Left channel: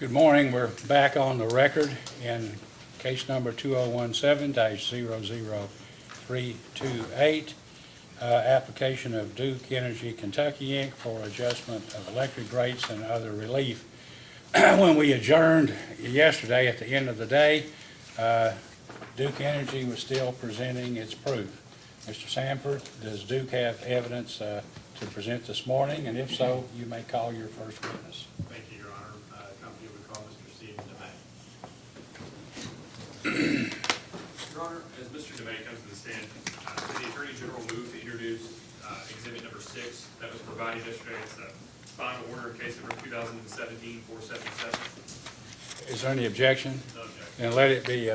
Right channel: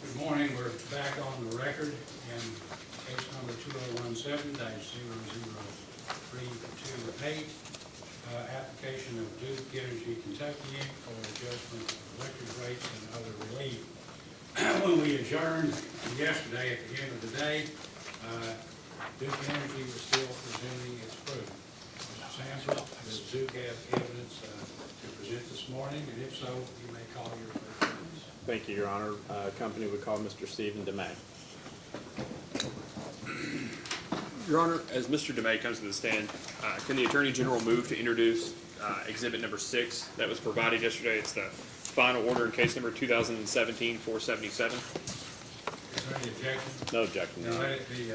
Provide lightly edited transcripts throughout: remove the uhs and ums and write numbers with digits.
Good morning. We're back on the record in case number 2017-00328, application of Duke Energy Kentucky Inc. for adjustment of electric rates and other relief. When we adjourned yesterday at the end of the day, Duke Energy was still presenting its proof. Mr. Sanford, does Duke have evidence to present this morning? And if so, you may call your first witness. Thank you, Your Honor. Company would call Mr. Stephen DeMay. Your Honor, as Mr. DeMay comes to the stand, can the Attorney General move to introduce exhibit number 6 that was provided yesterday? It's the final order in case number 2017-477. Is there any objection? No objection. Then let it be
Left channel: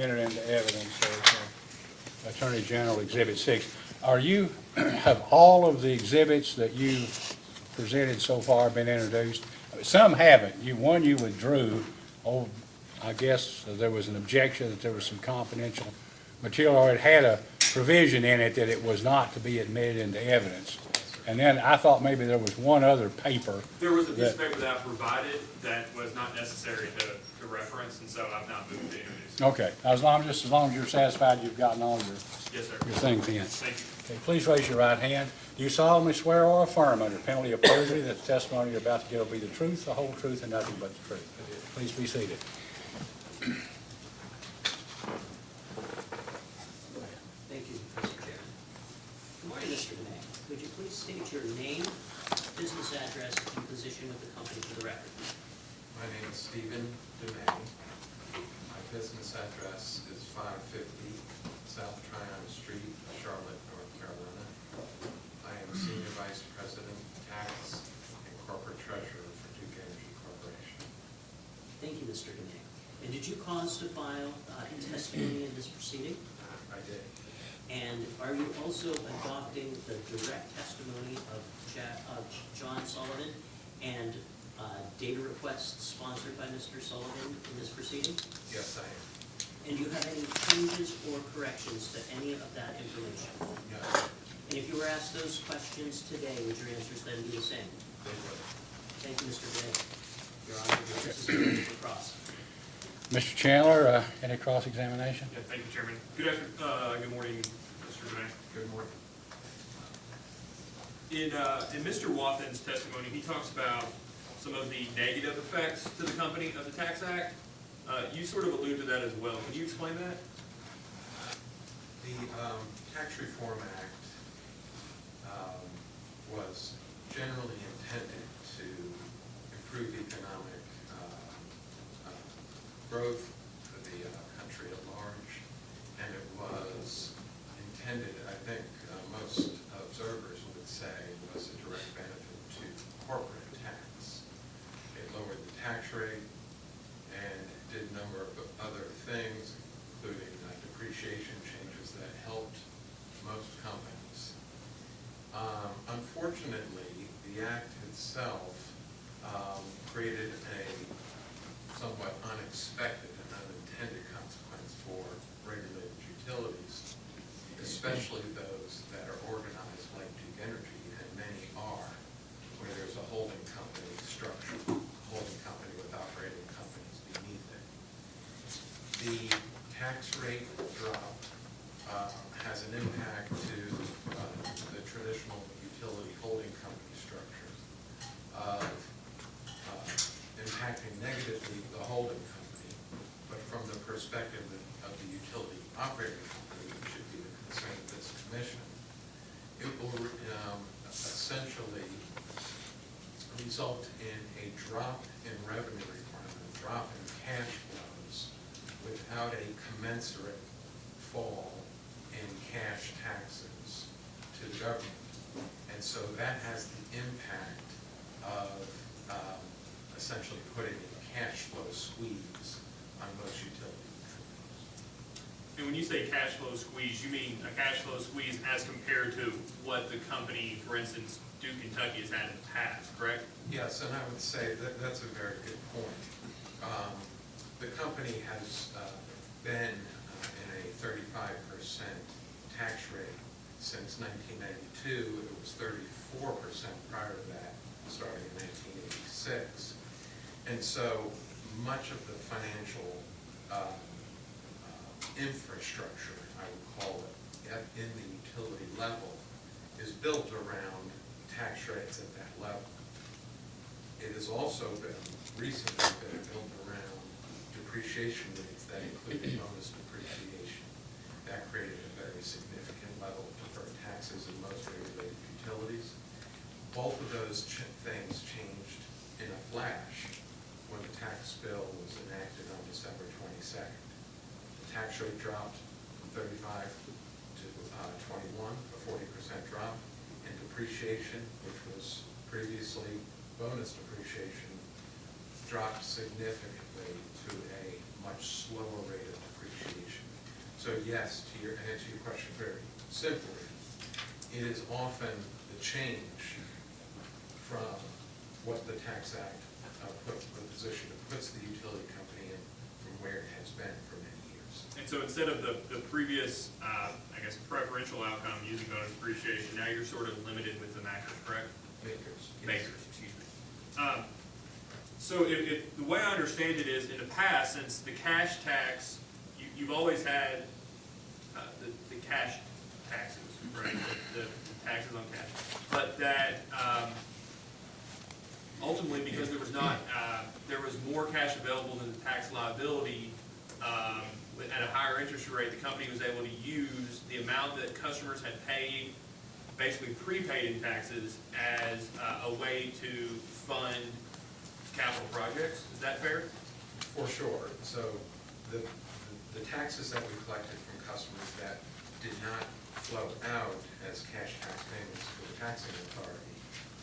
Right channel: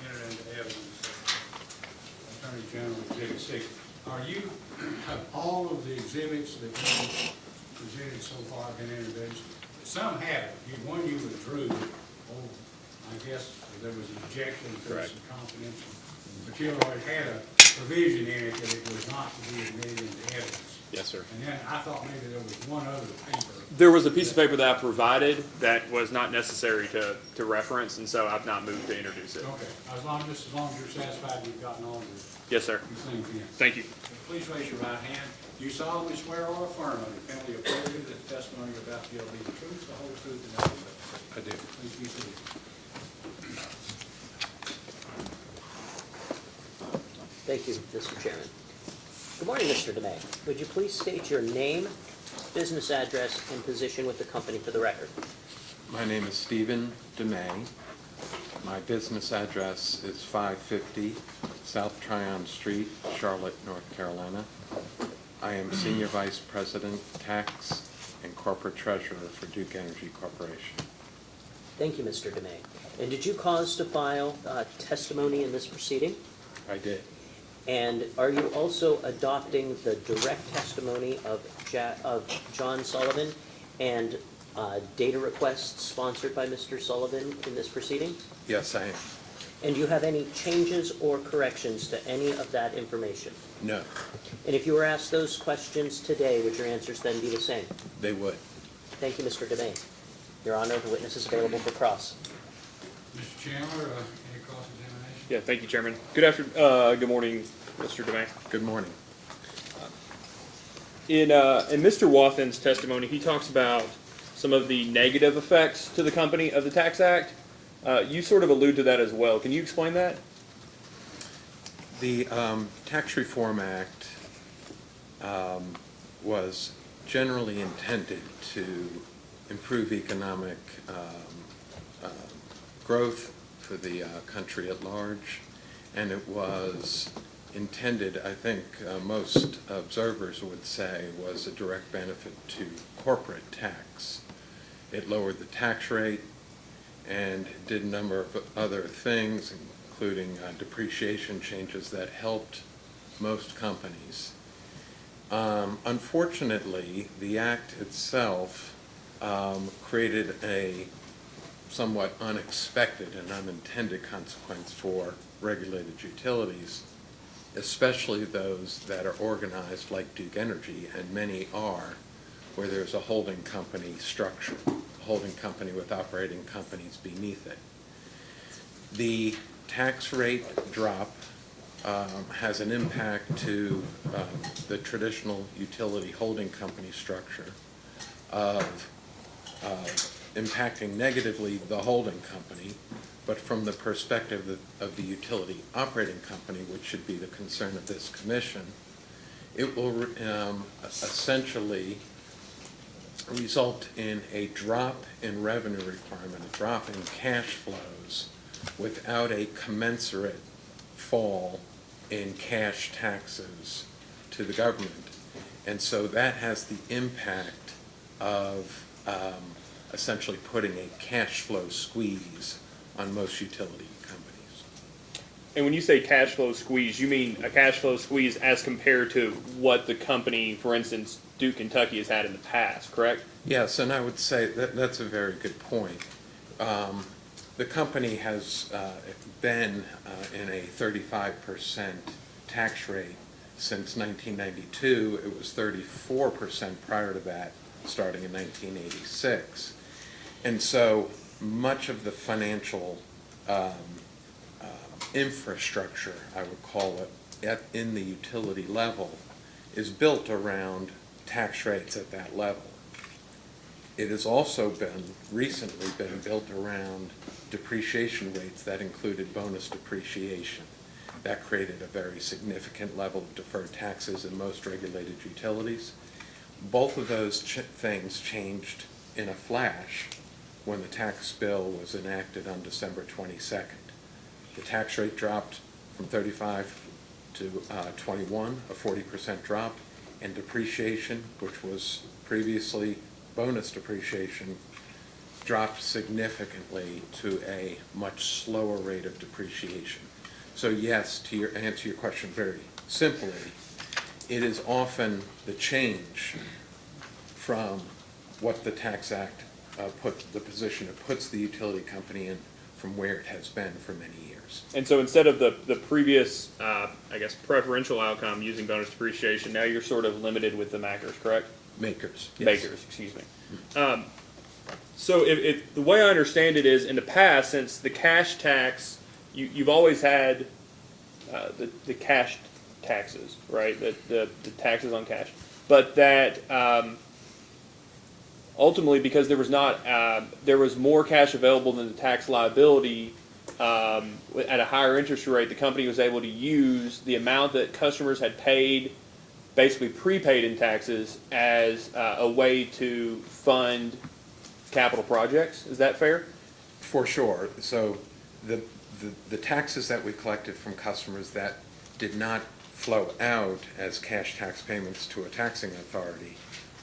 entered into evidence of Attorney General Exhibit 6. Have all of the exhibits that you presented so far been introduced? Some haven't. One you withdrew. I guess there was an objection that there was some confidential material, or it had a provision in it that it was not to be admitted into evidence. Yes, sir. And then I thought maybe there was one other paper. There was a piece of paper that I provided that was not necessary to reference, and so I've not moved to introduce it. Okay, as long as you're satisfied you've gotten all Yes, sir. your things in. Thank you. Okay, please raise your right hand. Do you solemnly swear or affirm under penalty of perjury that the testimony you're about to give will be the truth, the whole truth, and nothing but the truth? I do. Please be seated. Thank you, Mr. Chairman. Good morning, Mr. DeMay. Would you please state your name, business address, and position with the company for the record? My name is Stephen DeMay. My business address is 550 South Tryon Street, Charlotte, North Carolina. I am Senior Vice President, Tax and Corporate Treasurer for Duke Energy Corporation. Thank you, Mr. DeMay. And did you cause to file testimony in this proceeding? I did. And are you also adopting the direct testimony of John Sullivan and data requests sponsored by Mr. Sullivan in this proceeding? Yes, I am. And do you have any changes or corrections to any of that information? No, And if you were asked those questions today, would your answers then be the same? they would. Thank you, Mr. DeMay. Your Honor, the witness is available for cross. Mr. Chandler, any cross-examination? Yeah, thank you, Chairman. Good morning, Mr. DeMay. Good morning. In Mr. Wathen's testimony, he talks about some of the negative effects to the company of the Tax Act. You sort of allude to that as well. Can you explain that? The Tax Reform Act was generally intended to improve economic growth for the country at large, and it was intended, I think most observers would say, was a direct benefit to corporate tax. It lowered the tax rate and did a number of other things, including depreciation changes that helped most companies. Unfortunately, the act itself created a somewhat unexpected and unintended consequence for regulated utilities, especially those that are organized like Duke Energy, and many are, where there's a holding company structure, holding company with operating companies beneath it. The tax rate drop has an impact to the traditional utility holding company structure of impacting negatively the holding company, but from the perspective of the utility operating company, which should be the concern of this commission, it will essentially result in a drop in revenue requirement, a drop in cash flows, without a commensurate fall in cash taxes to the government. And so that has the impact of essentially putting a cash flow squeeze on most utility companies. And when you say cash flow squeeze, you mean a cash flow squeeze as compared to what the company, for instance, Duke Kentucky has had in the past, correct? Yes, and I would say that that's a very good point. The company has been in a 35% tax rate since 1992. It was 34% prior to that, starting in 1986. And so much of the financial infrastructure, I would call it, in the utility level is built around tax rates at that level. It has also recently been built around depreciation rates that included bonus depreciation. That created a very significant level of deferred taxes in most regulated utilities. Both of those things changed in a flash when the tax bill was enacted on December 22nd. The tax rate dropped from 35 to 21, a 40% drop, and depreciation, which was previously bonus depreciation, dropped significantly to a much slower rate of depreciation. So yes, to answer your question very simply, it is often the change from what the Tax Act the position it puts the utility company in from where it has been for many years. And so instead of the previous, I guess, preferential outcome using bonus depreciation, now you're sort of limited with the makers, correct? Makers, yes. Makers, excuse me. So if the way I understand it is, in the past, since the cash tax, you've always had the cash taxes, right? The taxes on cash, but that ultimately, because there was more cash available than the tax liability, at a higher interest rate, the company was able to use the amount that customers had paid, basically prepaid in taxes, as a way to fund capital projects. Is that fair? For sure. So the taxes that we collected from customers that did not flow out as cash tax payments to a taxing authority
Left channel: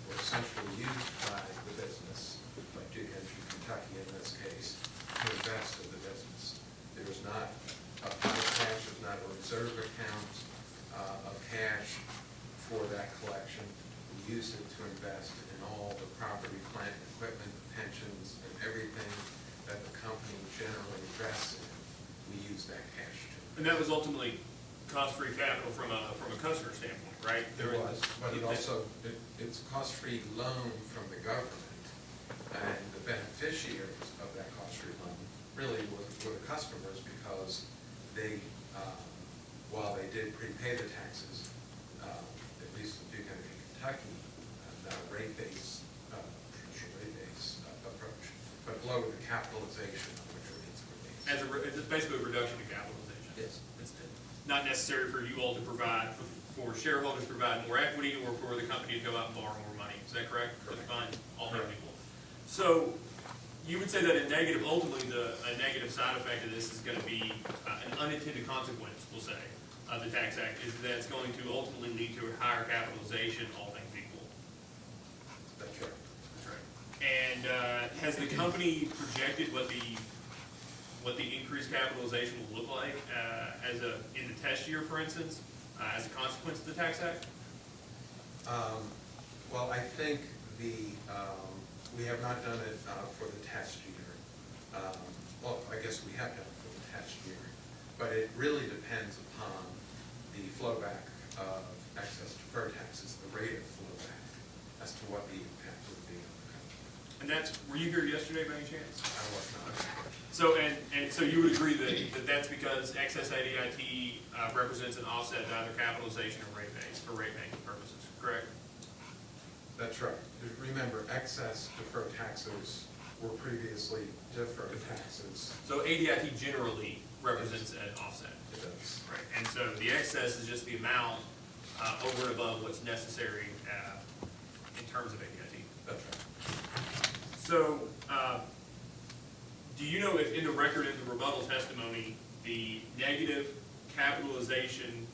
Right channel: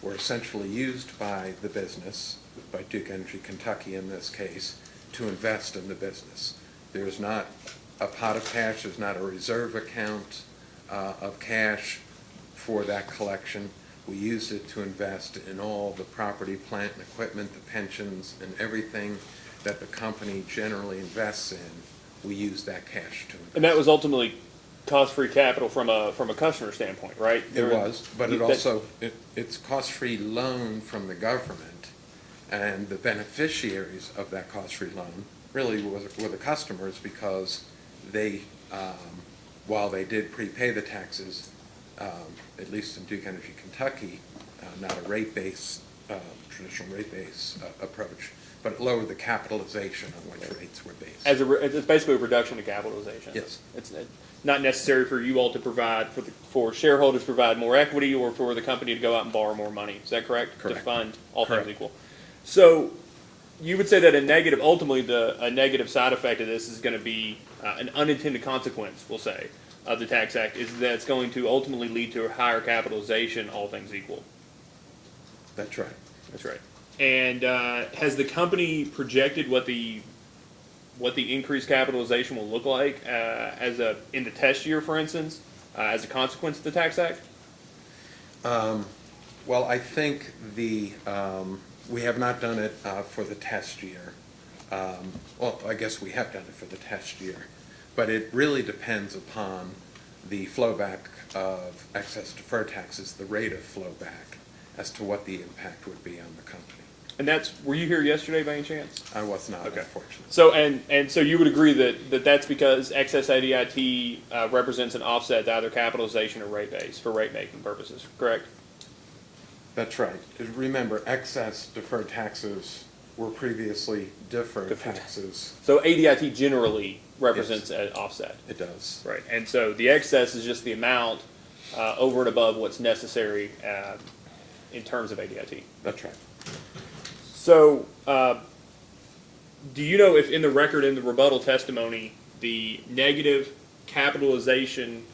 were essentially used by the business, by Duke Energy Kentucky in this case, to invest in the business. There's not a pot of cash, there's not a reserve account of cash for that collection. We used it to invest in all the property, plant, and equipment, the pensions, and everything that the company generally invests in. We use that cash to invest. And that was ultimately cost-free capital from a customer standpoint, right? It was, but it also, it's cost-free loan from the government, and the beneficiaries of that cost-free loan really were the customers, because they, while they did prepay the taxes, at least in Duke Energy Kentucky, not a rate-based, traditional rate-based approach, but it lowered the capitalization on which rates were based. It's basically a reduction in capitalization. Yes. It's not necessary for you all to provide, for shareholders to provide more equity, or for the company to go out and borrow more money. Is that correct? Correct. To fund all Correct. things equal. So you would say that ultimately a negative side effect of this is going to be an unintended consequence, we'll say, of the Tax Act, is that it's going to ultimately lead to a higher capitalization, all things equal. That's right. That's right. And has the company projected what the increased capitalization will look like in the test year, for instance, as a consequence of the Tax Act? Well, I think we have not done it for the test year. Well, I guess we have done it for the test year, but it really depends upon the flowback of excess deferred taxes, the rate of flowback, as to what the impact would be on the company. And were you here yesterday by any chance? I was not, Okay. unfortunately. So, and so you would agree that's because excess ADIT represents an offset to either capitalization or rate base for rate-making purposes, correct? That's right. Remember, excess deferred taxes were previously deferred taxes. So ADIT generally represents an offset. It does. Right, and so the excess is just the amount over and above what's necessary in terms of ADIT. That's right. So, do you know if in the record, in the rebuttal testimony, the negative capitalization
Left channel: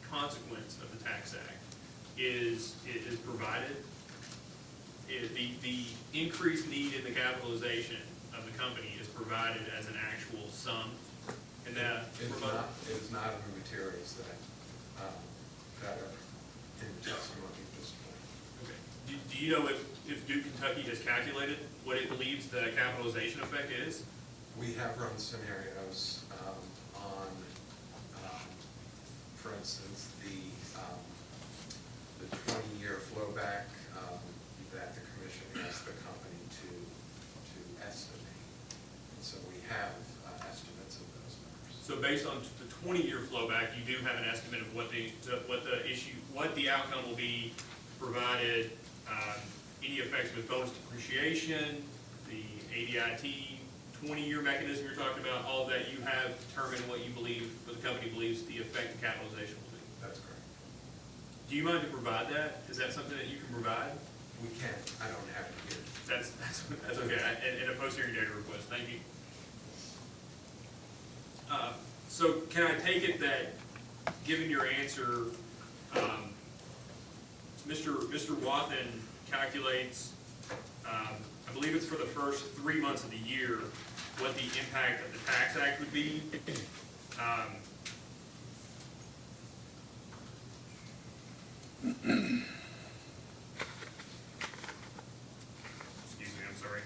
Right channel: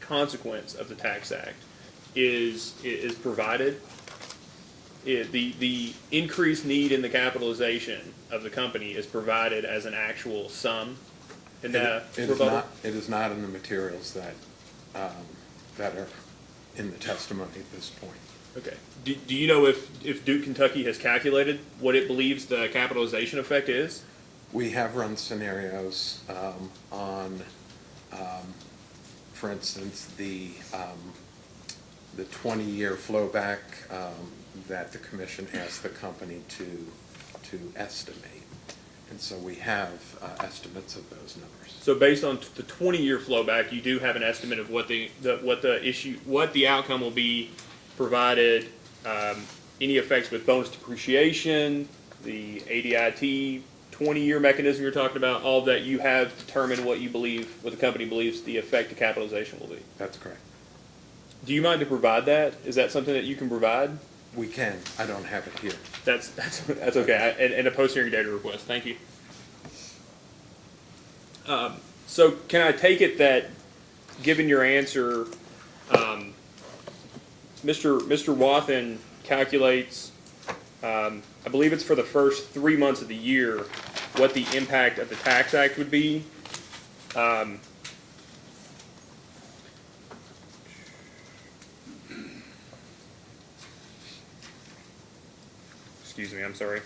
consequence of the Tax Act is provided? The increased need in the capitalization of the company is provided as an actual sum in the rebuttal? It is not in the materials that are in the testimony at this point. Okay. Do you know if Duke Kentucky has calculated what it believes the capitalization effect is? We have run scenarios on, for instance, the 20-year flowback that the commission asked the company to estimate. And so we have estimates of those numbers. So based on the 20-year flow back, you do have an estimate of what the outcome will be, provided any effects with bonus depreciation, the ADIT 20-year mechanism you're talking about, all that you have determined what the company believes the effect of capitalization will be. That's correct. Do you mind to provide that? Is that something that you can provide? We can. I don't have it here. That's okay. And a post-hearing data request. Thank you. So can I take it that, given your answer, Mr. Wathen calculates, I believe it's for the first 3 months of the year, what the impact of the Tax Act would be. Excuse me, I'm sorry.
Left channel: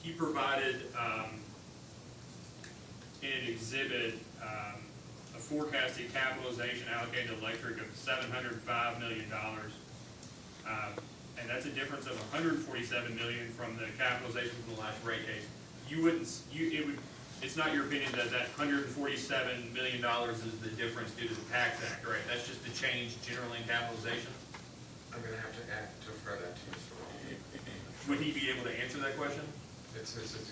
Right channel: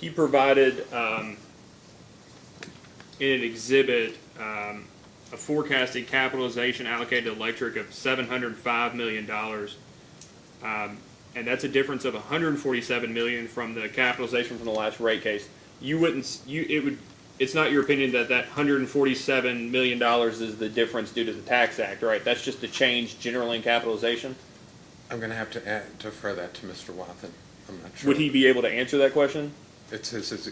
He provided in an exhibit a forecasted capitalization allocated to electric of $705 million. And that's a difference of $147 million from the capitalization from the last rate case. It's not your opinion that $147 million is the difference due to the Tax Act, right? That's just a change generally in capitalization? I'm going to have to defer that to Mr. Wathen. I'm not sure. Would he be able to answer that question? It's his.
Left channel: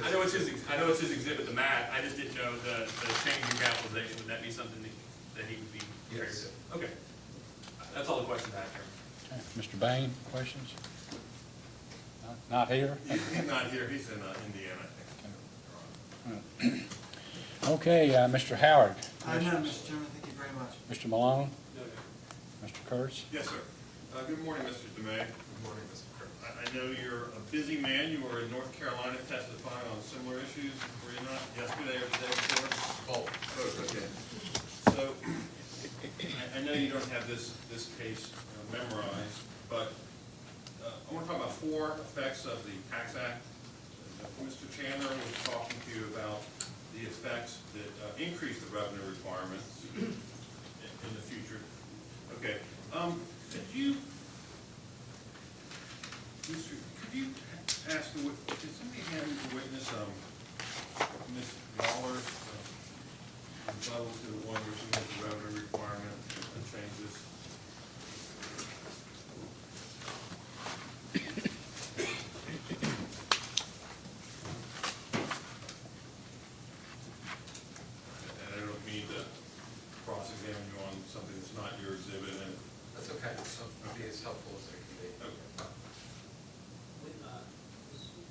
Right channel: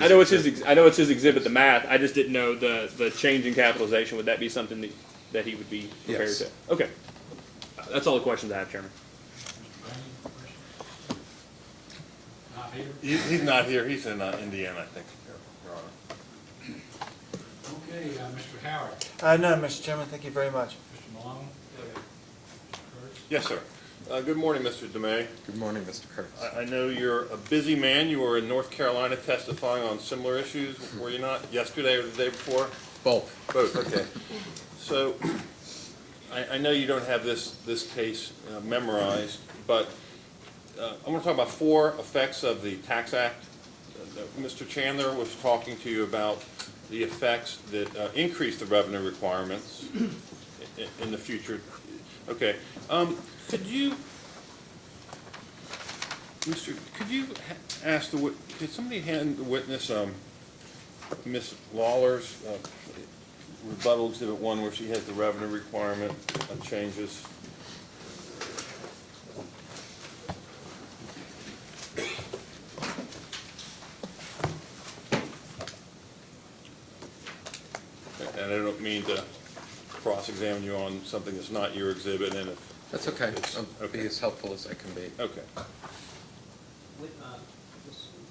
I know it's his exhibit, the math. I just didn't know the change in capitalization. Would that be something that he would be prepared Yes. to? Okay. That's all the questions I have, Chairman. Mr. Bain, questions? Not here? He's not here, he's in Indiana, I think, Your Honor. Okay, Mr. Howard, No, Mr. Chairman, thank you very much. Mr. Malone, Mr. Kurtz. Yes, sir. Good morning, Mr. DeMay. Good morning, Mr. Kurtz. I know you're a busy man. You were in North Carolina testifying on similar issues, were you not, yesterday or the day before? Both. Both, okay. So, I know you don't have this case memorized, but I want to talk about 4 effects of the Tax Act. Mr. Chandler was talking to you about the effects that increase the revenue requirements in the future. Okay. Could you ask could somebody hand the witness Ms. Lawler's rebuttal exhibit 1, where she has the revenue requirement changes? And I don't mean to cross-examine you on something that's not your exhibit, and if That's okay. It's- I'll be as helpful as I can be. okay.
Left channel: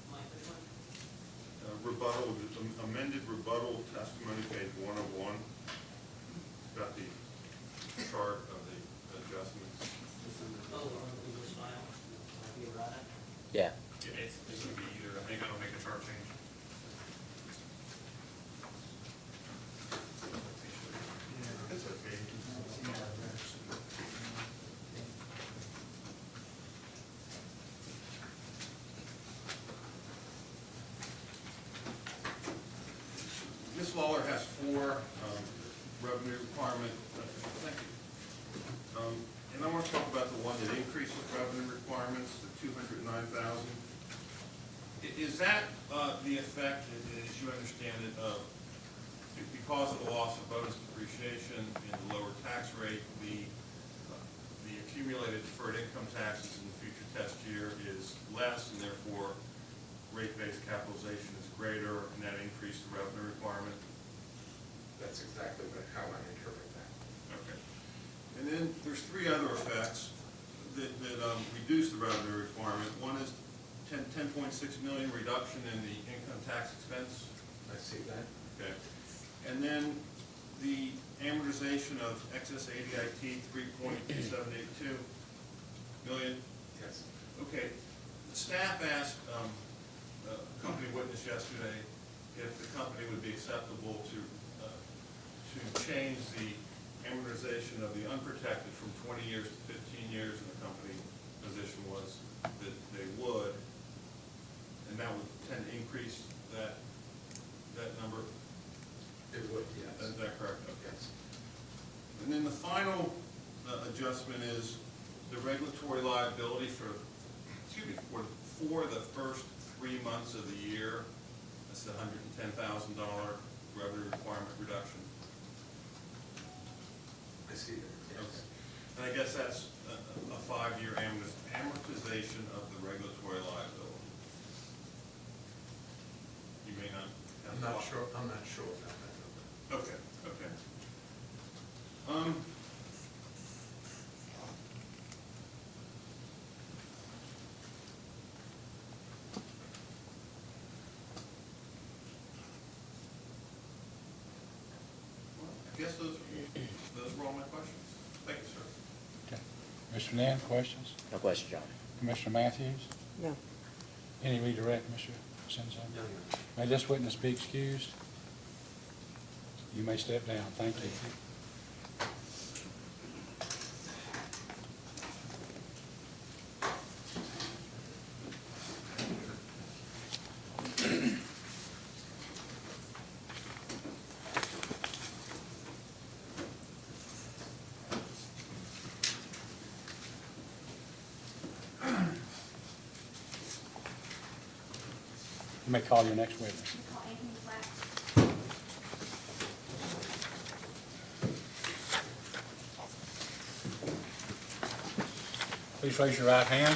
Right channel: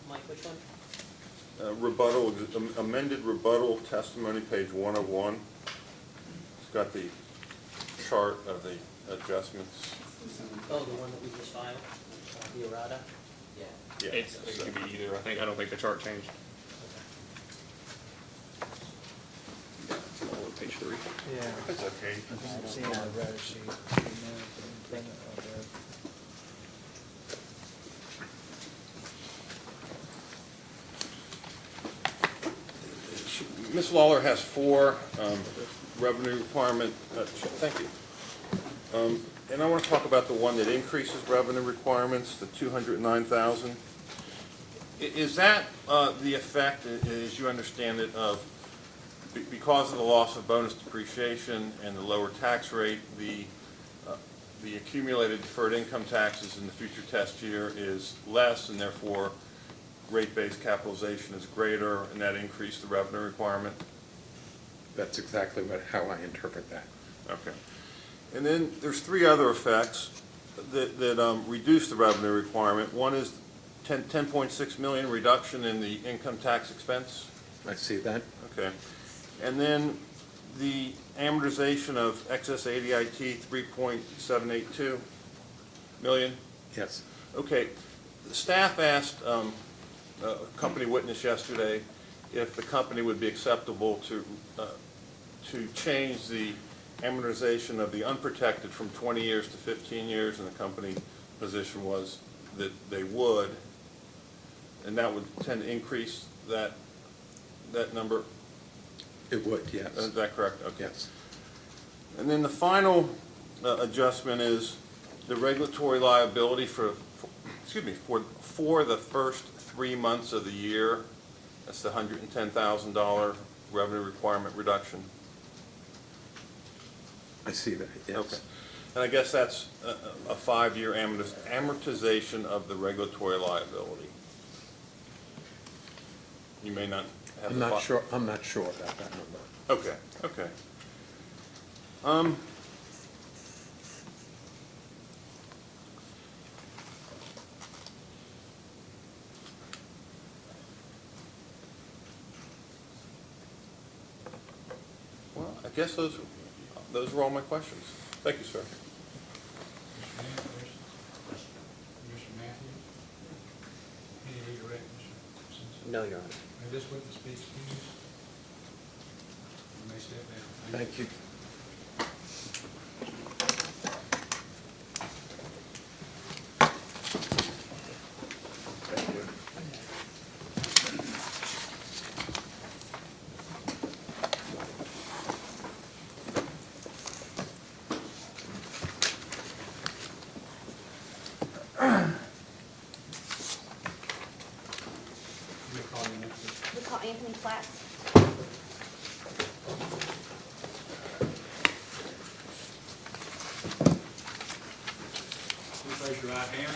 Mike, which one? Rebuttal, amended rebuttal testimony, page 101. It's got the chart of the adjustments. Oh, the one that we just filed, the errata? Yeah. It could be either. I don't think the chart changed. Page 3. Yeah. It's okay. I'm seeing the red sheet. Ms. Lawler has 4 revenue requirement, thank you. And I want to talk about the one that increases revenue requirements, the 209,000. Is that the effect, as you understand it, of because of the loss of bonus depreciation and the lower tax rate, the accumulated deferred income taxes in the future test year is less, and therefore rate-based capitalization is greater, and that increased the revenue requirement? That's exactly how I interpret that. Okay. And then there's 3 other effects that reduce the revenue requirement. One is 10.6 million reduction in the income tax expense. I see that. Okay. And then the amortization of excess ADIT, 3.782 million. Yes. Okay. The staff asked a company witness yesterday if the company would be acceptable to change the amortization of the unprotected from 20 years to 15 years, and the company position was that they would, and that would tend to increase that number. It would, yes. Is that correct? Okay. Yes. And then the final adjustment is the regulatory liability for the first 3 months of the year. That's the $110,000 revenue requirement reduction. I see that, yes. Okay. And I guess that's a 5-year amortization of the regulatory liability. You may not have I'm the. not sure about that number. Okay, okay. Well, I guess those were all my questions. Thank you, sir. Mr. Nan, questions? No question, John. Commissioner Matthews? No. Any redirect, Mr. Simpson? No, Your Honor. May this witness be excused? You may step down. Thank you. Thank you. You may call your next witness. We call Anthony Platts. Please raise your right hand.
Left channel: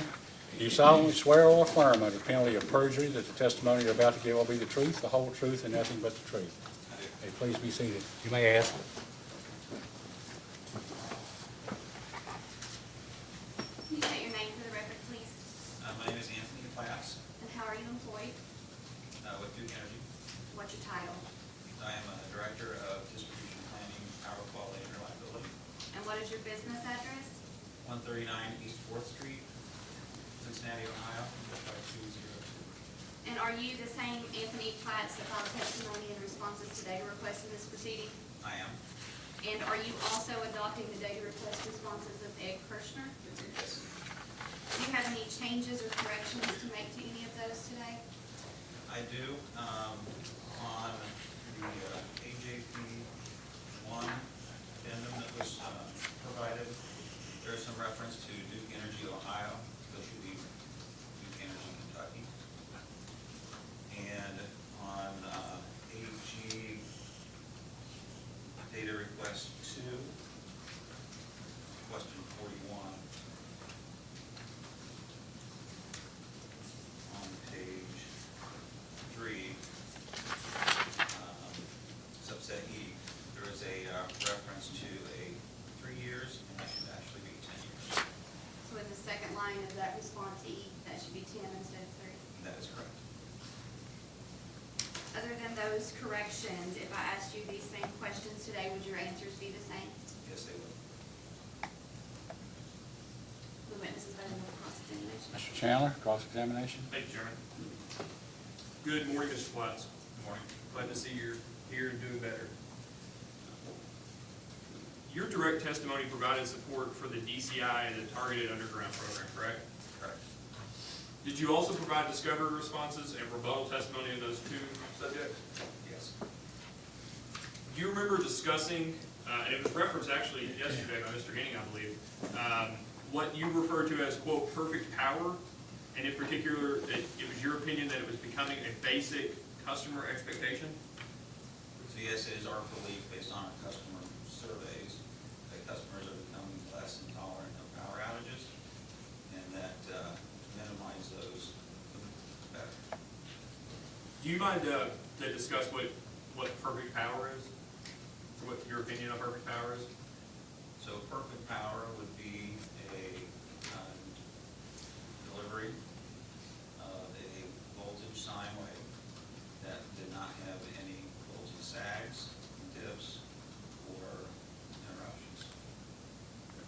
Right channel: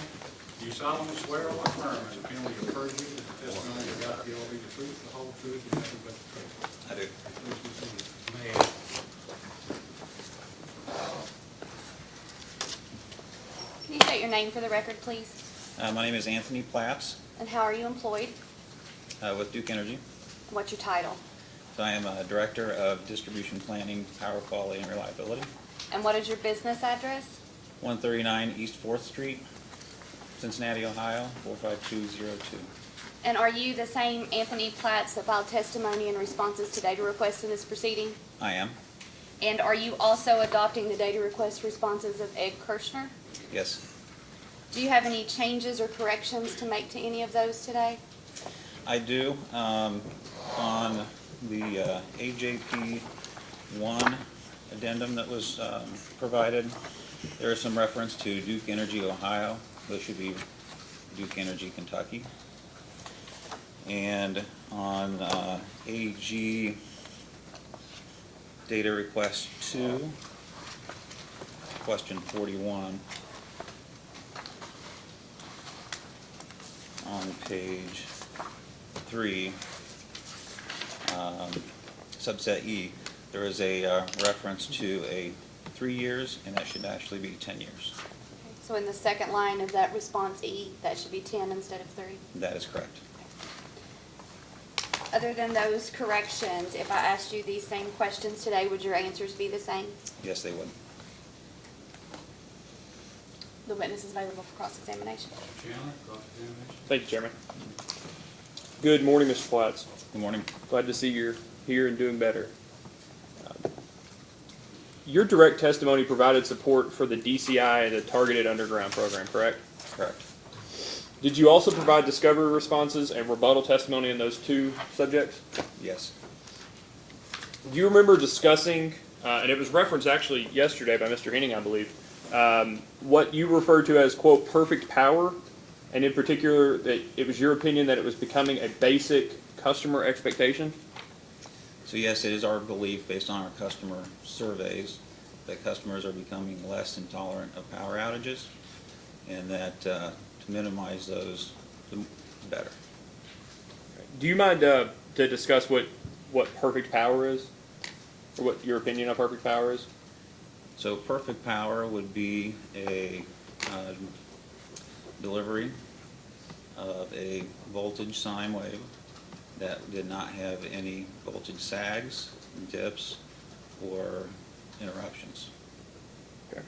Do you solemnly swear or affirm under penalty of perjury that the testimony you're about to give will be the truth, the whole truth, and nothing but the truth? I do. Okay, please be seated. You may ask. Can you state your name for the record, please? My name is Anthony Platts And how are you employed? with Duke Energy. What's your title? So I am a Director of Distribution Planning, Power Quality, and Reliability. And what is your business address? 139 East 4th Street, Cincinnati, Ohio, 45202. And are you the same Anthony Platts that filed testimony and responses to data requests in this proceeding? I am. And are you also adopting the data request responses of Ed Kirshner? Yes. Do you have any changes or corrections to make to any of those today? I do. On the AJP 1 addendum that was provided, there is some reference to Duke Energy, Ohio. Those should be Duke Energy, Kentucky. And on AG data request 2, question 41, on page 3, subset E, there is a reference to a 3 years, and that should actually be 10 years. So in the second line of that response E, that should be 10 instead of 3? That is correct. Other than those corrections, if I asked you these same questions today, would your answers be the same? Yes, they would. The witness is available for cross-examination. Mr. Chandler, cross-examination. Thank you, Chairman. Good morning, Mr. Platts. Good morning. Glad to see you're here and doing better. Your direct testimony provided support for the DCI, the Targeted Underground Program, correct? Correct. Did you also provide discovery responses and rebuttal testimony in those two subjects? Yes. Do you remember discussing, and it was referenced actually yesterday by Mr. Henning, I believe, what you referred to as, quote, perfect power, and in particular, that it was your opinion that it was becoming a basic customer expectation? So yes, it is our belief, based on our customer surveys, that customers are becoming less intolerant of power outages, and that to minimize those, the better. Do you mind to discuss what perfect power is, or what your opinion of perfect power is? So perfect power would be a delivery of a voltage sine wave that did not have any voltage sags, dips, or interruptions. Okay.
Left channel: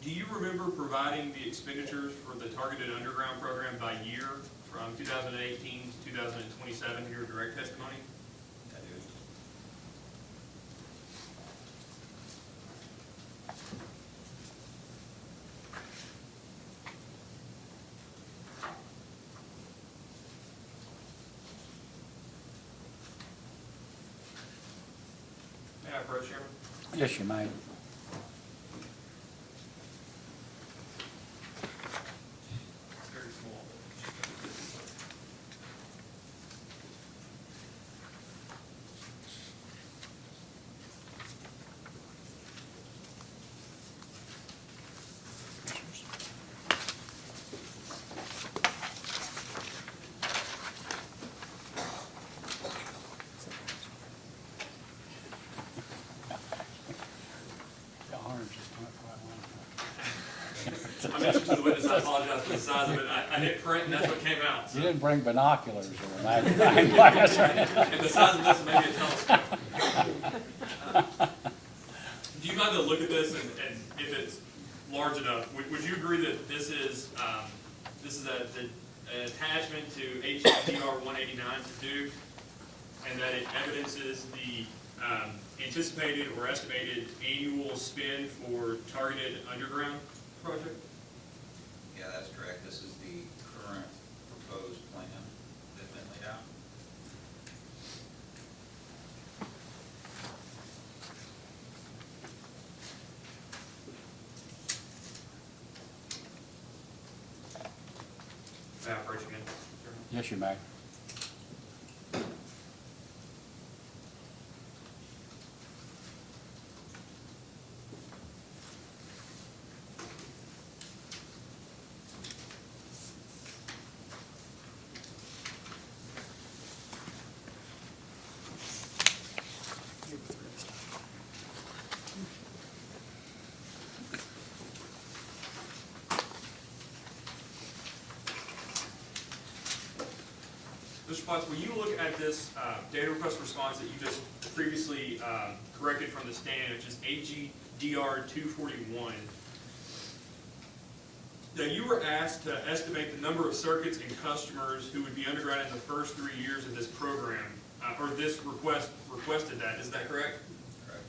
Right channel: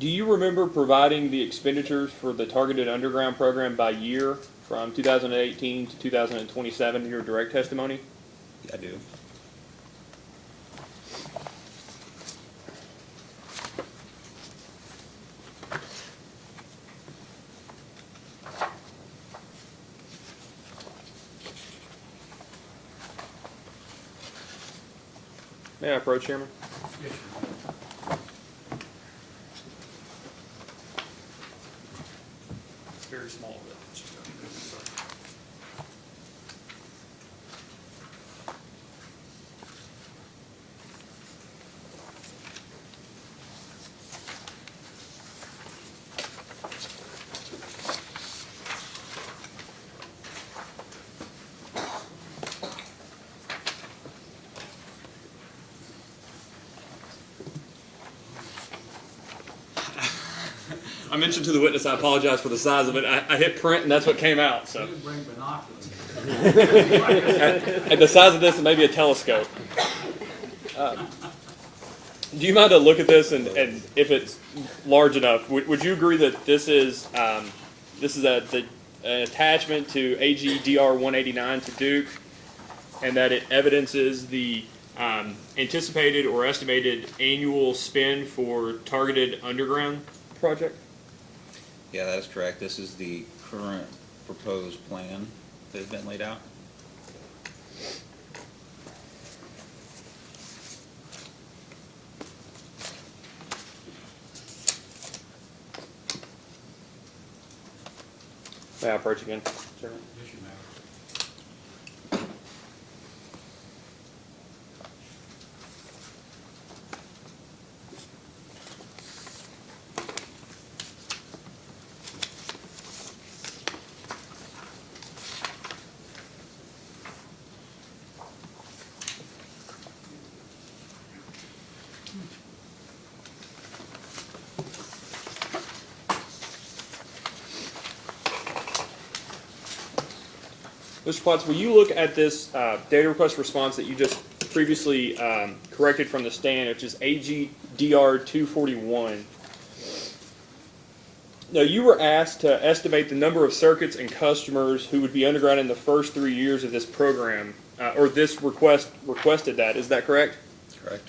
Do you remember providing the expenditures for the Targeted Underground Program by year from 2018 to 2027 in your direct testimony? I do. May I approach, Chairman? Yes, you may. Very small. I mentioned to the witness, I apologize for the size of it. I hit print and that's what came out, You so. didn't bring binoculars here. And the size of this, maybe a telescope. Do you mind to look at this and if it's large enough, would you agree that this is an attachment to AGDR 189 to Duke, and that it evidences the anticipated or estimated annual spend for targeted underground project? Yeah, that's correct. This is the current proposed plan that has been laid out. May I approach again, sir? Yes, you may. Mr. Potts, will you look at this data request response that you just previously corrected from the stand, which is AGDR 241? Now, you were asked to estimate the number of circuits and customers who would be underground in the first 3 years of this program, or this requested that. Is that correct? Correct.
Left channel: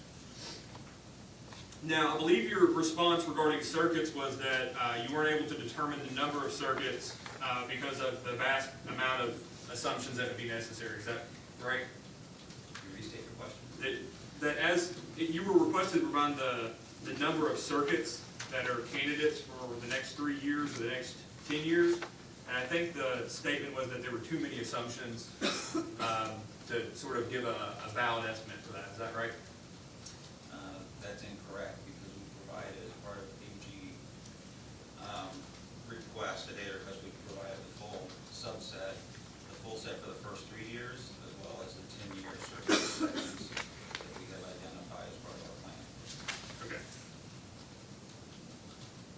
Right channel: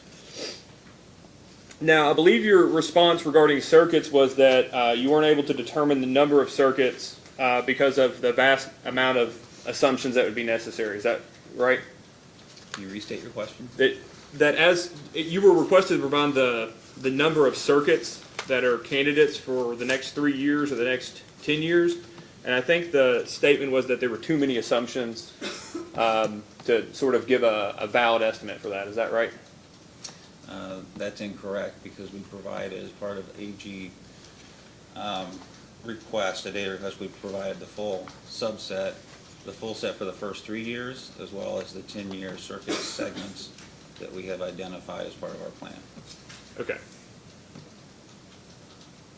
Now, I believe your response regarding circuits was that you weren't able to determine the number of circuits because of the vast amount of assumptions that would be necessary. Is that right? Can you restate your question? That as you were requested to provide the number of circuits that are candidates for the next 3 years or the next 10 years, and I think the statement was that there were too many assumptions to sort of give a valid estimate for that. Is that right? That's incorrect, because we provided, as part of AG request, a data request, we provided the full subset, the full set for the first 3 years, as well as the 10-year circuit segments that we have identified as part of our plan. Okay.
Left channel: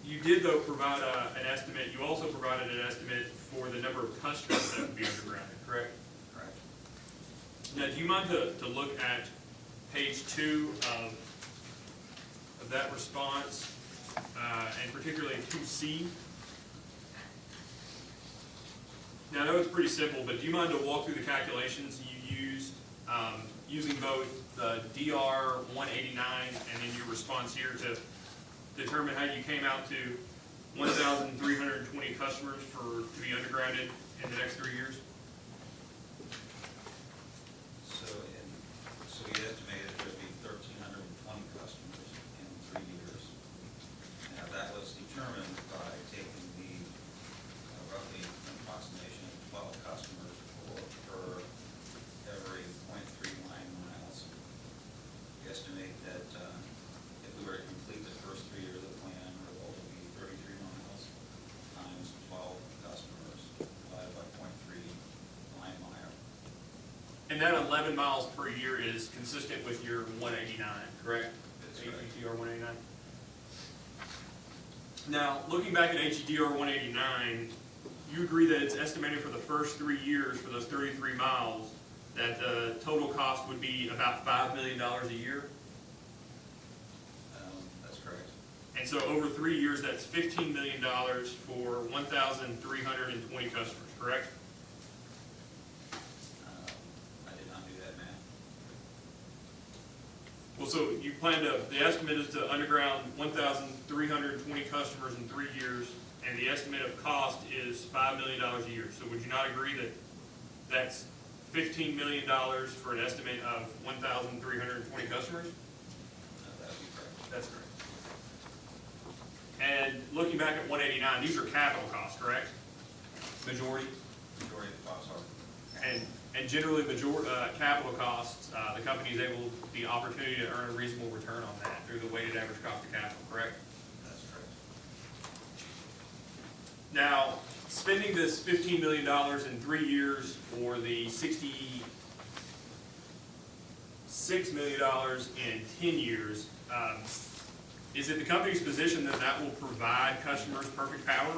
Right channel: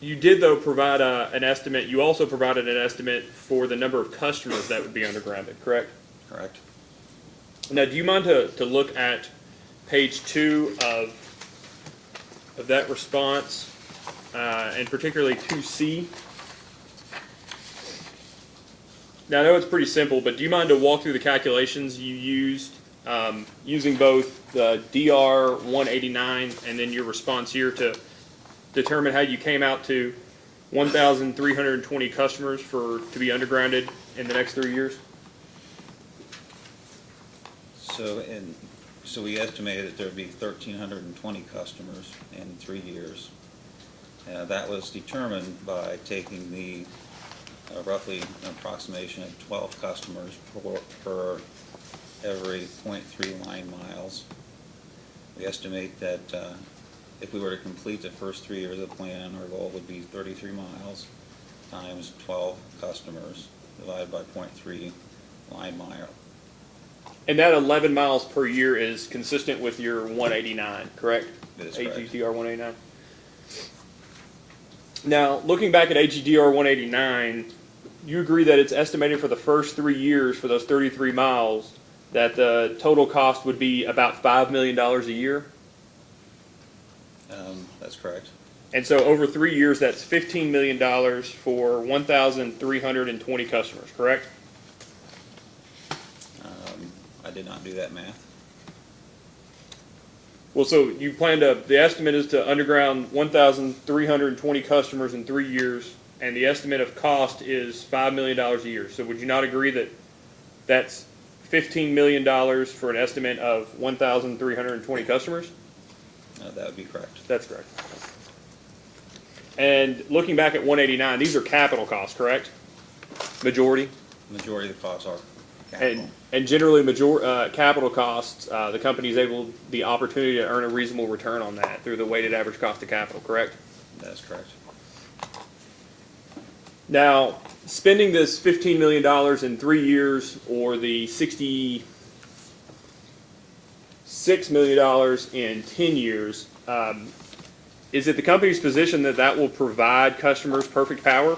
You did, though, provide an estimate. You also provided an estimate for the number of customers that would be undergrounded, correct? Correct. Now, do you mind to look at page 2 of that response, and particularly 2C? Now, I know it's pretty simple, but do you mind to walk through the calculations you used using both the DR 189 and then your response here to determine how you came out to 1,320 customers to be undergrounded in the next 3 years? So we estimated that there'd be 1,320 customers in 3 years. That was determined by taking the roughly an approximation of 12 customers per every 0.3 line miles. We estimate that if we were to complete the first 3 years of the plan, our goal would be 33 miles times 12 customers divided by 0.3 line mile. And that 11 miles per year is consistent with your 189, correct? That is correct. AGDR 189. Now, looking back at AGDR 189, you agree that it's estimated for the first 3 years for those 33 miles that the total cost would be about $5 million a year? That's correct. And so over 3 years, that's $15 million for 1,320 customers, correct? I did not do that math. Well, so you plan to, the estimate is to underground 1,320 customers in 3 years, and the estimate of cost is $5 million a year. So would you not agree that that's $15 million for an estimate of 1,320 customers? That would be correct. That's correct. And looking back at 189, these are capital costs, correct? Majority? Majority of the costs are capital. And generally, capital costs, the company's able, the opportunity to earn a reasonable return on that through the weighted average cost of capital, correct? That's correct. Now, spending this $15 million in 3 years or the $66 million in 10 years, is it the company's position that that will provide customers perfect power?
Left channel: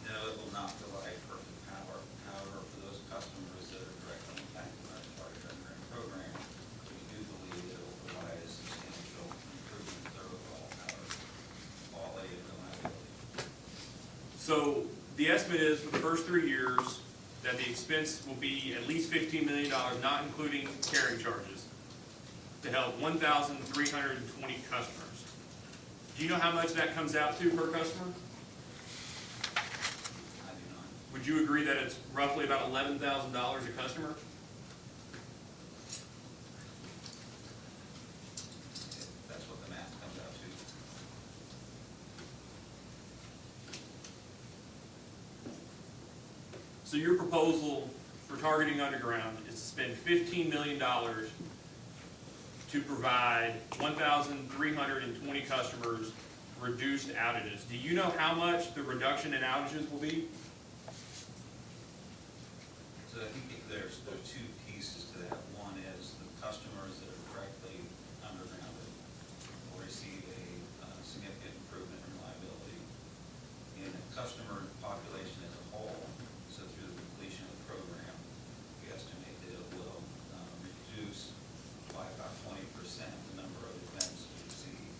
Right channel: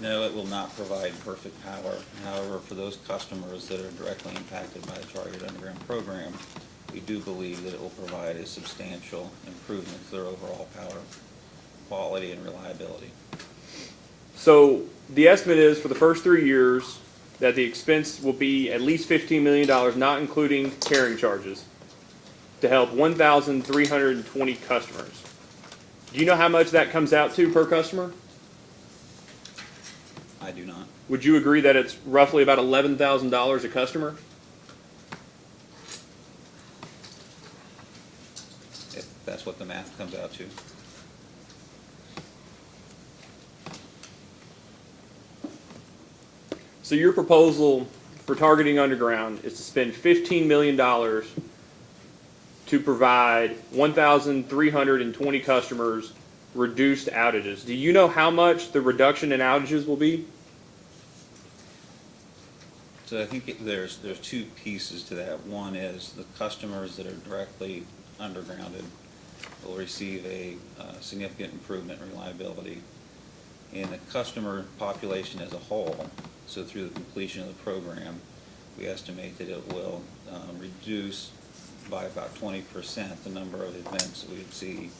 No, it will not provide perfect power. However, for those customers that are directly impacted by the Targeted Underground Program, we do believe that it will provide a substantial improvement to their overall power quality and reliability. So the estimate is for the first 3 years that the expense will be at least $15 million, not including carrying charges, to help 1,320 customers. Do you know how much that comes out to per customer? I do not. Would you agree that it's roughly about $11,000 a customer? If that's what the math comes out to. So your proposal for targeting underground is to spend $15 million to provide 1,320 customers reduced outages. Do you know how much the reduction in outages will be? So I think there's two pieces to that. One is the customers that are directly undergrounded will receive a significant improvement in reliability. And the customer population as a whole, so through the completion of the program, we estimate that it will reduce by about 20% the number of events that we would see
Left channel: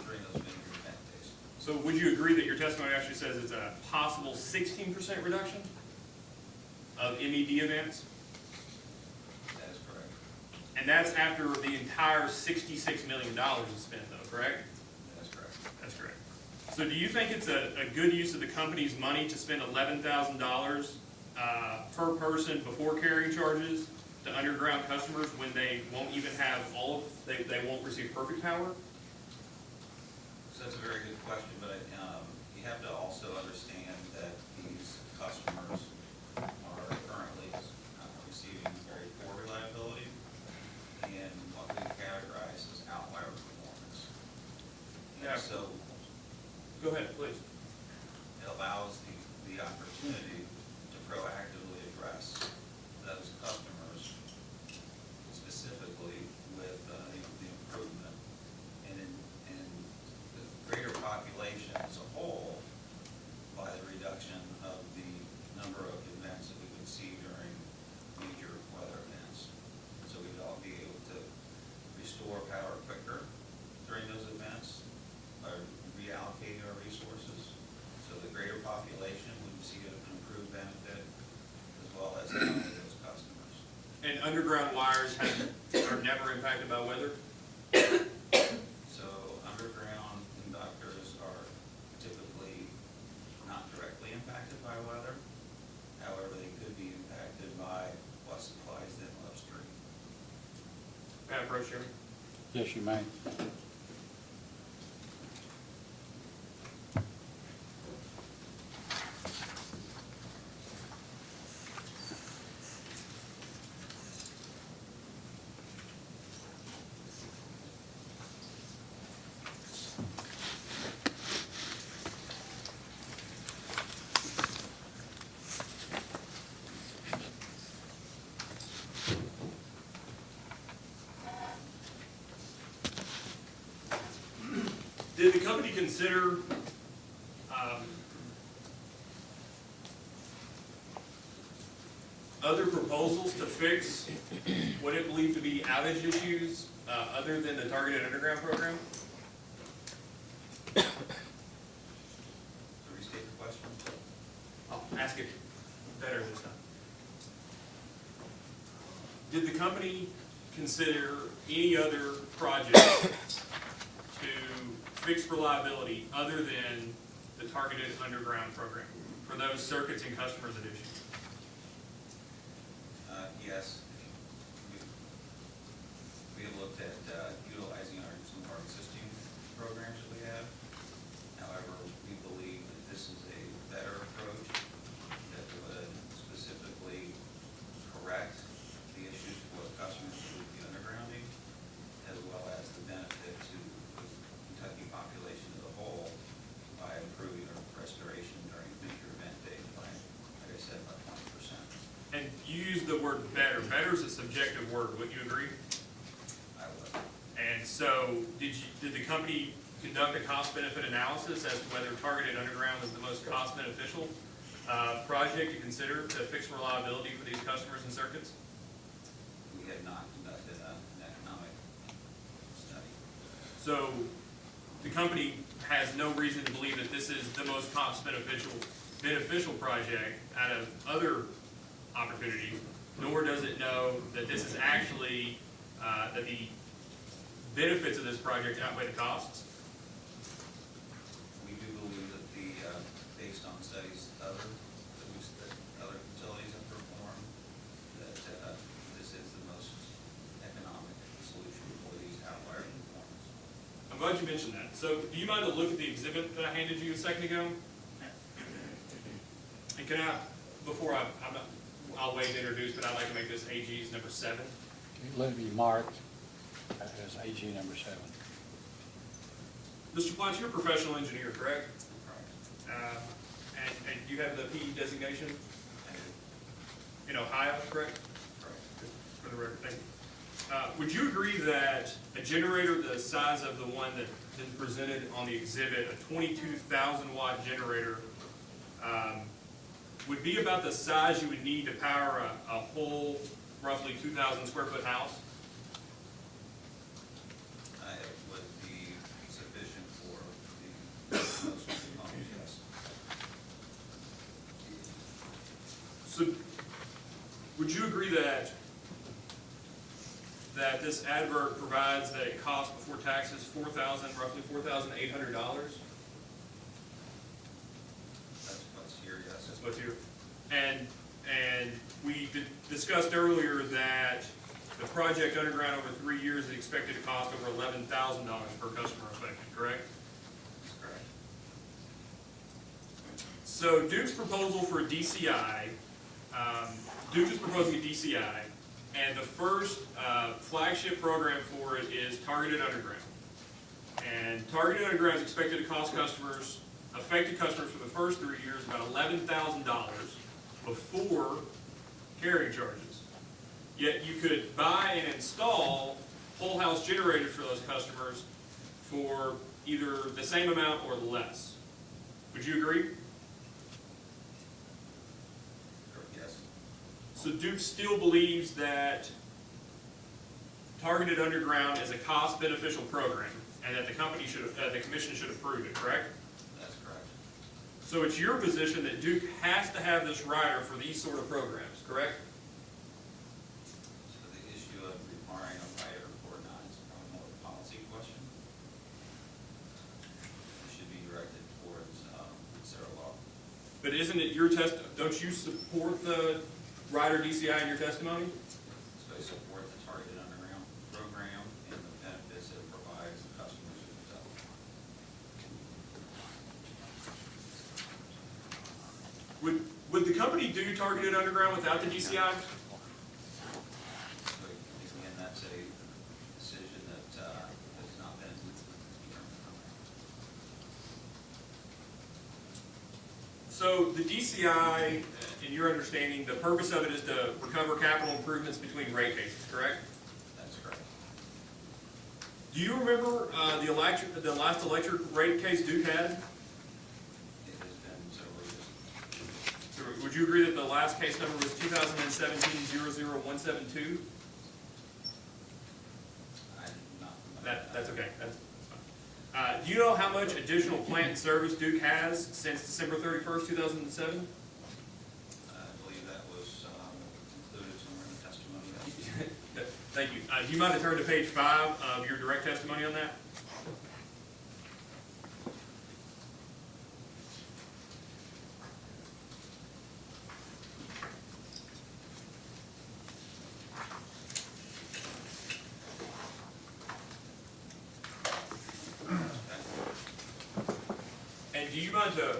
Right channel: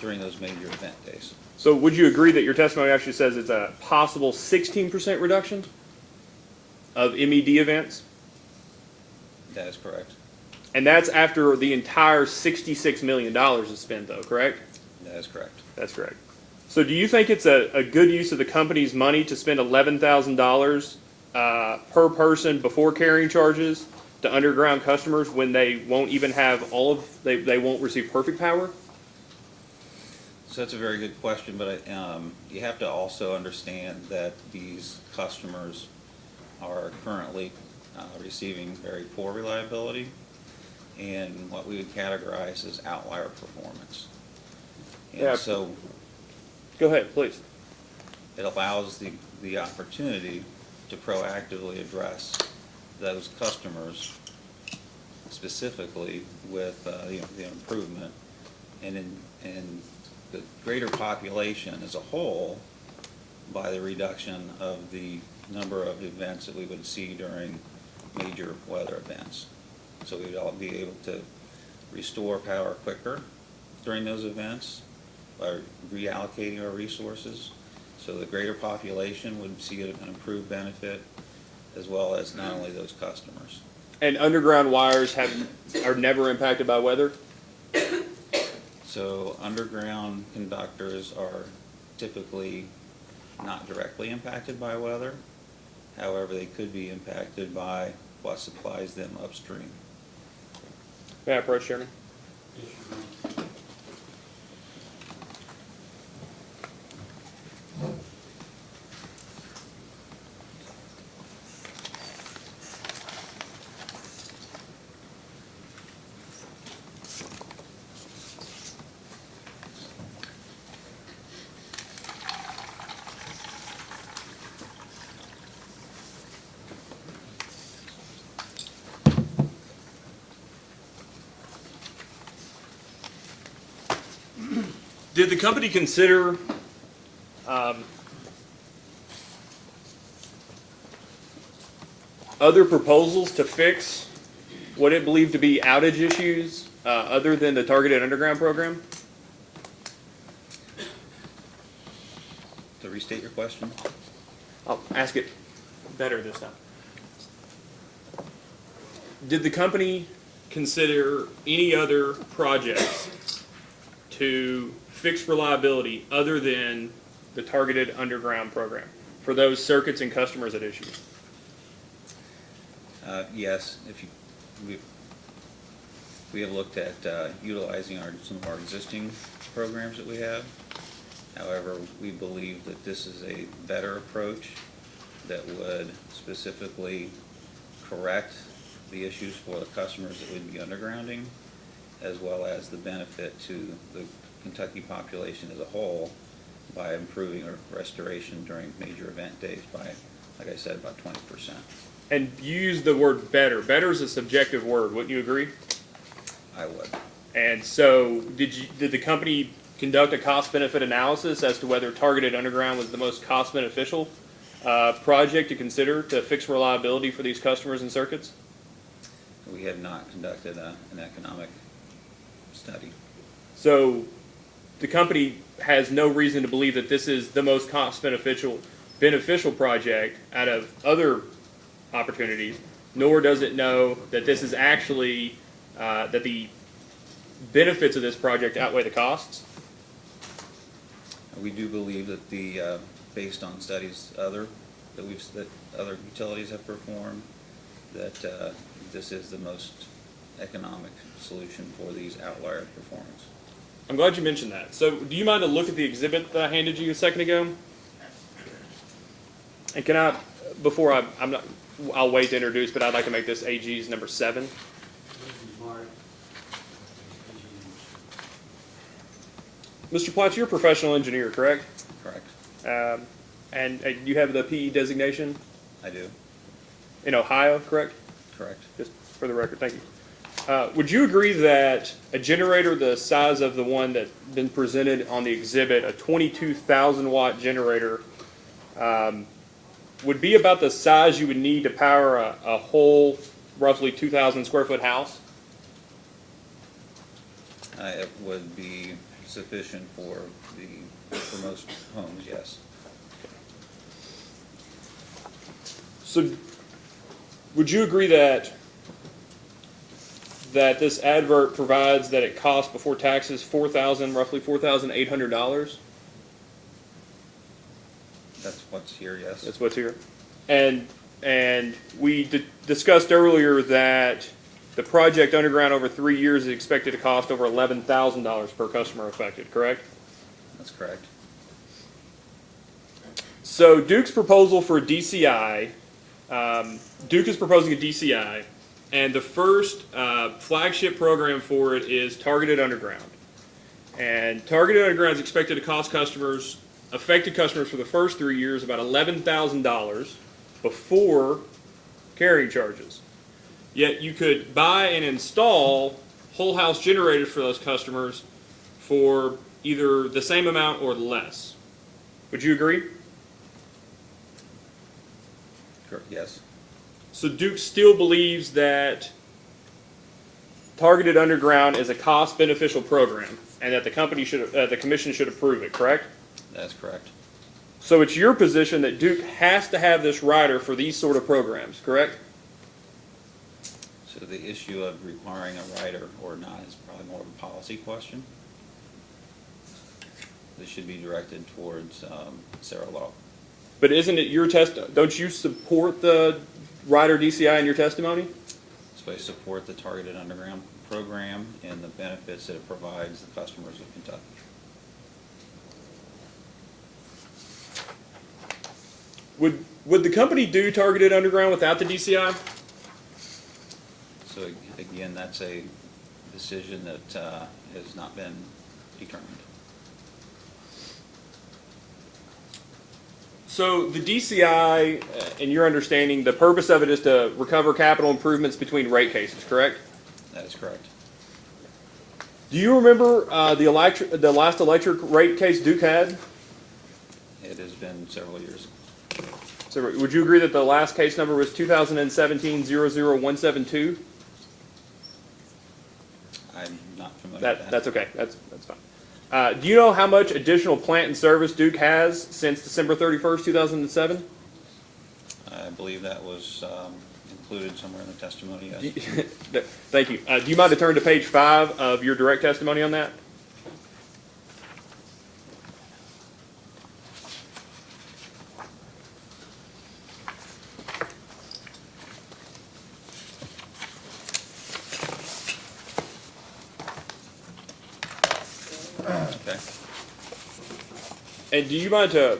during those major event days. So would you agree that your testimony actually says it's a possible 16% reduction of MED events? That is correct. And that's after the entire $66 million is spent though, correct? That is correct. That's correct. So do you think it's a good use of the company's money to spend $11,000 per person before carrying charges to underground customers when they won't even have they won't receive perfect power? So that's a very good question, but you have to also understand that these customers are currently receiving very poor reliability and what we would categorize as outlier performance. And Yeah. so Go ahead, please. it allows the opportunity to proactively address those customers specifically with the improvement and the greater population as a whole by the reduction of the number of events that we would see during major weather events. So we would all be able to restore power quicker during those events by reallocating our resources. So the greater population would see an improved benefit as well as not only those customers. And underground wires are never impacted by weather? So underground conductors are typically not directly impacted by weather. However, they could be impacted by what supplies them upstream. May I approach, Chairman? Yes, you may. Did the company consider other proposals to fix what it believed to be outage issues other than the targeted underground program? To restate your question? I'll ask it better this time. Did the company consider any other projects to fix reliability other than the targeted underground program for those circuits and customers at issue? Yes, if you, we have looked at utilizing some of our existing programs that we have. However, we believe that this is a better approach that would specifically correct the issues for the customers that would be undergrounding, as well as the benefit to the Kentucky population as a whole by improving our restoration during major event days by, like I said, about 20%. And you use the word better. Better is a subjective word, wouldn't you agree? I would. And so, did the company conduct a cost-benefit analysis as to whether targeted underground was the most cost-beneficial project to consider to fix reliability for these customers and circuits? We have not conducted an economic study. So, the company has no reason to believe that this is the most cost-beneficial project out of other opportunities, nor does it know that this is actually that the benefits of this project outweigh the costs. We do believe that based on studies that other utilities have performed, that this is the most economic solution for these outlier performance. I'm glad you mentioned that. So, do you mind to look at the exhibit that I handed you a second ago? And can I, before I'll wait to introduce, but I'd like to make this AG's number 7. Let me mark as AG number 7. Mr. Platts, you're a professional engineer, correct? Correct. And you have the PE designation I do. in Ohio, correct? Correct. Just for the record, thank you. Would you agree that a generator the size of the one that's been presented on the exhibit, a 22,000 watt generator, would be about the size you would need to power a whole roughly 2,000 square foot house? It would be sufficient for most homes, yes. So, would you agree that this advert provides that it costs before taxes roughly $4,800? That's what's here, yes. That's what's here. And we discussed earlier that the project underground over 3 years is expected to cost over $11,000 per customer affected, correct? That's correct. So Duke's proposal for a DCI, Duke is proposing a DCI, and the first flagship program for it is Targeted Underground. And Targeted Underground is expected to cost affected customers for the first 3 years about $11,000 before carrying charges. Yet you could buy and install whole house generators for those customers for either the same amount or less. Would you agree? Yes. So Duke still believes that Targeted Underground is a cost-beneficial program, and that the commission should approve it. Correct? That's correct. So it's your position that Duke has to have this rider for these sort of programs. Correct? So the issue of requiring a rider or not is probably more of a policy question. This should be directed towards Sarah Law. But isn't it your don't you support the rider DCI in your testimony? So I support the Targeted Underground program and the benefits that it provides the customers of Kentucky. Would the company do Targeted Underground without the DCI? So again, that's a decision that has not been determined. So the DCI, in your understanding, the purpose of it is to recover capital improvements between rate cases, correct? That is correct. Do you remember the last electric rate case Duke had? It has been several years. So would you agree that the last case number was 2017-00172? I'm not familiar with that. That's okay. That's fine. Do you know how much additional plant and service Duke has since December 31st, 2007? I believe that was included somewhere in the testimony. Thank you. Do you mind to turn to page 5 of your direct testimony on that? And do you mind to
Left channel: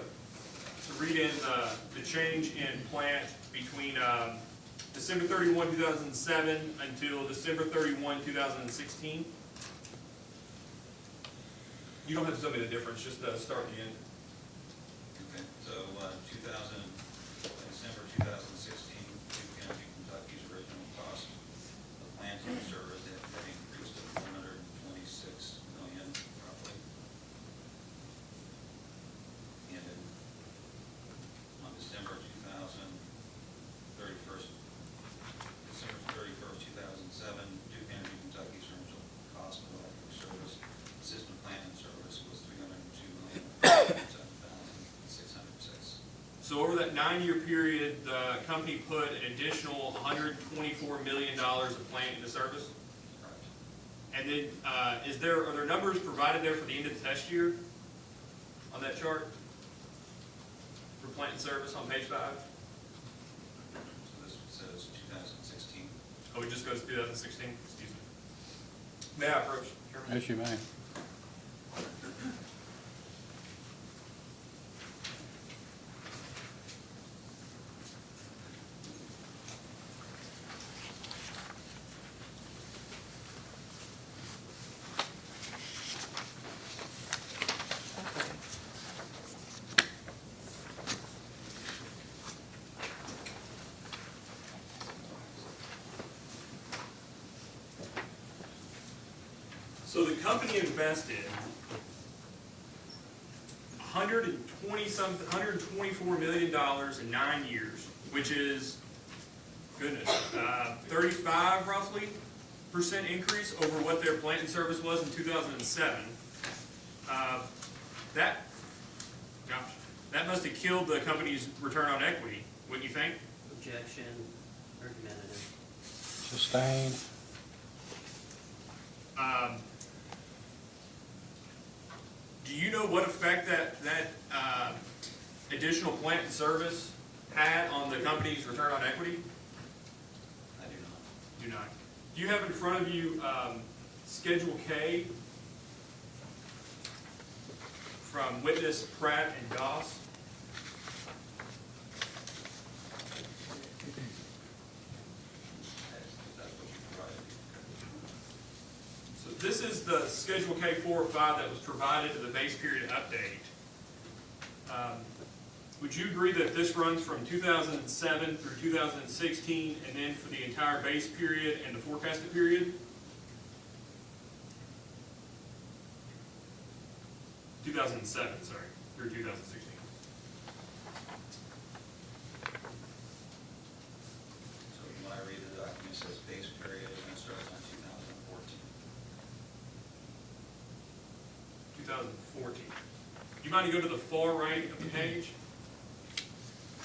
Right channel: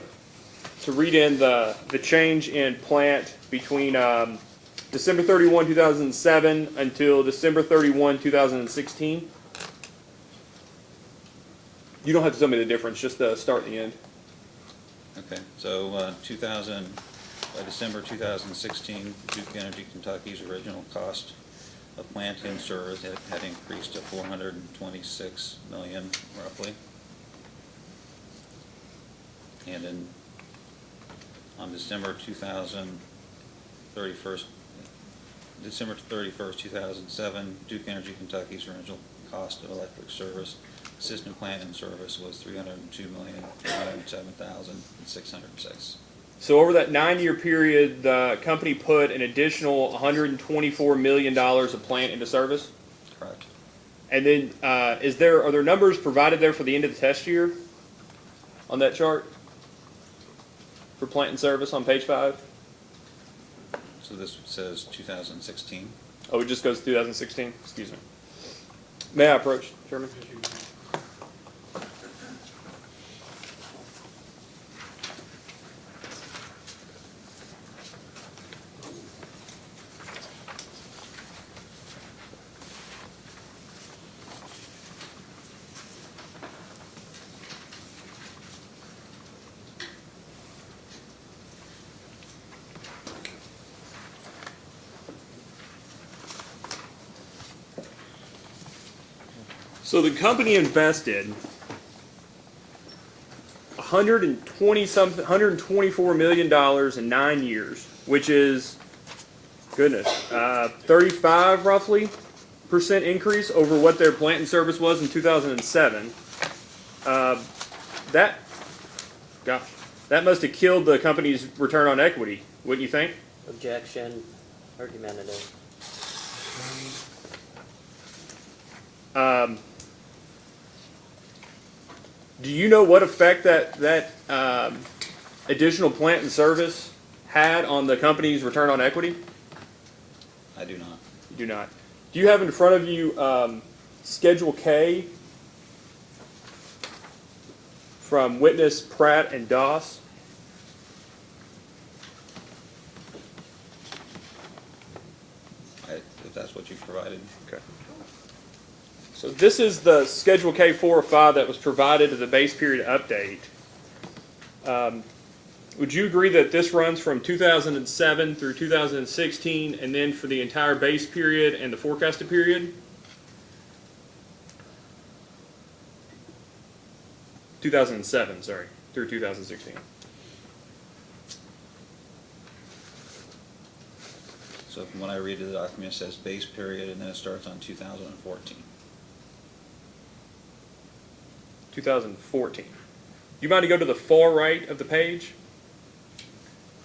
read in the change in plant between December 31, 2007 until December 31, 2016? You don't have to tell me the difference, just the start and the end. Okay, so, by December 2016, Duke Energy Kentucky's original cost of plant in service had increased to $426 million roughly. And on December 31st, 2007, Duke Energy Kentucky's original cost of electric service, system plant in service, was $302,087,606. So over that 9-year period, the company put an additional $124 million of plant into service? Correct. And then, are there numbers provided there for the end of the test year on that chart? For plant and service on page 5? So this says 2016. Oh, it just goes 2016? Excuse me. May I approach, Chairman? Yes, you may. So the company invested $124 million in 9 years, which is, goodness, 35 roughly % increase over what their plant and service was in 2007. That must have killed the company's return on equity, wouldn't you think? Objection, argumentative. Sustained. Do you know what effect that additional plant and service had on the company's return on equity? I do not. You do not. Do you have in front of you Schedule K from witness Pratt and Doss? If that's what you provided. Okay. So this is the Schedule K 4 or 5 that was provided to the base period update. Would you agree that this runs from 2007 through 2016, and then for the entire base period and the forecasted period? 2007, sorry, through 2016. So from what I read of the document, it says base period and then it starts on 2014. 2014. You mind to go to the far right of the page?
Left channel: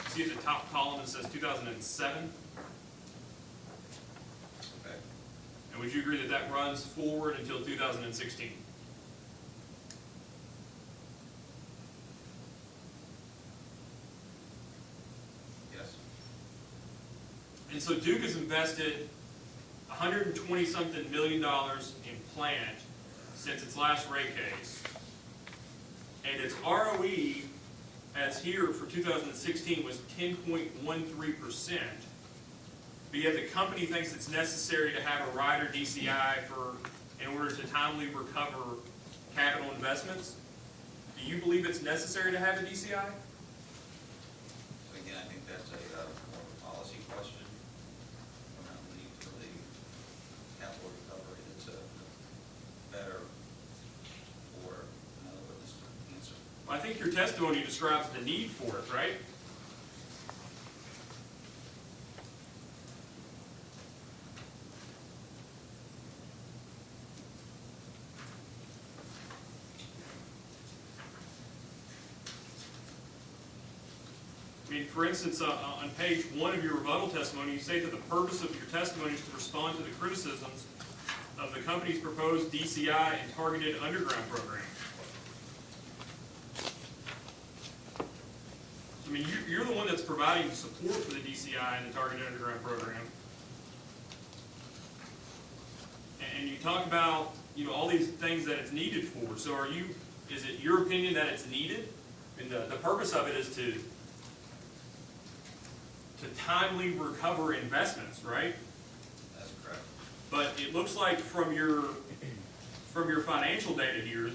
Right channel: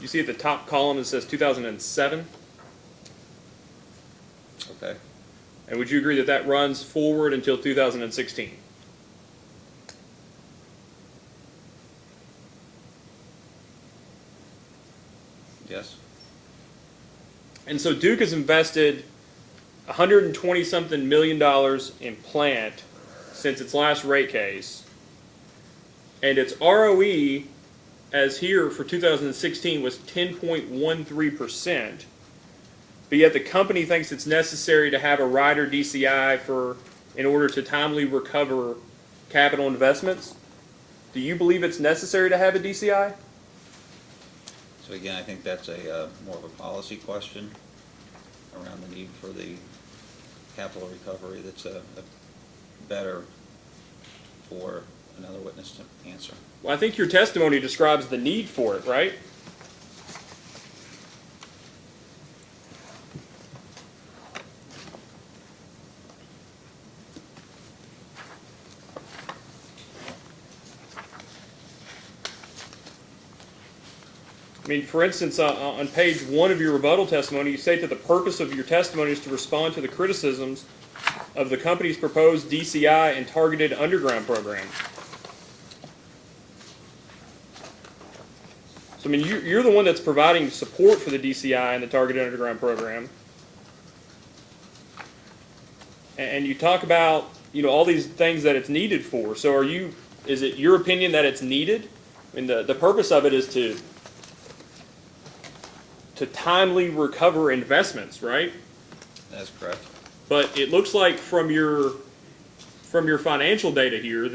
You see at the top column it says 2007? Okay. And would you agree that that runs forward until 2016? Yes. And so Duke has invested $120-something million in plant since its last rate case. And its ROE, as here for 2016, was 10.13%. But yet the company thinks it's necessary to have a rider DCI in order to timely recover capital investments. Do you believe it's necessary to have a DCI? So again, I think that's more of a policy question around the need for the capital recovery that's better for another witness to answer. Well, I think your testimony describes the need for it, right? I mean, for instance, on page 1 of your rebuttal testimony, you state that the purpose of your testimony is to respond to the criticisms of the company's proposed DCI and targeted underground program. So, I mean, you're the one that's providing support for the DCI and the targeted underground program. And you talk about, all these things that it's needed for. So is it your opinion that it's needed? I mean, the purpose of it is to timely recover investments, right? That's correct. But it looks like from your financial data here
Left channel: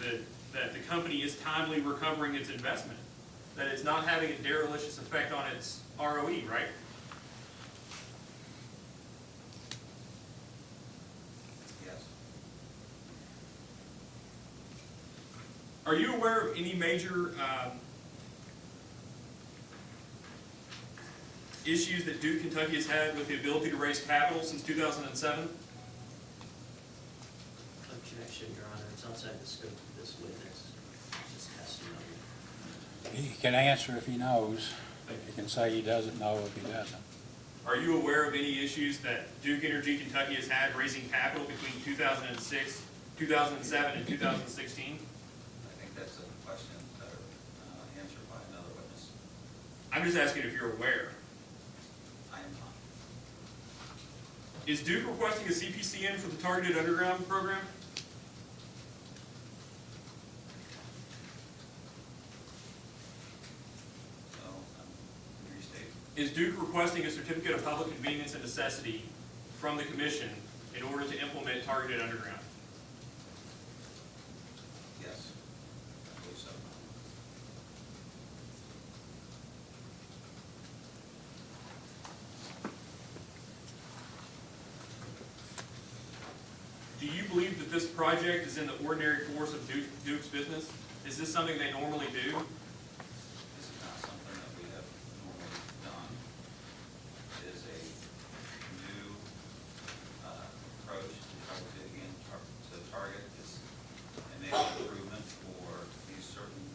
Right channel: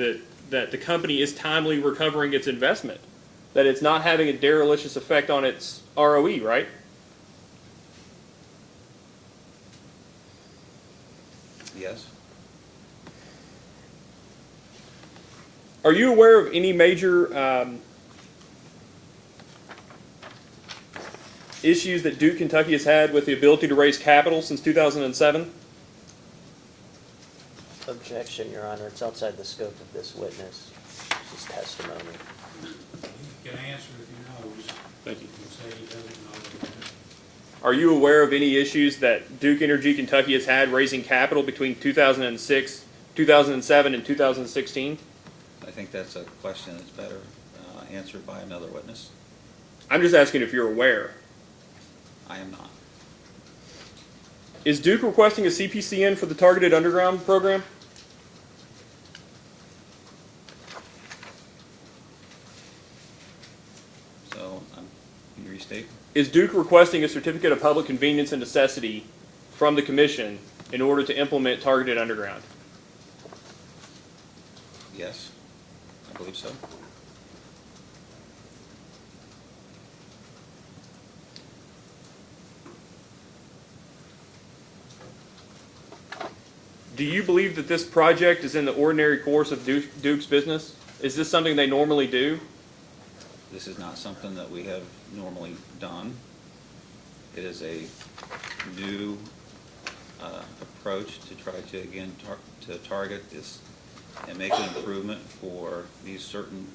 that the company is timely recovering its investment, that it's not having a deleterious effect on its ROE, right? Yes. Are you aware of any major issues that Duke Kentucky has had with the ability to raise capital since 2007? Objection, Your Honor, it's outside the scope of this witness, his testimony. He can answer if he knows. Thank you. He can say he doesn't know if he doesn't. Are you aware of any issues that Duke Energy Kentucky has had raising capital between 2006, 2007, and 2016? I think that's a question that's better answered by another witness. I'm just asking if you're aware. I am not. Is Duke requesting a CPCN for the targeted underground program? So, can you restate? Is Duke requesting a certificate of public convenience and necessity from the commission in order to implement targeted underground? Yes, I believe so. Do you believe that this project is in the ordinary course of Duke's business? Is this something they normally do? This is not something that we have normally done. It is a new approach to try to, again, target this and make an improvement for these certain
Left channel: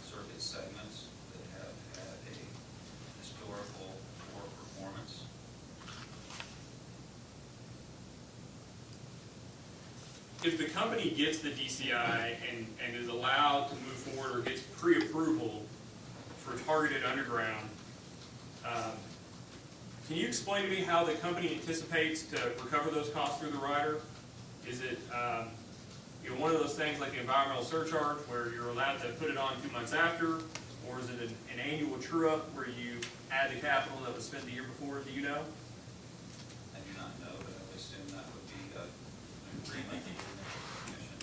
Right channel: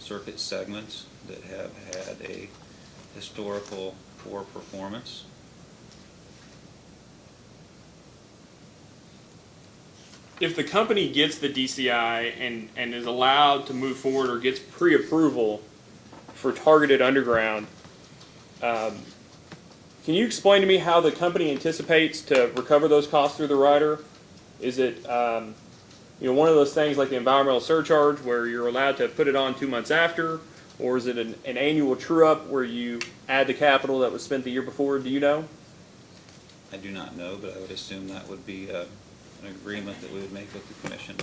circuit segments that have had a historical poor performance. If the company gets the DCI and is allowed to move forward or gets pre-approval for targeted underground, can you explain to me how the company anticipates to recover those costs through the rider? Is it one of those things like the environmental surcharge where you're allowed to put it on 2 months after, or is it an annual true-up where you add the capital that was spent the year before? Do you know? I do not know, but I would assume that would be an agreement that we would make with the commission.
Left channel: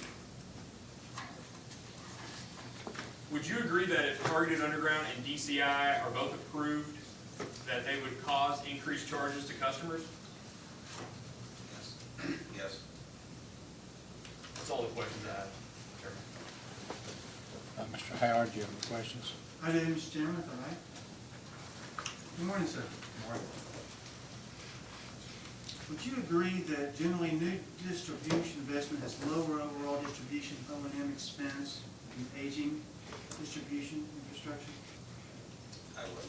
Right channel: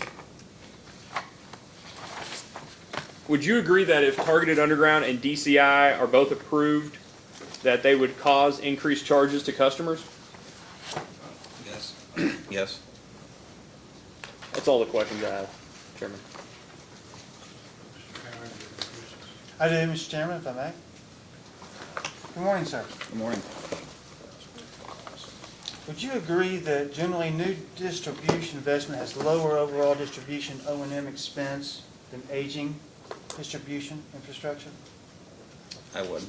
Would you agree that if targeted underground and DCI are both approved, that they would cause increased charges to customers? Yes. Yes. That's all the questions I have, Chairman. Mr. Howard, do you have any questions? I do, Mr. Chairman, if I may. Good morning, sir. Good morning. Would you agree that generally new distribution investment has lower overall distribution O&M expense than aging distribution infrastructure? I would.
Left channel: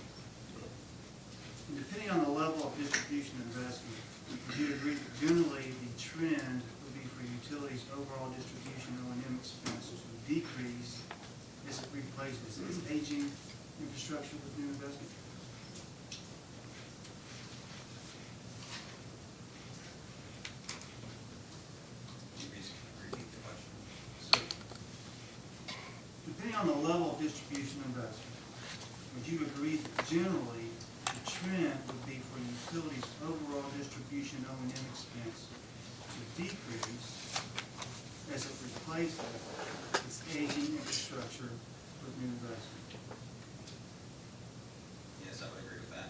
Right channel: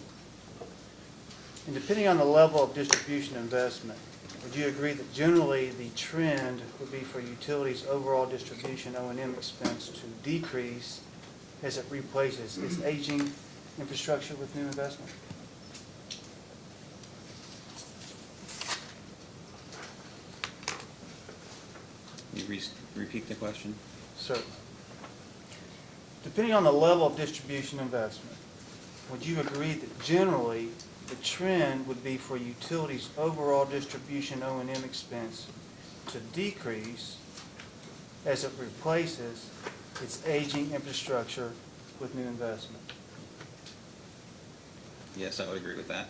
And depending on the level of distribution investment, would you agree that generally the trend would be for utilities' overall distribution O&M expense to decrease as it replaces its aging infrastructure with new investment? Can you repeat the question? So, depending on the level of distribution investment, would you agree that generally the trend would be for utilities' overall distribution O&M expense to decrease as it replaces its aging infrastructure with new investment? Yes, I would agree with that.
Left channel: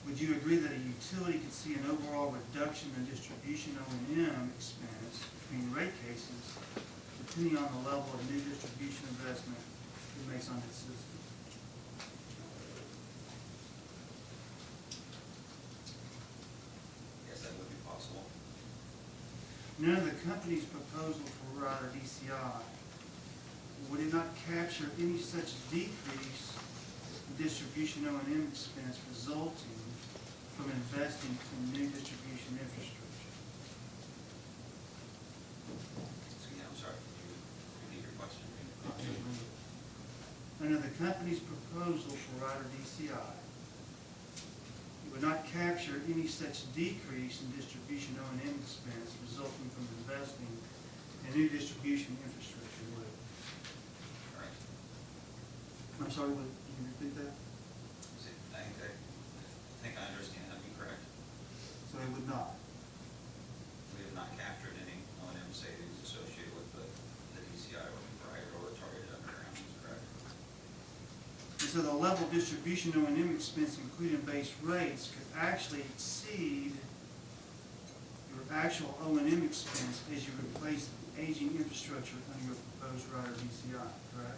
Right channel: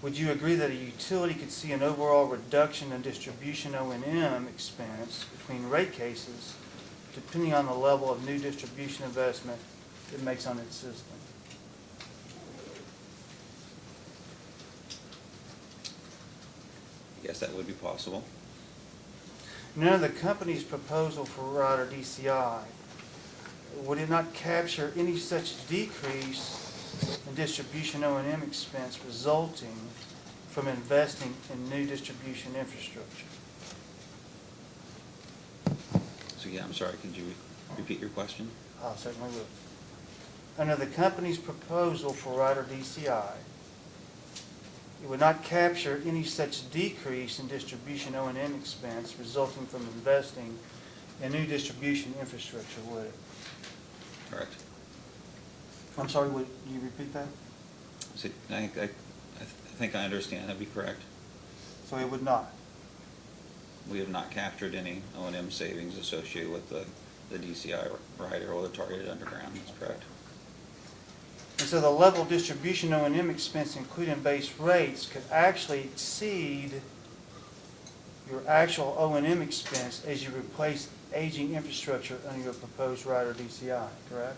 Would you agree that a utility could see an overall reduction in distribution O&M expense between rate cases depending on the level of new distribution investment it makes on its system? Yes, that would be possible. Now, the company's proposal for rider DCI, would it not capture any such decrease in distribution O&M expense resulting from investing in new distribution infrastructure? So yeah, I'm sorry, could you repeat your question? I'll certainly will. Under the company's proposal for rider DCI, it would not capture any such decrease in distribution O&M expense resulting from investing in new distribution infrastructure, would it? Correct. I'm sorry, would you repeat that? So, I think I understand, that'd be correct. So it would not? We have not captured any O&M savings associated with the DCI rider or the targeted underground, that's correct. And so the level of distribution O&M expense, including base rates, could actually exceed your actual O&M expense as you replace aging infrastructure under your proposed rider DCI, correct?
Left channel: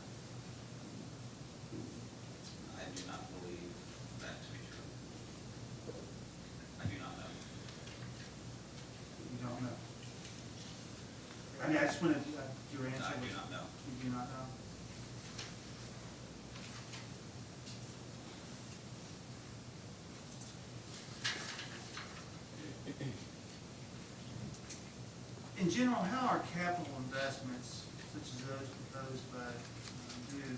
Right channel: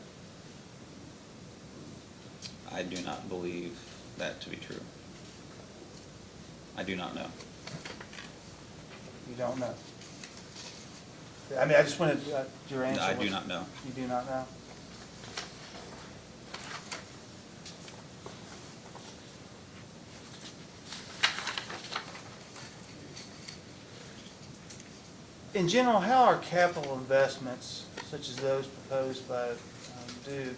I do not believe that to be true. I do not know. You don't know? I mean, I just wanted your answer. I do was- not know. You do not know? In general, how are capital investments, such as those proposed by Duke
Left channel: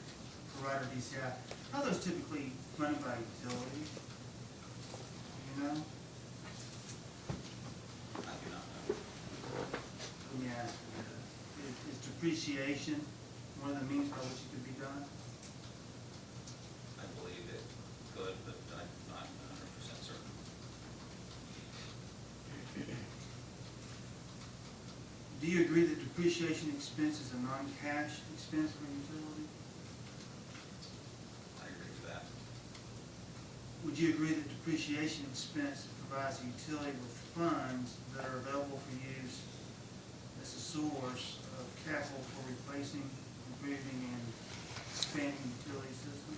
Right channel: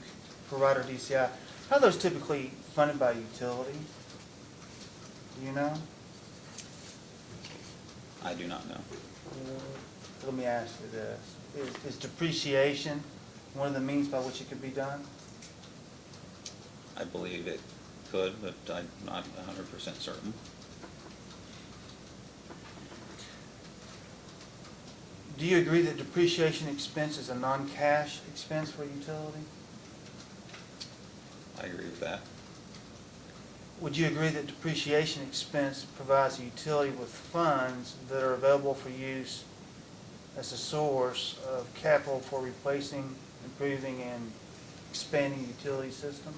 for Rider DCI, how are those typically funded by utility? Do you know? I do not know. Let me ask you this. Is depreciation one of the means by which it could be done? I believe it could, but I'm not 100% certain. Do you agree that depreciation expense is a non-cash expense for a utility? I agree with that. Would you agree that depreciation expense provides a utility with funds that are available for use as a source of capital for replacing, improving, and expanding utility system?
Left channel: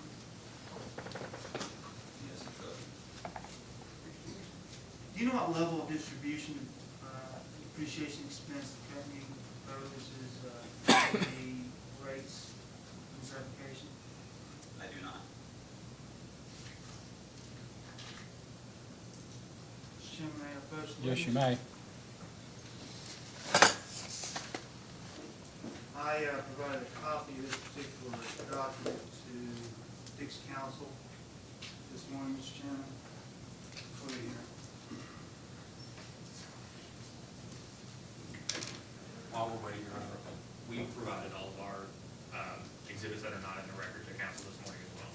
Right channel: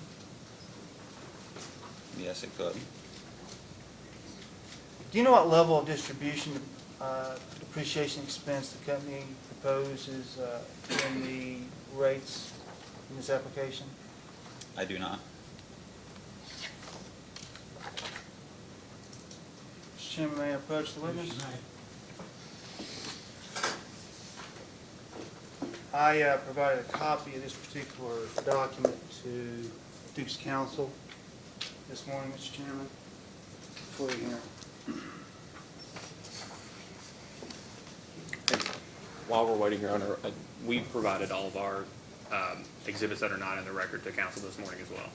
Yes, it could. Do you know what level of distribution depreciation expense the company proposes in the rates in this application? I do not. Mr. Chairman, may I approach the Yes, witness? you may. I provided a copy of this particular document to Duke's counsel this morning, Mr. Chairman, before you hear. While we're waiting, Your Honor, we provided all of our exhibits that are not in the record to council this morning as well.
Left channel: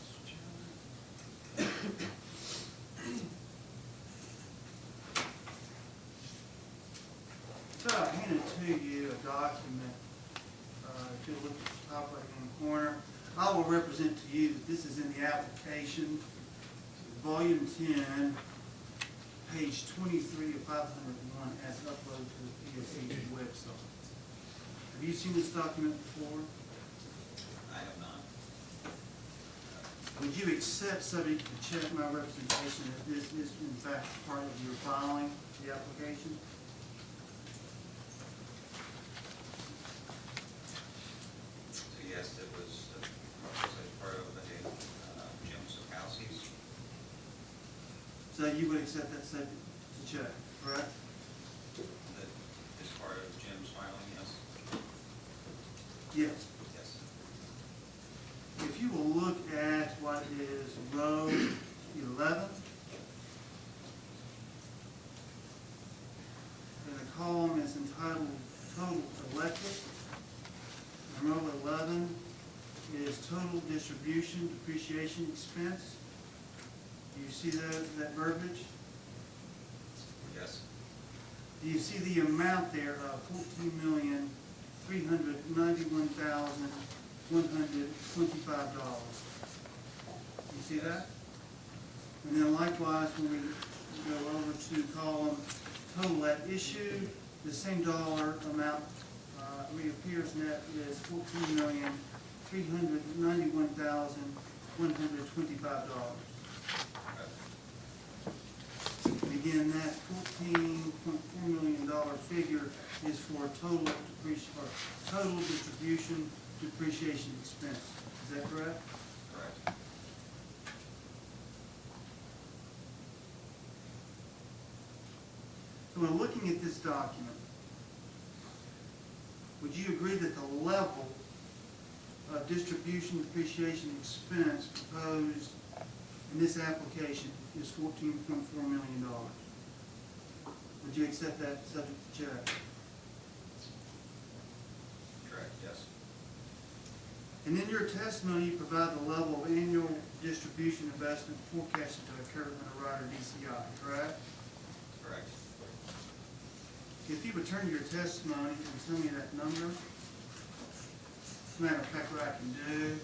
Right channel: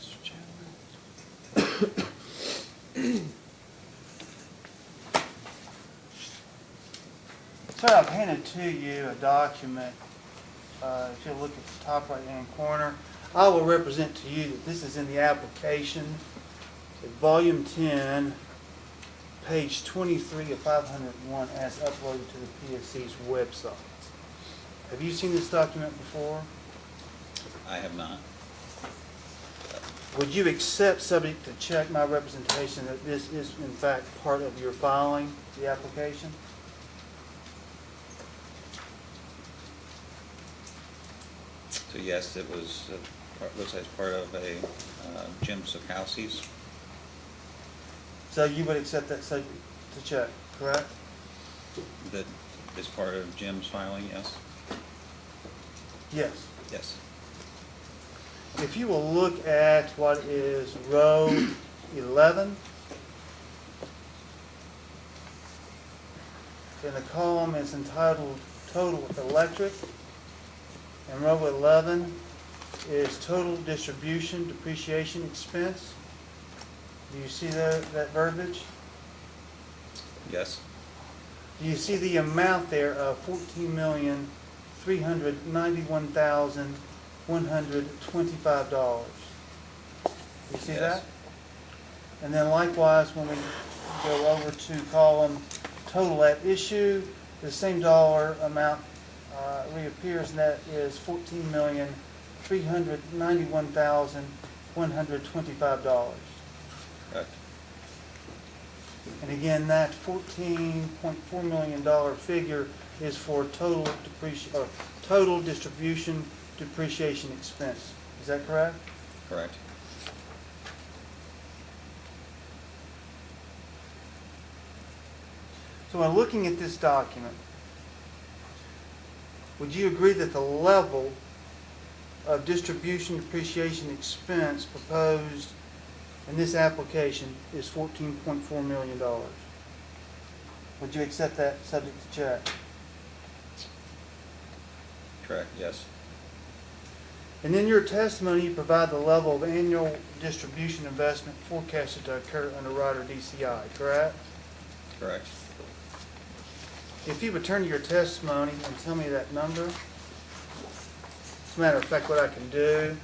Mr. Chairman. So I've handed to you a document, if you look at the top right-hand corner, I will represent to you that this is in the application, volume 10, page 23 of 501 as uploaded to the PSC's website. Have you seen this document before? I have not. Would you accept, subject to check, my representation that this is in fact part of your filing, the application? So yes, it was as part of a Jim Sokowski's. So you would accept that subject to check, correct? That is part of Jim's filing, yes? Yes. Yes. If you will look at what is row 11, then the column is entitled Total Electric, and row 11 is Total Distribution Depreciation Expense. Do you see that verbiage? Yes. Do you see the amount there of $14,391,125? You see Yes. that? And then likewise, when we go over to column total at issue, the same dollar amount reappears, and that is $14,391,125. Correct. And again, that $14.4 million figure is for total distribution depreciation expense. Is that correct? Correct. So when looking at this document, would you agree that the level of distribution depreciation expense proposed in this application is $14.4 million? Would you accept that subject to check? Correct, yes. And in your testimony, you provide the level of annual distribution investment forecasted to occur under Rider DCI, correct? Correct. If you would turn to your testimony and tell me that number. As a matter of fact, what I can do,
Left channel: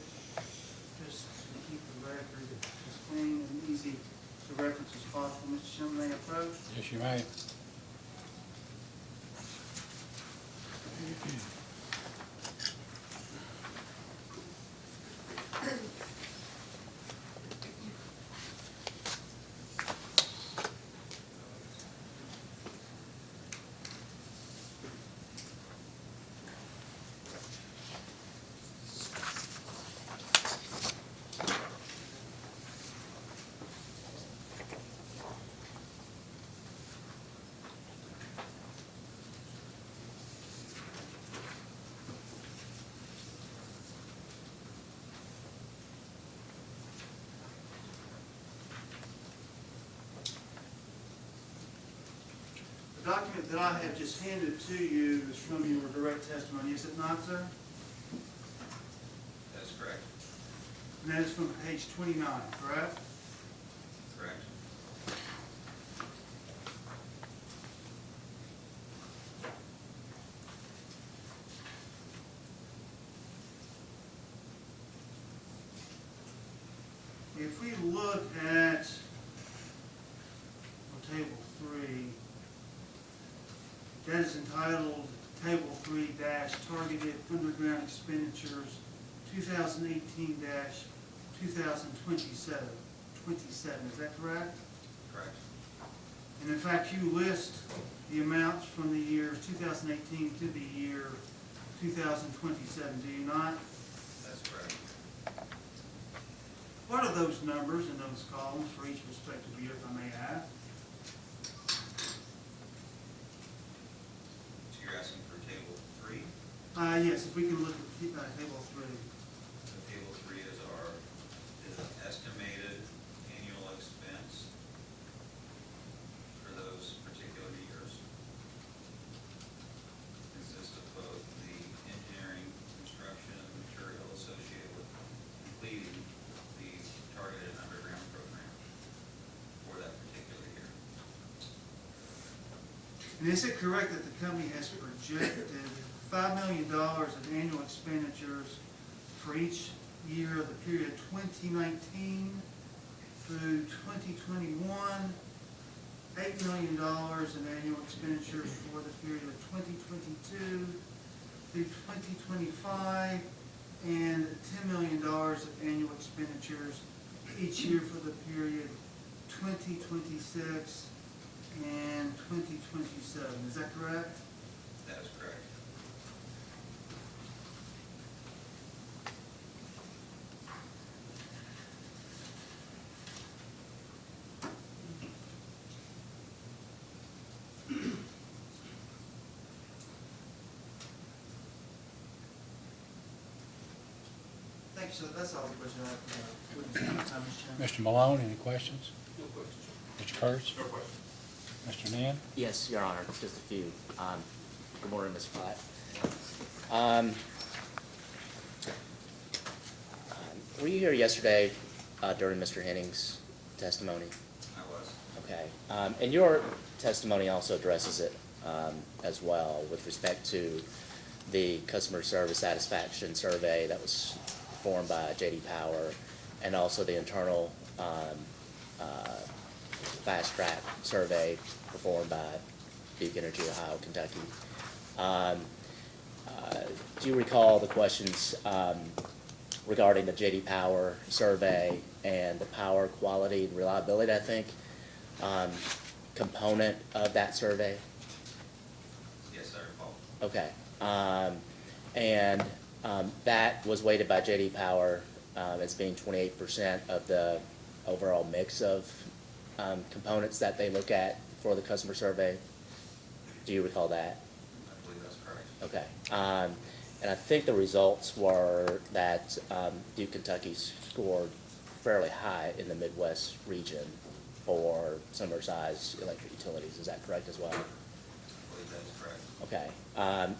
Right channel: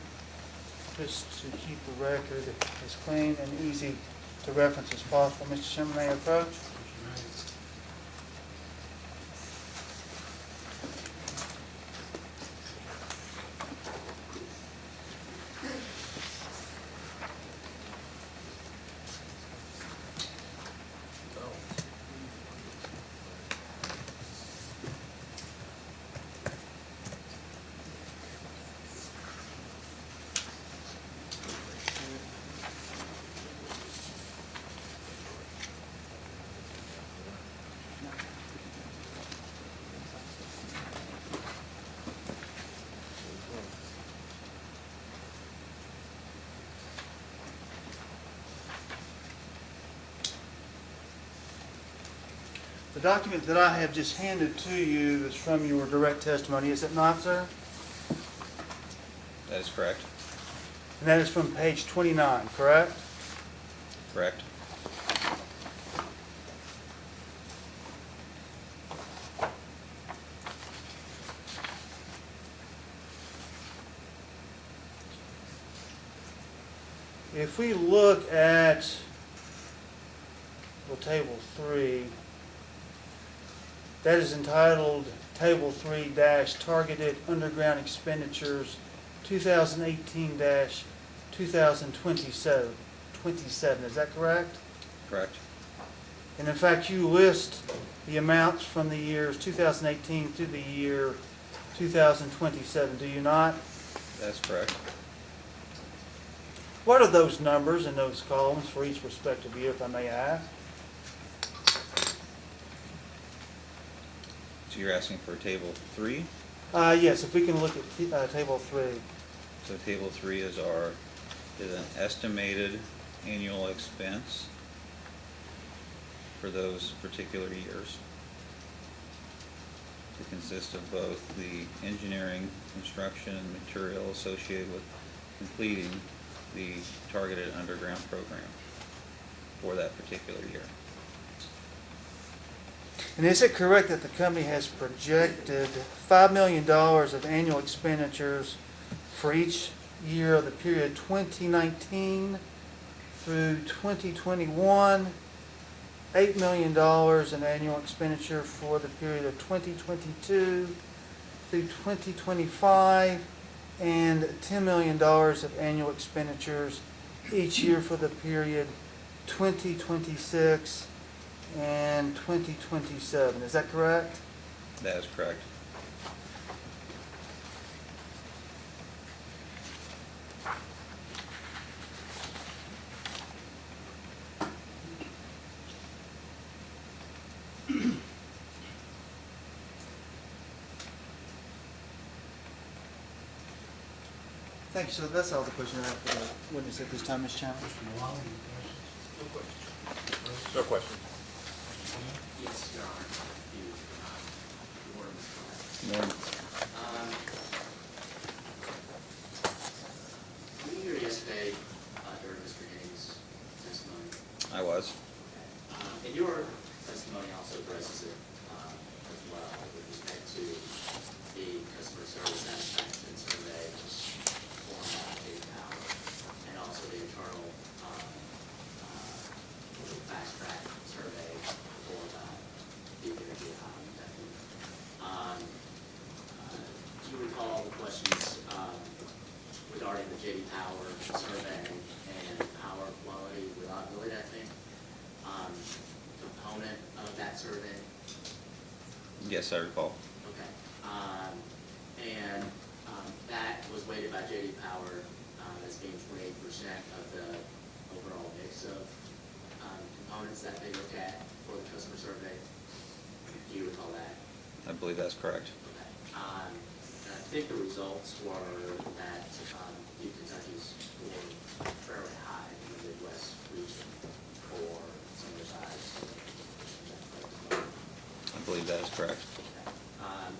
just to keep the record as clean and easy to reference as possible, Mr. Sherman, may I approach? Yes, you may. The document that I have just handed to you is from your direct testimony, is it not, sir? That is correct. And that is from page 29, correct? Correct. If we look at, well, table 3, that is entitled Table 3 dash Targeted Underground Expenditures 2018-2027. 27, is that correct? Correct. And in fact, you list the amounts from the years 2018 through the year 2027, do you not? That's correct. What are those numbers in those columns for each respective year, if I may ask? So you're asking for table 3? Yes, if we can look at table 3. So table 3 is an estimated annual expense for those particular years. It consists of both the engineering, construction, and material associated with completing the targeted underground program for that particular year. And is it correct that the company has projected $5 million of annual expenditures for each year of the period 2019 through 2021, $8 million in annual expenditure for the period of 2022 through 2025, and $10 million of annual expenditures each year for the period 2026 and 2027. Is that correct? That is correct. Thank you, sir. That's all the questions I have for the witness at this time, Mr. Chairman. Mr. Malone, any questions? No question. Mr. Curtis? No question. Mr. Hand? Yes, Your Honor, just a few. Good morning, Ms. Platt. Were you here yesterday during Mr. Henning's testimony? I was. Okay. And your testimony also addresses it as well with respect to the customer service satisfaction survey that was performed by J.D. Power, and also the internal fast track survey performed by Duke Energy Ohio, Kentucky. Do you recall the questions regarding the J.D. Power survey and the power quality and reliability, I think? component of that survey? Yes, I recall. Okay. And that was weighted by J.D. Power as being 28% of the overall mix of components that they look at for the customer survey. Do you recall that? I believe that's correct. Okay. And I think the results were that Duke Kentucky scored fairly high in the Midwest region for similar-sized electric utilities. Is that correct as well? I believe that is correct. Okay.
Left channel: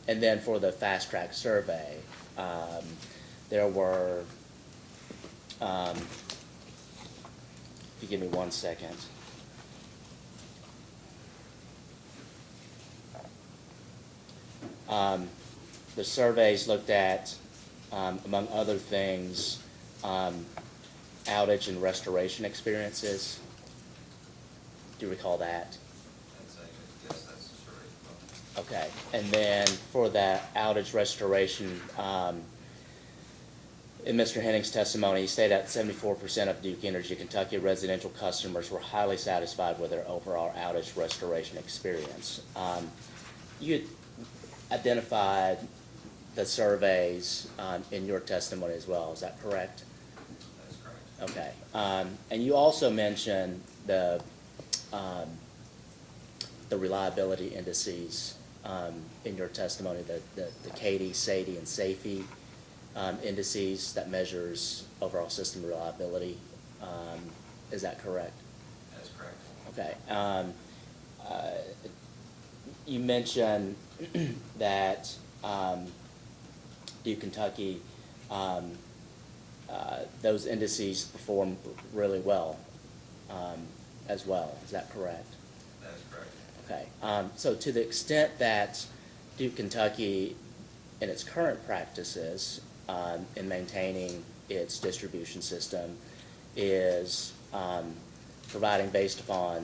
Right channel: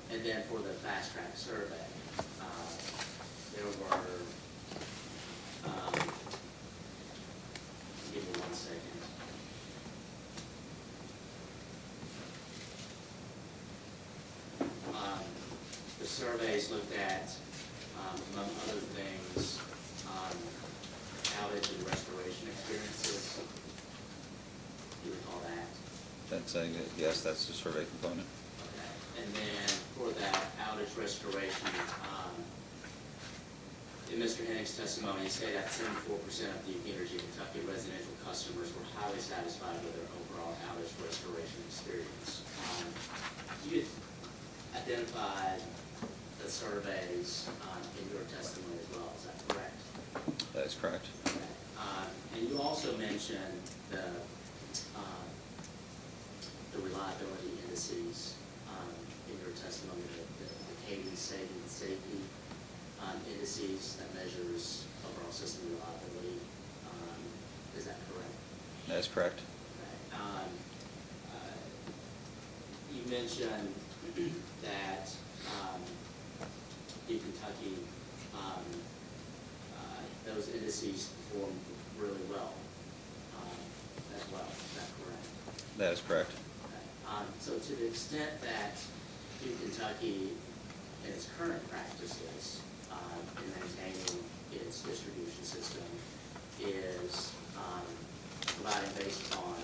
And then for the fast track survey, there were, if you give me 1 second. The surveys looked at, among other things, outage and restoration experiences. Do you recall that? That's saying that, yes, that's the survey component. Okay, and then for that outage restoration, in Mr. Henning's testimony, he said that 74% of Duke Energy Kentucky residential customers were highly satisfied with their overall outage restoration experience. You had identified the surveys in your testimony as well, is that correct? That is correct. Okay, and you also mentioned the reliability indices in your testimony, the CAIDI, SAIDI, and SAFE indices that measures overall system reliability. Is that correct? That is correct. Okay. You mentioned that Duke Kentucky, those indices perform really well as well. Is that correct? That is correct. Okay. So to the extent that Duke Kentucky, in its current practices in maintaining its distribution system, is providing based upon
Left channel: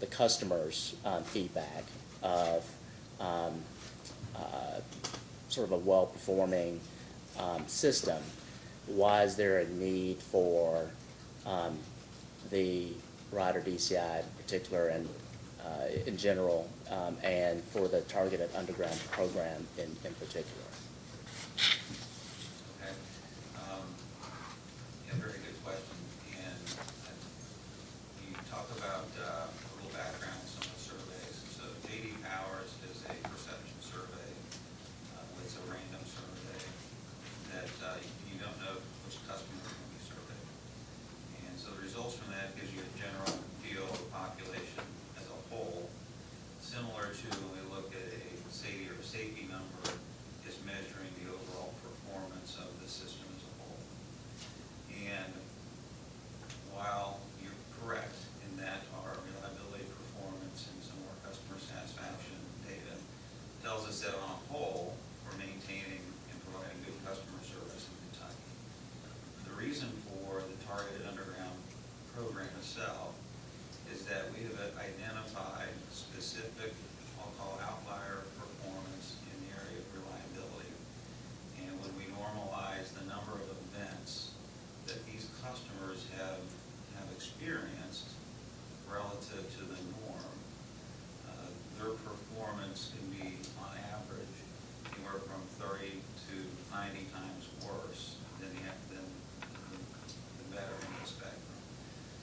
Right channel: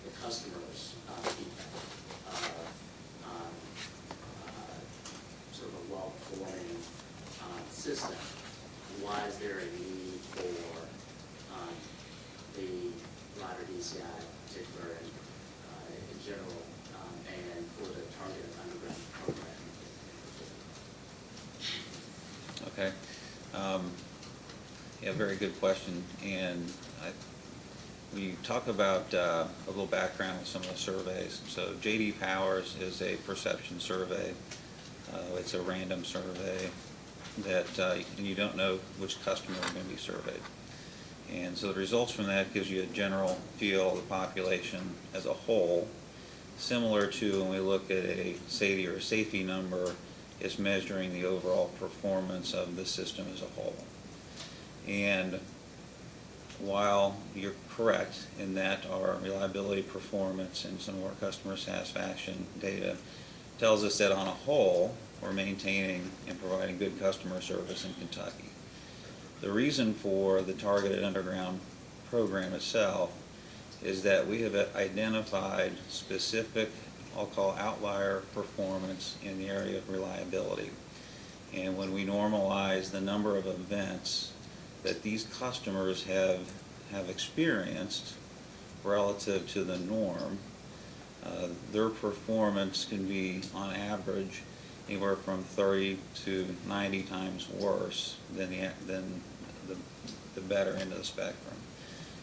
the customer's feedback of sort of a well-performing system, why is there a need for the rider DCI in particular and in general, and for the targeted underground program in particular? Okay. Yeah, very good question. And we talk about a little background with some of the surveys. So J.D. Powers is a perception survey. It's a random survey that you don't know which customer is going to be surveyed. And so the results from that gives you a general feel of the population as a whole, similar to when we look at a SAIDI or a safety number, it's measuring the overall performance of the system as a whole. And while you're correct in that our reliability, performance, and some of our customer satisfaction data tells us that on a whole, we're maintaining and providing good customer service in Kentucky. The reason for the targeted underground program itself is that we have identified specific, I'll call outlier performance in the area of reliability. And when we normalize the number of events that these customers have experienced relative to the norm, their performance can be, on average, anywhere from 30 to 90 times worse than the better end of the spectrum.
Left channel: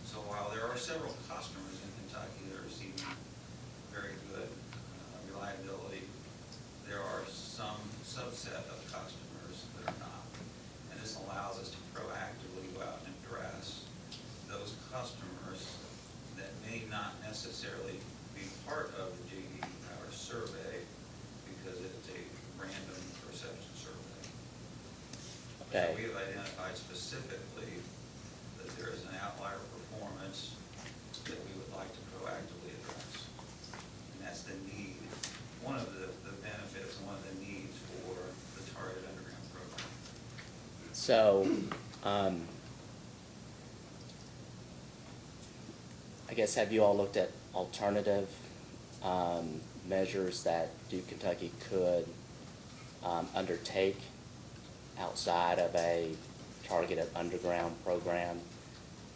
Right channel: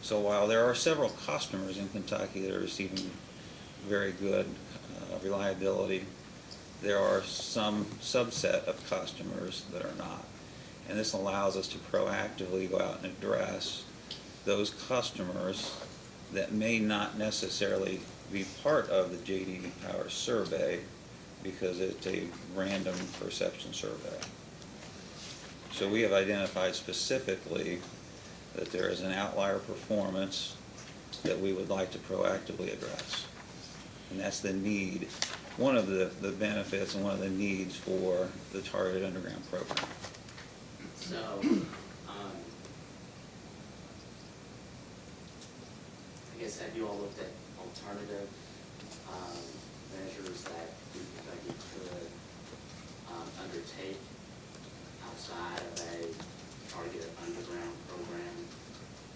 So while there are several customers in Kentucky that are receiving very good reliability, there are some subset of customers that are not. And this allows us to proactively go out and address those customers that may not necessarily be part of the J.D. Power survey because it's a random perception survey. So we have identified specifically that there is an outlier performance that we would like to proactively address. And that's the need, one of the benefits and one of the needs for the targeted underground program. So, I guess, have you all looked at alternative measures that Duke Kentucky could undertake outside of a targeted underground program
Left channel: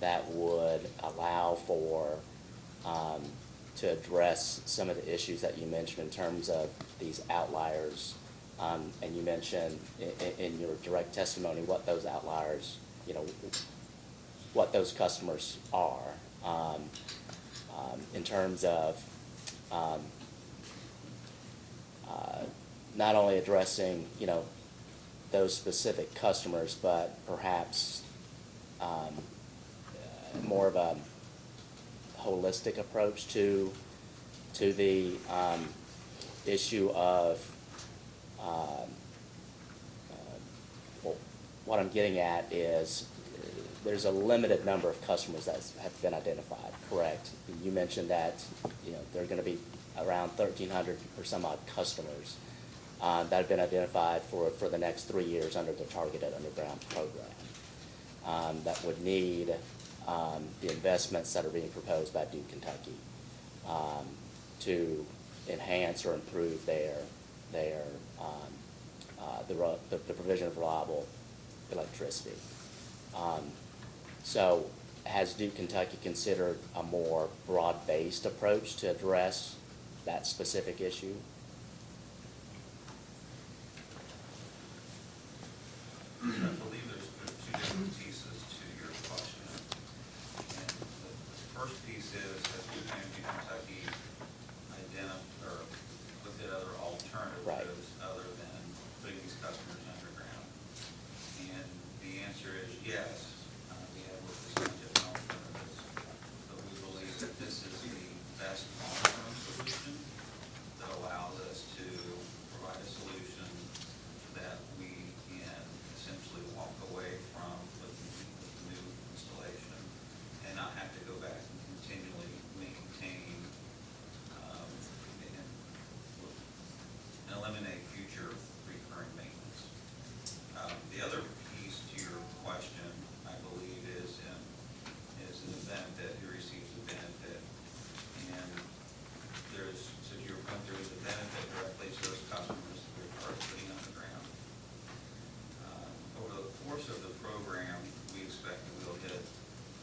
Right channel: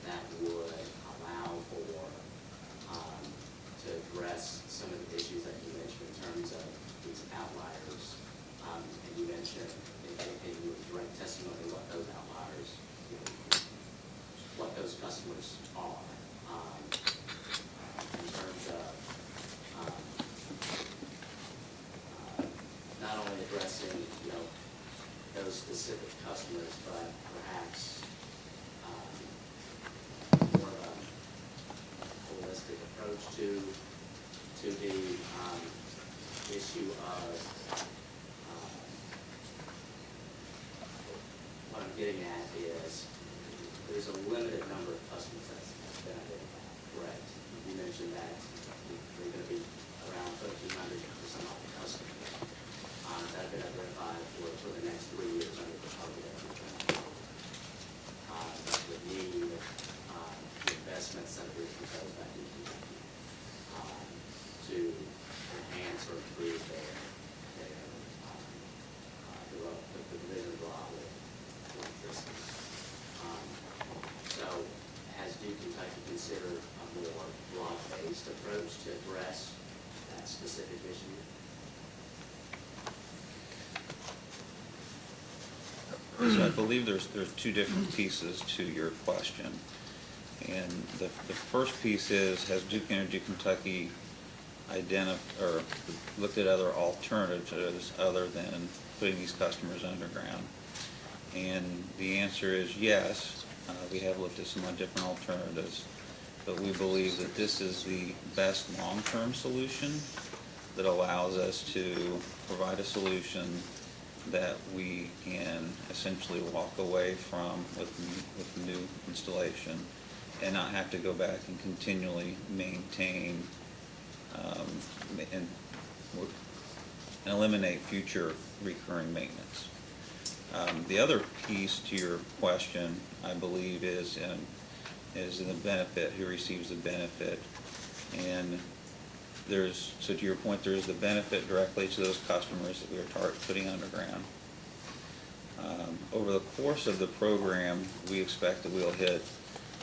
that would allow for to address some of the issues that you mentioned in terms of these outliers. And you mentioned in your direct testimony what those outliers, you know, what those customers are, in terms of not only addressing, you know, those specific customers, but perhaps more of a holistic approach to the issue of what I'm getting at is there's a limited number of customers that have been identified, correct? You mentioned that, you know, there are going to be around 1,300 or some odd customers that have been identified for the next 3 years under the targeted underground program that would need the investments that are being proposed by Duke Kentucky to enhance or improve the provision of reliable electricity. So has Duke Kentucky considered a more broad-based approach to address that specific issue? So I believe there's two different pieces to your question. And the first piece is, has Duke Energy Kentucky or looked at other alternatives other than putting these customers underground? And the answer is yes. We have looked at some different alternatives, but we believe that this is the best long-term solution that allows us to provide a solution that we can essentially walk away from with the new installation and not have to go back and continually maintain and eliminate future recurring maintenance. The other piece to your question, I believe, is the benefit, who receives the benefit. And so to your point, there's the benefit directly to those customers that we are putting underground. Over the course of the program, we expect that we'll hit,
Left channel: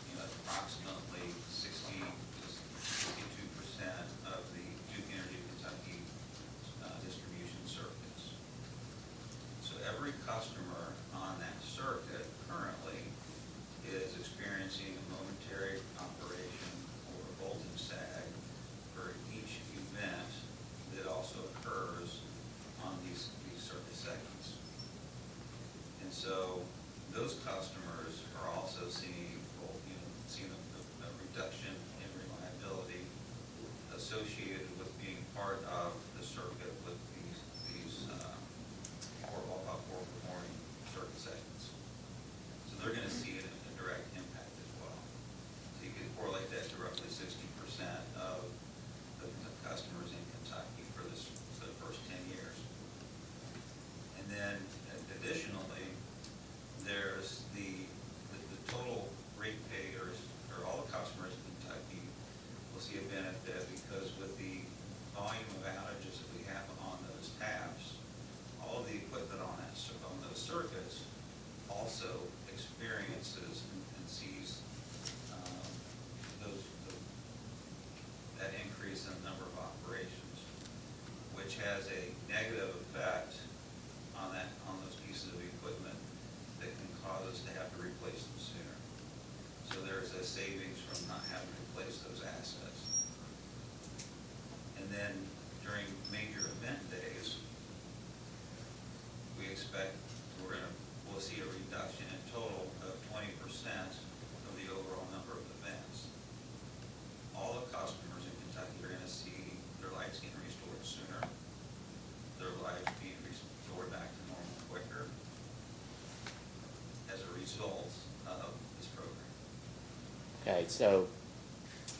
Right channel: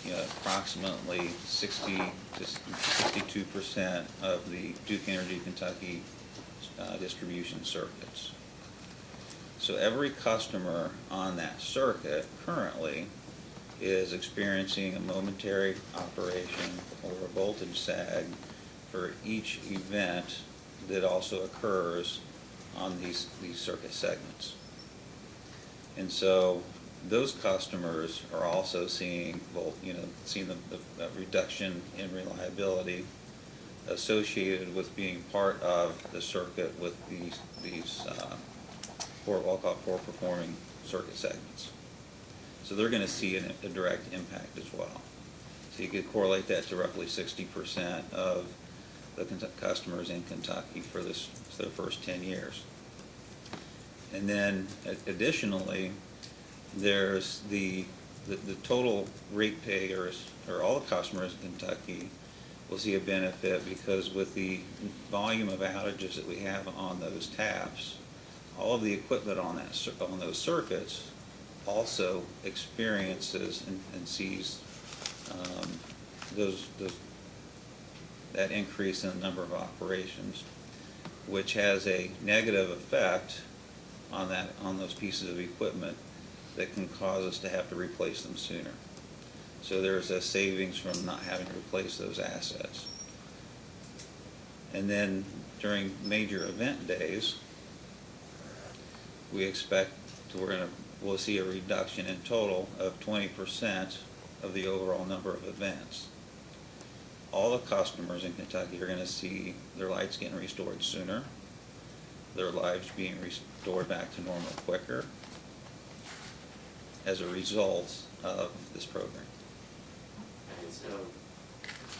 you know, approximately 60 to 62% of the Duke Energy Kentucky distribution circuits. So every customer on that circuit currently is experiencing a momentary operation or a voltage sag for each event that also occurs on these circuit segments. And so those customers are also seeing the reduction in reliability associated with being part of the circuit with these what I'll call poor performing circuit segments. So they're going to see a direct impact as well. So you could correlate that to roughly 60% of the customers in Kentucky for the first 10 years. And then additionally, there's the total ratepayers, or all the customers in Kentucky will see a benefit, because with the volume of outages that we have on those taps, all of the equipment on those circuits also experiences and sees that increase in the number of operations, which has a negative effect on those pieces of equipment that can cause us to have to replace them sooner. So there's a savings from not having to replace those assets. And then during major event days, we expect we'll see a reduction in total of 20% of the overall number of events. All the customers in Kentucky are going to see their lights getting restored sooner, their lives being restored back to normal quicker as a result of this program. Okay, so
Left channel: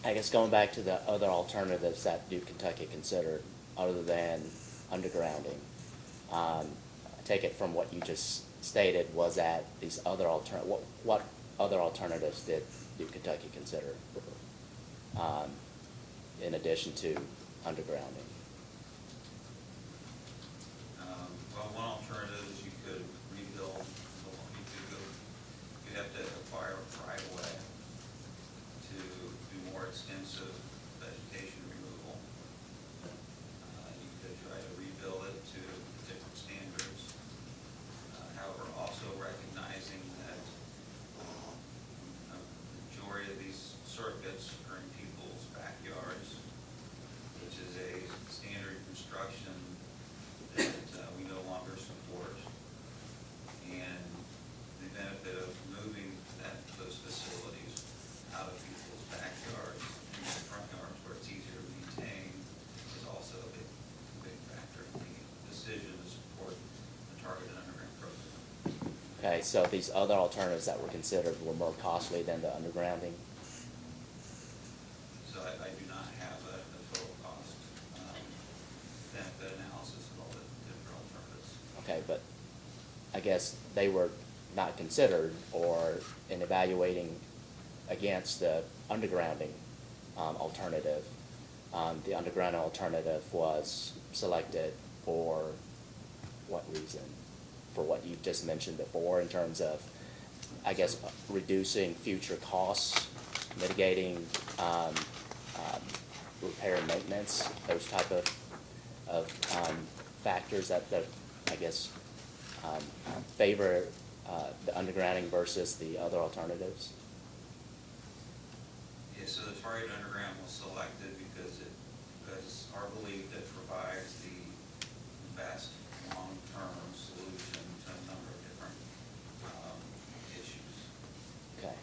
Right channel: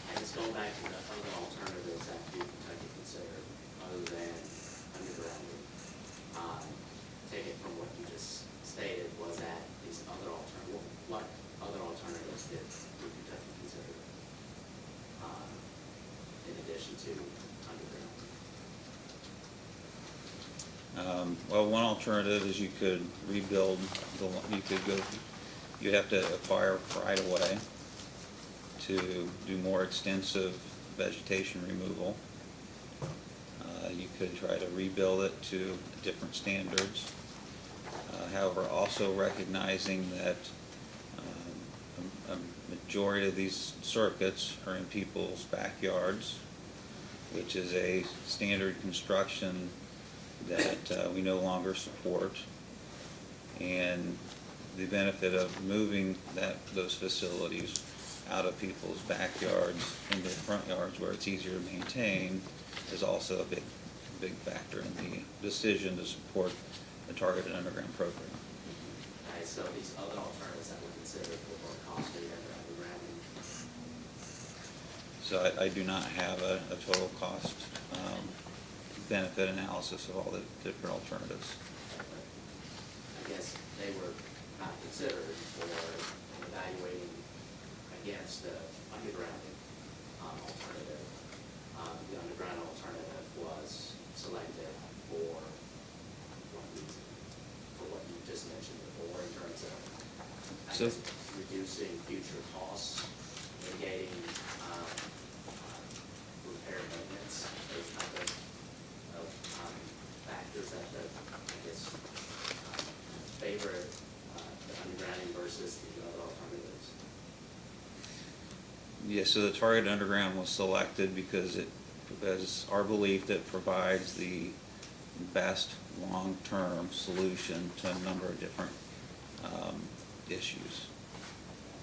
I guess going back to the other alternatives that Duke Kentucky considered other than undergrounding, take it from what you just stated was that these other what other alternatives did Duke Kentucky consider in addition to undergrounding? Well, one alternative is you could rebuild you'd have to acquire right of way to do more extensive vegetation removal. You could try to rebuild it to different standards. However, also recognizing that a majority of these circuits are in people's backyards, which is a standard construction that we no longer support. And the benefit of moving those facilities out of people's backyards into front yards where it's easier to maintain is also a big factor in the decision to support the targeted underground program. Okay, so these other alternatives that were considered were more costly than the undergrounding? So I do not have a total cost benefit analysis of all the different alternatives. Okay, but I guess they were not considered or in evaluating against the undergrounding alternative. The undergrounding alternative was selected for what reason? For what you just mentioned before in terms of, I guess, reducing future costs, mitigating repair and maintenance, those type of factors that I guess favor the undergrounding versus the other alternatives? Yes, so the targeted underground was selected because our belief that provides the best long-term solution to a number of different issues. Okay.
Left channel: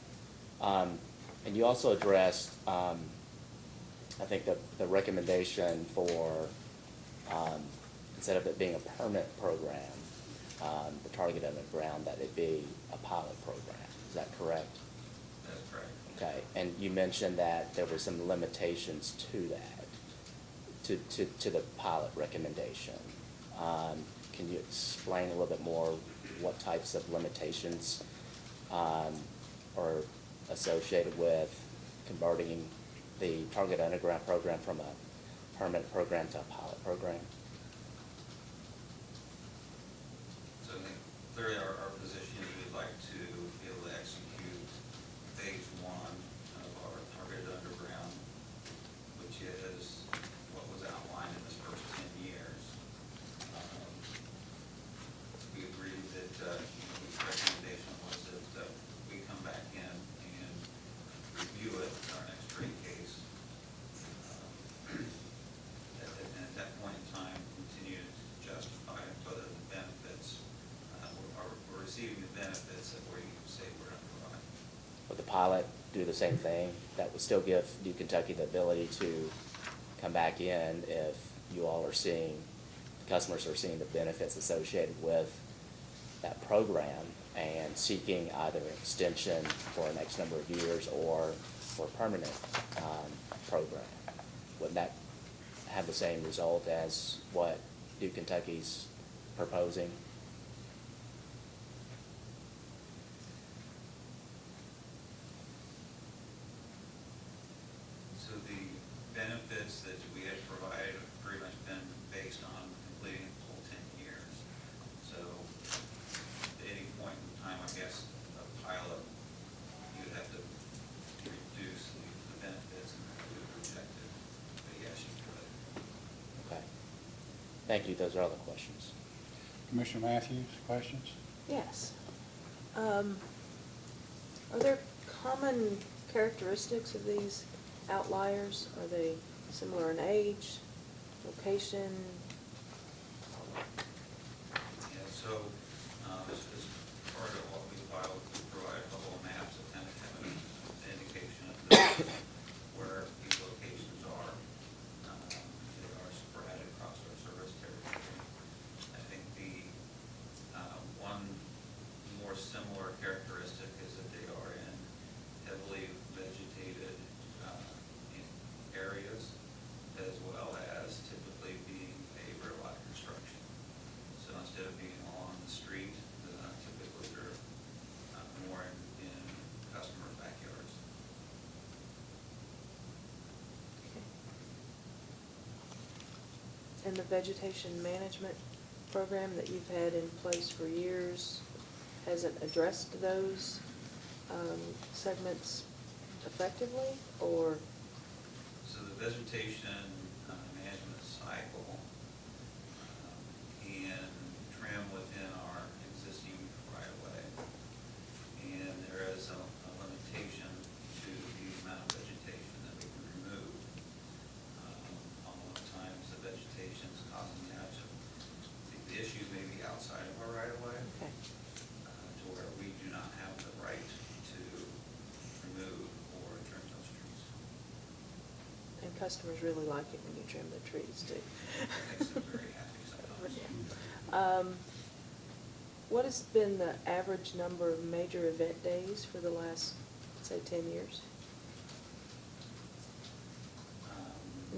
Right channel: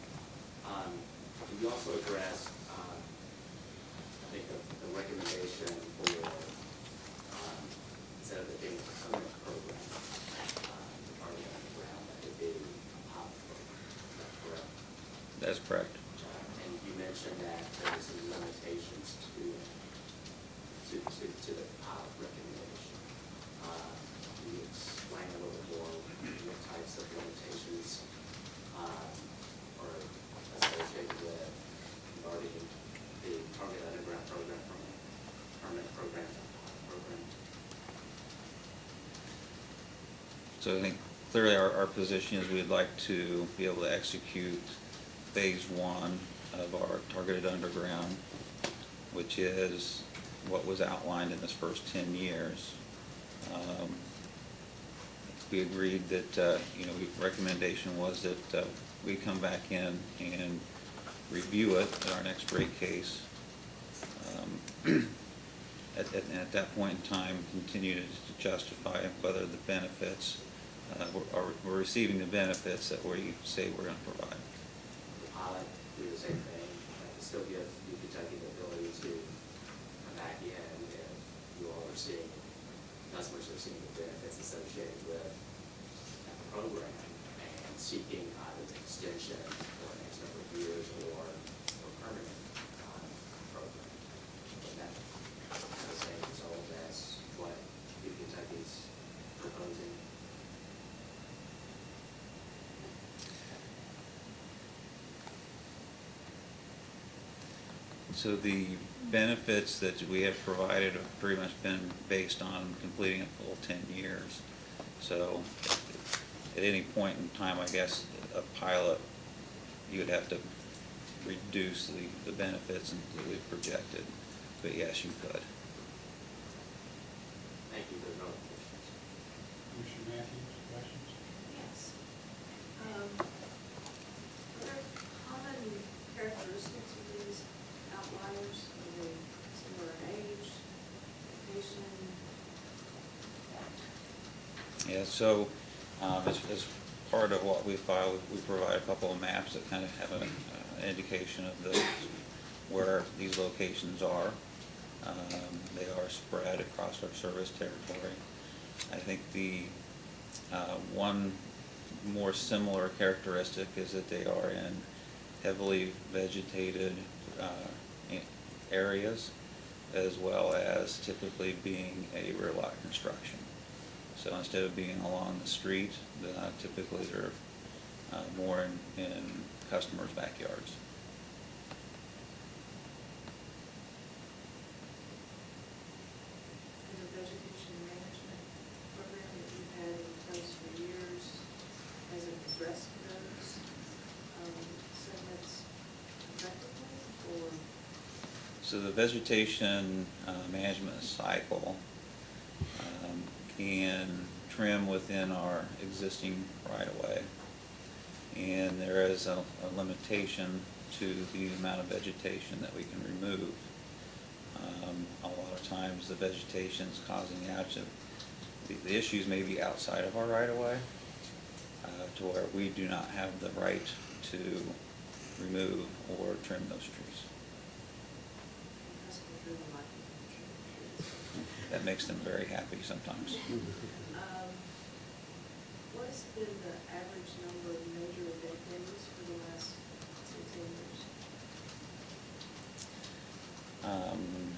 And you also addressed, I think the recommendation for, instead of it being a permanent program, the targeted underground, that it be a pilot program. Is that correct? That's correct. Okay, and you mentioned that there were some limitations to that, to the pilot recommendation. Can you explain a little bit more what types of limitations are associated with converting the target underground program from a permanent program to a pilot program? So I think clearly our position is we'd like to be able to execute phase one of our targeted underground, which is what was outlined in this first 10 years. We agreed that, the recommendation was that we come back in and review it at our next rate case. At that point in time, continue to justify whether the benefits, we're receiving the benefits that we say we're going to provide. Would the pilot do the same thing? That would still give New Kentucky the ability to come back in if you all are seeing, customers are seeing the benefits associated with that program and seeking either an extension for the next number of years or for a permanent program. Would that have the same result as what New Kentucky's proposing? So the benefits that we have provided have pretty much been based on completing a full 10 years. So at any point in time, I guess, a pilot, you would have to reduce the benefits that we've projected. But yes, you could. Okay. Thank you. Those are all the questions. Commissioner Matthews, questions? Yes. Are there common characteristics of these outliers? Are they similar in age, location? Yeah, so as part of what we filed, we provide a couple of maps that kind of have an indication of where these locations are. They are spread across our service territory. I think the one more similar characteristic is that they are in heavily vegetated areas, as well as typically being a rear lot construction. So instead of being along the street, typically they're more in customers' backyards. And the vegetation management program that you've had in place for years hasn't addressed those segments effectively, or So the vegetation management cycle can trim within our existing right-of-way. And there is a limitation to the amount of vegetation that we can remove. A lot of times the vegetation is causing outage. The issues may be outside of our right-of-way, to where we do not have the right to remove or trim those trees. And customers really like it when you trim their trees too. That makes them very happy sometimes. What has been the average number of major event days for the last, say, 10 years?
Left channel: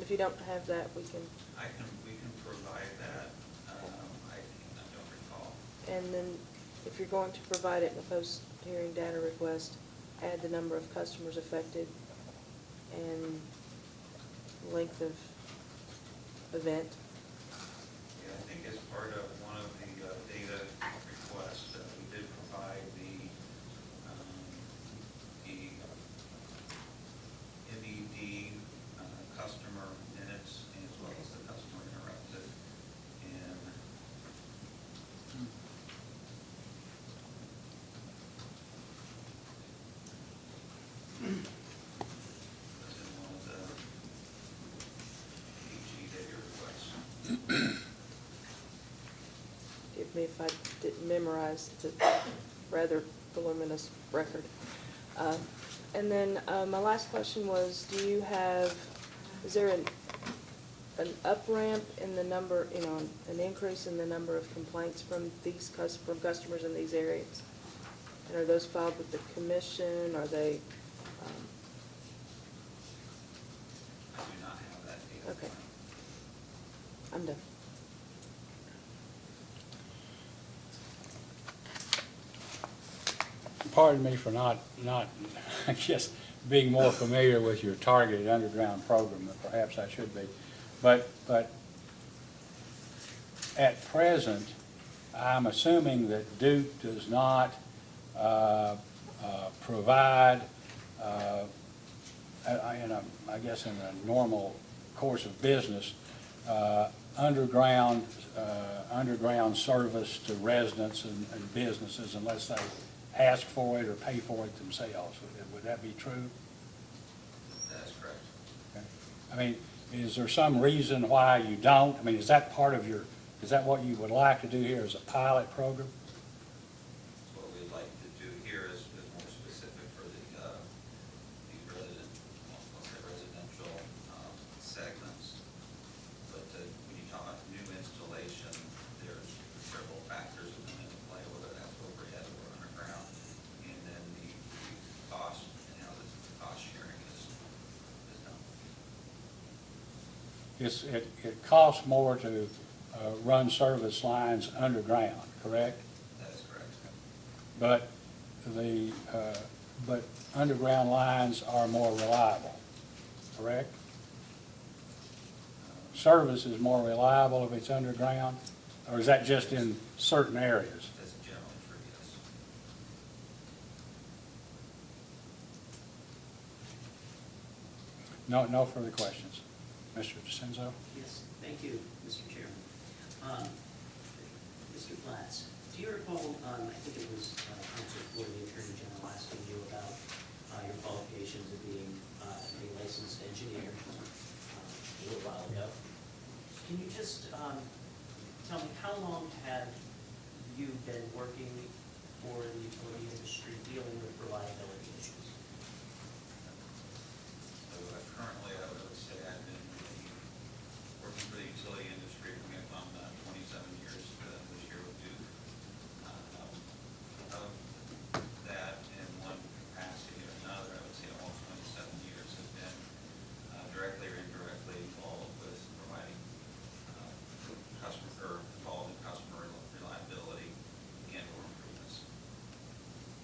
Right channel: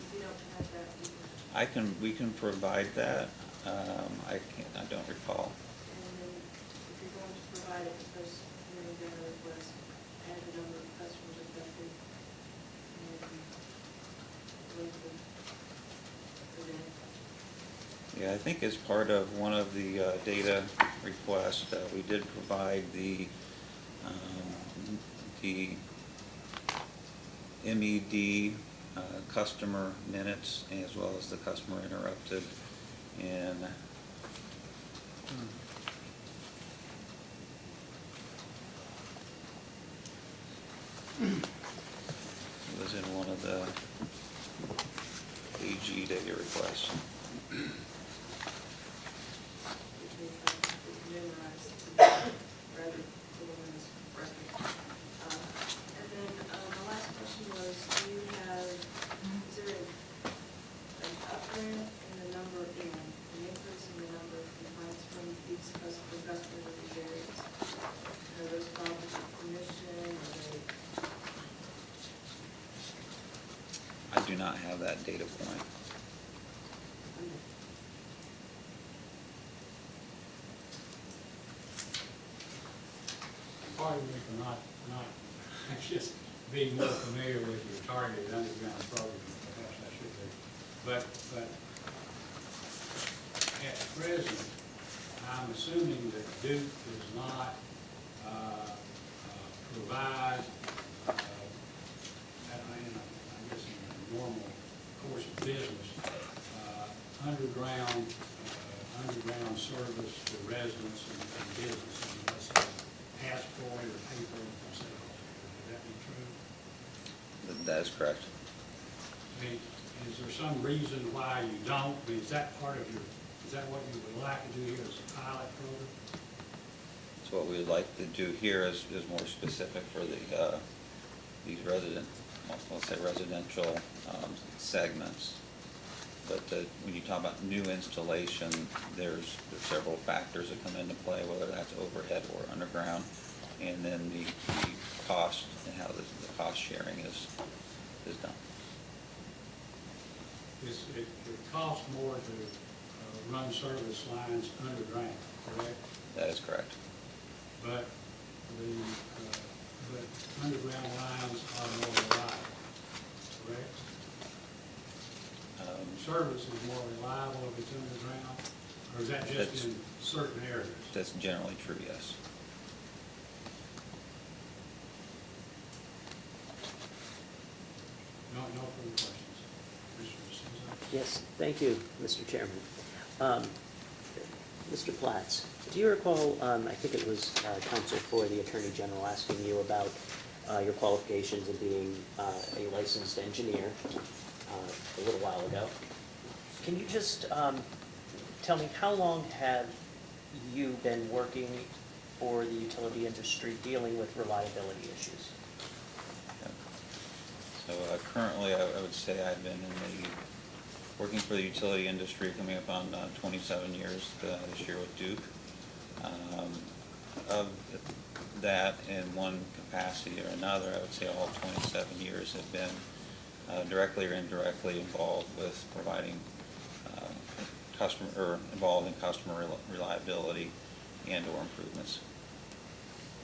If you don't have that, We can provide that. I don't recall. and then if you're going to provide it in a post-hearing data request, add the number of customers affected and length of event. Yeah, I think as part of one of the data requests, we did provide the MED customer minutes as well as the customer interrupted. And it was in one of the AG data requests. With me if I didn't memorize the rather voluminous record. And then my last question was, is there an up ramp in the number, an increase in the number of complaints from from customers in these areas? And are those filed with the commission? Are they? I do not have that data point. I'm done. Pardon me for not, I guess, being more familiar with your targeted underground program, than perhaps I should be. But at present, I'm assuming that Duke does not provide, I guess in a normal course of business, underground service to residents and businesses unless they ask for it or pay for it themselves. Would that be true? That is correct. I mean, is there some reason why you don't? I mean, is that part of is that what you would like to do here as a pilot program? So what we would like to do here is more specific for these let's say residential segments. But when you talk about new installation, there's several factors that come into play, whether that's overhead or underground, and then the cost and how the cost sharing is done. It costs more to run service lines underground, correct? That is correct. But but underground lines are more reliable, correct? Service is more reliable if it's underground, or is that just in certain areas? That's generally true, yes. No further questions. Mr. DeCenzo? Yes, thank you, Mr. Chairman. Mr. Platts, do you recall, I think it was counsel for the Attorney General asking you about your qualifications of being a licensed engineer a little while ago. Can you just tell me, how long have you been working for the utility industry dealing with reliability issues? So currently, I would say I've been working for the utility industry coming up on 27 years this year with Duke. Of that, in one capacity or another, I would say all 27 years have been directly or indirectly involved with providing involved in customer reliability and/or improvements.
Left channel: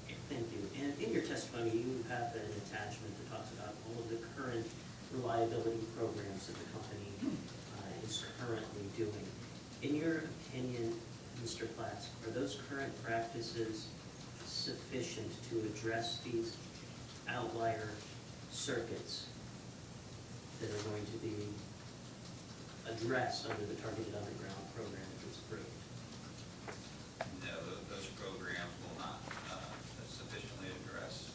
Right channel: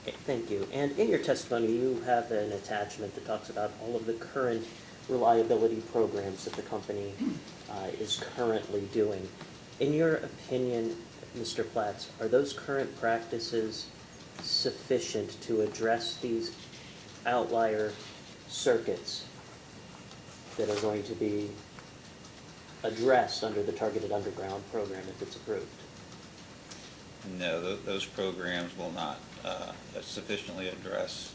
Okay, thank you. And in your testimony, you have an attachment that talks about all of the current reliability programs that the company is currently doing. In your opinion, Mr. Platts, are those current practices sufficient to address these outlier circuits? that are going to be addressed under the targeted underground program if it's approved? No, those programs will not sufficiently address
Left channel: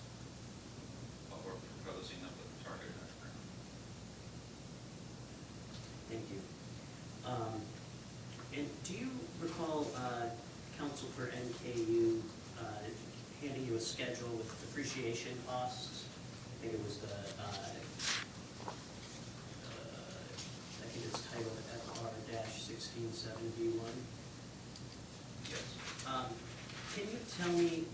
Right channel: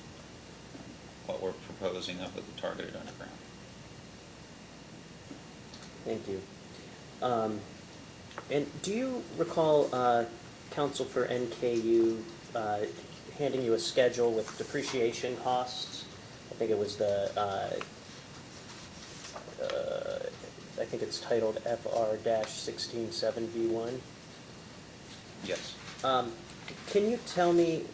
what we're proposing up with the targeted underground. Thank you. And do you recall, counsel for NKU handing you a schedule with depreciation costs? I think it was I think it's titled FR-167V1. Yes. Can you tell me,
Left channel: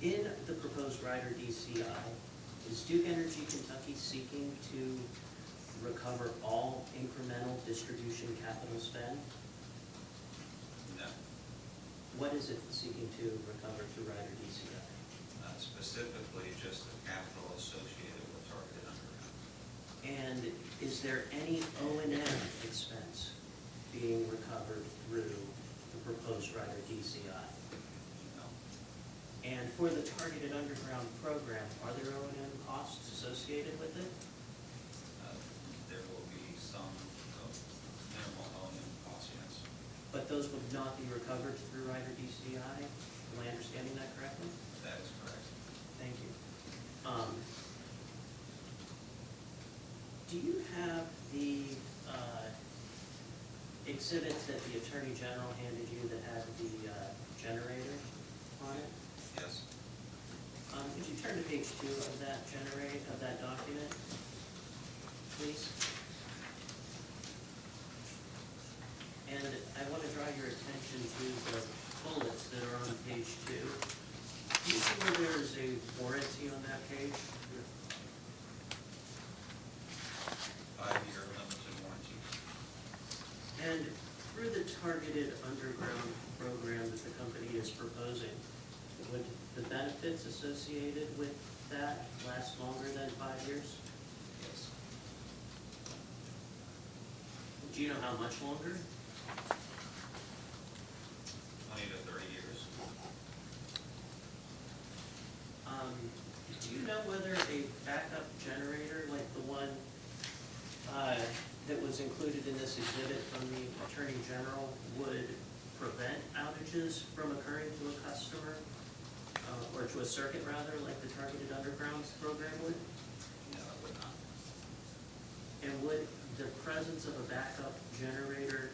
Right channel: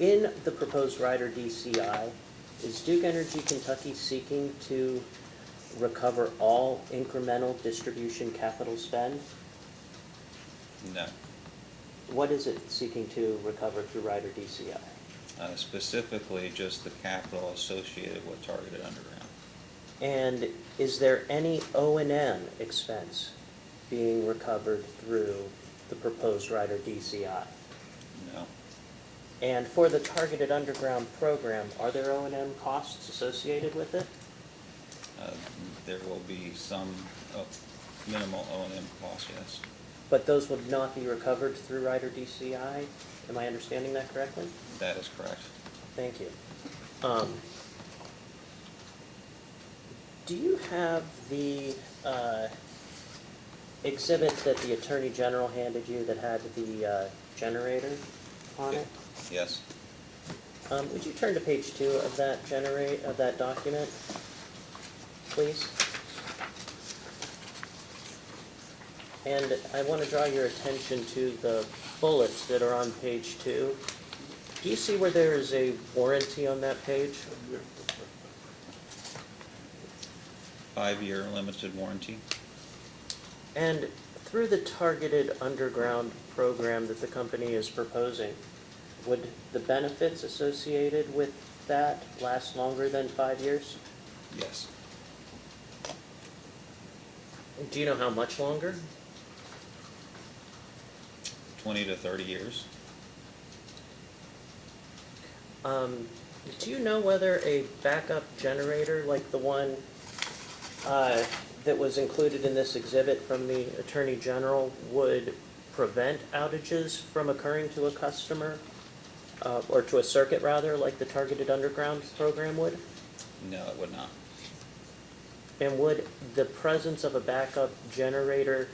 in the proposed rider DCI, is Duke Energy Kentucky seeking to recover all incremental distribution capital spend? No. What is it seeking to recover through rider DCI? Specifically, just the capital associated with targeted underground. And is there any O&M expense being recovered through the proposed rider DCI? No. And for the targeted underground program, are there O&M costs associated with it? There will be some minimal O&M costs, yes. But those would not be recovered through rider DCI? Am I understanding that correctly? That is correct. Thank you. Do you have the exhibit that the Attorney General handed you that had the generator on it? Yes. Would you turn to page 2 of that document, please? And I want to draw your attention to the bullets that are on page 2. Do you see where there is a warranty on that page? 5-year limited warranty. And through the targeted underground program that the company is proposing, would the benefits associated with that last longer than 5 years? Yes. Do you know how much longer? 20 to 30 years. Do you know whether a backup generator like the one that was included in this exhibit from the Attorney General would prevent outages from occurring to a customer, or to a circuit rather, like the targeted underground program would? No, it would not. And would the presence of a backup generator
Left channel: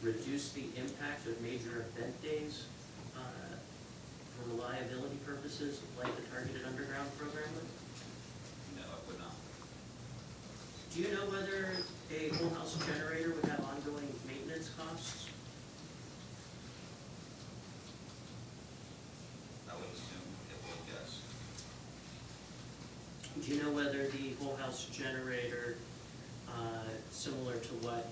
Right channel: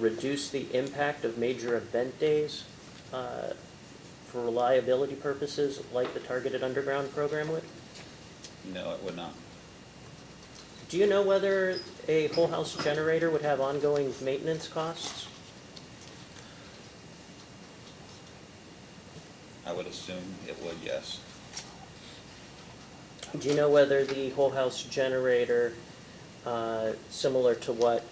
reduce the impact of major event days for reliability purposes like the targeted underground program would? No, it would not. Do you know whether a whole house generator would have ongoing maintenance costs? I would assume it would, yes. Do you know whether the whole house generator, similar to what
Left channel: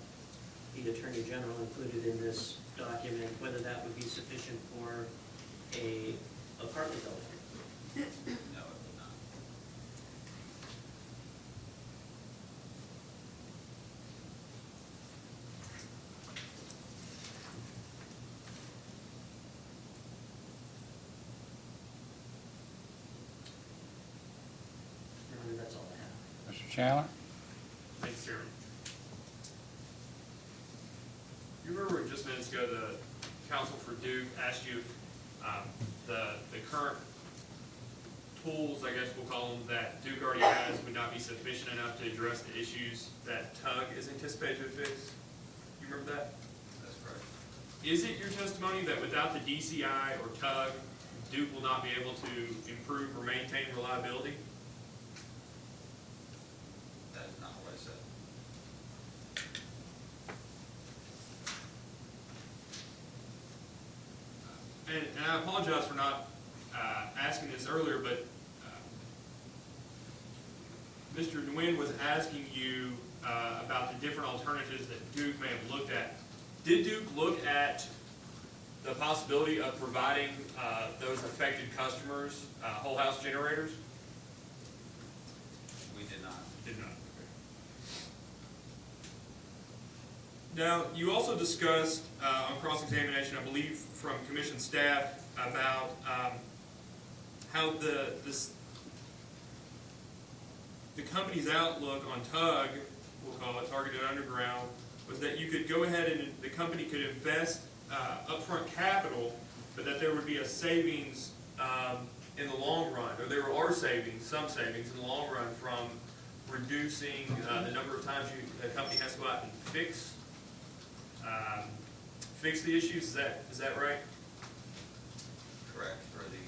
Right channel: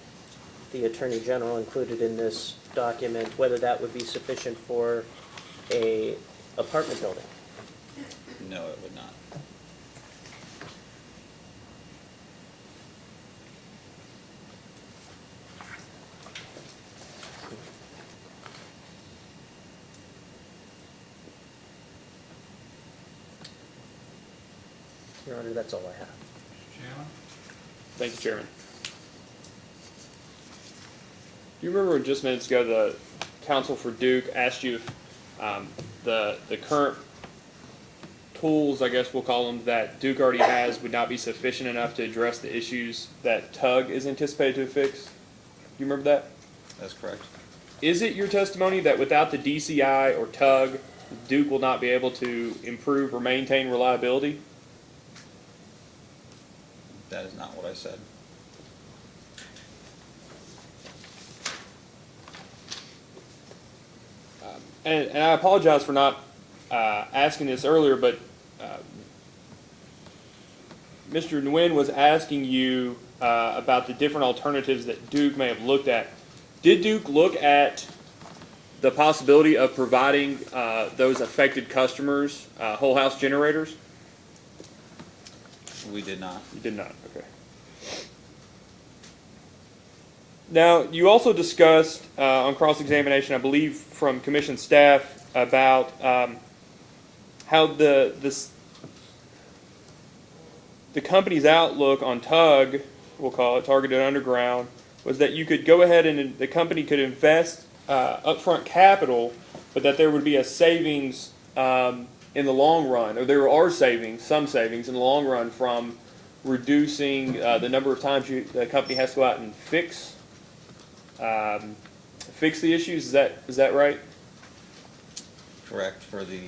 the Attorney General included in this document, whether that would be sufficient for a apartment building? No, it would not. Your Honor, that's all I have. Mr. Chandler? Thank you, Chairman. Do you remember just minutes ago the counsel for Duke asked you if the current tools, I guess we'll call them, that Duke already has would not be sufficient enough to address the issues that TUG is anticipated to fix? Do you remember that? That's correct. Is it your testimony that without the DCI or TUG, Duke will not be able to improve or maintain reliability? That is not what I said. And I apologize for not asking this earlier, but Mr. Nguyen was asking you about the different alternatives that Duke may have looked at. Did Duke look at the possibility of providing those affected customers whole house generators? We did not. You did not, okay. Now, you also discussed on cross-examination, I believe, from Commission staff about how the company's outlook on TUG, we'll call it Targeted Underground, was that you could go ahead and the company could invest upfront capital, but that there would be a savings in the long run, or there are savings, some savings in the long run from reducing the number of times the company has to go out and fix the issues. Is that right? Correct. For the,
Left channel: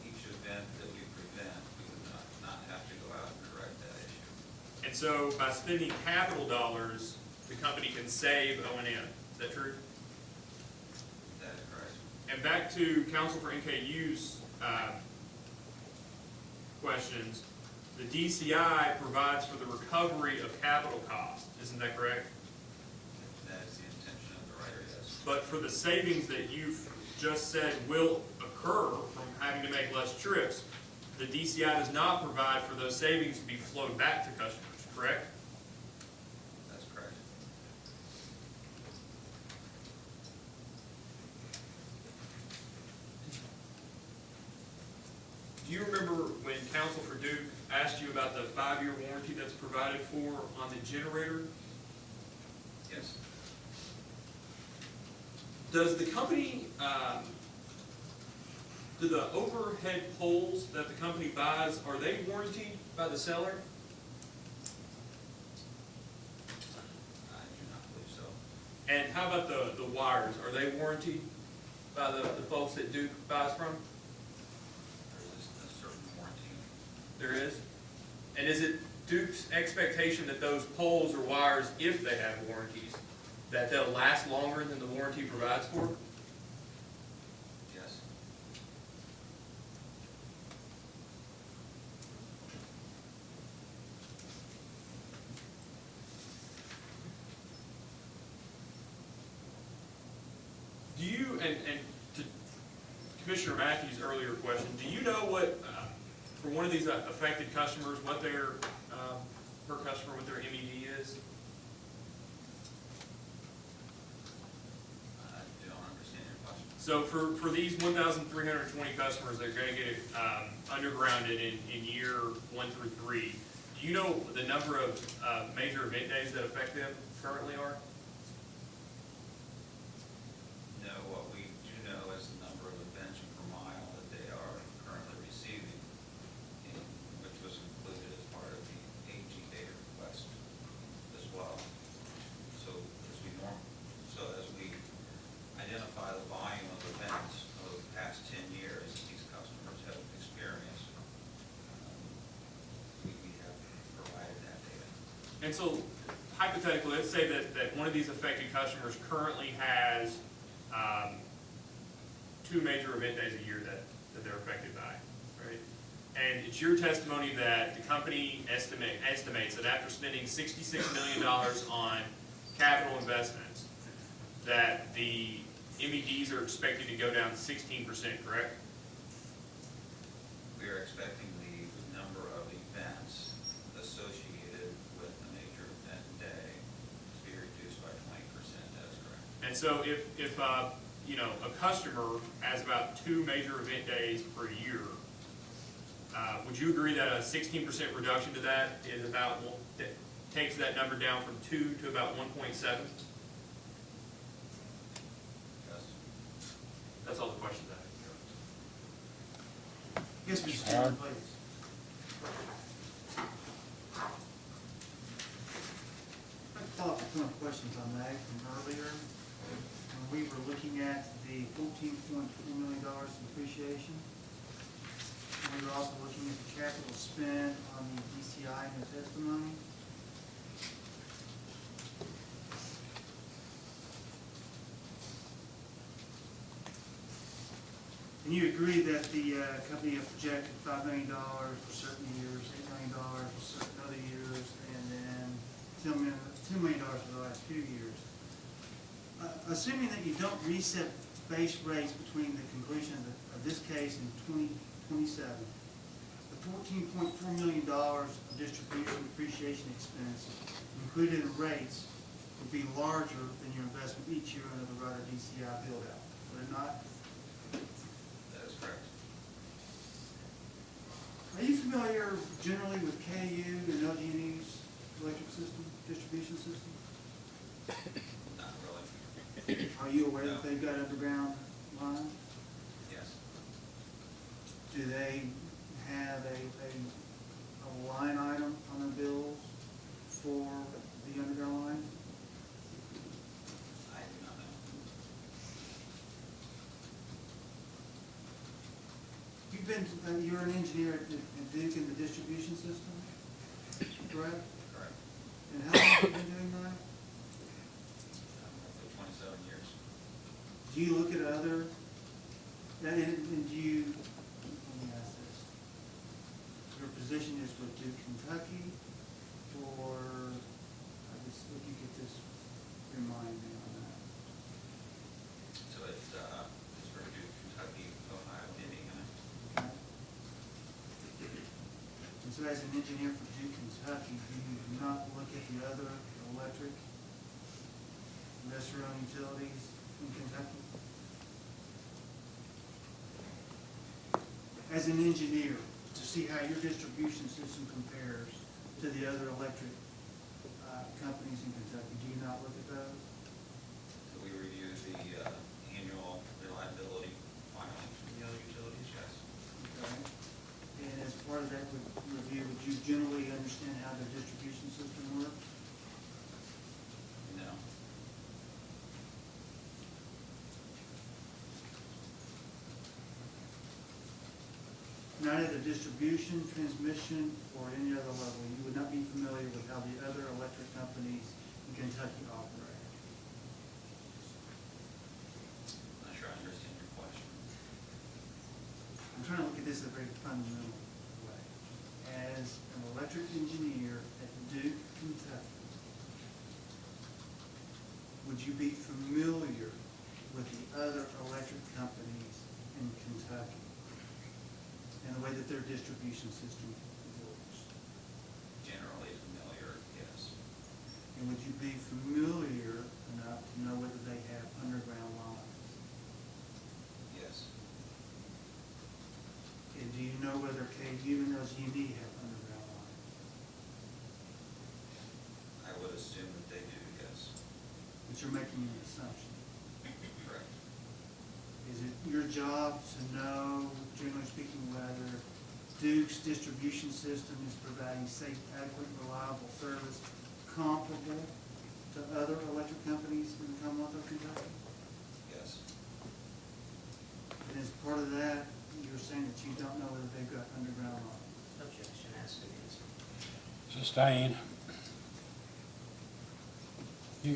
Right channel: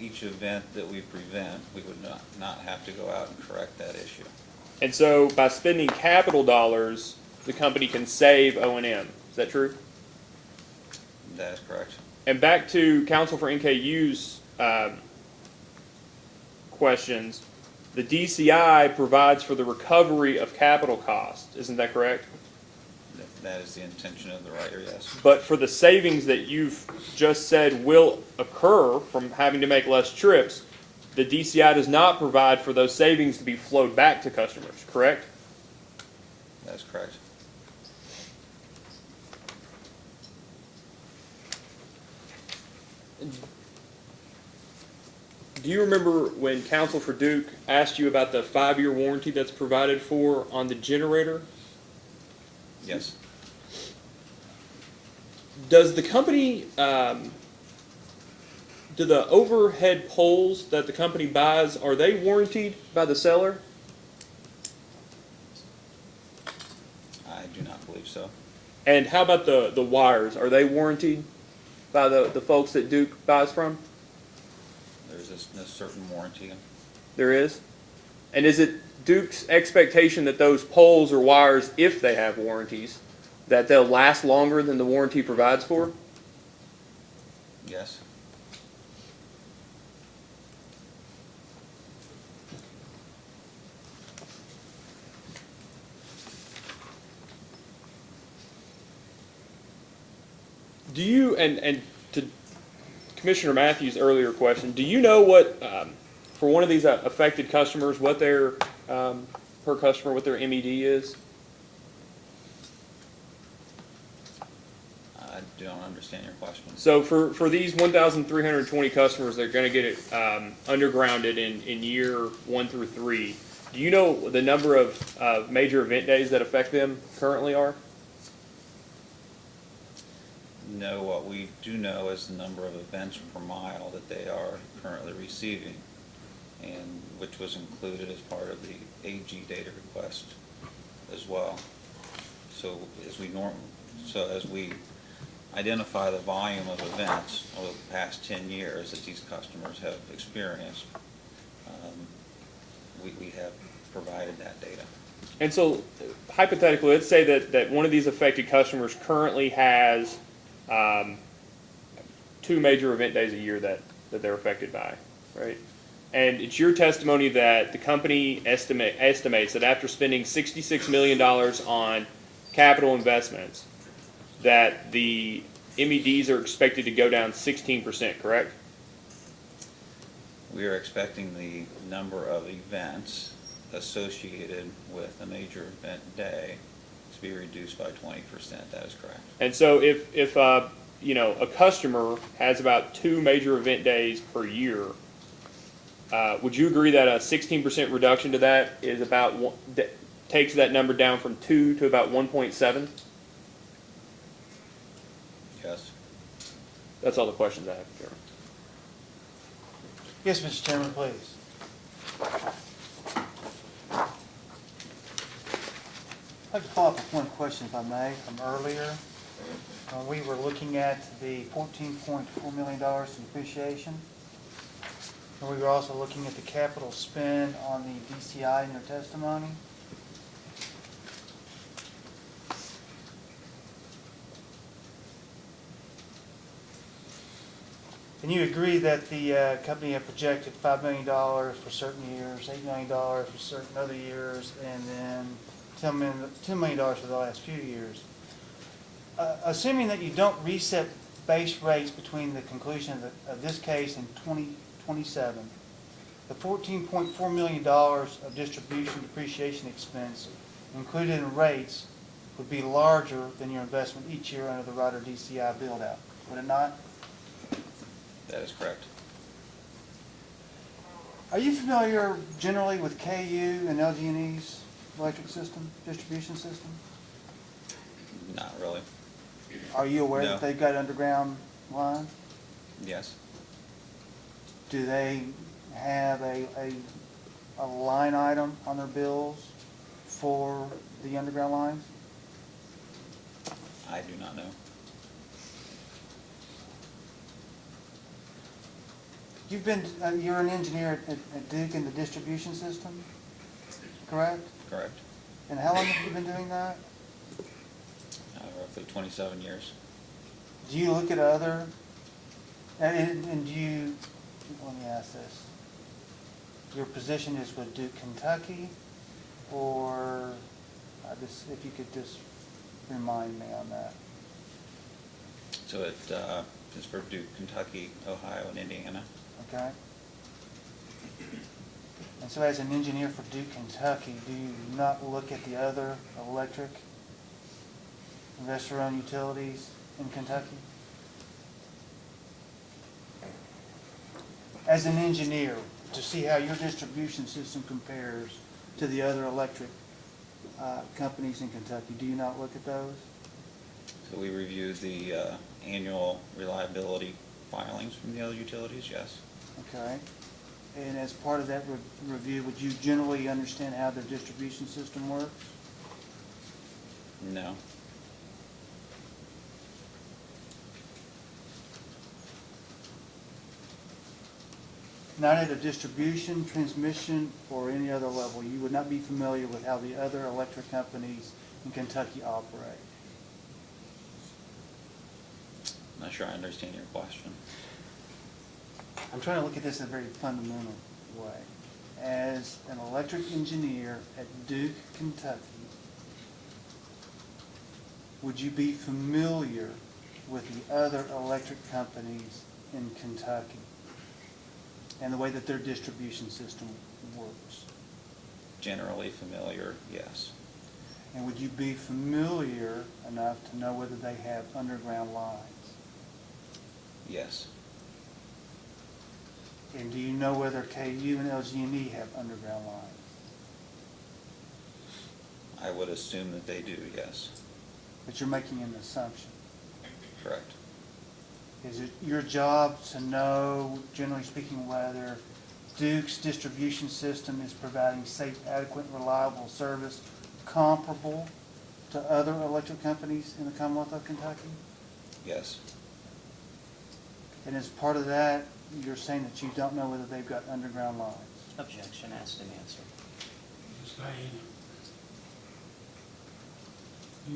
each event that we prevent, we would not have to go out and correct that issue. And so by spending capital dollars, the company can save O&M. Is that true? That is correct. And back to Counsel for NKU's questions, the DCI provides for the recovery of capital costs. Isn't that correct? That is the intention of the writer, yes. But for the savings that you've just said will occur from having to make less trips, the DCI does not provide for those savings to be flowed back to customers, correct? That's correct. Do you remember when Counsel for Duke asked you about the 5-year warranty that's provided for on the generator? Yes. Does the company, do the overhead poles that the company buys, are they warranted by the seller? I do not believe so. And how about the wires? Are they warranted by the folks that Duke buys from? There's a certain warranty. There is? And is it Duke's expectation that those poles or wires, if they have warranties, that they'll last longer than the warranty provides for? Yes. Do you, and to Commissioner Matthews' earlier question, do you know what, for one of these affected customers, what their, per customer, what their MED is? I don't understand your question. So for these 1,320 customers that are going to get it undergrounded in year 1 through 3, do you know the number of major event days that affect them currently are? No, what we do know is the number of events per mile that they are currently receiving, and which was included as part of the AG data request as well. So as we identify the volume of events over the past 10 years that these customers have experienced, we have provided that data. And so hypothetically, let's say that one of these affected customers currently has 2 major event days a year that they're affected by, right? And it's your testimony that the company estimates that after spending $66 million on capital investments, that the MEDs are expected to go down 16%, correct? We are expecting the number of events associated with a major event day to be reduced by 20%. That is correct. And so if you know, a customer has about 2 major event days per year, would you agree that a 16% reduction to that is about takes that number down from 2 to about 1.7? Yes. That's all the questions I have, sir. Yes, Mr. Chairman, please. I'd like to follow up with one question, if I may, from earlier. We were looking at the $14.4 million in depreciation. And we were also looking at the capital spend on the DCI in your testimony. And you agree that the company had projected $5 million for certain years, $8 million for certain other years, and then $10 million for the last few years. Assuming that you don't reset base rates between the conclusion of this case in 2027, the $14.4 million of distribution depreciation expense included in rates would be larger than your investment each year under the Rider DCI build-out, would it not? That is correct. Are you familiar generally with KU and LG&E's electric system, distribution system? Not really. Are you aware No. that they've got underground lines? Yes. Do they have a line item on their bills for the underground lines? I do not know. You've been, you're an engineer at Duke in the distribution system, correct? Correct. And how long have you been doing that? Roughly 27 years. Do you look at other, and do you, let me ask this. Your position is with Duke, Kentucky, or, if you could just remind me on that. So it is for Duke, Kentucky, Ohio, and Indiana. Okay? And so as an engineer for Duke, Kentucky, do you not look at the other electric investor-owned utilities in Kentucky? As an engineer, to see how your distribution system compares to the other electric companies in Kentucky, do you not look at those? So we review the annual reliability filings from the other utilities, yes. Okay. And as part of that review, would you generally understand how their distribution system works? No. Not at a distribution, transmission, or any other level, you would not be familiar with how the other electric companies in Kentucky operate? Not sure I understand your question. I'm trying to look at this in a very fundamental way. As an electric engineer at Duke, Kentucky, would you be familiar with the other electric companies in Kentucky and the way that their distribution system works? Generally familiar, yes. And would you be familiar enough to know whether they have underground lines? Yes. And do you know whether KU and LG&E have underground lines? I would assume that they do, yes. But you're making an assumption. Correct. Is it your job to know, generally speaking, whether Duke's distribution system is providing safe, adequate, reliable service comparable to other electric companies in the Commonwealth of Kentucky? Yes. And as part of that, you're saying that you don't know whether they've got underground lines? Objection, asked and answered. Sustained.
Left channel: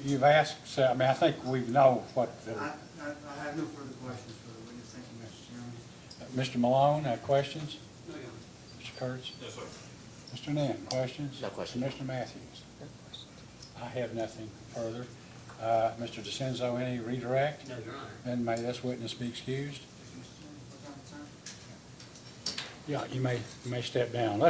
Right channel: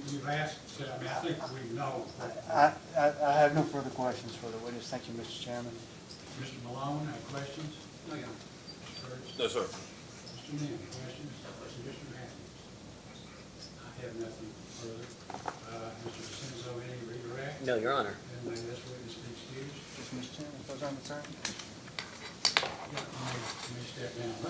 You've asked, so, I mean, I think we know what, I have no further questions for the witness. Thank you, Mr. Chairman. Mr. Malone, have questions? No, Mr. Kurtz? No, sir. Mr. Nim, questions? No question. Mr. Matthews? I have nothing further. Mr. DeCenzo, any redirect? No, Your Honor. Then may this witness be excused? Yes, Mr. Chairman, if those aren't concerned. Yeah, you may step down.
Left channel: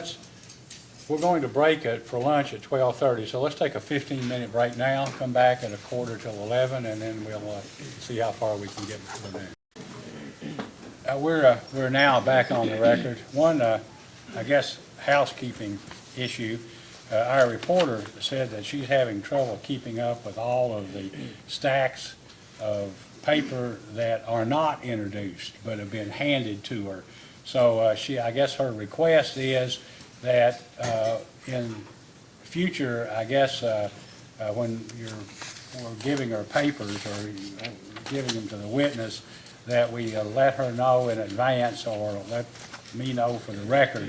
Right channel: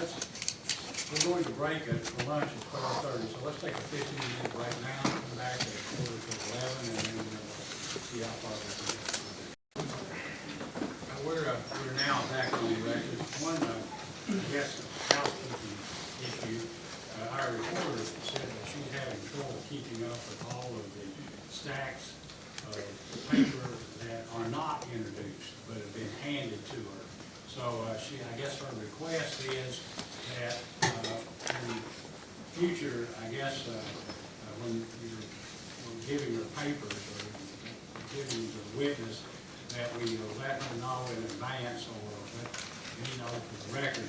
We're going to break it for lunch at 12:30, so let's take a 15-minute break now, come back at 11:15, and then we'll see how far we can get from there. We're now back on the record. One, I guess, housekeeping issue. Our reporter said that she's having trouble keeping up with all of the stacks of paper that are not introduced, but have been handed to her. So I guess her request is that in future, I guess, when we're giving her papers or giving them to the witness, that we let her know in advance or let me know for the record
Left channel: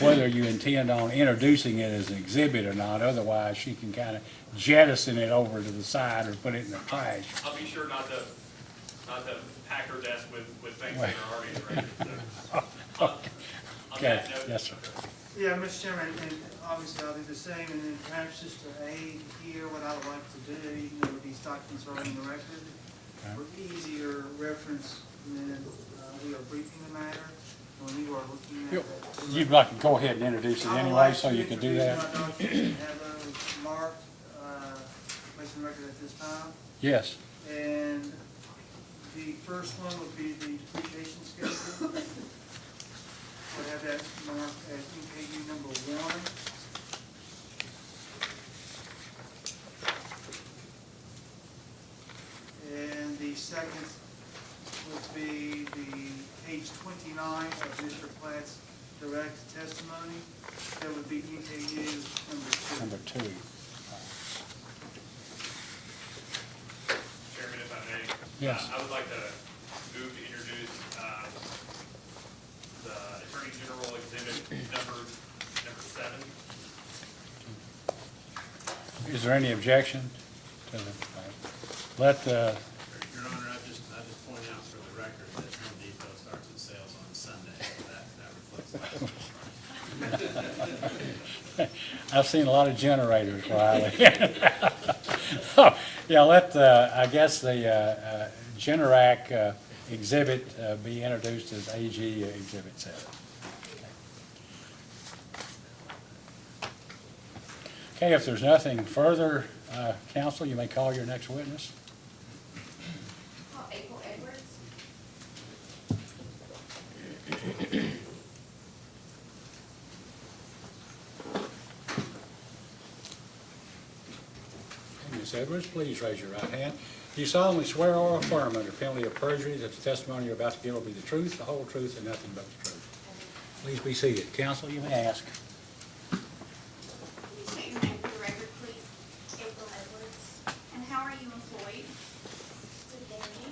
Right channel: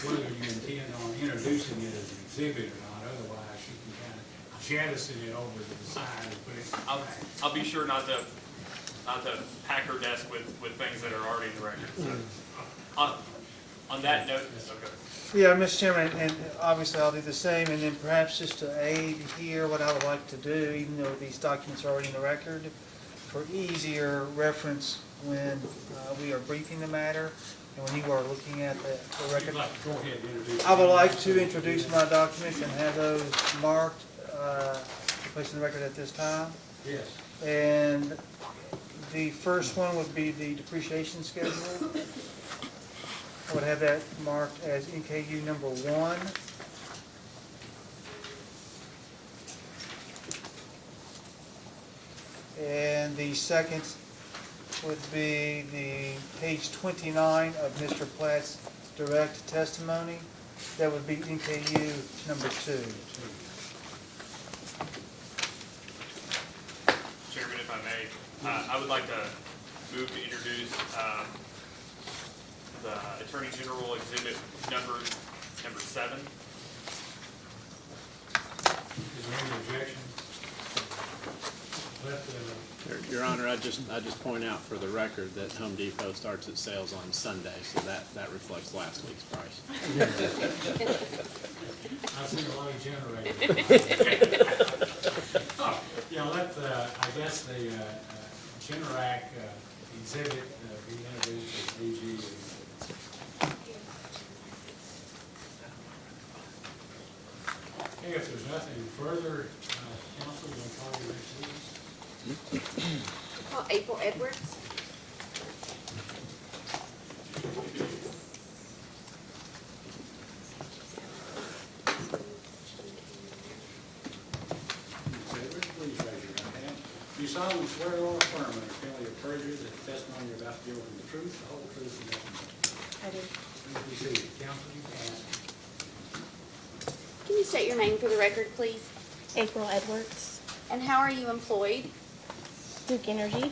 whether you intend on introducing it as an exhibit or not. Otherwise, she can kind of jettison it over to the side or put it in the trash. I'll be sure not to pack her desk with things that are already in the record. So, on that note, Yes, sir. okay. Yeah, Mr. Chairman, and obviously I'll do the same, and then perhaps just to aid here, what I would like to do, even though these documents are already in the record, for easier reference when we are briefing the matter, and when you are looking at the You'd record. like to go ahead and introduce it I would anyway, like so to you can do introduce my that? documents and have those marked, placed in the record at this time. Yes. And the first one would be the depreciation schedule. would have that marked as NKU number 1. And the second would be the page 29 of Mr. Platt's direct testimony. That would be NKU number 2. Number 2. Chairman, if I may, Yes. I would like to move to introduce the Attorney General Exhibit number 7. Is there any objection? Let, Your Honor, I just point out for the record that Home Depot starts its sales on Sunday, so that reflects last week's price. I've seen a lot of generators, Riley. Oh, yeah, let, I guess the Generac exhibit be introduced as AG Exhibit 7. Okay, if there's nothing further, counsel, you may call your next witness. Call April Edwards. Ms. Edwards, please raise your right hand. Do you solemnly swear or affirm under penalty of perjury that the testimony you're about to give will be the truth, the whole truth, and nothing but the truth? I do. Please be seated. Counsel, you may ask. Can you state your name for the record, please? April Edwards, And how are you employed? Duke Energy,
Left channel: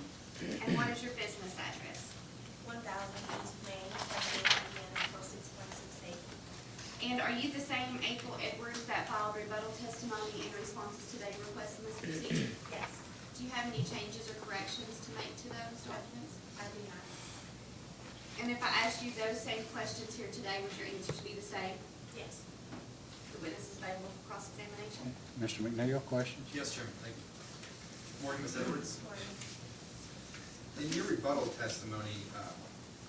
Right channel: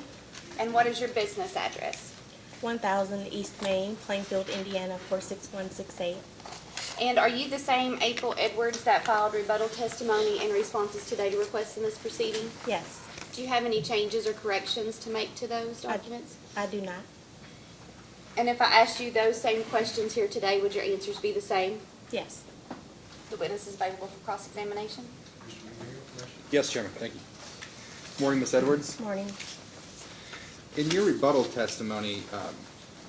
And what is your business address? 1000 East Main, Plainfield, Indiana 46168. And are you the same April Edwards that filed rebuttal testimony in responses to data requests in this proceeding? Yes, Do you have any changes or corrections to make to those documents? I do not. And if I asked you those same questions here today, would your answers be the same? Yes. The witness is available for cross-examination. Mr. McNeil, question? Yes, Chairman, thank you. Morning, Ms. Edwards. Morning. In your rebuttal testimony,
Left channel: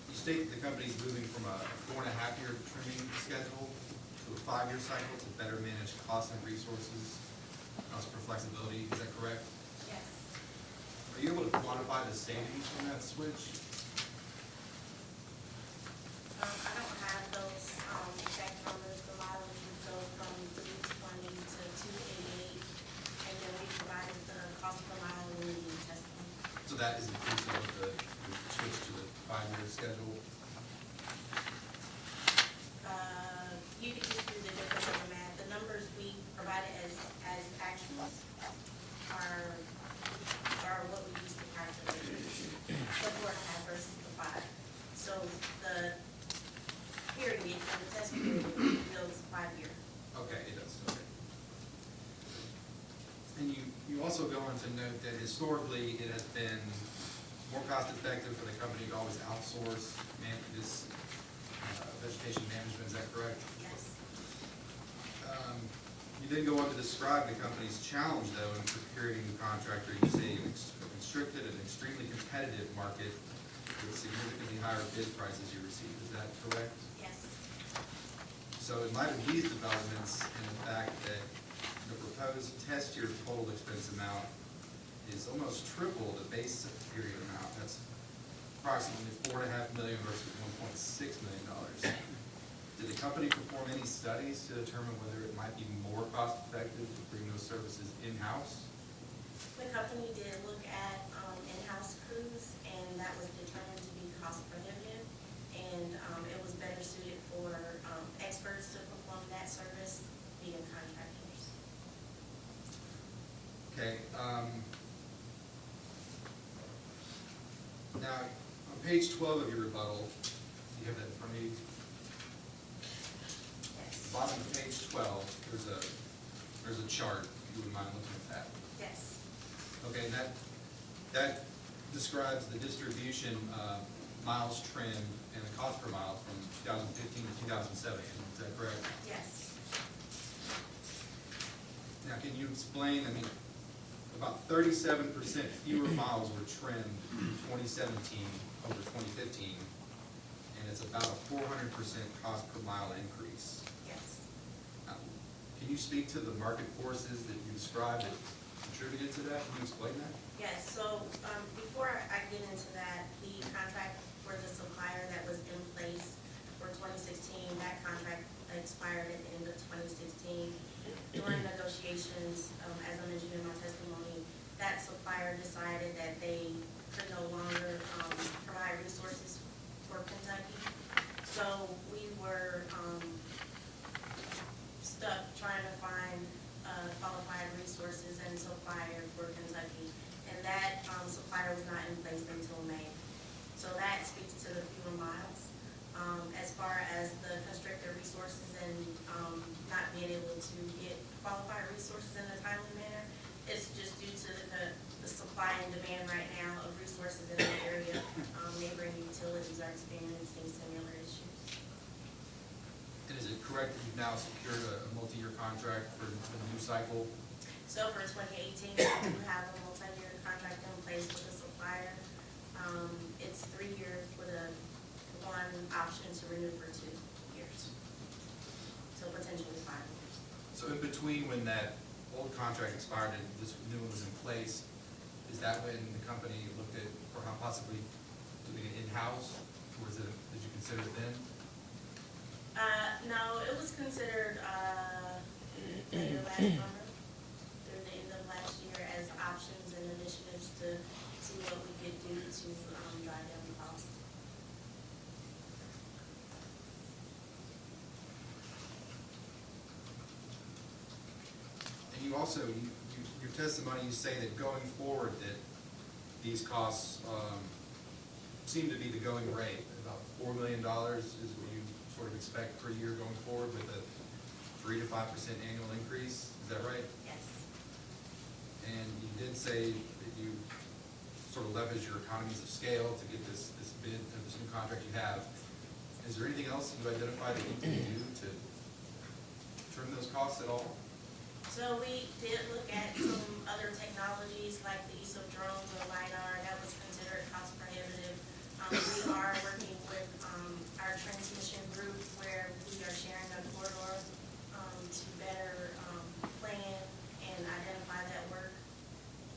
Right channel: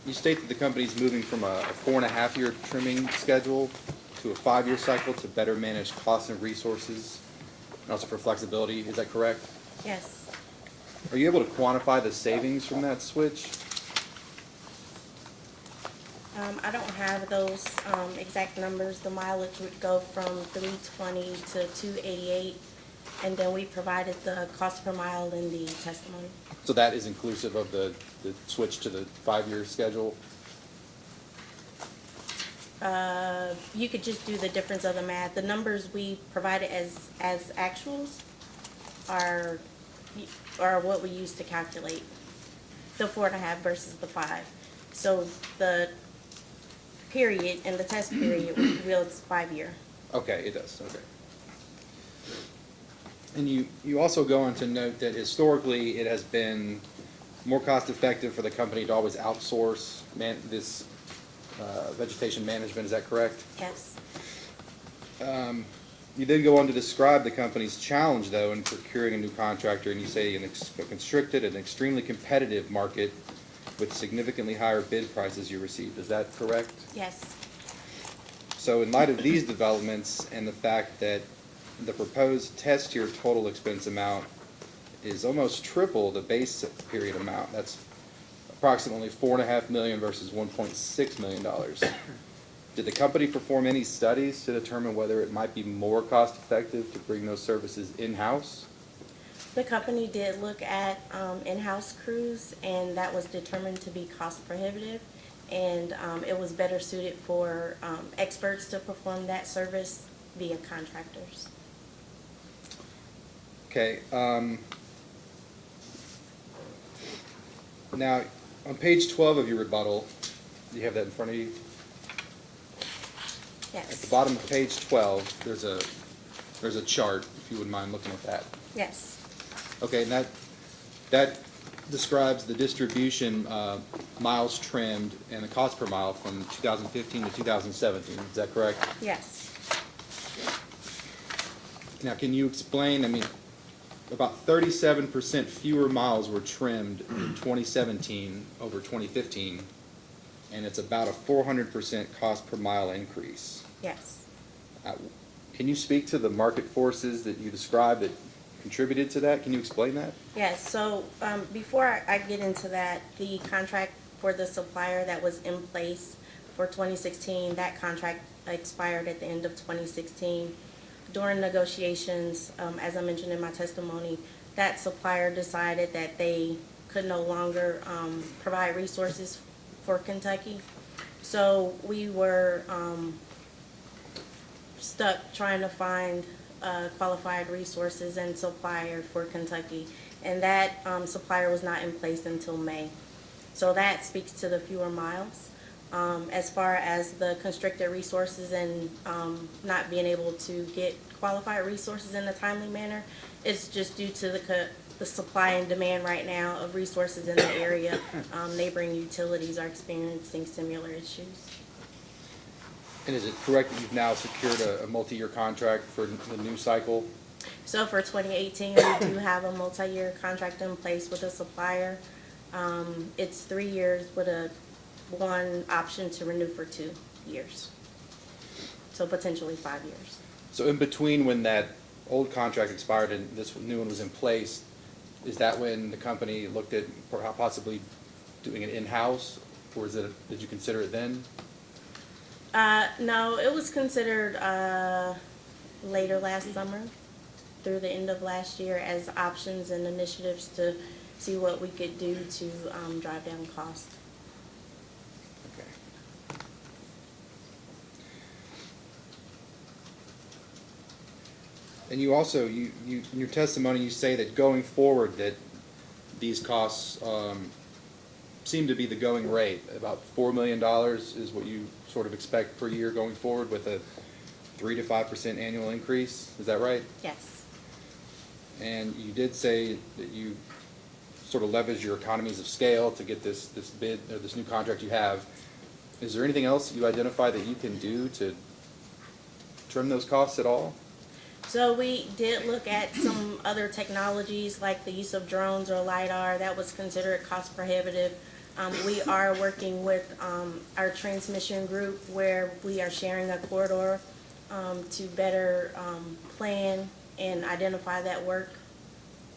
you state that the company is moving from a 4.5-year trimming schedule to a 5-year cycle to better manage costs and resources, and also for flexibility. Is that correct? Yes. Are you able to quantify the savings from that switch? I don't have those exact numbers. The mileage would go from 320 to 288, and then we provided the cost per mile in the testimony. So that is inclusive of the switch to the 5-year schedule? You could just do the difference of the math. The numbers we provided as actuals are what we use to calculate the 4.5 versus the 5. So the period and the test period reveals 5-year. Okay, it does, okay. And you also go on to note that historically, it has been more cost-effective for the company to always outsource this vegetation management, is that correct? Yes. You then go on to describe the company's challenge, though, in procuring a new contractor, and you say in a constricted and extremely competitive market with significantly higher bid prices you received. Is that correct? Yes. So in light of these developments and the fact that the proposed test year total expense amount is almost triple the base period amount, that's approximately $4.5 million versus $1.6 million. Did the company perform any studies to determine whether it might be more cost-effective to bring those services in-house? The company did look at in-house crews, and that was determined to be cost prohibitive, and it was better suited for experts to perform that service via contractors. Okay. Now, on page 12 of your rebuttal, do you have that in front of you? At the Yes. bottom of page 12, there's a chart, if you wouldn't mind looking at that. Yes. Okay, and that describes the distribution, miles trimmed and the cost per mile from 2015 to 2017, is that correct? Yes. Now, can you explain, I mean, about 37% fewer miles were trimmed in 2017 over 2015, and it's about a 400% cost per mile increase. Yes. Can you speak to the market forces that you described that contributed to that? Can you explain that? Yes, so before I get into that, the contract for the supplier that was in place for 2016. That contract expired at the end of 2016. During negotiations, as I mentioned in my testimony, that supplier decided that they could no longer provide resources for Kentucky. So we were stuck trying to find qualified resources and supplier for Kentucky. And that supplier was not in place until May. So that speaks to the fewer miles. As far as the constricted resources and not being able to get qualified resources in a timely manner, it's just due to the supply and demand right now of resources in the area. Neighboring utilities are experiencing similar issues. And is it correct that you've now secured a multi-year contract for the new cycle? So for 2018, we do have a multi-year contract in place with a supplier. It's 3 years with one option to renew for 2 years. So potentially 5 years. So in between when that old contract expired and this new one was in place, is that when the company looked at possibly doing it in-house? Or is it, did you consider it then? No, it was considered later last summer through the end of last year as options and initiatives to see what we could do to drive down cost. Okay. And you also, you in your testimony, you say that going forward that these costs seem to be the going rate. About $4 million is what you sort of expect per year going forward with a 3 to 5% annual increase. Is that right? Yes. And you did say that you sort of leverage your economies of scale to get this bid, or this new contract you have. Is there anything else you identify that you can do to trim those costs at all? So we did look at some other technologies like the use of drones or LiDAR. That was considered cost prohibitive. We are working with our transmission group where we are sharing a corridor to better plan and identify that work.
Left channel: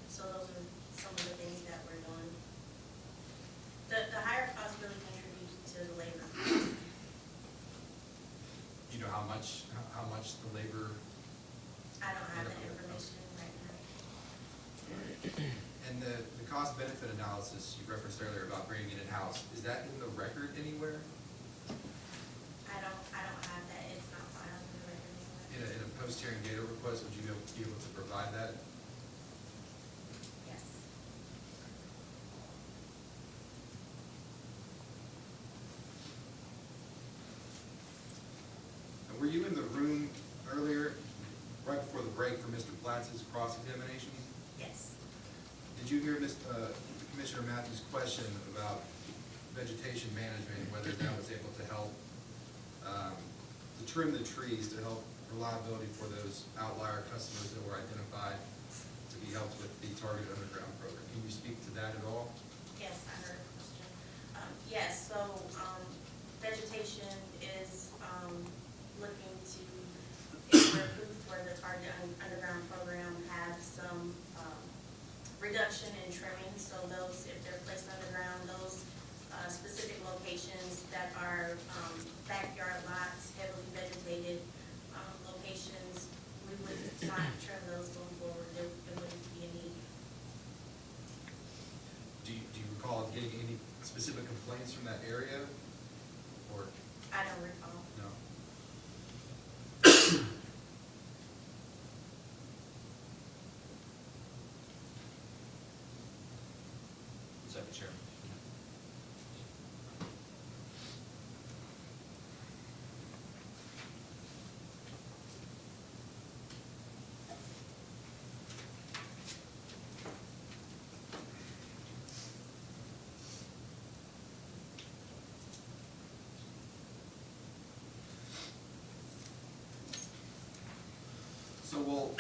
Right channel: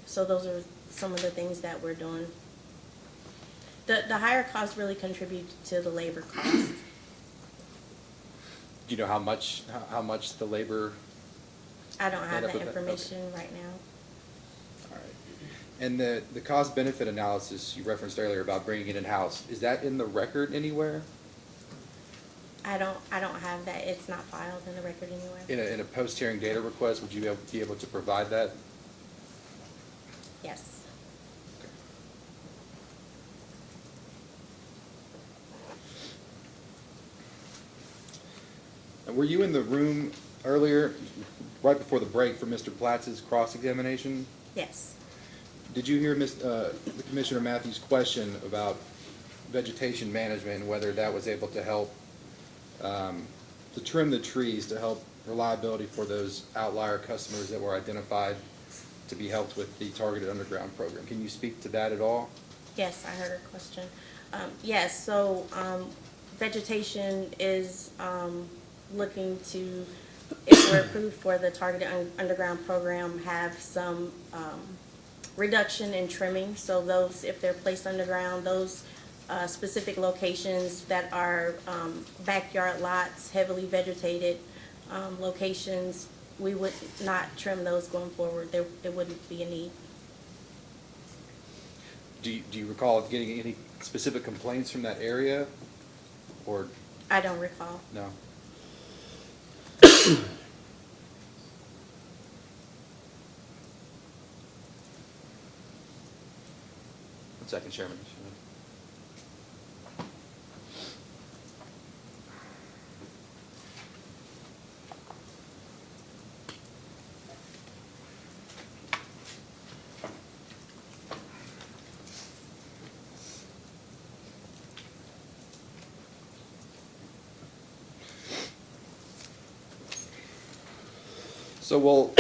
So those are some of the things that we're doing. The higher costs really contribute to the labor cost. Do you know how much the labor? I don't have Right up that with that, information right now. All right. And the cost benefit analysis you referenced earlier about bringing it in-house, is that in the record anywhere? I don't have that. It's not filed in the record anywhere. In a post-hearing data request, would you be able to provide that? Yes. And were you in the room earlier, right before the break for Mr. Platz's cross-examination? Yes. Did you hear Commissioner Matthews' question about vegetation management and whether that was able to help to trim the trees to help reliability for those outlier customers that were identified to be helped with the targeted underground program? Can you speak to that at all? Yes, I heard her question. Yes, so vegetation is looking to, if we're approved for the targeted underground program, have some reduction in trimming. So those, if they're placed underground, those specific locations that are backyard lots, heavily vegetated locations, we would not trim those going forward. There wouldn't be a need. Do you recall getting any specific complaints from that area, or I don't recall. no? One second, Chairman. So we'll,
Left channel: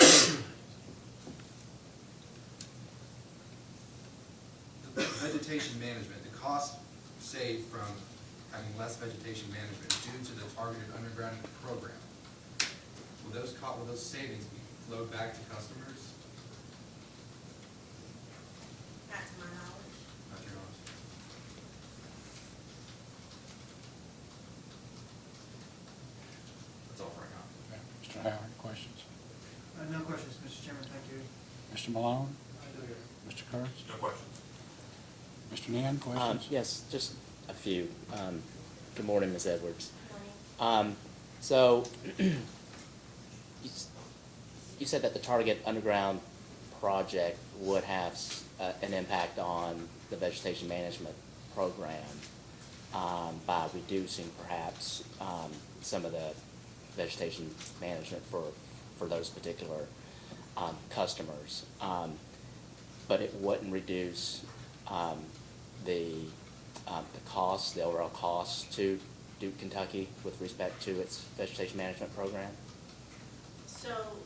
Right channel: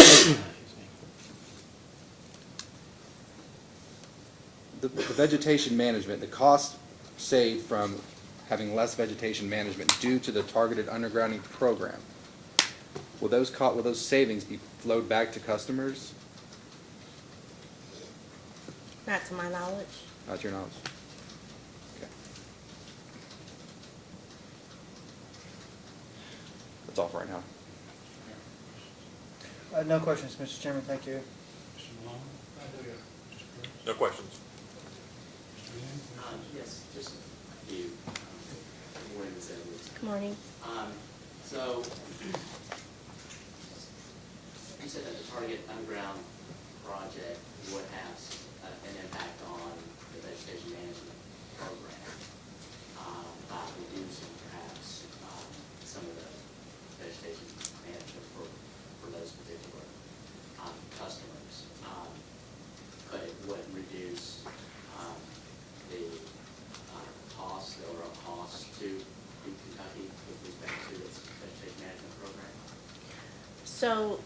the vegetation management, the cost saved from having less vegetation management due to the targeted undergrounding program, will those savings be flowed back to customers? Not to my knowledge. Not your knowledge. Okay. That's all for right now. Mr. Howard, questions? No questions, Mr. Chairman, thank you. Mr. Malone? Mr. Kurtz? No questions. Mr. Nen, questions? Yes, just a few. Good morning, Ms. Edwards. Good morning. So, you said that the Target Underground project would have an impact on the vegetation management program by reducing perhaps some of the vegetation management for those particular customers. But it wouldn't reduce the cost, the overall cost to Duke, Kentucky with respect to its vegetation management program? So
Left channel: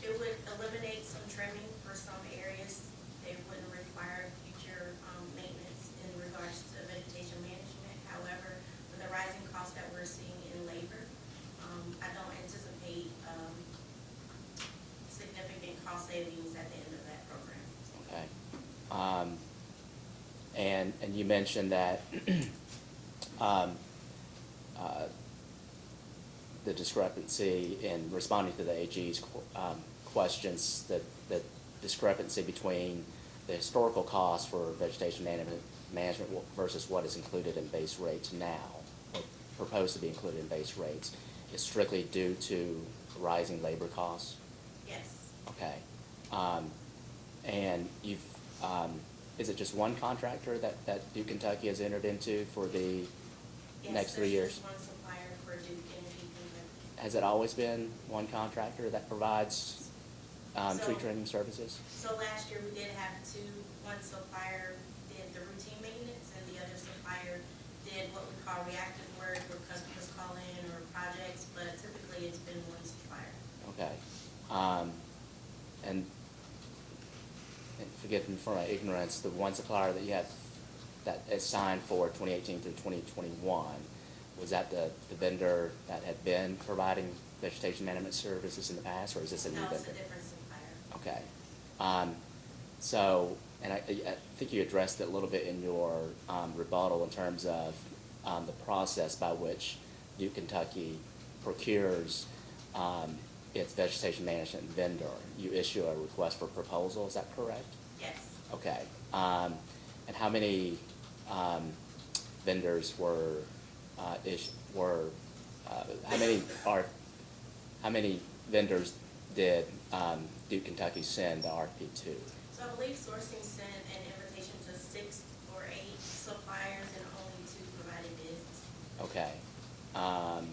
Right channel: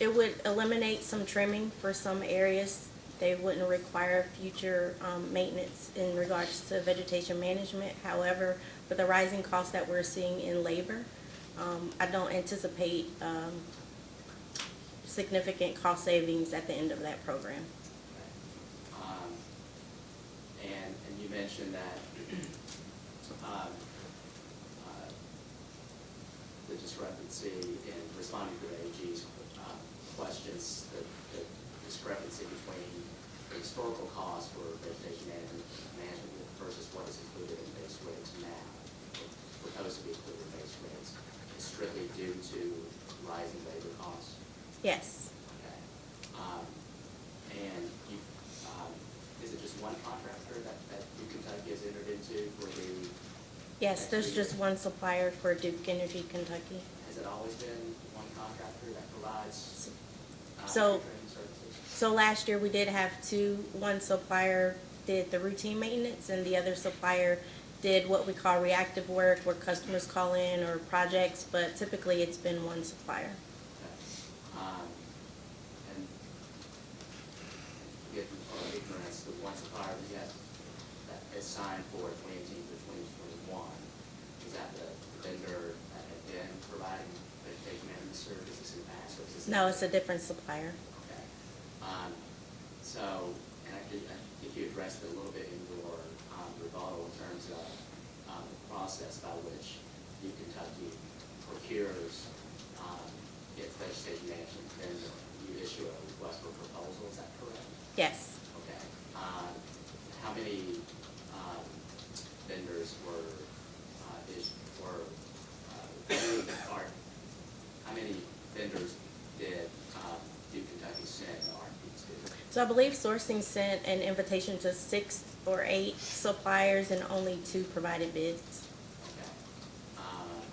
it would eliminate some trimming for some areas. They wouldn't require future maintenance in regards to vegetation management. However, with the rising costs that we're seeing in labor, I don't anticipate significant cost savings at the end of that program. Okay. And you mentioned that the discrepancy in responding to the AG's questions, the discrepancy between the historical cost for vegetation management versus what is included in base rates now, or proposed to be included in base rates, is strictly due to rising labor costs? Yes. Okay. And you've, is it just one contractor that Duke Kentucky has entered into for the Yes, next 3 there's years? just one supplier for Duke Energy Kentucky. Has it always been one contractor that provides So- tree trimming services? So last year we did have two. One supplier did the routine maintenance and the other supplier did what we call reactive work where customers call in or projects, but typically it's been one supplier. Okay. And forgive me for my ignorance, the one supplier that you have that is signed for 2018 through 2021, was that the vendor that had been providing vegetation management services in the past, or is this a new No, it's a vendor? different supplier. Okay. So, and I think you addressed it a little bit in your rebuttal in terms of the process by which Duke Kentucky procures its vegetation management vendor. You issue a request for proposal, is that correct? Yes. Okay. And how many vendors how many vendors did Duke Kentucky send the RFP to? So I believe sourcing sent an invitation to 6 or 8 suppliers and only 2 provided bids. Okay. And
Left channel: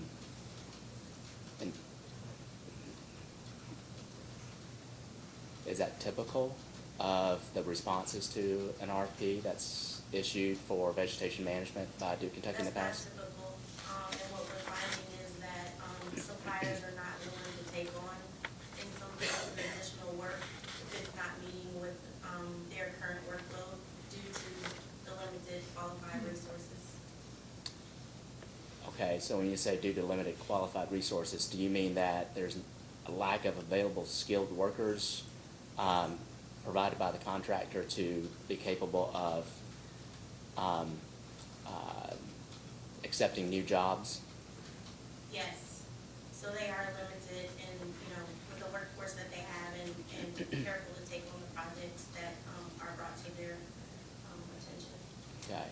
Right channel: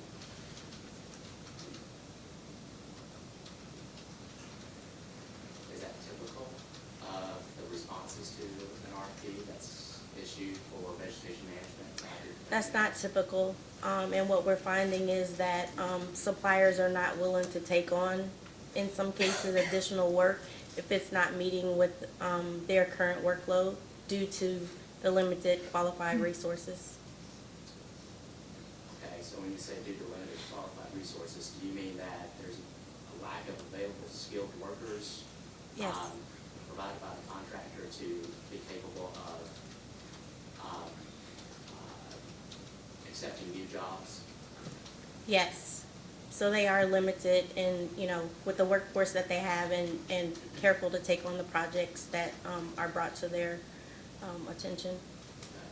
is that typical of the responses to an RFP that's issued for vegetation management by Duke Kentucky? That's not typical, and what we're finding is that suppliers are not willing to take on, in some cases, additional work if it's not meeting with their current workload due to the limited qualified resources. Okay, so when you say due to limited qualified resources, do you mean that there's a lack of available skilled workers Yes. provided by the contractor to be capable of accepting new jobs? Yes, so they are limited in, with the workforce that they have and careful to take on the projects that are brought to their attention. Okay.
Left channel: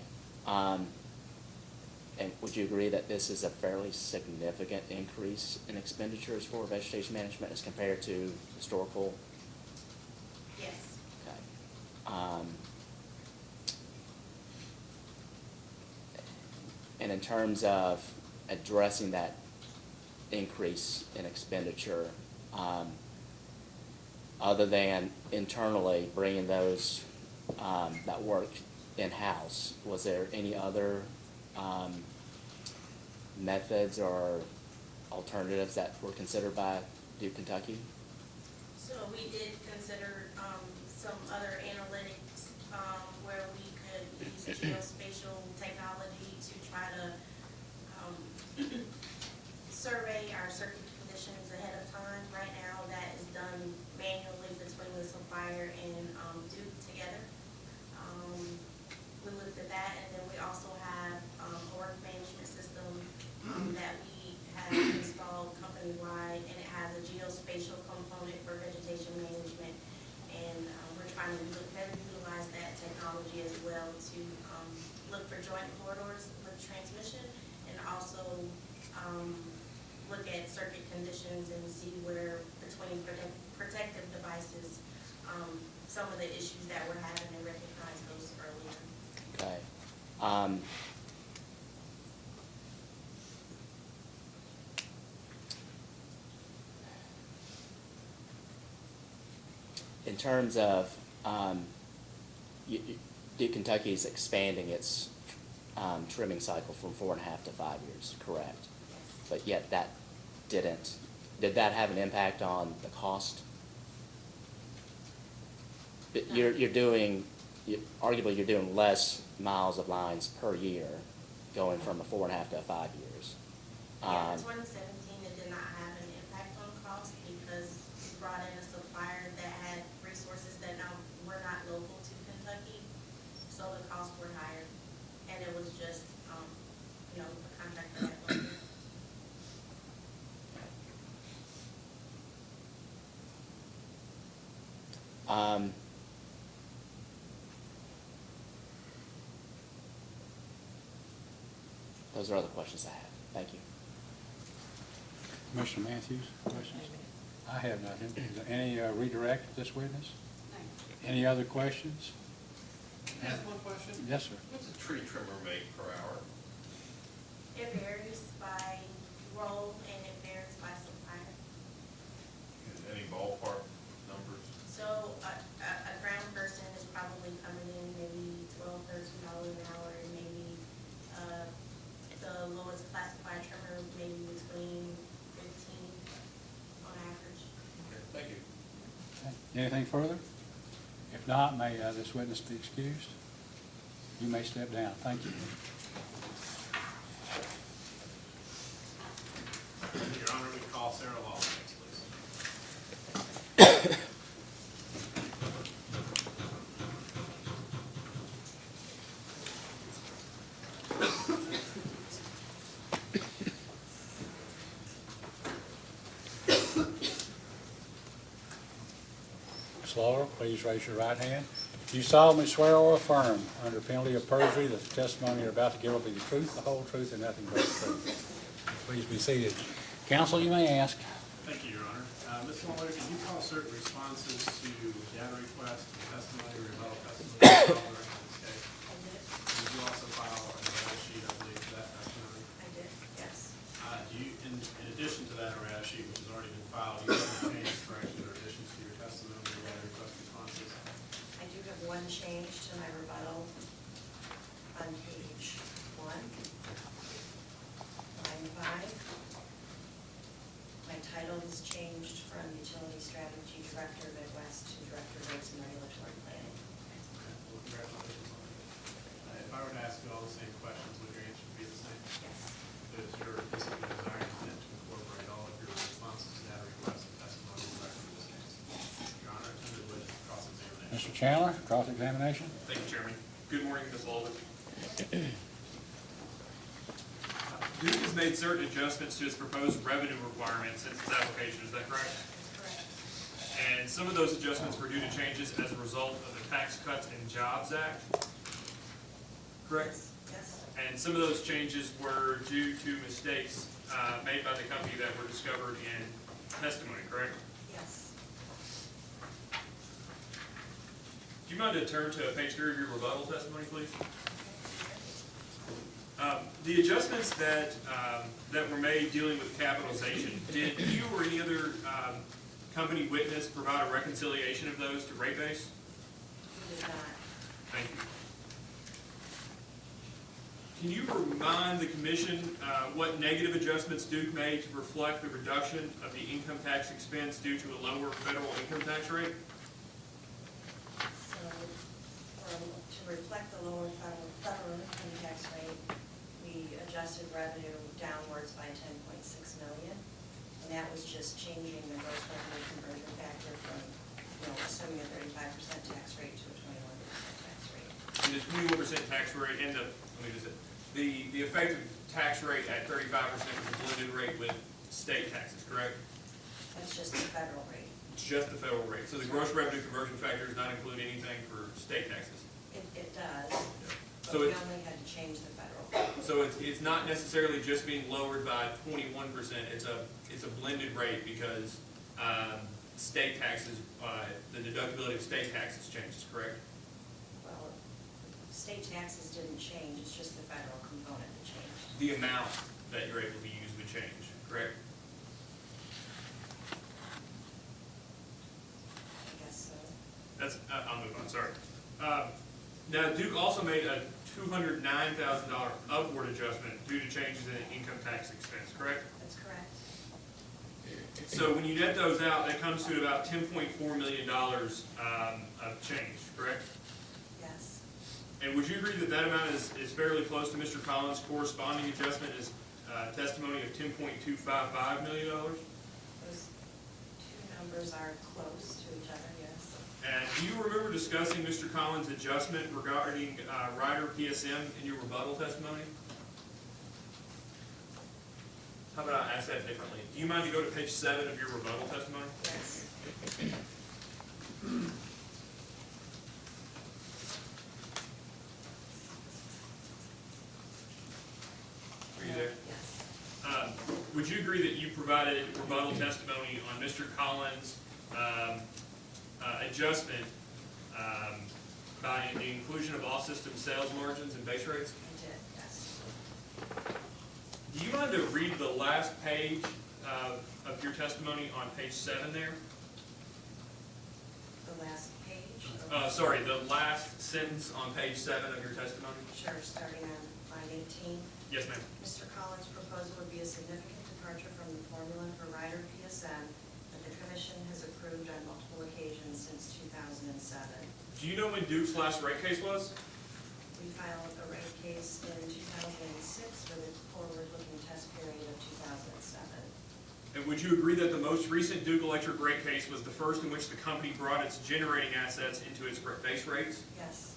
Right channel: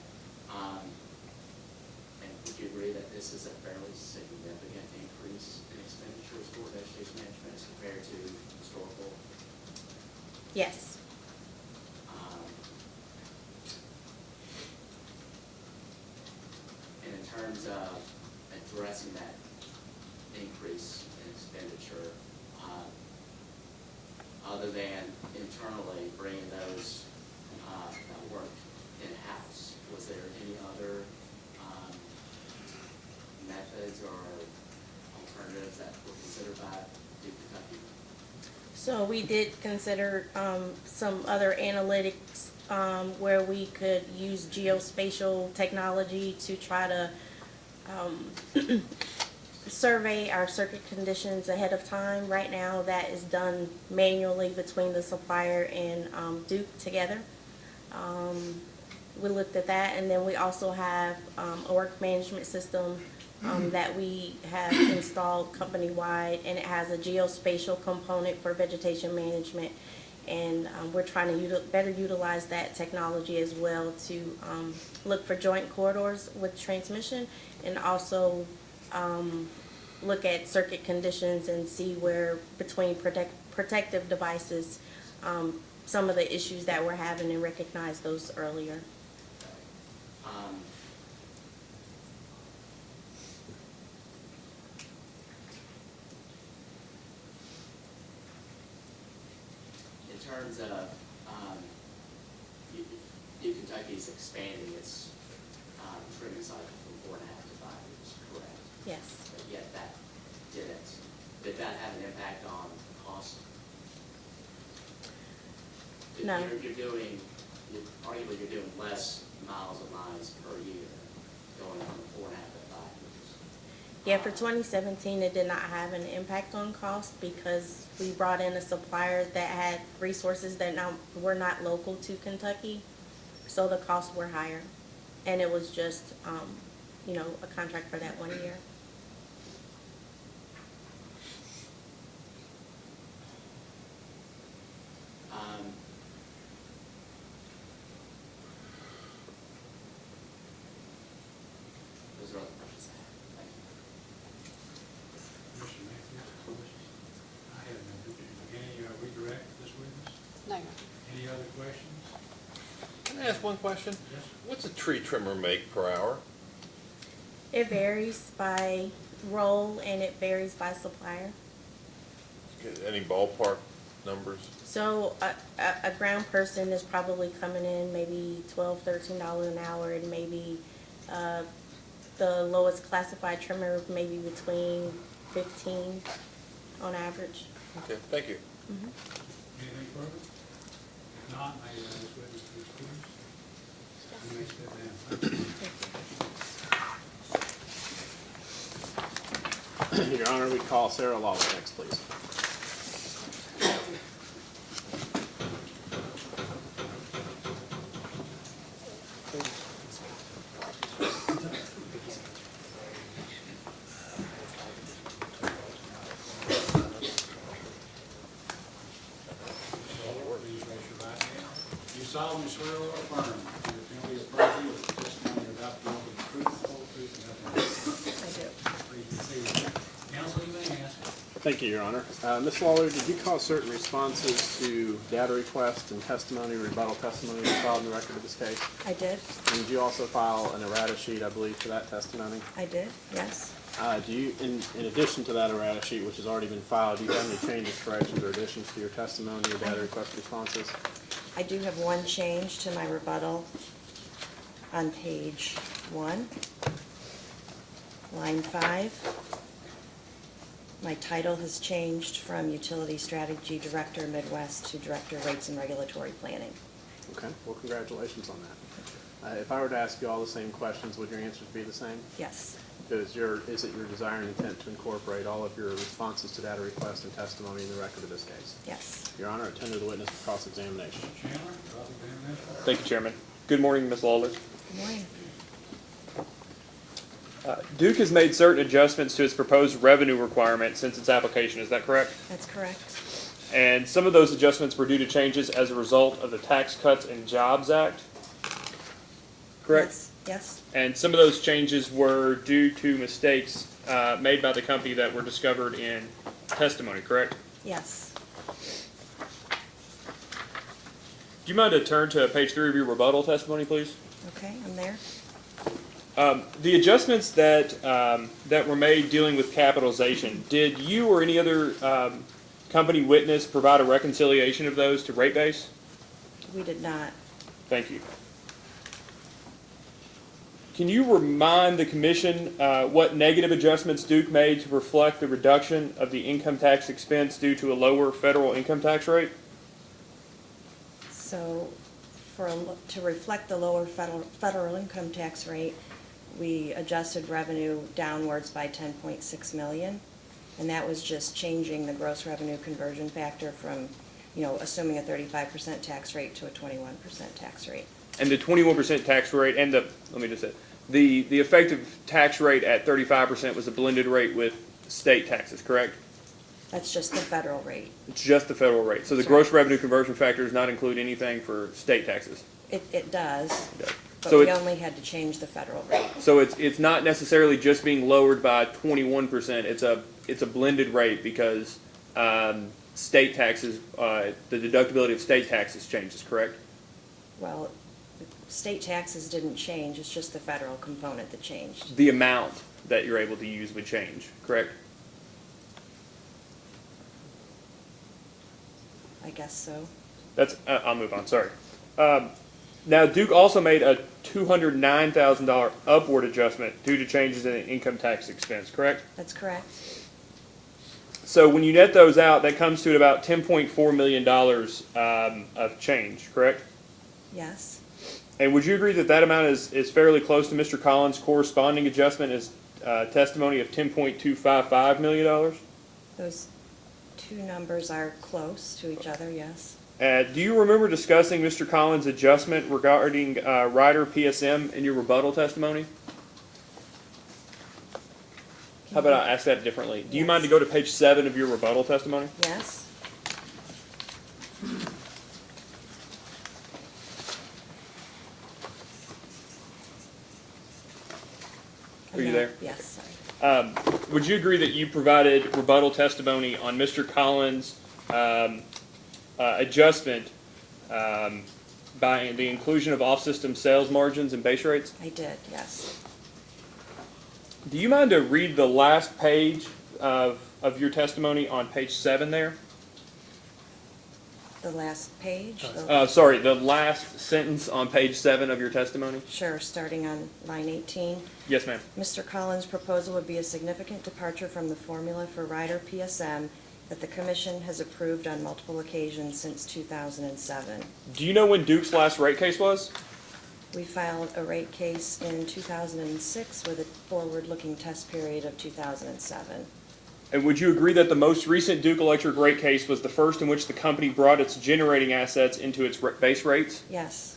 And would you agree that this is a fairly significant increase in expenditures for vegetation management as compared to historical? Yes. Okay. And in terms of addressing that increase in expenditure, other than internally bringing those that work in-house, was there any other methods or alternatives that were considered by Duke Kentucky? So we did consider some other analytics where we could use geospatial technology to try to survey our circuit conditions ahead of time. Right now, that is done manually between the supplier and Duke together. we looked at that, and then we also have, a work management system, that we have installed company-wide, and it has a geospatial component for vegetation management. And, we're trying to better utilize that technology as well to, look for joint corridors with transmission, and also, look at circuit conditions and see where between protective devices, some of the issues that we're having, and recognize those earlier. Okay. In terms of, Duke Kentucky is expanding its trimming cycle from 4.5 to 5 years, correct? Yes. But yet that did that have an impact on the cost? No. Arguably you're doing less miles of lines per year, going from a 4.5 to 5 years. Yeah, for 2017, it did not have an impact on cost because we brought in a supplier that had resources that were not local to Kentucky, so the costs were higher. And it was just, a contract for that 1 year. Those are all the questions I have. Thank you. Commissioner Matthews, questions? I have nothing. Is there any redirect of this witness? No. Any other questions? Can I ask one question? Yes, sir. What's a tree trimmer make per hour? It varies by role and it varies by supplier. Any ballpark numbers? So a ground person is probably coming in maybe $12, $13 an hour, and maybe the lowest classified trimmer maybe between 15 on average. Okay, thank you. Anything further? If not, may this witness be excused? You may step down. Thank you. Your Honor, we call Sarah Lawler next, please. Ms. Lawler, please raise your right hand. Do you solemnly swear or affirm, under penalty of perjury, that the testimony you're about to give will be the truth, the whole truth, and nothing but the truth? Please be seated. Counsel, you may ask. Thank you, Your Honor. Ms. Lawler, did you call certain responses to data requests and testimony, rebuttal testimony that filed in the record of this case? I did. And did you also file an errata sheet, I believe, for that testimony? I did, yes. Do you, in addition to that errata sheet, which has already been filed, do you have any changes, corrections, or additions to your testimony or data request responses? I do have one change to my rebuttal on page 1, line 5. My title has changed from Utility Strategy Director Midwest to Director Rates and Regulatory Planning. Okay, well, congratulations on that. If I were to ask you all the same questions, would your answers be the same? Yes. Is it your desire and intent to incorporate all of your responses to data requests and testimony in the record of this case? Yes. Your Honor, I tender the witness for cross-examination. Mr. Chandler, cross-examination. Thank you, Chairman. Good morning, Ms. Lawler. Good morning. Duke has made certain adjustments to its proposed revenue requirement since its application, is that correct? That's correct. And some of those adjustments were due to changes as a result of the Tax Cuts and Jobs Act, correct? Yes. Yes. And some of those changes were due to mistakes made by the company that were discovered in testimony, correct? Yes. Do you mind to turn to page 3 of your rebuttal testimony, please? Okay, I'm there. The adjustments that that were made dealing with capitalization, did you or any other company witness provide a reconciliation of those to rate base? We did not. Thank you. Can you remind the commission what negative adjustments Duke made to reflect the reduction of the income tax expense due to a lower federal income tax rate? So, to reflect the lower federal income tax rate, we adjusted revenue downwards by $10.6 million, and that was just changing the gross revenue conversion factor from, assuming a 35% tax rate to a 21% tax rate. And the 21% tax rate and let me just say, the effective tax rate at 35% was a blended rate with state taxes, correct? That's just the federal rate. It's just the federal rate. So the gross revenue conversion factor does not include anything for state taxes. It does, Yeah. but So we it's, only had to change the federal rate. so it's not necessarily just being lowered by 21%. It's a blended rate because state taxes, the deductibility of state taxes changes, correct? Well, state taxes didn't change, it's just the federal component that changed. The amount that you're able to use would change, correct? I guess so. That's I'll move on. Sorry. Now Duke also made a $209,000 upward adjustment due to changes in income tax expense, correct? That's correct. So when you net those out, that comes to about $10.4 million of change, correct? Yes, And would you agree that that amount is fairly close to Mr. Collins' corresponding adjustment as testimony of $10.255 million? those two numbers are close to each other, yes. Do you remember discussing Mr. Collins' adjustment regarding Ryder PSM in your rebuttal testimony? How about I ask that differently? Do you mind to go to page 7 of your rebuttal testimony? Yes, Are you there? yes, Would you agree that you provided rebuttal testimony on Mr. Collins' adjustment by the inclusion of off-system sales margins and base rates? I did, yes. Do you mind to read the last page of your testimony on page 7 there? The last page, Sorry, the last sentence on page 7 of your testimony? sure, starting on line 18. Yes, ma'am. Mr. Collins' proposal would be a significant departure from the formula for Ryder PSM that the commission has approved on multiple occasions since 2007. Do you know when Duke's last rate case was? We filed a rate case in 2006 with a forward-looking test period of 2007. And would you agree that the most recent Duke Electric rate case was the first in which the company brought its generating assets into its base rates? Yes,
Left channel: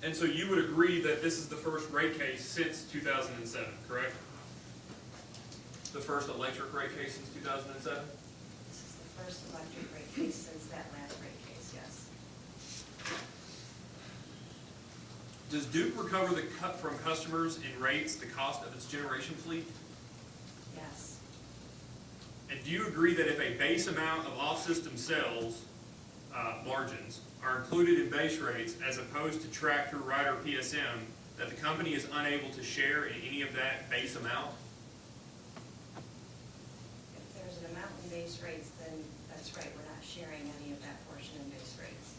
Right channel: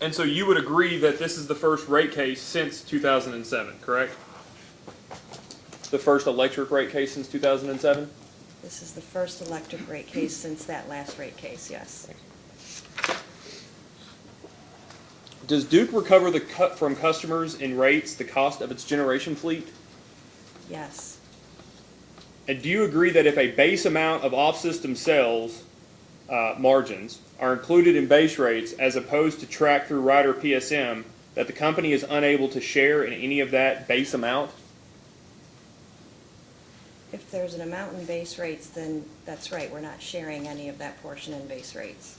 And so you would agree that this is the first rate case since 2007, correct? The first electric rate case since 2007? this is the first electric rate case since that last rate case, yes. Does Duke recover the cut from customers in rates the cost of its generation fleet? Yes, And do you agree that if a base amount of off-system sales margins are included in base rates as opposed to tracked through Ryder PSM, that the company is unable to share in any of that base amount? if there's an amount in base rates, then that's right, we're not sharing any of that portion in base rates.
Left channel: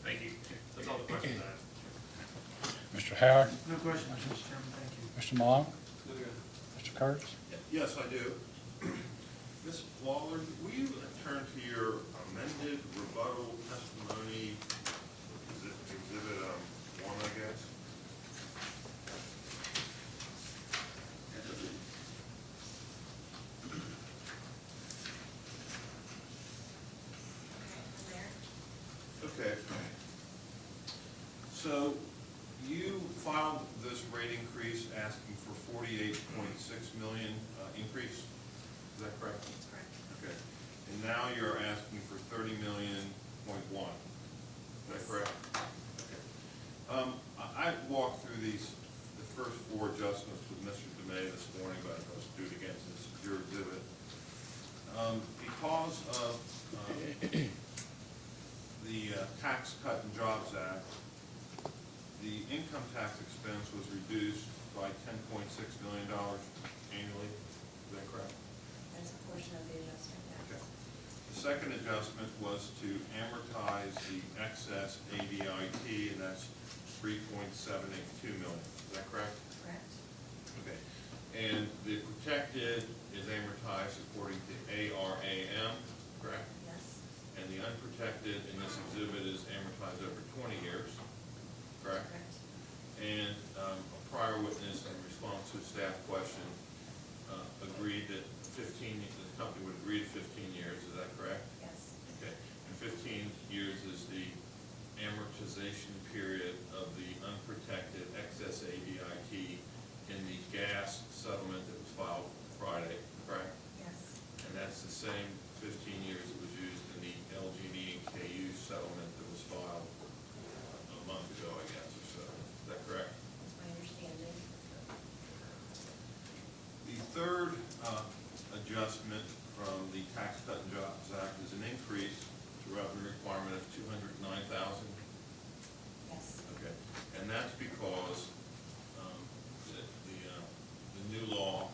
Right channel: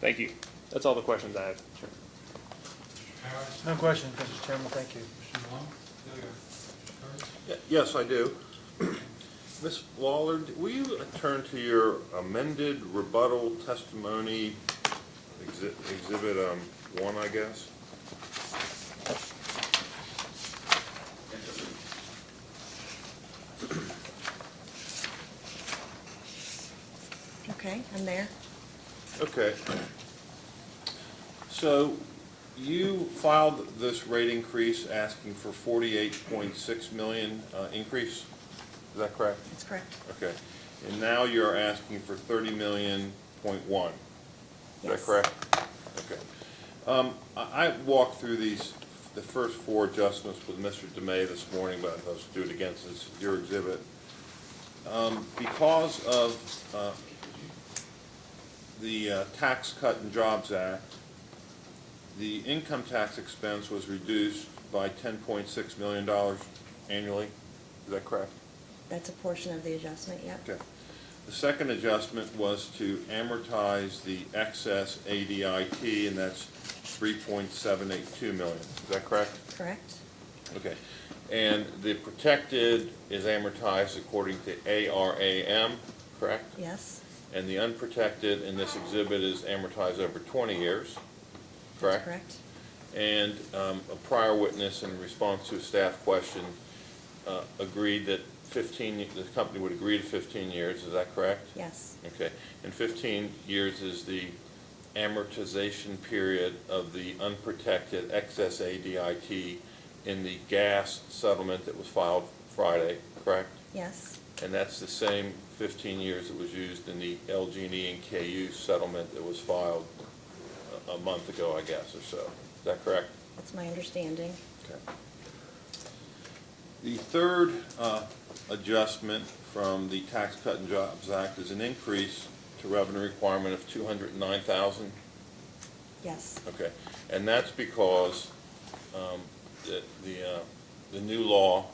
Thank you. That's all the questions I have. Mr. Howard, No question, Mr. Chairman, thank you. Mr. Malone? Mr. Kurtz? Yes, I do. Ms. Waller, will you turn to your amended rebuttal testimony, exhibit 1, I guess? Okay, I'm there. Okay. So you filed this rate increase asking for 48.6 million increase, is that correct? That's correct. Okay. And now you're asking for 30 million.1, is Yes. that correct? Okay. I walked through the first 4 adjustments with Mr. DeMay this morning, but let's do it again since it's your exhibit. Because of the Tax Cut and Jobs Act, the income tax expense was reduced by $10.6 million annually. Is that correct? That's a portion of the adjustment, yeah. Okay. The second adjustment was to amortize the excess ADIT, and that's $3.782 million. Is that correct? Correct? Okay. And the protected is amortized according to ARAM, correct? Yes, And the unprotected in this exhibit is amortized over 20 years, correct? correct? And a prior witness in response to a staff question agreed that the company would agree to 15 years, is that correct? Yes, Okay, and 15 years is the amortization period of the unprotected excess ADIT in the gas settlement that was filed Friday, correct? yes, And that's the same 15 years that was used in the LG&E and KU settlement that was filed a month ago, I guess, or so. Is that correct? that's my understanding. Okay. The third adjustment from the Tax Cut and Jobs Act is an increase to revenue requirement of $209,000. Yes, Okay, and that's because the new law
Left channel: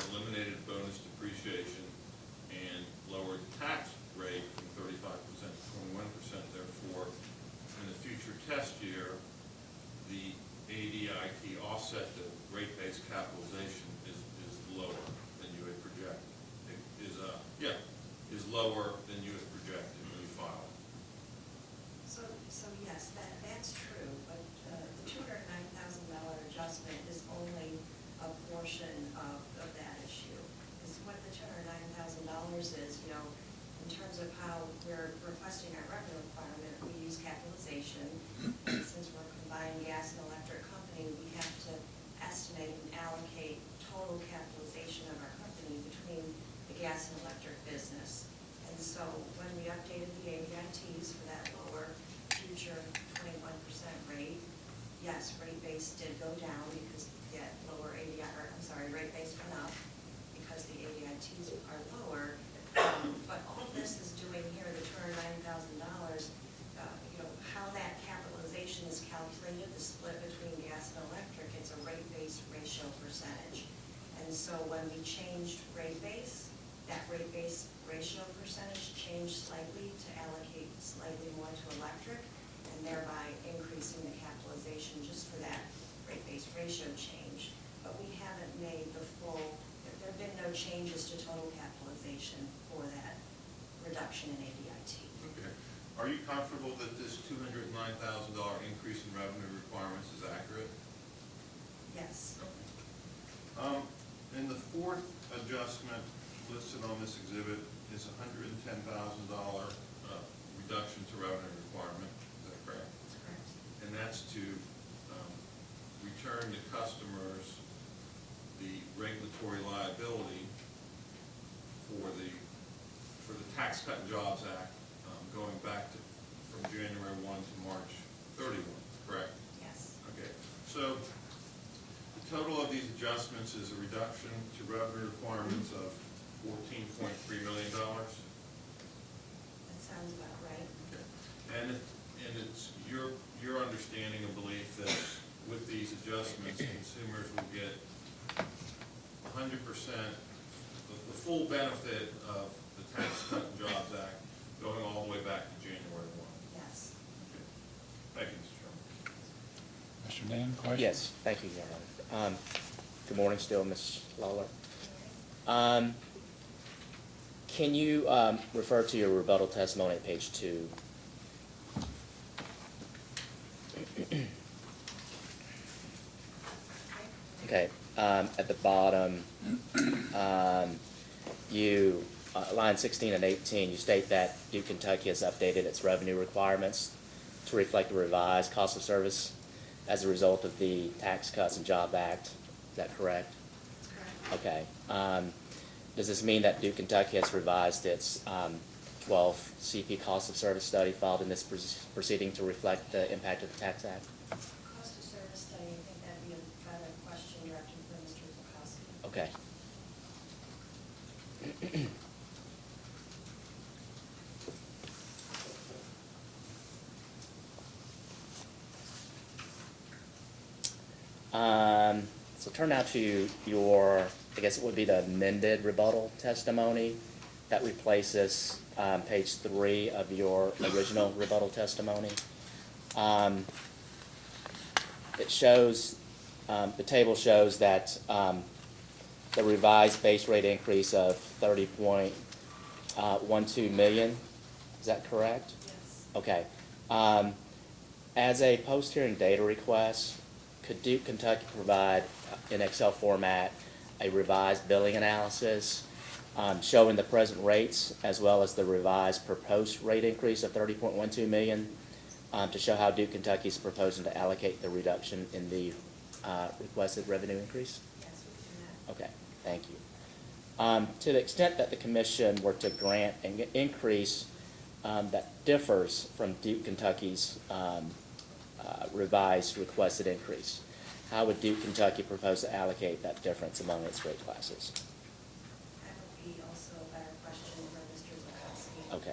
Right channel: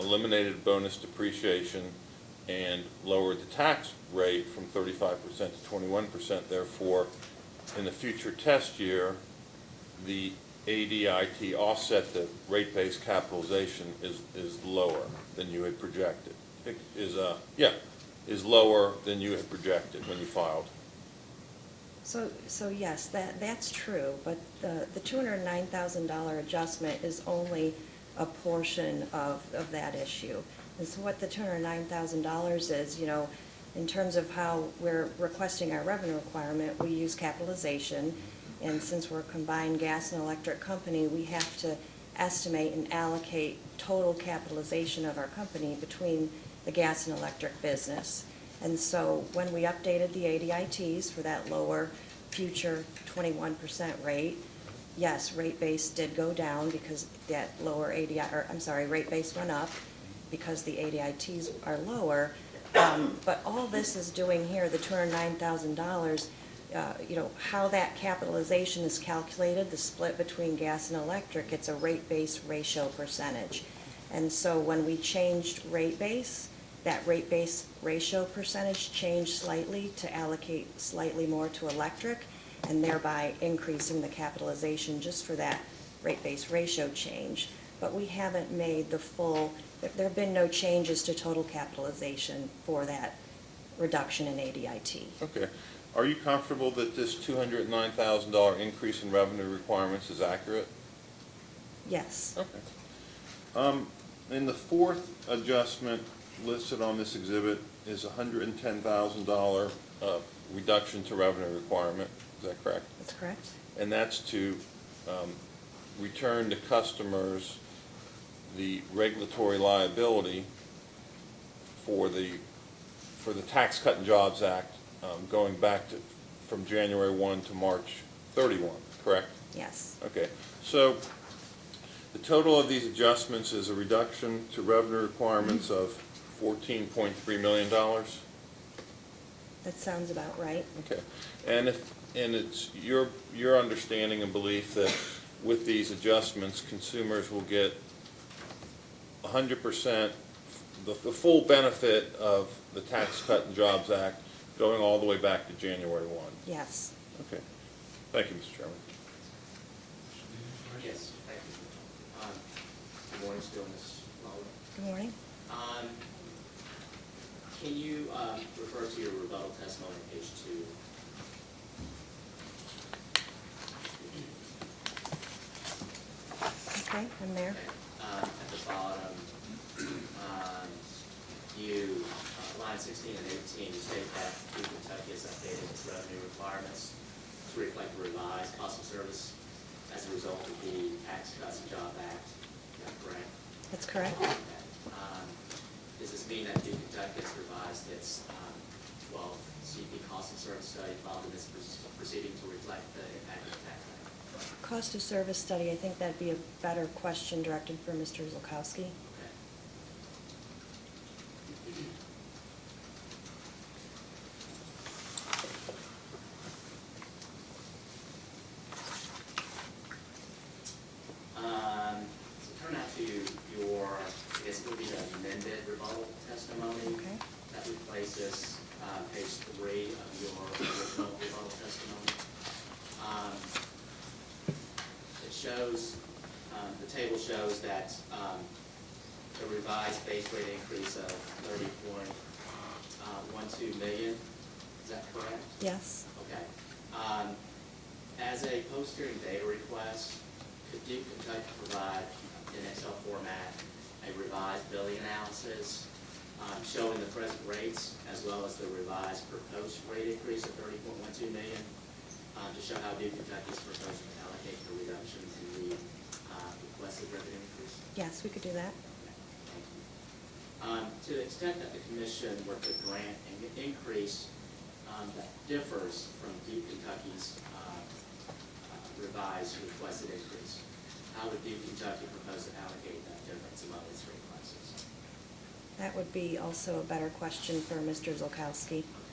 eliminated bonus depreciation and lowered the tax rate from 35% to 21%. Therefore, in the future test year, the ADIT offset, the rate-based capitalization is lower than you had projected. Is lower than you had projected when you filed. so yes, that's true, but the $209,000 adjustment is only a portion of that issue. Is what the $209,000 is, you know, in terms of how we're requesting our revenue requirement, we use capitalization, and since we're a combined gas and electric company, we have to estimate and allocate total capitalization of our company between the gas and electric business. And so when we updated the ADITs for that lower future 21% rate, yes, rate base did go down because that lower rate base went up because the ADITs are lower. But all this is doing here, the $209,000, you know, how that capitalization is calculated, the split between gas and electric, it's a rate base ratio percentage. And so when we changed rate base, that rate base ratio percentage changed slightly to allocate slightly more to electric, and thereby increasing the capitalization just for that rate base ratio change. But we haven't made the full, there have been no changes to total capitalization for that reduction in ADIT. Okay. Are you comfortable that this $209,000 increase in revenue requirements is accurate? Yes. Okay. And the fourth adjustment listed on this exhibit is a $110,000 reduction to revenue requirement. Is that correct? That's correct. And that's to return to customers the regulatory liability for the Tax Cut and Jobs Act going back to from January 1 to March 31, correct? Yes. Okay, so the total of these adjustments is a reduction to revenue requirements of $14.3 million. That sounds about right. Okay, and it's your understanding and belief that with these adjustments, consumers will get 100%, the full benefit of the Tax Cut and Jobs Act going all the way back to January 1. Yes. Okay, thank you, Mr. Chairman. Mr. Dean, question? Yes, thank you, General. Good morning still, Ms. Lawler. Good morning. Can you refer to your rebuttal testimony at page 2? Okay, I'm there. Okay, at the bottom, you, line 16 and 18, you state that Duke Kentucky has updated its revenue requirements to reflect the revised cost of service as a result of the Tax Cuts and Job Act. Is that correct? That's correct. Okay. Does this mean that Duke Kentucky has revised its 12th CP cost of service study filed in this proceeding to reflect the impact of the Tax Act? Cost of service study, I think that'd be a better question directed for Mr. Zulkowski. Okay. So turn now to your, I guess it would be the amended rebuttal testimony. Okay. That replaces page 3 of your original rebuttal testimony. It shows, the table shows that the revised base rate increase of 30.12 million. Is that correct? Yes. Okay. As a post-hearing data request, could Duke Kentucky provide in Excel format a revised billing analysis showing the present rates as well as the revised proposed rate increase of 30.12 million, to show how Duke Kentucky is proposing to allocate the reduction in the requested revenue increase? Yes, we could do that. Okay, thank you. To the extent that the commission were to grant an increase that differs from Duke Kentucky's revised requested increase, how would Duke Kentucky propose to allocate that difference among its rate classes? That would be also a better question for Mr. Zolkowski. Okay.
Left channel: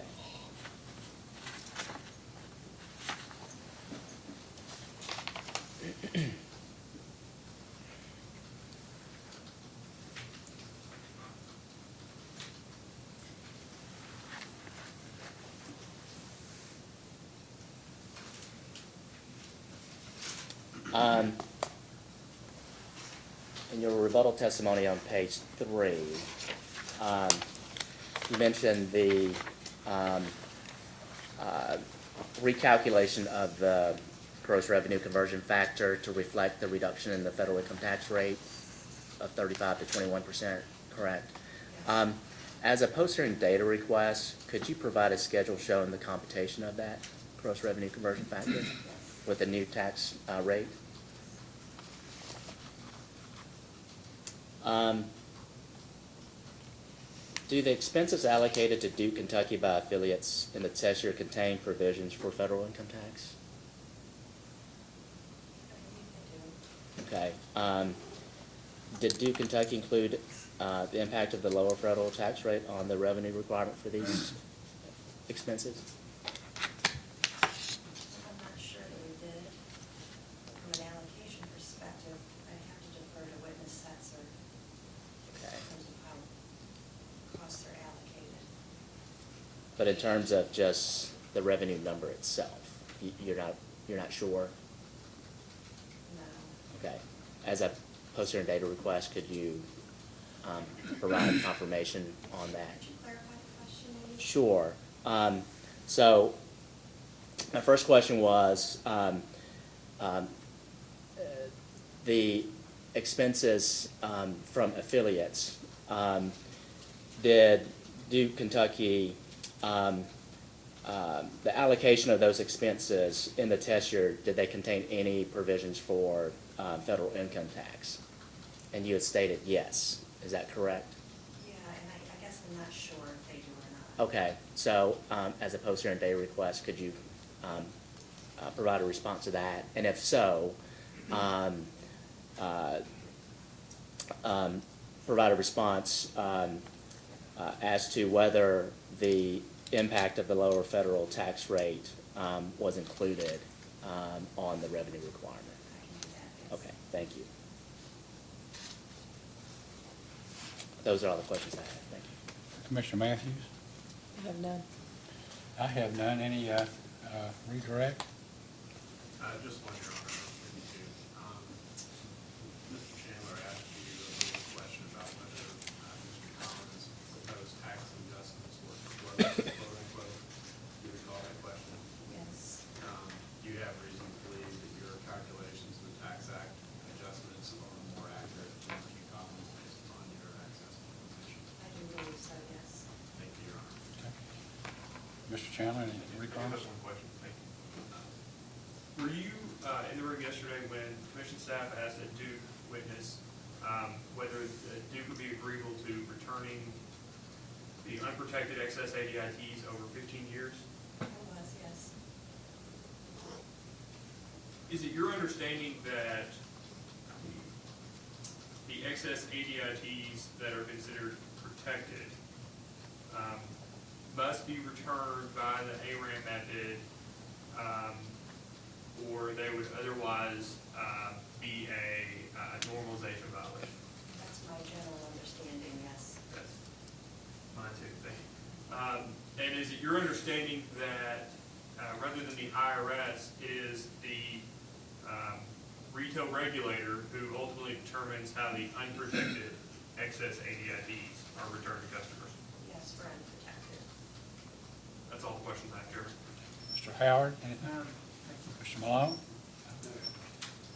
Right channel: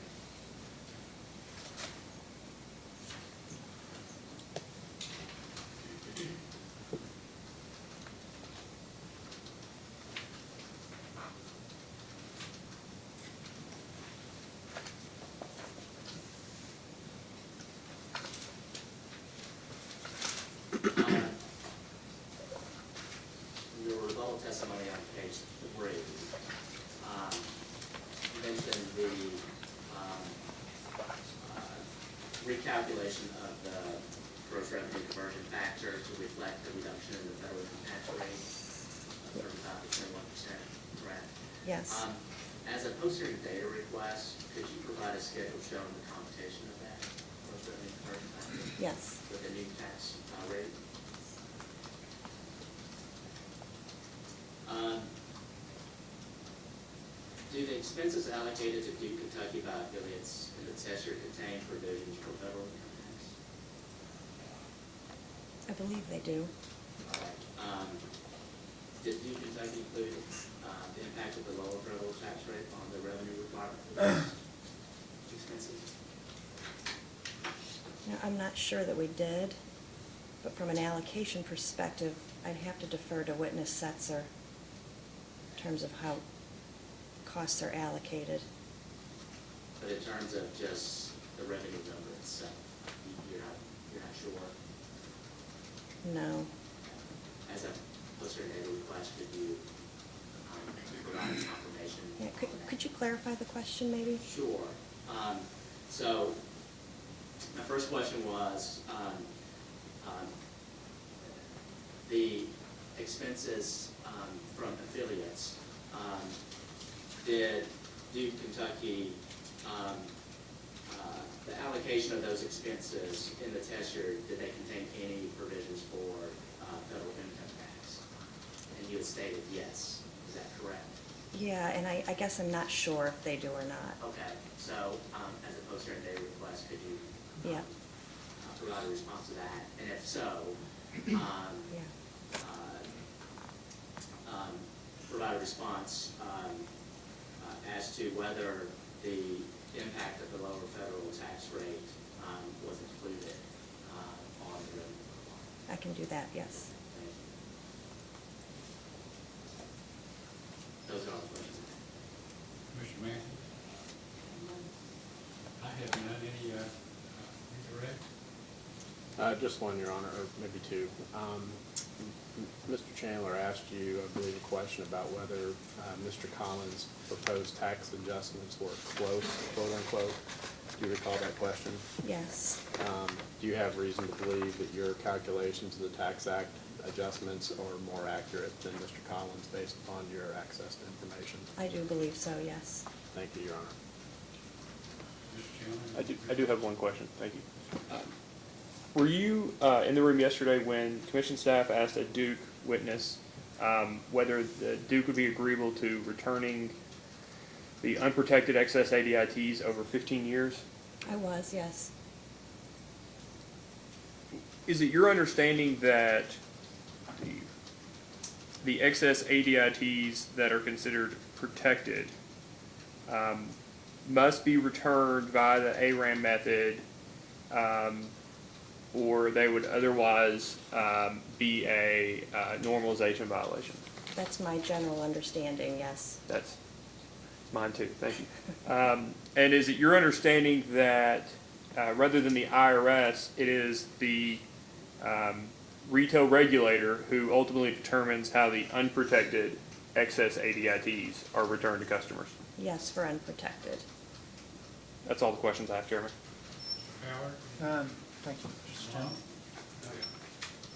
In your rebuttal testimony on page 3, you mentioned the recalculation of the gross revenue conversion factor to reflect the reduction in the federal income tax rate of 35 to 21%, correct? Yes. As a post-hearing data request, could you provide a schedule showing the computation of that gross revenue conversion factor Yes. with the new tax rate? Do the expenses allocated to Duke Kentucky by affiliates in the test year contain provisions for federal income tax? I believe they do. Okay. Did Duke Kentucky include the impact of the lower federal tax rate on the revenue requirement for these expenses? Now, I'm not sure that we did, but from an allocation perspective, I'd have to defer to witness Setzer in terms of how costs are allocated. But in terms of just the revenue number itself, you're not sure? No. Okay. As a post-hearing data request, could you provide confirmation Yeah, on that? Could you clarify the question maybe? Sure. So my first question was the expenses from affiliates. Did Duke Kentucky, the allocation of those expenses in the test year, did they contain any provisions for federal income tax? And you had stated yes. Is that correct? Yeah, and I guess I'm not sure if they do or not. Okay, so as a post-hearing day request, could you provide a response to that? And if so, provide a response as to whether the impact of the lower federal tax rate was included on the revenue requirement. I can do that, yes. Okay, thank you. Those are all the questions I have. Thank you. Commissioner Matthews? You have none? I have none. Any redirect? Just one, Your Honor, or maybe two. Mr. Chandler asked you, I believe, a question about whether Mr. Collins' proposed tax adjustments were close, quote unquote. Do you recall that question? Yes. Do you have reason to believe that your calculations of the Tax Act adjustments are more accurate than Mr. Collins based upon your access to information? I do believe so, yes. Thank you, Your Honor. Mr. Chandler? I do have one question, thank you. Were you in the room yesterday when commission staff asked a Duke witness whether the Duke would be agreeable to returning the unprotected excess ADITs over 15 years? I was, yes. Is it your understanding that the excess ADITs that are considered protected must be returned via the ARAN method, or they would otherwise be a normalization violation? That's my general understanding, yes. That's mine too, thank you. And is it your understanding that rather than the IRS, it is the retail regulator who ultimately determines how the unprotected excess ADITs are returned to customers? Yes, for unprotected. That's all the questions I have, Chairman. Mr. Howard? Thank you. Mr. Malone?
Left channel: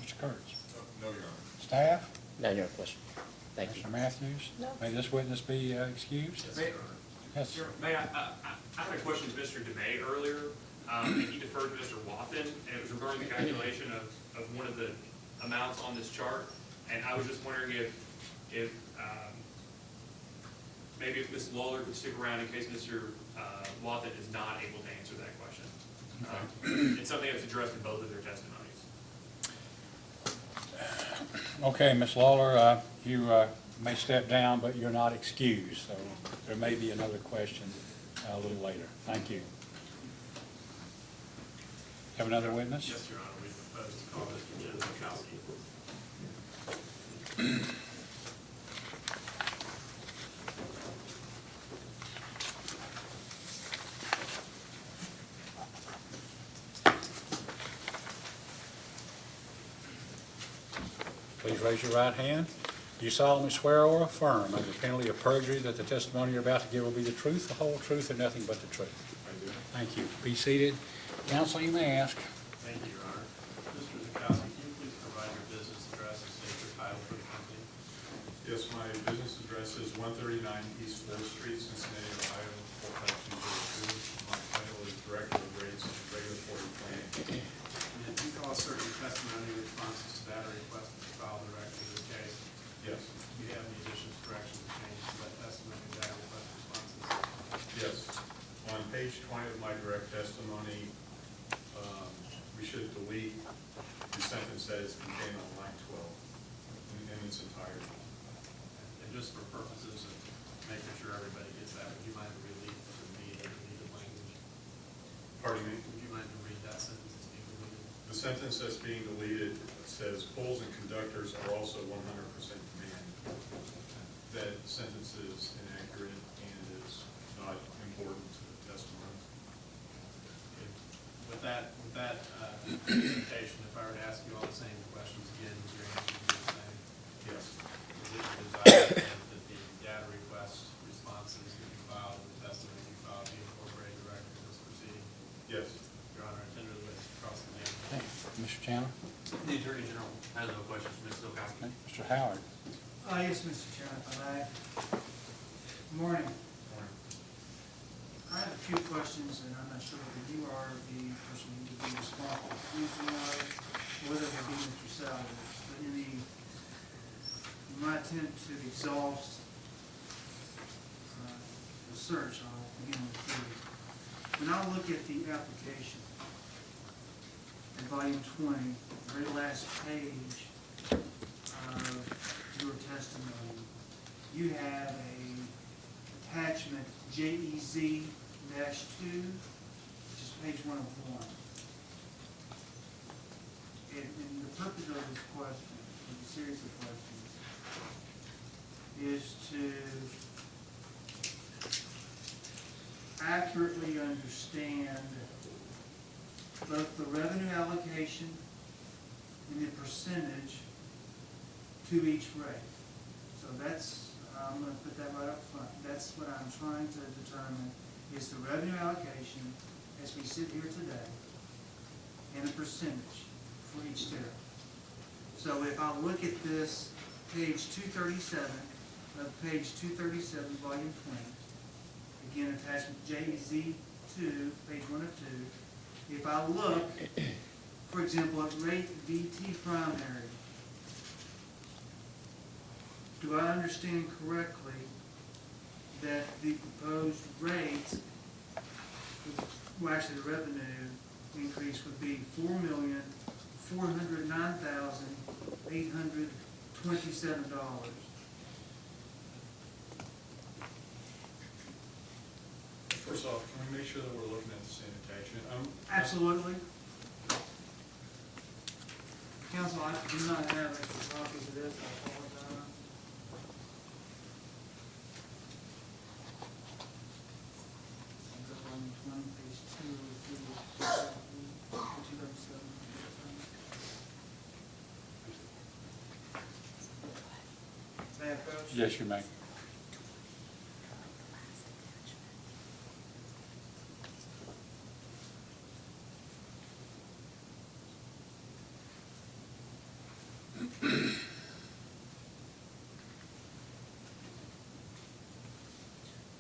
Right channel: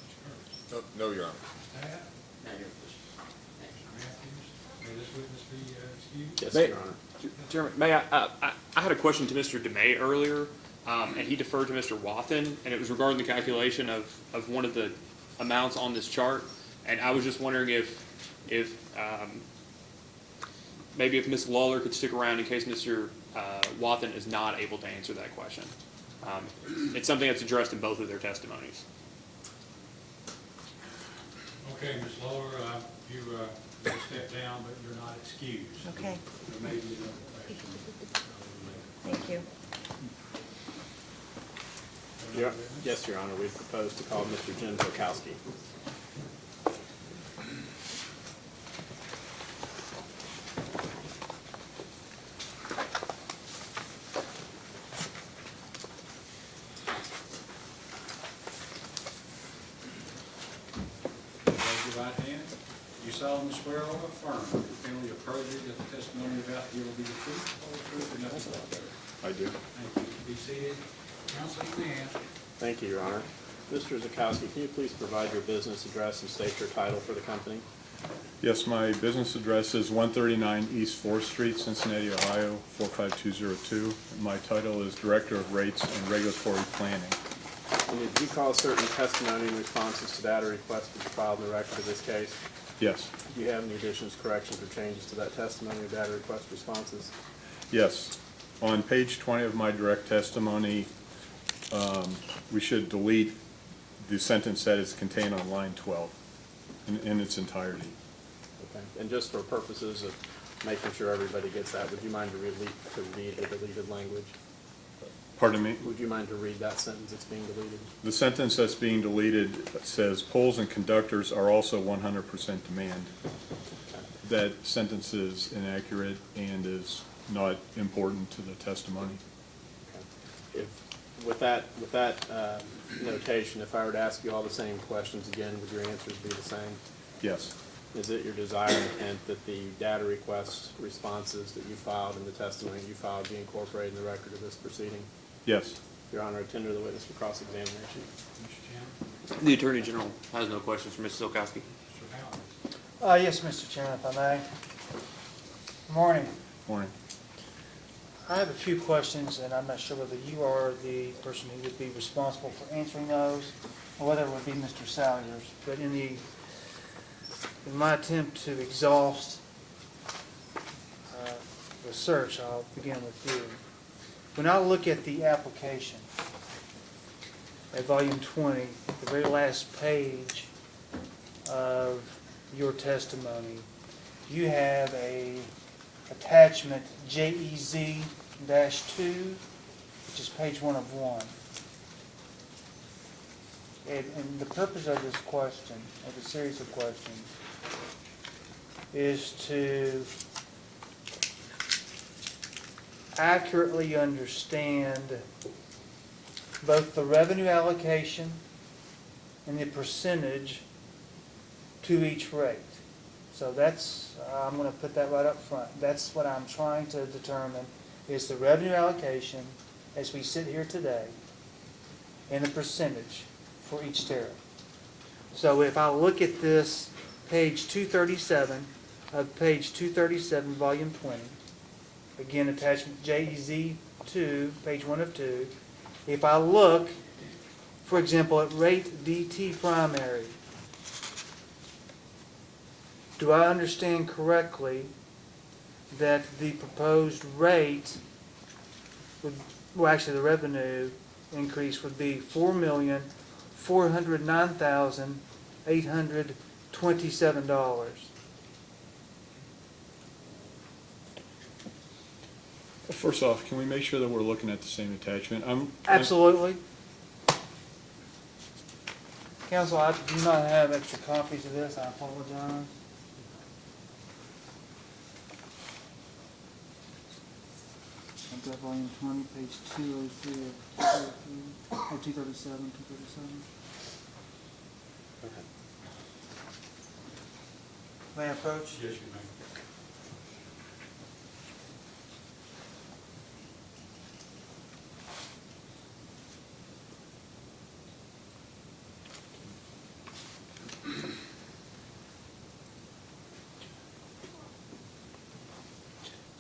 Mr. Kurtz? No, Your Honor. Staff? No, your question. Thank you. Mr. Matthews? May this witness be excused? Yes, May- Your Honor. Yes. Chairman, may I had a question to Mr. DeMay earlier, and he deferred to Mr. Wathen, and it was regarding the calculation of one of the amounts on this chart. And I was just wondering if maybe if Ms. Lawler could stick around in case Mr. Wathen is not able to answer that question. It's something that's addressed in both of their testimonies. Okay, Ms. Lawler, you may step down, but you're not excused. So Okay. there may be another question a little later. Thank you. Have another witness? Yes, Your Honor, we propose to call Mr. Jim Zukowski. Please raise your right hand. Do you solemnly swear or affirm under the penalty of perjury that the testimony you're about to give will be the truth, the whole truth, and nothing but the truth? I do. Thank you. Be seated. Counsel, you may ask. Thank you, Your Honor. Mr. Zukowski, can you please provide your business address and state your title for the company? Yes, my business address is 139 East 4th Street, Cincinnati, Ohio, 45202. My title is Director of Rates and Regulatory Planning. And did you call certain testimony in responses to data requests that you filed in the record of this case? Yes, Do you have any additions, corrections, or changes to that testimony or data request responses? yes. On page 20 of my direct testimony, we should delete the sentence that is contained on line 12 in its entirety. Okay. And just for purposes of making sure everybody gets that, would you mind to read the deleted language? Pardon me? Would you mind to read that sentence that's being deleted? The sentence that's being deleted says poles and conductors are also 100% demand. That sentence is inaccurate and is not important to the testimony. If, with that notation, if I were to ask you all the same questions again, would your answers be the same? Yes, Is it your desire and intent that the data request responses that you filed and the testimony you filed be incorporated in the record of this proceeding? yes. Your Honor, I tender the witness for cross-examination. Mr. Chandler? The Attorney General has no questions for Mrs. Zukowski. Mr. Howard? Yes, Mr. Chairman, if I may. Morning. Morning. I have a few questions, and I'm not sure whether you are the person who would be responsible for answering those, or whether it would be Mr. Salyers. But in my attempt to exhaust the search, I'll begin with you. When I look at the application, at volume 20, the very last page of your testimony, you have a attachment JEZ-2, which is page 1 of 1. And the purpose of this question, of the series of questions, is to accurately understand both the revenue allocation and the percentage to each rate. So that's, I'm going to put that right up front. That's what I'm trying to determine, is the revenue allocation as we sit here today and the percentage for each tariff. So if I look at this page 237 of page 237, volume 20, again, attachment JEZ-2, page 1 of 2. If I look, for example, at rate DT primary, do I understand correctly that the proposed rate would, well, actually the revenue increase would be $4,409,827? First off, can we make sure that we're looking at the same attachment? Absolutely. Counsel, I do not have extra copies of this, I apologize. I've got volume 20, page 203, 237, 237. May I approach? Yes, you may.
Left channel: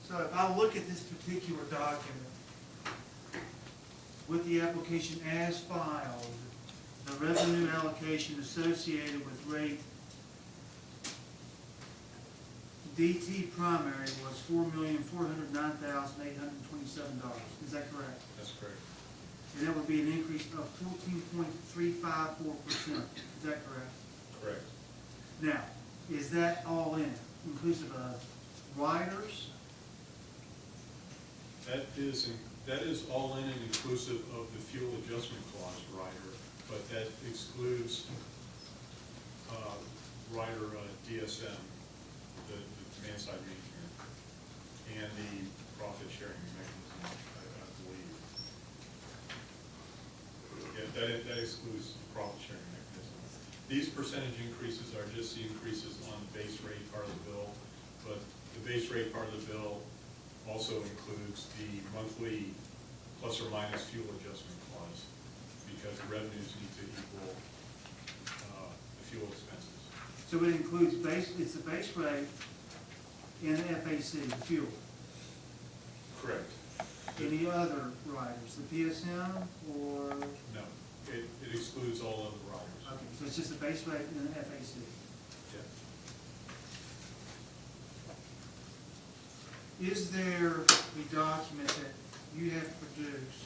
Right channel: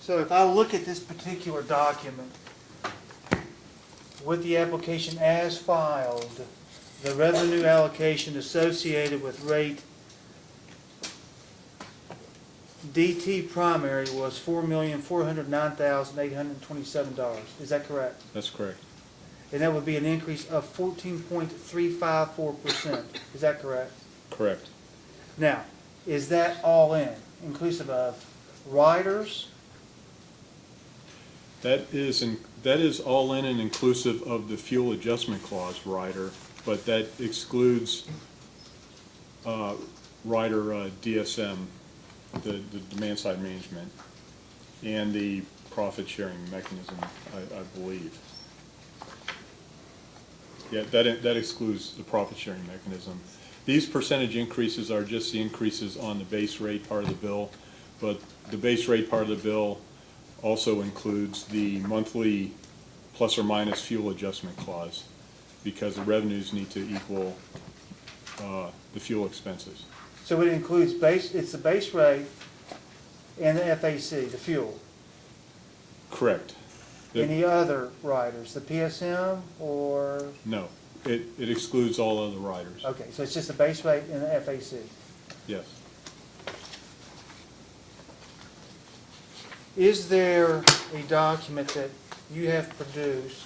So if I look at this particular document, with the application as filed, the revenue allocation associated with rate DT primary was $4,409,827. Is that correct? That's correct. And that would be an increase of 14.354%. Is that correct? Correct. Now, is that all in, inclusive of riders? That is all in and inclusive of the fuel adjustment clause rider, but that excludes rider DSM, the demand side management, and the profit sharing mechanism, I believe. Yeah, that excludes the profit sharing mechanism. These percentage increases are just the increases on the base rate part of the bill, but the base rate part of the bill also includes the monthly plus or minus fuel adjustment clause, because the revenues need to equal the fuel expenses. So it includes it's the base rate and the FAC, the fuel. Correct. Any other riders, the PSM or? No, it excludes all other riders. Okay, so it's just the base rate and the FAC. Yes. Is there a document that you have produced,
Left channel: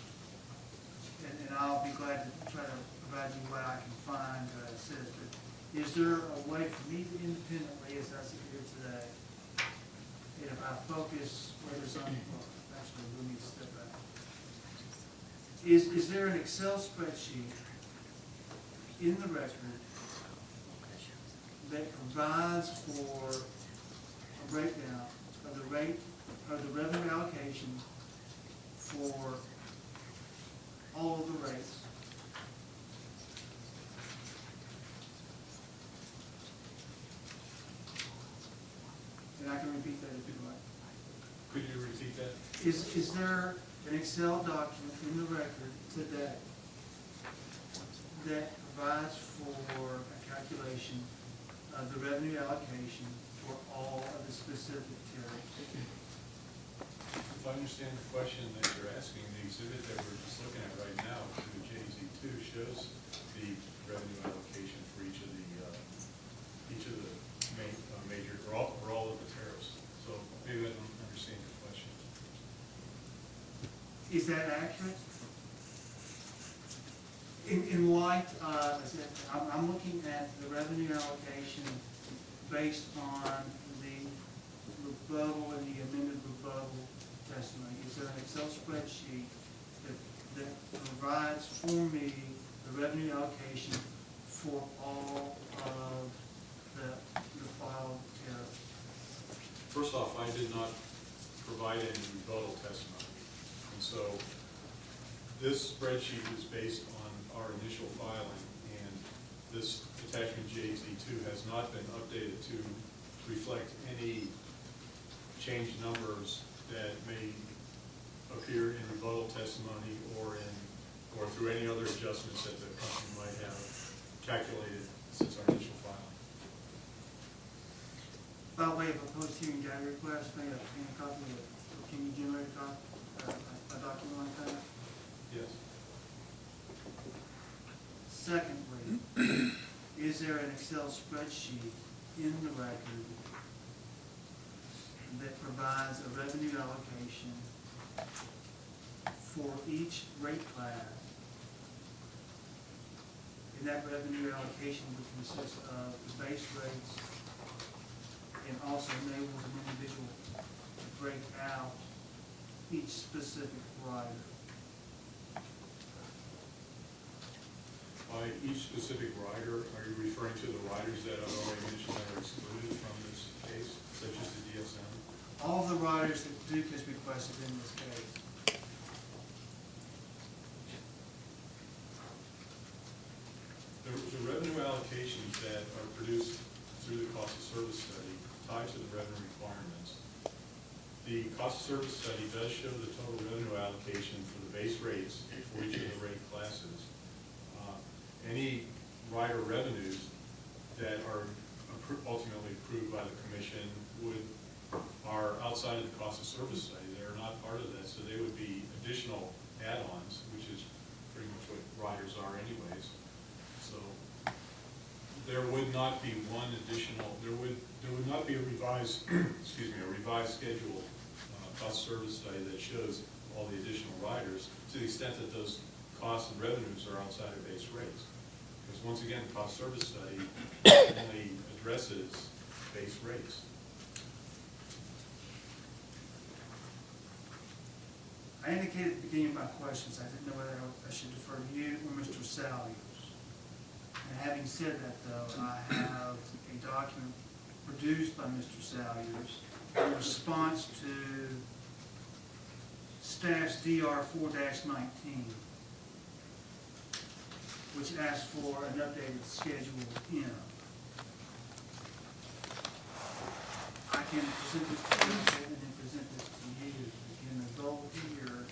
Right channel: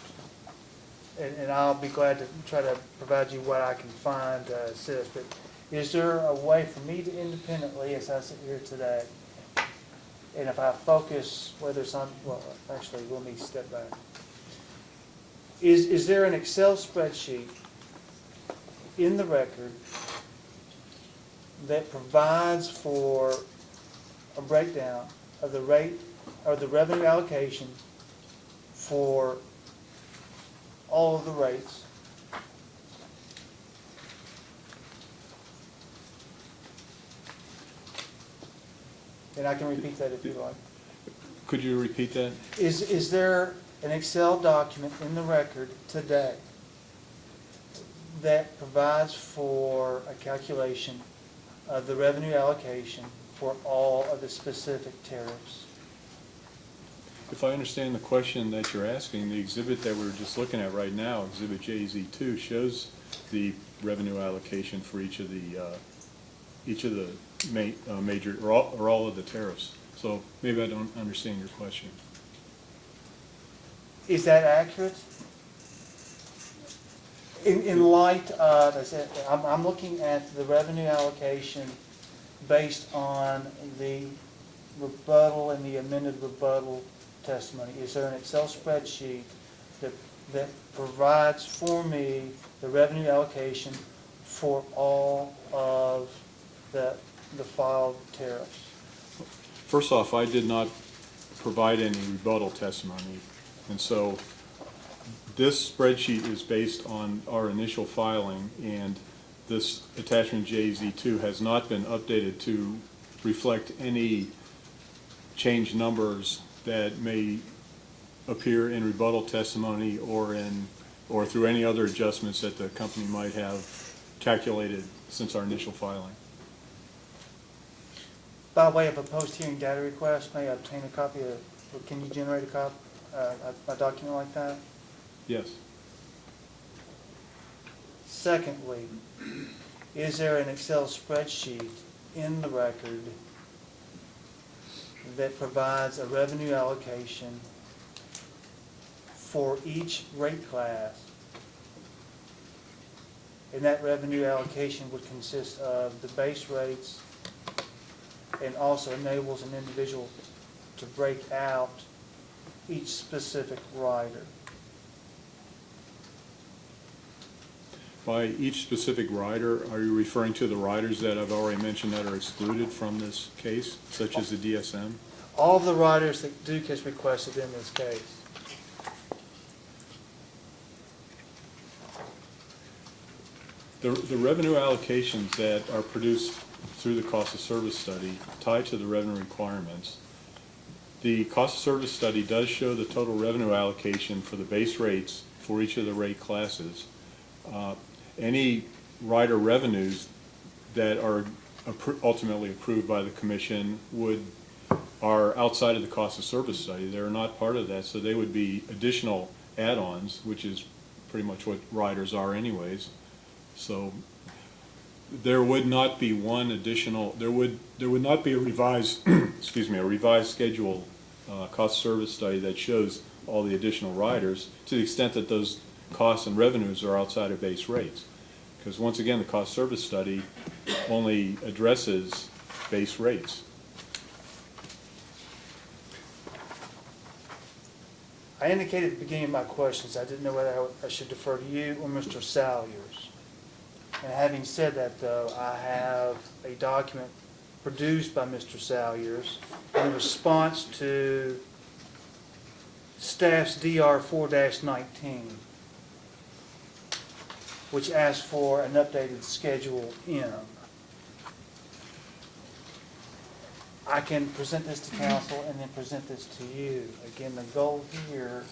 and I'll be glad to try to provide you what I can find, Sis, but is there a way for me to independently, as I sit here today, and if I focus whether it's on, well, actually, let me step back. Is there an Excel spreadsheet in the record that provides for a breakdown of the rate or the revenue allocation for all of the rates? And I can repeat that if you like. Could you repeat that? Is there an Excel document in the record today that provides for a calculation of the revenue allocation for all of the specific tariffs? If I understand the question that you're asking, the exhibit that we're just looking at right now, Exhibit JZ2, shows the revenue allocation for each of the major, or all of the tariffs. So maybe I don't understand your question. Is that accurate? In light of, as I said, I'm looking at the revenue allocation based on the rebuttal and the amended rebuttal testimony. Is there an Excel spreadsheet that provides for me the revenue allocation for all of the filed tariffs? First off, I did not provide any rebuttal testimony, and so this spreadsheet is based on our initial filing, and this attachment JZ2 has not been updated to reflect any changed numbers that may appear in rebuttal testimony or through any other adjustments that the company might have calculated since our initial filing. By way of a post-hearing data request, may I obtain a copy of, or can you generate a document like that? Yes. Secondly, is there an Excel spreadsheet in the record that provides a revenue allocation for each rate class? And that revenue allocation would consist of the base rates and also enables an individual to break out each specific rider. By each specific rider, are you referring to the riders that I've already mentioned that are excluded from this case, such as the DSM? All of the riders that Duke has requested in this case. The revenue allocations that are produced through the cost of service study tied to the revenue requirements. The cost of service study does show the total revenue allocation for the base rates for each of the rate classes. Any rider revenues that are ultimately approved by the commission would are outside of the cost of service study. They're not part of that, so they would be additional add-ons, which is pretty much what riders are anyways. So there would not be one additional, there would not be a revised, excuse me, a revised schedule, cost service study that shows all the additional riders to the extent that those costs and revenues are outside of base rates. Because once again, the cost service study only addresses base rates. I indicated at the beginning of my questions, I didn't know whether I should defer to you or Mr. Salyers. And having said that, though, I have a document produced by Mr. Salyers in response to staff's DR 4-19, which asks for an updated Schedule M. I can present this to council and then present this to you. Again, the goal here,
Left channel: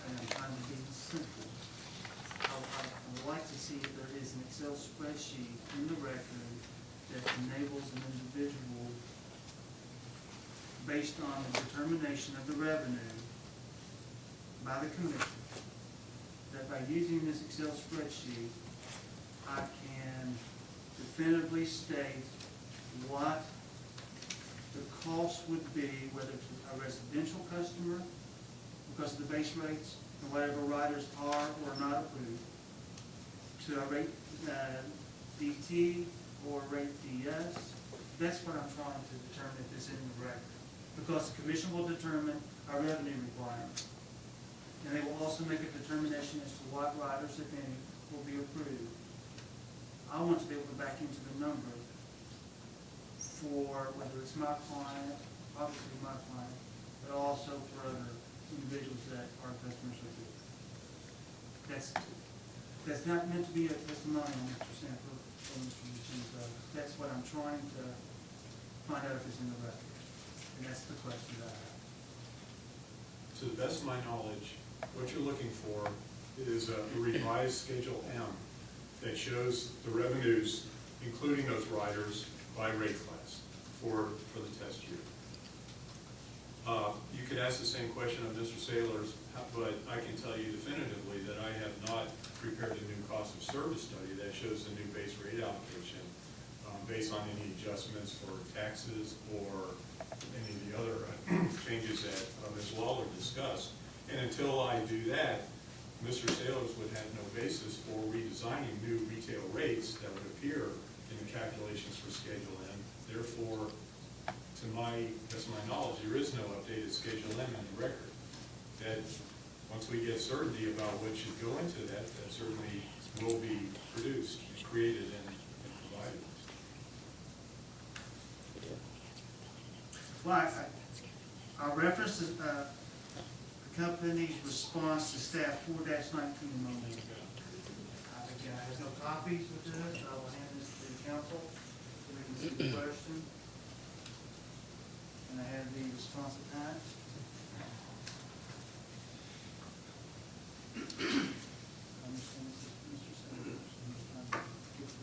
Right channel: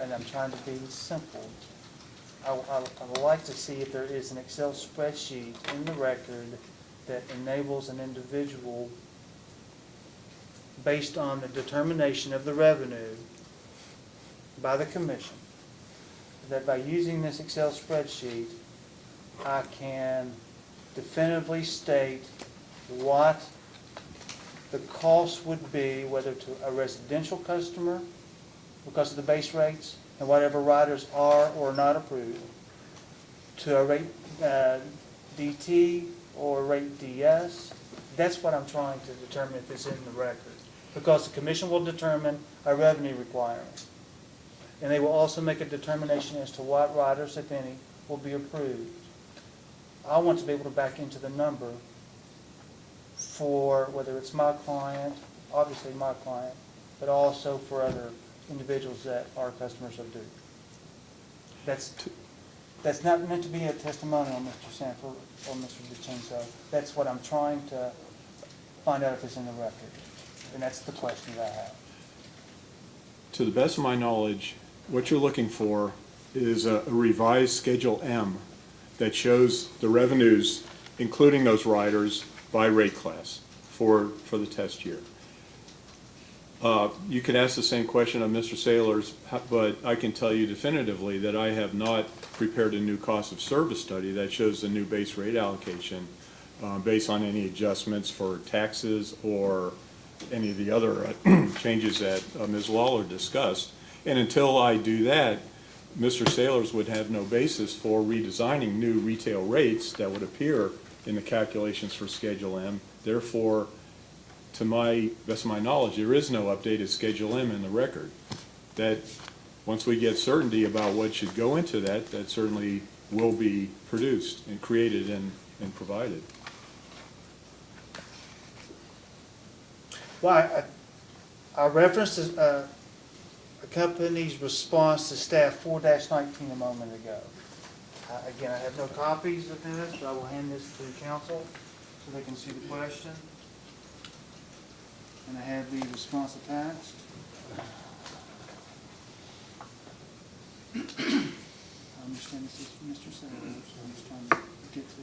and I'm trying to be simple, I would like to see if there is an Excel spreadsheet in the record that enables an individual, based on the determination of the revenue by the commission, that by using this Excel spreadsheet, I can definitively state what the cost would be, whether to a residential customer, because of the base rates, and whatever riders are or not approved, to a rate DT or rate DS. That's what I'm trying to determine if it's in the record. Because the commission will determine a revenue requirement. And they will also make a determination as to what riders, if any, will be approved. I want to be able to back into the number for whether it's my client, obviously my client, but also for other individuals that are customers of Duke. That's not meant to be a testimonial, Mr. Sanford or Mr. DeCinso. That's what I'm trying to find out if it's in the record. And that's the question that I have. To the best of my knowledge, what you're looking for is a revised Schedule M that shows the revenues, including those riders, by rate class for the test year. You could ask the same question of Mr. Saylor's, but I can tell you definitively that I have not prepared a new cost of service study that shows the new base rate allocation based on any adjustments for taxes or any of the other changes that Ms. Lawler discussed. And until I do that, Mr. Saylor's would have no basis for redesigning new retail rates that would appear in the calculations for Schedule M. Therefore, to my best of my knowledge, there is no updated Schedule M in the record. That once we get certainty about what should go into that, that certainly will be produced and created and provided. Well, I referenced a company's response to staff 4-19 a moment ago. Again, I have no copies of this, so I will hand this to council so they can see the question. And I have the response attached. I understand this is Mr. Senator, so I'm just trying to get to the...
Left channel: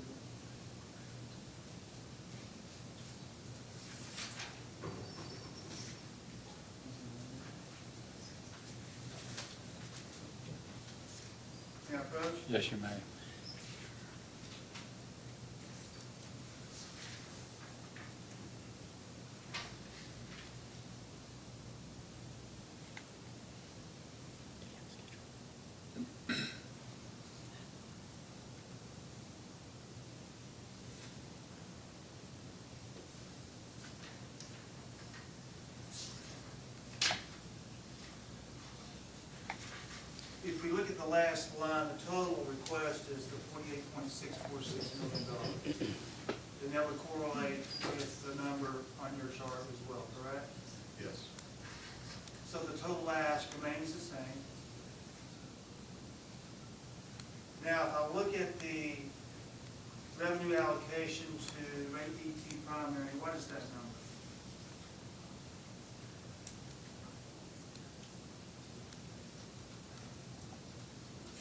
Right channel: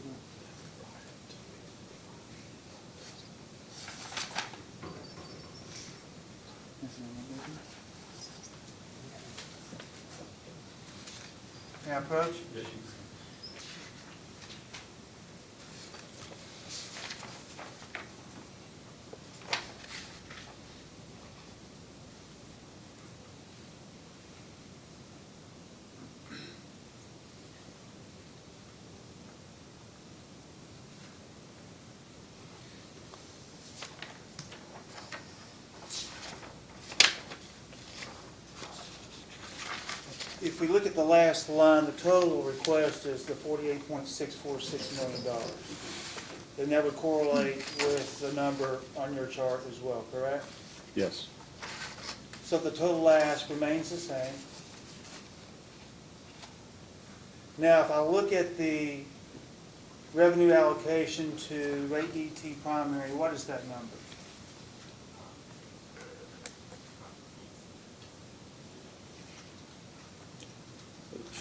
May I approach? Yes, you may. If we look at the last line, the total request is the $48.646 million. And that would correlate with the number on your chart as well, correct? Yes. So the total ask remains the same. Now, if I look at the revenue allocation to rate DT primary, what is that number?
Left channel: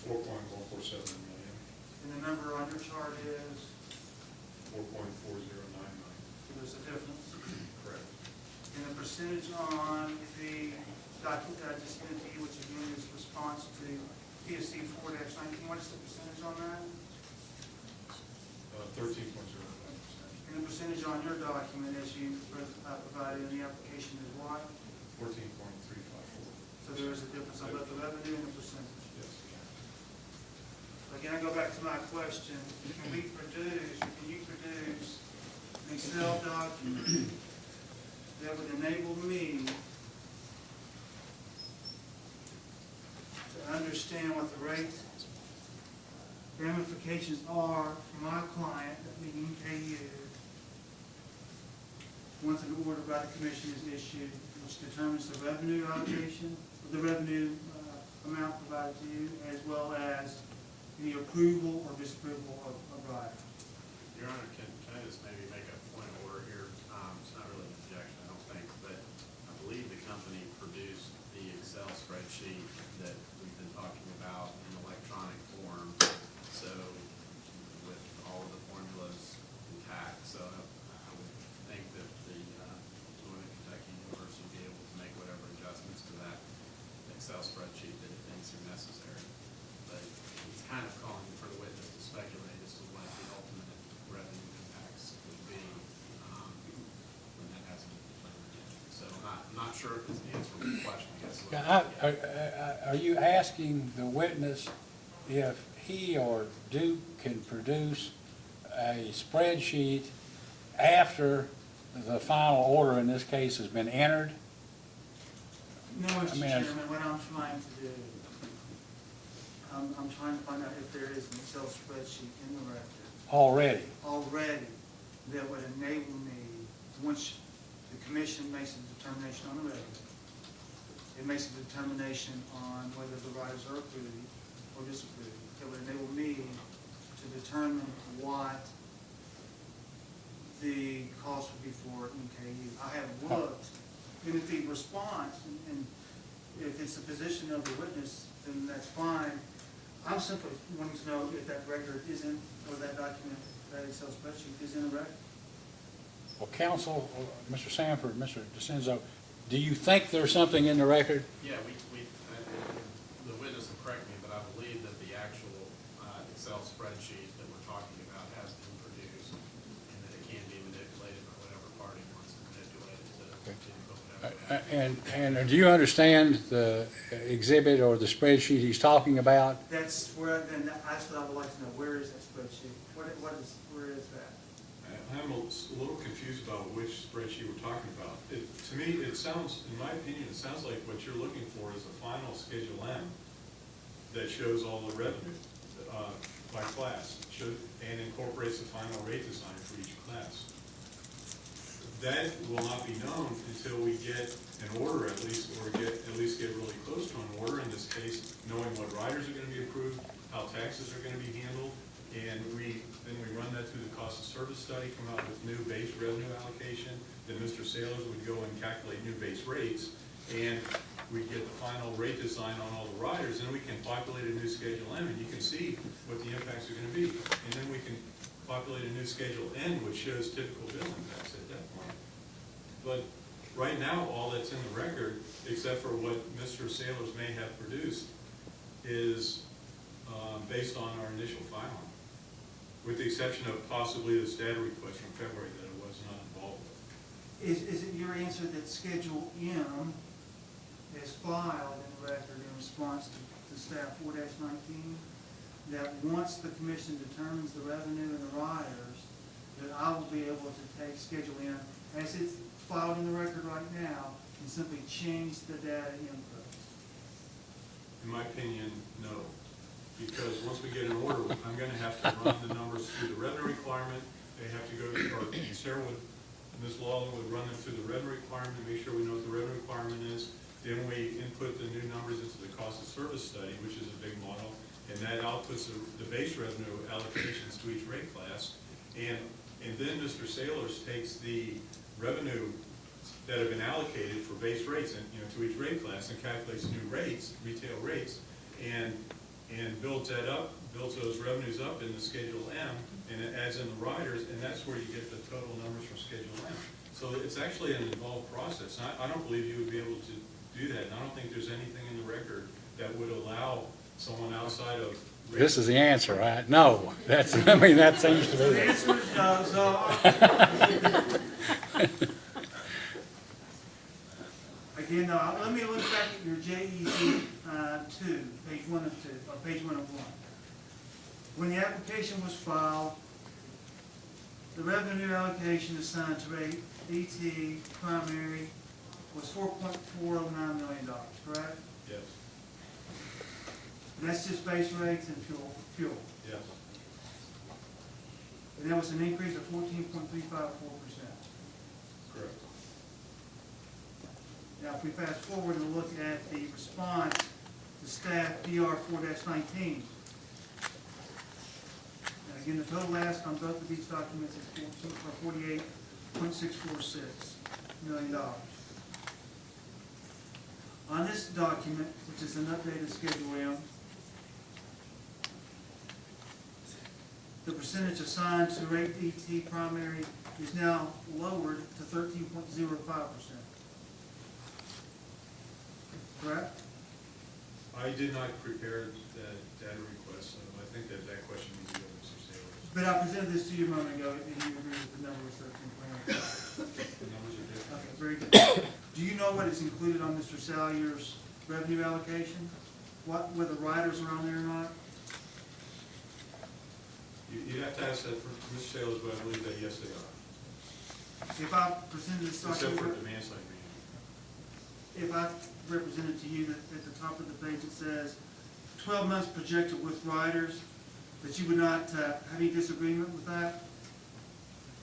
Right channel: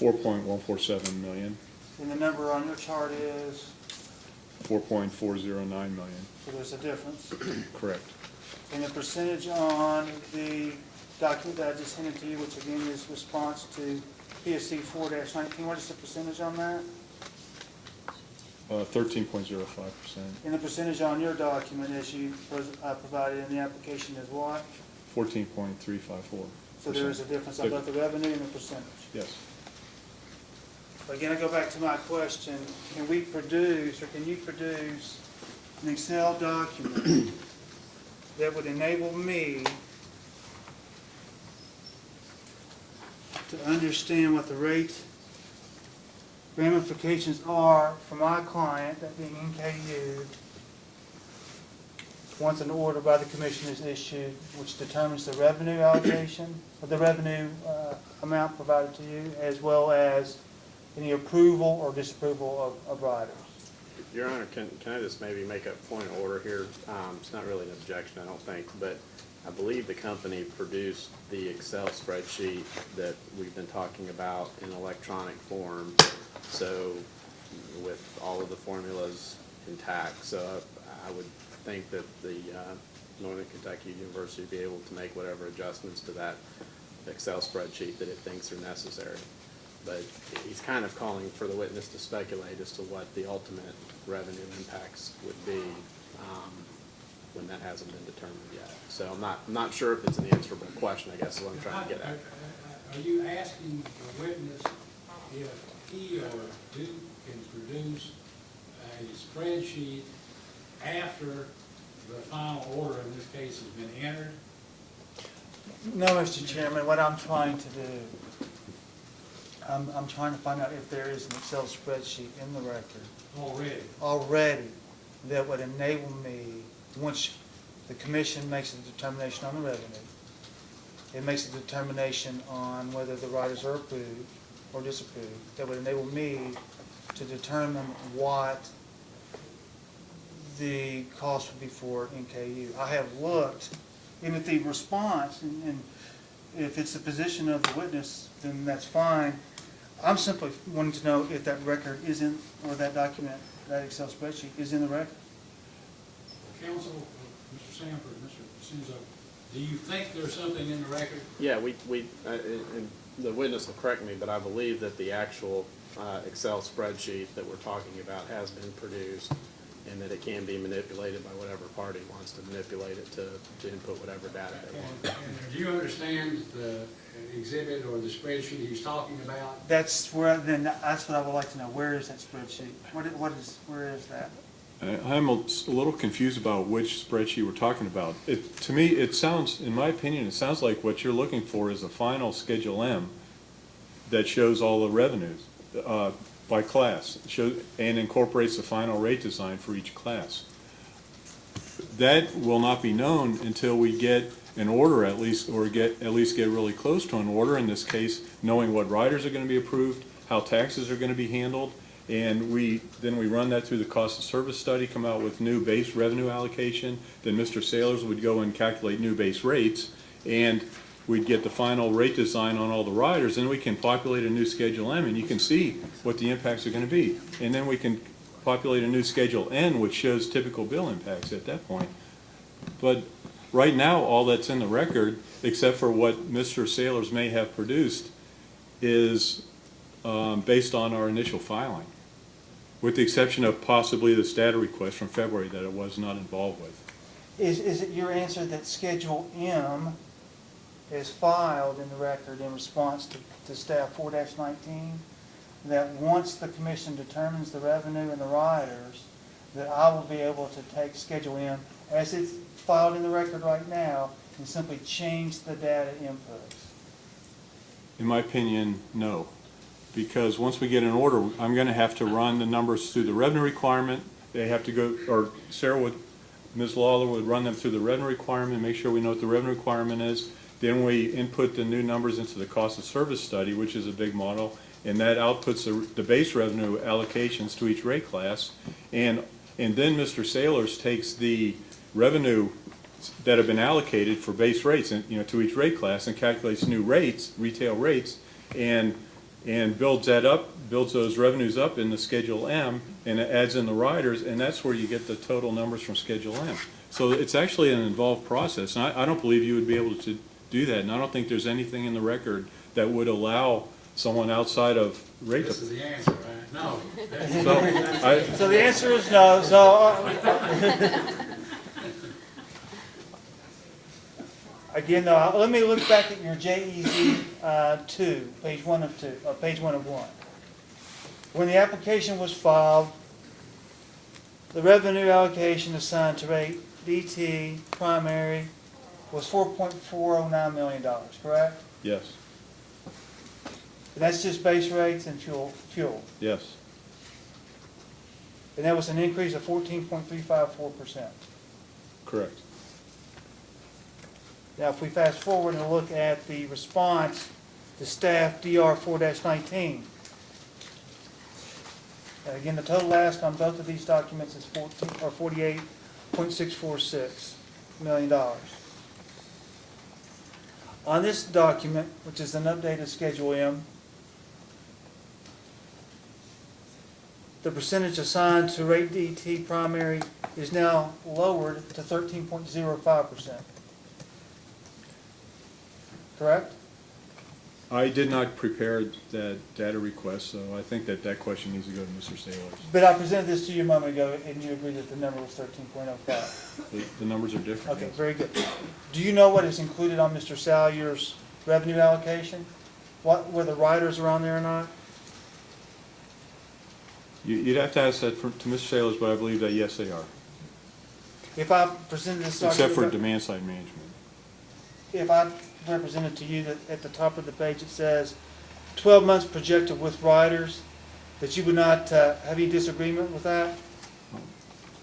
$4.147 million, And the number on your chart is, $4.409 million. so there's a difference. Correct. And the percentage on the document that I just handed to you, which again is response to PSC 4-19, what is the percentage on that? 13.05%. And the percentage on your document as you provided in the application is what? 14.354%. So there is a difference on both the revenue and the percentage. Yes. Again, I go back to my question, can you produce an Excel document that would enable me to understand what the rate ramifications are for my client, that being NKU, once an order by the commission is issued, which determines the revenue allocation, or the revenue amount provided to you, as well as any approval or disapproval of riders. Your Honor, can I just maybe make a point of order here? It's not really an objection, I don't think, but I believe the company produced the Excel spreadsheet that we've been talking about in electronic form, so with all of the formulas intact. So I would think that the Northern Kentucky University would be able to make whatever adjustments to that Excel spreadsheet that it thinks are necessary. But he's kind of calling for the witness to speculate as to what the ultimate revenue impacts would be when that hasn't been determined yet. So I'm not sure if it's an answerable question, I guess is what I'm trying to get at. Are you asking the witness if he or Duke can produce a spreadsheet after the final order in this case has been entered? No, Mr. Chairman, what I'm trying to do, I'm trying to find out if there is an Excel spreadsheet in the record already that would enable me, once the commission makes a determination on the revenue, it makes a determination on whether the riders are approved or disapproved, that would enable me to determine what the cost would be for NKU. I have looked, and if the response, and if it's the position of the witness, then that's fine. I'm simply wanting to know if that record is in, or that document, that Excel spreadsheet is in the record. Well, counsel, Mr. Sanford, Mr. DeCenzo, do you think there's something in the record? Yeah, the witness will correct me, but I believe that the actual Excel spreadsheet that we're talking about has been produced, and that it can be manipulated by whatever party wants to manipulate it to input whatever data. And do you understand the exhibit or the spreadsheet he's talking about? That's where, then that's what I would like to know. Where is that spreadsheet? Where is that? I'm a little confused about which spreadsheet we're talking about. To me, it sounds, in my opinion, it sounds like what you're looking for is a final Schedule M that shows all the revenues by class, and incorporates the final rate design for each class. That will not be known until we get an order at least, or get really close to an order, in this case, knowing what riders are going to be approved, how taxes are going to be handled, and then we run that through the cost of service study, come out with new base revenue allocation, then Mr. Sailors would go and calculate new base rates, and we'd get the final rate design on all the riders, and we can populate a new Schedule M, and you can see what the impacts are going to be. And then we can populate a new Schedule N, which shows typical bill impacts at that point. But right now, all that's in the record, except for what Mr. Sailors may have produced, is based on our initial filing, with the exception of possibly the data request from February that it was not involved with. Is it your answer that Schedule M is filed in the record in response to staff 4-19, that once the commission determines the revenue and the riders, that I will be able to take Schedule M as it's filed in the record right now and simply change the data inputs? In my opinion, no. Because once we get an order, I'm going to have to run the numbers through the revenue requirement. They have to go, or Sarah would, Ms. Lawler would run them through the revenue requirement, make sure we know what the revenue requirement is. Then we input the new numbers into the cost of service study, which is a big model, and that outputs the base revenue allocations to each rate class. And then Mr. Sailors takes the revenue that have been allocated for base rates, and to each rate class, and calculates new rates, retail rates, and builds that up, builds those revenues up in the Schedule M, and it adds in the riders, and that's where you get the total numbers from Schedule M. So it's actually an involved process, and I don't believe you would be able to do that, and I don't think there's anything in the record that would allow someone outside of rate. This is the answer, right? No, that's, I mean, that's. So the answer is no, so. Again, no, let me look back at your JEZ, 2, page 1 of 2, or page 1 of 1. When the application was filed, the revenue allocation assigned to rate DT primary was $4.409 million, correct? Yes, And that's just base rates and fuel. yes, And that was an increase of 14.354%. correct. Now, if we fast forward and look at the response to staff DR 4-19, and again, the total ask on both of these documents is $48.646 million. On this document, which is an updated Schedule M, the percentage assigned to rate DT primary is now lowered to 13.05%. Correct? I did not prepare that data request, so I think that question needs to go to Mr. Saylor. But I presented this to you a moment ago, and you agreed that the number was 13.05. The numbers are different. Okay, very good. Do you know what is included on Mr. Salyer's revenue allocation? Whether riders are on there or not? You'd have to ask that to Mr. Saylor, but I believe that yes, they are, If I presented this except for document, demand side management. if I represented to you that at the top of the page it says 12 months projected with riders, that you would not have any disagreement with that?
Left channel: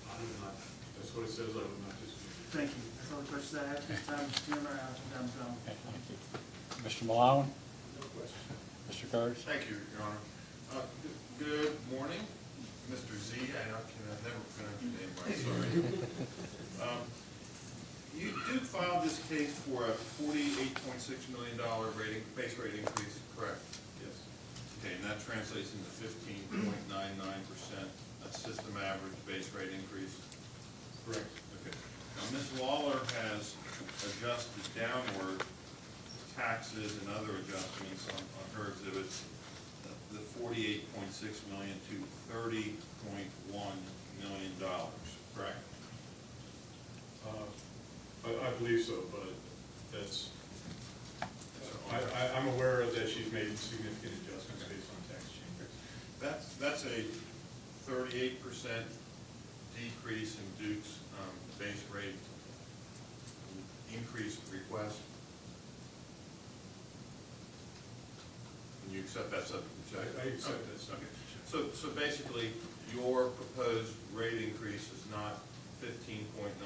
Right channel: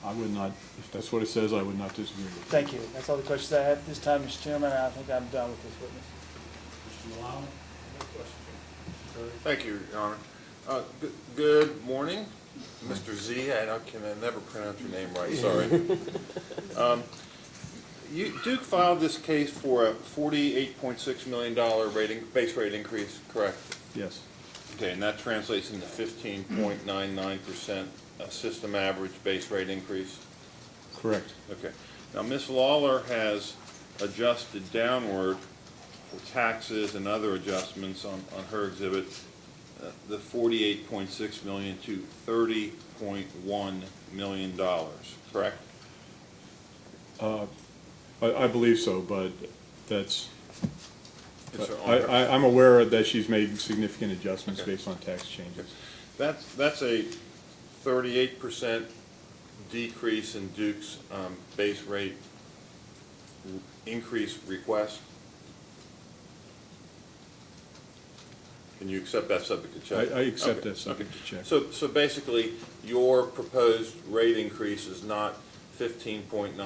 I would not, if that's what it says, I would not disagree with it. Thank you. That's all the questions I have at this time, Mr. Chairman. I think I'm done with this witness. Mr. Malone? Mr. Curtis? Thank you, Your Honor. Good morning, Mr. Z. I can never pronounce your name right, sorry. Duke filed this case for a $48.6 million base rate increase, correct? Yes, Okay, and that translates into 15.99% system average base rate increase? correct. Okay. Now, Ms. Lawler has adjusted downward for taxes and other adjustments on her exhibit, the $48.6 million to $30.1 million, correct? I believe so, but that's, Yes, sir. I'm aware that she's made significant adjustments Okay. based on tax changes. That's a 38% decrease in Duke's base rate increase request. Can you accept that subject to check? I accept Okay, that subject okay. to check. So basically, your proposed rate increase is not 15.99%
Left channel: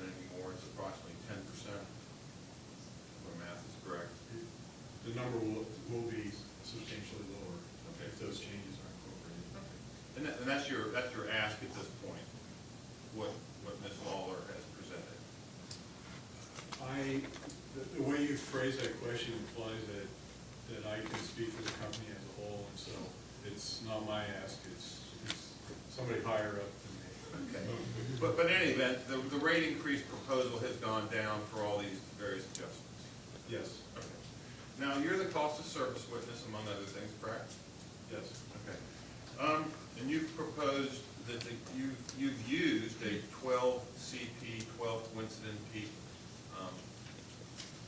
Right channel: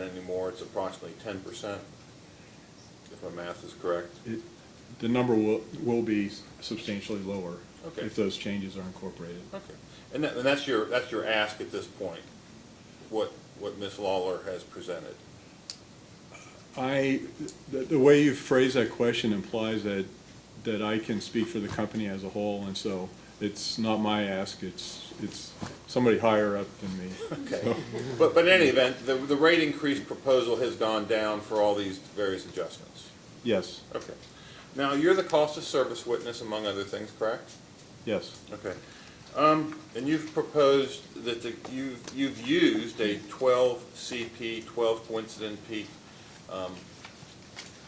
anymore, it's approximately 10%, if my math is correct. The number will be substantially lower Okay. if those changes are incorporated. Okay. And that's your ask at this point, what Ms. Lawler has presented? The way you phrase that question implies that I can speak for the company as a whole, and so it's not my ask, it's somebody higher up than me. Okay. So, But in any event, the rate increase proposal has gone down for all these various adjustments. yes, Okay. Now, you're the cost of service witness, among other things, correct? yes, Okay. And you've proposed that you've used a 12 CP, 12 coincident peak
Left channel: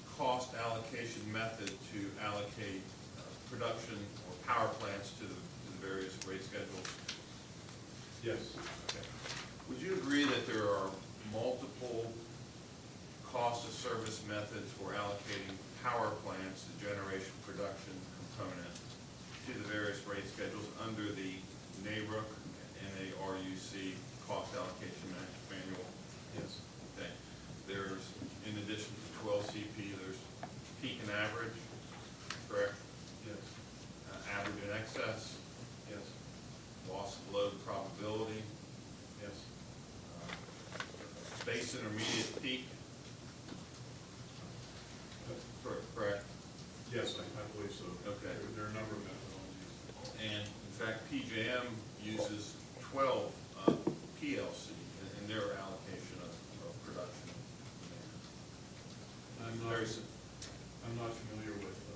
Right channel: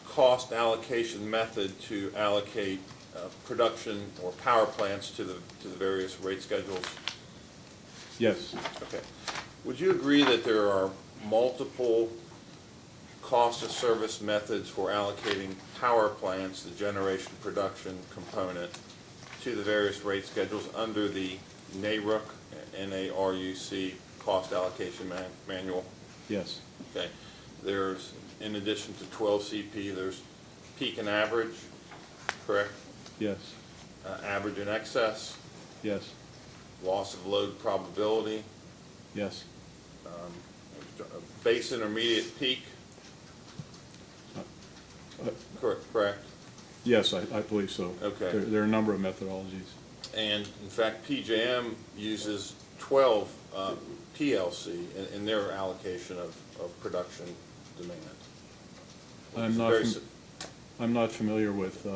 cost allocation method to allocate production or power plants to the various rate schedules. yes, Okay. Would you agree that there are multiple cost of service methods for allocating power plants, the generation production component, to the various rate schedules under the NARUC, N-A-R-U-C, cost allocation manual? yes, Okay. There's, in addition to 12 CP, there's peak and average, correct? yes, Average and excess, yes, loss of load probability, yes, base intermediate peak, correct? yes, I believe so. Okay. There are a number of methodologies. And in fact, PJM uses 12 PLC in their allocation of of production demand. I'm not, Very fam- si- I'm not familiar with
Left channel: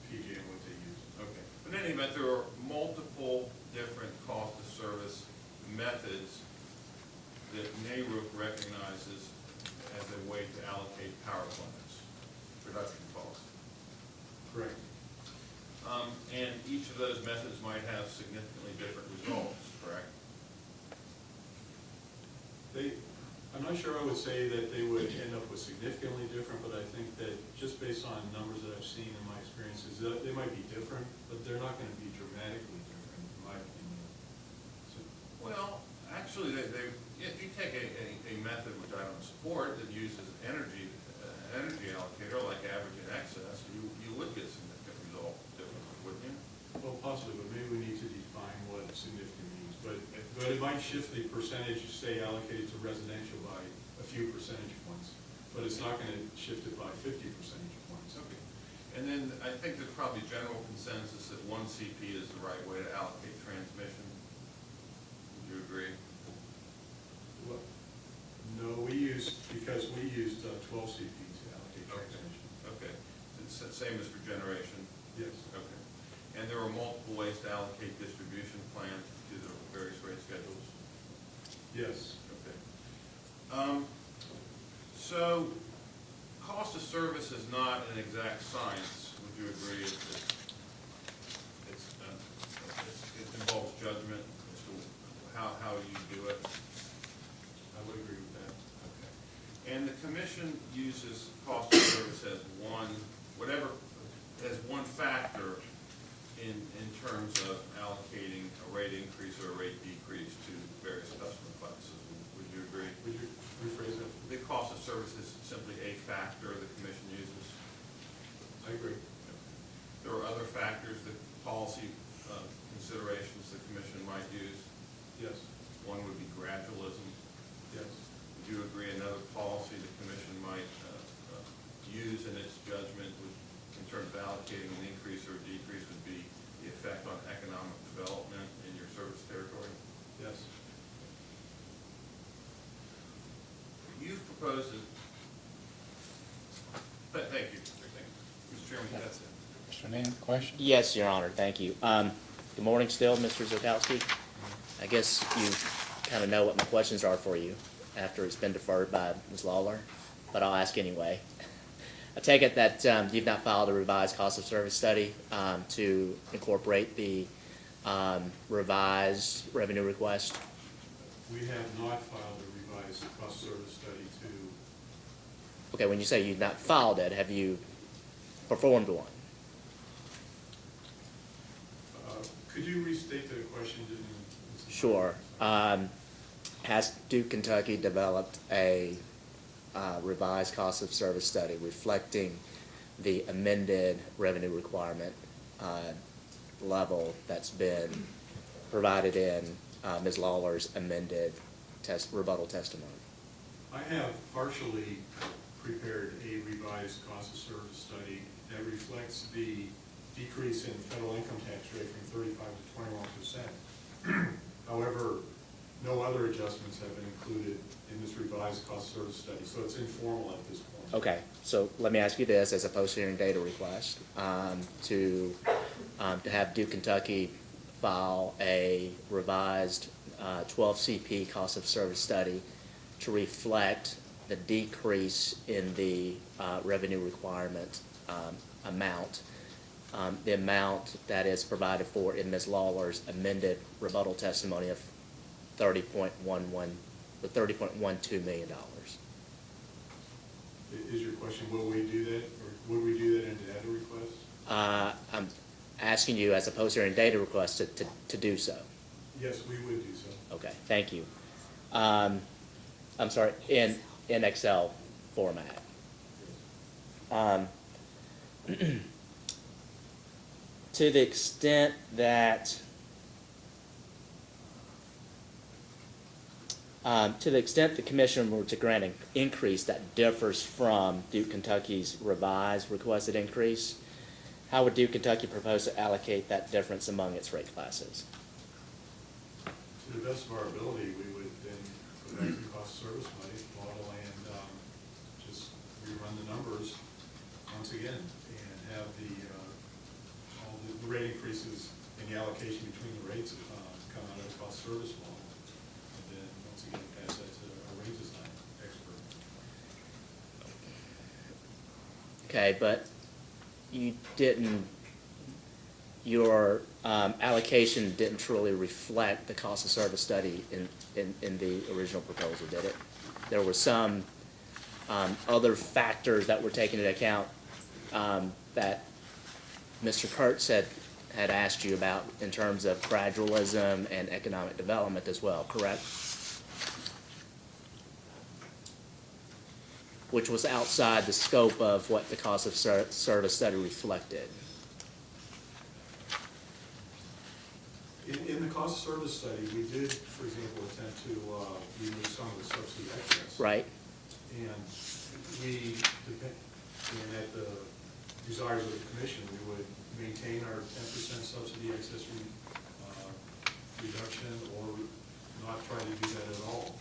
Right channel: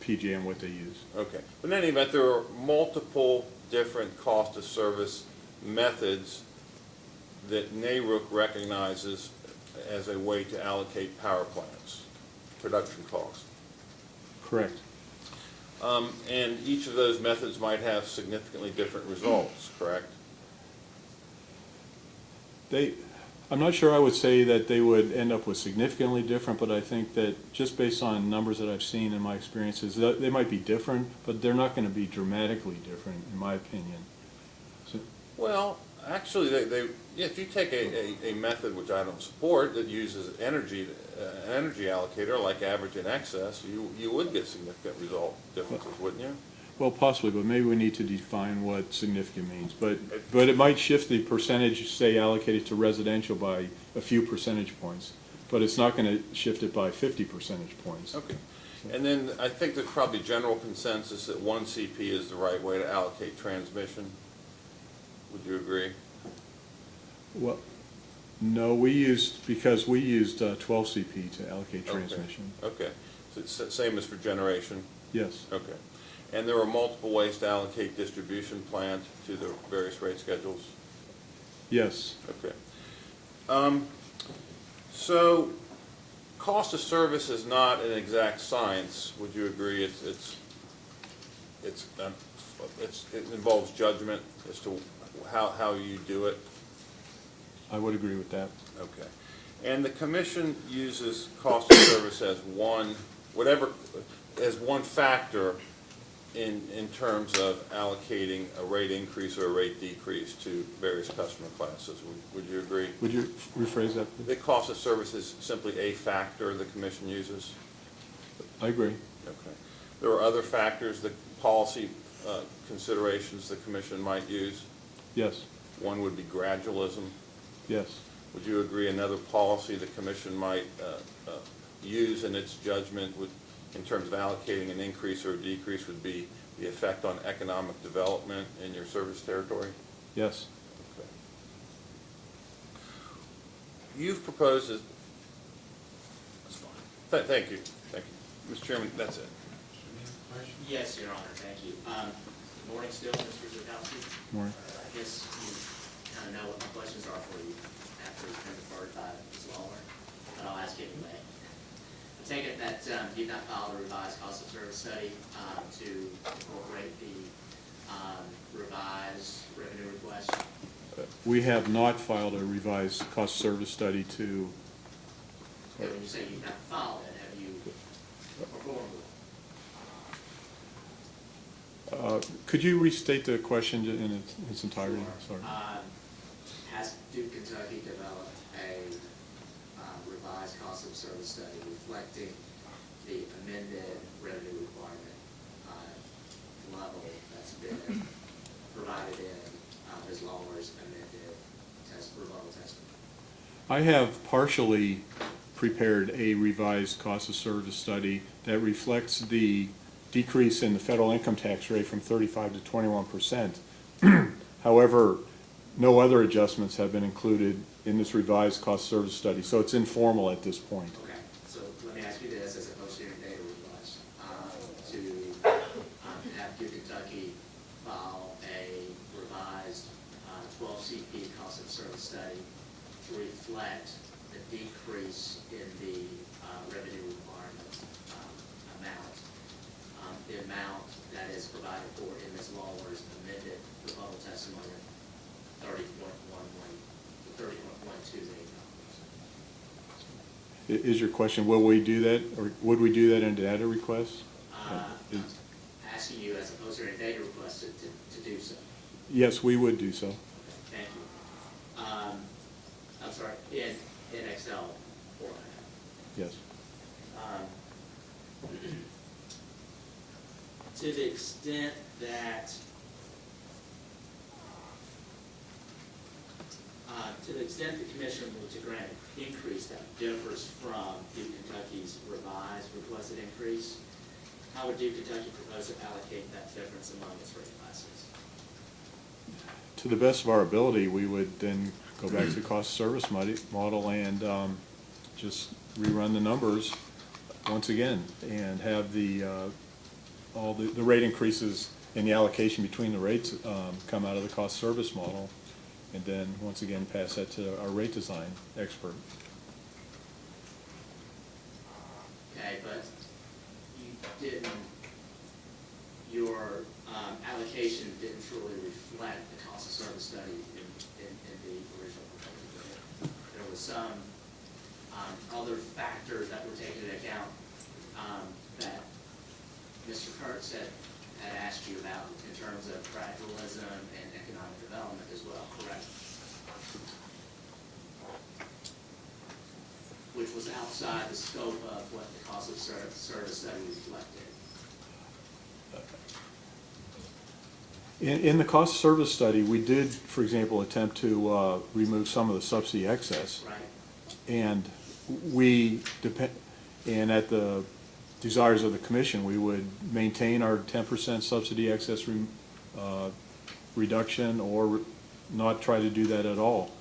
PG and what they use. Okay, but in any event, there are multiple different cost of service methods that NARUC recognizes as a way to allocate power plants, production cost. Correct. And each of those methods might have significantly different results, correct? I'm not sure I would say that they would end up with significantly different, but I think that just based on numbers that I've seen in my experiences, they might be different, but they're not gonna be dramatically different, in my opinion. So, Well, actually, if you take a method which I don't support that uses energy, an energy allocator like average and excess, you would get significant result differences, wouldn't you? well, possibly, but maybe we need to define what significant means. But it might shift the percentage, say, allocated to residential by a few percentage points, but it's not gonna shift it by 50 percentage points. Okay. And then I think there's probably general consensus that one CP is the right way to allocate transmission. Would you agree? Well, no, because we used 12 CP to allocate transmission. Okay, so it's the same as for generation? Yes, Okay. And there are multiple ways to allocate distribution plant to the various rate schedules? yes, Okay. So, cost of service is not an exact science, would you agree? It involves judgment as to how you do it? I would agree with that. Okay. And the commission uses cost of service as one factor in terms of allocating a rate increase or a rate decrease to various customer classes. Would you agree? Would you rephrase that, please? The cost of service is simply a factor the commission uses? I agree. Okay. There are other factors, the policy considerations the commission might use? Yes, One would be gradualism. yes, Would you agree another policy the commission might use in its judgment in terms of allocating an increase or a decrease would be the effect on economic development in your service territory? yes. You've proposed it. Thank you. Mr. Chairman, that's it. Mr. Neal, question? Yes, Your Honor, thank you. Good morning still, Mr. Zukowski. Morning. I guess you kind of know what my questions are for you after it's been deferred by Ms. Lawler, but I'll ask anyway. I take it that you've not filed a revised cost of service study to incorporate the revised revenue request? We have not filed a revised cost service study to, Okay, when you say you've not filed it, have you performed one? could you restate the question in its entirety? Sure. Sorry. Has Duke Kentucky developed a revised cost of service study reflecting the amended revenue requirement level that's been provided in Ms. Lawler's amended rebuttal testimony? I have partially prepared a revised cost of service study that reflects the decrease in the federal income tax rate from 35 to 21%. However, no other adjustments have been included in this revised cost of service study, so it's informal at this point. Okay, so let me ask you this as a post-hearing data request, to have Duke Kentucky file a revised 12 CP cost of service study to reflect the decrease in the revenue requirement amount, the amount that is provided for in Ms. Lawler's amended rebuttal testimony of $30.12 million. Is your question, will we do that, or would we do that in data request? I'm asking you as a post-hearing data request to do so. Yes, we would do so. Okay, thank you. I'm sorry, in Excel format. Yes. To the extent that the commission were to grant an increase that differs from Duke Kentucky's revised requested increase, how would Duke Kentucky propose to allocate that difference among its rate classes? To the best of our ability, we would then go back to the cost of service model and just rerun the numbers once again and have all the rate increases and the allocation between the rates come out of the cost service model, and then once again pass that to our rate design expert. Okay, but your allocation didn't truly reflect the cost of service study in the original proposal, did it? There were some other factors that were taken into account that Mr. Kurtz had asked you about in terms of gradualism and economic development as well, correct? Which was outside the scope of what the cost of service study reflected. In the cost of service study, we did, for example, attempt to remove some of the subsidy excess. Right. And and at the desires of the commission, we would maintain our 10% subsidy excess reduction or not try to do that at all.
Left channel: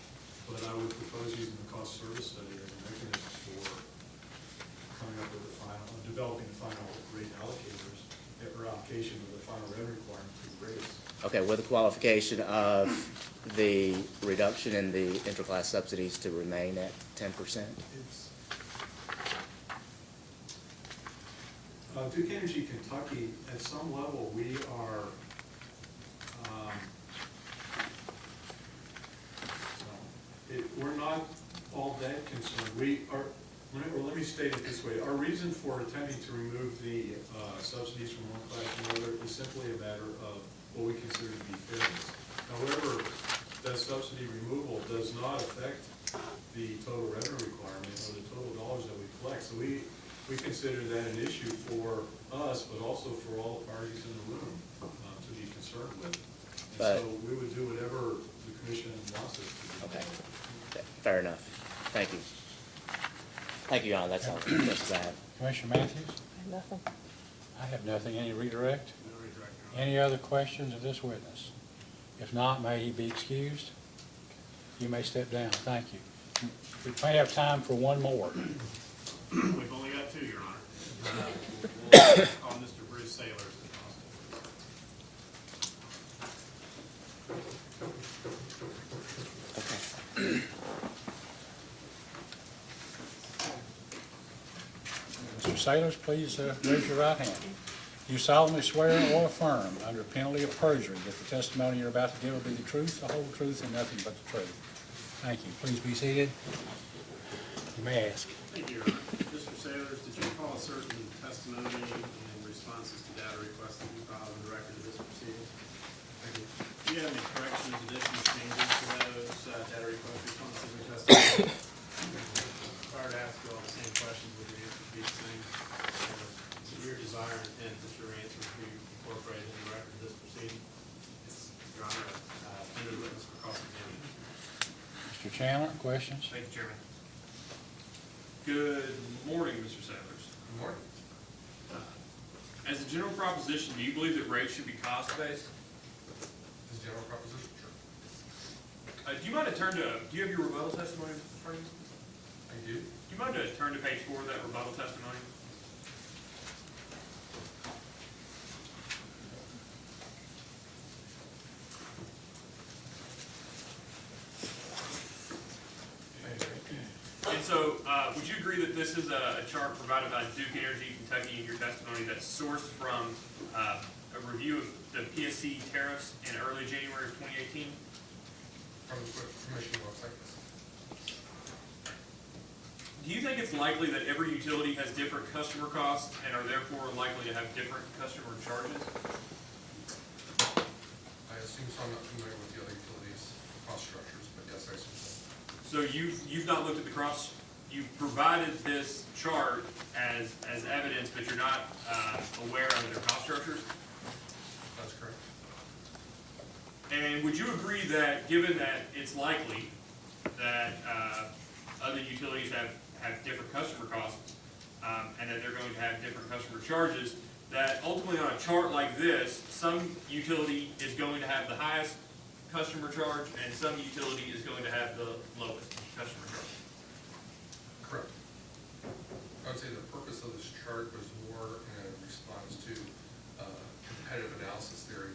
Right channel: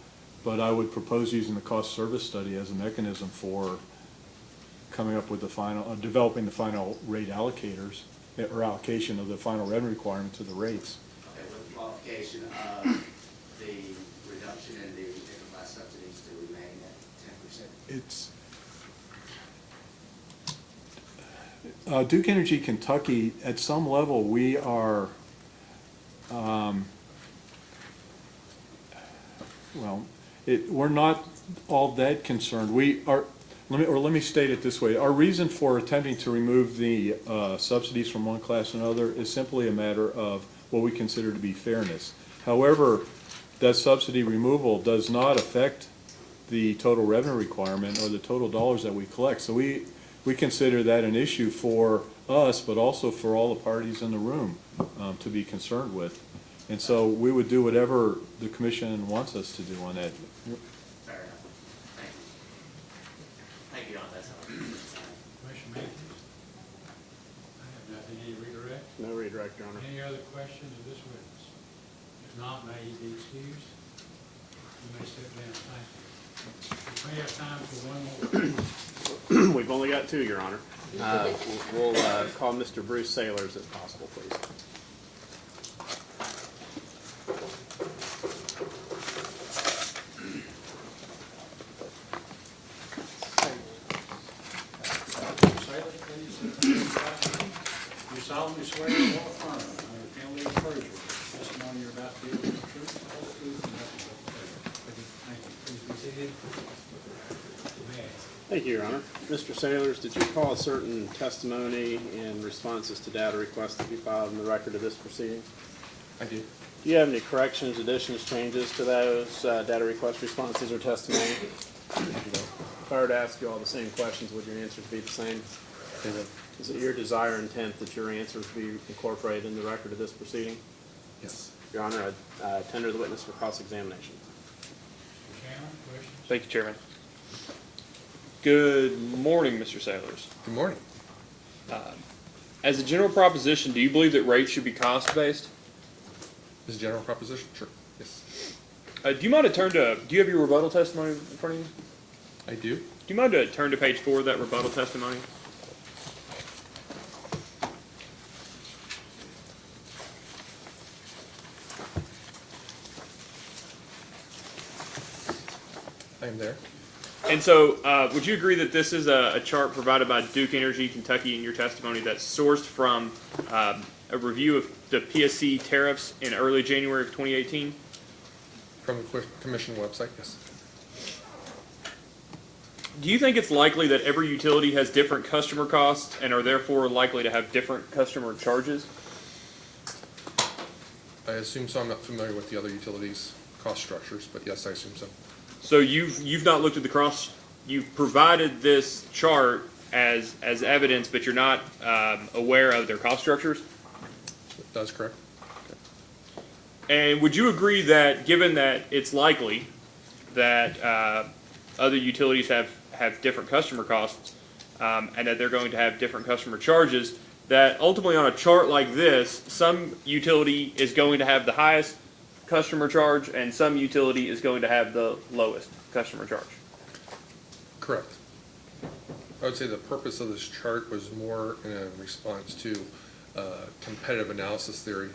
But I would propose using the cost service study as a mechanism for coming up with developing the final rate allocators, or allocation of the final revenue requirement to the rates. Okay, with the qualification of the reduction in the interclass subsidies to remain at 10%? It's Duke Energy Kentucky, at some level, we are, we're not all that concerned. Let me state it this way. Our reason for attempting to remove the subsidies from one class to another is simply a matter of what we consider to be fairness. However, that subsidy removal does not affect the total revenue requirement or the total dollars that we collect. So we consider that an issue for us, but also for all the parties in the room to be concerned with. And so we would do whatever the commission wants us to do on that. Fair enough. Thank you. Thank you, Your Honor. That's all. That's that. Commissioner Matthews? Nothing. I have nothing. Any redirect? No redirect, Your Honor. Any other questions of this witness? If not, may he be excused. You may step down. Thank you. We may have time for one more. We've only got two, Your Honor. We'll call Mr. Bruce Sailors if possible, please. Mr. Sailors, please raise your right hand. You solemnly swear or affirm under penalty of perjury that the testimony you're about to give will be the truth, the whole truth, and nothing but the truth. Thank you. Please be seated. You may ask. Thank you, Your Honor. Mr. Sailors, did you recall a certain testimony and responses to data requests to be filed in the record of this proceeding? I do. Do you have any corrections, additions, changes to those data request responses or testimony? If I were to ask you all the same questions, would your answers be the same? Is it your desire and intent that your answers be incorporated in the record of this proceeding? Yes. Your Honor, I tender the witness for cross-examination. Mr. Chandler, questions? Thank you, Chairman. Good morning, Mr. Sailors. Good morning. As a general proposition, do you believe that rates should be cost-based? This is a general proposition? Sure. Yes. Do you mind to do you have your rebuttal testimony in front of you? I do. Do you mind to turn to page 4 of that rebuttal testimony? I'm there. And so, would you agree that this is a chart provided by Duke Energy Kentucky in your testimony that's sourced from a review of the PSC tariffs in early January of 2018? From the commission website, yes. Do you think it's likely that every utility has different customer costs and are therefore likely to have different customer charges? I assume so. I'm not familiar with the other utilities' cost structures, but yes, I assume so. So you've not looked at you've provided this chart as evidence, but you're not aware of their cost structures? That's correct. And would you agree that, given that it's likely that other utilities have different customer costs, and that they're going to have different customer charges, that ultimately on a chart like this, some utility is going to have the highest customer charge, and some utility is going to have the lowest customer charge. Correct. I would say the purpose of this chart was more in a response to competitive analysis theory,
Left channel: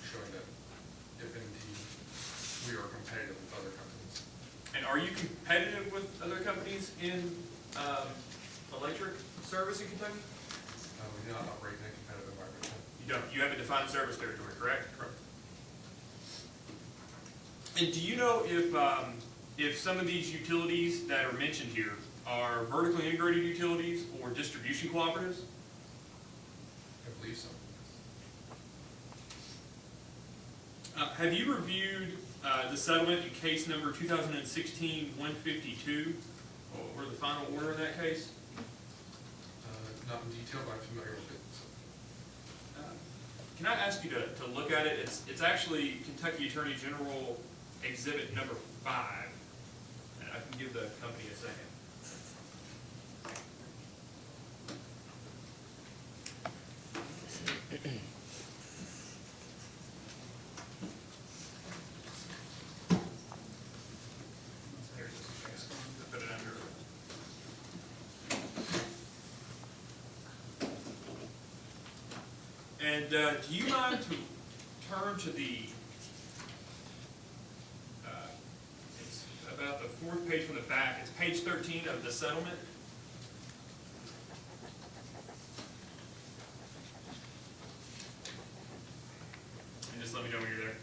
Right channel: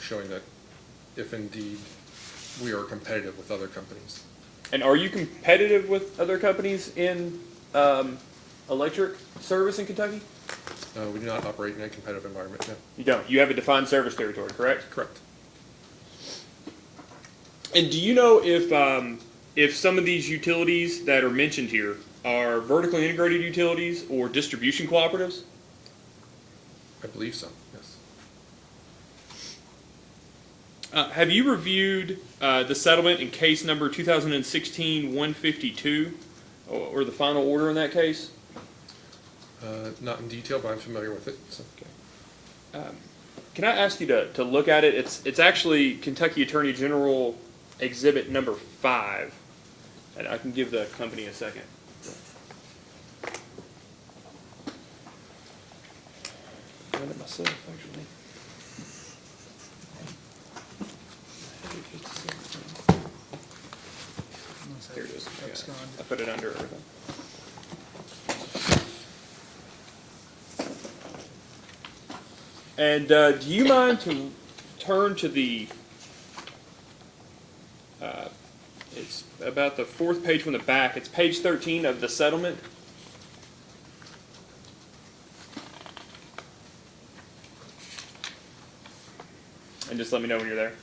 showing that if indeed we are competitive with other companies. And are you competitive with other companies in electric service in Kentucky? We do not operate in a competitive environment, no. You don't. You have a defined service territory, correct? Correct. And do you know if some of these utilities that are mentioned here are vertically integrated utilities or distribution cooperatives? I believe so, yes. Have you reviewed the settlement in case number 2016-152, or the final order in that case? Not in detail, but I'm familiar with it. So. Can I ask you to look at it? It's actually Kentucky Attorney General Exhibit number 5, and I can give the company a second. Here it is. I put it under everything. And do you mind to turn to the, it's about the 4th page from the back. It's page 13 of the settlement. And just let me know when you're there.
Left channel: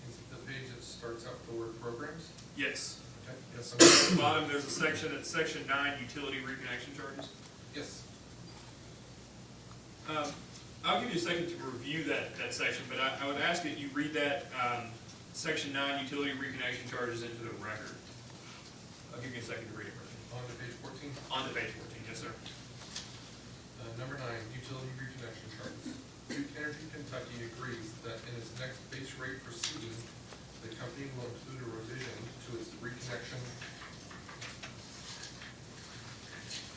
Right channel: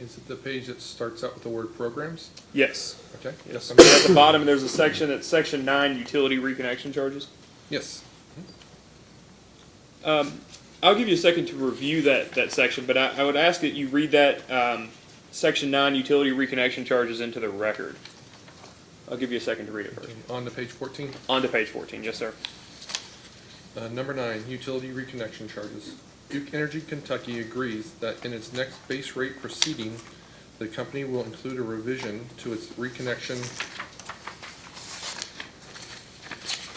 Is it the page that starts out with the word programs? Yes. Okay. Yes. And at the bottom, there's a section that's section 9, utility reconnection charges. Yes. I'll give you a second to review that section, but I would ask that you read that section 9, utility reconnection charges, into the record. I'll give you a second to read it first. On to page 14. On to page 14, yes, sir. Number 9, utility reconnection charges. Duke Energy Kentucky agrees that in its next base rate proceeding, the company will include a revision to its reconnection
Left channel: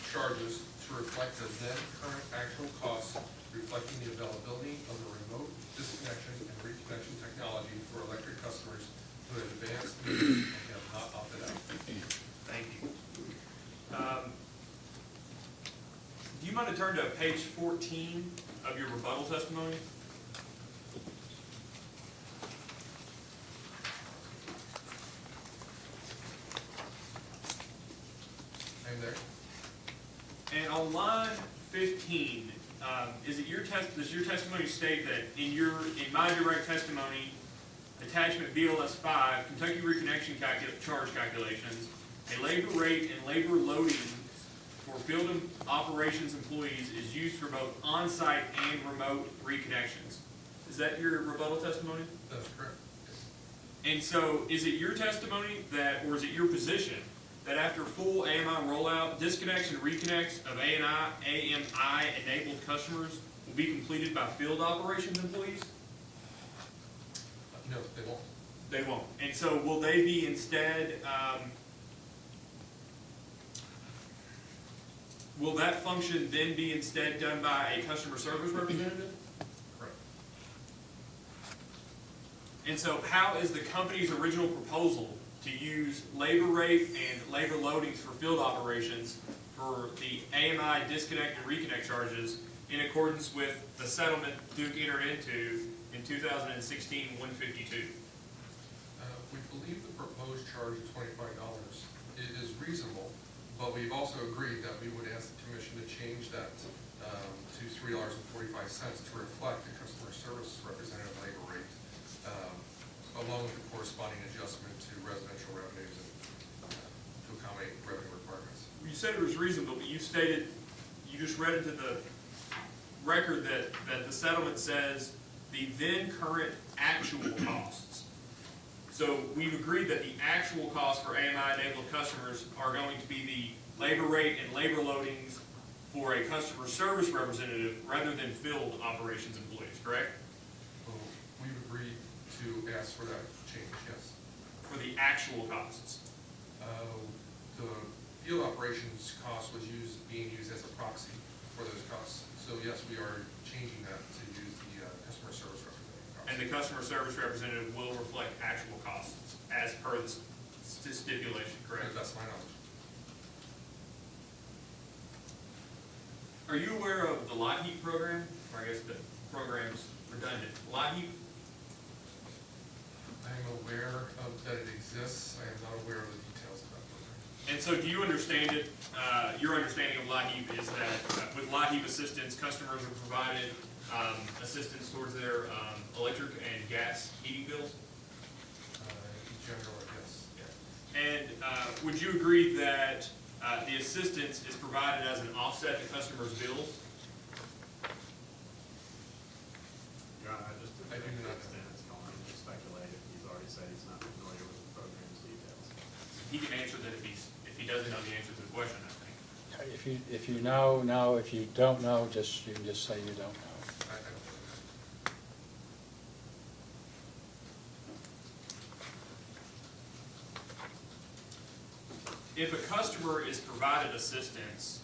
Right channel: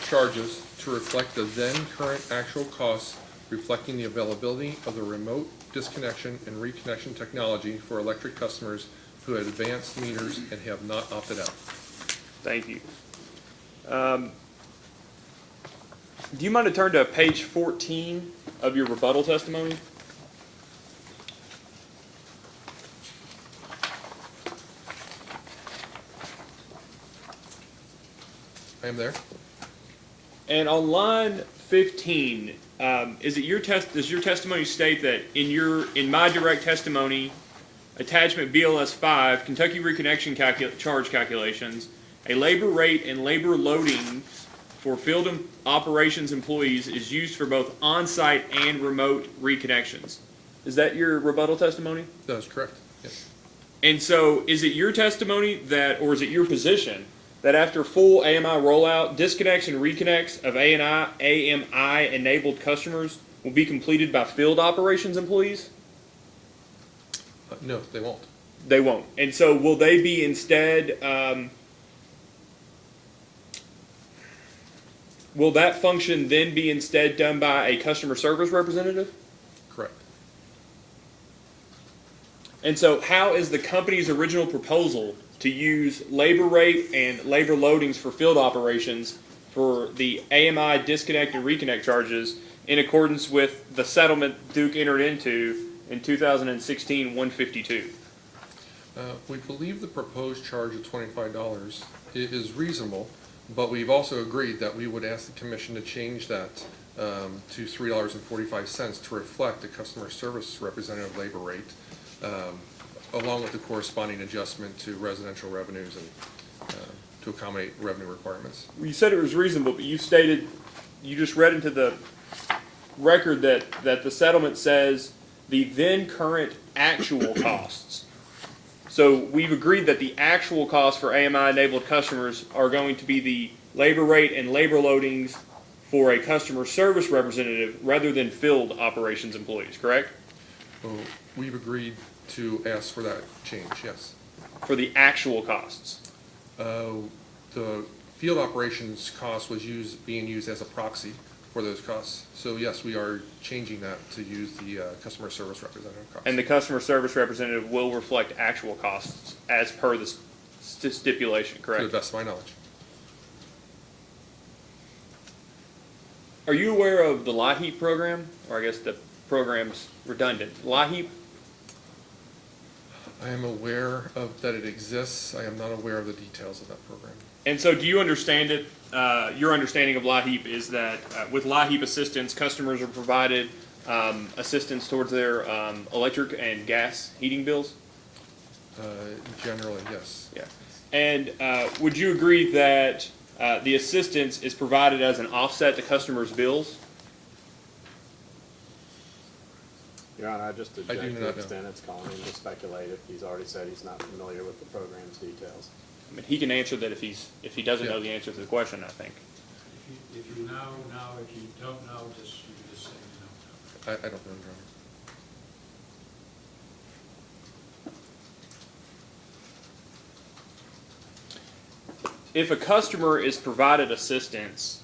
charges to reflect the then current actual costs, reflecting the availability of the remote disconnection and reconnection technology for electric customers who have advanced meters and have not opted out. Thank you. Do you mind to turn to page 14 of your rebuttal testimony? I am there. And on line 15, does your testimony state that in my direct testimony, attachment BLS 5, Kentucky reconnection charge calculations, a labor rate and labor loading for field operations employees is used for both on-site and remote reconnections? Is that your rebuttal testimony? That is correct, yes. And so is it your testimony that, or is it your position, that after full AMI rollout, disconnects and reconnects of AMI enabled customers will be completed by field operations employees? No, they won't. They won't. And so will they be instead, will that function then be instead done by a customer service representative? Correct. And so how is the company's original proposal to use labor rate and labor loadings for field operations for the AMI disconnect and reconnect charges in accordance with the settlement Duke entered into in 2016-152? We believe the proposed charge of $25 is reasonable, but we've also agreed that we would ask the commission to change that to $3.45 to reflect the customer service representative labor rate, along with the corresponding adjustment to residential revenues and to accommodate revenue requirements. You said it was reasonable, but you stated, you just read into the record that the settlement says the then current actual costs. So we've agreed that the actual costs for AMI-enabled customers are going to be the labor rate and labor loadings for a customer service representative rather than field operations employees, correct? Well, we've agreed to ask for that change, yes. For the actual costs. The field operations cost was being used as a proxy for those costs. So yes, we are changing that to use the customer service representative cost. And the customer service representative will reflect actual costs as per the stipulation, To correct? the best of my knowledge. Are you aware of the LIHEAP program? Or I guess the program's redundant. LIHEAP? I am aware of that it exists. I am not aware of the details of that program. And so do you understand it? Your understanding of LIHEAP is that with LIHEAP assistance, customers are provided assistance towards their electric and gas heating bills? Generally, yes. Yeah. And would you agree that the assistance is provided as an offset to customers' bills? Your Honor, I just I do object to not the know. extent it's calling him to speculate if he's already said he's not familiar with the program's details. He can answer that if he doesn't know the answer to the question, I think. If you know, know. If you don't know, you can just say you don't know. I don't know. If a customer is provided assistance,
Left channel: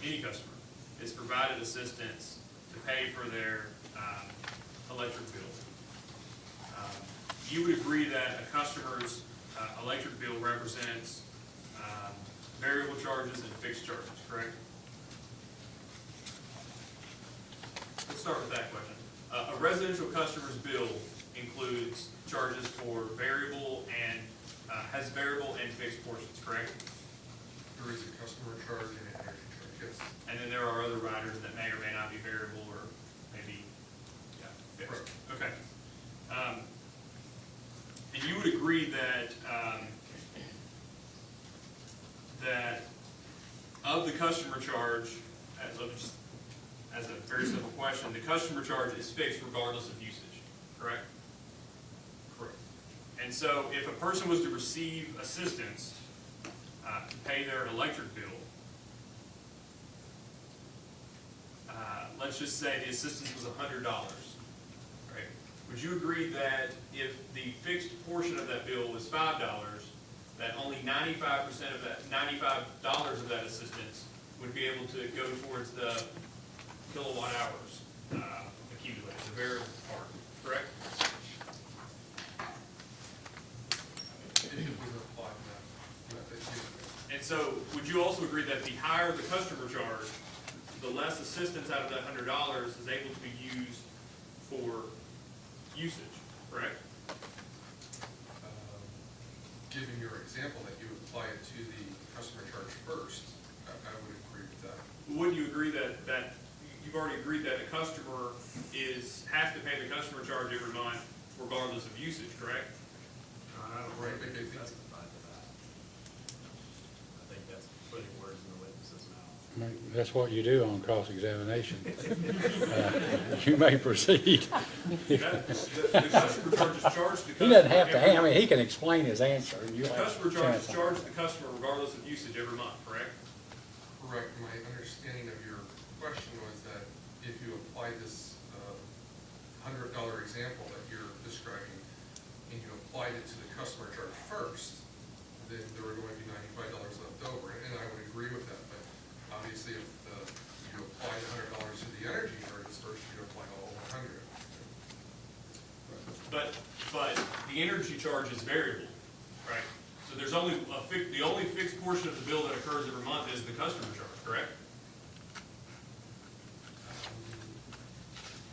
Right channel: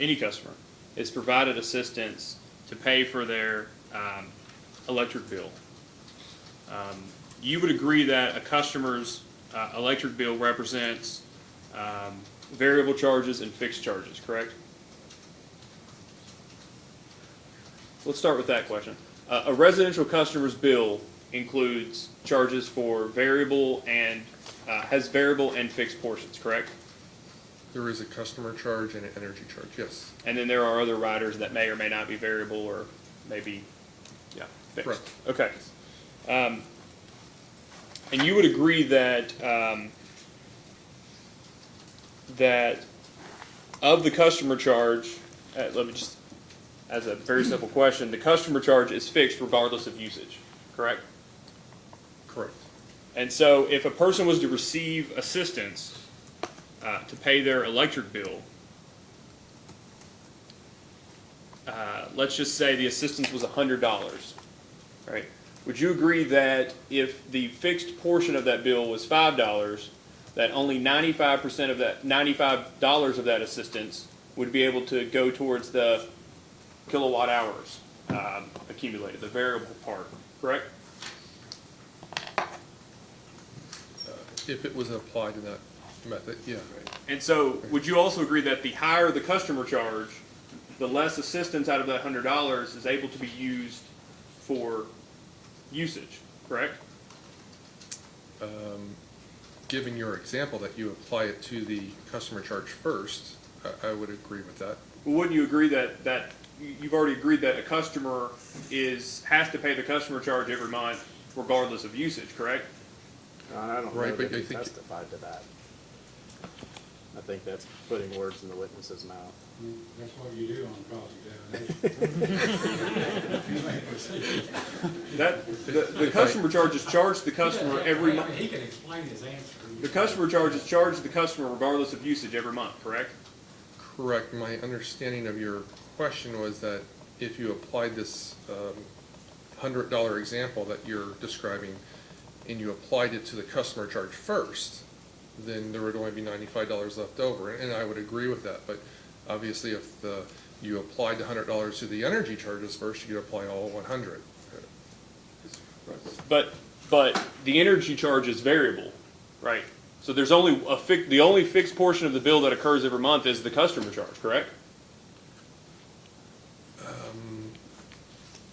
any customer is provided assistance to pay for their electric bill, you would agree that a customer's electric bill represents variable charges and fixed charges, correct? Let's start with that question. A residential customer's bill includes charges for variable and has variable and fixed portions, correct? There is a customer charge and an energy charge, yes. And then there are other riders that may or may not be variable or maybe, fixed. Correct. Okay. And you would agree that, that of the customer charge, let me just, as a very simple question, the customer charge is fixed regardless of usage, correct? Correct. And so if a person was to receive assistance to pay their electric bill, let's just say the assistance was $100, right? Would you agree that if the fixed portion of that bill was $5, that only 95% of that, $95 of that assistance would be able to go towards the kilowatt hours accumulated, the variable part, correct? If it was applied to that method, yeah. And so, would you also agree that the higher the customer charge, the less assistance out of that $100 is able to be used for usage, correct? Given your example that you apply it to the customer charge first, I would agree with that. Well, wouldn't you agree that you've already agreed that a customer has to pay the customer charge every month regardless of usage, correct? I don't know Right, but that I he think- testified to that. I think that's putting words in the witness's mouth. I mean, that's what you do on cross-examination. You may proceed. The customer charge is charged the He doesn't customer have to, every I month. mean, he can explain his answer. The customer charge is charged the customer regardless of usage every month, correct? Correct. My understanding of your question was that if you applied this $100 example that you're describing, and you applied it to the customer charge first, then there would only be $95 left over, and I would agree with that. But obviously, if you applied the $100 to the energy charges first, you could apply all 100. But the energy charge is variable, right? So there's only the only fixed portion of the bill that occurs every month is the customer charge, correct?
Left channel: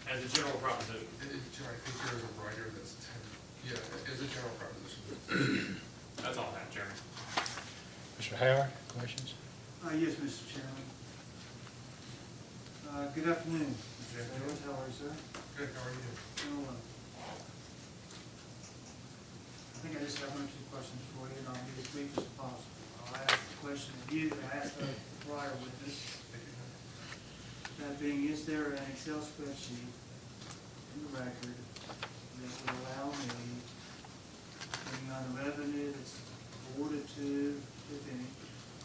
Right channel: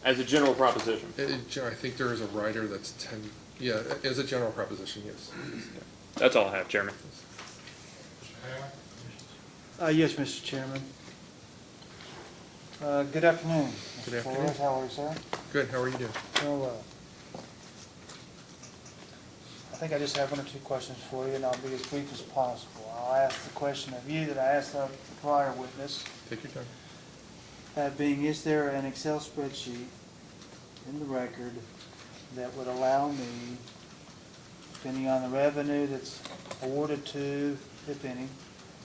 As a general proposition. I think there is a rider that's 10. Yeah, as a general proposition, yes. That's all I have, Chairman. Mr. Howard, questions? Yes, Mr. Chairman. Good afternoon. Good Mr. afternoon. Flores. How are you, sir? Good, how are you doing? Doing well. I think I just have one or two questions for you, and I'll be as brief as possible. I'll ask the question of you that I asked the prior witness. Take your time. That being, is there an Excel spreadsheet in the record that would allow me, depending on the revenue that's awarded to, if any,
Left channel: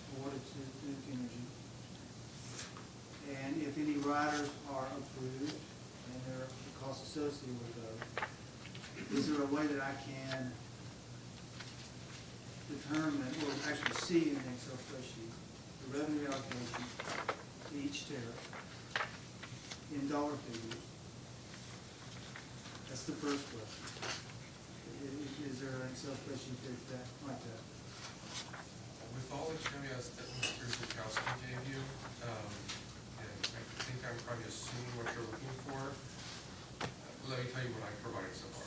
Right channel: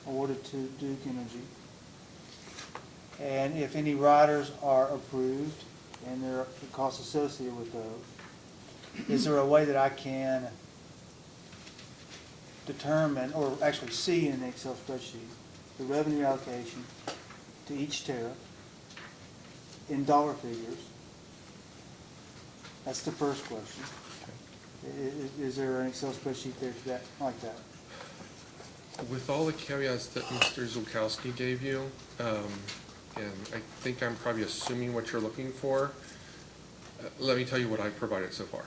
awarded to Duke Energy, and if any riders are approved and there are the costs associated with those, is there a way that I can determine, or actually see in the Excel spreadsheet, the revenue allocation to each tariff in dollar figures? That's the first question. Is there an Excel spreadsheet there for that, like that? With all the caveats that Mr. Zulkowski gave you, and I think I'm probably assuming what you're looking for, let me tell you what I've provided so far.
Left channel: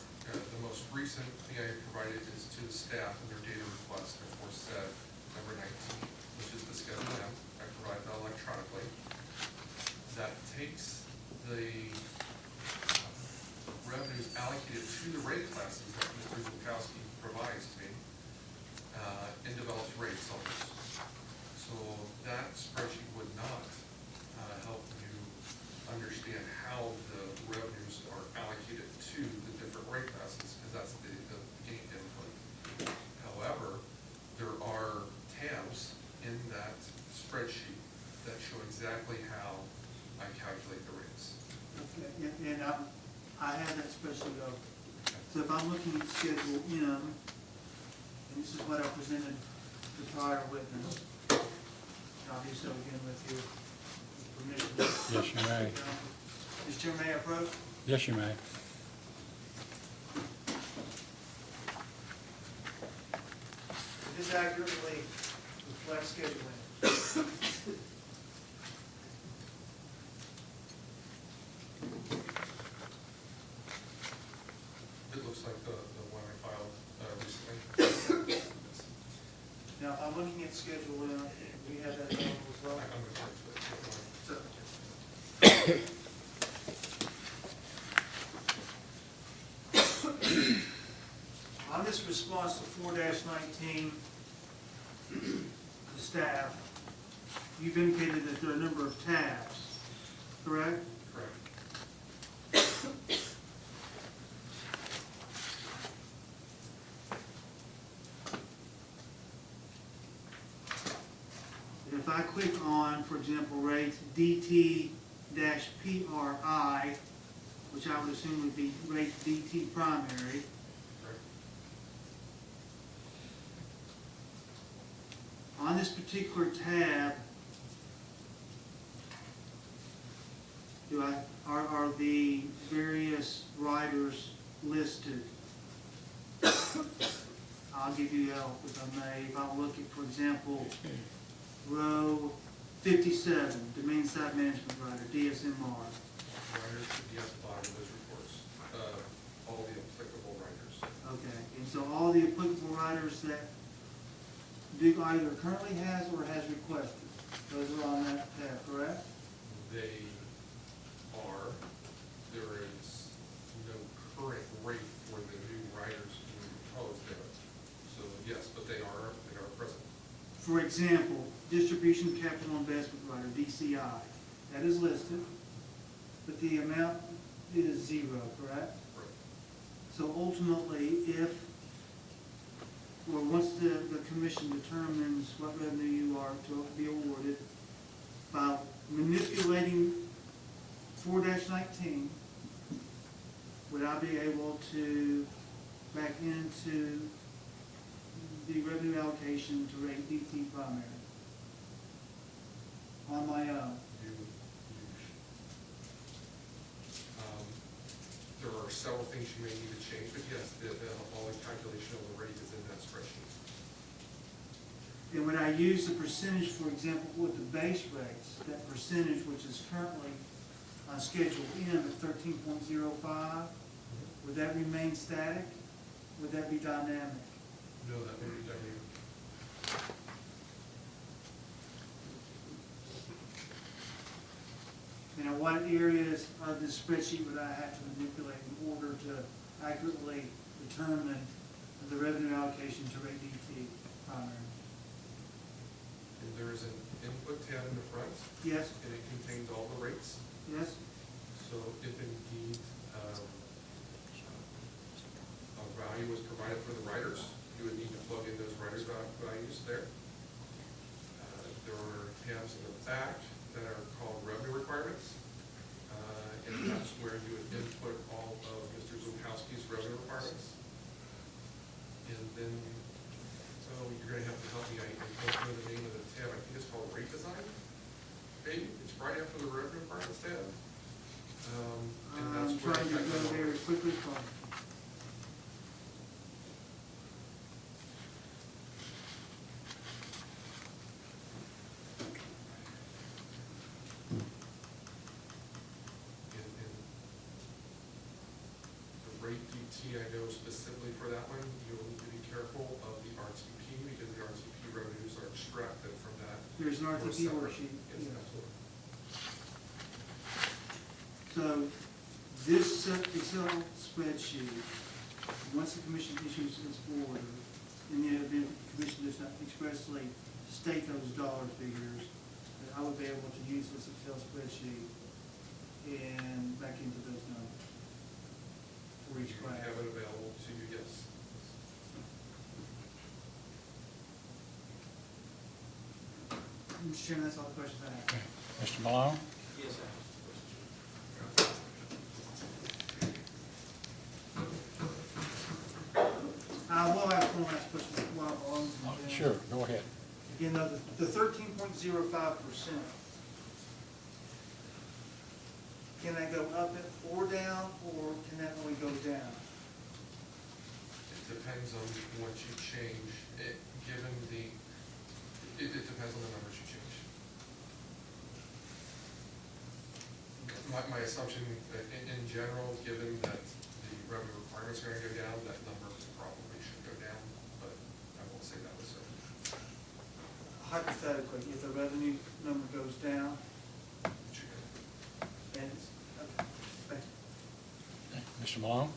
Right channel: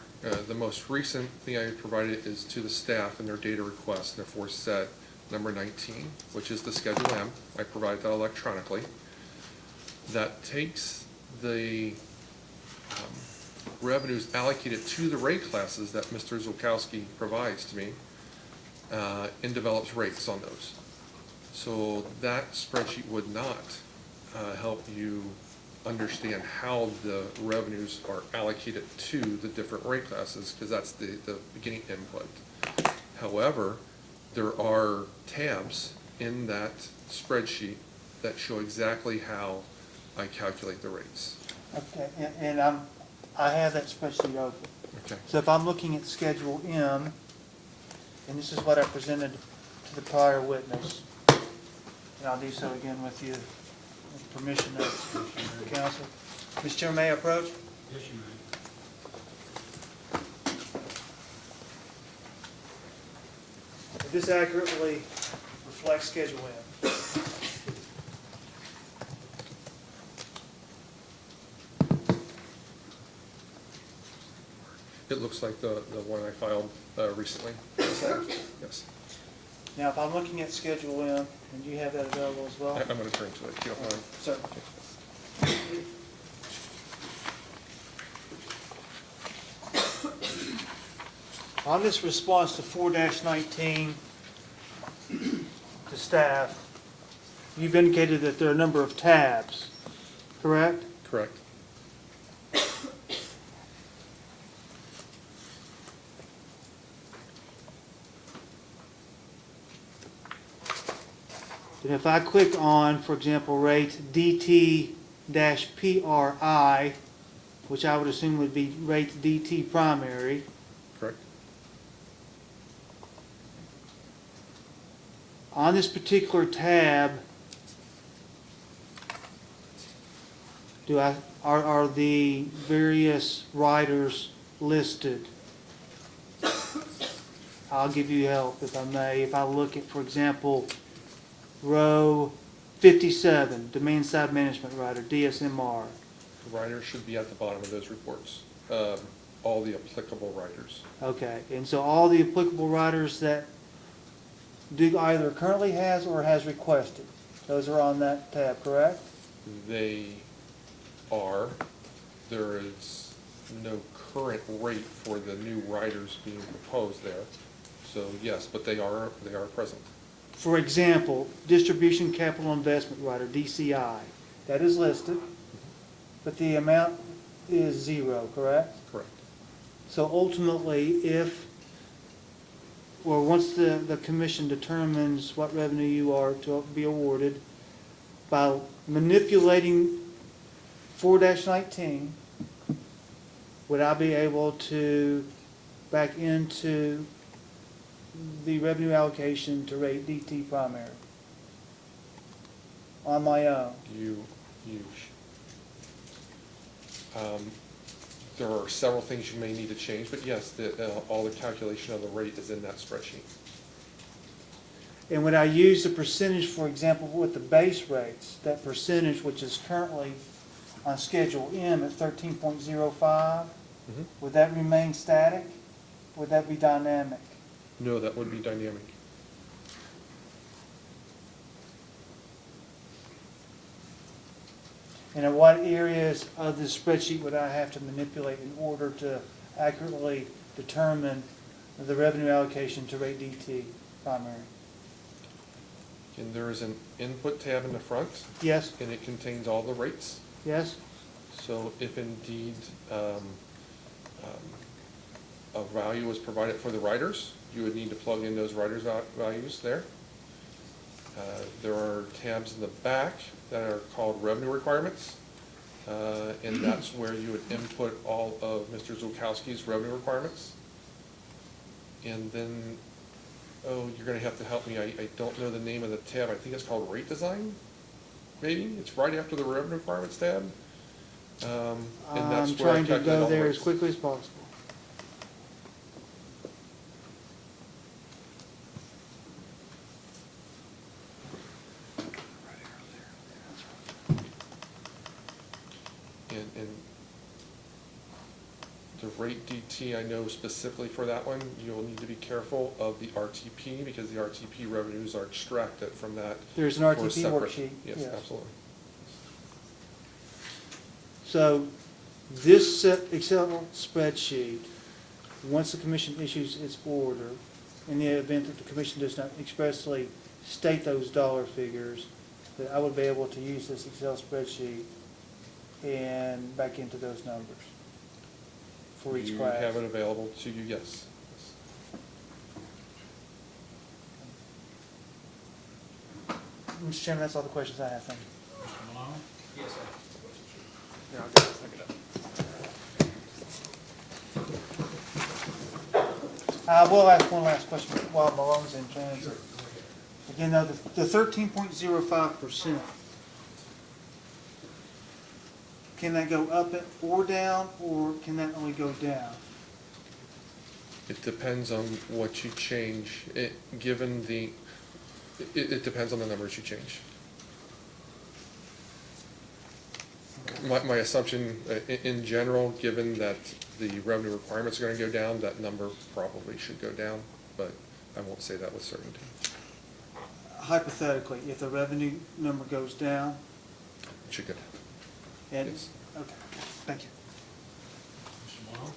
The most recent thing I provided is to the staff in their data request, therefore set number 19, which is the Schedule M. I provided that electronically. That takes the revenues allocated to the rate classes that Mr. Zulkowski provides to me, and develops rates on those. So that spreadsheet would not help you understand how the revenues are allocated to the different rate classes, because that's the beginning input. However, there are tabs in that spreadsheet that show exactly how I calculate the rates. Okay, and I have that spreadsheet open. Okay. So if I'm looking at Schedule M, and this is what I presented to the prior witness, and I'll do so again with you, with permission of Yes, you the may. council. Mr. Chairman, may I approach? Yes, you may. This accurately reflects Schedule M. It looks like the one I filed recently. Yes. Now, if I'm looking at Schedule M, and you have that available as well? I'm going to turn to it, if you don't mind. Sir. On this response to 4-19 to staff, you've indicated that there are a number of tabs, correct? Correct. And if I click on, for example, rate DT-PRI, which I would assume would be rate DT primary, Correct. on this particular tab, are the various riders listed? I'll give you help if I may. If I look at, for example, row 57, Demand Side Management Rider, DSMR. The riders should be at the bottom of those reports, all the applicable riders. Okay, and so all the applicable riders that Duke either currently has or has requested, those are on that tab, correct? They are, there is no current rate for the new riders being proposed there. So yes, but they are present. For example, Distribution Capital Investment Rider, DCI, that is listed, but the amount is 0, correct? Correct. So ultimately, once the commission determines what revenue you are to be awarded, by manipulating 4-19, would I be able to back into the revenue allocation to rate DT primary on my own? There are several things you may need to change, but yes, all the calculation of the rate is in that spreadsheet. And would I use the percentage, for example, with the base rates, that percentage which is currently on Schedule M at 13.05, would that remain static? Would that be dynamic? No, that would be dynamic. And in what areas of the spreadsheet would I have to manipulate in order to accurately determine the revenue allocation to rate DT primary? And there is an input tab in the front. Yes? And it contains all the rates. Yes? So if indeed a value was provided for the riders, you would need to plug in those riders' values there. There are tabs in the back that are called revenue requirements, and that's where you would input all of Mr. Zulkowski's revenue requirements. And then, you're gonna have to help me, I don't know the name of the tab, I think it's called rate design? maybe, it's right after the revenue requirements tab. And that's I'm where I trying to calculate go all the there as rates. quickly as possible. And the rate DT, I know specifically for that one, you'll need to be careful of the RTP, because the RTP revenues are extracted from that. There's an for a RTP separate- worksheet, Yes, yes. absolutely. So this Excel spreadsheet, once the commission issues its order, in the event that the commission does not expressly state those dollar figures, that I would be able to use this Excel spreadsheet and back into those numbers for each You class. have it available to you, yes. Mr. Chairman, that's all the questions I have. Thank you. Mr. Malone? Yes, sir. I will ask one last question while Malone's in transit. Sure, go ahead. Again, now, the 13.05%, can that go up or down, or can that only go down? It depends on what you change, given the, it depends on the numbers you change. My assumption, in general, given that the revenue requirements are gonna go down, that number probably should go down, but I won't say that with certainty. Hypothetically, if the revenue number goes down, It should go down. and, Yes. okay, thank you. Mr. Malone?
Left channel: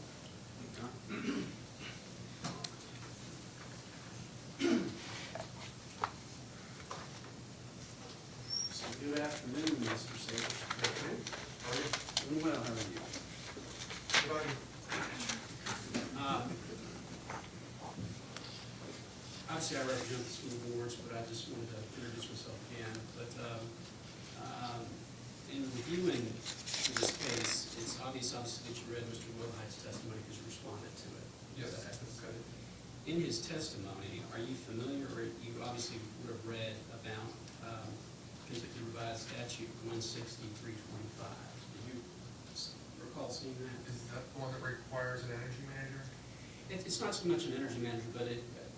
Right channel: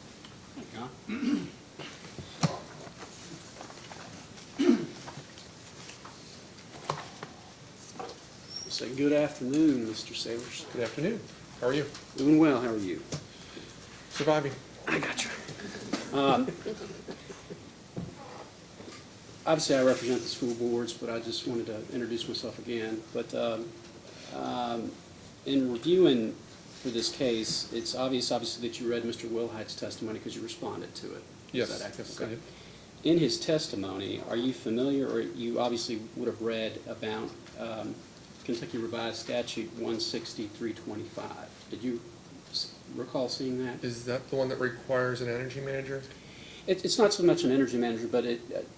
Say good afternoon, Mr. Sayers. Good afternoon, how are you? Doing well, how are you? Surviving. I got you. Obviously, I represent the school boards, but I just wanted to introduce myself again. But in reviewing for this case, it's obviously that you read Mr. Wilhide's testimony because you responded to it. Yes, Is that accurate? yes, I did. In his testimony, are you familiar, or you obviously would have read about Kentucky Revised Statute 16325? Did you recall seeing that? Is that the one that requires an energy manager? It's not so much an energy manager, but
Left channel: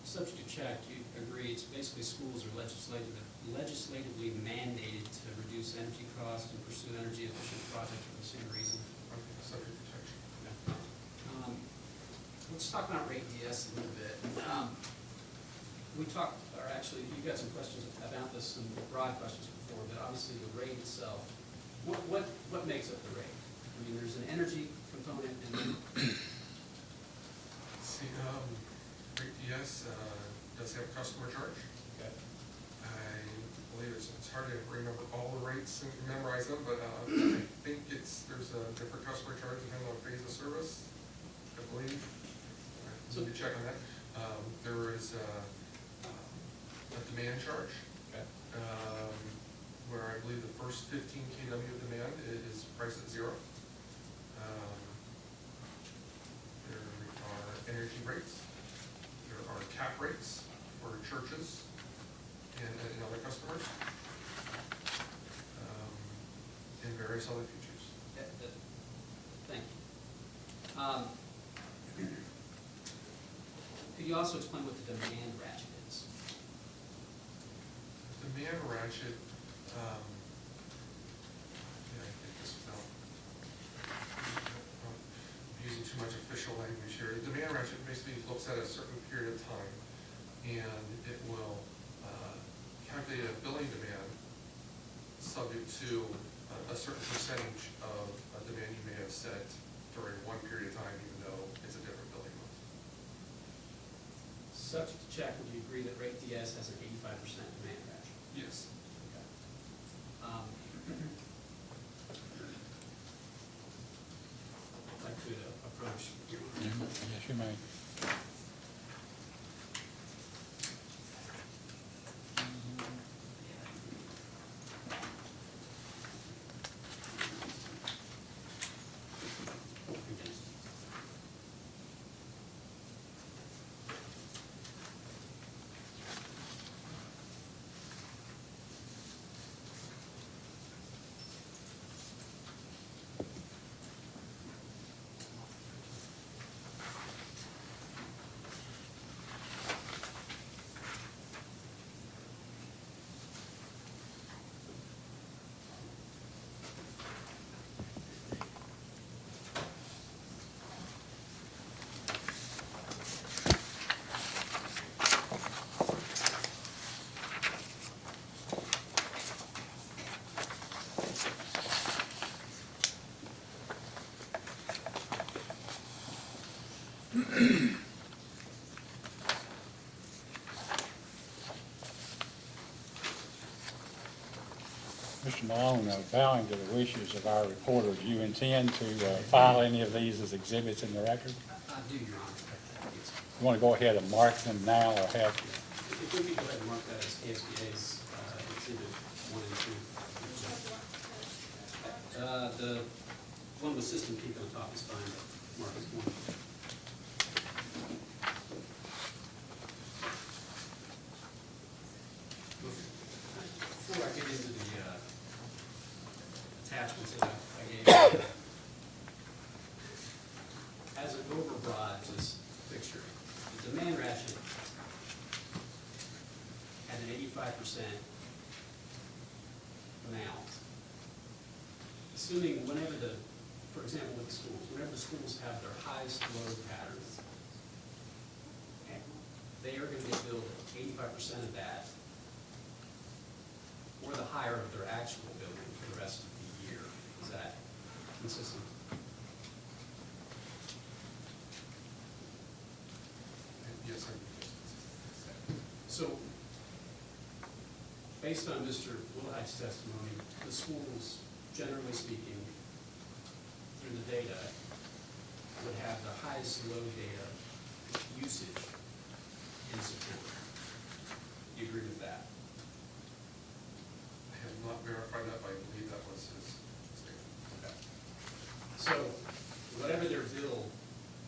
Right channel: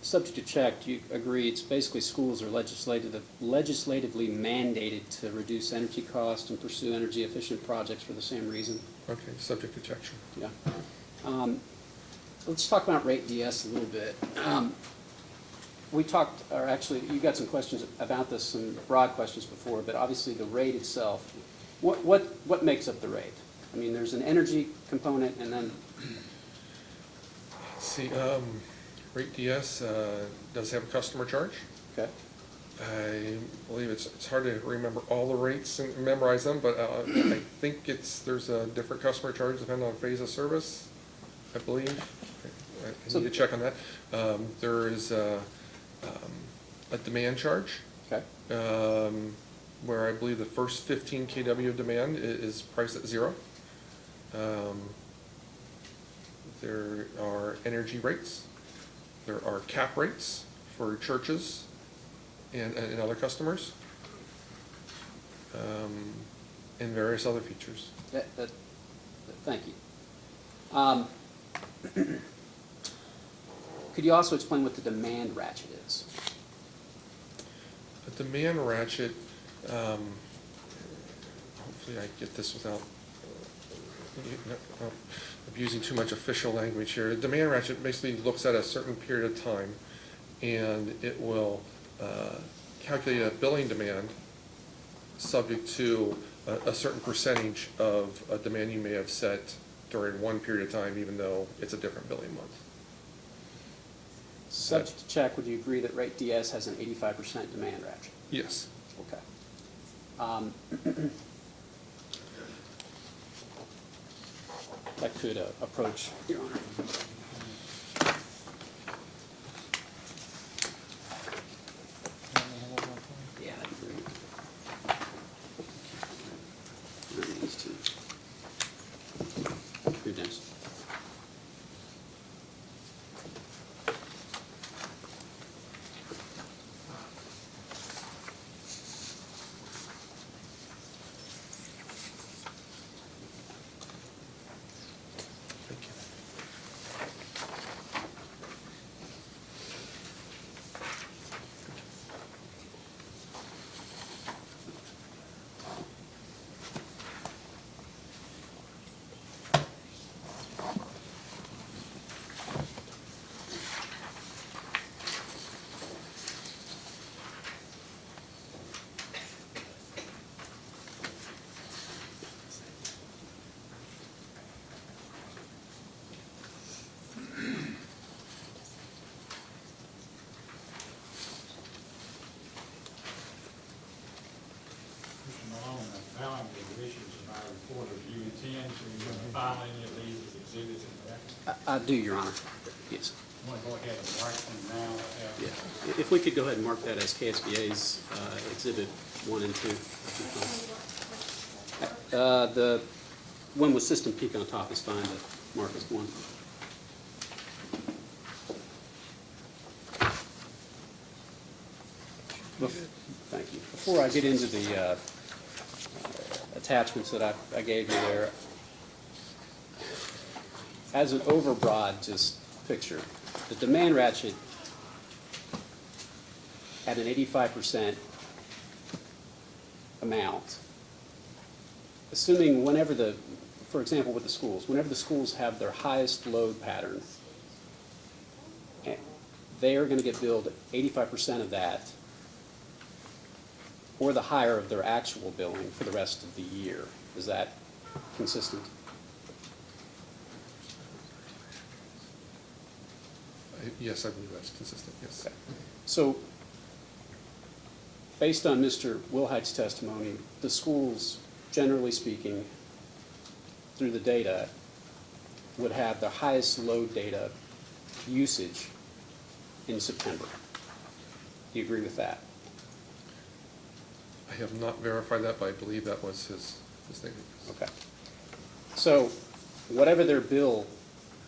subject to check, you agree, it's basically schools are legislatively mandated to reduce energy costs and pursue energy efficient projects for the same reason. Okay, subject to check, sure. Yeah. Let's talk about rate DS a little bit. We talked, or actually, you got some questions about this, some broad questions before, but obviously the rate itself, what makes up the rate? I mean, there's an energy component, and then See, Rate DS does have a customer charge. okay. I believe it's hard to remember all the rates and memorize them, but I think there's a different customer charge depending on phase of service, I believe. I need to check on that. There is a demand charge. Okay. Where I believe the first 15 kW of demand is priced at 0. There are energy rates. There are cap rates for churches and other customers, and various other features. Thank you. Could you also explain what the demand ratchet is? A demand ratchet, hopefully I get this without abusing too much official language here. A demand ratchet basically looks at a certain period of time, and it will calculate a billing demand subject to a certain percentage of a demand you may have set during one period of time, even though it's a different billing month. Subject to check, would you agree that rate DS has an 85% demand ratchet? Yes. Okay. I'd like to approach, Your Honor. Yes, you may. Yeah, that'd be great. These two. Here, Dennis. Mr. Malone, bowing to the wishes of our reporter, do you intend to file any of these as exhibits in the record? I do, Your Honor. Yes. You want to go ahead and mark them now or have? If we could go ahead and mark that as KSBA's Exhibit 1 and 2. The one with System Peak on top is fine, but mark as 1. Thank you. Before I get into the attachments that I gave you there, as an overbroad just picture, the demand ratchet at an 85% amount, assuming whenever for example with the schools, whenever the schools have their highest load pattern, they are going to get billed 85% of that or the higher of their actual billing for the rest of the year. Is that consistent? Yes, I believe that's consistent, yes. Okay. So, based on Mr. Wilhite's testimony, the schools, generally speaking, through the data, would have the highest load data usage in September. Do you agree with that? I have not verified that, but I believe that was his statement. Okay. So, whatever their bill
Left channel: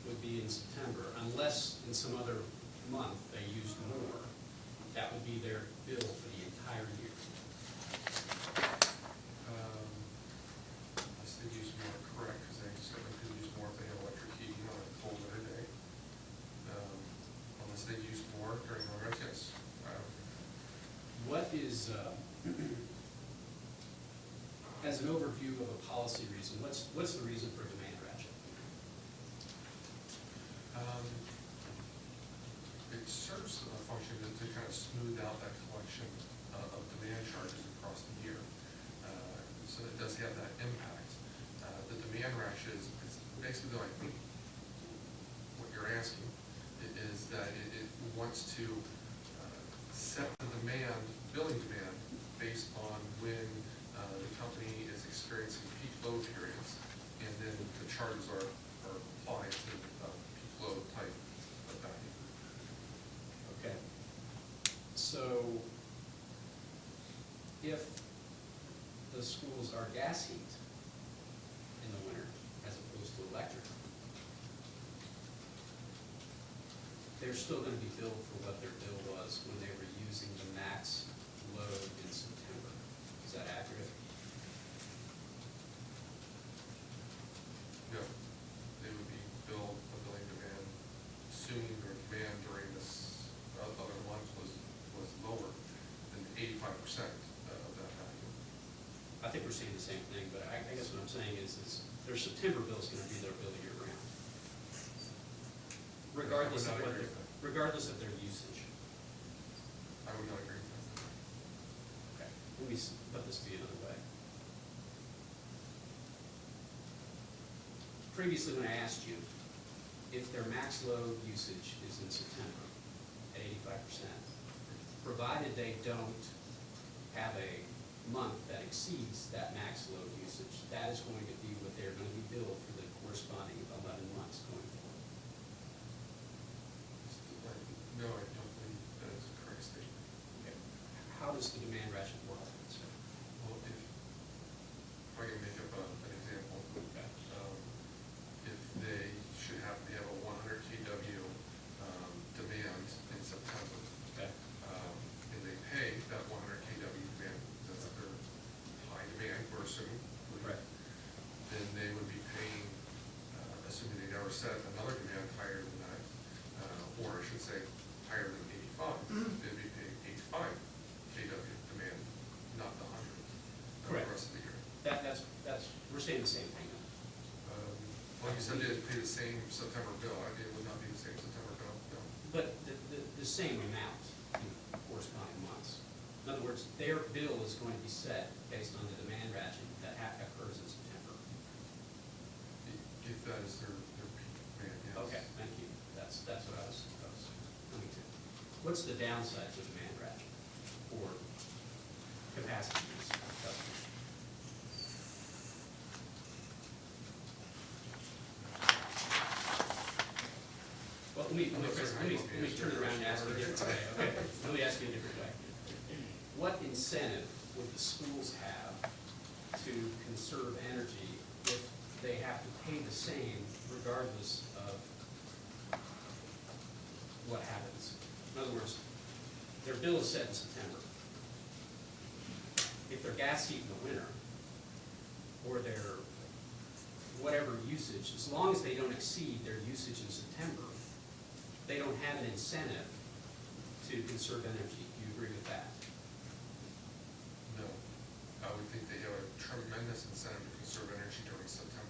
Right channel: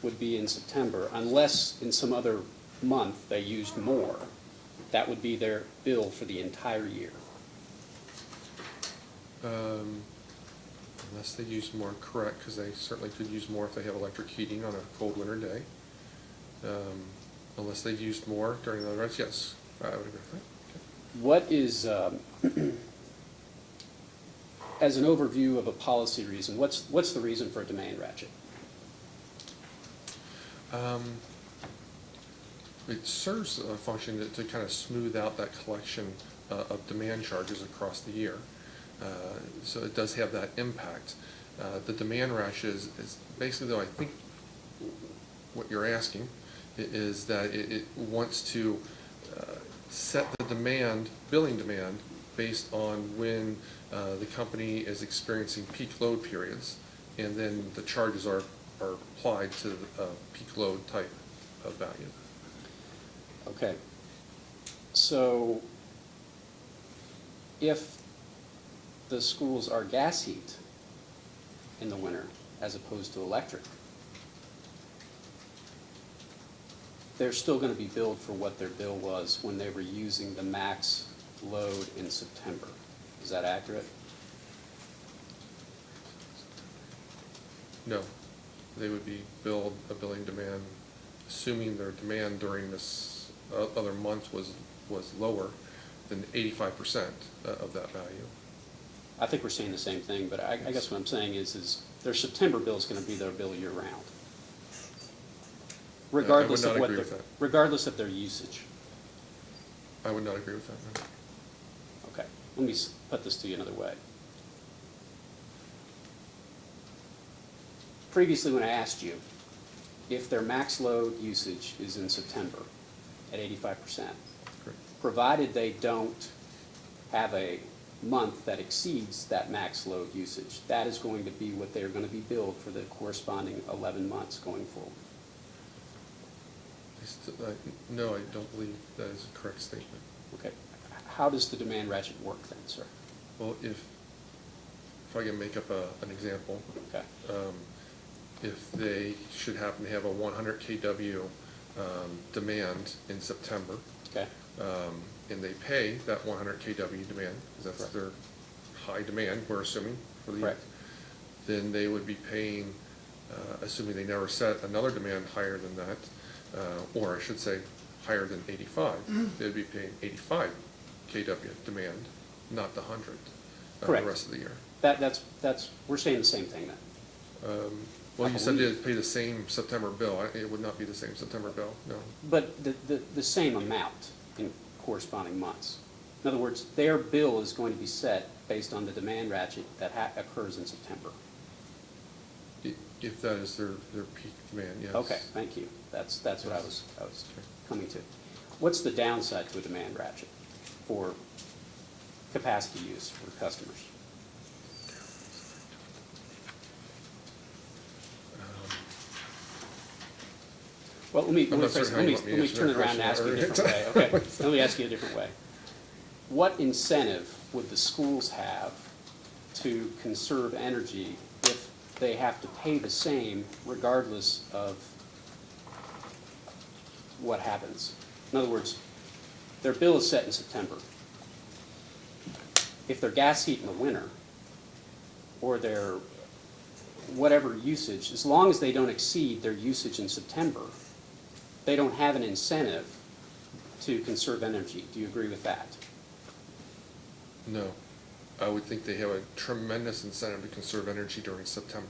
would be in September, unless in some other month they used more, that would be their bill for the entire year. Unless they use more, correct, because they certainly could use more if they have electric heating on a cold winter day. Unless they used more during the rest, yes, I would agree with that. What is, as an overview of a policy reason, what's the reason for a demand ratchet? It serves a function to kind of smooth out that collection of demand charges across the year. So it does have that impact. The demand ratchet is basically, though, I think what you're asking is that it wants to set the demand, billing demand, based on when the company is experiencing peak load periods, and then the charges are applied to the peak load type of value. Okay. So, if the schools are gas heat in the winter as opposed to electric, they're still going to be billed for what their bill was when they were using the max load in September. Is that accurate? No, they would be billed a billing demand, assuming their demand during this other month was lower than 85% of that value. I think we're saying the same thing, but I guess what I'm saying is their September bill is going to be their bill year round, regardless I would of not what agree their, with that. regardless of their usage. I would not agree with that. No. Okay, let me put this to you another way. Previously, when I asked you if their max load usage is in September at 85%, provided they don't have a month that exceeds that max load usage, that is going to be what they are going to be billed for the corresponding 11 months going forward. No, I don't believe that is a correct statement. Okay. How does the demand ratchet work then, sir? Well, if I can make up an example. Okay. If they should happen to have a 100 kW demand in September, Okay. And they pay that 100 kW demand, because that's Correct. their high demand, we're assuming, for the year, Correct. then they would be paying, assuming they never set another demand higher than that, or I should say, higher than 85, they'd be paying 85 kW demand, not the 100, Correct. the rest of the year. That's, we're saying the same thing then. Well, I you said believe- they'd pay the same September bill. It would not be the same September bill, no. But the same amount in corresponding months. In other words, their bill is going to be set based on the demand ratchet that occurs in September. If that is their peak demand, yes. Okay, thank you. That's what I was coming to. What's the downside to a demand ratchet for capacity use for customers? Well, let me I'm not phrase it. certain how you want me to Let me answer turn that it around and ask you a question, different way. Larry. Okay, let me ask you a different way. What incentive would the schools have to conserve energy if they have to pay the same regardless of what happens? In other words, their bill is set in September. If their gas heat in the winter, or their whatever usage, as long as they don't exceed their usage in September, they don't have an incentive to conserve energy. Do you agree with that? No. I would think they have a tremendous incentive to conserve energy during September.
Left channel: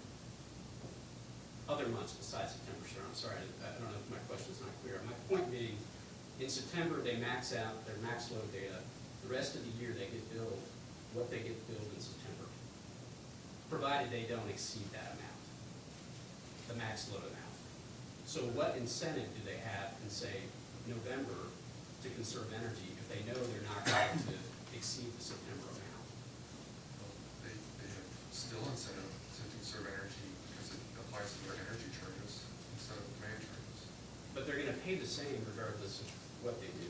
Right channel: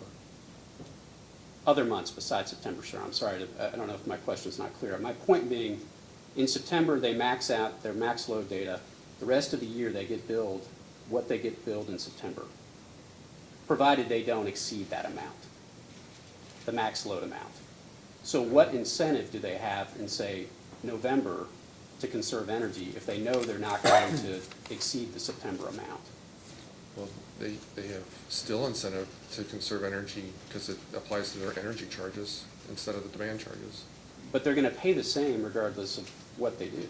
Other months besides September, sir. I'm sorry, I don't know if my question is not clear. My point being, in September, they max out their max load data. The rest of the year, they get billed what they get billed in September, provided they don't exceed that amount, the max load amount. So what incentive do they have in, say, November to conserve energy if they know they're not going to exceed the September amount? Well, they have still incentive to conserve energy because it applies to their energy charges instead of the demand charges. But they're gonna pay the same regardless of what they do.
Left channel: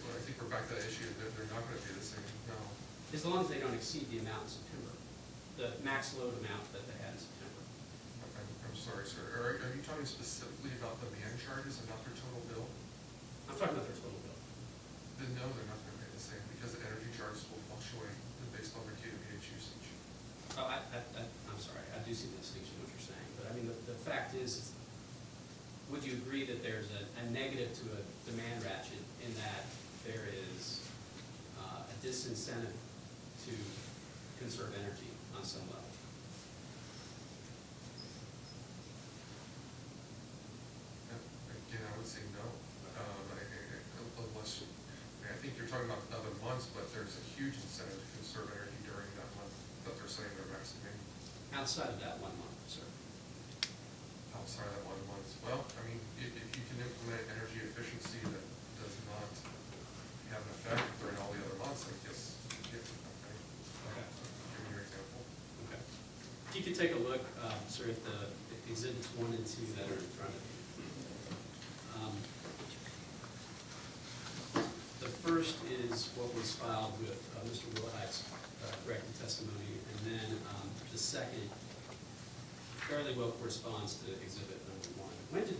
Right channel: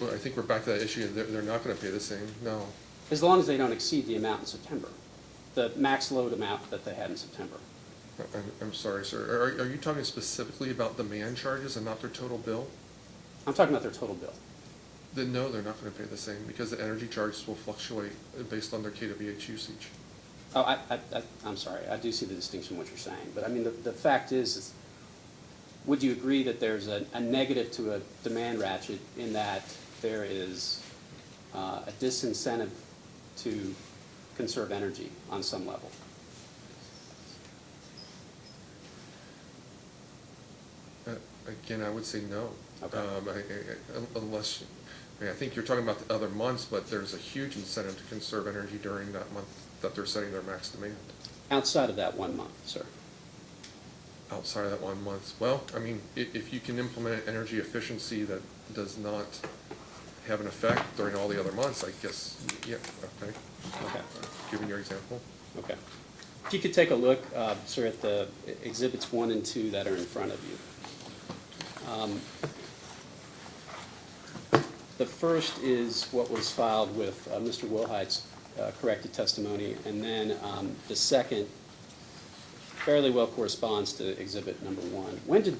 Well, I think we're back to that issue. They're not gonna pay the same, no. As long as they don't exceed the amount in September, the max load amount that they had in September. I'm sorry, sir. Are you talking specifically about demand charges and not their total bill? I'm talking about their total bill. Then no, they're not gonna pay the same because the energy charges will fluctuate based on their kWh usage. Oh, I'm sorry, I do see the distinction in what you're saying, but I mean, the fact is would you agree that there's a negative to a demand ratchet in that there is a disincentive to conserve energy on some level? Again, I would say no. Okay. Unless, I think you're talking about the other months, but there's a huge incentive to conserve energy during that month that they're setting their max demand. Outside of that 1 month, sir. Outside of that 1 month, well, I mean, if you can implement energy efficiency that does not have an effect during all the other months, I guess, yeah, okay. Okay. Given your example. Okay. If you could take a look, sir, at the exhibits 1 and 2 that are in front of you. The first is what was filed with Mr. Wilhite's corrected testimony, and then the second fairly well corresponds to exhibit number 1. When did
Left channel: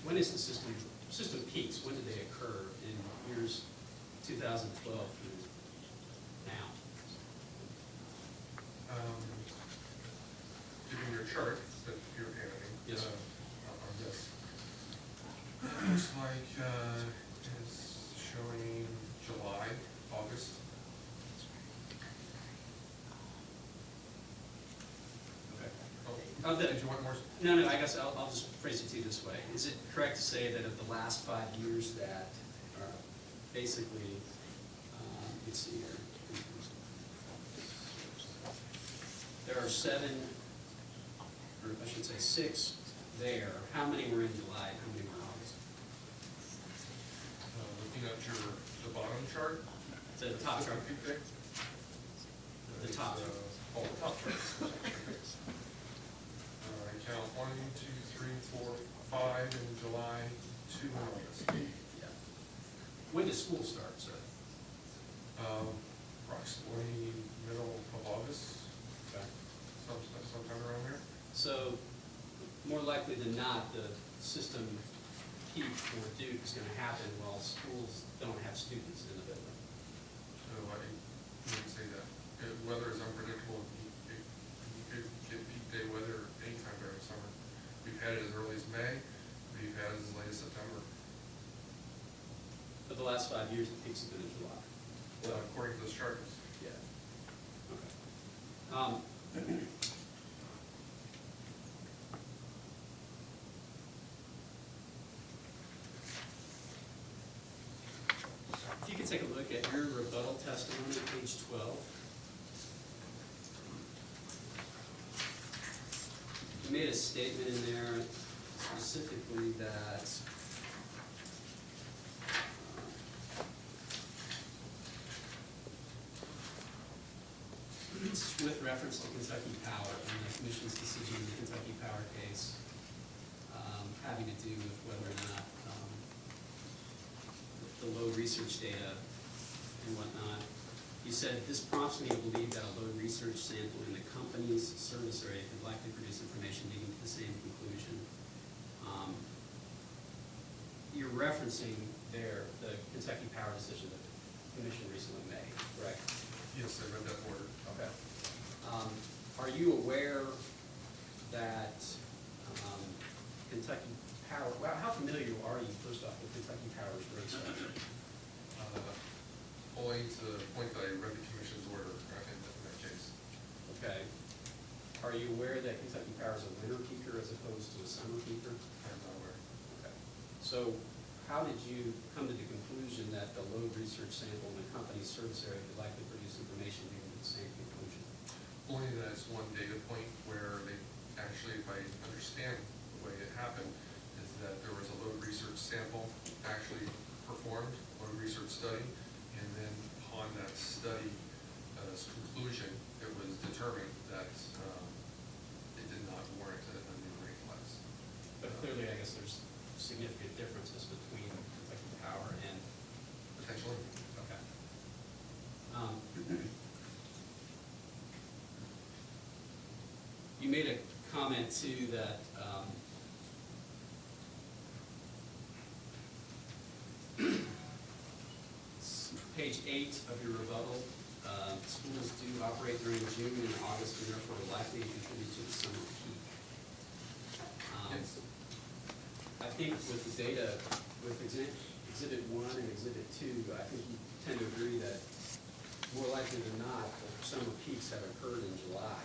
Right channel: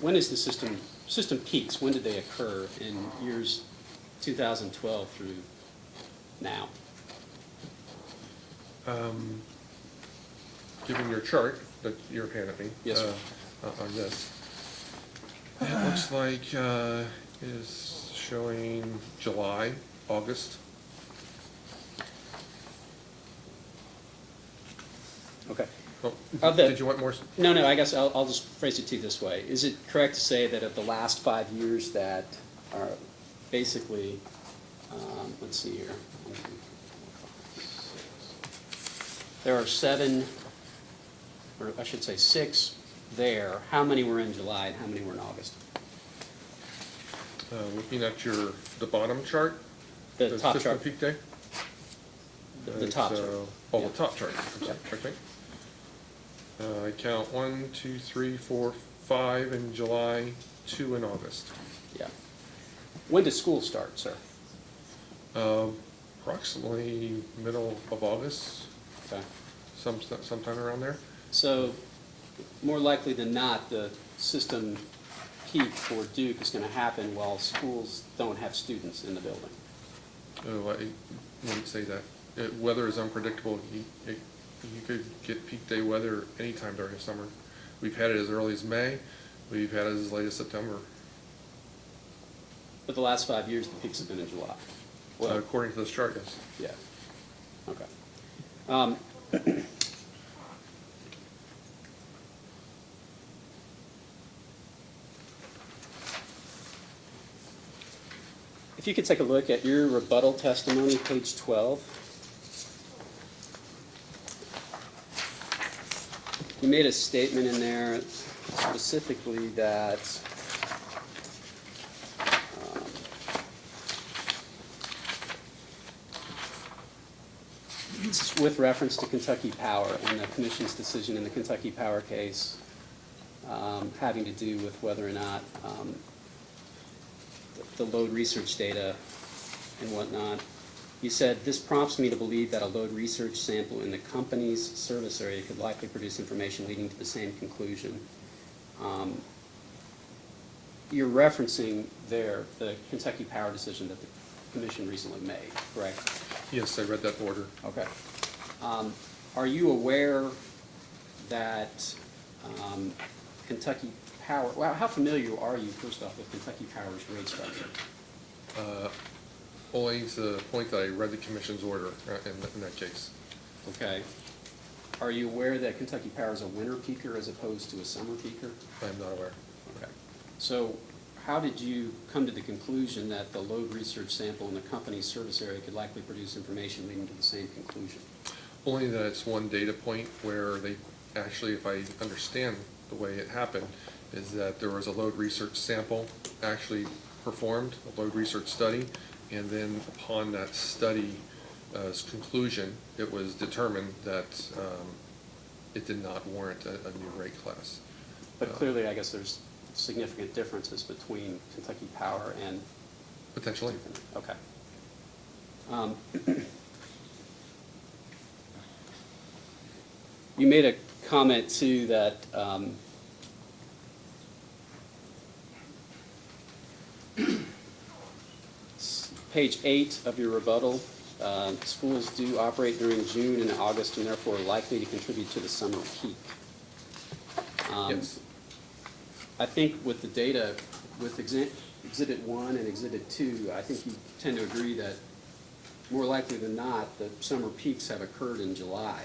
when is the system peaks? When did they occur in years 2012 through now? Given your chart that you're handing me. Yes, sir. On this. It looks like it's showing July, August. Okay. Oh, did you want more? No, I guess I'll just phrase it to you this way. Is it correct to say that of the last 5 years that are basically, let's see here. There are 7, or I should say 6 there. How many were in July and how many were in August? Looking at the bottom chart? The top system chart. peak day? The top chart. Oh, Yeah. the top chart. I'm sorry, okay. I count 1, 2, 3, 4, 5 in July, 2 in August. Yeah. When does school start, sir? Approximately middle of August, Okay. sometime around there. So, more likely than not, the system peak for Duke is going to happen while schools don't have students in the building. Oh, I wouldn't say that. Weather is unpredictable. You could get peak day weather anytime during the summer. We've had it as early as May. We've had it as late as September. But the last 5 years, the peaks have been in July. According to this chart, yes. Yeah. Okay. If you could take a look at your rebuttal testimony, page 12. You made a statement in there specifically that with reference to Kentucky Power and the commission's decision in the Kentucky Power case, having to do with whether or not the load research data and whatnot. You said, "This prompts me to believe that a load research sample in the company's service area could likely produce information leading to the same conclusion." You're referencing there the Kentucky Power decision that the commission recently made, correct? Yes, I read that order. Okay. Are you aware that Kentucky Power, well, how familiar are you, first off, with Kentucky Power's rate structure? Only to the point that I read the commission's order in that case. Okay. Are you aware that Kentucky Power is a winter peaker as opposed to a summer peaker? I'm not aware. Okay. So how did you come to the conclusion that the load research sample in the company's service area could likely produce information leading to the same conclusion? Only that it's one data point where they, actually, if I understand the way it happened, is that there was a load research sample actually performed, a load research study, and then upon that study's conclusion, it was determined that it did not warrant a new rate class. But clearly, I guess there's significant differences between Kentucky Power and... Potentially. Okay. You made a comment, too, that page 8 of your rebuttal, schools do operate during June and August and therefore are likely to contribute to the summer peak. Yes. I think with the data, with Exhibit 1 and Exhibit 2, I think you tend to agree that more likely than not, the summer peaks have occurred in July.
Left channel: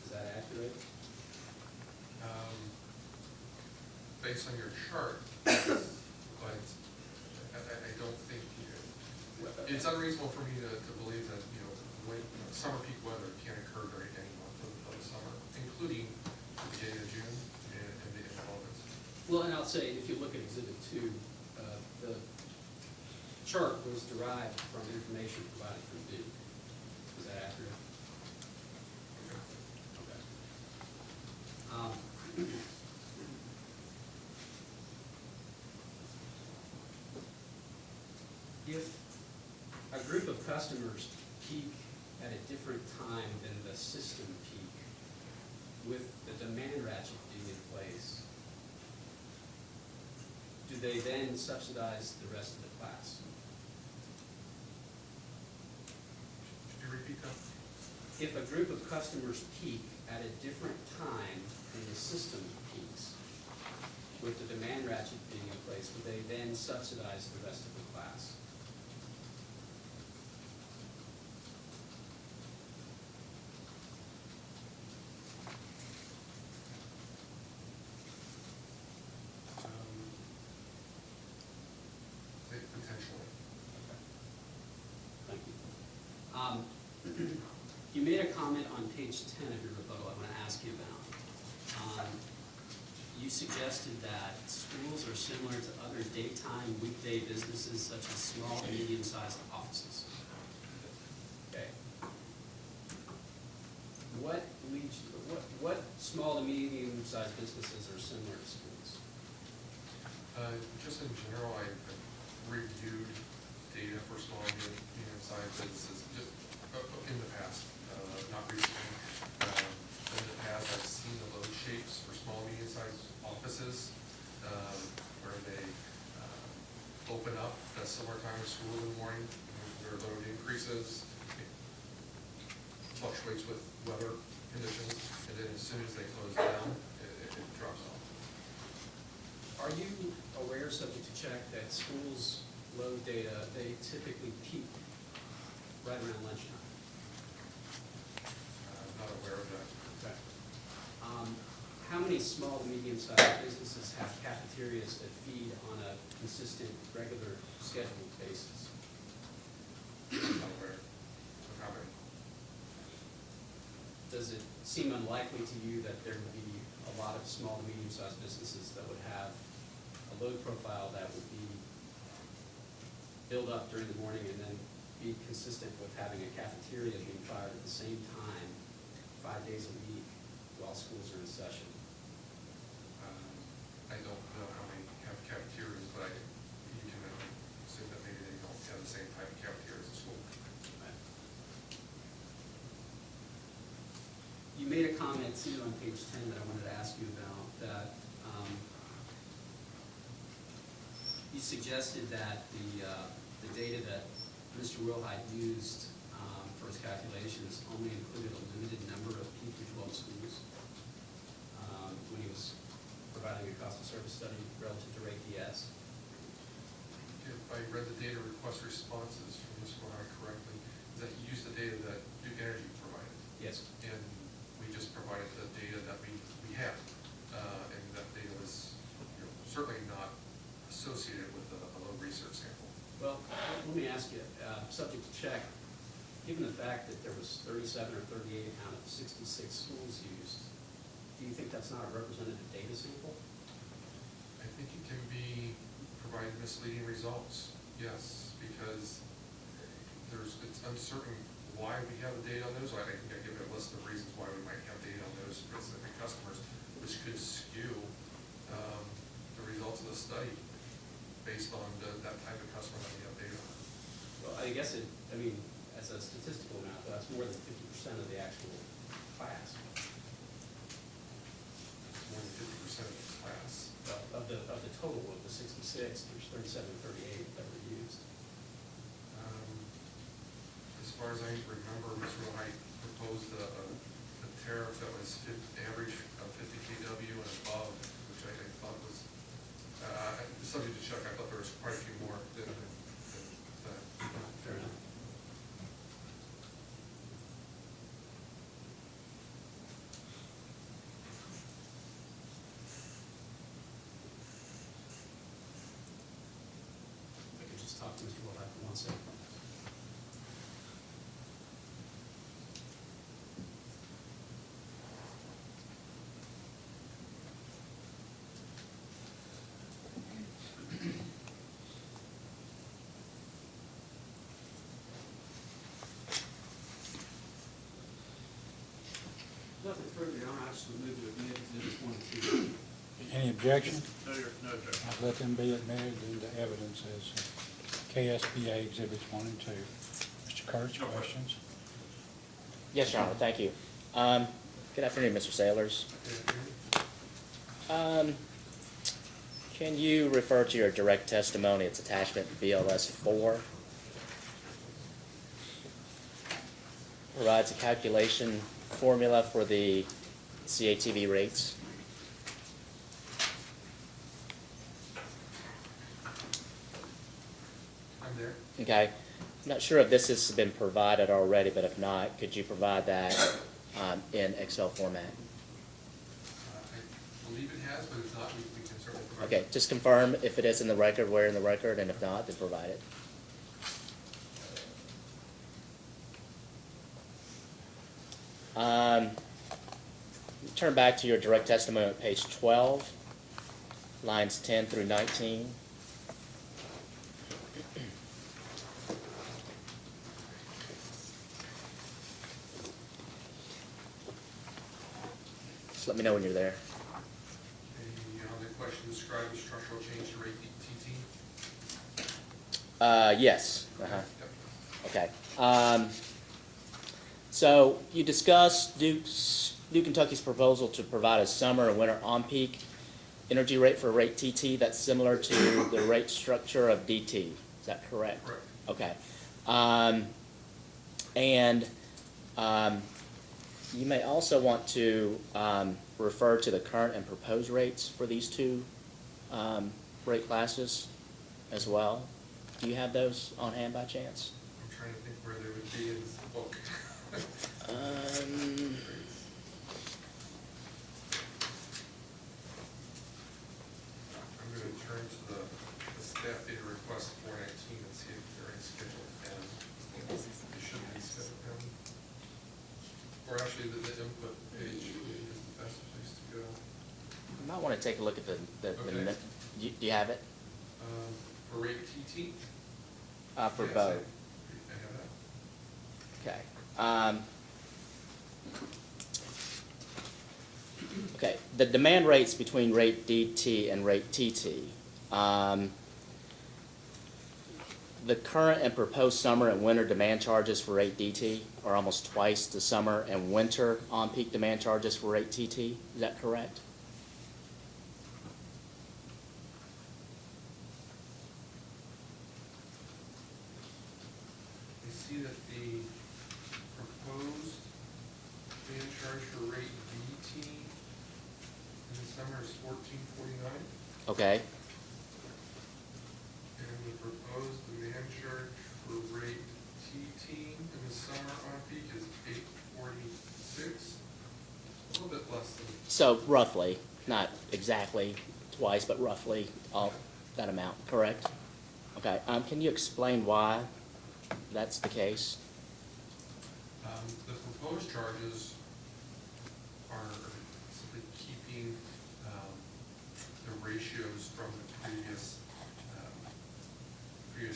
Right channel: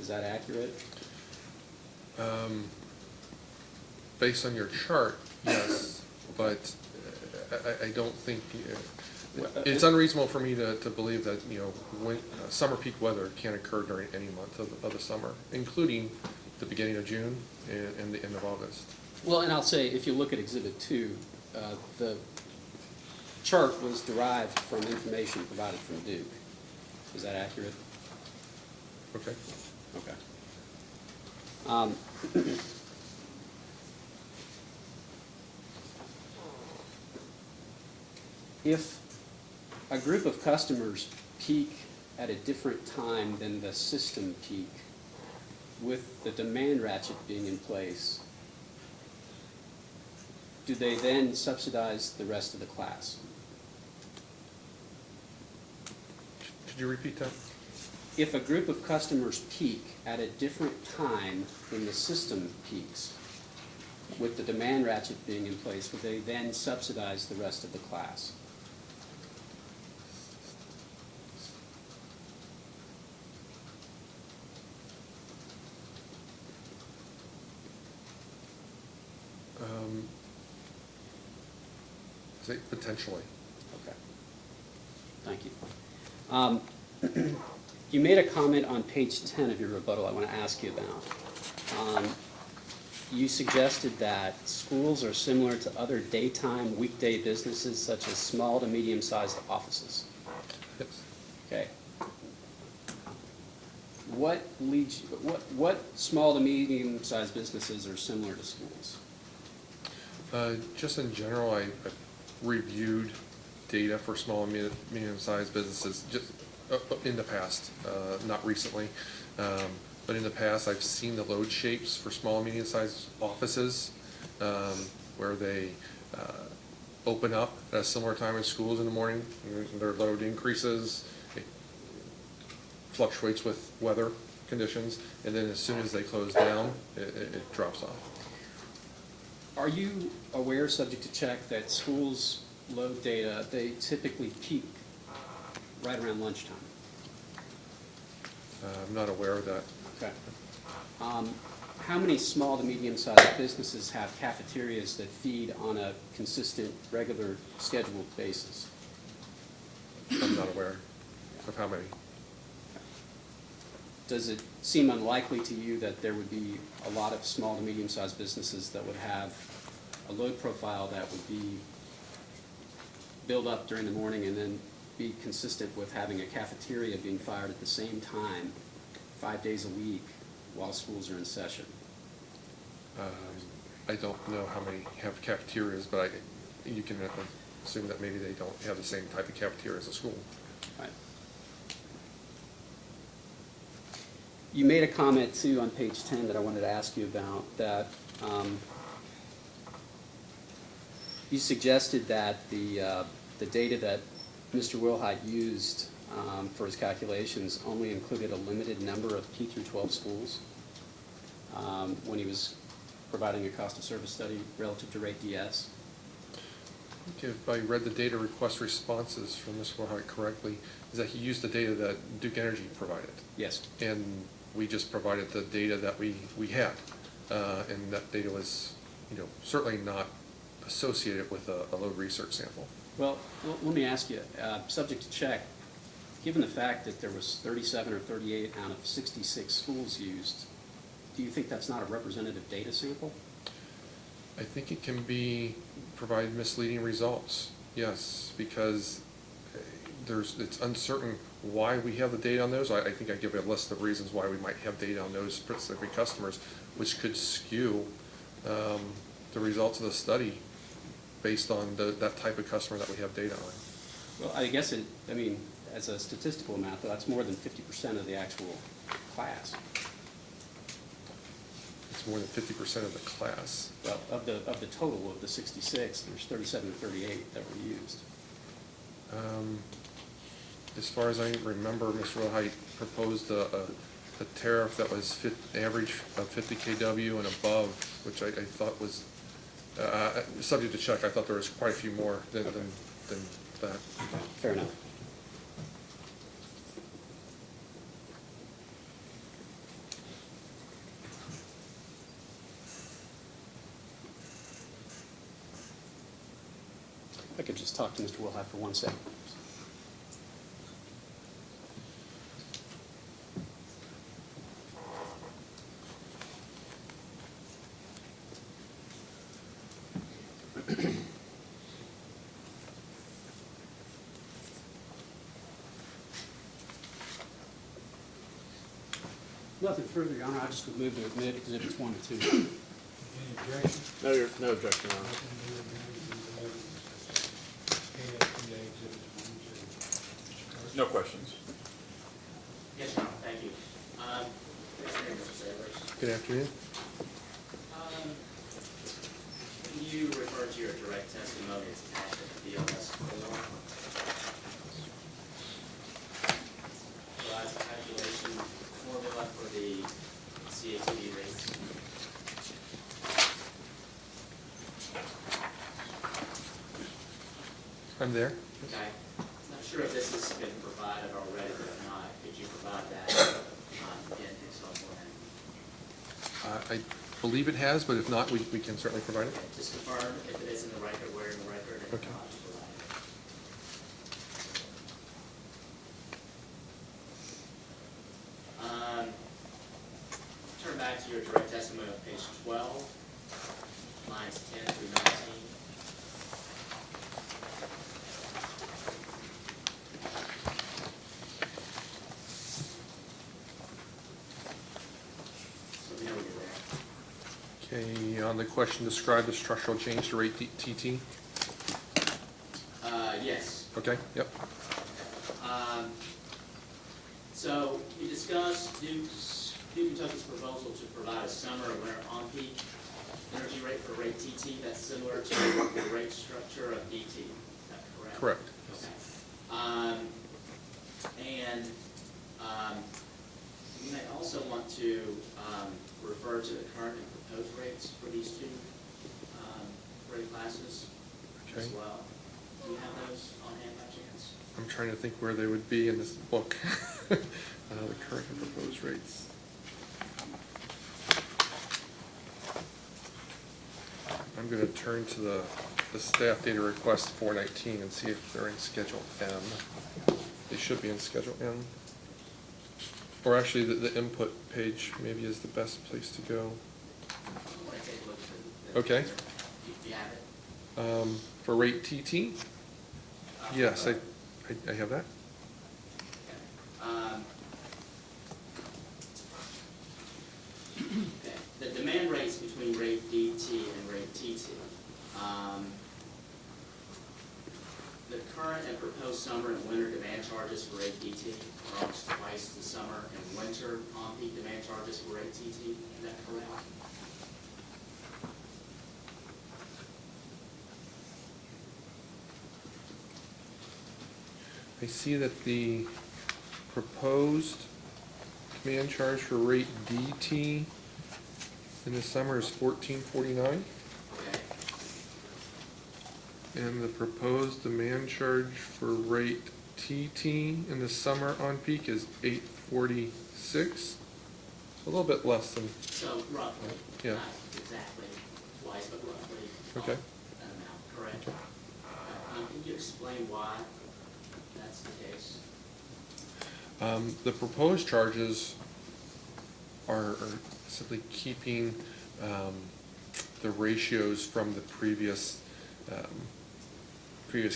Is that accurate? Based on your chart, yes, but I don't think, it's unreasonable for me to believe that, when, summer peak weather can occur during any month of the summer, including the beginning of June and the end of August. Well, and I'll say, if you look at Exhibit 2, the chart was derived from information provided from Duke. Is that accurate? Okay. Okay. If a group of customers peak at a different time than the system peak, with the demand ratchet being in place, do they then subsidize the rest of the class? Could you repeat that? If a group of customers peak at a different time than the system peaks, with the demand ratchet being in place, would they then subsidize the rest of the class? Say potentially. Okay. Thank you. You made a comment on page 10 of your rebuttal I want to ask you about. You suggested that schools are similar to other daytime weekday businesses such as small to medium-sized offices. Yes. Okay. What small to medium-sized businesses are similar to schools? Just in general, I reviewed data for small and medium-sized businesses just in the past, not recently. But in the past, I've seen the load shapes for small and medium-sized offices where they open up at a similar time as schools in the morning. Their load increases, it fluctuates with weather conditions, and then as soon as they close down, it drops off. Are you aware, subject to check, that schools' load data, they typically peak right around lunchtime? I'm not aware of that. Okay. How many small to medium-sized businesses have cafeterias that feed on a consistent, regular, scheduled basis? I'm not aware of how many. does it seem unlikely to you that there would be a lot of small to medium-sized businesses that would have a load profile that would be build up during the morning and then be consistent with having a cafeteria being fired at the same time, 5 days a week, while schools are in session? I don't know how many have cafeterias, but you can assume that maybe they don't have the same type of cafeteria as a school. Right. You made a comment too on page 10 that I wanted to ask you about, that you suggested that the data that Mr. Wilhite used for his calculations only included a limited number of K through 12 schools when he was providing a cost of service study relative to rate DS. If I read the data request responses from Mr. Wilhite correctly, is that he used the data that Duke Energy provided. Yes. And we just provided the data that we had. And that data was, certainly not associated with a load research sample. Well, let me ask you, subject to check, given the fact that there was 37 or 38 out of 66 schools used, do you think that's not a representative data sample? I think it can provide misleading results, yes, because it's uncertain why we have the data on those. I think I give a list of reasons why we might have data on those specific customers, which could skew the results of the study based on that type of customer that we have data on. Well, I guess as a statistical amount, though, that's more than 50% of the actual class. It's more than 50% of the class. Well, of the total of the 66, there's 37 to 38 that were used. As far as I remember, Mr. Wilhite proposed a tariff that was average of 50 kW and above, which I thought was subject to check. I thought there was quite a few more than that. Fair enough. I could just talk to Mr. Wilhite for 1 second. Nothing further, Your Honor. I just would move to admit exhibits 1 and 2. Any objection? No objection. Let them be admitted into evidence as KSPA exhibits 1 and 2. Mr. Kurtz? No questions. Yes, Your Honor, thank you. Good afternoon, Mr. Sailors. Good afternoon. Can you refer to your direct testimony? It's attachment BLS 4. Provides a calculation formula for the CATV rates. I'm there. Okay. I'm not sure if this has been provided already, but if not, could you provide that in Excel format? I believe it has, but if not, we can certainly provide Okay, it. just confirm if it is in the record, where in the record, and if not, then provide it. Turn back to your direct testimony on page 12, lines 10 through 19. Just let me know when you're there. Okay, on the question, describe the structural change to rate TT. Yes. Okay, yep. Okay. So you discussed Duke Kentucky's proposal to provide a summer and winter on-peak energy rate for rate TT that's similar to the rate structure of DT. Is that correct? Correct. Okay. You may also want to refer to the current and proposed rates for these two rate classes as well. Do you have those on hand by chance? I'm trying to think where they would be in this book. Those rates. I'm going to turn to the staff data request 419 and see if they're in Schedule M. They should be in Schedule M. Or actually, the input page maybe is the best place to go. You might wanna take a look at the. Okay. Do you have it? For rate TT? For Yes, both? I have that. Okay. Okay, the demand rates between rate DT and rate TT. The current and proposed summer and winter demand charges for rate DT are almost twice the summer and winter on-peak demand charges for rate TT. Is that correct? I see that the proposed demand charge for rate DT in the summer is $14.49, Okay, and the proposed demand charge for rate TT in the summer on peak is $8.46. A little bit less than, so roughly, Yeah. not exactly twice, but roughly Okay. that amount, correct? Okay, can you explain why that's the case? the proposed charges are simply keeping, the ratios from the previous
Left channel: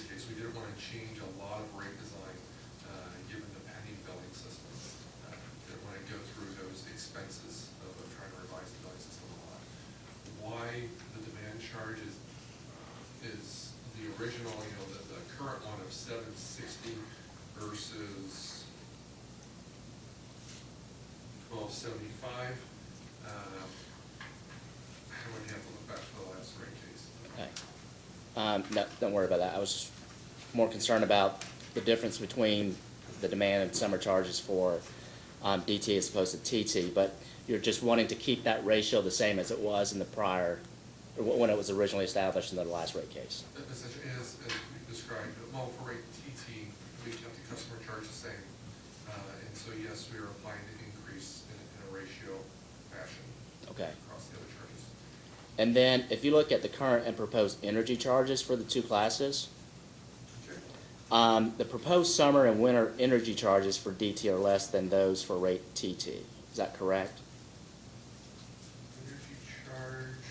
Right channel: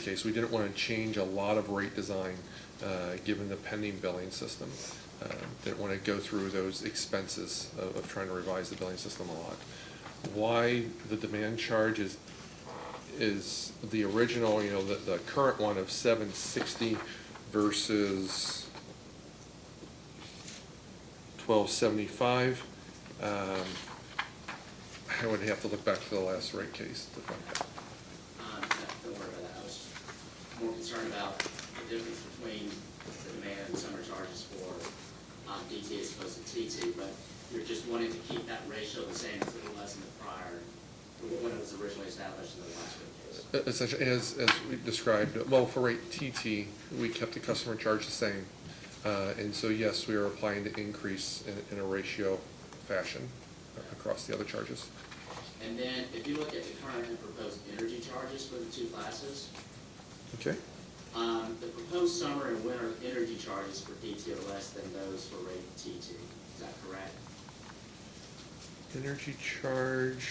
case. We didn't want to change a lot of rate design, given the pending billing system. Didn't want to go through those expenses of trying to revise the billing system a lot. Why the demand charge is the original, the current one of $7.60 versus $12.75. I would have to look back to the last rate case to find out. No, don't worry about that. I was more concerned about the difference between the demand and summer charges for DT as opposed to TT, but you're just wanting to keep that ratio the same as it was in the prior, when it was originally established in the last rate case. Essentially, as we described, well, for rate TT, we kept the customer charge the same. And so, yes, we are applying the increase in a ratio fashion Okay. across the other charges. And then if you look at the current and proposed energy charges for the two classes, Okay? the proposed summer and winter energy charges for DT are less than those for rate TT. Is that correct? Energy charge.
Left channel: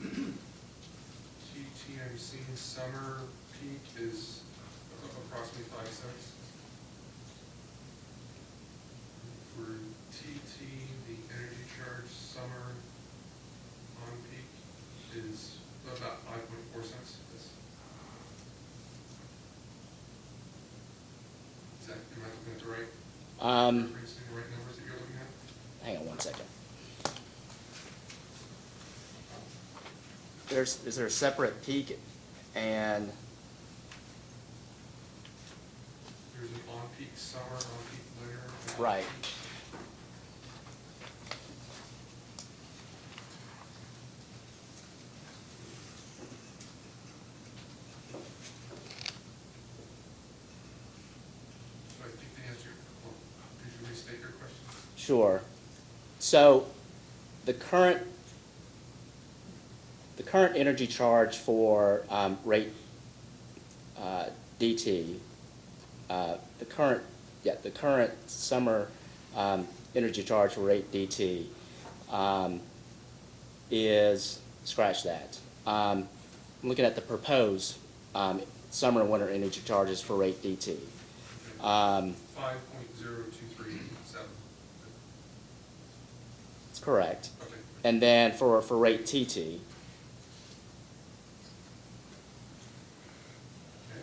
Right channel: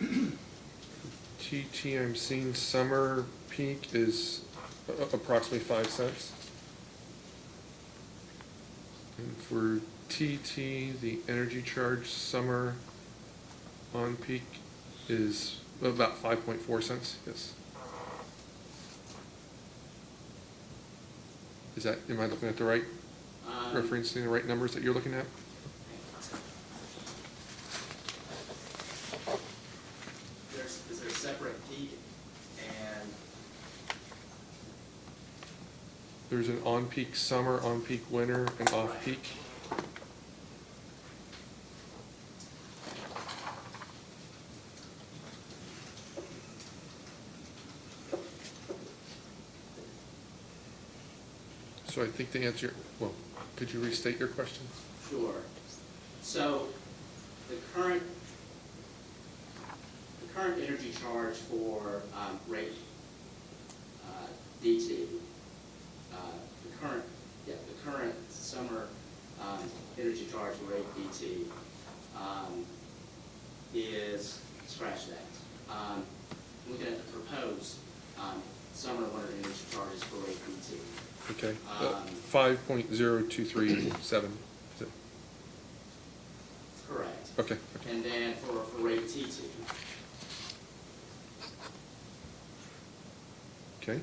TT, I'm seeing summer peak is approximately 5 cents. And for TT, the energy charge summer on peak is about 5.4 cents, yes. Am I looking at the right, referencing the right numbers that you're looking at? Hang on 1 second. Is there a separate peak and, There's an on-peak summer, on-peak winter, and Right. off-peak. So I think the answer, well, could you restate your question? sure. So the current energy charge for rate DT, the current summer energy charge for rate DT is, scratch that. I'm looking at the proposed summer and winter energy charges for rate DT. Okay. 5.0237. That's correct. Okay. And then for rate TT, Okay.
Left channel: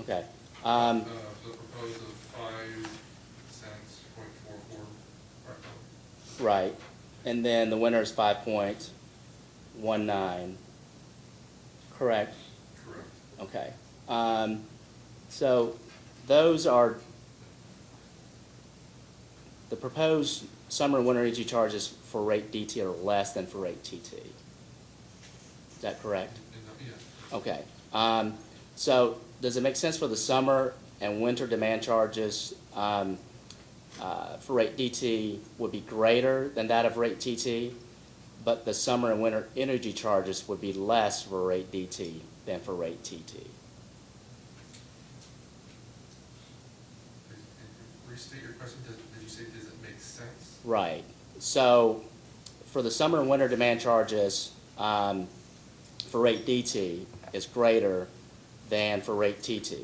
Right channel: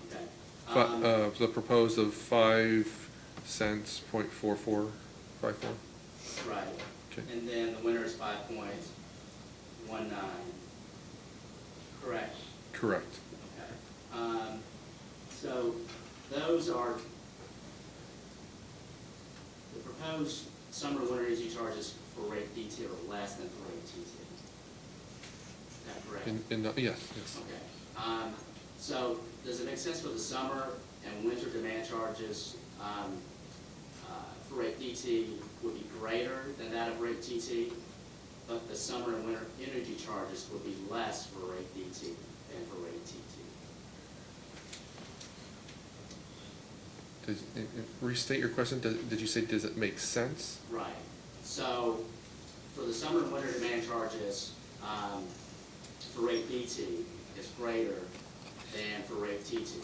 okay. The proposed of 5 cents, 0.4454. Right. Okay. And then the winter is 5.19. Correct? Correct. Okay. So those are, the proposed summer and winter energy charges for rate DT are less than for rate TT. Is that correct? Yes. Yes. Okay. So does it make sense for the summer and winter demand charges for rate DT would be greater than that of rate TT, but the summer and winter energy charges would be less for rate DT than for rate TT? Restate your question. Did you say, does it make sense? Right. So for the summer and winter demand charges, for rate DT is greater than for rate TT.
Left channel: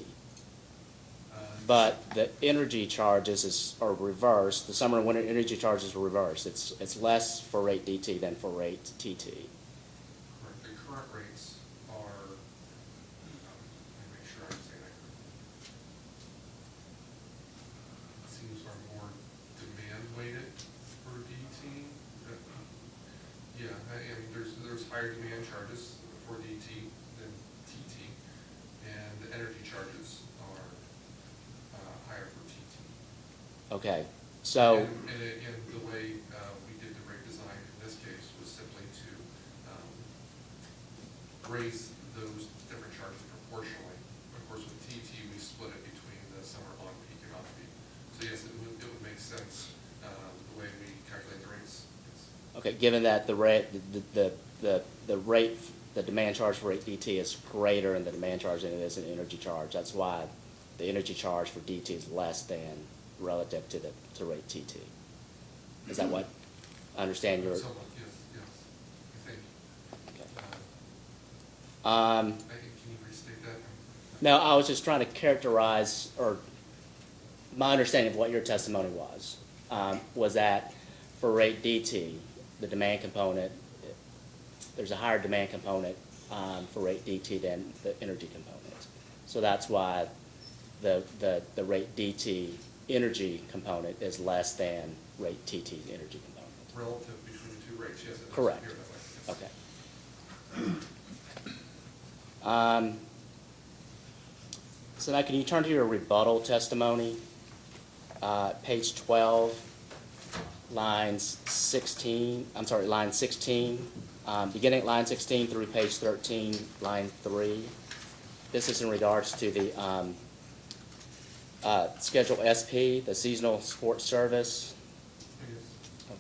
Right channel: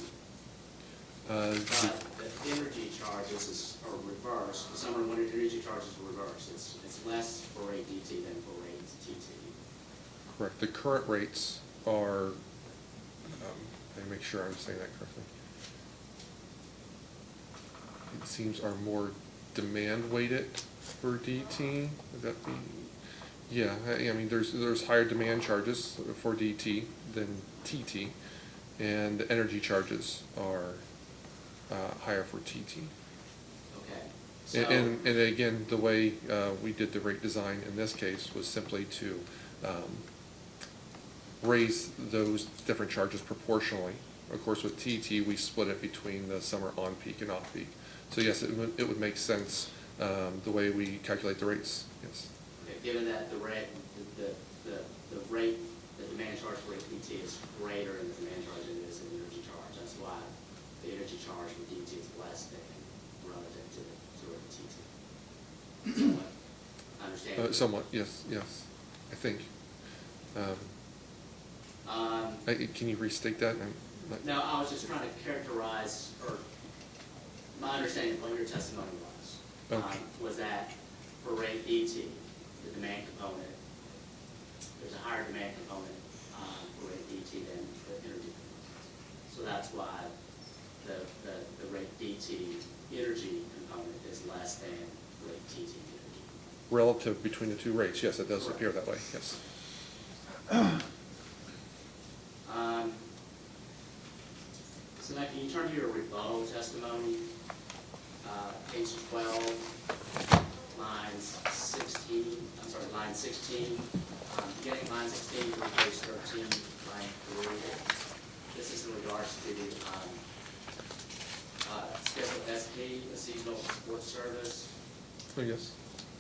But the energy charges are reversed. The summer and winter energy charges are reversed. It's less for rate DT than for rate TT. Correct. The current rates are, let me make sure I'm saying that correctly. It seems are more demand weighted for DT. Would that be? Yeah, I mean, there's higher demand charges for DT than TT, and the energy charges are higher for TT. Okay, so. And again, the way we did the rate design in this case was simply to raise those different charges proportionally. Of course, with TT, we split it between the summer on-peak and off-peak. So yes, it would make sense the way we calculate the rates, yes. Okay, given that the rate, the rate, the demand charge for rate DT is greater in the demand charge than it is in energy charge, that's why the energy charge for DT is less than relative to rate TT. Is that what I understand? Somewhat, yes, I think. Can you restate that? No, I was just trying to characterize, or my understanding of what your testimony was that for rate DT, the demand component, there's a higher demand component for rate DT than the energy component. So that's why the rate DT energy component is less than rate TT energy component. Relative between the two rates, yes, it does Correct. appear that way, yes. Okay. So now can you turn to your rebuttal testimony, page 12, line 16, beginning at line 16 through page 13, line 3. This is in regards to the Schedule SP, the seasonal sports service. Oh, yes.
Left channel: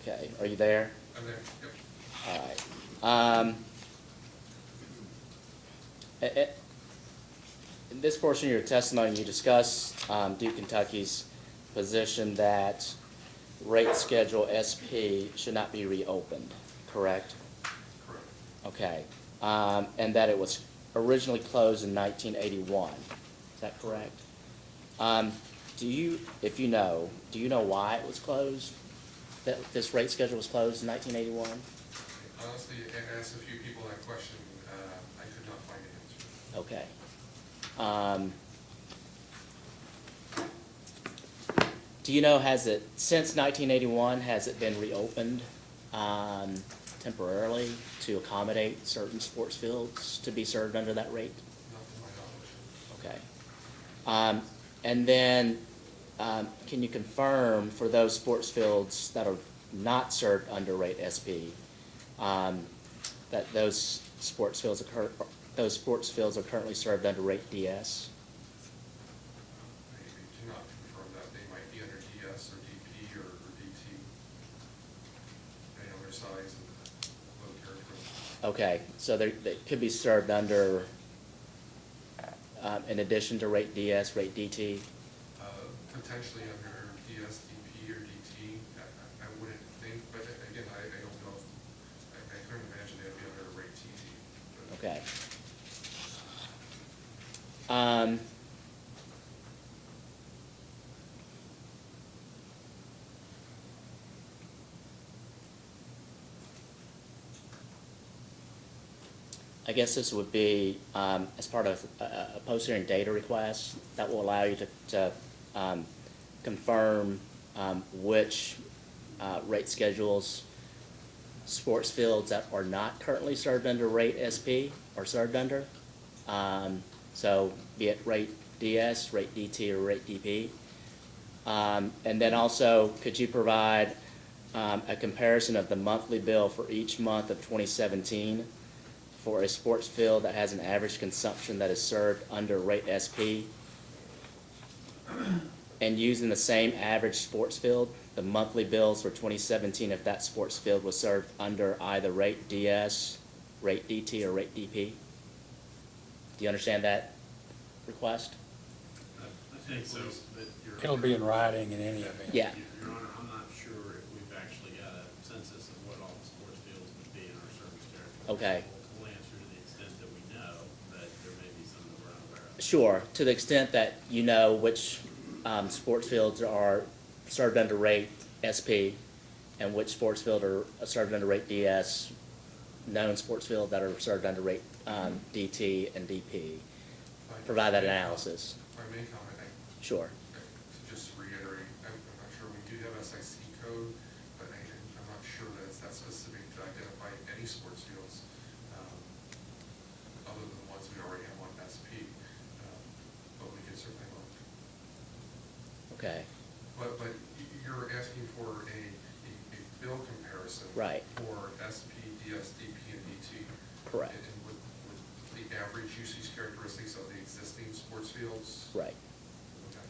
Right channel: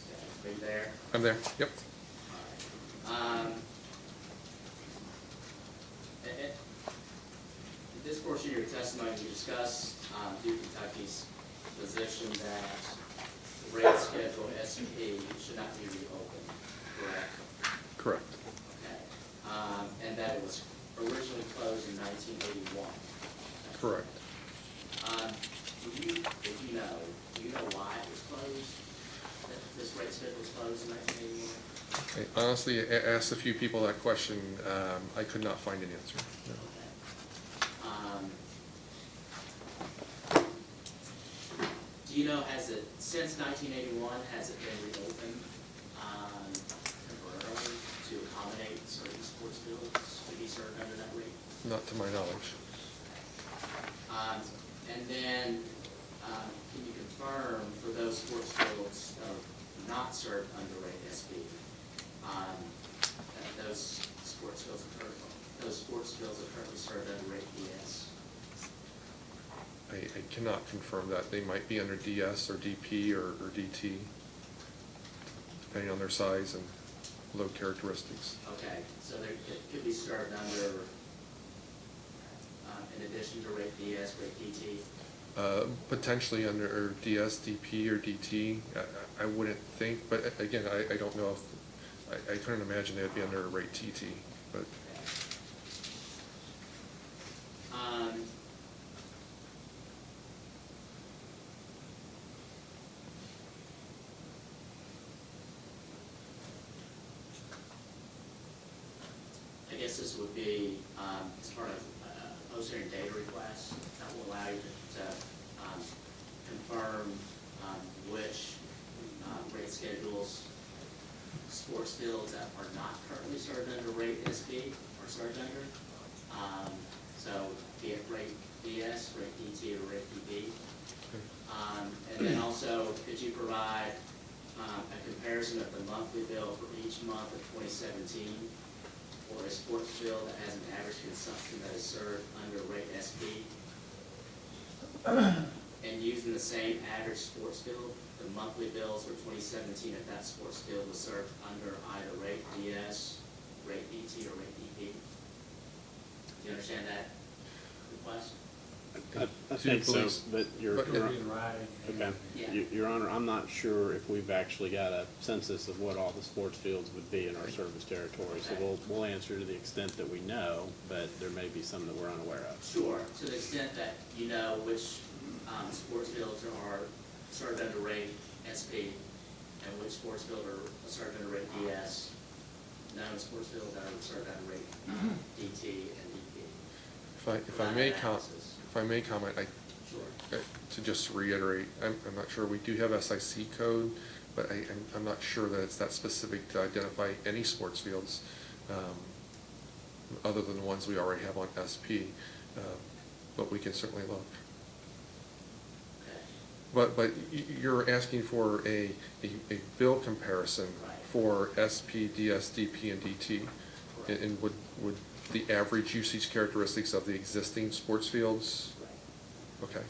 Okay, are you there? I'm there, yep. All right. In this portion of your testimony, you discuss Duke Kentucky's position that rate schedule SP should not be reopened, correct? Correct. Okay. And that it was originally closed in 1981. Is that correct? Do you know why it was closed? That this rate schedule was closed in 1981? Honestly, I asked a few people that question. I could not find an answer. Okay. Do you know, since 1981, has it been reopened temporarily to accommodate certain sports fields to be served under that rate? Not to my knowledge. Okay. And then, can you confirm for those sports fields that are not served under rate SP, that those sports fields are currently served under rate DS? I cannot confirm that. They might be under DS or DP or DT, depending on their size and load characteristics. Okay, so they could be served under, in addition to rate DS, rate DT? Potentially under DS, DP, or DT. I wouldn't think, but again, I don't know if, I couldn't imagine they'd be under a rate TT. But Okay. I guess this would be as part of a post-hearing data request that will allow you to confirm which rate schedules sports fields that are not currently served under rate SP are served under. So be it rate DS, rate DT, or rate DP. And then also, could you provide a comparison of the monthly bill for each month of 2017 for a sports field that has an average consumption that is served under rate SP? And using the same average sports field, the monthly bills for 2017, if that sports field was served under either rate DS, rate DT, or rate DP? Do you understand that request? I think so, police. but your. It'll be in writing in any event. Yeah. Your Honor, I'm not sure if we've actually got a census of what all the sports fields would be in our service territory. Okay. So we'll answer to the extent that we know, but there may be some that we're unaware of. Sure, to the extent that you know which sports fields are served under rate SP and which sports field are served under rate DS, known sports field that are served under rate DT and DP. If I Provide that may com- analysis. If I may comment, Sure. to just reiterate, I'm not sure, we do have SIC code, but I'm not sure that it's that specific to identify any sports fields, other than the ones we already have on SP, but we can certainly look. Okay. But you're asking for a bill comparison. Right. For SP, DS, DP, and DT. Correct. And would the average usage characteristics of the existing sports fields? Right. Okay.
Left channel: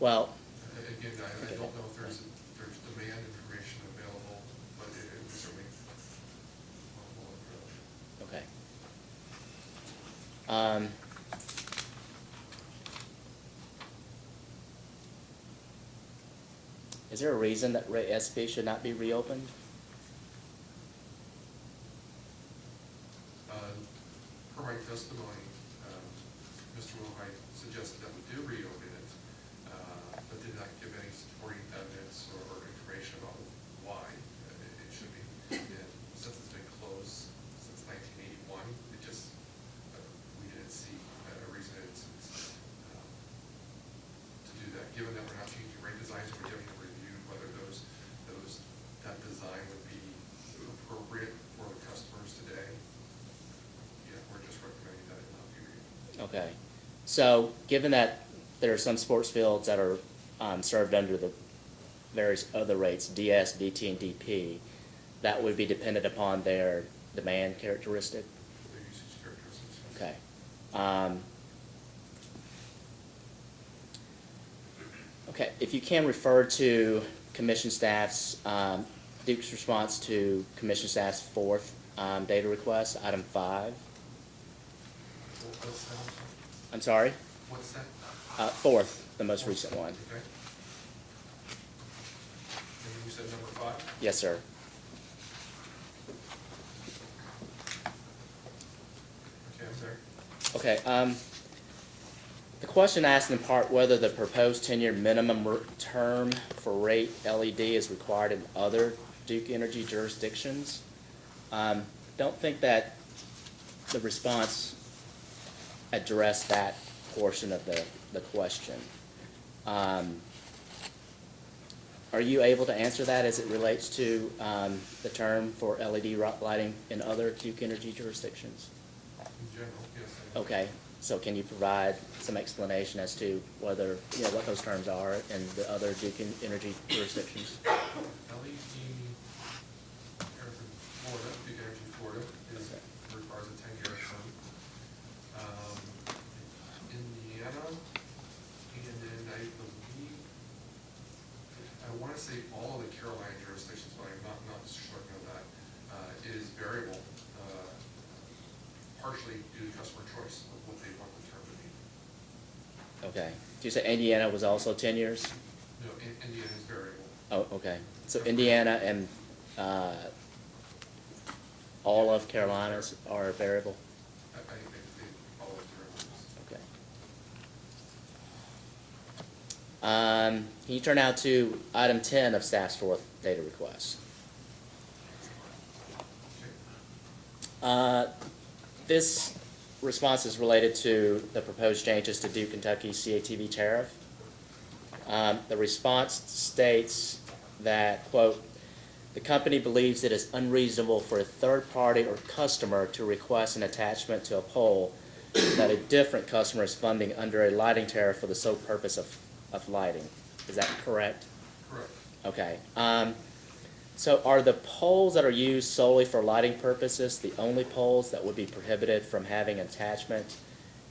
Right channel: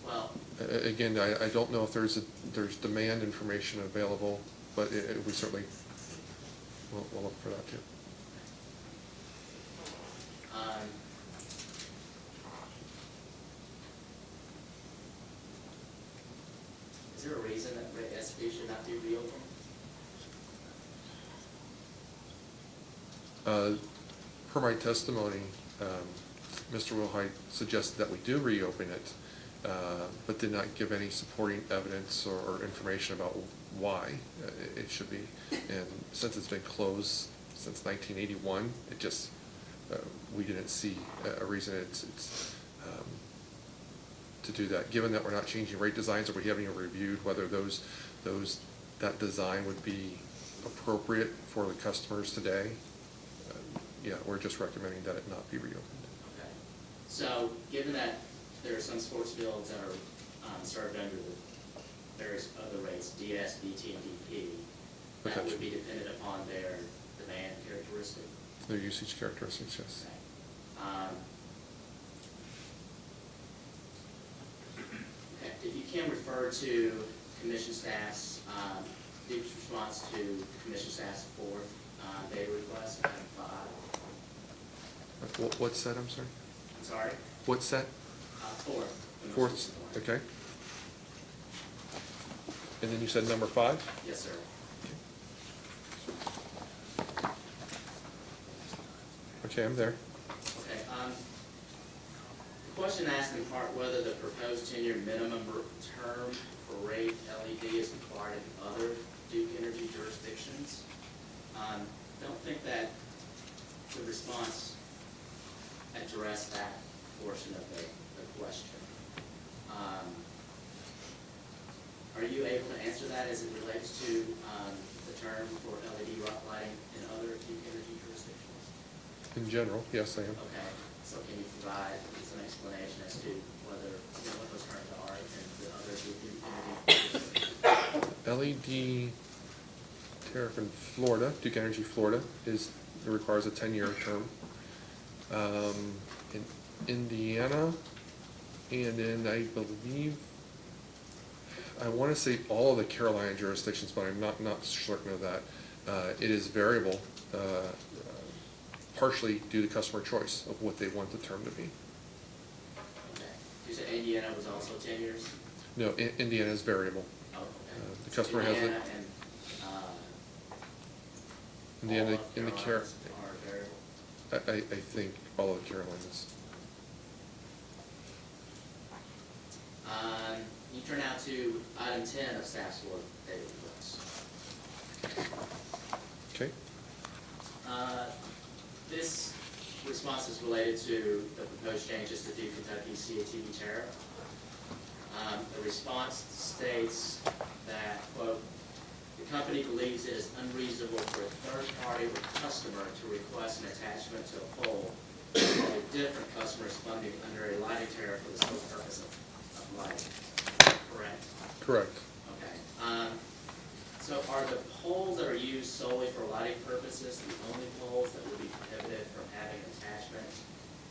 Well, Again, I don't know if there's demand information available, but we certainly, we'll look for that too. okay. Is there a reason that rate SP should not be reopened? Per my testimony, Mr. Wilhite suggested that we do reopen it, but did not give any supporting evidence or information about why it should be. And since it's been closed since 1981, it just, we didn't see a reason to do that. Given that we're not changing rate designs, or we haven't even reviewed whether that design would be appropriate for the customers today, yeah, we're just recommending that it not be reopened. Okay. So, given that there are some sports fields that are served under the various other rates, DS, DT, and DP, that would be dependent upon their demand characteristic? Their usage characteristics, yes. Okay. Okay, if you can refer to commission staff's, Duke's response to commission staff's fourth data request, item 5. What's that, I'm sorry? I'm sorry? What's that? Fourth, the most Fourth, recent one. Okay. And then you said number 5? Yes, sir. Okay, I'm there. Okay, the question asked in part whether the proposed 10-year minimum term for rate LED is required in other Duke Energy jurisdictions. Don't think that the response addressed that portion of the question. Are you able to answer that as it relates to the term for LED lighting in other Duke Energy jurisdictions? In general, yes, I am. Okay, so can you provide some explanation as to whether, what those terms are in the other Duke Energy jurisdictions? LED tariff in Florida, Duke Energy Florida, requires a 10-year term. In Indiana, and in, I believe, I want to say all of the Carolina jurisdictions, but I'm not certain of that. It is variable, partially due to customer choice of what they want the term to be. Okay. Did you say Indiana was also 10 years? No, Indiana is variable. Oh, okay. So customer Indiana and all Indiana of and the Carolina are variable? I think all of Carolinas. Can you turn now to item 10 of staff's fourth data request? Okay. This response is related to the proposed changes to Duke Kentucky CATV tariff. The response states that, quote, the company believes it is unreasonable for a third party or customer to request an attachment to a pole that a different customer is funding under a lighting tariff for the sole purpose of lighting. Is that correct? Correct. Okay. So are the poles that are used solely for lighting purposes the only poles that would be prohibited from having attachment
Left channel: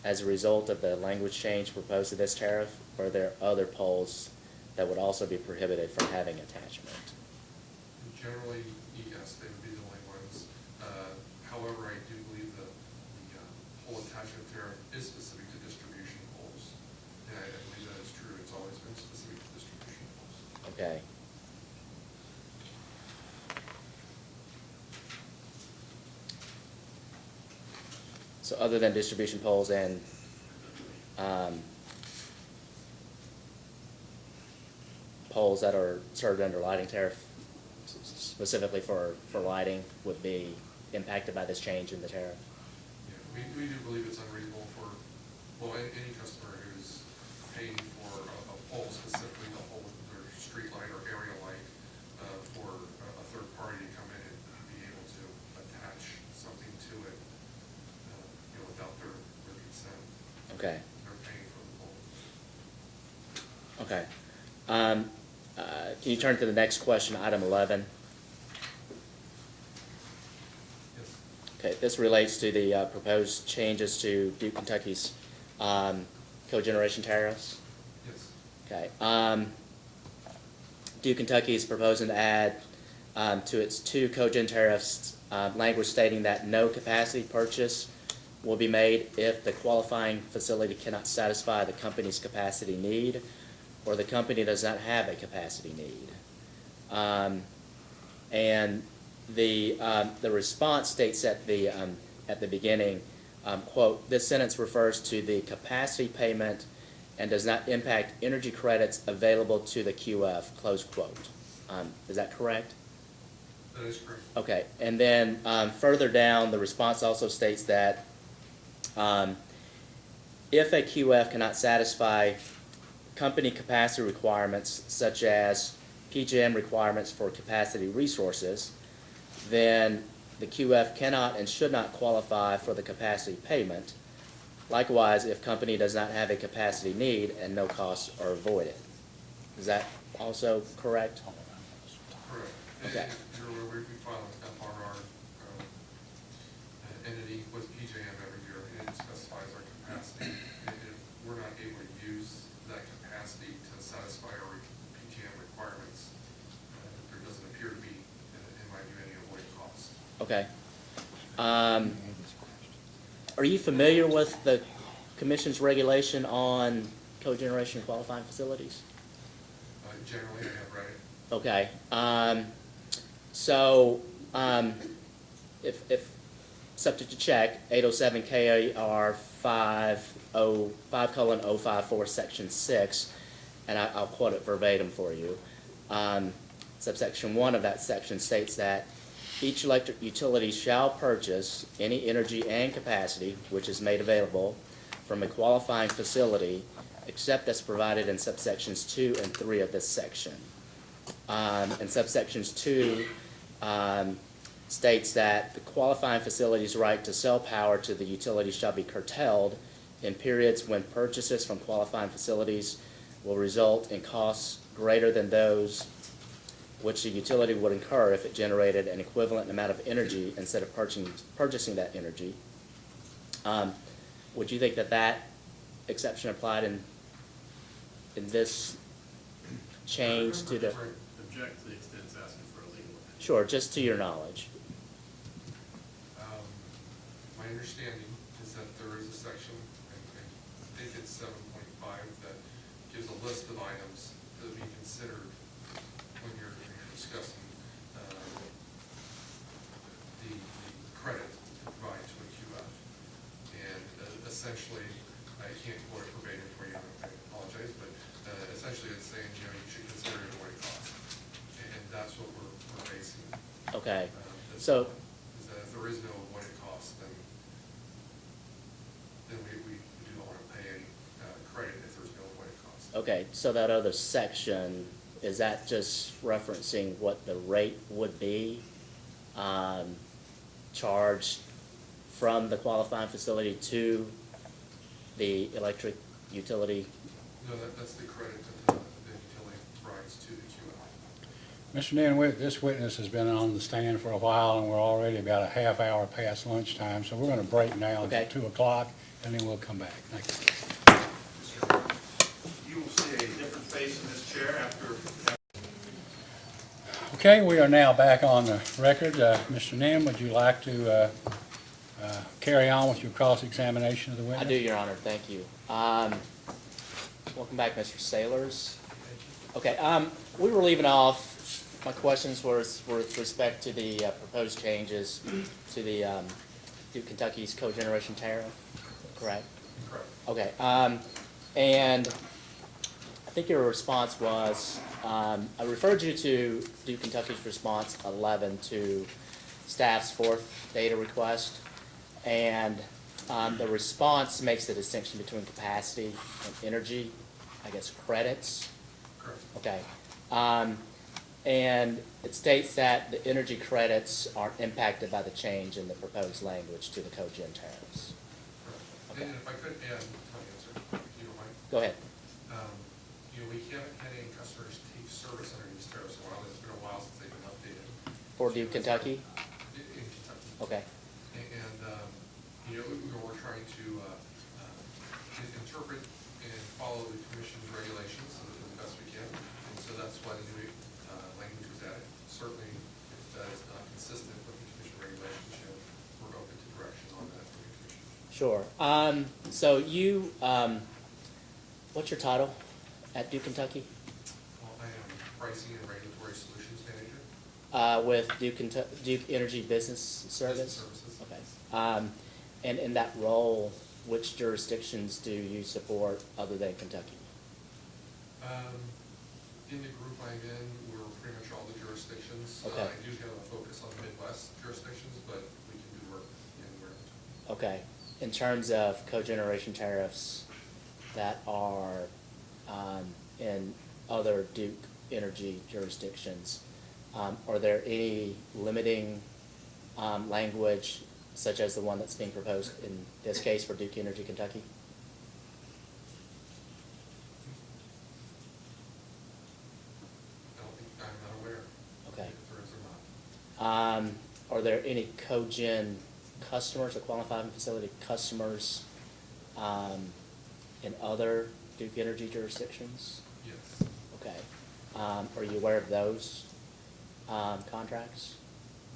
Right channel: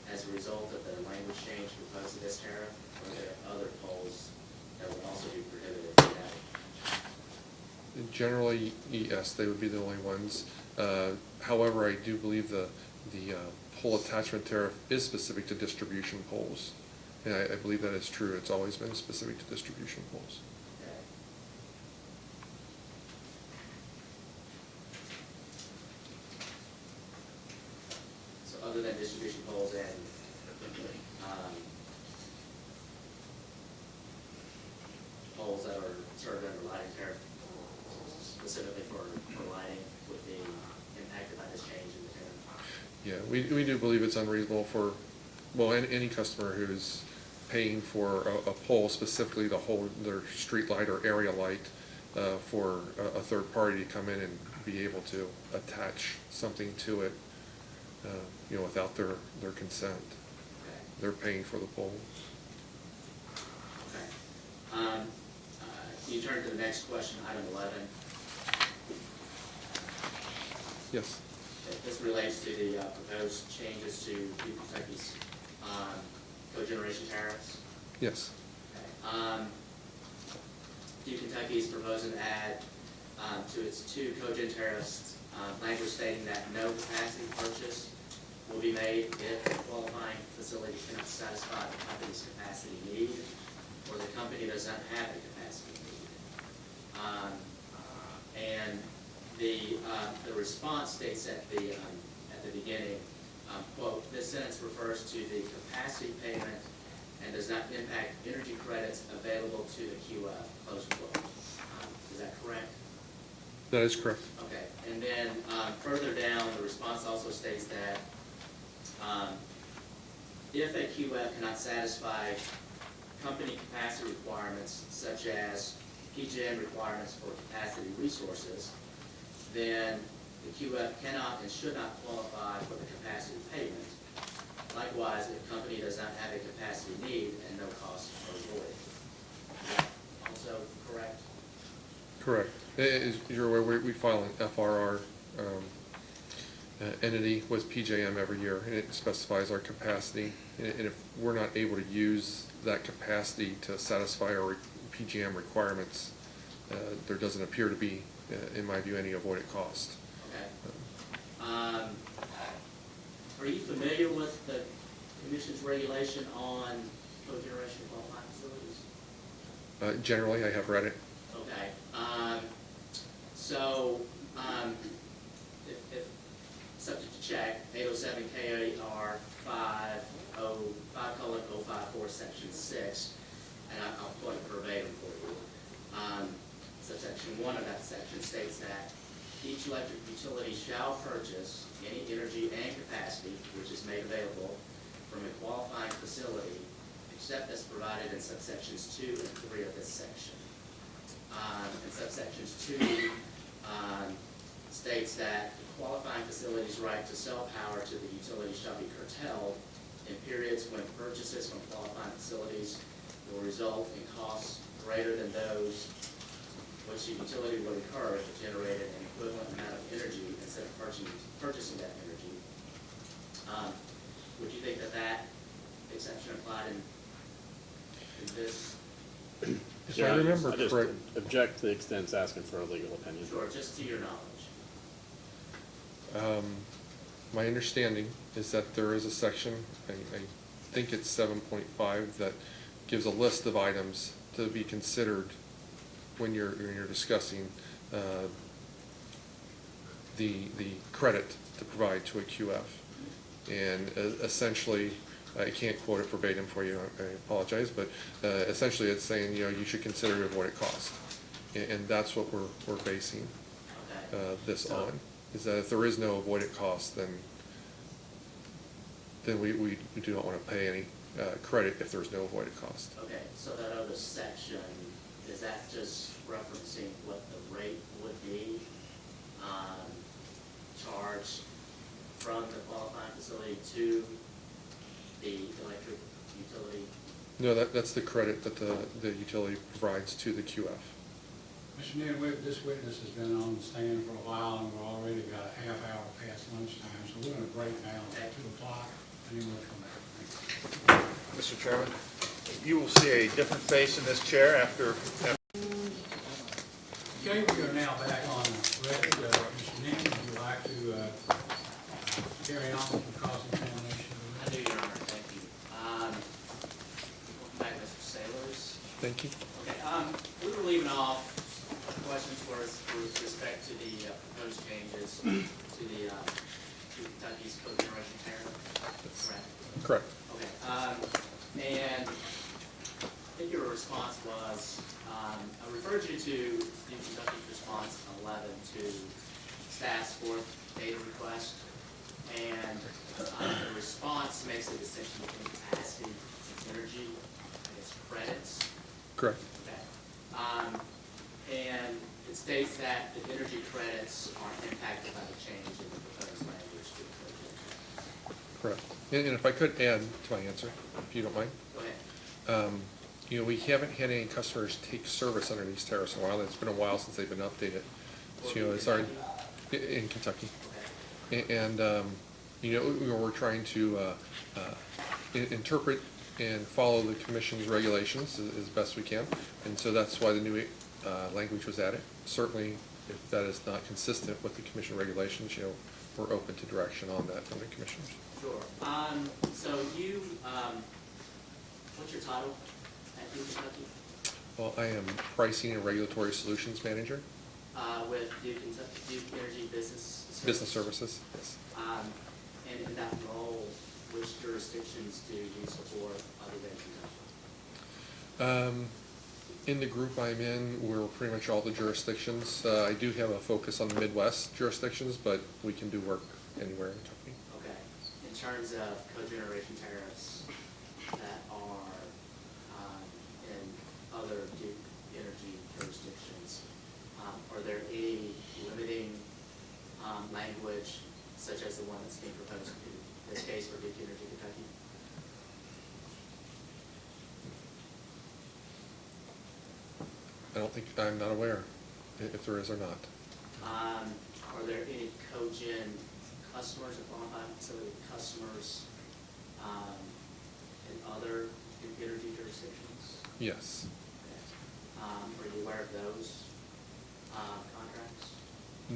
as a result of the language change proposed to this tariff? Or are there other poles that would also be prohibited from having attachment? Generally, yes, they would be the only ones. However, I do believe the pole attachment tariff is specific to distribution poles. And I believe that is true. It's always been specific to distribution poles. Okay. So other than distribution poles and, poles that are served under lighting tariff, specifically for lighting, would be impacted by this change in the tariff? Yeah, we do believe it's unreasonable for, well, any customer who's paying for a pole specifically to hold their street light or area light, for a third party to come in and be able to attach something to it, without their consent. Okay. They're paying for the pole. Okay. Can you turn to the next question, item 11? Yes. Okay, this relates to the proposed changes to Duke Kentucky's cogeneration tariffs. Yes. Okay. Duke Kentucky is proposing to add to its two cogen tariffs language stating that no capacity purchase will be made if the qualifying facility cannot satisfy the company's capacity need or the company does not have a capacity need. And the response states at the beginning, quote, "This sentence refers to the capacity payment and does not impact energy credits available to the QF," close quote. Is that correct? That is correct. Okay, and then further down, the response also states that if a QF cannot satisfy company capacity requirements such as PJM requirements for capacity resources, then the QF cannot and should not qualify for the capacity payment. Likewise, if company does not have a capacity need and no costs are avoided. Is that also correct? Correct. As you're aware, we file an FRR entity with PJM every year, and it specifies our capacity. And if we're not able to use that capacity to satisfy our PJM requirements, there doesn't appear to be, in my view, any avoided cost. Okay. Are you familiar with the Commission's regulation on cogeneration qualifying facilities? Generally, I have read it. Okay. So, if subject to check, 807 KAR 5:054, section 6, and I'll quote it verbatim for you. Subsection 1 of that section states that each electric utility shall purchase any energy and capacity which is made available from a qualifying facility except as provided in subsections 2 and 3 of this section. And subsections 2 states that the qualifying facility's right to sell power to the utility shall be curtailed in periods when purchases from qualifying facilities will result in costs greater than those which the utility would incur if it generated an equivalent amount of energy instead of purchasing that energy. Would you think that exception applied in this change? Object to the extent it's asking for a legal opinion. Sure, just to your knowledge. My understanding is that there is a section, and I think it's 7.5, that gives a list of items to be considered when you're discussing the credit to provide to a QF. And essentially, I can't quote it verbatim for you, I apologize, but essentially it's saying, you should consider your avoided cost. And that's what we're basing Okay. this on, is that if there is no avoided cost, then we do not want to pay any credit if there's no avoided cost. Okay, so that other section, is that just referencing what the rate would be charged from the qualifying facility to the electric utility? No, that's the credit that the utility provides to the QF. Mr. Nan, this witness has been on the stand for a while, and we're already about a half hour past lunchtime, so we're going to break now Okay. until 2 o'clock, and then we'll come back. Thank you. Mr. Chairman, you will see a different face in this chair after. Okay, we are now back on the record. Mr. Nim, would you like to carry on with your cross-examination of the I witness? do, Your Honor, thank you. Welcome back, Mr. Sailors. Thank you. Okay, we were leaving off, my questions were with respect to the proposed changes to the Duke Kentucky's cogeneration tariff, correct? Correct. Okay, and I think your response was, I referred you to Duke Kentucky's response 11 to staff's fourth data request, and the response makes a distinction between capacity and energy, I guess, credits. Correct. Okay. And it states that the energy credits are impacted by the change in the proposed language to the cogen tariffs. Correct. And if I could add to my answer, if you don't mind. Go ahead. You know, we haven't had any customers take service under these tariffs in a while. It's been a while since they've been updated. For So, you know, Duke it's hard- Kentucky? In Kentucky. Okay. And, you know, we're trying to interpret and follow the commission's regulations as best we can. And so that's why the new language was added. Certainly, if that is not consistent with the commission regulations, you know, we're open to direction on that from the commissioners. Sure. So you, what's your title at Duke Kentucky? Well, I am Pricing and Regulatory Solutions Manager. With Duke Energy Business Service? Business Services. Okay. And in that role, which jurisdictions do you support other than Kentucky? In the group I'm in, we're pretty much all the jurisdictions. I do have a focus on the Midwest jurisdictions, but we can do work anywhere in Kentucky. Okay. In terms of cogeneration tariffs that are in other Duke Energy jurisdictions, are there any limiting language such as the one that's being proposed in this case for Duke Energy Kentucky? I don't think, I'm not aware Okay. if there is or not. Are there any cogen customers or qualified facility customers in other Duke Energy jurisdictions? Yes. Okay. Are you aware of those contracts?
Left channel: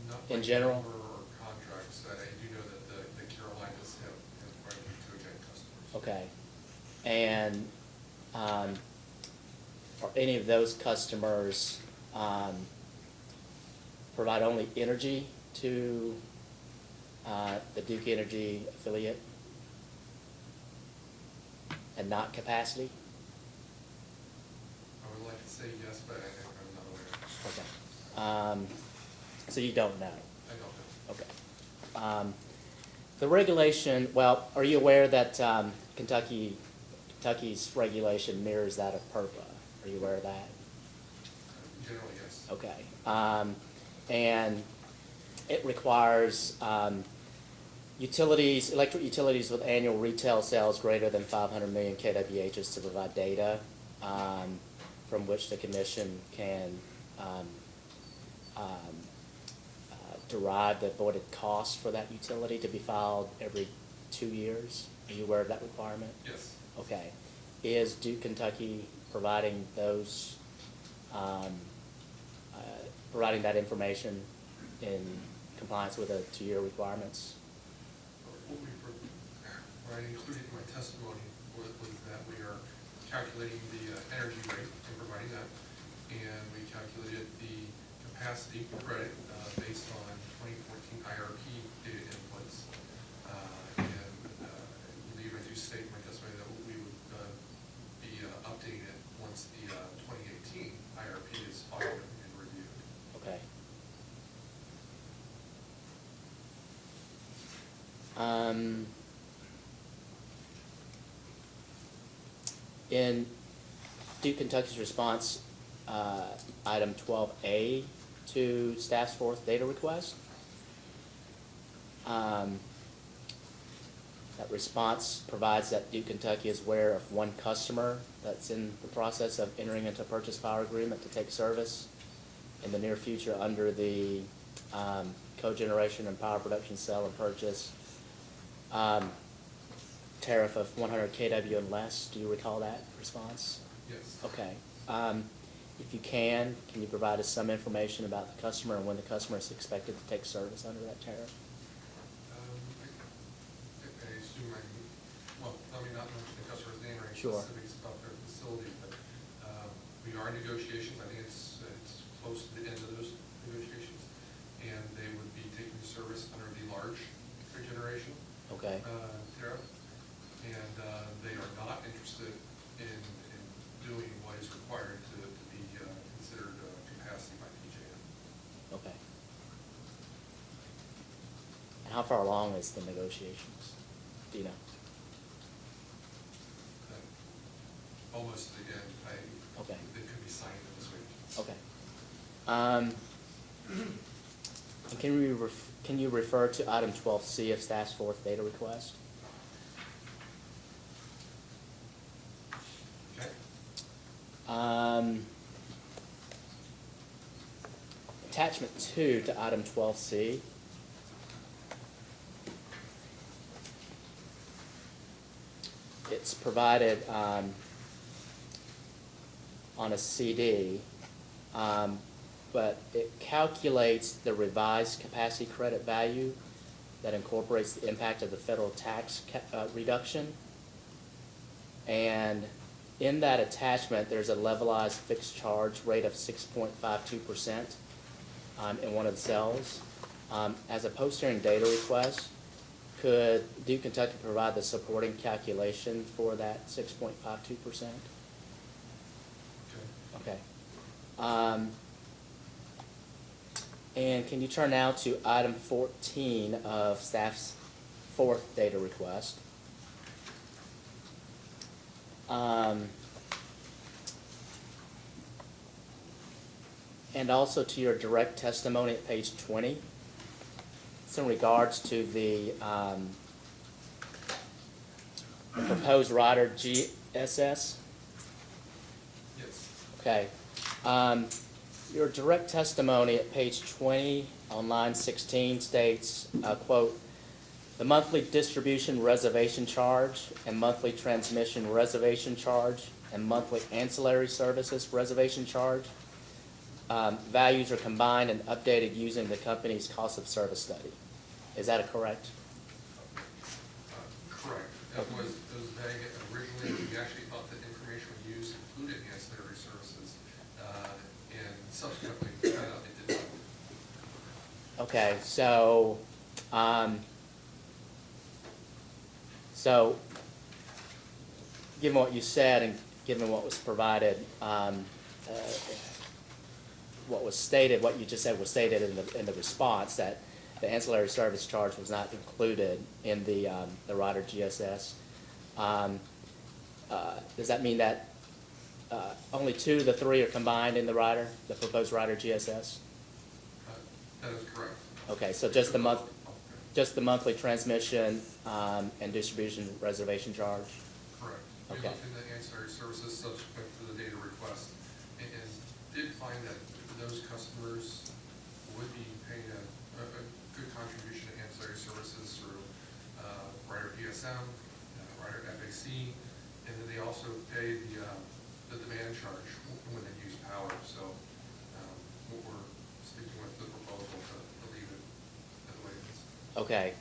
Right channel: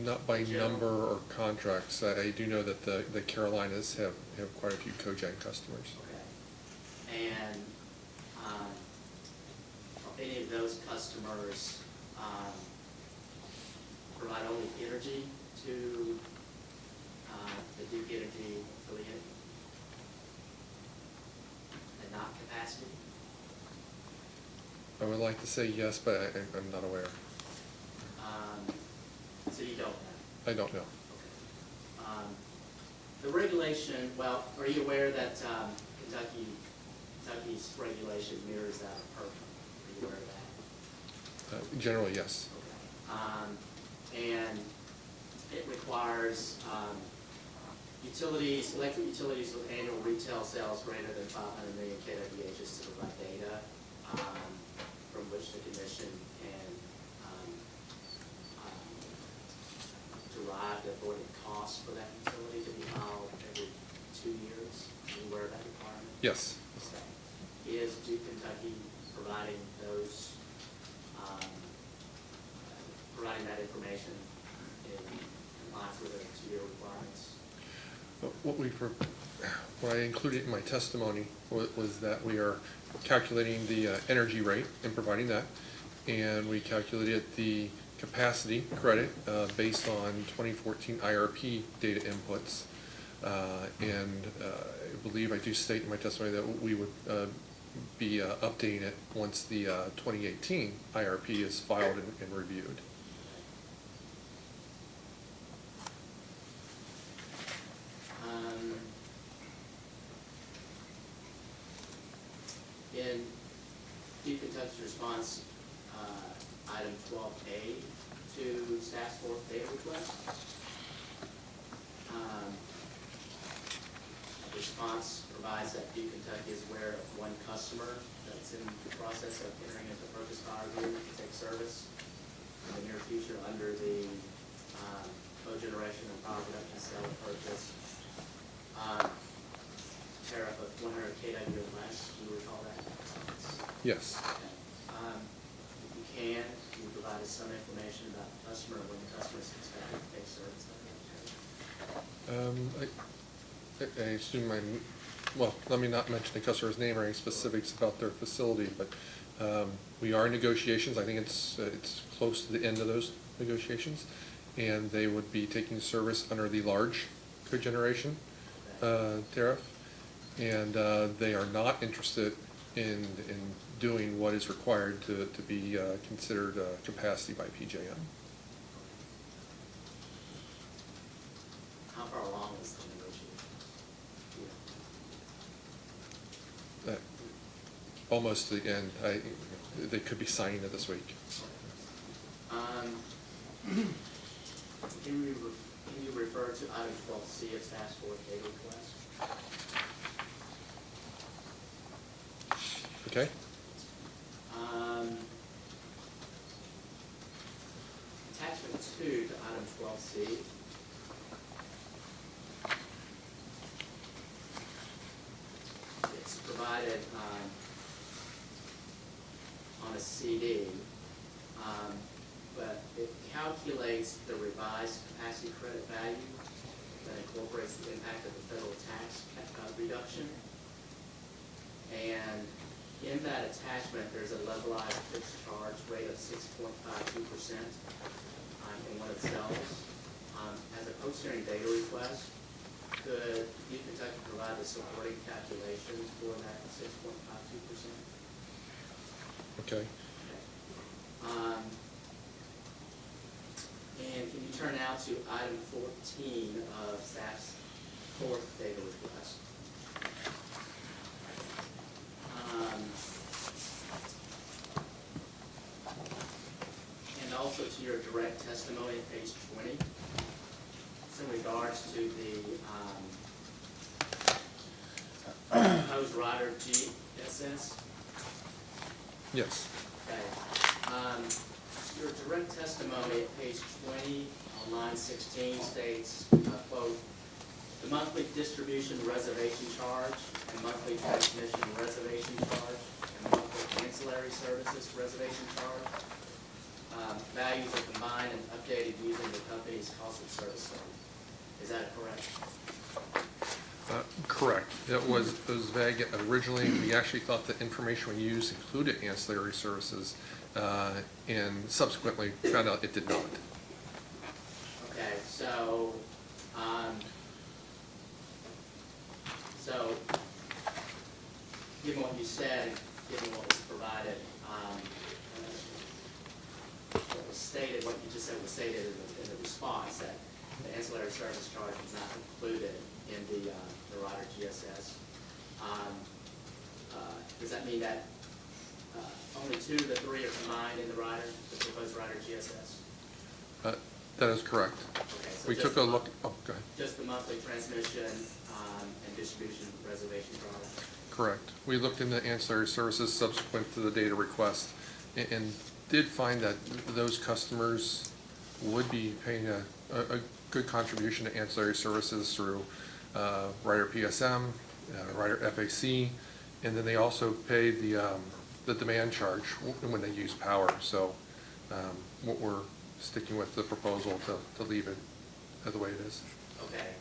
Not by In general? number or contracts. I do know that the Carolinas have quite a few cogen customers. Okay. And are any of those customers provide only energy to the Duke Energy affiliate and not capacity? I would like to say yes, but I'm not aware. Okay. So you don't know? I don't know. Okay. The regulation, well, are you aware that Kentucky's regulation mirrors that of PURPA? Are you aware of that? Generally, yes. Okay. And it requires utilities, electric utilities with annual retail sales greater than 500 million kWhs to provide data from which the commission can derive the avoided cost for that utility to be filed every 2 years. Are you aware of that requirement? Yes. Okay. Is Duke Kentucky providing those, providing that information in compliance with the 2-year requirements? What I included in my testimony was that we are calculating the energy rate and providing that, and we calculated the capacity credit based on 2014 IRP data inputs, and I believe I do state in my testimony that we would be updating it once the 2018 IRP is filed and reviewed. Okay. In Duke Kentucky's response, item 12A to staff's fourth data request, that response provides that Duke Kentucky is aware of one customer that's in the process of entering into a purchase power agreement to take service in the near future under the cogeneration and power production sale and purchase tariff of 100 kW and less. Do you recall that response? Yes. Okay. If you can you provide us some information about the customer and when the customer is expected to take service under that tariff? I assume well, let me not mention the customer's name or any specifics about their facility, but we are in negotiations. I think it's close to the end of those negotiations, and they would be taking service under the large cogeneration tariff, and they are not interested in doing what is required to be considered capacity by PJM. Okay. How far along is the negotiations? Do you know? Almost the end. They could be signing it this week. Okay. Can you refer to item 12C of staff's fourth data request? Okay. Attachment 2 to item 12C. It's provided on a CD, but it calculates the revised capacity credit value that incorporates the impact of the federal tax reduction. And in that attachment, there's a levelized fixed charge rate of 6.52% in one of the cells. As a post-hearing data request, could Duke Kentucky provide the supporting calculation for that 6.52%? Okay. Okay. And can you turn now to item 14 of staff's fourth data request? And also to your direct testimony at page 20. It's in regards to the proposed rider GSS. Yes. Okay. Your direct testimony at page 20 on line 16 states, quote, "The monthly distribution reservation charge and monthly transmission reservation charge and monthly ancillary services reservation charge values are combined and updated using the company's cost of service study." Is that correct? Correct. It was vague originally. We actually thought the information we used included ancillary services, and subsequently found out it did not. Okay, so, given what you said and given what was provided, what was stated, what you just said was stated in the response, that the ancillary service charge was not included in the rider GSS. Does that mean that only 2 of the 3 are combined in the rider, the proposed rider GSS? That is correct. Okay, so We just took the a month, look- oh, go ahead. just the monthly transmission and distribution reservation charge? Correct. We looked into ancillary services subsequent to the data request and did find that those customers would be paying a good contribution to ancillary services through Rider PSM, Rider FAC, and then they also pay the demand charge when they use power. So what we're sticking with the proposal to leave it the way it is. Okay,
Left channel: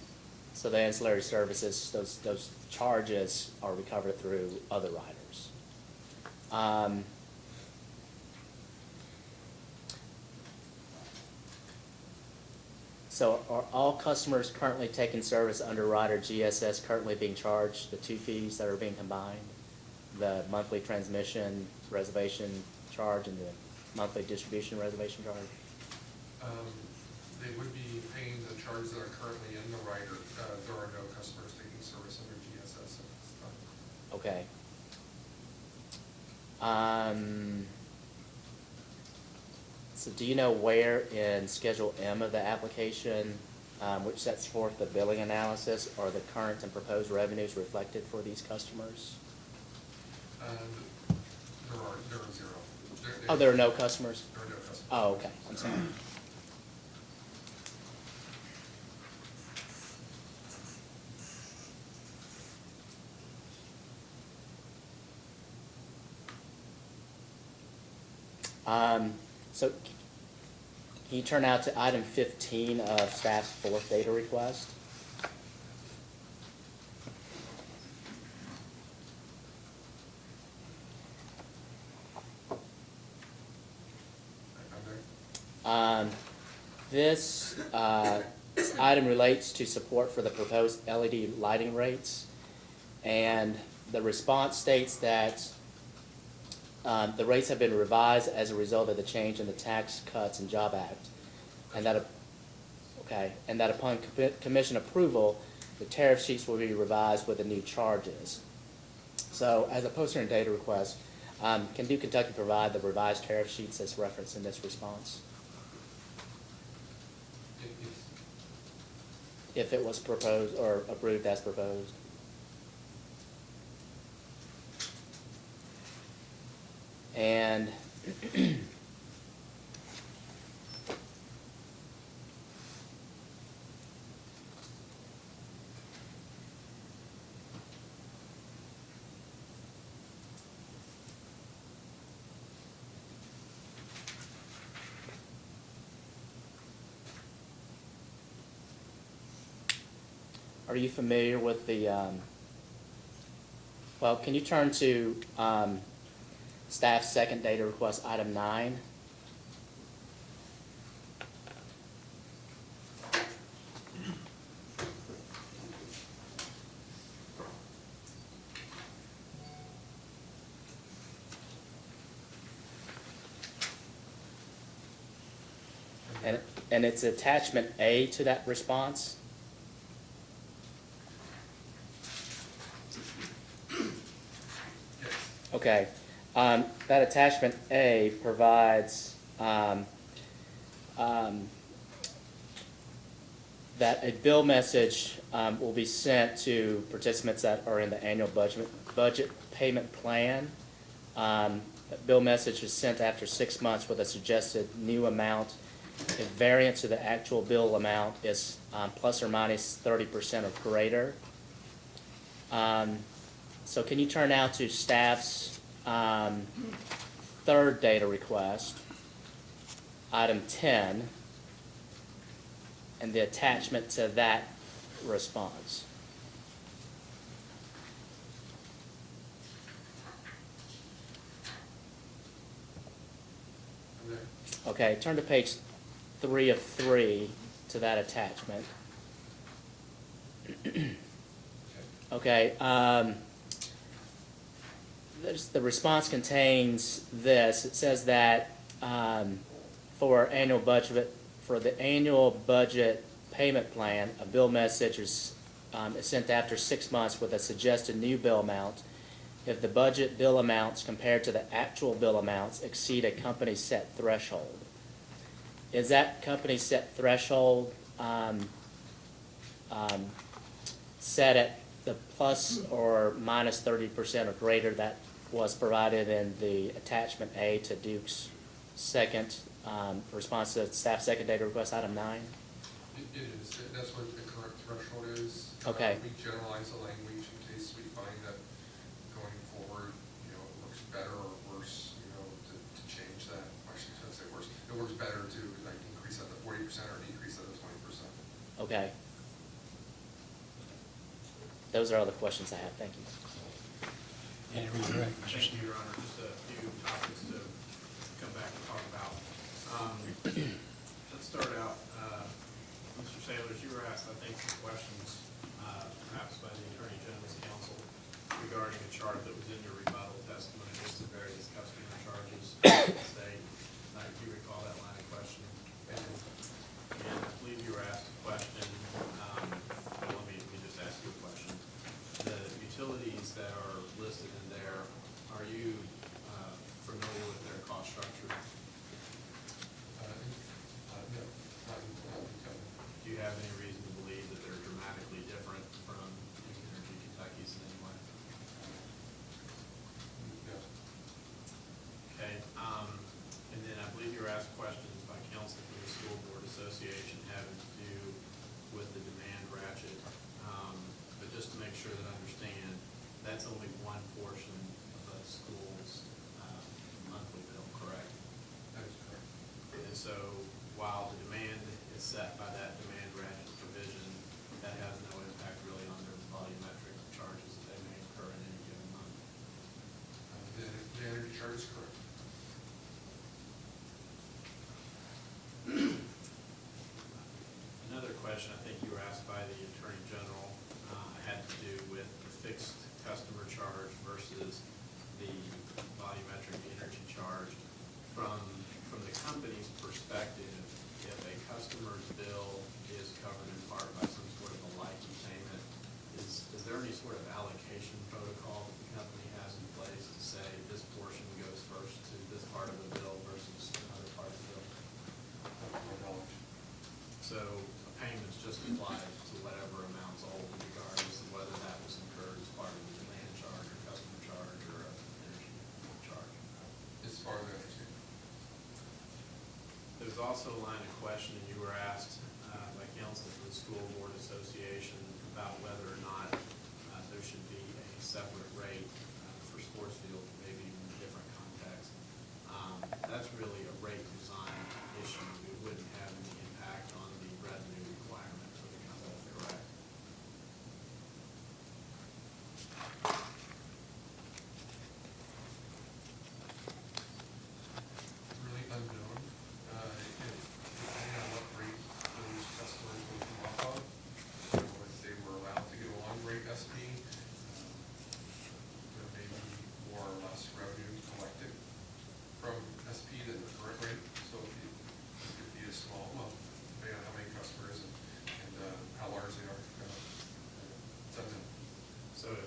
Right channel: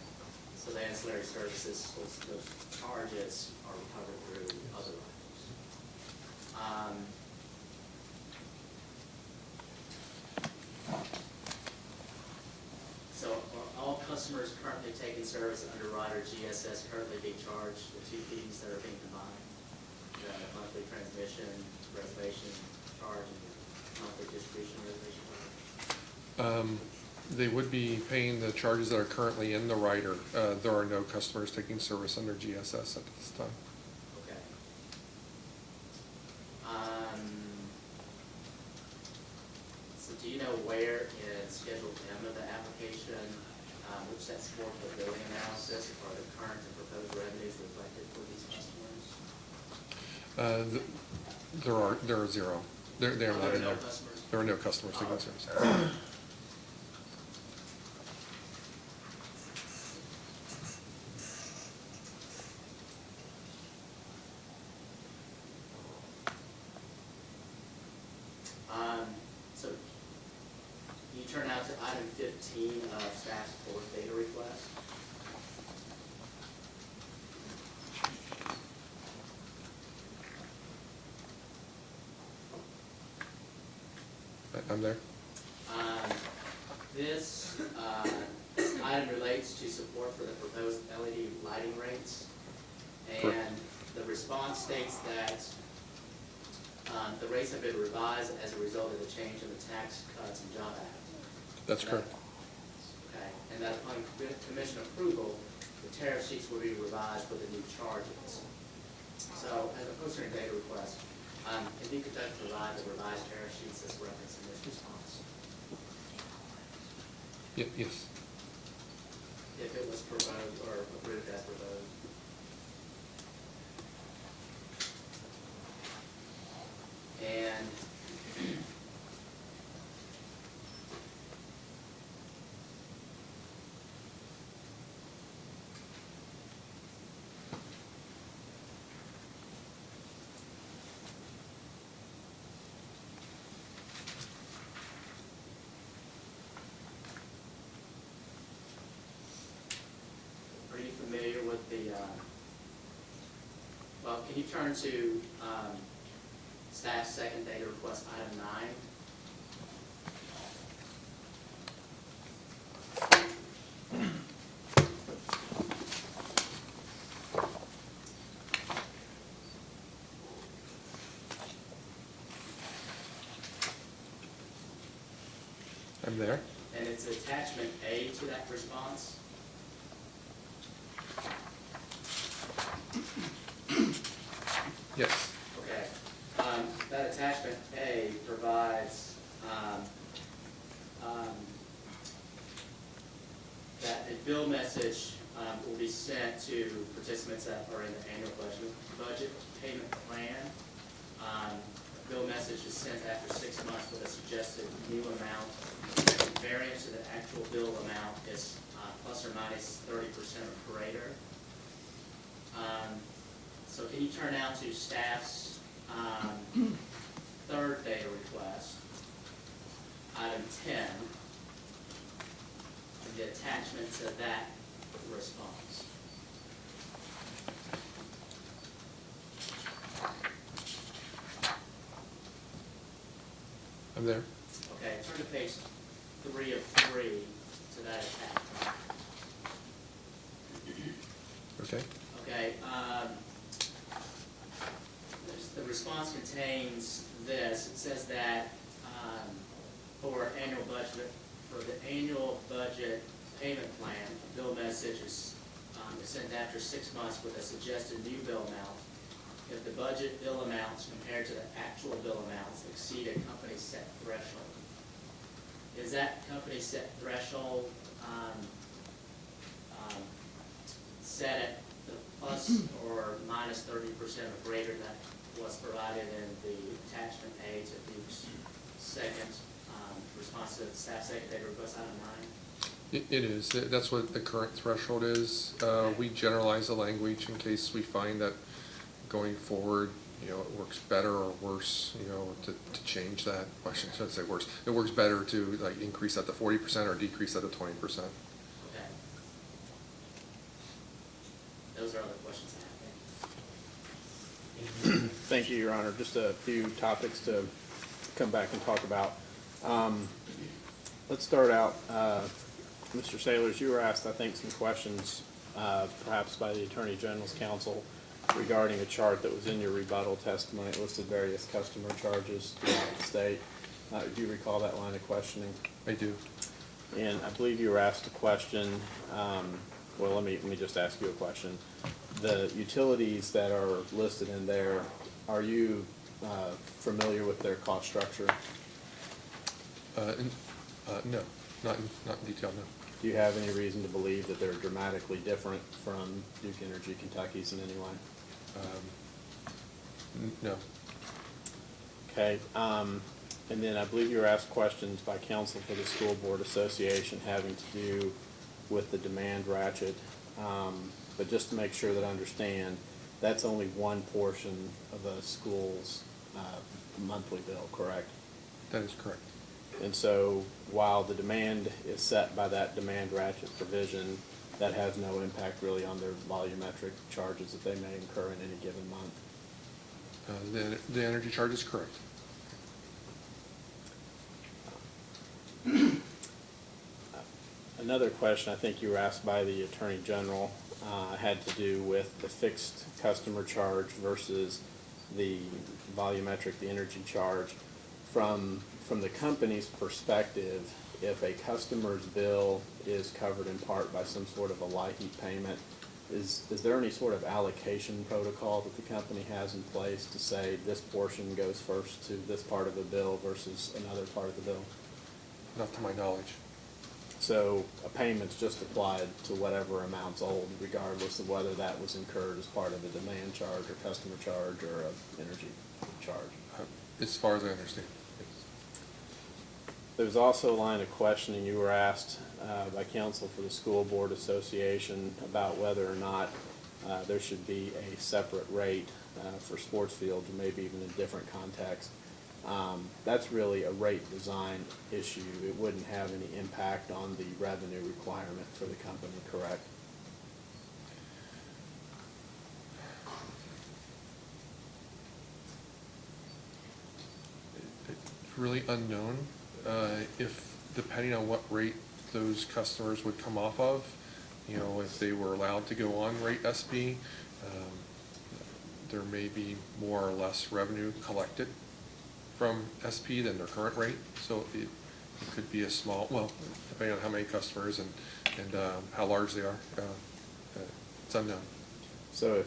so the ancillary services, those charges are recovered through other riders. So are all customers currently taking service under rider GSS currently being charged the 2 fees that are being combined? The monthly transmission reservation charge and the monthly distribution reservation charge? They would be paying the charges that are currently in the rider. There are no customers taking service under GSS at this time. Okay. So do you know where in Schedule M of the application, which sets forth the billing analysis, are the current and proposed revenues reflected for these customers? There are 0. There are no customers? There are no customers. Oh, taking okay. service. So can you turn out to item 15 of staff's fourth data request? I'm there. This item relates to support for the proposed LED lighting rates. And the response states that the rates have been revised as a result of the change in the Tax Cuts and Job Act. That's And that- correct. Okay, and that upon commission approval, the tariff sheets will be revised with the new charges. So as a poster and data request, can Duke Kentucky provide the revised tariff sheets as referenced in this response? Yes. If it was proposed or approved as proposed? And are you familiar with the, well, can you turn to staff's second data request, item 9? I'm there. And it's attachment A to that response. Yes. Okay, that attachment A provides, that a bill message, will be sent to participants that are in the annual budget payment plan. That bill message is sent after 6 months with a suggested new amount. The variance to the actual bill amount is, plus or minus 30% or greater. So can you turn now to staff's third data request, item 10, and the attachment to that response? I'm there. Okay, turn to page 3 of 3 to that attachment. Okay. Okay, the response contains this. It says that for the annual budget payment plan, a bill message is sent after 6 months with a suggested new bill amount if the budget bill amounts compared to the actual bill amounts exceed a company set threshold. Is that company set threshold set at the plus or minus 30% or greater that was provided in the attachment A to Duke's second response to staff second data request, item 9? It is. That's what the current threshold is. Okay. We generalize the language in case we find that going forward, it works better or worse, to change that. I shouldn't say worse. It works better to like increase that to 40% or decrease that to 20%. Okay. Those are all the questions I have. Thank you. Thank you, Your Honor. Just a few topics to come back and talk about. Let's start out, Mr. Sailors, you were asked, I think, some questions, perhaps by the Attorney General's counsel regarding a chart that was in your rebuttal testimony. It listed various customer charges throughout the state. Do you recall that line of questioning? I do. And I believe you were asked a question, well, let me just ask you a question. The utilities that are listed in there, are you familiar with their cost structure? No, not in detail, no. Do you have any reason to believe that they're dramatically different from Duke Energy Kentucky's in any way? No. Okay, and then I believe you were asked questions by counsel for the School Board Association having to do with the demand ratchet. But just to make sure that I understand, that's only one portion of a school's monthly bill, correct? That is correct. And so while the demand is set by that demand ratchet provision, that has no impact really on their volumetric charges that they may incur in any given month. The energy charge is correct. Another question I think you were asked by the Attorney General had to do with the fixed customer charge versus the volumetric, the energy charge. From the company's perspective, if a customer's bill is covered in part by some sort of a LIHEAP payment, is there any sort of allocation protocol that the company has in place to say this portion goes first to this part of the bill versus another part of the bill? Not to my knowledge. So a payment's just applied to whatever amount's owed, regardless of whether that was incurred as part of a demand charge or customer charge or an energy charge. As far as I understand. There was also a line of questioning you were asked by counsel for the School Board Association about whether or not there should be a separate rate for sports fields, or maybe even a different context. That's really a rate design issue. It wouldn't have any impact on the revenue requirement for the company, correct? Really unknown, if, depending on what rate those customers would come off of, you know, if they were allowed to go on rate SB, there may be more or less revenue collected from SP than their current rate, so it could be a small, well, depending on how many customers and how large they are, it's unknown. So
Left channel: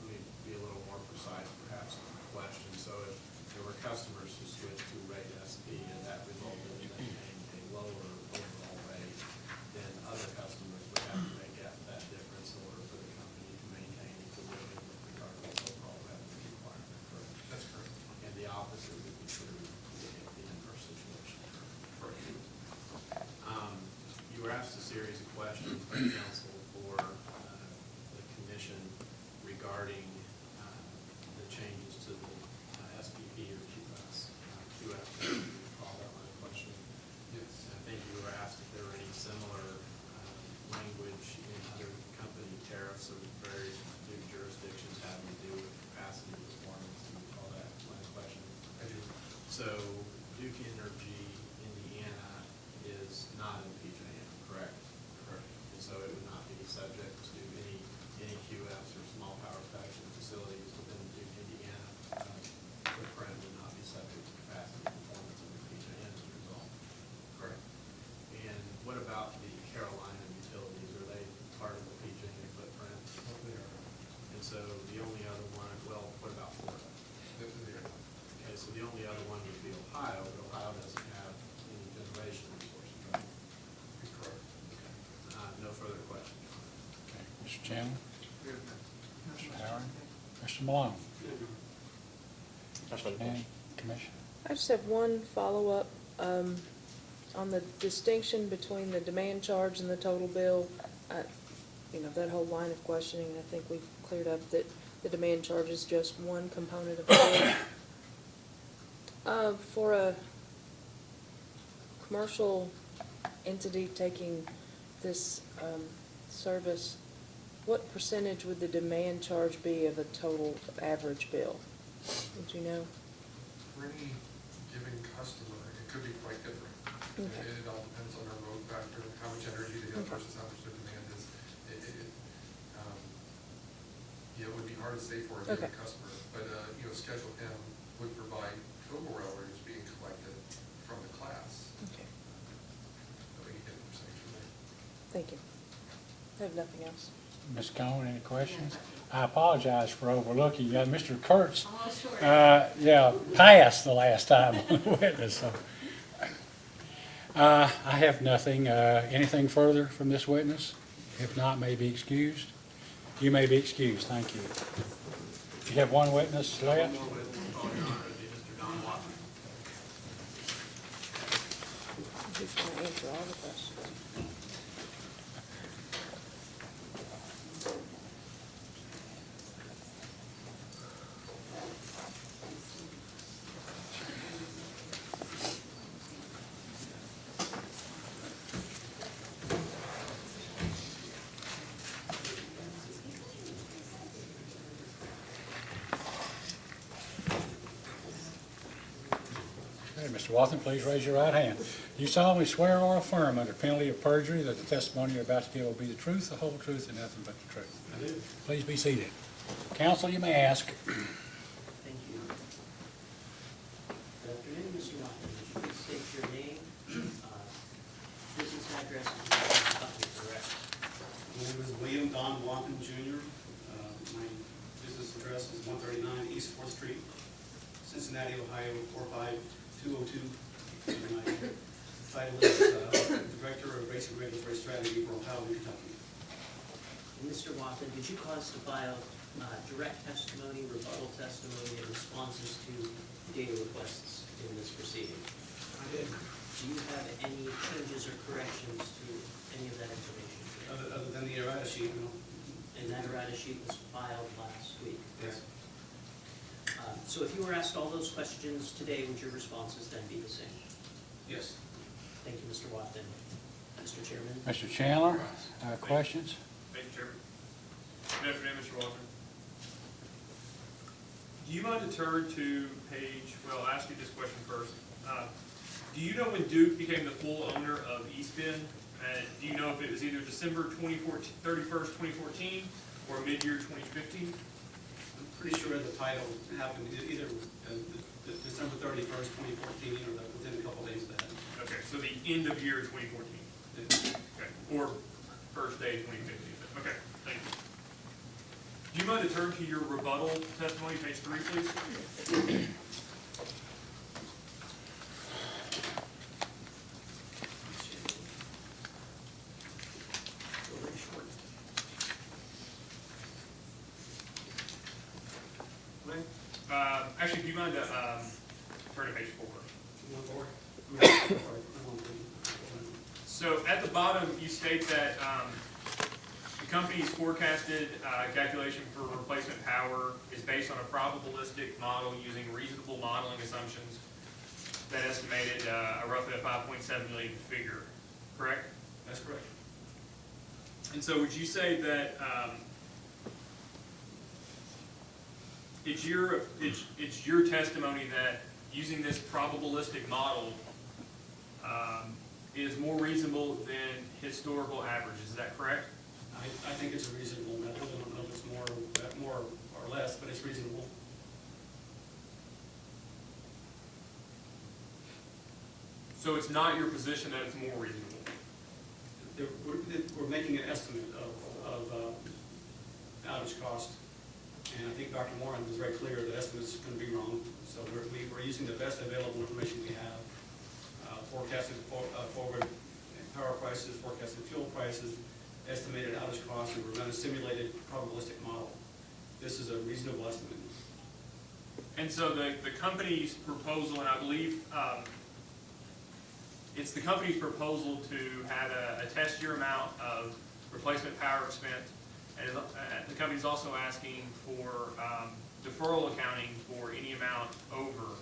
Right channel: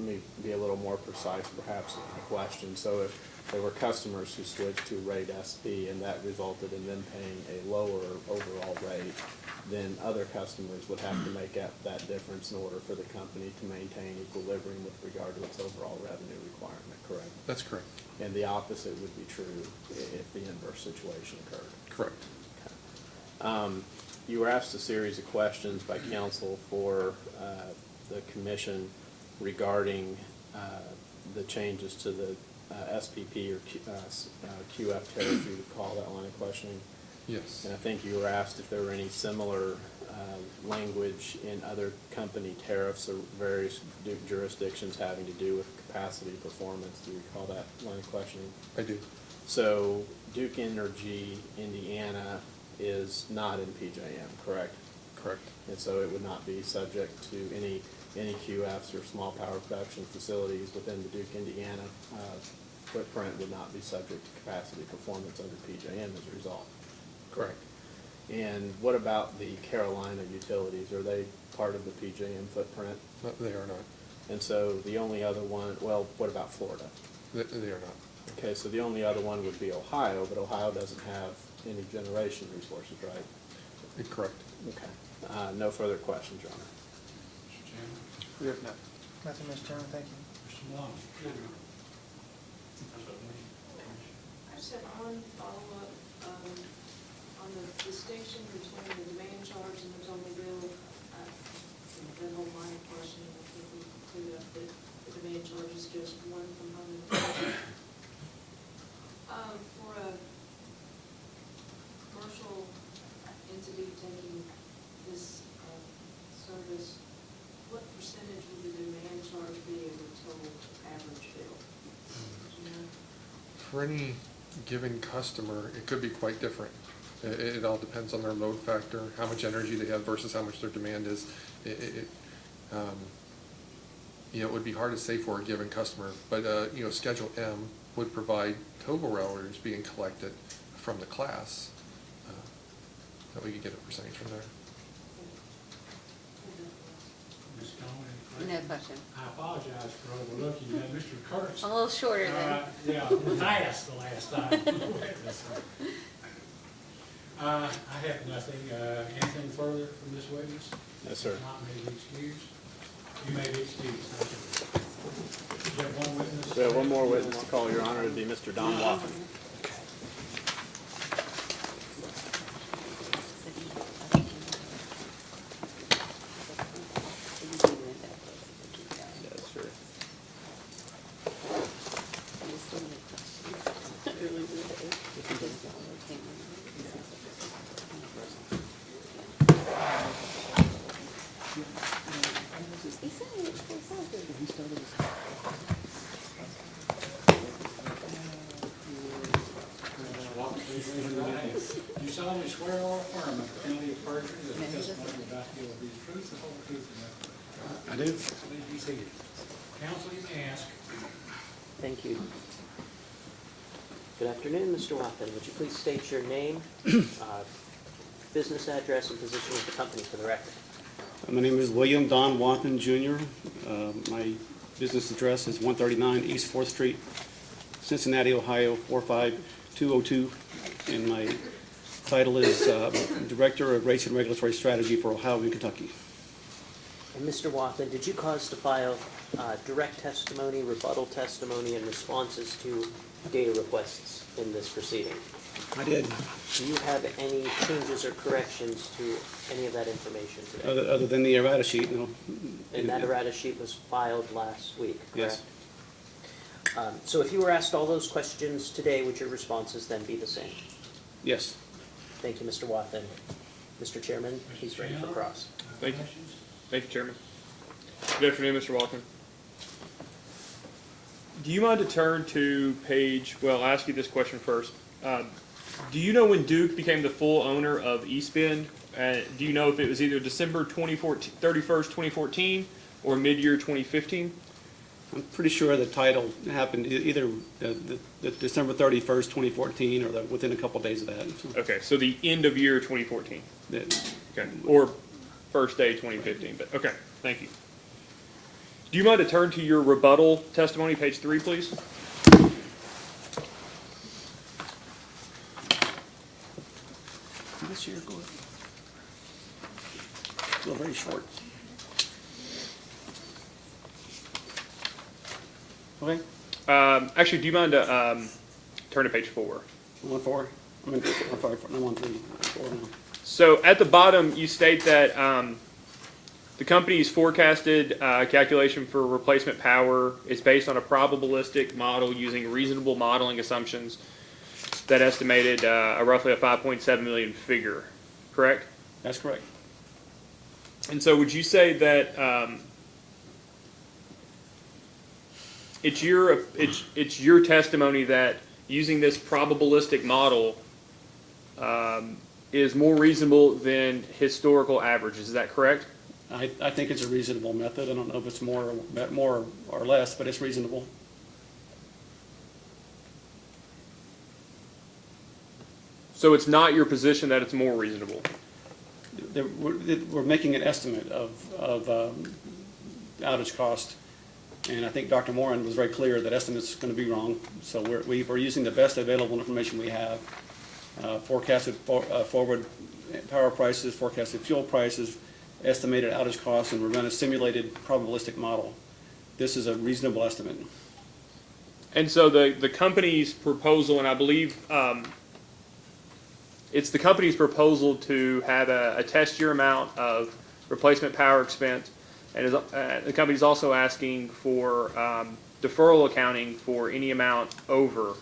let me be a little more precise perhaps in my question. So if there were customers who switched to rate SP and that resulted in them paying a lower overall rate, then other customers would have to make up that difference in order for the company to maintain equilibrium with regard to its overall revenue requirement, correct? That's correct. And the opposite would be true if the inverse situation occurred. Correct. You were asked a series of questions by counsel for the commission regarding the changes to the SPP or QF tariff, you would call that line of questioning. Yes. And I think you were asked if there were any similar language in other company tariffs or various jurisdictions having to do with capacity performance. Do you recall that line of questioning? I do. So Duke Energy Indiana is not in PJM, correct? Correct. And so it would not be subject to any QFs or small power production facilities within the Duke Indiana footprint would not be subject to capacity performance under PJM as a result. Correct. And what about the Carolina utilities? Are they part of the PJM footprint? No, they are not. And so the only other one, well, what about Florida? They are not. Okay, so the only other one would be Ohio, but Ohio doesn't have any generation resources, right? Correct. Okay. No further questions, Your Honor. Mr. Chandler? We have none. Nothing, Mr. Chairman, thank you. Mr. Malone? Any commission? I just have one follow-up, on the distinction between the demand charge and the total bill. You know, that whole line of questioning, I think we've cleared up that the demand charge is just one component of the bill. For a commercial entity taking this, service, what percentage would the demand charge be of a total average bill? Would you know? For any given customer, it could be quite different. It all depends on their load factor, how much energy they have versus how much their demand is. You know, it would be hard to say for a given customer, but, you know, Schedule M would provide total rail orders being collected from the class. That we could get a percentage from there. Thank you. I have nothing else. Ms. Cohen, any questions? No questions. I apologize for overlooking you. Mr. Kurtz, I'm a little short of yeah, passed the last time we witnessed. So. I have nothing. Anything further from this witness? Yes, sir. If not, may be excused. You may be excused. Thank you. You have one witness? So one more witness call, Your Honor, would be Mr. Don Waffen. Wathen, please raise your right hand. You solemnly swear or affirm under penalty of perjury that the testimony you're about to give will be the truth, the whole truth, and nothing but the truth? I do. Please be seated. Counsel, you may ask. Thank you. Good afternoon, Mr. Watson. Would you please state your name, business address, and position of the company for the record? My name is William Don Wathen Jr. My business address is 139 East 4th Street, Cincinnati, Ohio 45202. And my title is Director of Rates and Regulatory Strategy for Ohio and Kentucky. And Mr. Watson, did you cause to file direct testimony, rebuttal testimony, and responses to data requests in this proceeding? I did. Do you have any changes or corrections to any of that information today? Other than the errata sheet, no. And that errata sheet was filed last week, correct? Yes. So if you were asked all those questions today, would your responses then be the same? Yes. Thank you, Mr. Watson. Mr. Chairman? Mr. Chandler, questions? Thank you, Chairman. Good afternoon, Mr. Walker. Do you mind to turn to page, well, I'll ask you this question first. Do you know when Duke became the full owner of eSpin? Do you know if it was either December 31st, 2014 or mid-year 2015? I'm pretty sure the title happened either the December 31st, 2014, or within a couple days of that. Okay, so the end of year 2014. Yeah. Okay, or first day 2015, but okay, thank you. Do you mind to turn to your rebuttal testimony, page 3, please? Still very short. Okay. Actually, do you mind to turn to page 4? 1-4. I mean, sorry, I'm on 3. 4 now. So at the bottom, you state that the company's forecasted calculation for replacement power is based on a probabilistic model using reasonable modeling assumptions that estimated roughly a 5.7 million figure, correct? That's correct. And so would you say that it's your testimony that using this probabilistic model is more reasonable than historical averages, is that correct? I think it's a reasonable method. I don't know if it's more or less, but it's reasonable. So it's not your position that it's more reasonable? We're making an estimate of outage cost, and I think Dr. Moran was very clear that estimate's going to be wrong. So we're using the best available information we have, forecasted forward power prices, forecasted fuel prices, estimated outage costs, and we're running a simulated probabilistic model. This is a reasonable estimate. And so the company's proposal, and I believe it's the company's proposal to have a test year amount of replacement power expense, and the company's also asking for deferral accounting for any amount over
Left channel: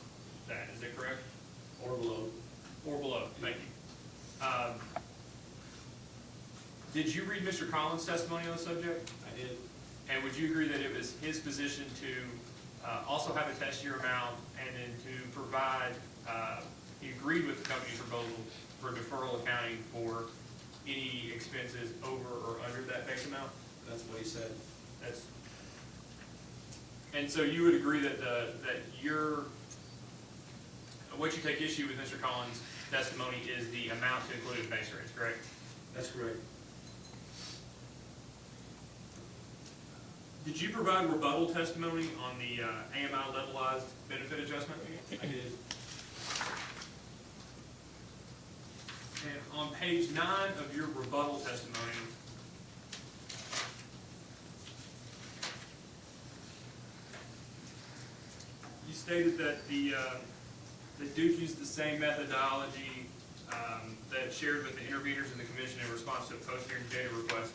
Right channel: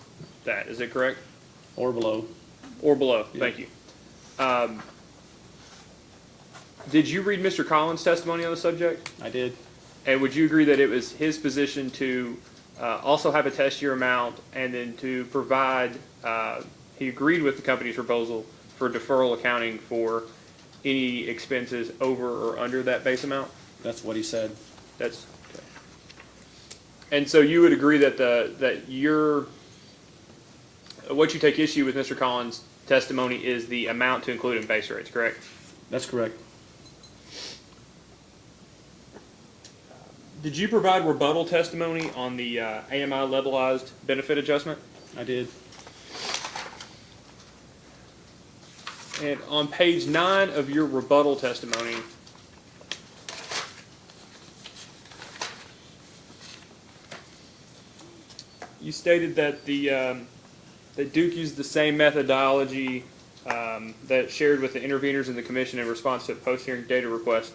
that. Is that correct? Or below. Or below. Yeah. Thank you. Did you read Mr. Collins' testimony on the subject? I did. And would you agree that it was his position to also have a test year amount and then to provide, he agreed with the company's proposal for deferral accounting for any expenses over or under that base amount? That's what he said. That's, and so you would agree that what you take issue with Mr. Collins' testimony is the amount to include in base rates, correct? That's correct. Did you provide rebuttal testimony on the AMI levelized benefit adjustment? I did. And on page 9 of your rebuttal testimony, you stated that that Duke used the same methodology that shared with the interveners in the commission in response to a post-hearing data request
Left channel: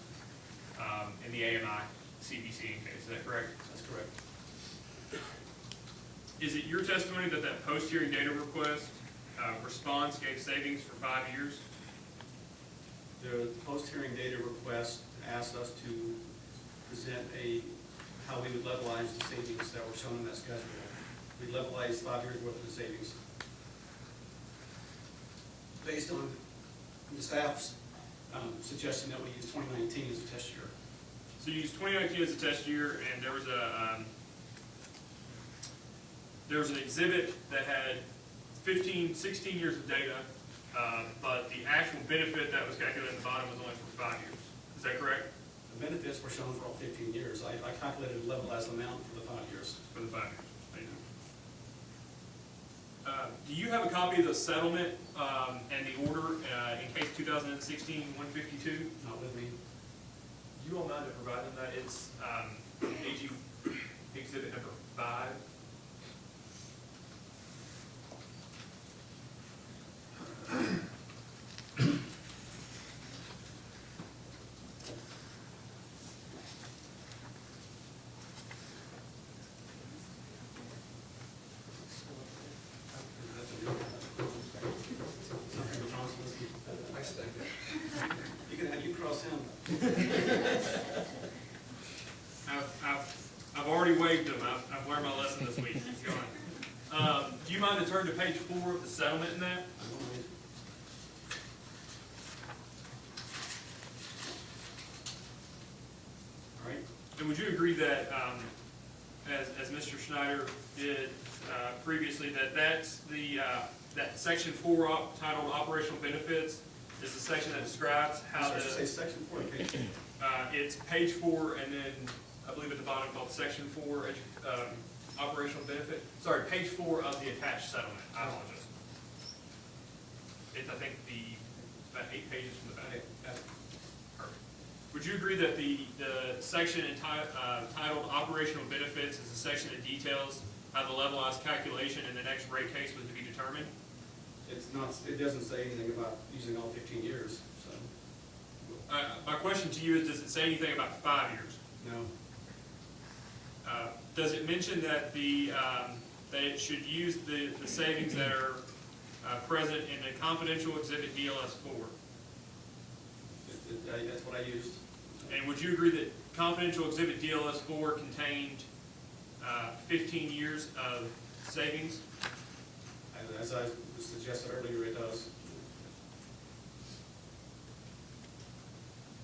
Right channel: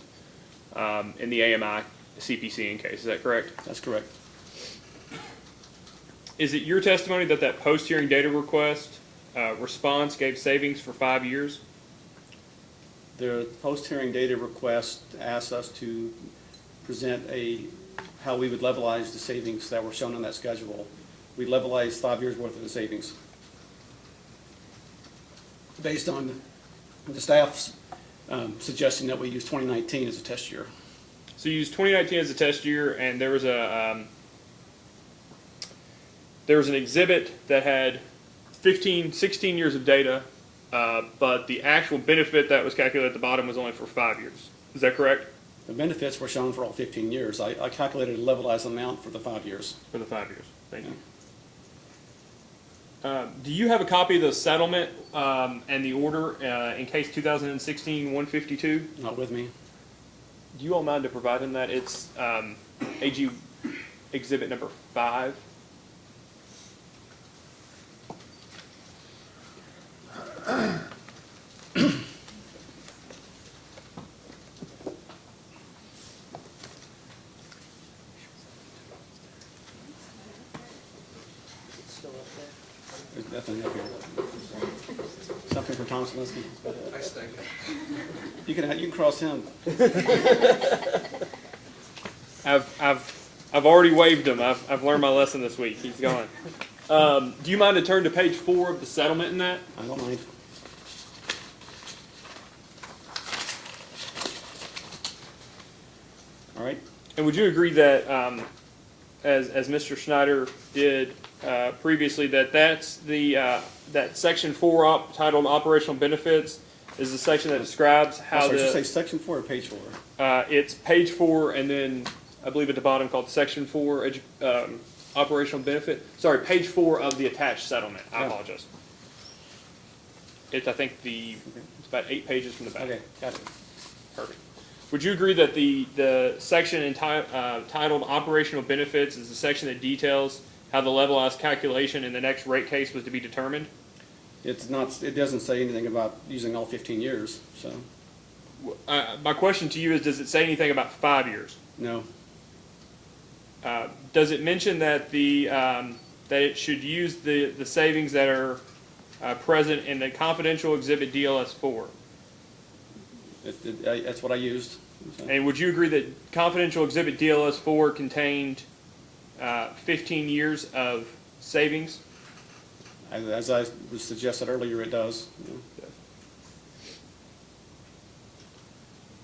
in the AMI CPCN case. Is that correct? That's correct. Is it your testimony that that post-hearing data request response gave savings for 5 years? The post-hearing data request asked us to present how we would levelize the savings that were shown on that schedule. We levelized 5 years worth of the savings. based on the staff's suggestion that we use 2019 as a test year. So you used 2019 as a test year, and there was an exhibit that had 16 years of data, but the actual benefit that was calculated at the bottom was only for 5 years. Is that correct? The benefits were shown for all 15 years. I calculated a levelized amount for the 5 years. For the 5 years. Thank you. Do you have a copy of the settlement and the order in case 2016-152? Not with me. Do you all mind to provide him that? It's AG Exhibit number 5. Still up there? There's nothing up here. Something for Tom Salinsky. I stink. You can cross him. I've already waived him. I've learned my lesson this week. He's gone. Do you mind to turn to page 4 of the settlement in that? I don't mind. All right. And would you agree that, as Mr. Schneider did previously, that's that section 4 titled Operational Benefits is the section that describes how Sorry, did you say section 4 or page 4? It's page 4, and then I believe at the bottom called section 4 Operational Benefit. Sorry, page 4 of the attached settlement. I apologize. It's I think it's about 8 pages from the back. Okay, gotcha. Perfect. Would you agree that the section titled Operational Benefits is the section that details how the levelized calculation in the next rate case was to be determined? It's not. It doesn't say anything about using all 15 years. So My question to you is, does it say anything about 5 years? no. Does it mention that that it should use the savings that are present in the confidential exhibit DLS-4? That's what I used. So. And would you agree that confidential exhibit DLS-4 contained 15 years of savings? As I suggested earlier, it does.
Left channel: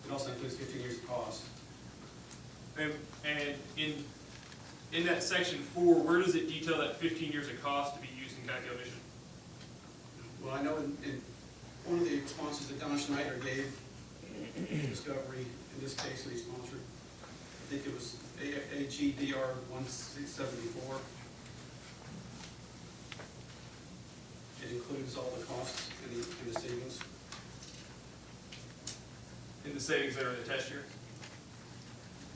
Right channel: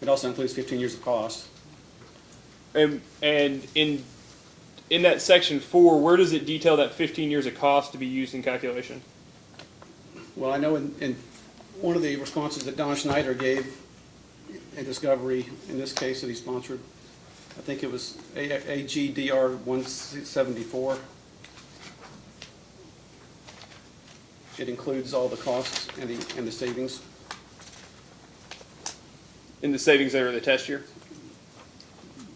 It also includes 15 years of cost. And in that section 4, where does it detail that 15 years of cost to be used in calculation? Well, I know in one of the responses that Don Schneider gave in Discovery, in this case that he sponsored, I think it was AGDR 174. It includes all the costs and the savings. In the savings that are in the test year?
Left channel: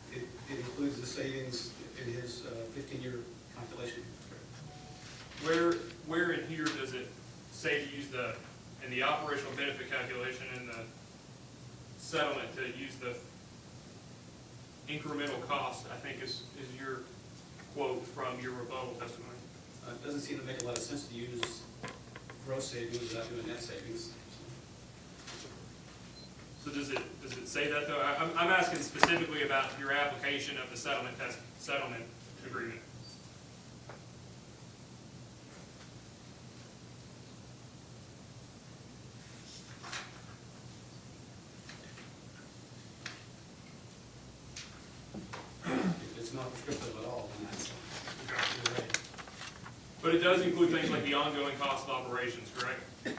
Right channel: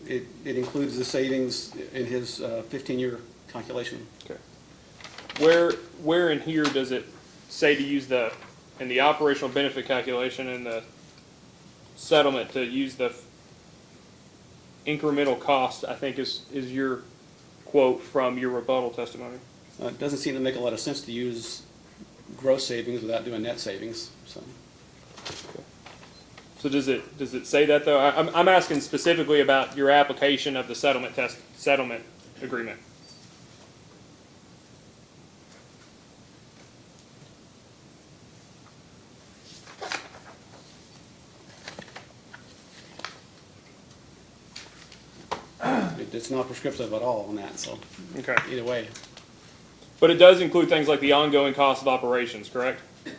It includes the savings in his 15-year calculation. Okay. Where in here does it say to use in the operational benefit calculation in the settlement to use the incremental cost, I think is your quote from your rebuttal testimony? It doesn't seem to make a lot of sense to use gross savings without doing net savings. So does it say that though? I'm asking specifically about your application of the settlement agreement. It's not prescriptive at all on that, so Okay. either way. But it does include things like the ongoing cost of operations, correct? I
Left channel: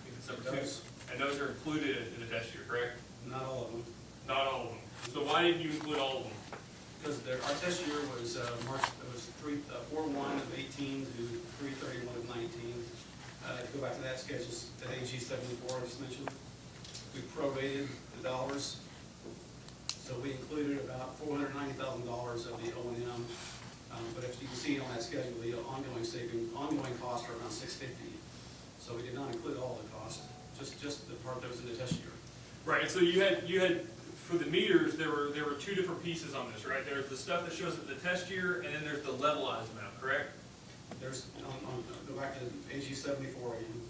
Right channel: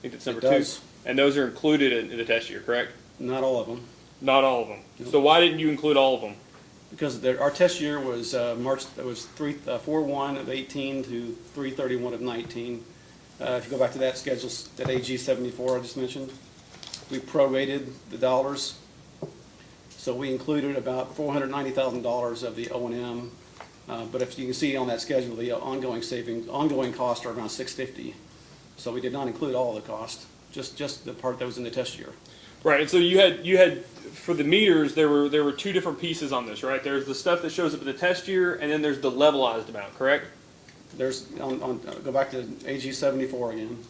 think that's number 2. does. And those are included in the test year, correct? Not all of them. Not all of them. So why didn't you include all of them? Because our test year was it was 4/1 of 18 to 3/31 of 19. If you go back to that schedule, that AG 74 I just mentioned, we prorated the dollars. So we included about $490,000 of the O&M. But if you can see on that schedule, the ongoing costs are around $650. So we did not include all of the cost, just the part that was in the test year. Right, and so you had for the meters there were 2 different pieces on this, right? There's the stuff that shows up in the test year, and then there's the levelized amount, correct? There's go back to AG 74 again.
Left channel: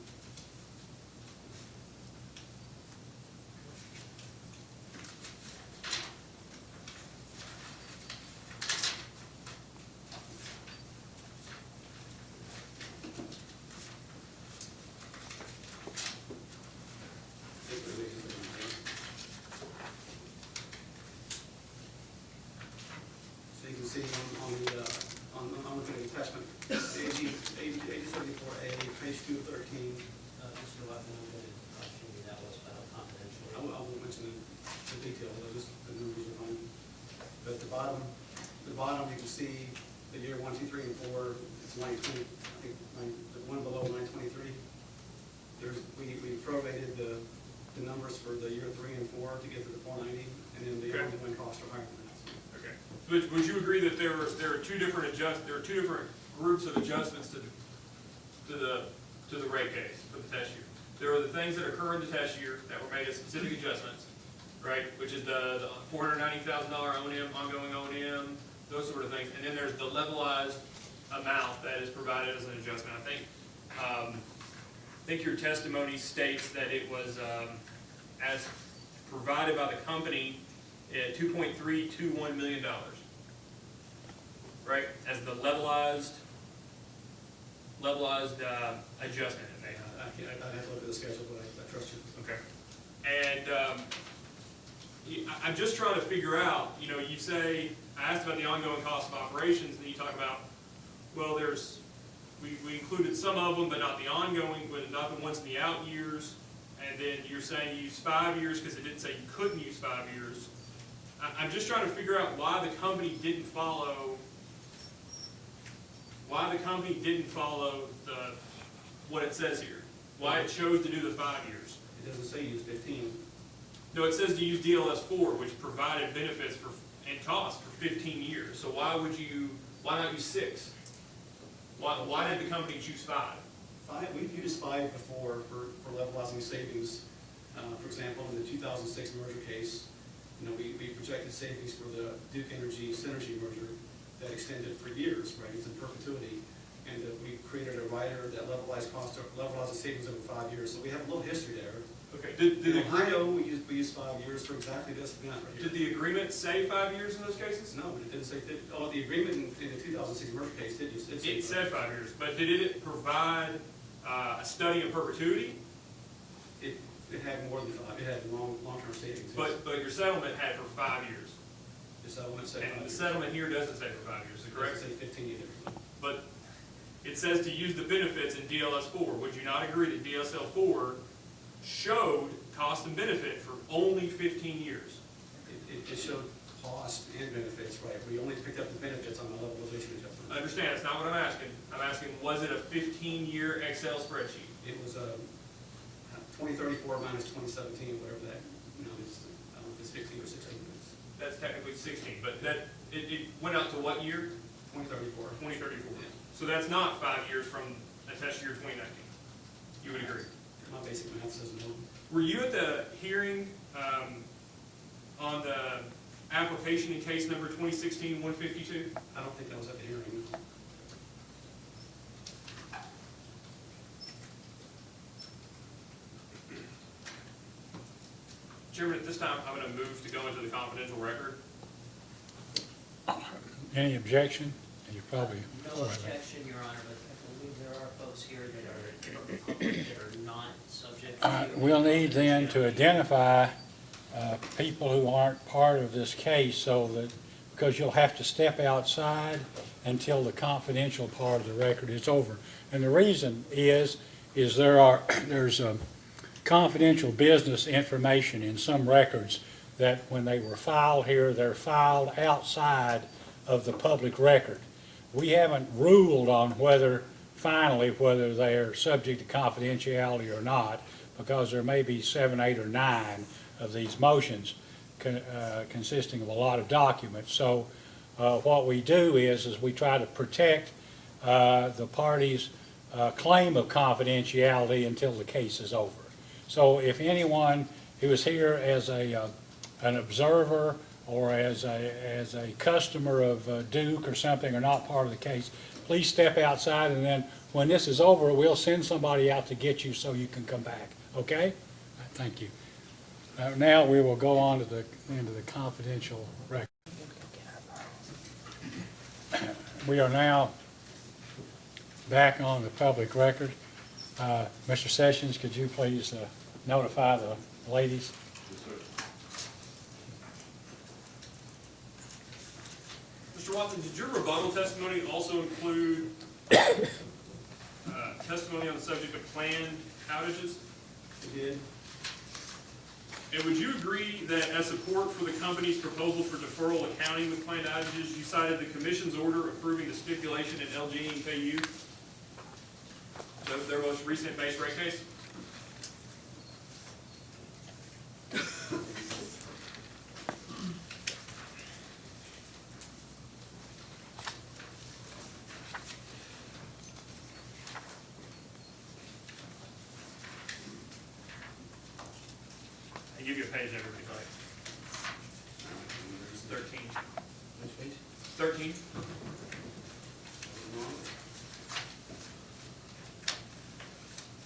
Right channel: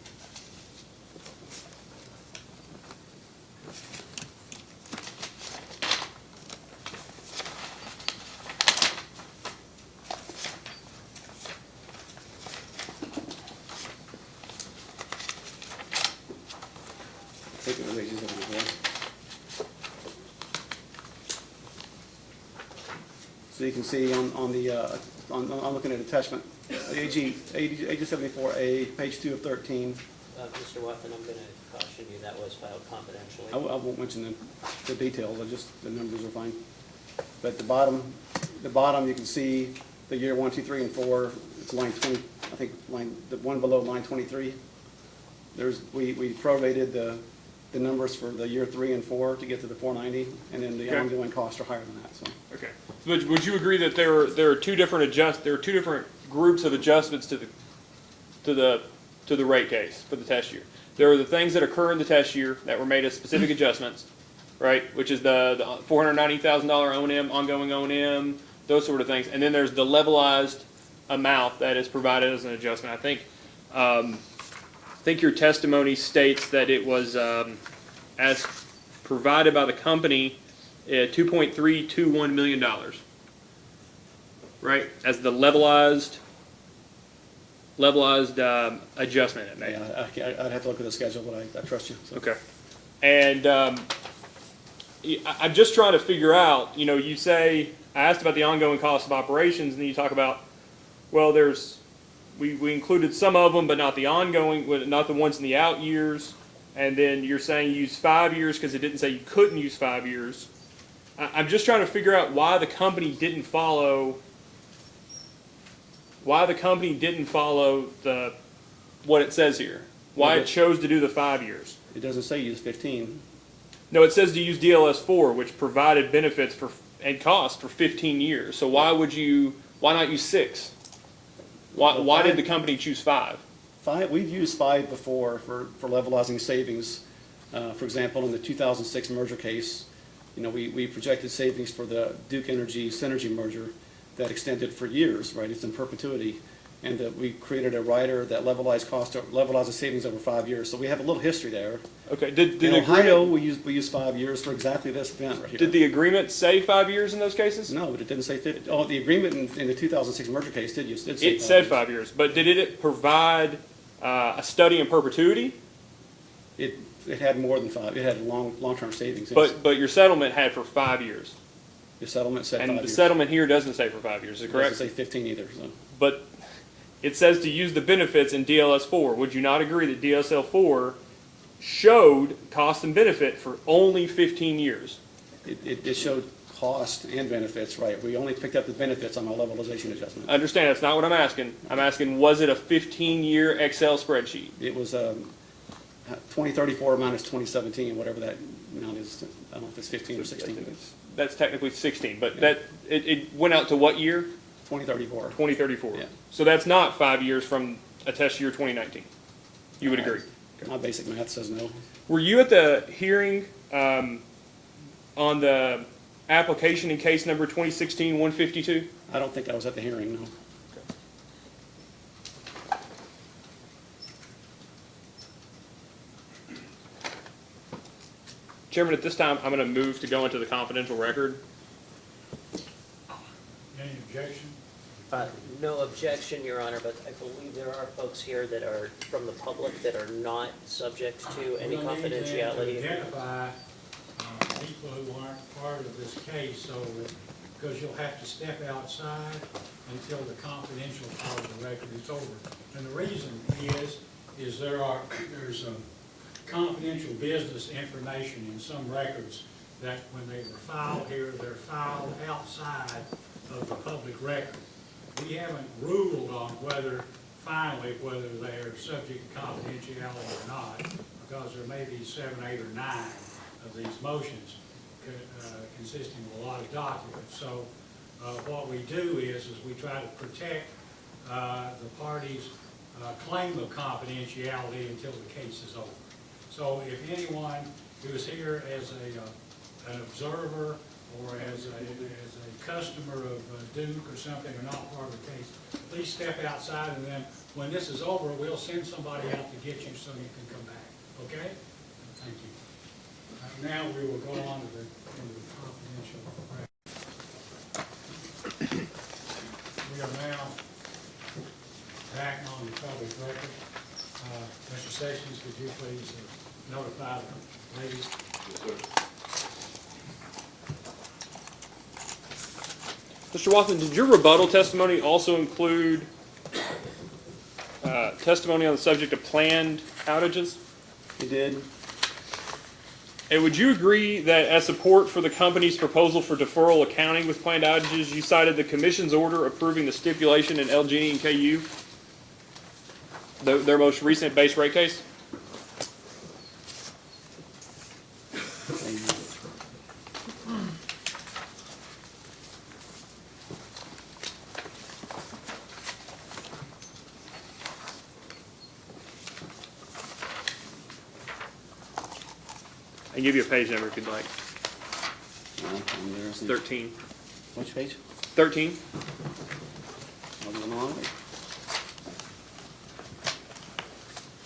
think it was AG 74. So you can see on the, I'm looking at attachment, AG 74A, page 2 of 13. Mr. Watson, I'm gonna caution you, that was filed confidentially. I won't mention the details, the numbers are fine. But the bottom, you can see the year 1, 2, 3, and 4, it's line 20, I think the one below line 23. We prorated the numbers for the year 3 and 4 to get to the 490, and then the Okay. ongoing costs are higher than that, so. Okay. Would you agree that there are two different groups of adjustments to the rate case for the test year? There are the things that occur in the test year that were made as specific adjustments, right? Which is the $490,000 O&M, ongoing O&M, those sort of things. And then there's the levelized amount that is provided as an adjustment. I think your testimony states that it was as provided by the company, $2.321 million, right? As the levelized adjustment it made. Yeah, I'd have to look at the schedule, but I trust you. So. Okay. And I'm just trying to figure out, you say, I asked about the ongoing cost of operations, and then you talk about, well, we included some of them, but not the ongoing, not the ones in the out years. And then you're saying you use 5 years because it didn't say you couldn't use 5 years. I'm just trying to figure out why the company didn't follow what it says here. Why it chose to do the 5 years. It doesn't say use 15. No, it says to use DLS4, which provided benefits and cost for 15 years. So why not use 6? Why did the company choose 5? We've used 5 before for levelizing savings. For example, in the 2006 merger case, we projected savings for the Duke Energy Synergy merger that extended for years, right? It's in perpetuity. And that we created a rider that levelizes savings over 5 years. So we have a little history there. Okay. In Ohio, we used 5 years for exactly this event right here. Did the agreement say 5 years in those cases? No, but it didn't say 50. Oh, the agreement in the 2006 merger case did say 5 It said 5 years, but did it provide a study in perpetuity? It had more than 5. It had long-term savings. But your settlement had for 5 years. The settlement said 5 years. And the settlement here doesn't say for 5 years, is it correct? It doesn't say 15 either. So. But it says to use the benefits in DLS4. Would you not agree that DSL4 showed cost and benefit for only 15 years? It showed cost and benefits, right? We only picked up the benefits on our levelization adjustment. I understand, that's not what I'm asking. I'm asking, was it a 15-year Excel spreadsheet? It was 2034 minus 2017, whatever that amount is. I don't know if it's 15 or 16. That's technically 16, but yeah. It went out to what year? 2034. 2034. Yeah. So that's not 5 years from a test year 2019. You would agree? My basic math says no. Were you at the hearing on the application in case number 2016-152? I don't think I was at the hearing, no. Chairman, at this time, I'm going to move to go into the confidential record. Any objection? You probably- No objection, Your Honor, but I believe there are folks here that are from the public that are not subject to any We'll need then to confidentiality. identify people who aren't part of this case, so that, because you'll have to step outside until the confidential part of the record is over. And the reason is there's confidential business information in some records that when they were filed here, they're filed outside of the public record. We haven't ruled on whether they are subject to confidentiality or not, because there may be 7, 8, or 9 of these motions consisting of a lot of documents. So what we do is we try to protect the party's claim of confidentiality until the case is over. So if anyone who is here as an observer or as a customer of Duke or something are not part of the case, please step outside, and then when this is over, we'll send somebody out to get you so you can come back. Okay? Thank you. Now we will go on to into the confidential record. We are now back on the public record. Mr. Sessions, could you please notify the ladies? Mr. Watson, did your rebuttal testimony also include testimony on the subject of planned outages? It did. And would you agree that as support for the company's proposal for deferral accounting with planned outages, you cited the commission's order approving the stipulation in LG and KU, their most recent base rate case? I can give you a page number if you'd like. 13. Which page? 13.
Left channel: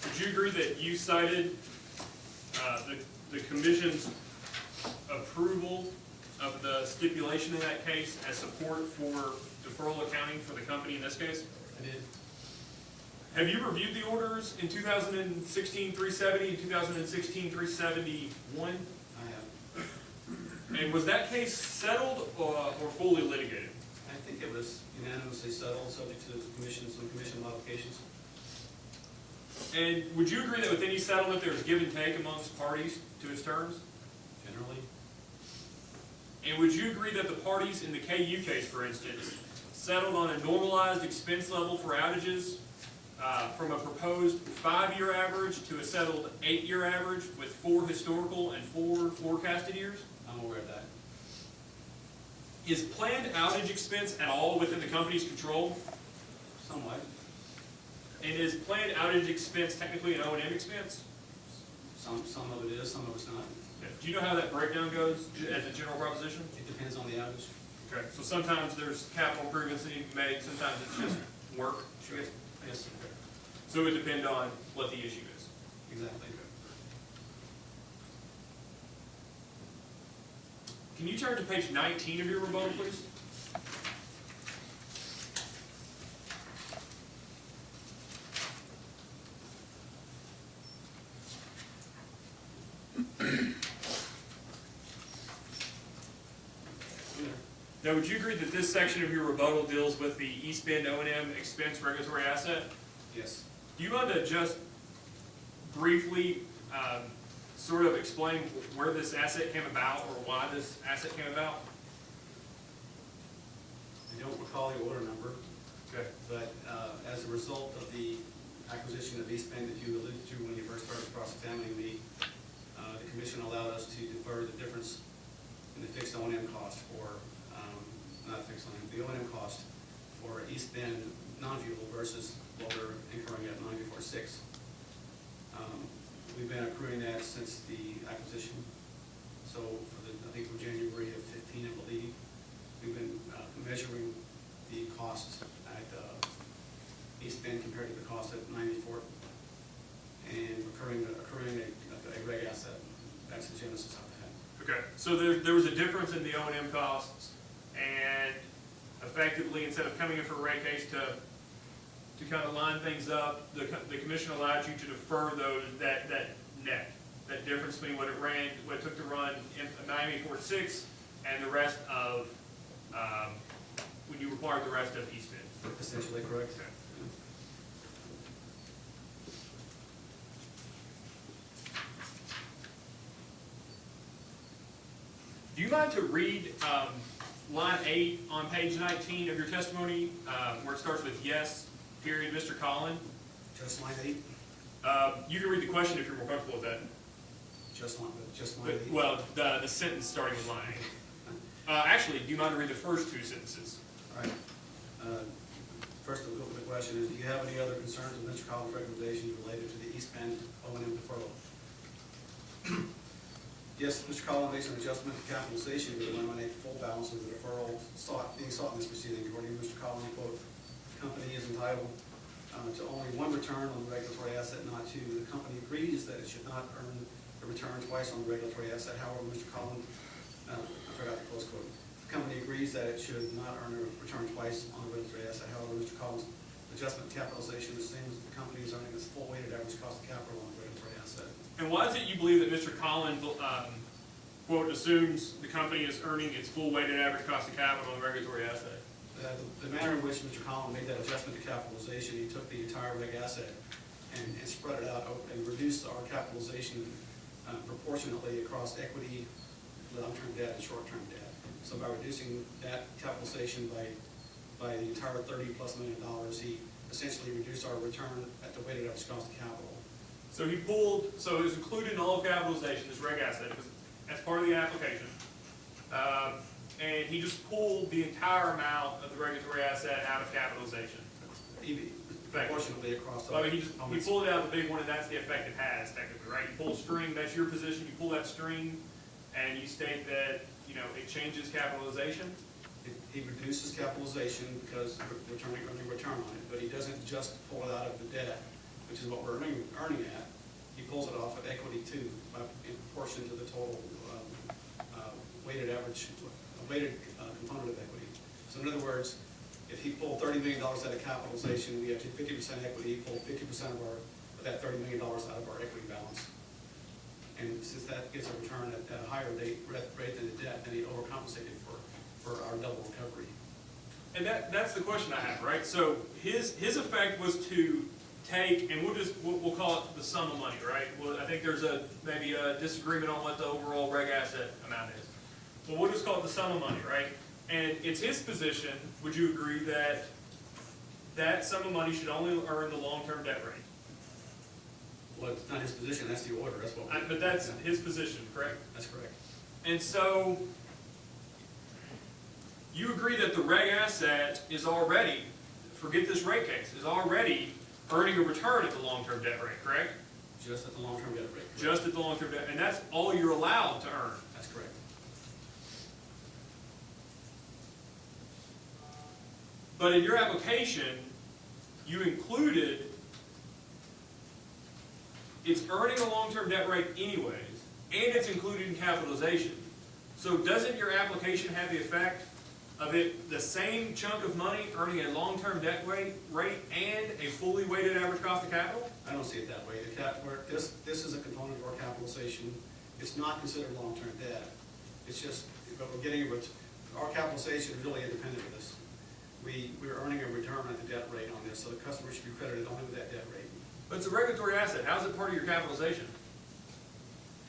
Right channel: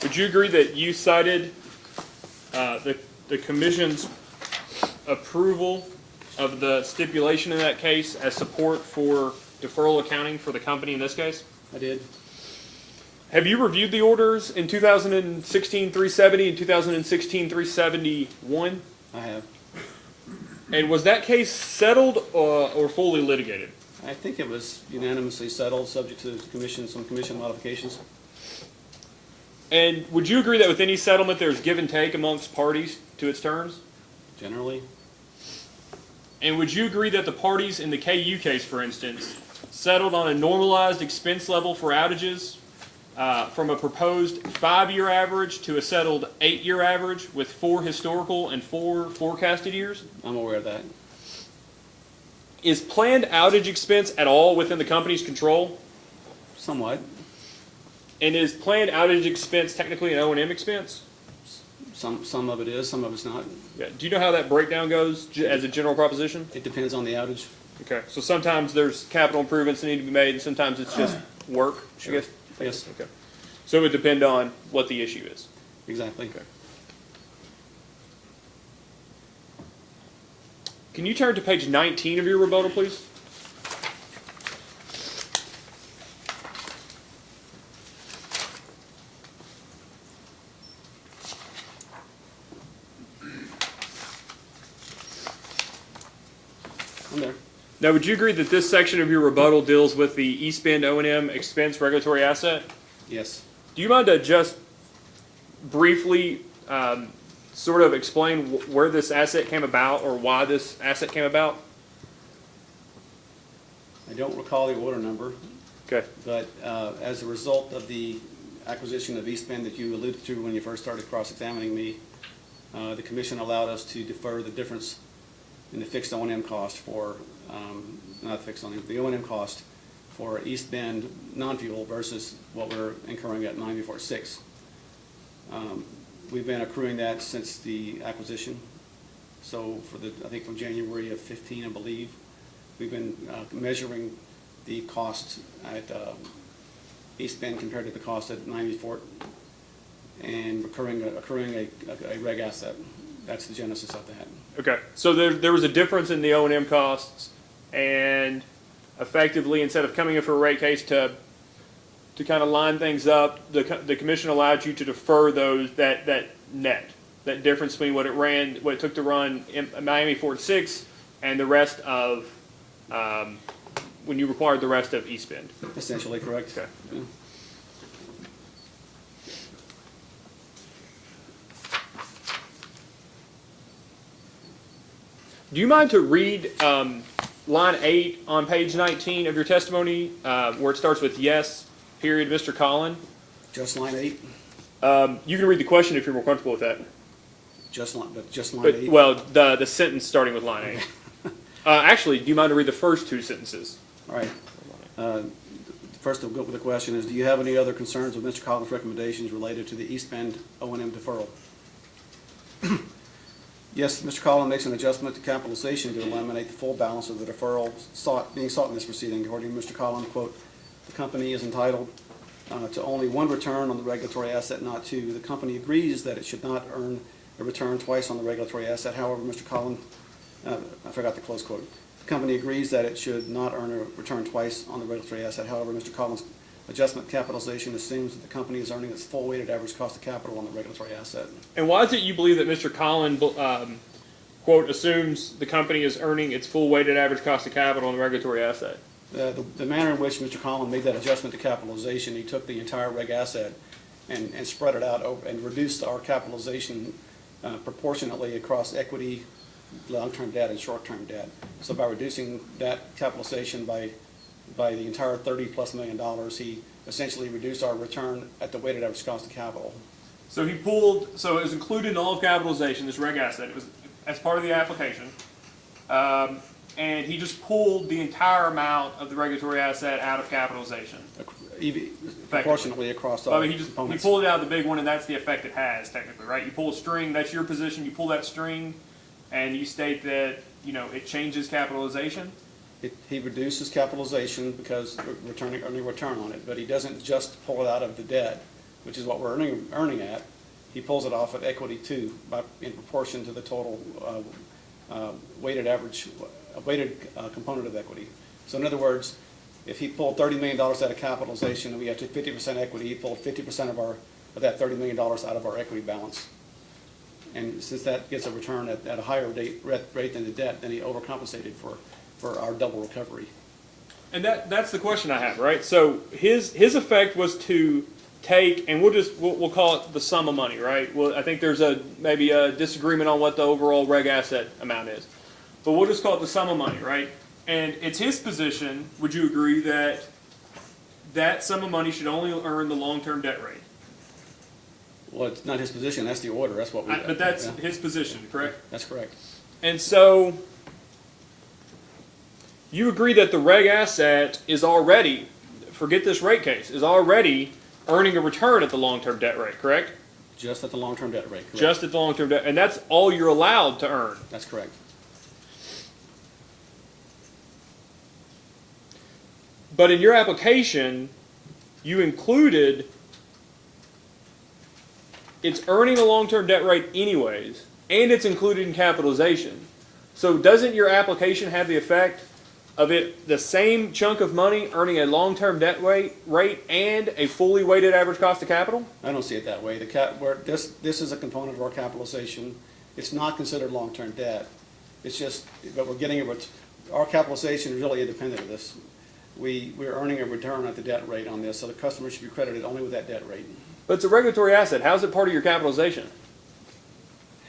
Would you agree that you cited the commission's approval of the stipulation in that case as support for deferral accounting for the company in this case? I did. Have you reviewed the orders in 2016-370 and 2016-371? I have. And was that case settled or fully litigated? I think it was unanimously settled, subject to some commission modifications. And would you agree that with any settlement there's give and take amongst parties to its terms? Generally. And would you agree that the parties in the KU case, for instance, settled on a normalized expense level for outages from a proposed 5-year average to a settled 8-year average with 4 historical and 4 forecasted years? I'm aware of that. Is planned outage expense at all within the company's control? Somewhat. And is planned outage expense technically an O&M expense? Some of it is, some of it's not. Yeah. Do you know how that breakdown goes as a general proposition? It depends on the outage. Okay, so sometimes there's capital improvements that need to be made, and sometimes it's just work, I guess? Yes. Okay. So it would depend on what the issue is. Exactly. Okay. Can you turn to page 19 of your rebuttal, please? I'm there. Now, would you agree that this section of your rebuttal deals with the East Bend O&M expense regulatory asset? Yes. Do you mind to just briefly sort of explain where this asset came about or why this asset came about? I don't recall the order number. Okay. But as a result of the acquisition of East Bend that you alluded to when you first started cross-examining me, the commission allowed us to defer the difference in the fixed O&M cost for, not fixed O&M, the O&M cost for East Bend non-fuel versus what we're incurring at 946. We've been accruing that since the acquisition. So for I think from January of 15, I believe, we've been measuring the costs at East Bend compared to the cost at 94 and accruing a reg asset. That's the genesis of that. Okay, so there was a difference in the O&M costs, and effectively, instead of coming in for a rate case to kind of line things up, the commission allowed you to defer that net, that difference between what it took to run in Miami Fort 6 and the rest of when you required the rest of East Bend. Essentially correct. Okay. Yeah. Do you mind to read line 8 on page 19 of your testimony, where it starts with yes, period, Mr. Collin? Just line 8? You can read the question if you're more comfortable with that. Just line 8? Well, the sentence starting with line 8. Actually, do you mind to read the first 2 sentences? All right. First, the question is, do you have any other concerns with Mr. Collins' recommendations related to the East Bend O&M deferral? Yes, Mr. Collins makes an adjustment to capitalization to eliminate the full balance of the deferral being sought in this proceeding. According to Mr. Collins, quote, the company is entitled to only one return on the regulatory asset, not 2. The company agrees that it should not earn a return twice on the regulatory asset. However, Mr. Collins, I forgot the close quote. The company agrees that it should not earn a return twice on the regulatory asset. However, Mr. Collins adjustment capitalization assumes that the company is earning its full weighted average cost of capital on the regulatory asset. And why is it you believe that Mr. Collin, quote, assumes the company is earning its full weighted average cost of capital on the regulatory asset? The manner in which Mr. Collin made that adjustment to capitalization, he took the entire reg asset and spread it out over, and reduced our capitalization proportionately across equity, long-term debt, and short-term debt. So by reducing that capitalization by the entire $30+ million, he essentially reduced our return at the weighted average cost of capital. So he pulled, so it was included in all of capitalization, this reg asset, it was as part of the application. And he just pulled the entire amount of the regulatory asset out of capitalization. Proportionately across all Well, I mean, he components. pulled it out of the big one, and that's the effect it has technically, right? You pull a string, that's your position, you pull that string, and you state that, you know, it changes capitalization. He reduces capitalization because we're earning return on it, but he doesn't just pull it out of the debt, which is what we're earning at. He pulls it off of equity too, in proportion to the total weighted average, component of equity. So in other words, if he pulled $30 million out of capitalization and we got to 50% equity, he pulled 50% of that $30 million out of our equity balance. And since that gets a return at a higher rate than the debt, then he overcompensated for our double recovery. And that's the question I have, right? So his effect was to take, and we'll call it the sum of money, right? Well, I think there's maybe a disagreement on what the overall reg asset amount is, but we'll just call it the sum of money, right? And it's his position, would you agree that that sum of money should only earn the long-term debt rate? Well, it's not his position, that's the order, that's what we. But that's his position, correct? That's correct. And so, you agree that the reg asset is already, forget this rate case, is already earning a return at the long-term debt rate, correct? Just at the long-term debt rate, correct. Just at the long-term debt, and that's all you're allowed to earn. That's correct. But in your application, you included it's earning a long-term debt rate anyways, and it's included in capitalization. So doesn't your application have the effect of it, the same chunk of money earning a long-term debt rate and a fully weighted average cost of capital? I don't see it that way. This is a component of our capitalization. It's not considered long-term debt. It's just, but we're getting our capitalization is really independent of this. We're earning a return at the debt rate on this, so the customer should be credited only with that debt rate. But it's a regulatory asset. How is it part of your capitalization?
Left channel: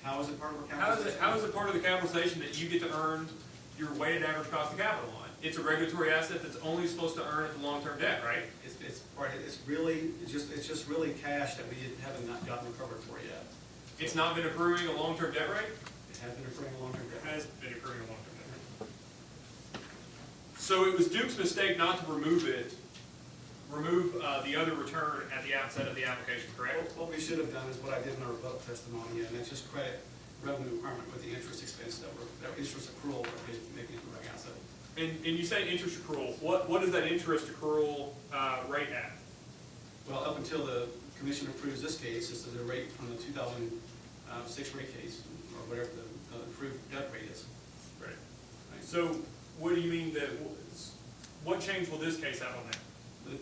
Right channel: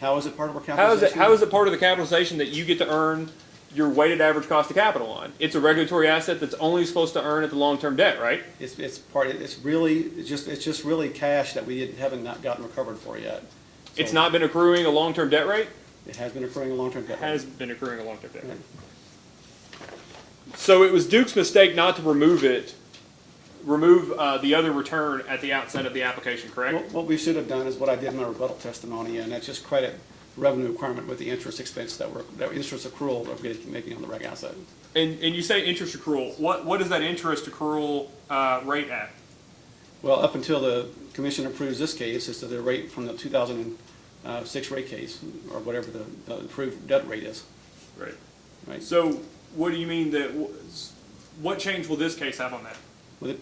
How is it part of our capitalization? How is it part of the capitalization that you get to earn your weighted average cost of capital on? It's a regulatory asset that's only supposed to earn at the long-term debt, right? It's just really cash that we haven't gotten recovered for yet. So It's not been accruing a long-term debt rate? It has been accruing a long-term debt rate. Has been accruing a long-term debt rate. So it was Duke's mistake not to remove the other return at the outset of the application, correct? What we should have done is what I did in my rebuttal testimony, and that's just credit revenue requirement with the interest expense that interest accrual that we're making on the reg asset. And you say interest accrual. What is that interest accrual rate at? Well, up until the commission approves this case, it's the rate from the 2006 rate case, or whatever the approved debt rate is. Right. Right. So what do you mean that, what change will this case have on that?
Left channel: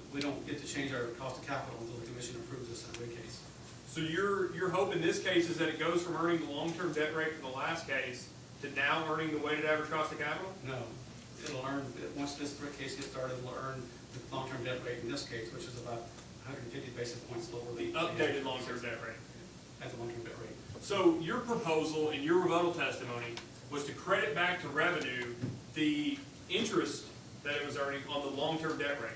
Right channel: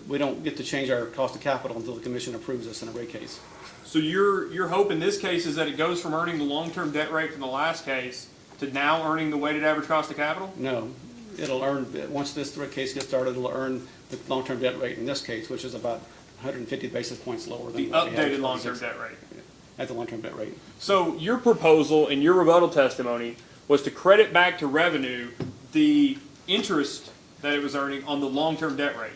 We don't get to change our cost of capital until the commission approves this in a rate case. So your hope in this case is that it goes from earning the long-term debt rate from the last case to now earning the weighted average cost of capital? No, it'll earn, once this case gets started, it'll earn the long-term debt rate in this case, which is about 150 basis points lower than The what we had updated for long-term 26 debt rate. At the long-term debt rate. So your proposal in your rebuttal testimony was to credit back to revenue the interest that it was earning on the long-term debt rate.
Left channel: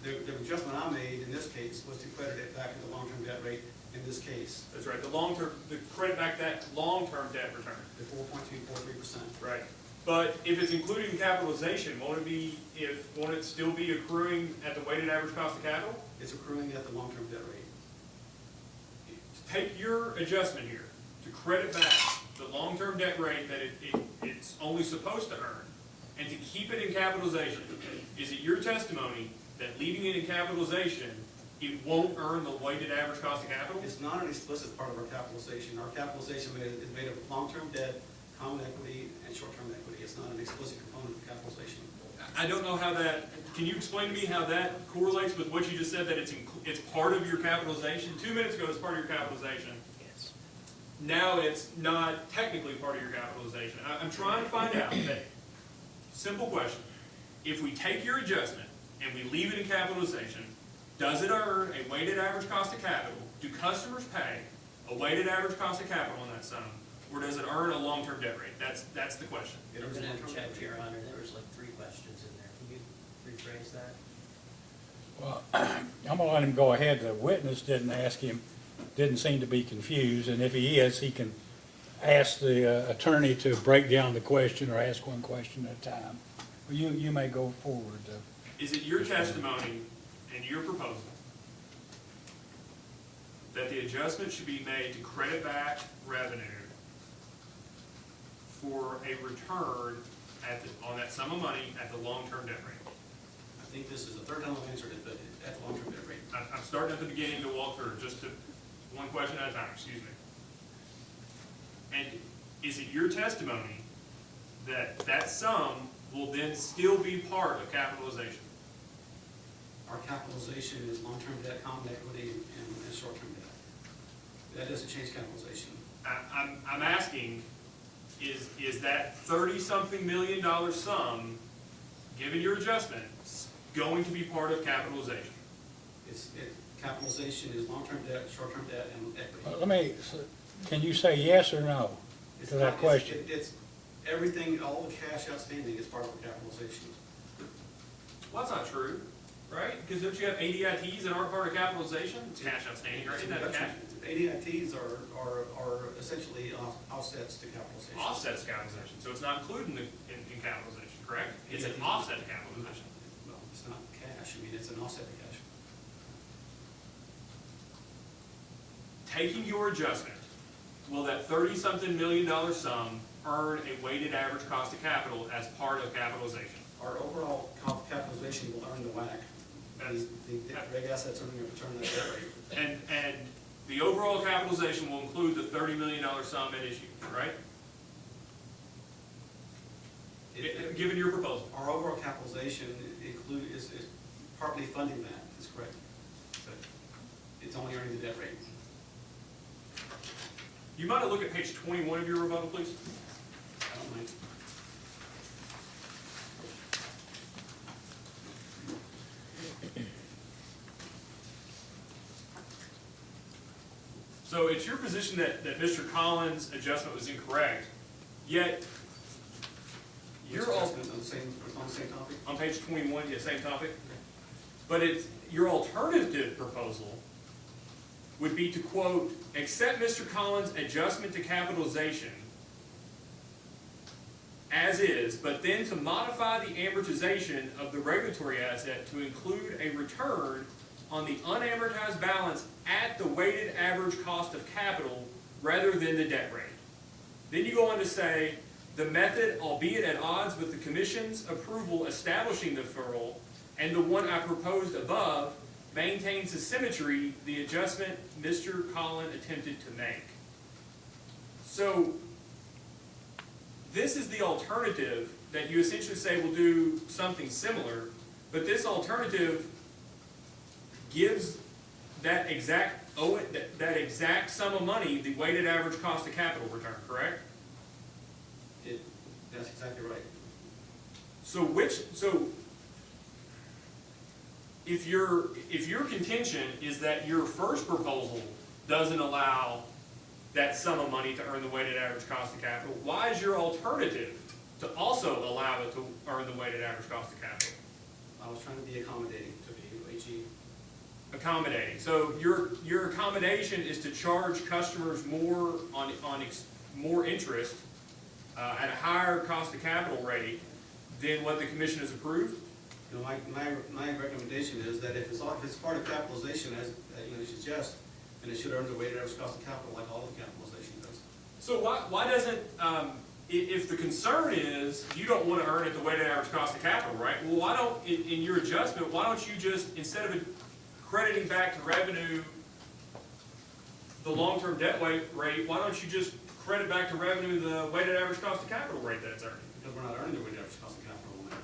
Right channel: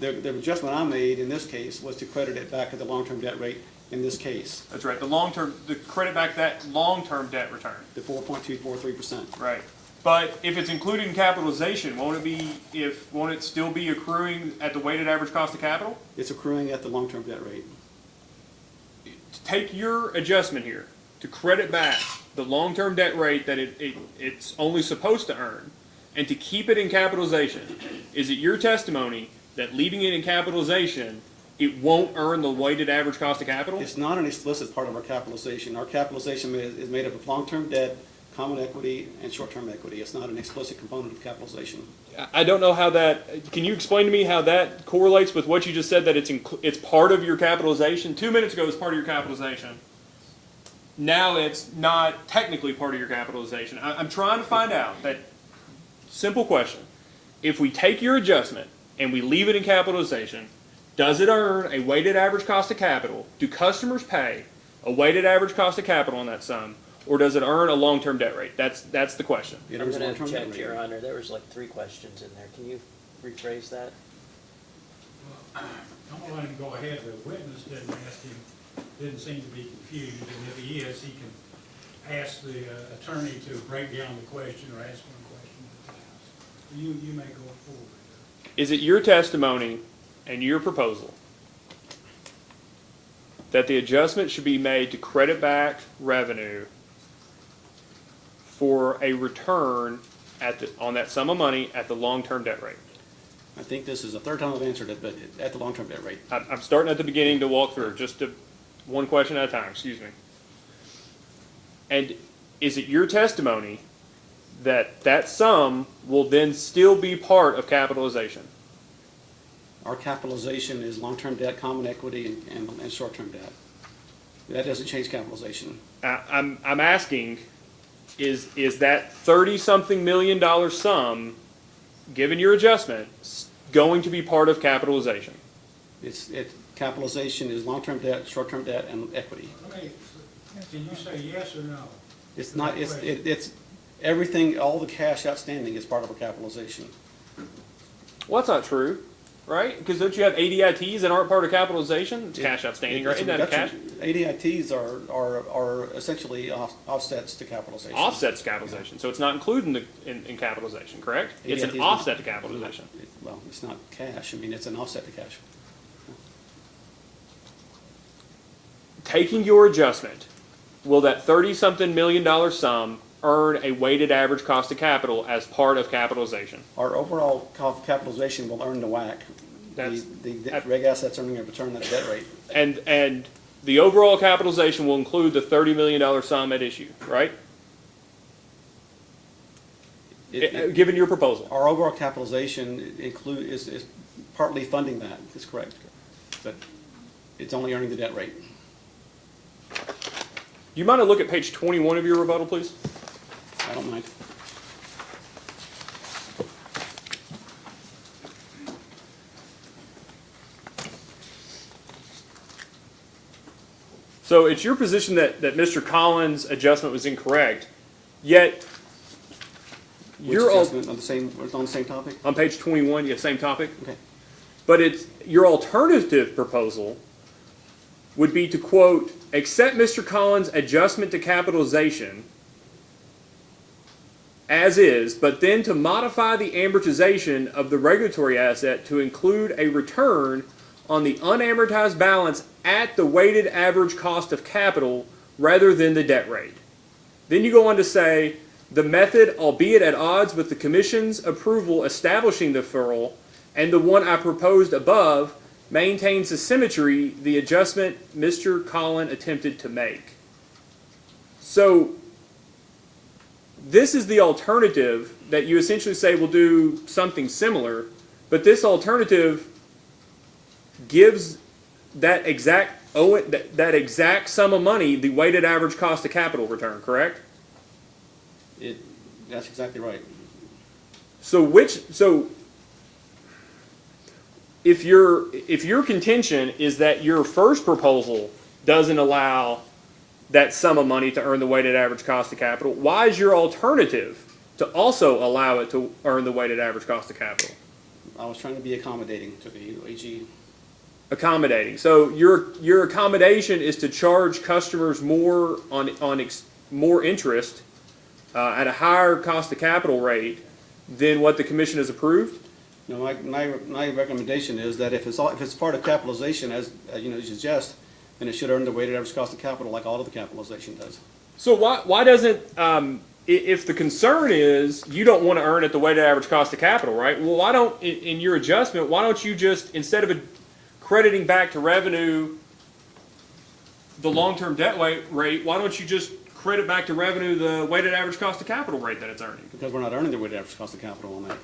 The adjustment I made in this case was to credit it back at the long-term debt rate in this case. That's right, the credit back that long-term debt return. The 4.243%. Right. But if it's included in capitalization, won't it still be accruing at the weighted average cost of capital? It's accruing at the long-term debt rate. To take your adjustment here, to credit back the long-term debt rate that it's only supposed to earn, and to keep it in capitalization, is it your testimony that leaving it in capitalization, it won't earn the weighted average cost of capital? It's not an explicit part of our capitalization. Our capitalization is made up of long-term debt, common equity and short-term equity. It's not an explicit component of capitalization. I don't know how that, can you explain to me how that correlates with what you just said, that it's part of your capitalization? 2 minutes ago it was part of your capitalization. Now it's not technically part of your capitalization. I'm trying to find out that, simple question. If we take your adjustment and we leave it in capitalization, does it earn a weighted average cost of capital? Do customers pay a weighted average cost of capital on that sum? Or does it earn a long-term debt rate? That's the question. It I'm earns gonna long-term debt object, rate. Your Honor, there was like 3 questions in there. Can you rephrase that? Well, I'm gonna let him go ahead. The witness didn't seem to be confused, and if he is, he can ask the attorney to break down the question or ask one question at a time. You may go forward. Is it your testimony and your proposal that the adjustment should be made to credit back revenue for a return on that sum of money at the long-term debt rate? I think this is the third time I've answered it, but at the long-term debt rate. I'm starting at the beginning to walk through, one question at a time, excuse me. And is it your testimony that that sum will then still be part of capitalization? Our capitalization is long-term debt, common equity, and short-term debt. That doesn't change capitalization. I'm asking, is that 30-something million dollar sum, given your adjustment, going to be part of capitalization? Capitalization is long-term debt, short-term debt, and equity. Can you say yes or no? It's to not, that question? it's everything, all the cash outstanding is part of a capitalization. Well, that's not true, right? Because don't you have ADITs that aren't part of capitalization? It's cash outstanding, right? It's a Isn't that cash? reduction. ADITs are essentially offsets to capitalization. Offsets to capitalization, so it's not included in capitalization, correct? It's an ADITs offset to capitalization. Well, it's not cash. I mean, it's an offset to cash. Taking your adjustment, will that 30-something million dollar sum earn a weighted average cost of capital as part of capitalization? Our overall capitalization will earn the WACC. The reg assets earning a return at debt rate. And the overall capitalization will include the $30 million sum at issue, right? Given your proposal. Our overall capitalization is partly funding that, is correct. But it's only earning the debt rate. You mind to look at page 21 of your rebuttal, please? I don't mind. So it's your position that Mr. Collins' adjustment was incorrect, yet you're on the same topic? On page 21, you have same topic? Okay. But your alternative proposal would be to, quote, accept Mr. Collins' adjustment to capitalization as is, but then to modify the amortization of the regulatory asset to include a return on the unamortized balance at the weighted average cost of capital rather than the debt rate. Then you go on to say, the method, albeit at odds with the Commission's approval establishing the deferral and the one I proposed above, maintains the symmetry the adjustment Mr. Collins attempted to make. So this is the alternative that you essentially say will do something similar, but this alternative gives that exact sum of money the weighted average cost of capital return, correct? That's exactly right. So if your contention is that your first proposal doesn't allow that sum of money to earn the weighted average cost of capital, why is your alternative to also allow it to earn the weighted average cost of capital? I was trying to be accommodating to the AG. Accommodating. So your accommodation is to charge customers more more interest at a higher cost of capital rate than what the Commission has approved? No, my recommendation is that if it's part of capitalization, as you suggest, then it should earn the weighted average cost of capital like all of the capitalization does. So why doesn't, if the concern is you don't want to earn at the weighted average cost of capital, right? Well, why don't, in your adjustment, why don't you just, instead of crediting back to revenue the long-term debt rate, why don't you just credit back to revenue the weighted average cost of capital rate that it's earning? Because we're not earning the weighted average cost of capital on that.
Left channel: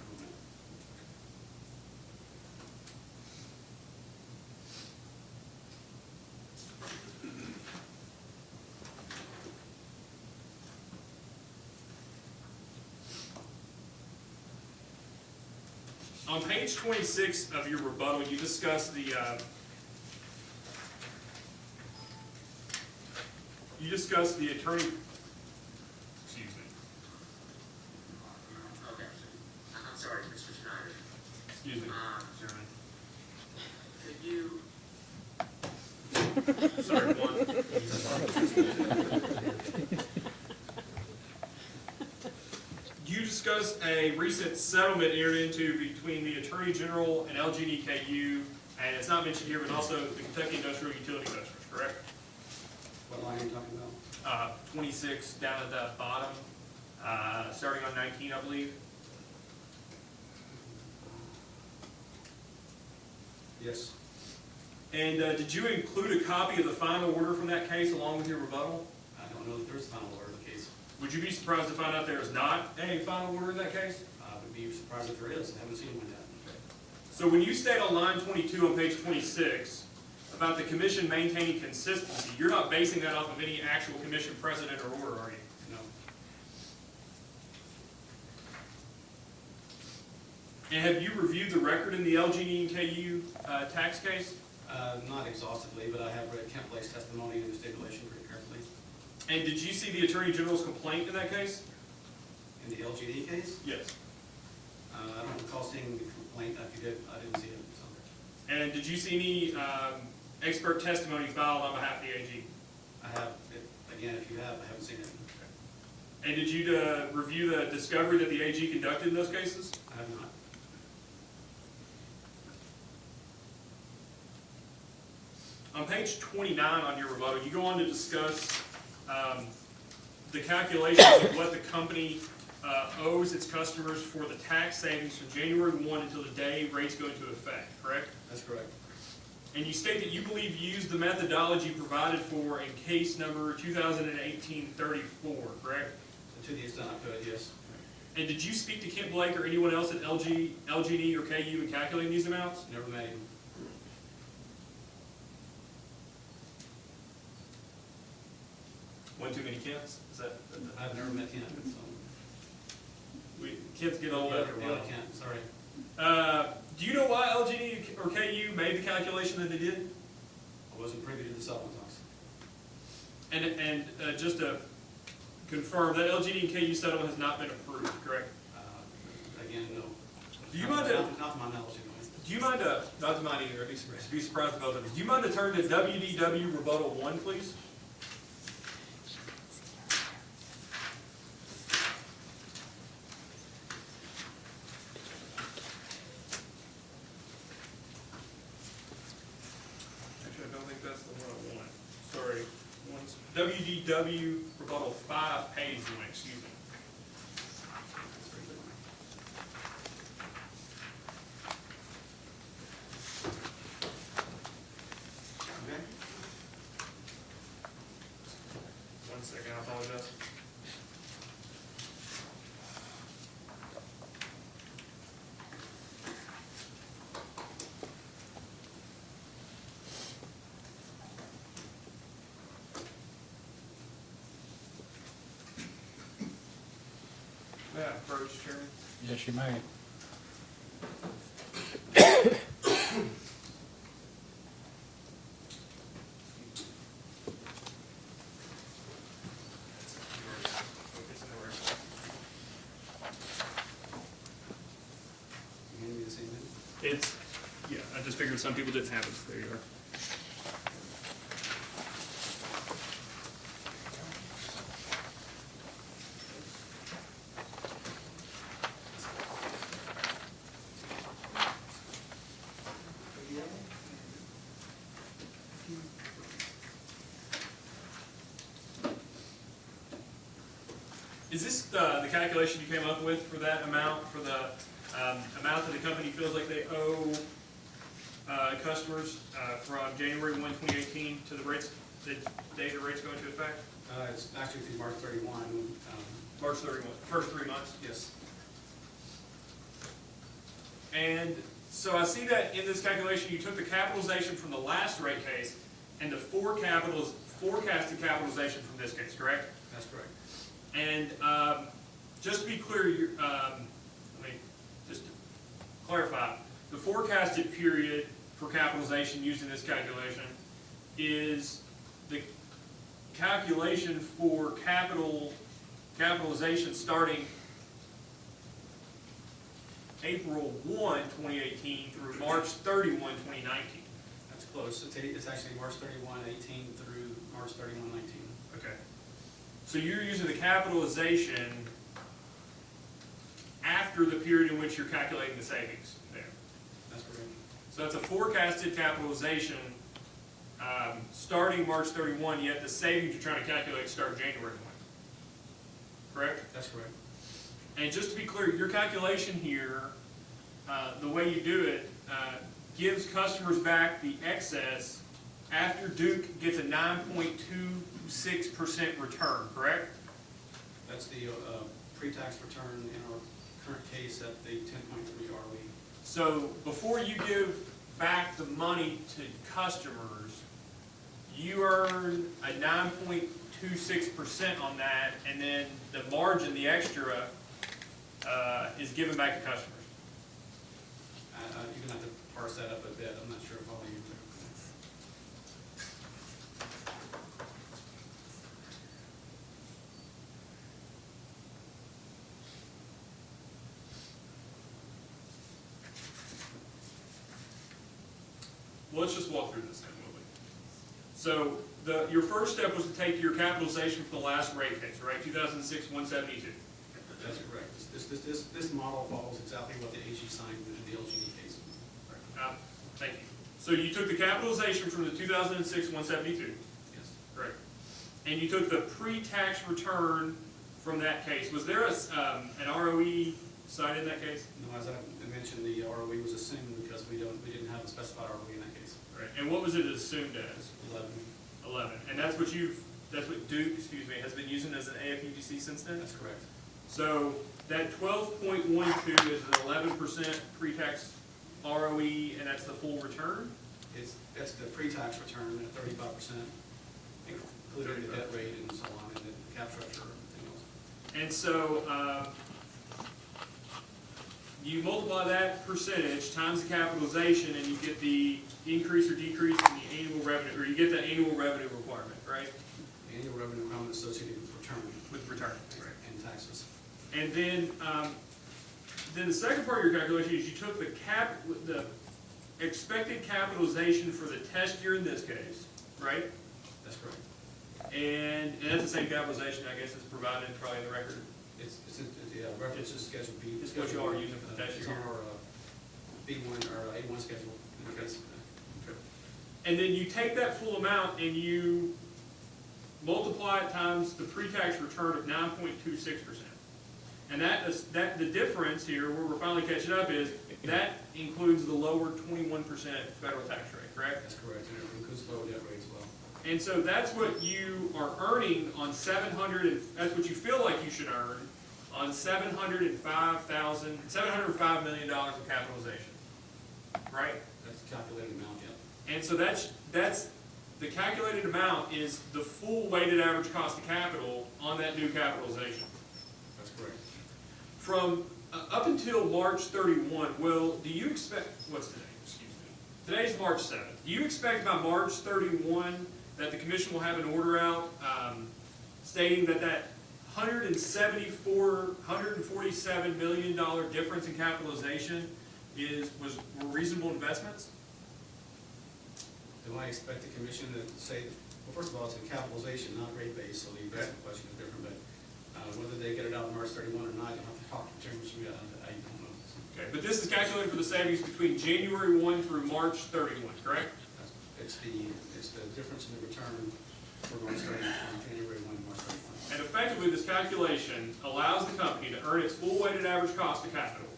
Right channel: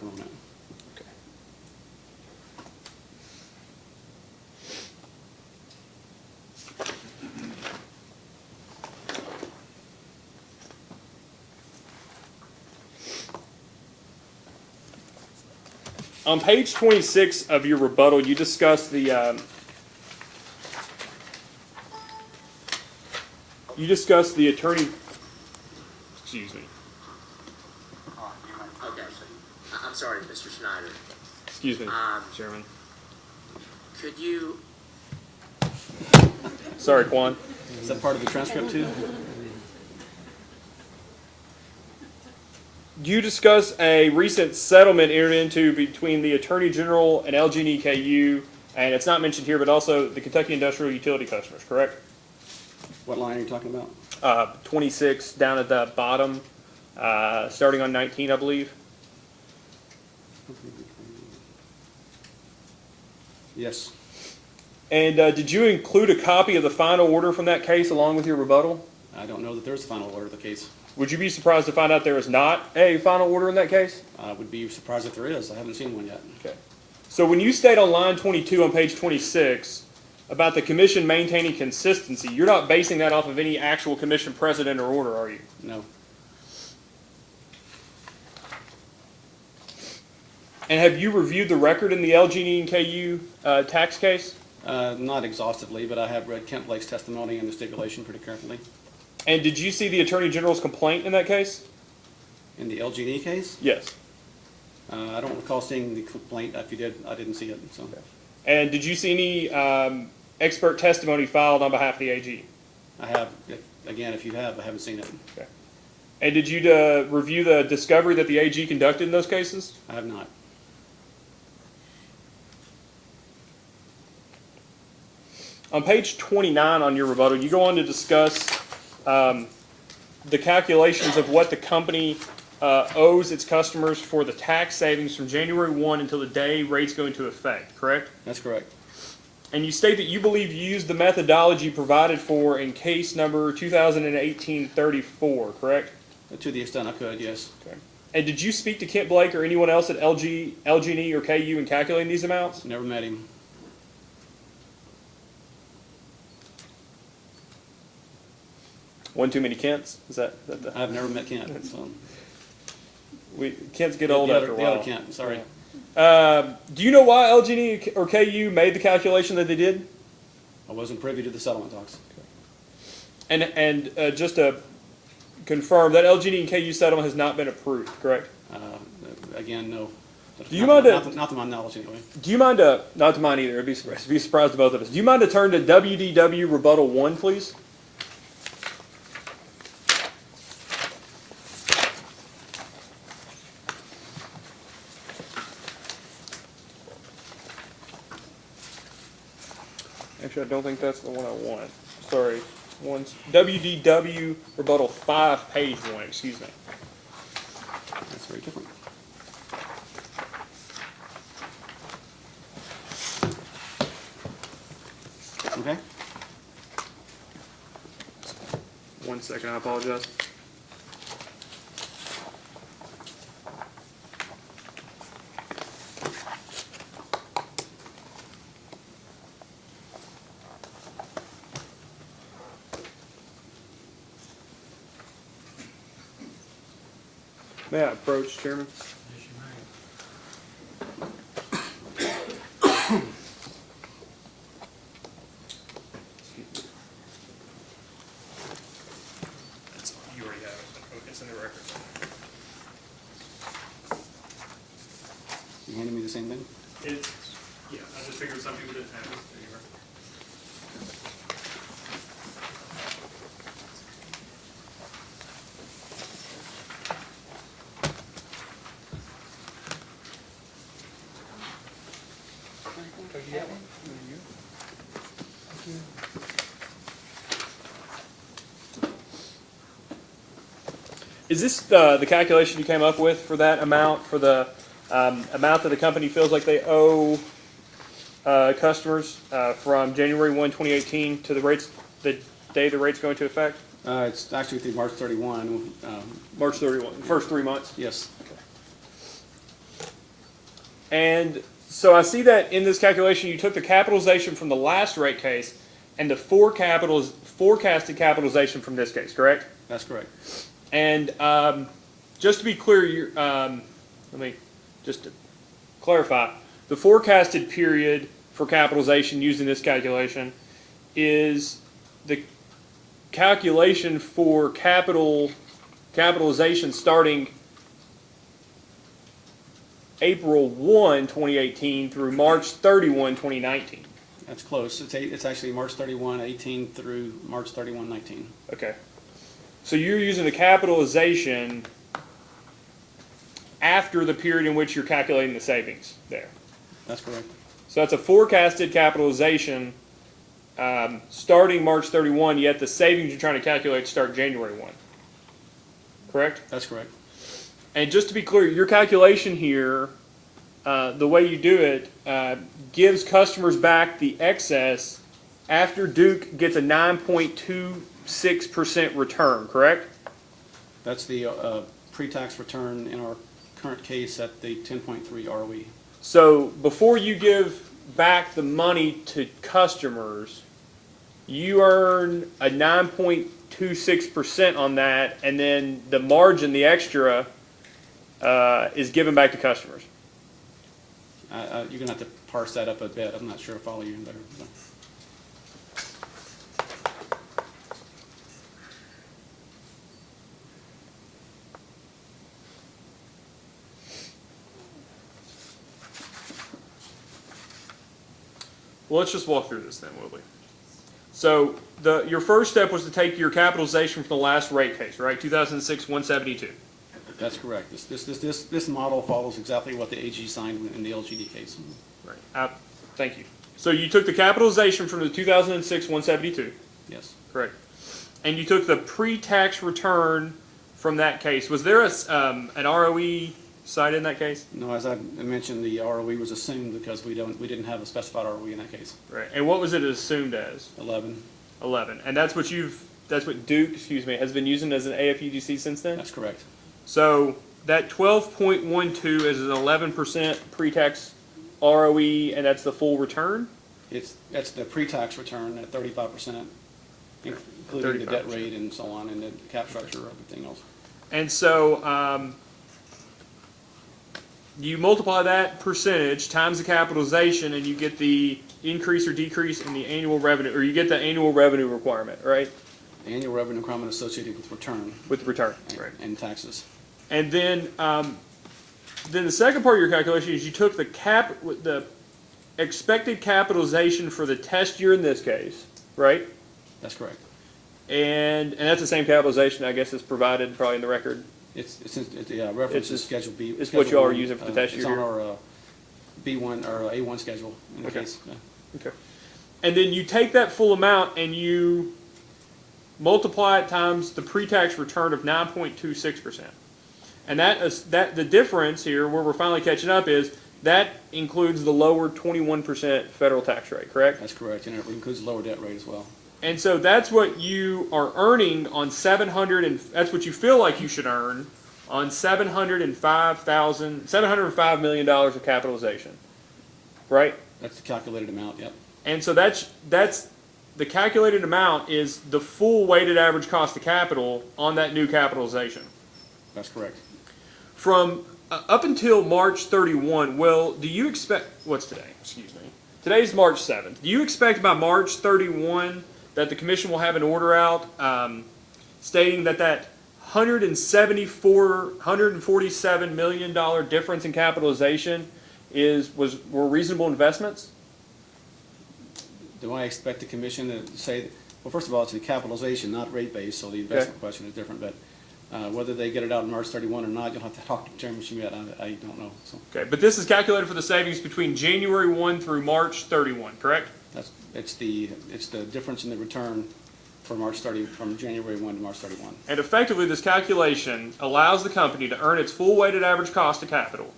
On page 26 of your rebuttal, you discuss the attorney. Excuse me. Okay. I'm sorry, Mr. Schneider. Excuse me, Chairman. Could you, Sorry, Quan. Is that part of the transcript too? You discuss a recent settlement entered into between the Attorney General and LG&E KU, and it's not mentioned here, but also the Kentucky Industrial Utility customers, correct? What line are you talking about? 26 down at the bottom, starting on 19, I believe. Yes. And did you include a copy of the final order from that case along with your rebuttal? I don't know that there's a final order of the case. Would you be surprised to find out there is not a final order in that case? I would be surprised if there is. I haven't seen one yet. Okay. So when you state on line 22 on page 26 about the commission maintaining consistency, you're not basing that off of any actual commission precedent or order, are you? No. And have you reviewed the record in the LG&E and KU tax case? Not exhaustively, but I have read Kent Blake's testimony and the stipulation pretty carefully. And did you see the Attorney General's complaint in that case? In the LG&E case? Yes. I don't recall seeing the complaint. If you did, I didn't see it. So. And did you see any expert testimony filed on behalf of the AG? I have. Again, if you have, I haven't seen it. Okay. And did you review the discovery that the AG conducted in those cases? I have not. On page 29 on your rebuttal, you go on to discuss the calculations of what the company owes its customers for the tax savings from January 1 until the day rates go into effect, correct? That's correct. And you state that you believe you used the methodology provided for in case number 2018-34, correct? To the extent I could, yes. Okay. And did you speak to Kent Blake or anyone else at LG&E or KU in calculating these amounts? Never met him. One too many Kents? Is that the... I've never met Kent, so. Kents get old after a The while. other Kent, sorry. Do you know why LG&E or KU made the calculation that they did? I wasn't privy to the settlement talks. And just to confirm, that LG&E and KU settlement has not been approved, correct? Again, no. Do you mind to... Not to my knowledge, anyway. Do you mind to... Not to mine either. I'd be surprised to both of us. Do you mind to turn to WDW Rebuttal 1, please? Actually, I don't think that's the one I want. Sorry. WDW Rebuttal 5, page 1, excuse me. That's very different. Okay. 1 second, I apologize. May I approach, Chairman? Yes, you may. You already got it. It's in the record. You handed me the same thing? It's, yeah, I just figured some people didn't have it. There you are. Is this the calculation you came up with for that amount, for the amount that the company feels like they owe customers from January 1, 2018 to the rates that day the rates go into effect? It's actually through March 31. March 31, first 3 months? Yes, And so I see that in this calculation, you took the capitalization from the last rate case and the forecasted capitalization from this case, correct? that's correct. And just to be clear, let me just to clarify, the forecasted period for capitalization using this calculation is the calculation for capitalization starting April 1, 2018 through March 31, 2019. That's close. It's actually March 31, 18 through March 31, 19. Okay. So you're using the capitalization after the period in which you're calculating the savings there. That's correct. So that's a forecasted capitalization starting March 31, yet the savings you're trying to calculate start January 1. Correct? That's correct. And just to be clear, your calculation here, the way you do it, gives customers back the excess after Duke gets a 9.26% return, correct? That's the pre-tax return in our current case at the 10.3 ROE. So before you give back the money to customers, you earn a 9.26% on that, and then the margin, the extra, is given back to customers. You're going to have to parse that up a bit. I'm not sure I follow you better. Well, let's just walk through this then, will we? So your first step was to take your capitalization from the last rate case, right? 2006-172. That's correct. This model follows exactly what the AG signed in the LGD case. Right. Thank you. So you took the capitalization from the 2006-172. Yes. Correct. And you took the pre-tax return from that case. Was there an ROE cited in that case? No, as I mentioned, the ROE was assumed because we didn't have a specified ROE in that case. Right. And what was it assumed as? 11. 11. And that's what Duke, has been using as an AFUDC since then? That's correct. So that 12.12 is an 11% pre-tax ROE, and that's the full return? That's the pre-tax return at 35%, including the debt rate and so on, and the cap structure, everything else. And so you multiply that percentage times the capitalization, and you get the increase or decrease in the annual revenue, or you get the annual revenue requirement, right? The annual revenue requirement associated with return. With return, right. And taxes. And then the second part of your calculation is you took the expected capitalization for the test year in this case, right? That's correct. And that's the same capitalization, I guess, is provided probably in the record. It's the reference to Schedule B. It's what you all are using for the test year. It's on our B1 or A1 schedule in the case. Okay. And then you take that full amount and you multiply it times the pre-tax return of 9.26%. And the difference here, where we're finally catching up, is that includes the lower 21% federal tax rate, correct? That's correct, and it includes lower debt rate as well. And so that's what you are earning on that's what you feel like you should earn on $705 million of capitalization, right? That's the calculated amount, yep. And so that's the calculated amount is the full weighted average cost of capital on that new capitalization. That's correct. From up until March 31, do you expect, what's today? Excuse me. Today's March 7th. Do you expect by March 31 that the commission will have an order out stating that $147 million difference in capitalization were reasonable investments? Do I expect the commission to say, well, first of all, it's a capitalization, not rate base, so the investment question is different, but whether they get it out on March 31 or not, you'll have to talk to Chairman Schmidt. I don't know. So. Okay, but this is calculated for the savings between January 1 through March 31, correct? It's the difference in the return from January 1 to March 31. And effectively, this calculation allows the company to earn its full weighted average cost of capital,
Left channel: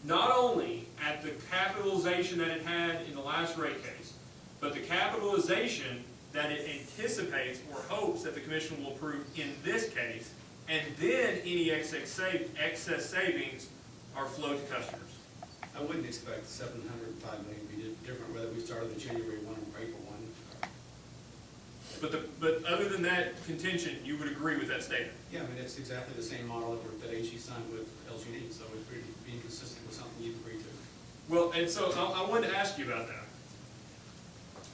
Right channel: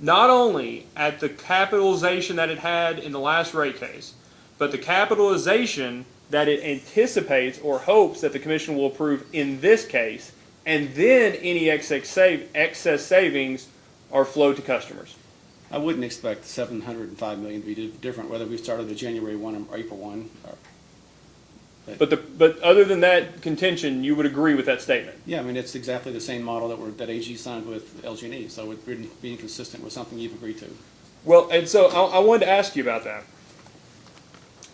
not only at the capitalization that it had in the last rate case, but the capitalization that it anticipates or hopes that the commission will approve in this case, and then any excess savings are flowed to customers. I wouldn't expect 705 million to be different, whether we started the January 1 or April 1. But other than that contention, you would agree with that statement? Yeah, I mean, it's exactly the same model that AG signed with LG&E, so it would be consistent with something you've agreed to. Well, and so I wanted to ask you about that.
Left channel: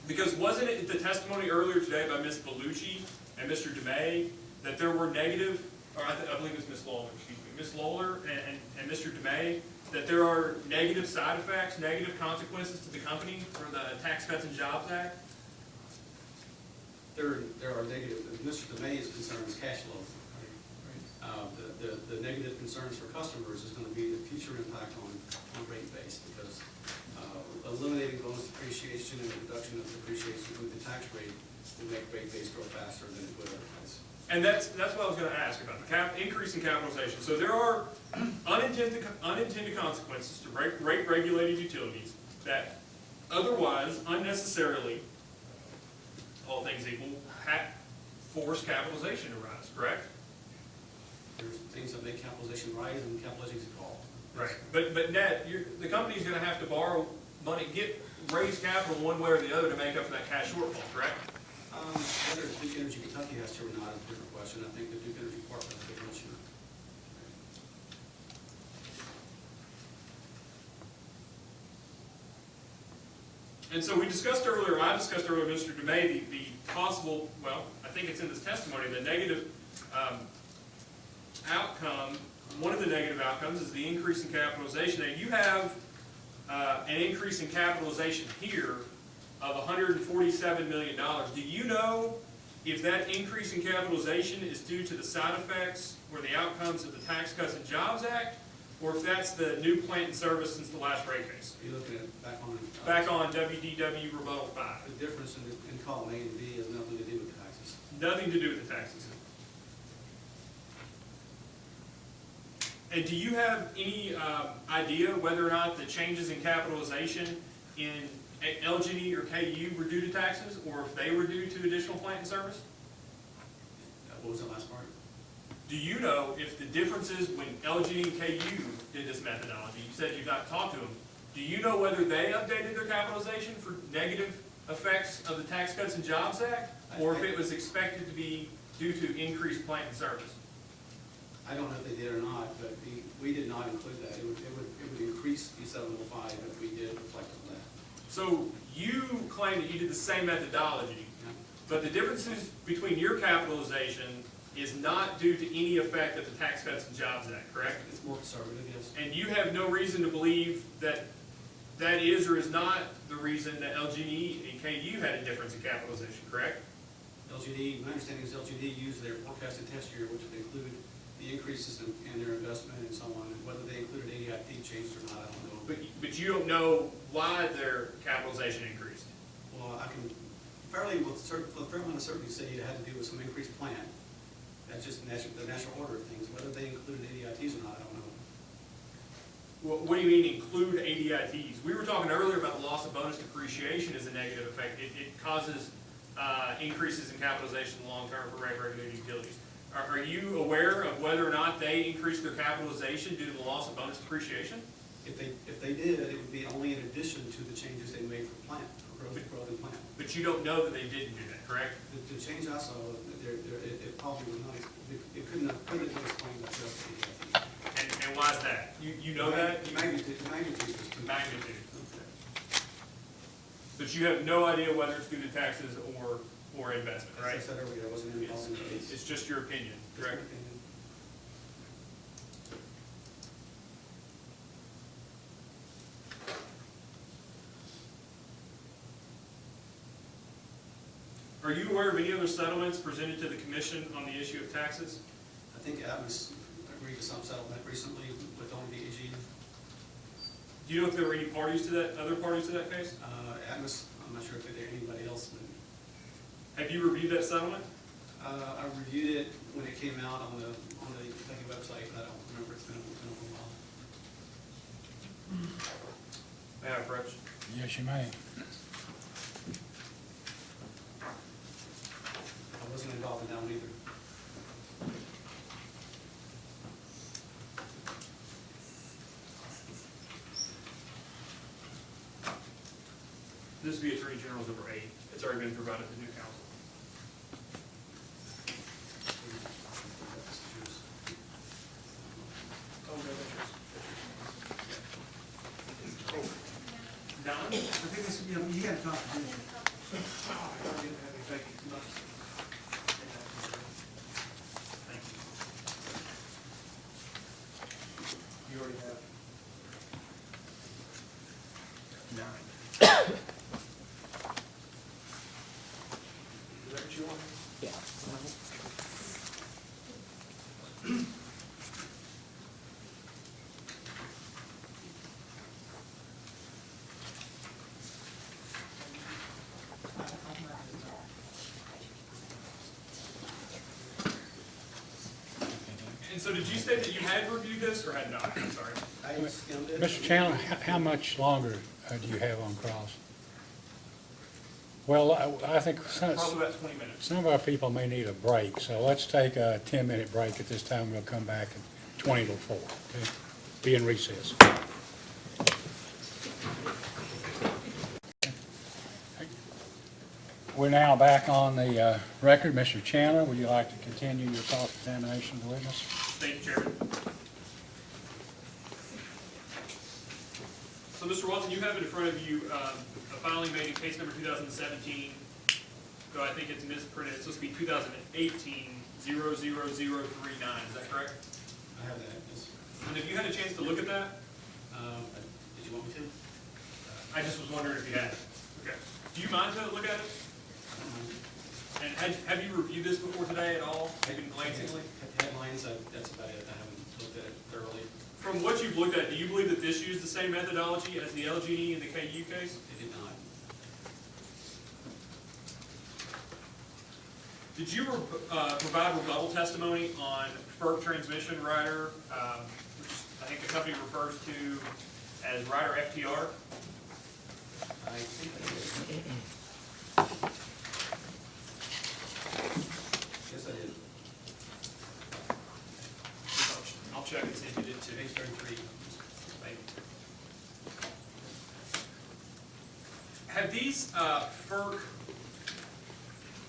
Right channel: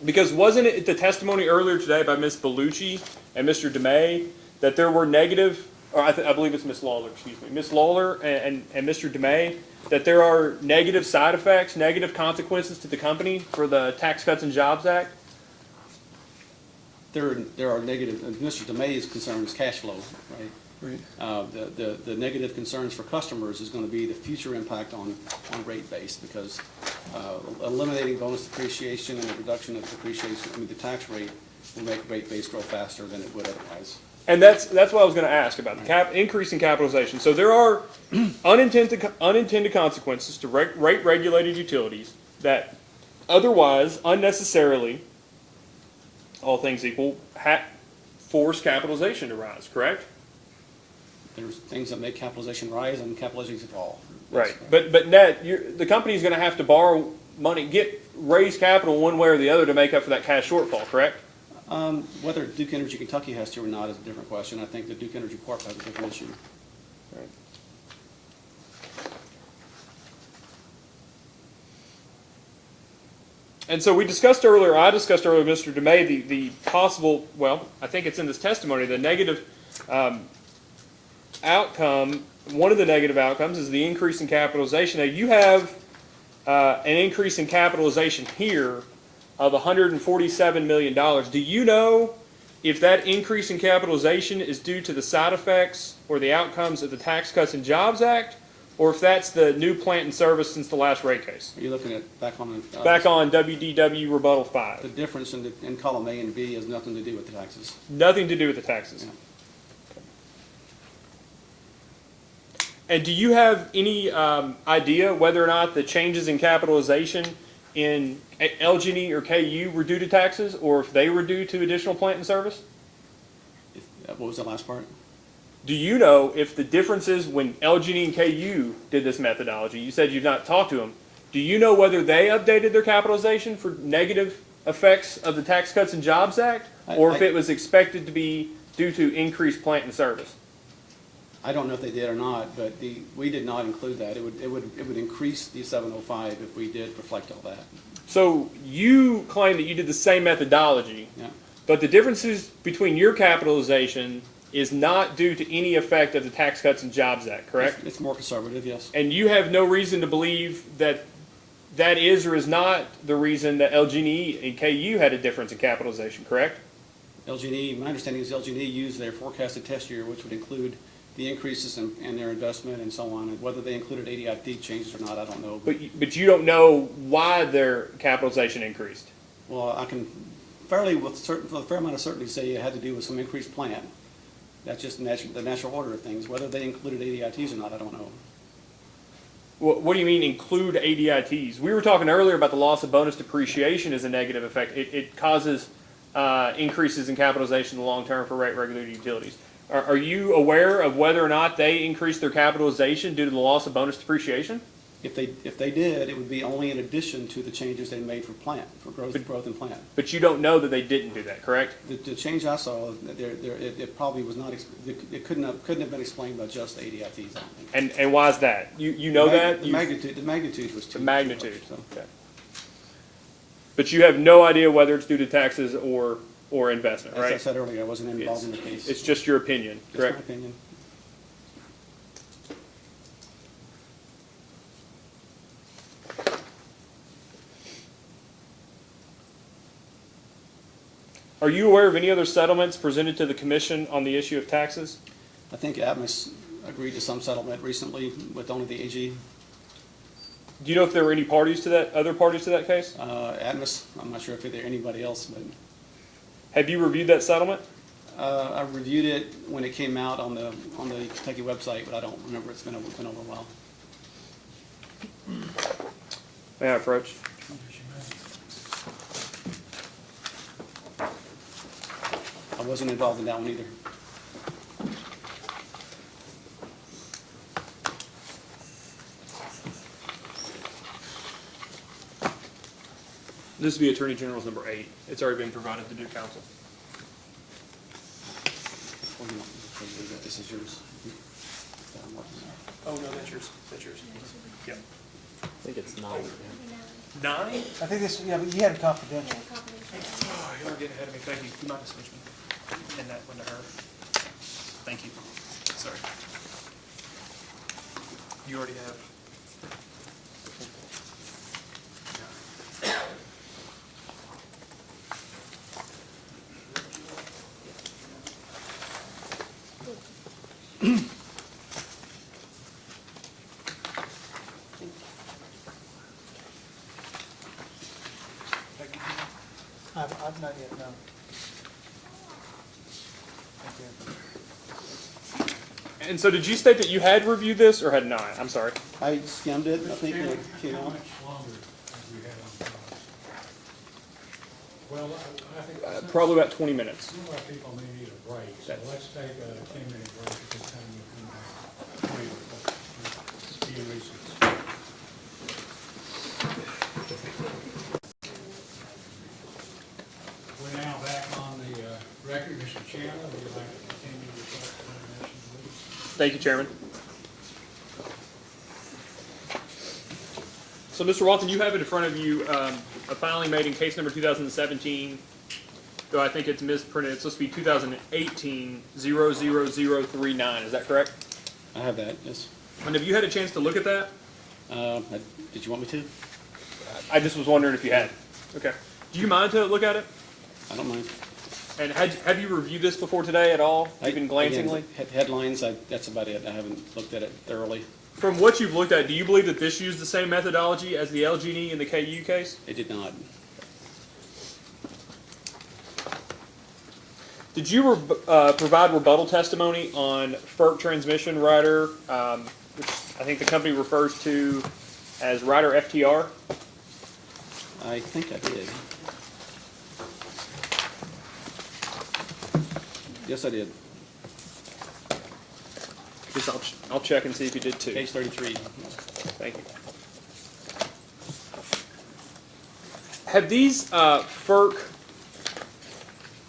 Because wasn't it the testimony earlier today by Ms. Bellucci and Mr. DeMay that there were negative, or I believe it's Ms. Lawler, excuse me, Ms. Lawler and Mr. DeMay, that there are negative side effects, negative consequences to the company for the Tax Cuts and Jobs Act? There are negative, and Mr. DeMay's concern is cash flow, right? The negative concerns for customers is going to be the future impact on rate base, because eliminating bonus depreciation and the reduction of depreciation, the tax rate will make rate base grow faster than it would otherwise. And that's what I was going to ask about, the increase in capitalization. So there are unintended consequences to rate-regulated utilities that otherwise, unnecessarily, all things equal, force capitalization to rise, correct? There's things that make capitalization rise and capitalization fall. Right, but net, the company's going to have to borrow money, raise capital one way or the other to make up for that cash shortfall, correct? Whether Duke Energy Kentucky has to or not is a different question. I think that Duke Energy Corp has a different issue. And so I discussed earlier with Mr. DeMay, the possible, well, I think it's in this testimony, the negative outcome, one of the negative outcomes is the increase in capitalization. Now, you have an increase in capitalization here of $147 million. Do you know if that increase in capitalization is due to the side effects or the outcomes of the Tax Cuts and Jobs Act, or if that's the new plant in service since the last rate case? Are you looking at back on WDW Rebuttal 5. The difference in column A and B has nothing to do with the taxes. Nothing to do with the taxes. Yeah. And do you have any idea whether or not the changes in capitalization in LG&E or KU were due to taxes, or if they were due to additional plant in service? What was the last part? Do you know if the differences when LG&E and KU did this methodology, you said you've not talked to them, do you know whether they updated their capitalization for negative effects of the Tax Cuts and Jobs Act, or if it was expected to be due to increased plant in service? I don't know if they did or not, but we did not include that. It would increase the 705 if we did reflect all that. So you claim that you did the same methodology, Yeah. but the differences between your capitalization is not due to any effect of the Tax Cuts and Jobs Act, correct? It's more conservative, yes. And you have no reason to believe that that is or is not the reason that LG&E and KU had a difference in capitalization, correct? LG&E, my understanding is LG&E used their forecasted test year, which would include the increases in their investment and so on. And whether they included ADIT changes or not, I don't know. But you don't know why their capitalization increased. Well, I can with a fair amount of certainty say it had to do with some increased plan. That's just the natural order of things. Whether they included ADITs or not, I don't know. What do you mean include ADITs? We were talking earlier about the loss of bonus depreciation as a negative effect. It causes increases in capitalization in the long term for rate-regulated utilities. Are you aware of whether or not they increased their capitalization due to the loss of bonus depreciation? If they did, it would be only in addition to the changes they made for growth and plant. But you don't know that they didn't do that, correct? The change I saw, it probably was not, it couldn't have been explained by just ADIT. And why is that? You know that? The magnitude was too. The magnitude. So. Okay. But you have no idea whether it's due to taxes or investment, right? As I said earlier, I wasn't involved in the case. It's just your opinion, correct? Just my opinion. Are you aware of any other settlements presented to the commission on the issue of taxes? I think Atmos agreed to some settlement recently with only the AG. Do you know if there were any other parties to that case? Atmos, I'm not sure if there anybody else, but. Have you reviewed that settlement? I reviewed it when it came out on the Kentucky website, but I don't remember. It's been over a while. May I approach? Yes, you may. I wasn't involved in that one either. This would be Attorney General's number 8. It's already been provided to Duke Council. This is yours. Oh, no, that's yours. That's yours. Yeah. I think it's 9. 9? I think this, yeah, but you had it confidential. Oh, you're getting ahead of me. Thank you. You might just hand that one to her. Thank you. Sorry. You already have 9. Is that what you want? Yeah. I've not yet, no. And so did you state that you had reviewed this or had not? I'm sorry. I skimmed it. Mr. Chandler, how much longer do you have on pause? Well, I think Probably about 20 minutes. some of our people may need a break, so let's take a 10-minute break at this time. We'll come back at 20 to 4. Be in recess. We're now back on the record. Mr. Chandler, would you like to continue your cross-examination of the witness? Thank you, Chairman. So, Mr. Walton, you have it in front of you a filing made in case number 2017, though I think it's misprinted. It's supposed to be 2018-00039. Is that correct? I have that, yes. And have you had a chance to look at that? Did you want me to? I just was wondering if you had. Okay. Do you mind to look at it? I don't mind. And have you reviewed this before today at all, even glancingly? Again, headlines, that's about it. I haven't looked at it thoroughly. From what you've looked at, do you believe that this used the same methodology as the LG&E and the KU case? It did not. Did you provide rebuttal testimony on FERC transmission rider, which I think the company refers to as rider FTR? I think I did. Yes, I did. I'll check and see if you did too. Page 33. Thank you. Have these FERC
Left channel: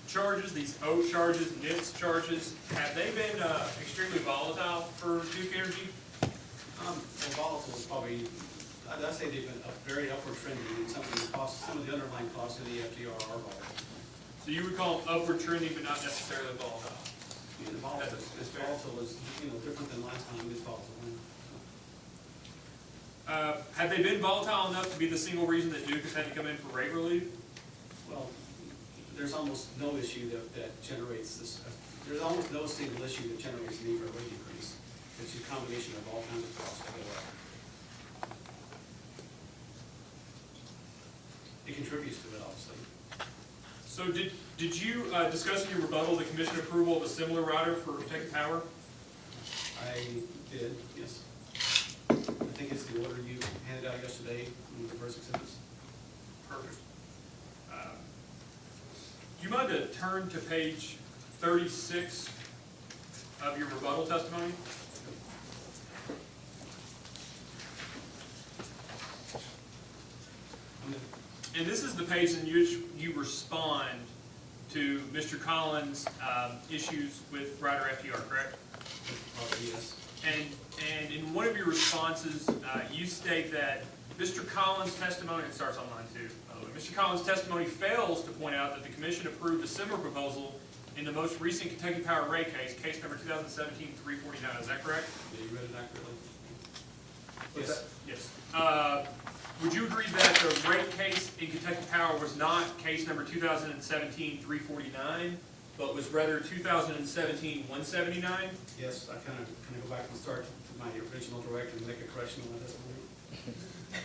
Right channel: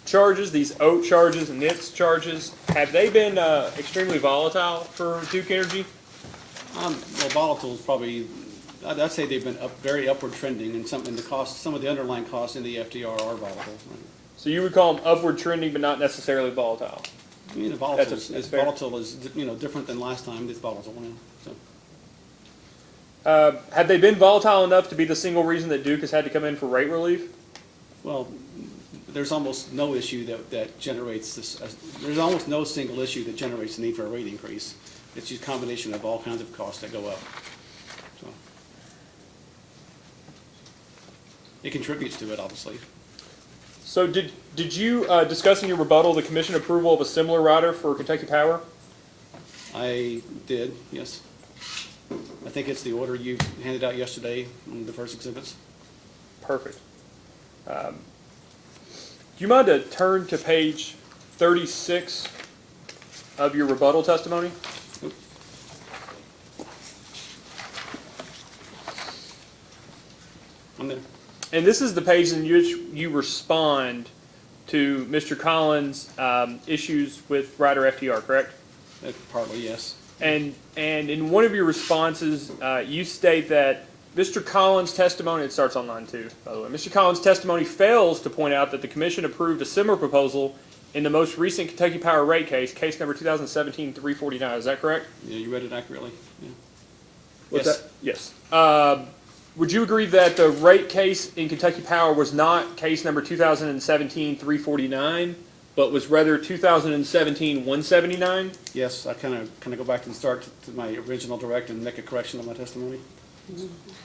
charges, these OAT charges and NITS charges, have they been extremely volatile for Duke Energy? Well, volatile is probably, I'd say they've been very upward trending, and some of the underlying costs in the FDR are volatile. So you would call them upward trending, but not necessarily volatile. I mean, volatile is different than last time. It's volatile. Yeah, so. Have they been volatile enough to be the single reason that Duke has had to come in for rate relief? Well, there's almost no issue that generates this. There's almost no single issue that generates the need for a rate increase. It's just a combination of all kinds of costs that go up. So. It contributes to it, obviously. So did you discuss in your rebuttal the commission approval of a similar rider for Kentucky Power? I did, yes. I think it's the order you handed out yesterday on the first exhibits. Perfect. Do you mind to turn to page 36 of your rebuttal testimony? I'm there. And this is the page in which you respond to Mr. Collins' issues with rider FTR, correct? Probably, yes. And in one of your responses, you state that Mr. Collins' testimony, it starts on line 2, by the way. Mr. Collins' testimony fails to point out that the commission approved a similar proposal in the most recent Kentucky Power rate case, case number 2017-349. Is that correct? Yeah, you read it accurately. Yeah. What's Yes. that? Yes. Would you agree that the rate case in Kentucky Power was not case number 2017-349, but was rather 2017-179? Yes, I kind of go back and start to my original direct and make a correction of my testimony.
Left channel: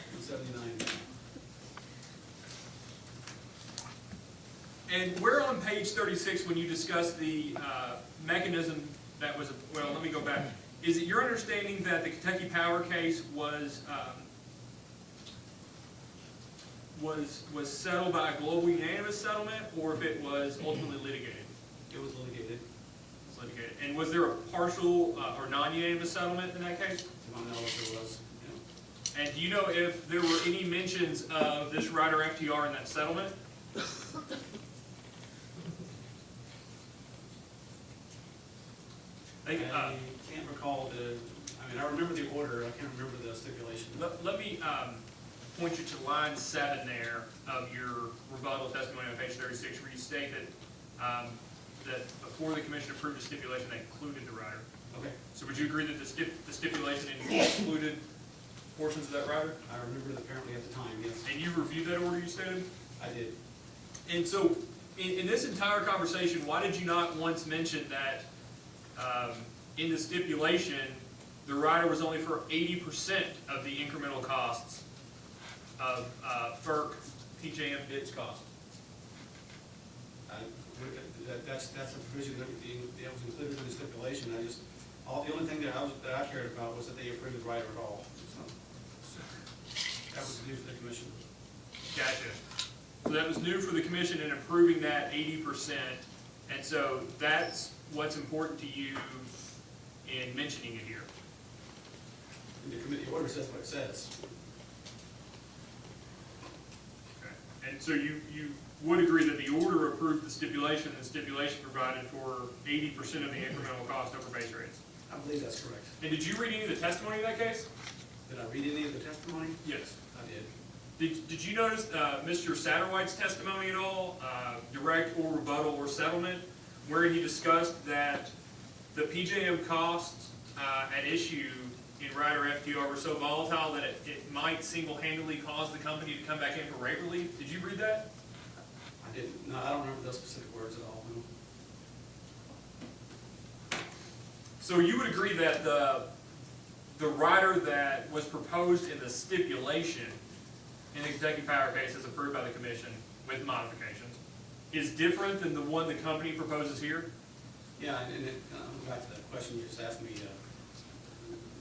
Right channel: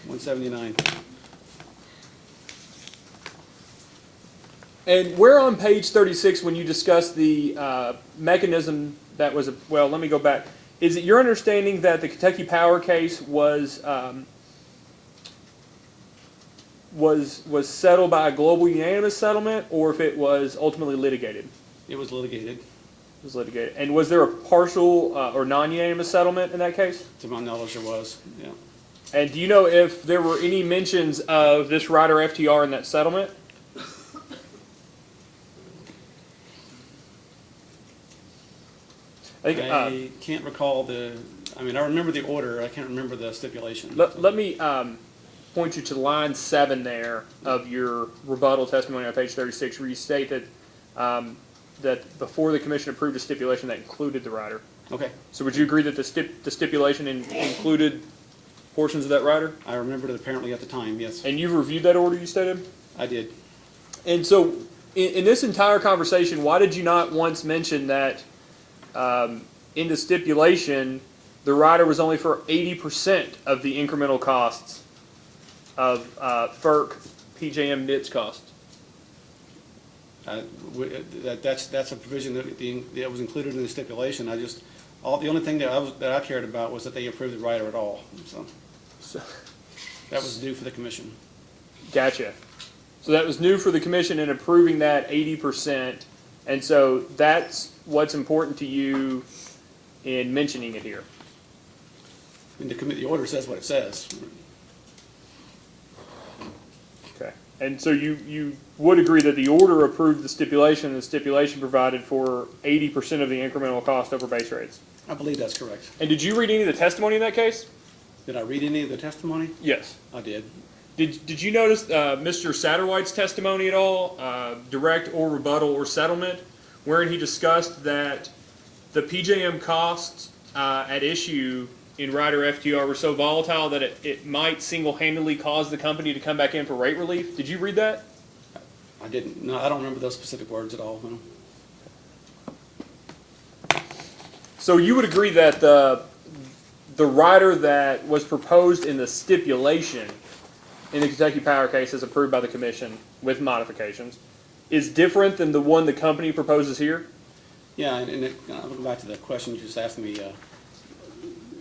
179. And where on page 36, when you discuss the mechanism that was, well, let me go back. Is it your understanding that the Kentucky Power case was settled by a global unanimous settlement, or if it was ultimately litigated? It was litigated, Was litigated. And was there a partial or non-unanimous settlement in that case? to my knowledge there was, yeah. And do you know if there were any mentions of this rider FTR in that settlement? I think, I can't recall I remember the order, I can't remember the stipulation. let me point you to line 7 there of your rebuttal testimony on page 36, where you state that that before the commission approved a stipulation that included the rider. Okay, So would you agree that the stipulation included portions of that rider? I remembered it apparently at the time, yes, And you've reviewed that order, you stated? I did. And so, in this entire conversation, why did you not once mention that in the stipulation, the rider was only for 80% of the incremental costs of FERC PJM NITS costs? That's a provision that was included in the stipulation. The only thing that I cared about was that they approved the rider at all, so. That was due for the commission. Gotcha. So that was new for the commission in approving that 80%, and so that's what's important to you in mentioning it here. And the order says what it says. Okay. And so you would agree that the order approved the stipulation, and the stipulation provided for 80% of the incremental cost over base rates? I believe that's correct. And did you read any of the testimony in that case? Did I read any of the testimony? Yes. I did. Did you notice Mr. Satterwhite's testimony at all, direct or rebuttal or settlement, wherein he discussed that the PJM costs at issue in rider FTR were so volatile that it might single-handedly cause the company to come back in for rate relief? Did you read that? I didn't. No, I don't remember those specific words at all. No. So you would agree that the rider that was proposed in the stipulation in the Kentucky Power case as approved by the commission with modifications is different than the one the company proposes here? Yeah, and I'll go back to the question you just asked me.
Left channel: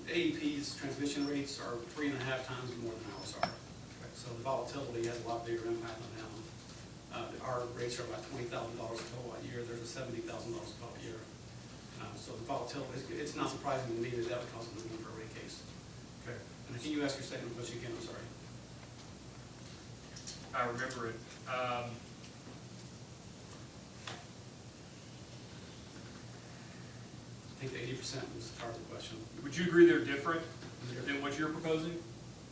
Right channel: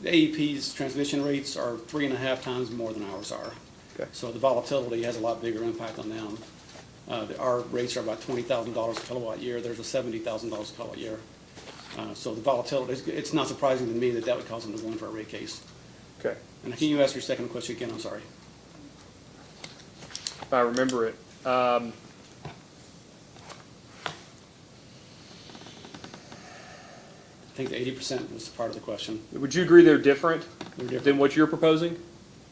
The AEP's transmission rates are 3.5 times more than ours are. Okay. So the volatility has a lot bigger impact on them. Our rates are about $20,000 a kilowatt year. There's a $70,000 a kilowatt year. So the volatility, it's not surprising to me that that would cause them to go in for a rate case. Okay. And can you ask your second question again? I'm sorry. If I remember it. I think the 80% was part of the question. Would you agree they're different They're different. than what you're proposing?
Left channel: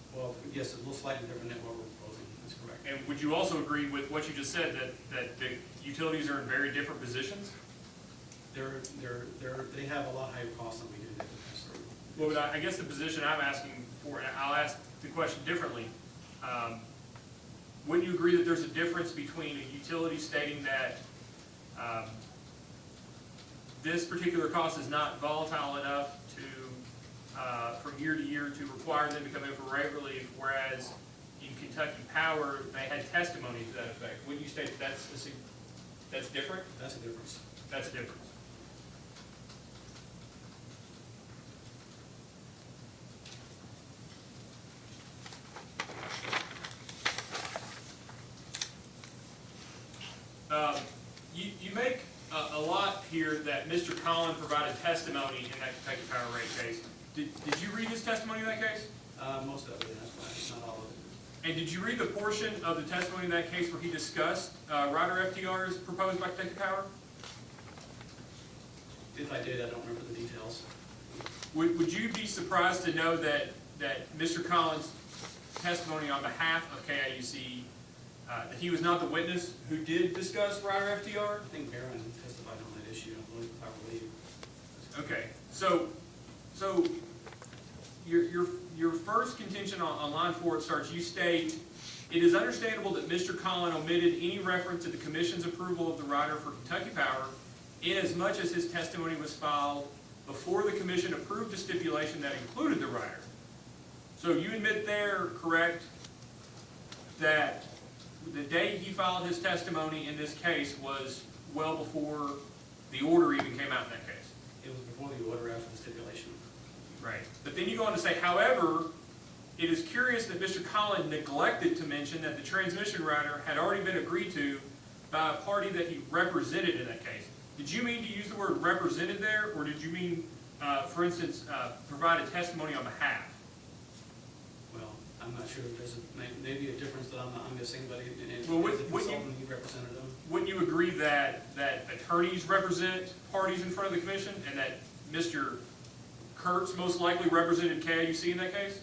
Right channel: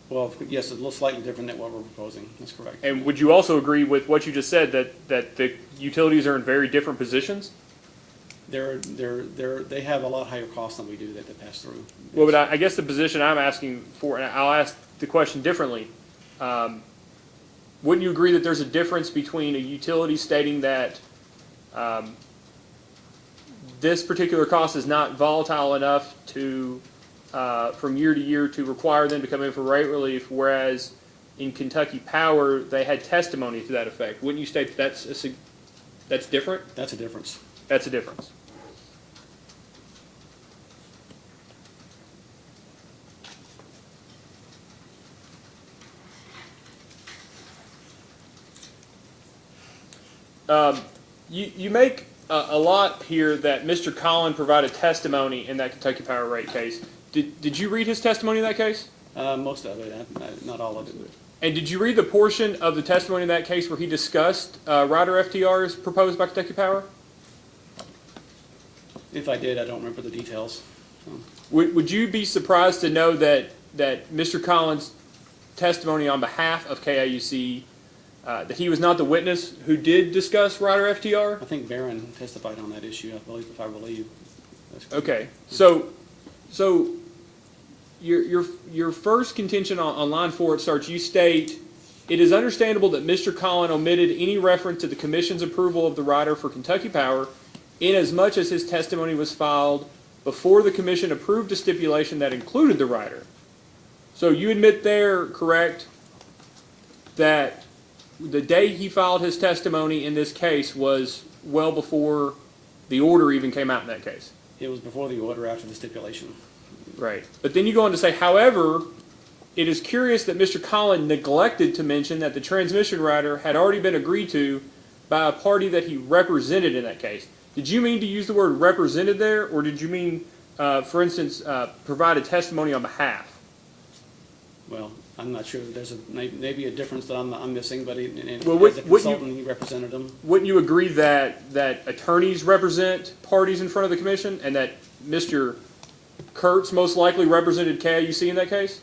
Well, yes, a little slightly different than what we're proposing. That's correct. And would you also agree with what you just said, that the utilities are in very different positions? They have a lot higher costs than we do that they pass through. Well, but I guess the position I'm asking for, and I'll ask the question differently. Wouldn't you agree that there's a difference between a utility stating that this particular cost is not volatile enough to, from year to year, to require them to come in for rate relief, whereas in Kentucky Power, they had testimony to that effect? Wouldn't you state that that's different? That's a difference. That's a difference. You make a lot here that Mr. Collin provided testimony in that Kentucky Power rate case. Did you read his testimony in that case? Most of it, not all of it. And did you read the portion of the testimony in that case where he discussed rider FTRs proposed by Kentucky Power? If I did, I don't remember the details. Would you be surprised to know that Mr. Collins' testimony on behalf of KIUC, that he was not the witness who did discuss rider FTR? I think Barron testified on that issue, if I believe. Okay, so your first contention on line 4, it starts, you state, it is understandable that Mr. Collin omitted any reference to the commission's approval of the rider for Kentucky Power inasmuch as his testimony was filed before the commission approved a stipulation that included the rider. So you admit there, correct, that the day he filed his testimony in this case was well before the order even came out in that case? It was before the order, after the stipulation. Right. But then you go on to say, however, it is curious that Mr. Collin neglected to mention that the transmission rider had already been agreed to by a party that he represented in that case. Did you mean to use the word represented there, or did you mean, for instance, provided testimony on behalf? Well, I'm not sure, there's maybe a difference that I'm missing, but Well, as a consultant, he represented them. Wouldn't you agree that attorneys represent parties in front of the commission, and that Mr. Kurtz most likely represented KIUC in that case?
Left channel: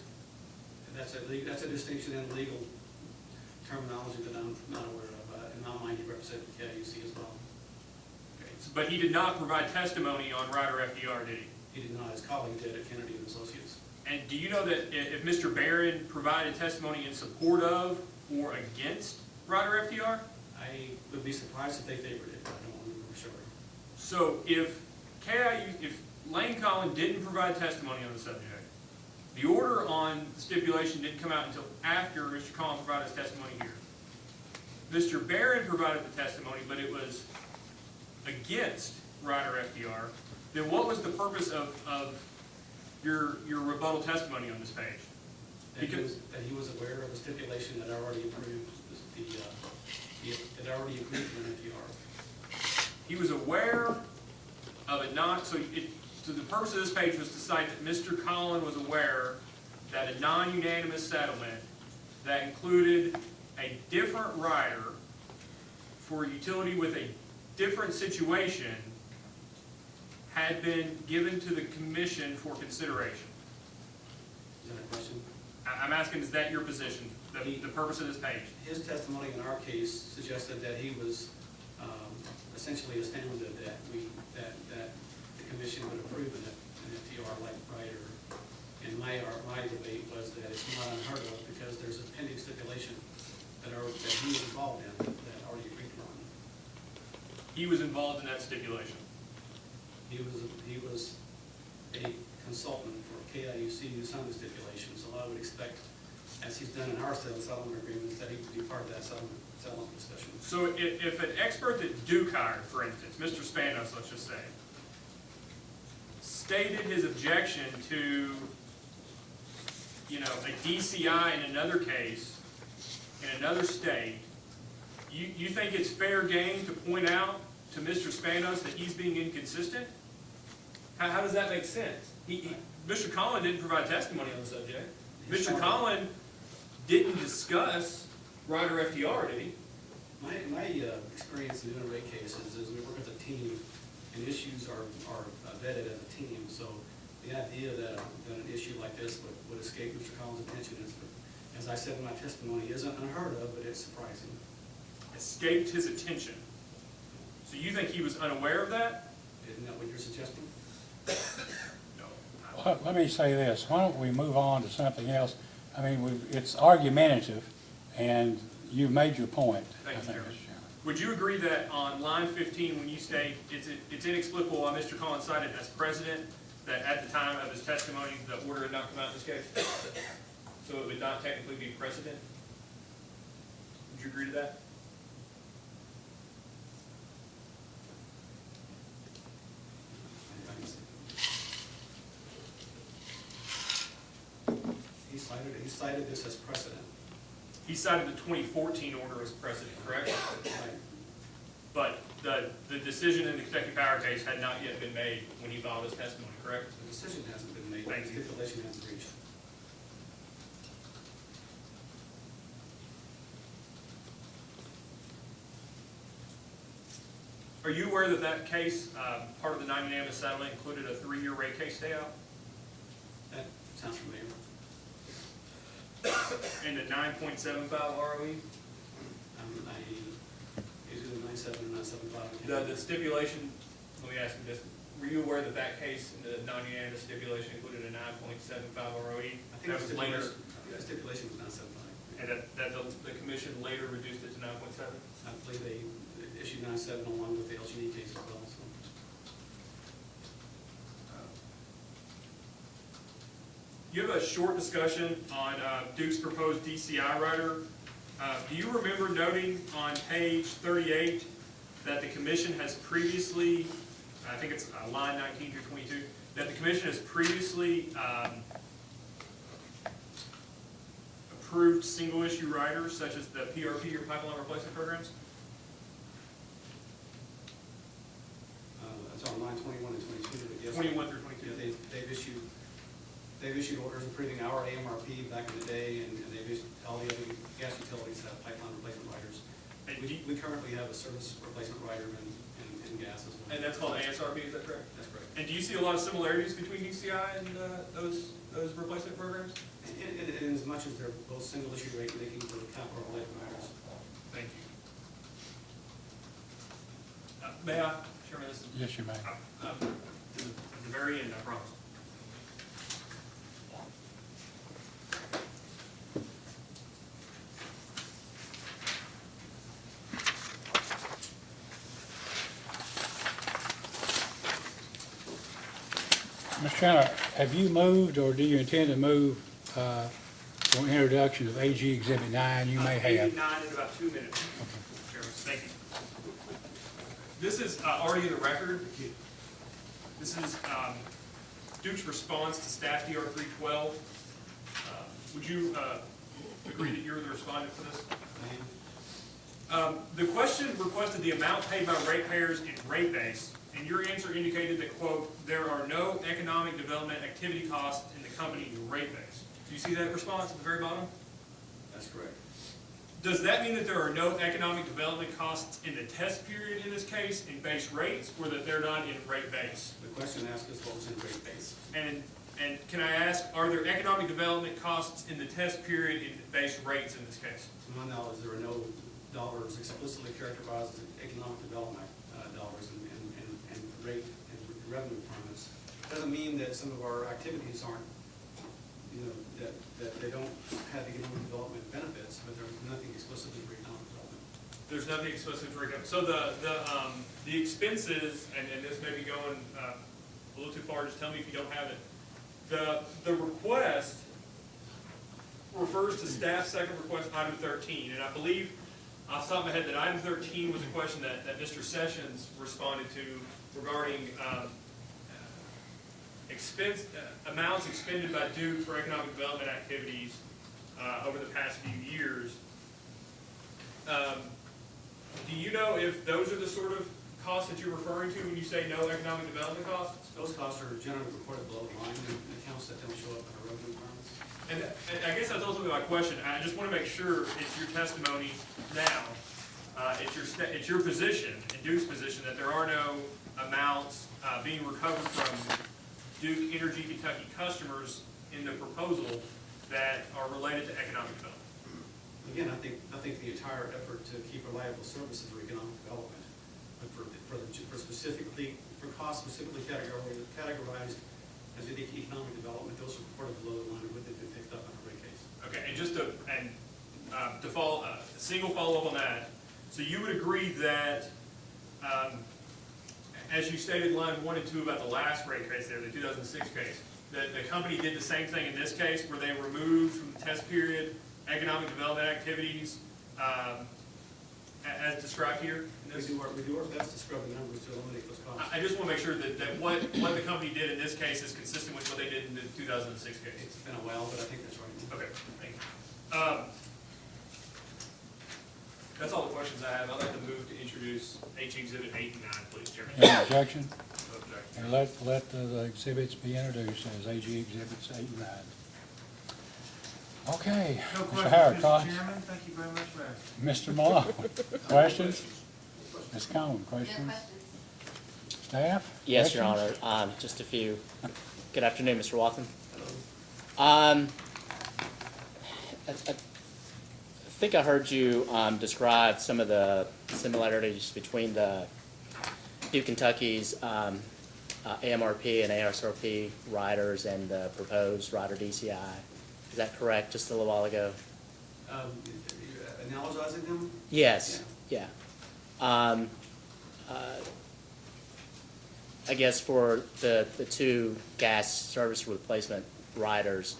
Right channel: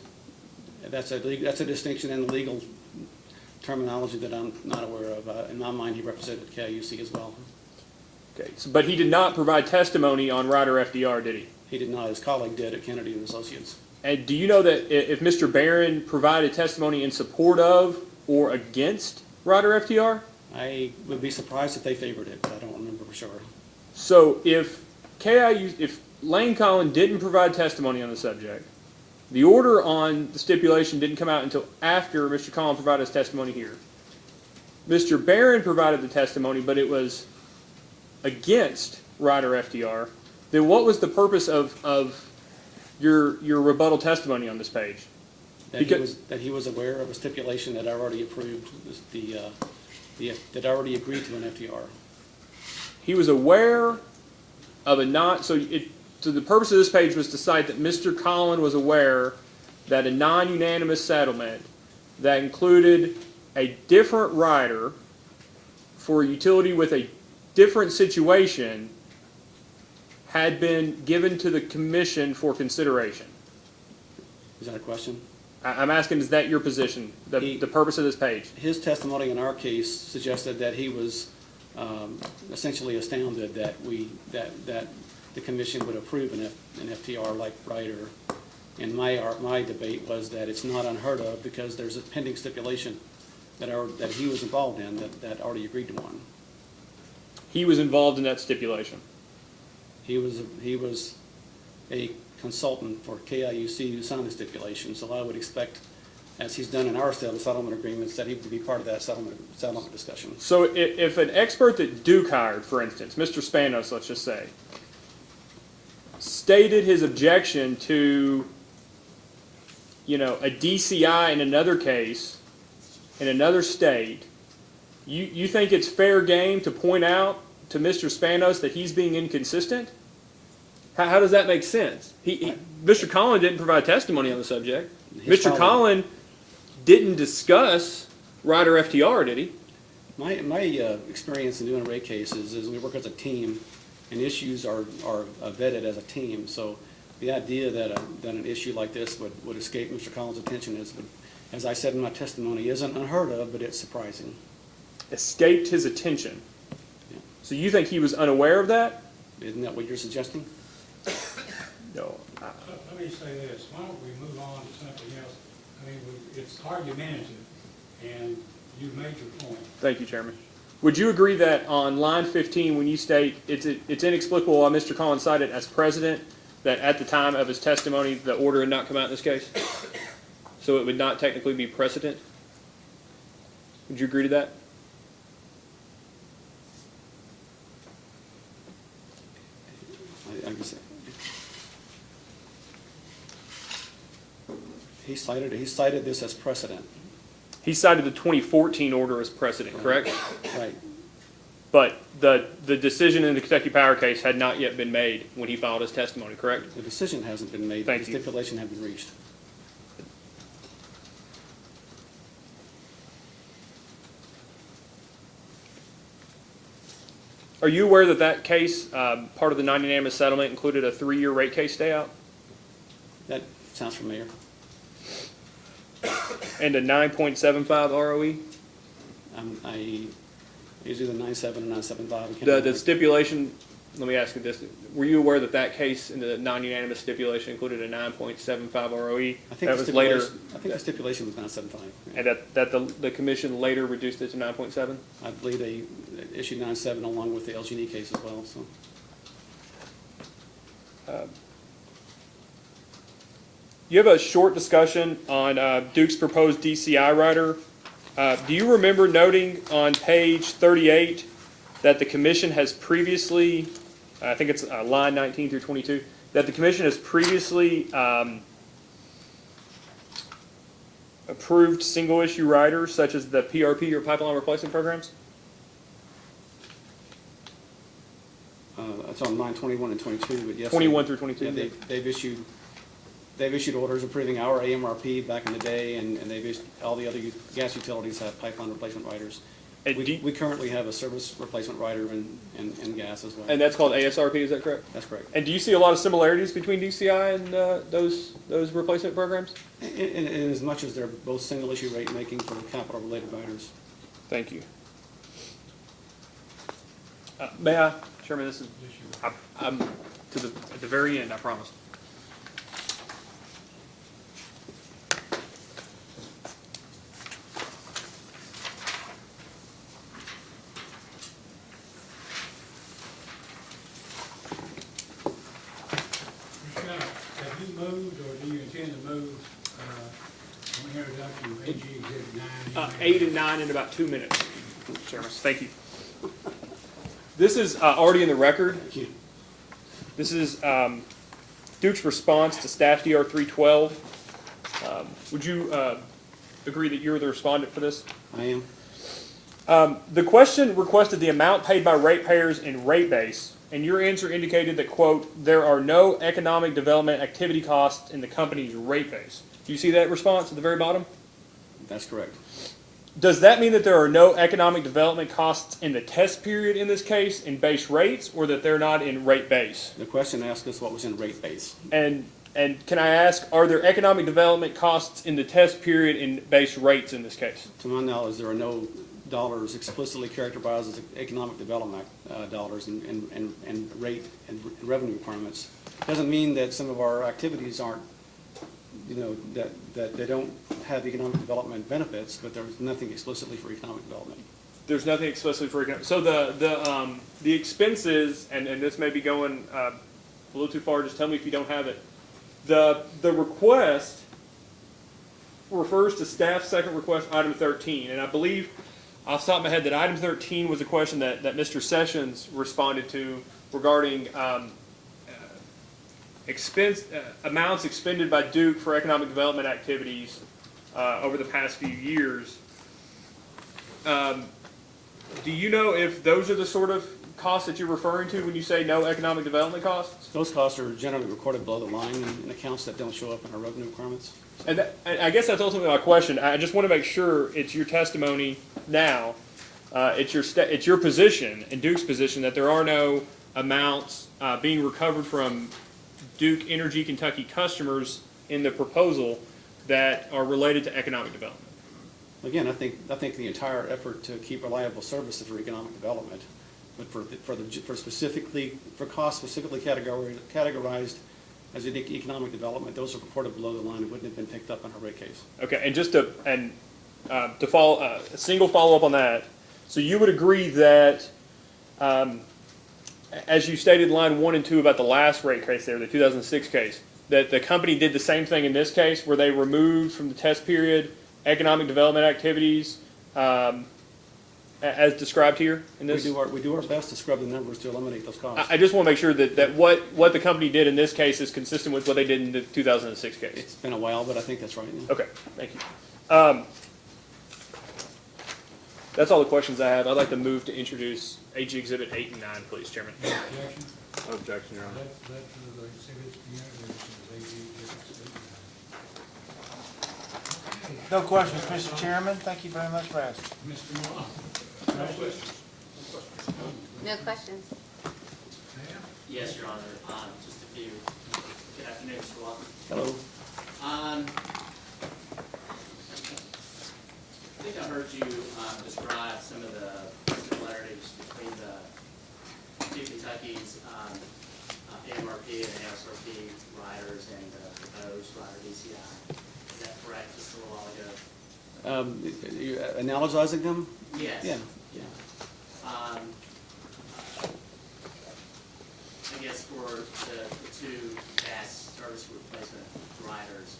That's a distinction in legal terminology that I'm not aware of. In my mind, he represented KIUC as well. Okay, but he did not provide testimony on Ryder FDR, did he? He did not. His colleague did at Kennedy and Associates. And do you know that if Mr. Barron provided testimony in support of or against Ryder FDR? I would be surprised if they favored it, but I don't remember for sure. So if Lane Collin didn't provide testimony on the subject, the order on the stipulation didn't come out until after Mr. Collin provided his testimony here. Mr. Barron provided the testimony, but it was against Ryder FDR. Then what was the purpose of your rebuttal testimony on this page? That he was aware of a stipulation that I already approved, that I already agreed to an FDR. He was aware of so the purpose of this page was to cite that Mr. Collin was aware that a non-unanimous settlement that included a different rider for a utility with a different situation had been given to the commission for consideration. Is that a question? I'm asking, is that your position, the purpose of this page? His testimony in our case suggested that he was essentially astounded that the commission would approve an FTR like Ryder. And my debate was that it's not unheard of because there's a pending stipulation that he was involved in that already agreed to one. He was involved in that stipulation? He was a consultant for KIUC who signed the stipulation, so I would expect, as he's done in our settlement agreements, that he would be part of that settlement discussion. So if an expert that Duke hired, for instance, Mr. Spanos, let's just say, stated his objection to, a DCI in another case, in another state, you think it's fair game to point out to Mr. Spanos that he's being inconsistent? How does that make sense? Mr. Collin didn't provide testimony on the subject. Mr. Collin didn't discuss Ryder FTR, did he? My experience in doing rate cases is we work as a team, and issues are vetted as a team. So the idea that an issue like this would escape Mr. Collins' attention is, as I said in my testimony, isn't unheard of, but it's surprising. Escaped his attention. Yeah. So you think he was unaware of that? Isn't that what you're suggesting? No. Let me say this. Why don't we move on to something else? I mean, it's argumentative, and you've made your point. Thank you, Chairman. Would you agree that on line 15, when you state it's inexplicable why Mr. Collins cited as president, that at the time of his testimony, the order had not come out in this case? So it would not technically be precedent? Would you agree to that? I can say. He cited this as precedent. He cited the 2014 order as precedent, correct? Right. But the decision in the Kentucky Power case had not yet been made when he filed his testimony, correct? The decision hasn't been made. Thank the you. Stipulation hadn't been reached. Are you aware that that case, part of the non-unanimous settlement, included a 3-year rate case stay out? That sounds familiar. And a 9.75 ROE? It's either 9.7 or 9.75. The stipulation, let me ask you this, were you aware that that case in the non-unanimous stipulation included a 9.75 ROE? I think the stipulation was 9.75. And that the commission later reduced it to 9.7? I believe they issued 9.7 along with the LG&E case as well. So. You have a short discussion on Duke's proposed DCI rider. Do you remember noting on page 38 that the commission has previously, I think it's line 19 through 22, that the commission has previously approved single-issue riders such as the PRP or pipeline replacement programs? it's on line 21 and 22, but yes. 21 through 22? Yeah, they've issued orders approving our AMRP back in the day, and they've issued, all the other gas utilities have pipeline replacement riders. And We currently have a service replacement rider in gas as well. And that's called ASRP, is that correct? That's correct. And do you see a lot of similarities between DCI and those replacement programs? In as much as they're both single issue rate making for the capital related riders. Thank you. May I, Chairman, this is, Yes, you may. I'm at the very end, I promise. Mr. Chandler, have you moved or do you intend to move for introduction of AG Exhibit 9? You may 8 have. and 9 in about 2 minutes, Chairman. Thank you. This is already in the record. This is Duke's response to staff DR 312. Would you agree that you're the respondent for this? I am. The question requested the amount paid by ratepayers in rate base, and your answer indicated that, quote, there are no economic development activity costs in the company's rate base. Do you see that response at the very bottom? That's correct. Does that mean that there are no economic development costs in the test period in this case in base rates, or that they're not in rate base? The question asked us what was in rate base. And can I ask, are there economic development costs in the test period in base rates in this case? To my knowledge, there are no dollars explicitly characterized as economic development dollars and rate and revenue requirements. Doesn't mean that some of our activities aren't, that they don't have economic development benefits, but there's nothing explicitly for economic development. There's nothing explicitly for economic. So the expenses, and this may be going a little too far, just tell me if you don't have it. The request refers to staff second request item 13, and I believe off the top of my head that item 13 was a question that Mr. Sessions responded to regarding amounts expended by Duke for economic development activities over the past few years. Do you know if those are the sort of costs that you're referring to when you say no economic development costs? Those costs are generally recorded below the line in accounts that don't show up in our revenue requirements. And I guess that's ultimately my question. I just want to make sure it's your testimony now, it's your position and Duke's position that there are no amounts being recovered from Duke Energy Kentucky customers in the proposal that are related to economic development. Again, I think the entire effort to keep reliable services for economic development, but for costs specifically categorized as economic development, those are reported below the line. It wouldn't have been picked up in our rate case. Okay, and just to follow a single follow up on that, so you would agree that, as you stated, line 1 and 2 about the last rate case there, the 2006 case, that the company did the same thing in this case, where they removed from the test period economic development activities as described here in this? We do our best to scrub the numbers to eliminate those costs. I just want to make sure that what the company did in this case is consistent with what they did in the 2006 case. It's been a while, but I think that's right. Okay, thank you. That's all the questions I have. I'd like to move to introduce AG Exhibit 8 and 9, please, Chairman. Any objection? No objection, Your Honor. Let the exhibits be introduced as AG Exhibits 8 and 9. Okay. No questions, Harris, Mr. Chairman. Thank you very much for asking. Mr. Malone, questions? Ms. Cohen, No questions? questions. Yes, Staff? Your Questions? Honor, just a few. Good afternoon, Mr. Watson. Hello. I think I heard you describe some of the similarities between the Duke Kentucky's AMRP and ASRP riders and the proposed rider DCI. Is that correct, just a little while ago? You analogizing them? Yes. Yeah. I guess for the two gas service replacement riders,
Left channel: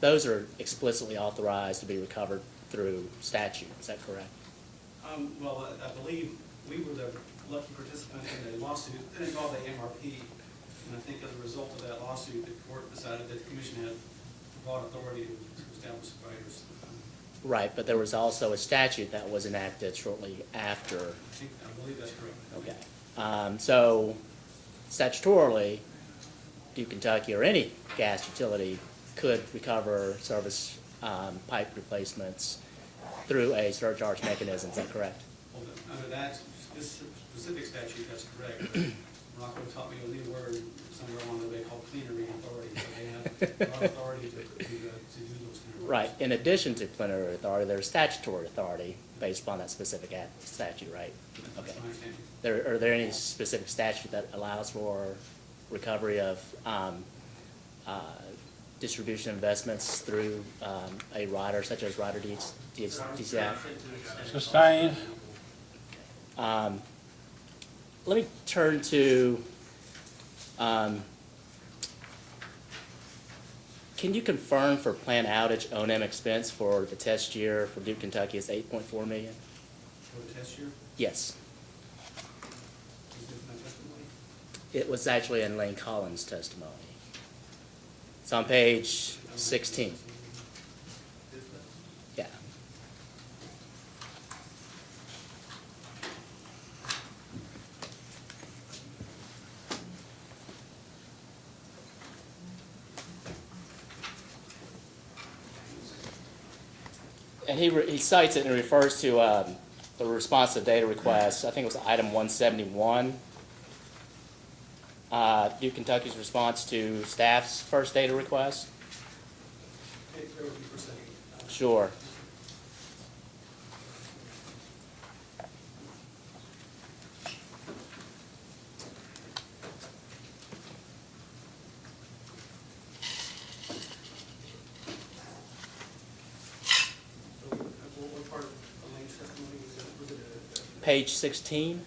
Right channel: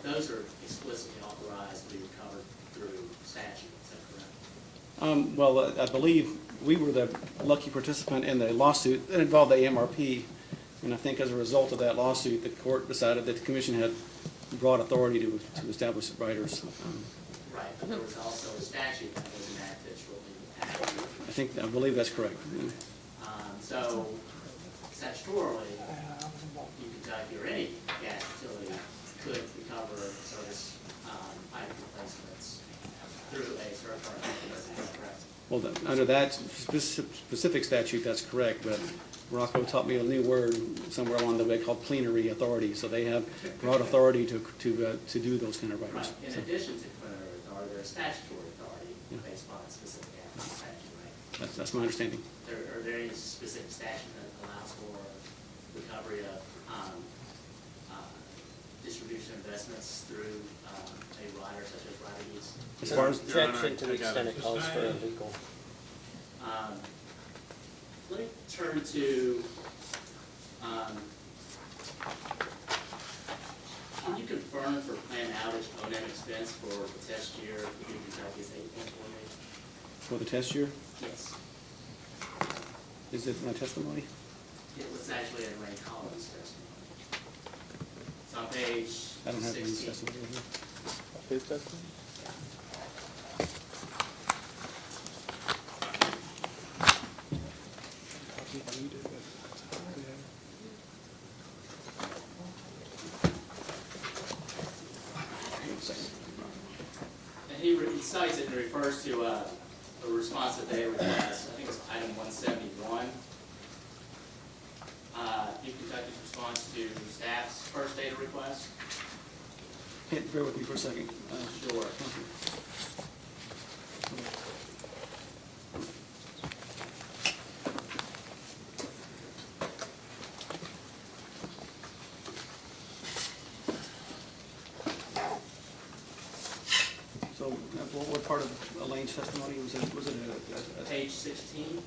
those are explicitly authorized to be recovered through statute. Is that correct? Well, I believe we were the lucky participant in the lawsuit that involved the AMRP, and I think as a result of that lawsuit, the court decided that the commission had broad authority to establish riders. Right, but there was also a statute that was enacted shortly after. I believe that's correct. So statutorily, Duke Kentucky or any gas utility could recover service pipe replacements through a surcharge mechanism. Is that correct? Well, under that specific statute, that's correct, but Rocco taught me a new word somewhere along the way called plenary authority, so they have broad authority to do those kind of rights. Right. In addition to plenary authority, there's statutory authority based upon that specific statute, right? That's my understanding. Are there any specific statute that allows for recovery of distribution investments through a rider such as rider deeds? Objection to the extent it calls for Sustained. legal. Let me turn to, can you confirm for planned outage O&M expense for the test year for Duke Kentucky is 8.4 million? For the test year, Yes. is it my testimony? It was actually in Lane Collins' testimony. It's on page I don't have any 16. testimony. His testimony? Yeah. And he cites it and refers to the response to data request. I think it was item 171. Duke Kentucky's response to staff's first data request. Bear with me for a second. Sure. So what part of Elaine's testimony was it? Was it a Page 16.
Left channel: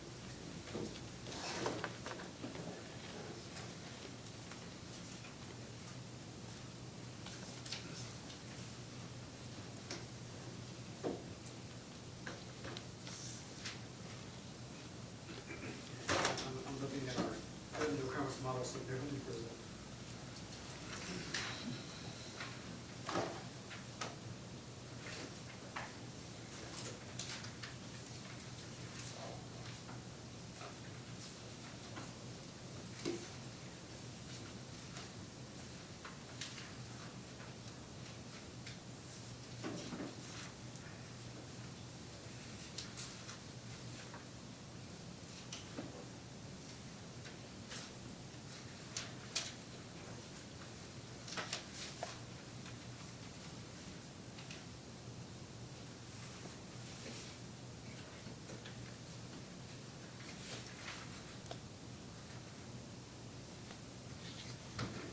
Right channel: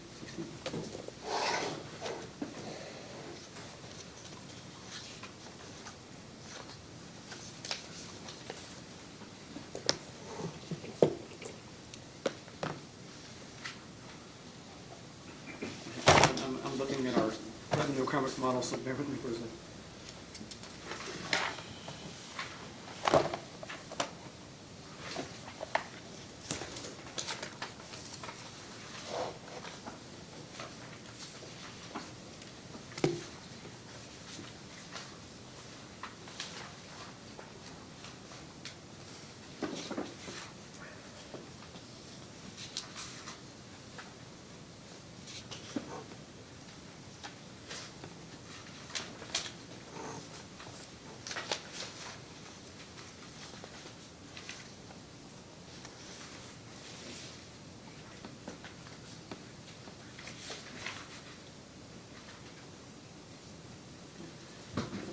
I'm looking at our revenue requirements model, so bear with me for a second.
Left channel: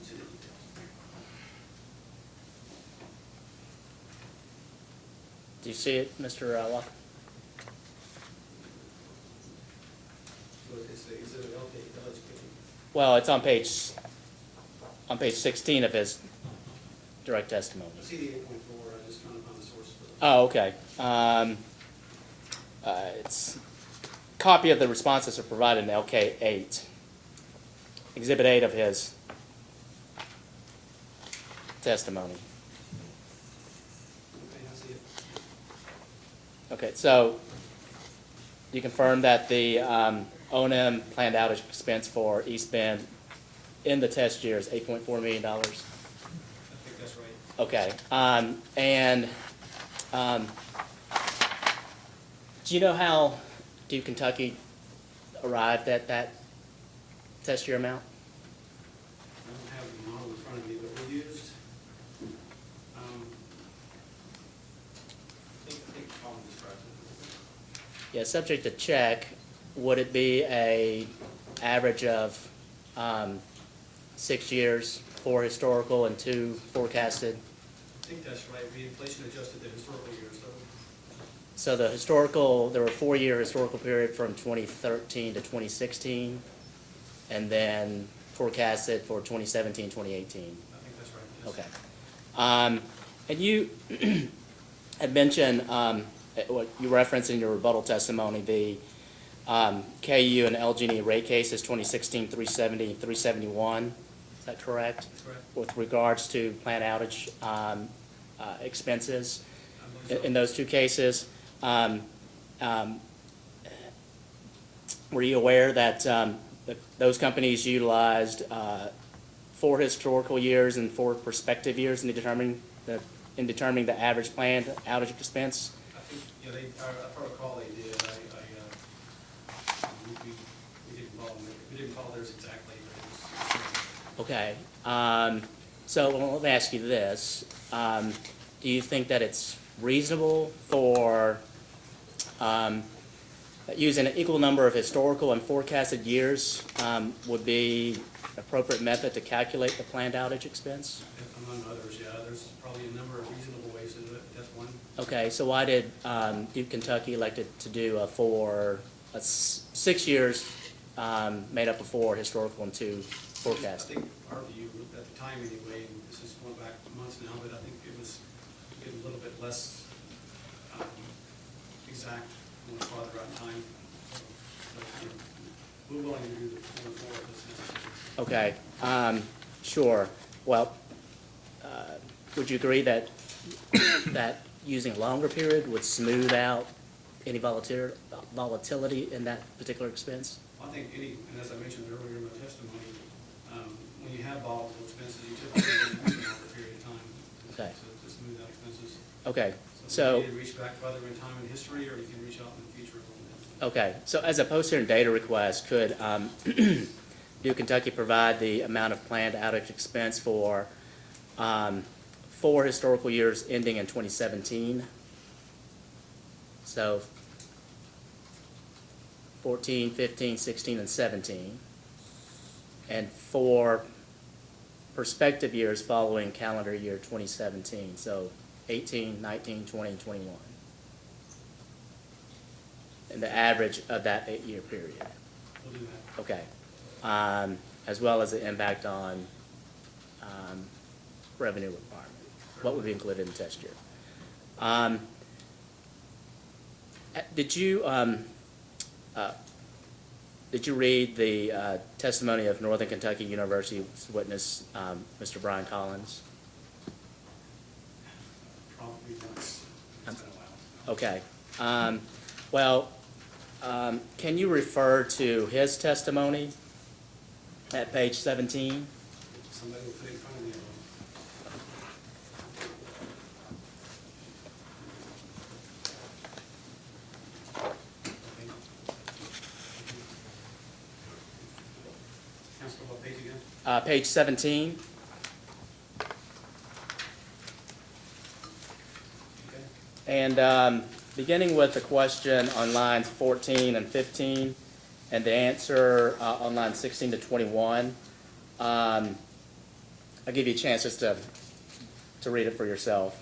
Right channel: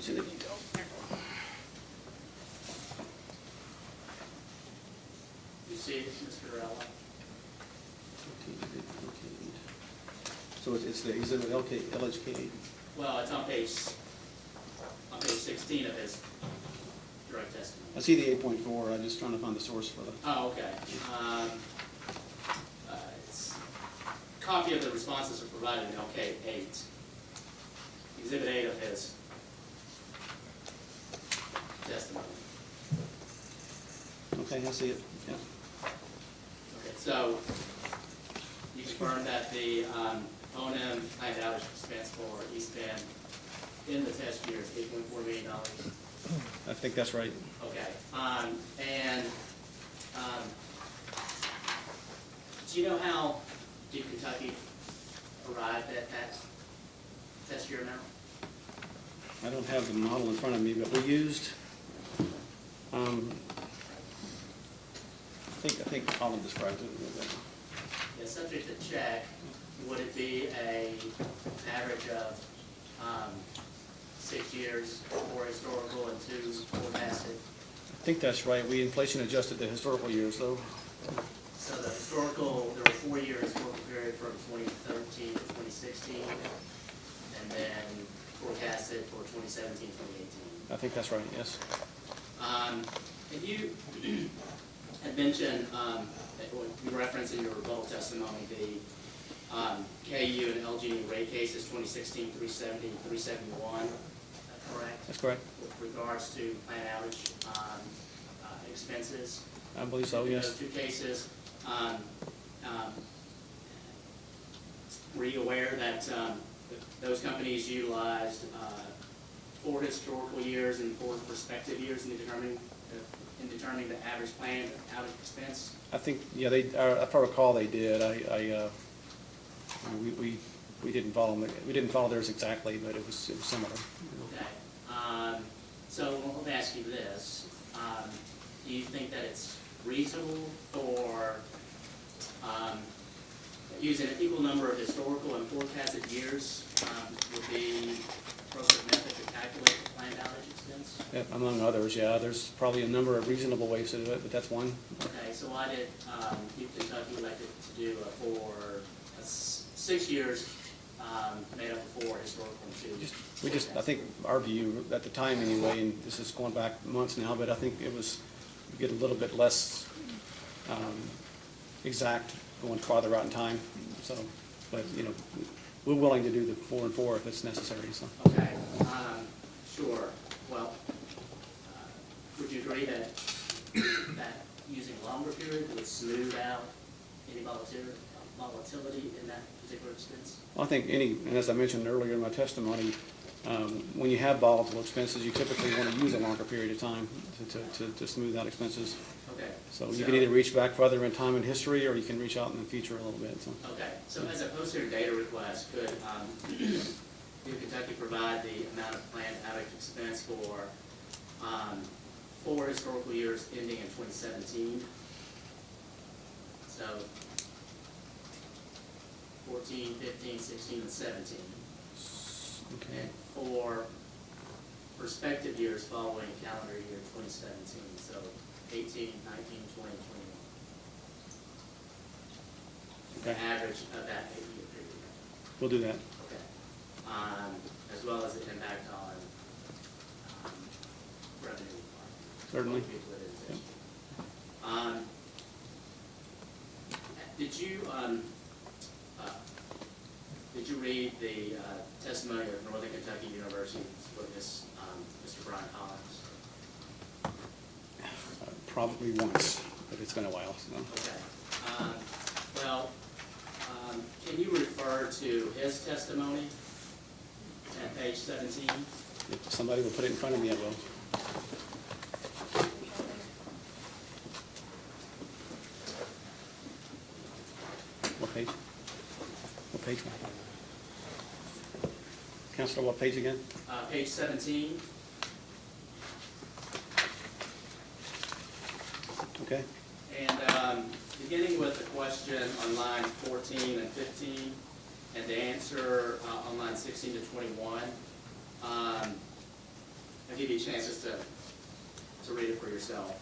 See the detail. Do you see it, Mr. Watt? So it's the exhibit LHK. Well, it's on page 16 of his direct testimony. I see the 8.4, I'm just trying to find the source for the. Oh, okay. It's copy of the responses are provided in LK 8, Exhibit 8 of his testimony. Okay, I see it, yeah. Okay, so you confirm that the O&M planned outage expense for East Bend in the test year is $8.4 million? I think that's right. Okay, do you know how Duke Kentucky arrived at that test year amount? I don't have the model in front of me, but we used, I think Colin described it a little bit. Yeah, subject to check, would it be a average of 6 years, 4 historical and 2 forecasted? I think that's right. We inflation adjusted the historical years, though. So the historical, there were a 4-year historical period from 2013 to 2016, and then forecasted for 2017, 2018. I think that's right, yes. Okay. And you had mentioned, what you referenced in your rebuttal testimony, the KU and LG&E rate cases 2016 370 and 371. Is that correct? That's correct. With regards to plant outage expenses? I believe so. In those 2 cases, were you aware that those companies utilized 4 historical years and 4 prospective years in determining the average planned outage expense? I think, yeah, if I recall, they did. We didn't follow them, we didn't follow theirs exactly, but it was similar. Okay. So let me ask you this. Do you think that it's reasonable for using an equal number of historical and forecasted years would be appropriate method to calculate the planned outage expense? Yeah, among others, yeah. There's probably a number of reasonable ways to do it, but that's one. Okay, so why did Duke Kentucky elected to do 6 years made up of 4 historical and 2 forecast? I think our view at the time anyway, and this is going back months now, but I think it was to get a little bit less exact going farther out in time. So, but you know, we're willing to do the 4 and 4 if it's necessary. So. Okay, sure. Well, would you agree that using a longer period would smooth out any volatility in that particular expense? Well, I think and as I mentioned earlier in my testimony, when you have volatile expenses, you typically want to use a longer period of time to smooth out expenses. Okay. So you can either reach back further in time and history, or you can reach out in the future a little bit. So. Okay, so as a post-hearing data request, could Duke Kentucky provide the amount of planned outage expense for 4 historical years ending in 2017? So 14, 15, 16, and 17. Okay. And 4 prospective years following calendar year 2017. So 18, 19, 20, and 21. And the average of that 8-year period. We'll do that. Okay. As well as the impact on revenue requirement. Certainly. What would be included in the test year. Did you read the testimony of Northern Kentucky University's witness, Mr. Brian Collins? Probably once, but it's been a while. So. Okay. Can you refer to his testimony at page 17? If somebody will put it in front of me, I will. What page? What page? Counselor, what page again? Page 17. Okay. And beginning with the question on lines 14 and 15, and the answer on lines 16 to 21, I'll give you a chance just to read it for yourself.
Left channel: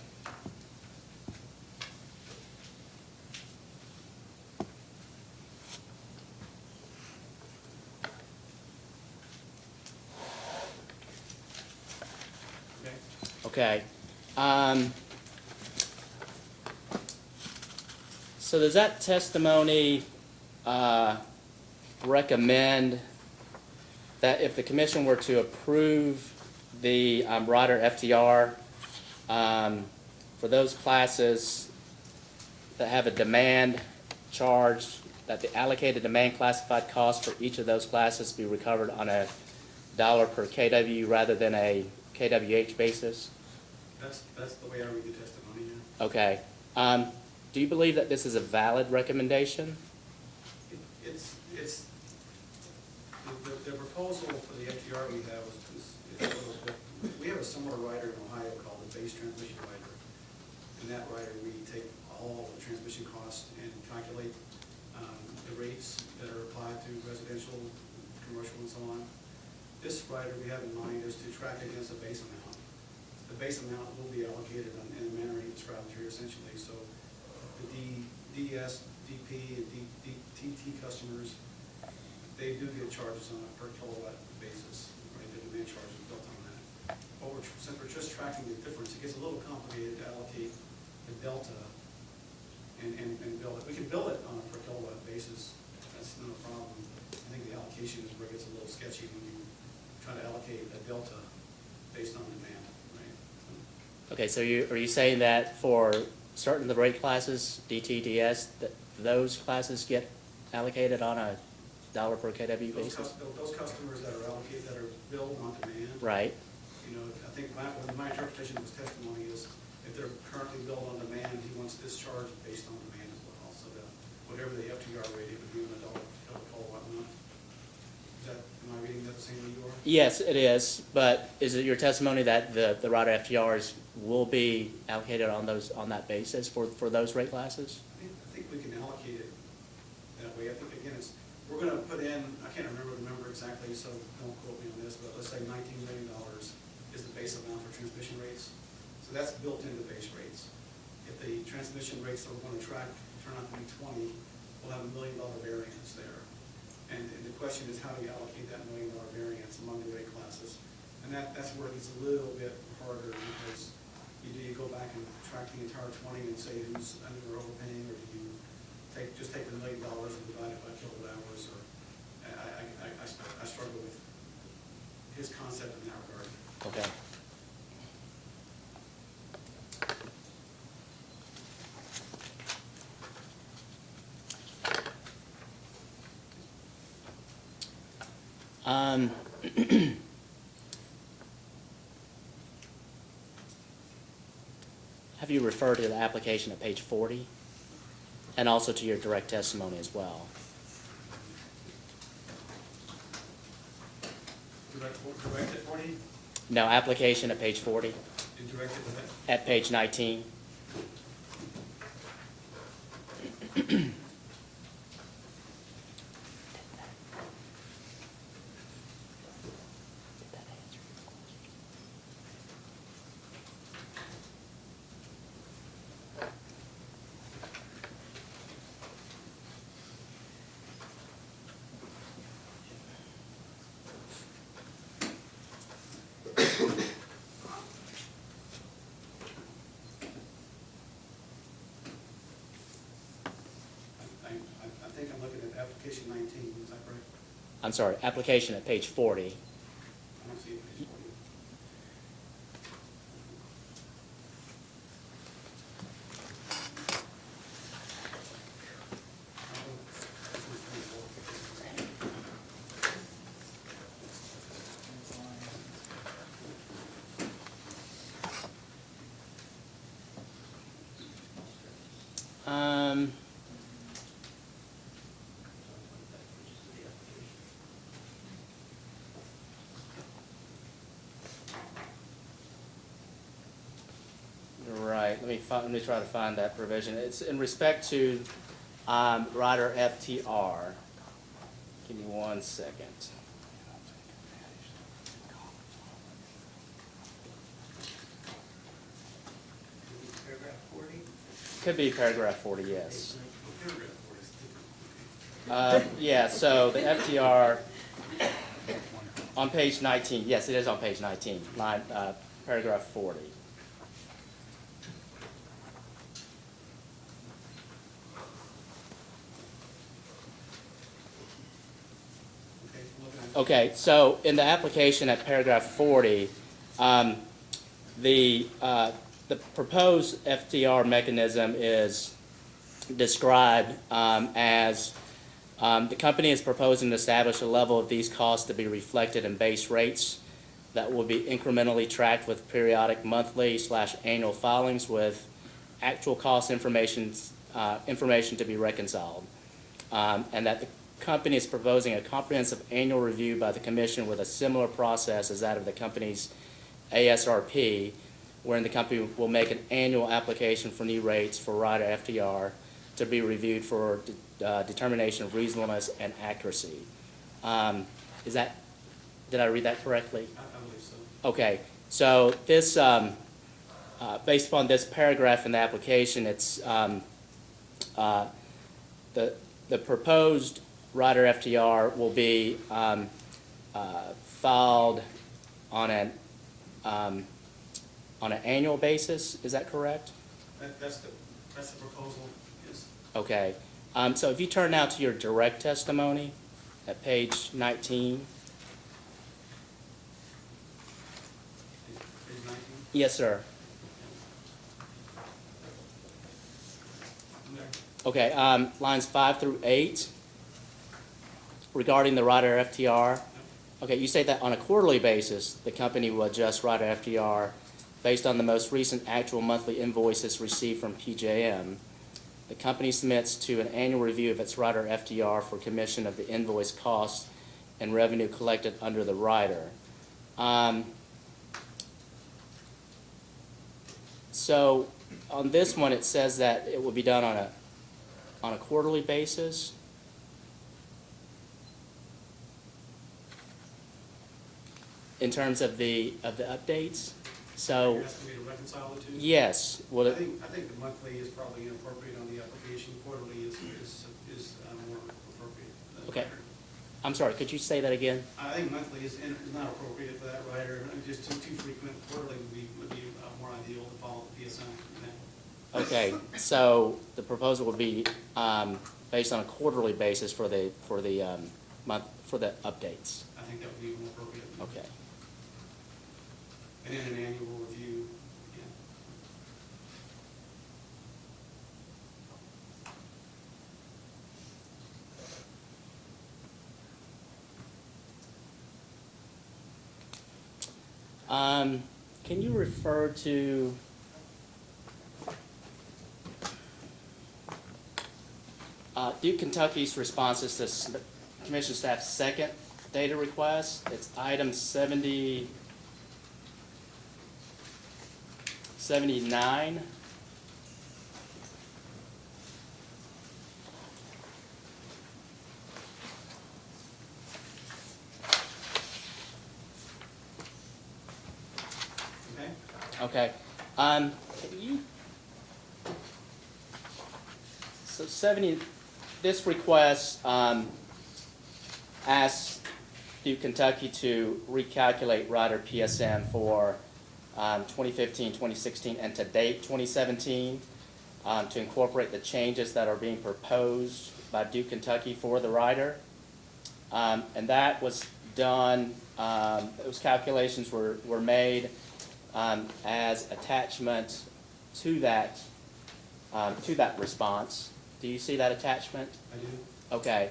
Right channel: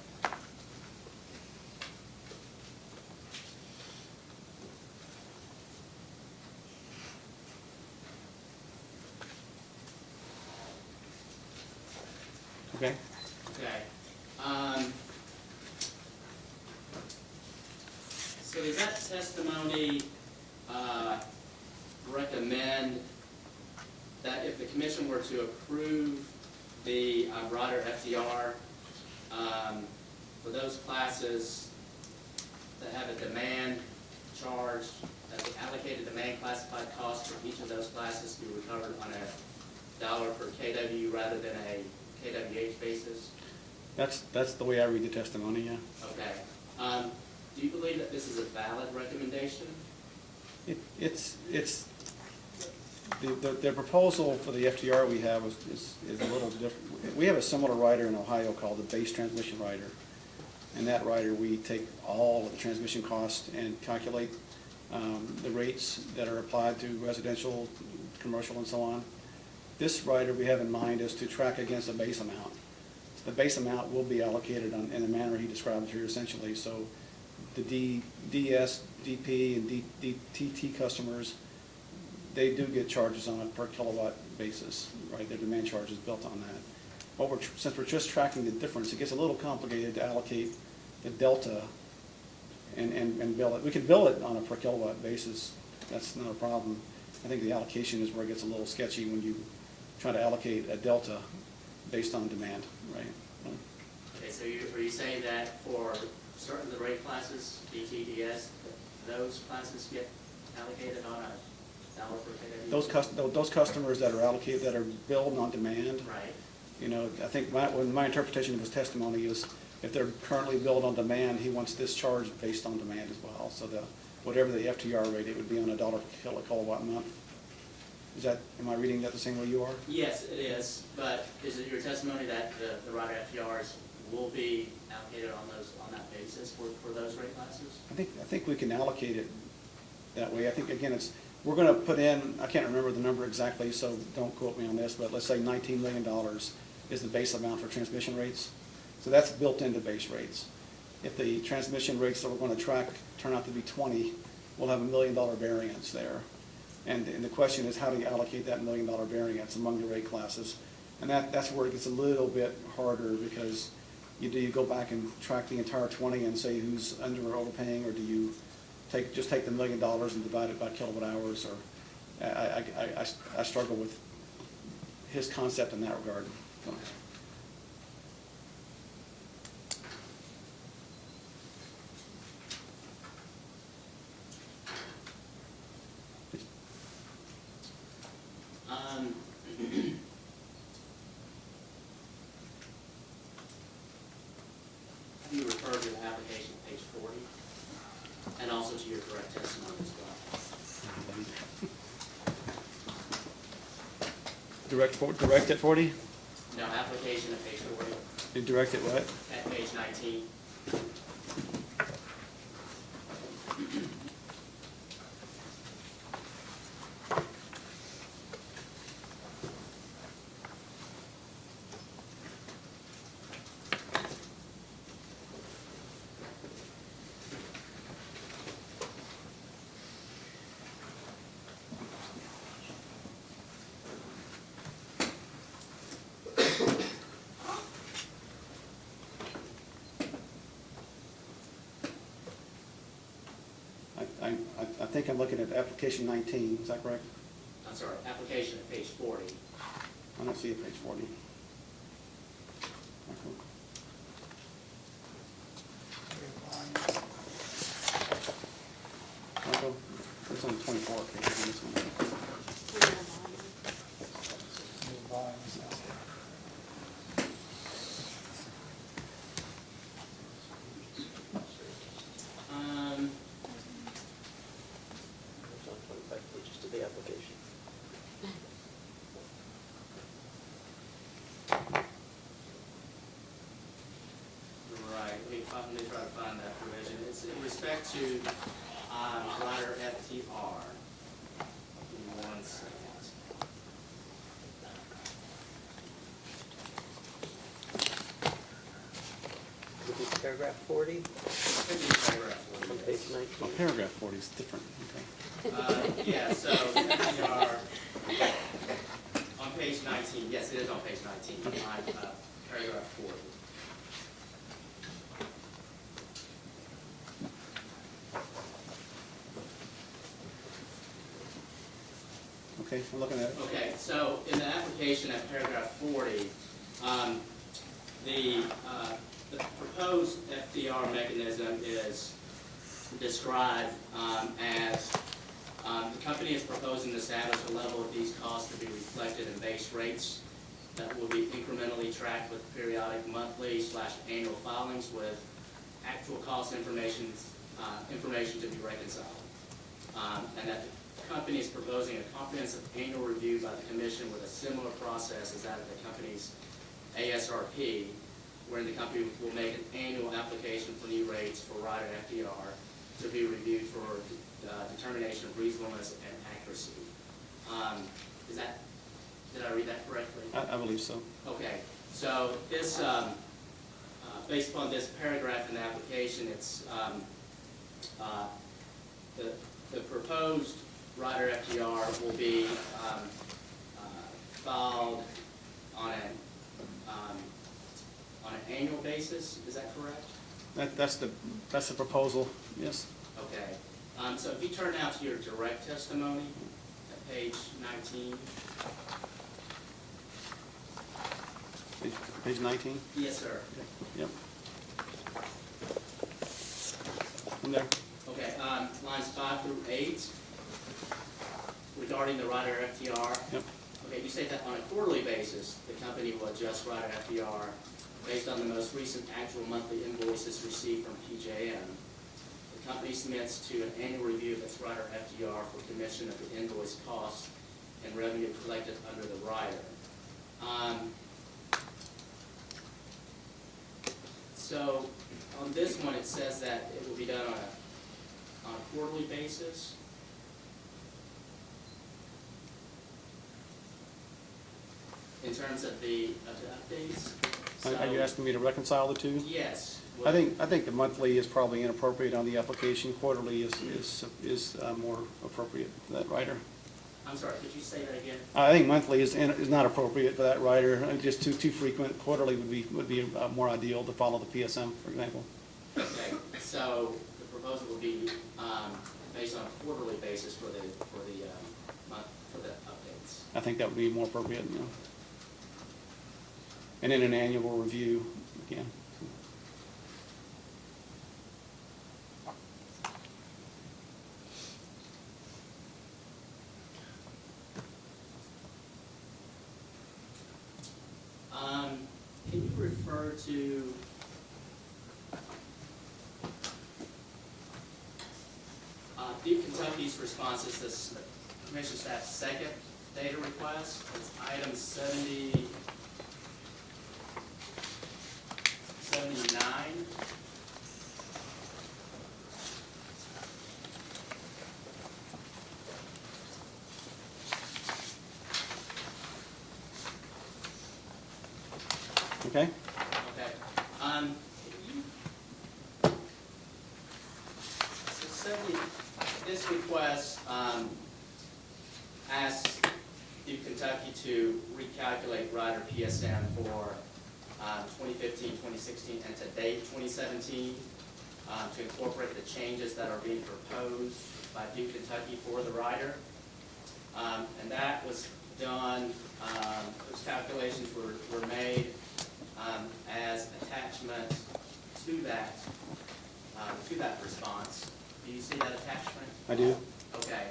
Okay. Okay. So does that testimony recommend that if the commission were to approve the rider FTR for those classes that have a demand charge, that the allocated demand classified cost for each of those classes be recovered on a dollar per KW rather than a KWH basis? That's the way I read the testimony, yeah. Okay. Do you believe that this is a valid recommendation? It's the proposal for the FTR we have is a little different. We have a similar rider in Ohio called the base transmission rider. And that rider, we take all of the transmission costs and calculate the rates that are applied to residential, commercial, and so on. This rider we have in mind is to track against a base amount. The base amount will be allocated in the manner he described here essentially. So the DS, DP, and DTT customers, they do get charges on a per kilowatt basis, right? Their demand charge is built on that. But since we're just tracking the difference, it gets a little complicated to allocate the delta and bill it. We can bill it on a per kilowatt basis. That's not a problem. I think the allocation is where it gets a little sketchy when you try to allocate a delta based on demand, right? Okay, so are you saying that for certain of the rate classes, DT, DS, that those classes get allocated on a dollar per kW? Those customers that are allocated, that are billed on demand. Right, You know, I think my interpretation of his testimony is if they're currently billed on demand, he wants this charged based on demand as well. So whatever the FTR rate, it would be on a dollar per kilowatt month. Am I reading that the same way you are? yes, it is, but is it your testimony that the Rider FTRs will be allocated on that basis for those rate classes? I think we can allocate it that way. I think, again, we're gonna put in, I can't remember the number exactly, so don't quote me on this, but let's say $19 million is the base amount for transmission rates. So that's built into base rates. If the transmission rates that we're gonna track turn out to be 20, we'll have $1 million variance there. And the question is, how do you allocate that $1 million variance among the rate classes? And that's where it gets a little bit harder, because do you go back and track the entire 20 and say who's under or overpaying, or do you just take the $1 million and divide it by kilowatt hours? Or I struggle with his concept in that regard. Okay. Have you referred to the application at page 40? And also to your direct testimony as well? Direct at 40? No, application at page 40? You direct at what? At page 19. I think I'm looking at application 19, is that correct? I'm sorry, application at page 40. I don't see it, page 40. It's on 24 page. Right, let me try to find that provision. It's in respect to Rider FTR. Give me 1 second. Could be paragraph 40, Could be paragraph 40, page yes. 19. Oh, paragraph 40 is different, okay. Yeah, so the FTR on page 19, yes, it is on page 19, paragraph 40. Okay, I'm looking at it. Okay, so in the application at paragraph 40, the proposed FTR mechanism is described as the company is proposing to establish a level of these costs to be reflected in base rates that will be incrementally tracked with periodic monthly/annual filings with actual cost information to be reconciled, and that the company is proposing a comprehensive annual review by the commission with a similar process as that of the company's ASRP, wherein the company will make an annual application for new rates for Rider FTR to be reviewed for determination of reasonableness and accuracy. Did I read that correctly? I believe so. Okay, so this, based upon this paragraph in the application, it's the proposed Rider FTR will be filed on an annual basis. Is that correct? That's the proposal, yes. Okay. So if you turn now to your direct testimony at page 19. Page 19? Yes, sir. Yep. In there. Okay, lines 5 through 8. regarding the rider FTR. Yep. Okay, you say that on a quarterly basis, the company will adjust rider FTR based on the most recent actual monthly invoices received from PJM. The company submits to an annual review of its rider FTR for commission of the invoice costs and revenue collected under the rider. So on this one, it says that it will be done on a quarterly basis. In terms of the updates. So You're asking me to reconcile the two? yes, well, I think the monthly is probably inappropriate on the application. Quarterly is more appropriate for that rider. I'm sorry, could you say that again? I think monthly is not appropriate for that rider, just too frequent. Quarterly would be more ideal to follow the PSM, for example. Okay, so the proposal would be based on a quarterly basis for the month for the updates. I think that would be more appropriate. Okay. And then an annual review again. Can you refer to Duke Kentucky's responses to Commission staff's second data request? It's item 79. Okay? Okay. Can you, so 70, this request asks Duke Kentucky to recalculate rider PSM for 2015, 2016, and to date 2017 to incorporate the changes that are being proposed by Duke Kentucky for the rider. And that was done, those calculations were made as attachment to that response. Do you see that attachment? I do. Okay.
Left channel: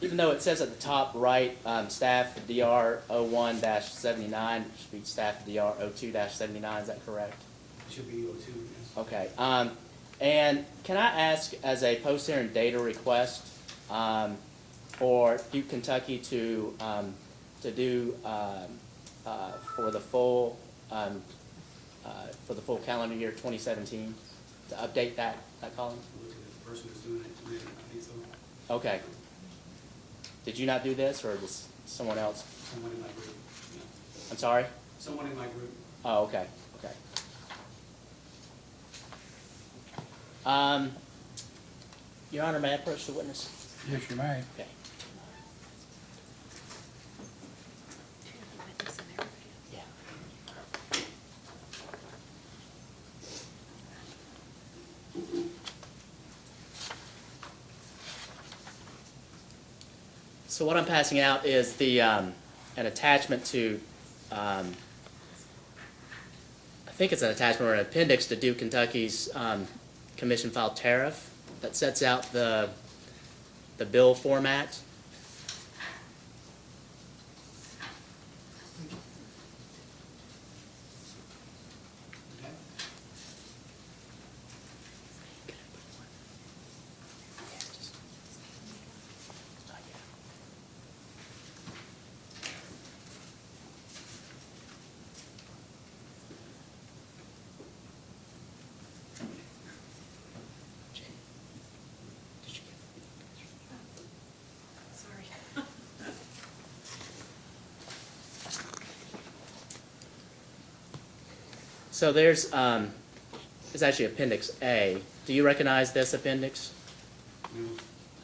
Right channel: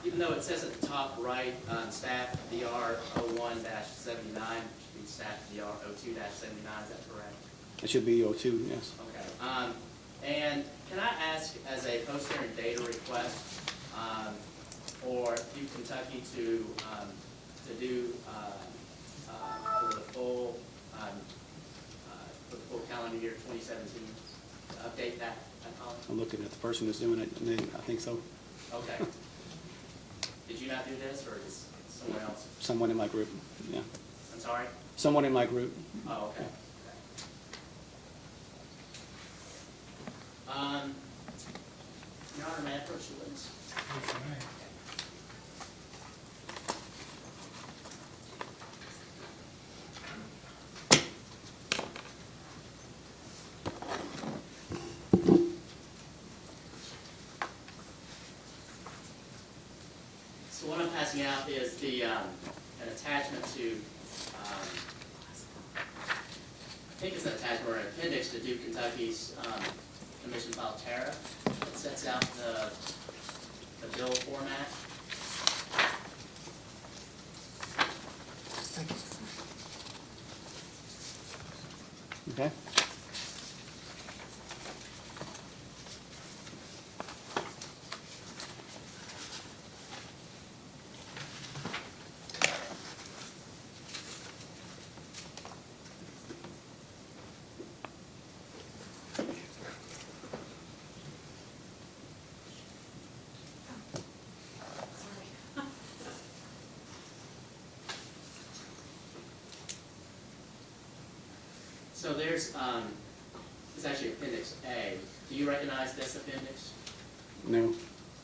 Even though it says at the top right, staff DR 01-79, it should be staff DR 02-79, is that correct? It should be 02, yes. Okay. And can I ask, as a post-hearing data request, for Duke Kentucky to do for the full calendar year 2017, to update that column? I'm looking at the person who's doing it, and I think so. Okay. Did you not do this, or does someone else? Someone in my group, yeah. I'm sorry? Someone in my group. Oh, okay, okay. Your Honor, may I approach the witness? Yes, you may. Okay. So what I'm passing out is the an attachment to, I think it's an attachment or an appendix to Duke Kentucky's commission filed tariff that sets out the bill format. Okay? So there's it's actually Appendix A. Do you recognize this appendix? No.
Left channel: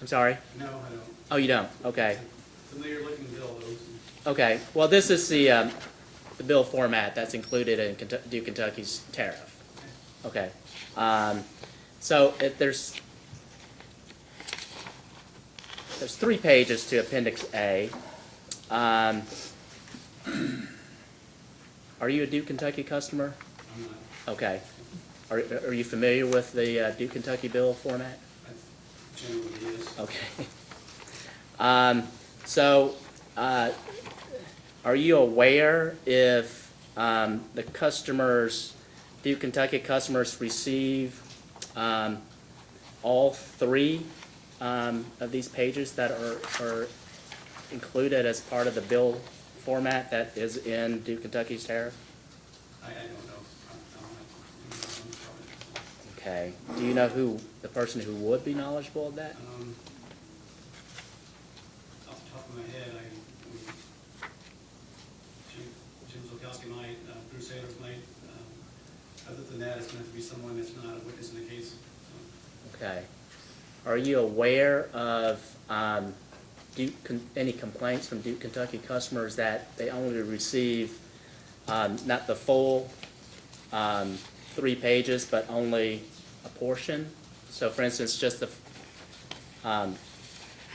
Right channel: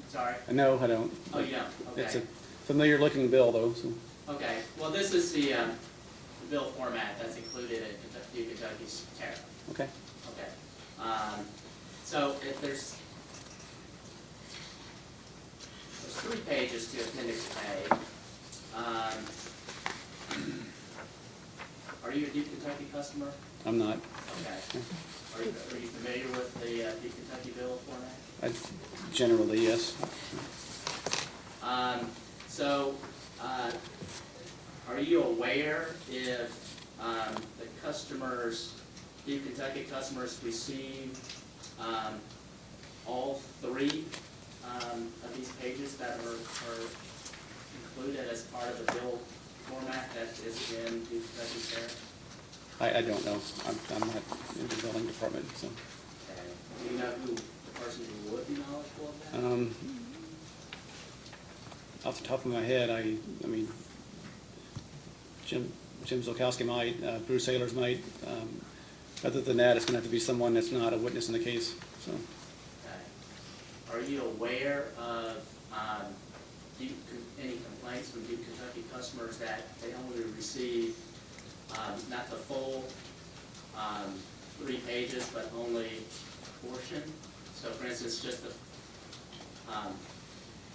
I'm sorry? No, I don't. Oh, you don't? Okay. It's a familiar looking bill, though, so. Okay. Well, this is the bill format that's included in Duke Kentucky's tariff. Okay. Okay. So there's 3 pages to Appendix A. Are you a Duke Kentucky customer? I'm not. Okay. Are you familiar with the Duke Kentucky bill format? I Generally, yes. Okay. So, are you aware if the customers, Duke Kentucky customers receive all three of these pages that are included as part of the bill format that is in Duke Kentucky's tariff? I don't know. I'm not in the building department, so. Okay. Do you know who, the person who would be knowledgeable of that? Off the top of my head, I mean, Jim Zolkowski might, Bruce Ayers might. Other than that, it's gonna have to be someone that's not a witness in the case, so. Okay. Are you aware of any complaints from Duke Kentucky customers that they only receive not the full 3 pages, but only a portion? So for instance, just the,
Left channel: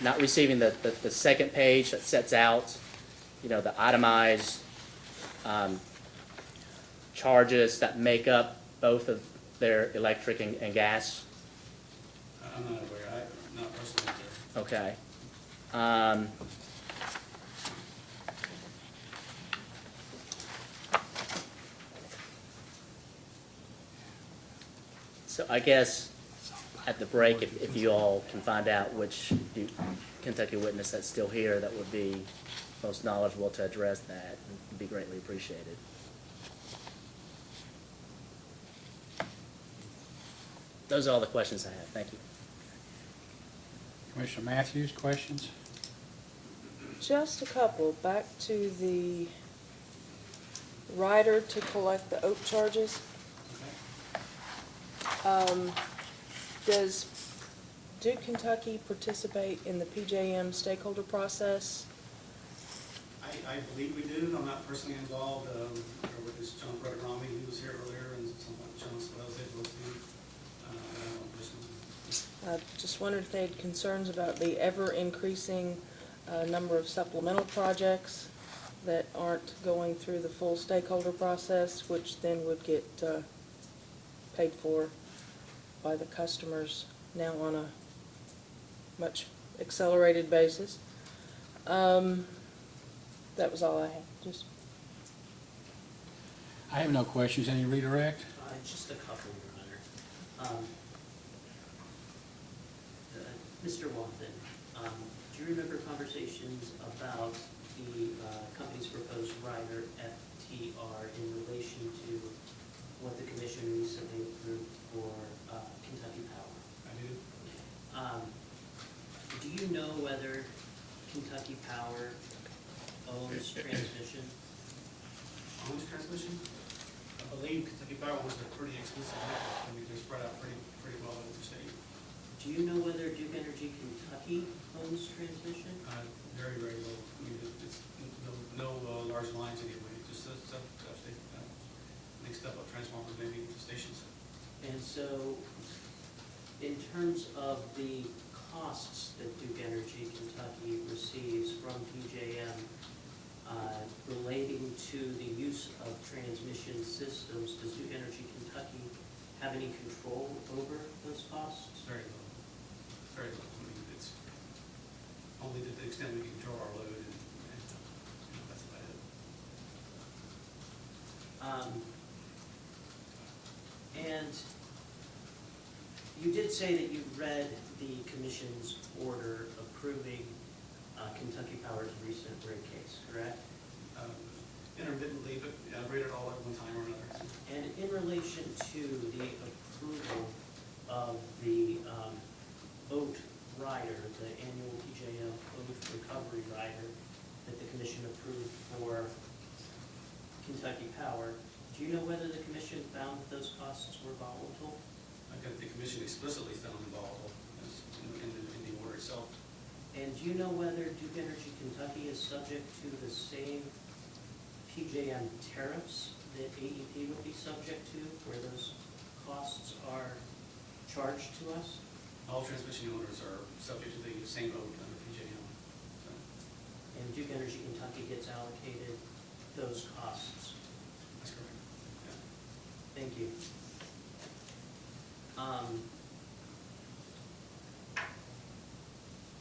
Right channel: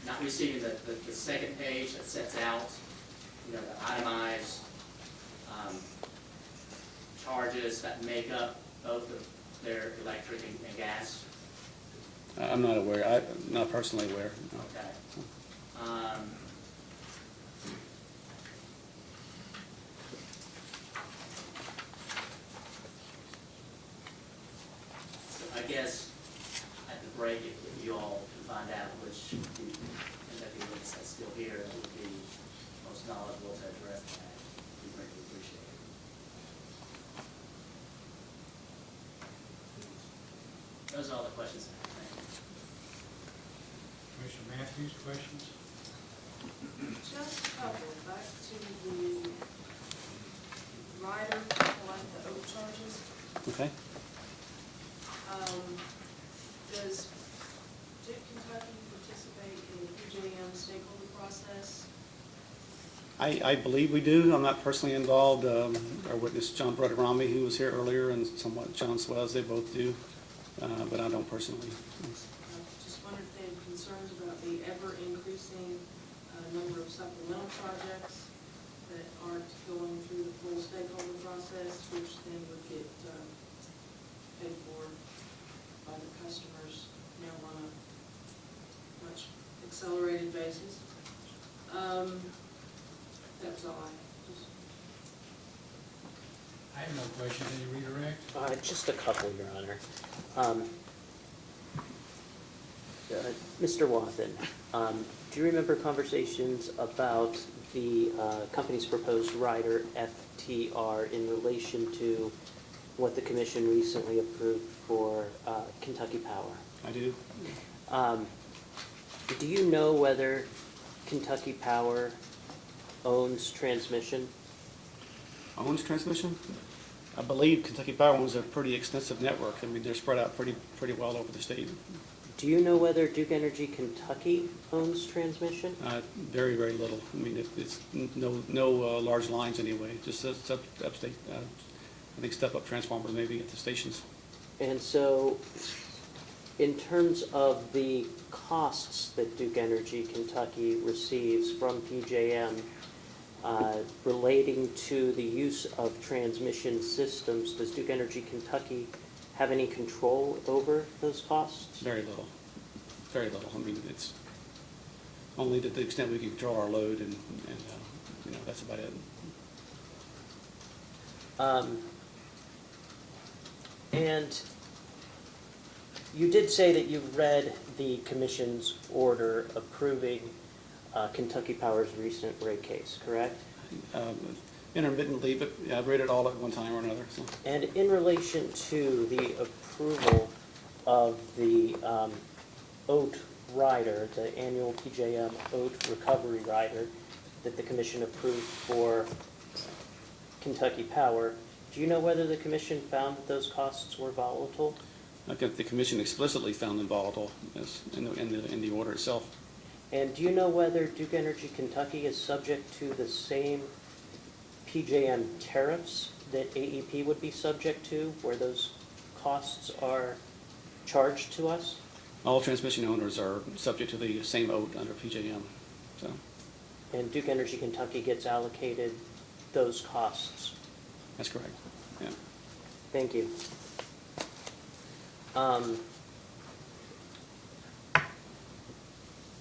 not receiving the second page that sets out, you know, the itemized charges that make up both of their electric and gas? I'm not aware, I'm not personally aware. Okay. So I guess at the break, if you all can find out which Duke Kentucky witness that's still here that would be most knowledgeable to address that, would be greatly appreciated. Those are all the questions I have. Thank you. Commissioner Matthews, questions? Just a couple, back to the rider to collect the OAT charges. Okay. Does Duke Kentucky participate in the PJM stakeholder process? I believe we do. I'm not personally involved. Our witness, John Brodorami, who was here earlier, and somewhat John Swells, they both do, but I don't personally. I just wondered if they had concerns about the ever-increasing number of supplemental projects that aren't going through the full stakeholder process, which then would get paid for by the customers now on a much accelerated basis. That was all I had. Just I have no questions. Any redirect? Just a couple, Your Honor. Mr. Wathen, do you remember conversations about the company's proposed rider, FTR, in relation to what the commission recently approved for Kentucky Power? I do. Do you know whether Kentucky Power owns transmission? Owns transmission? I believe Kentucky Power owns a pretty extensive network. I mean, they're spread out pretty well over the state. Do you know whether Duke Energy Kentucky owns transmission? Very, very little. I mean, it's no large lines anyway, just upstate, I think step-up transformers maybe at the stations. And so, in terms of the costs that Duke Energy Kentucky receives from PJM relating to the use of transmission systems, does Duke Energy Kentucky have any control over those costs? Very little. Very little. I mean, it's only to the extent we can control our load and you know, that's about it. And you did say that you read the commission's order approving Kentucky Power's recent rate case, correct? Intermittently, but yeah, I've read it all at one time or another. So. And in relation to the approval of the OAT rider, the annual PJM OAT recovery rider that the commission approved for Kentucky Power, do you know whether the commission found that those costs were volatile? I think the commission explicitly found them volatile in the order itself. And do you know whether Duke Energy Kentucky is subject to the same PJM tariffs that AEP would be subject to, where those costs are charged to us? All transmission owners are subject to the same OAT under PJM. So. And Duke Energy Kentucky gets allocated those costs? That's correct. Yeah. Thank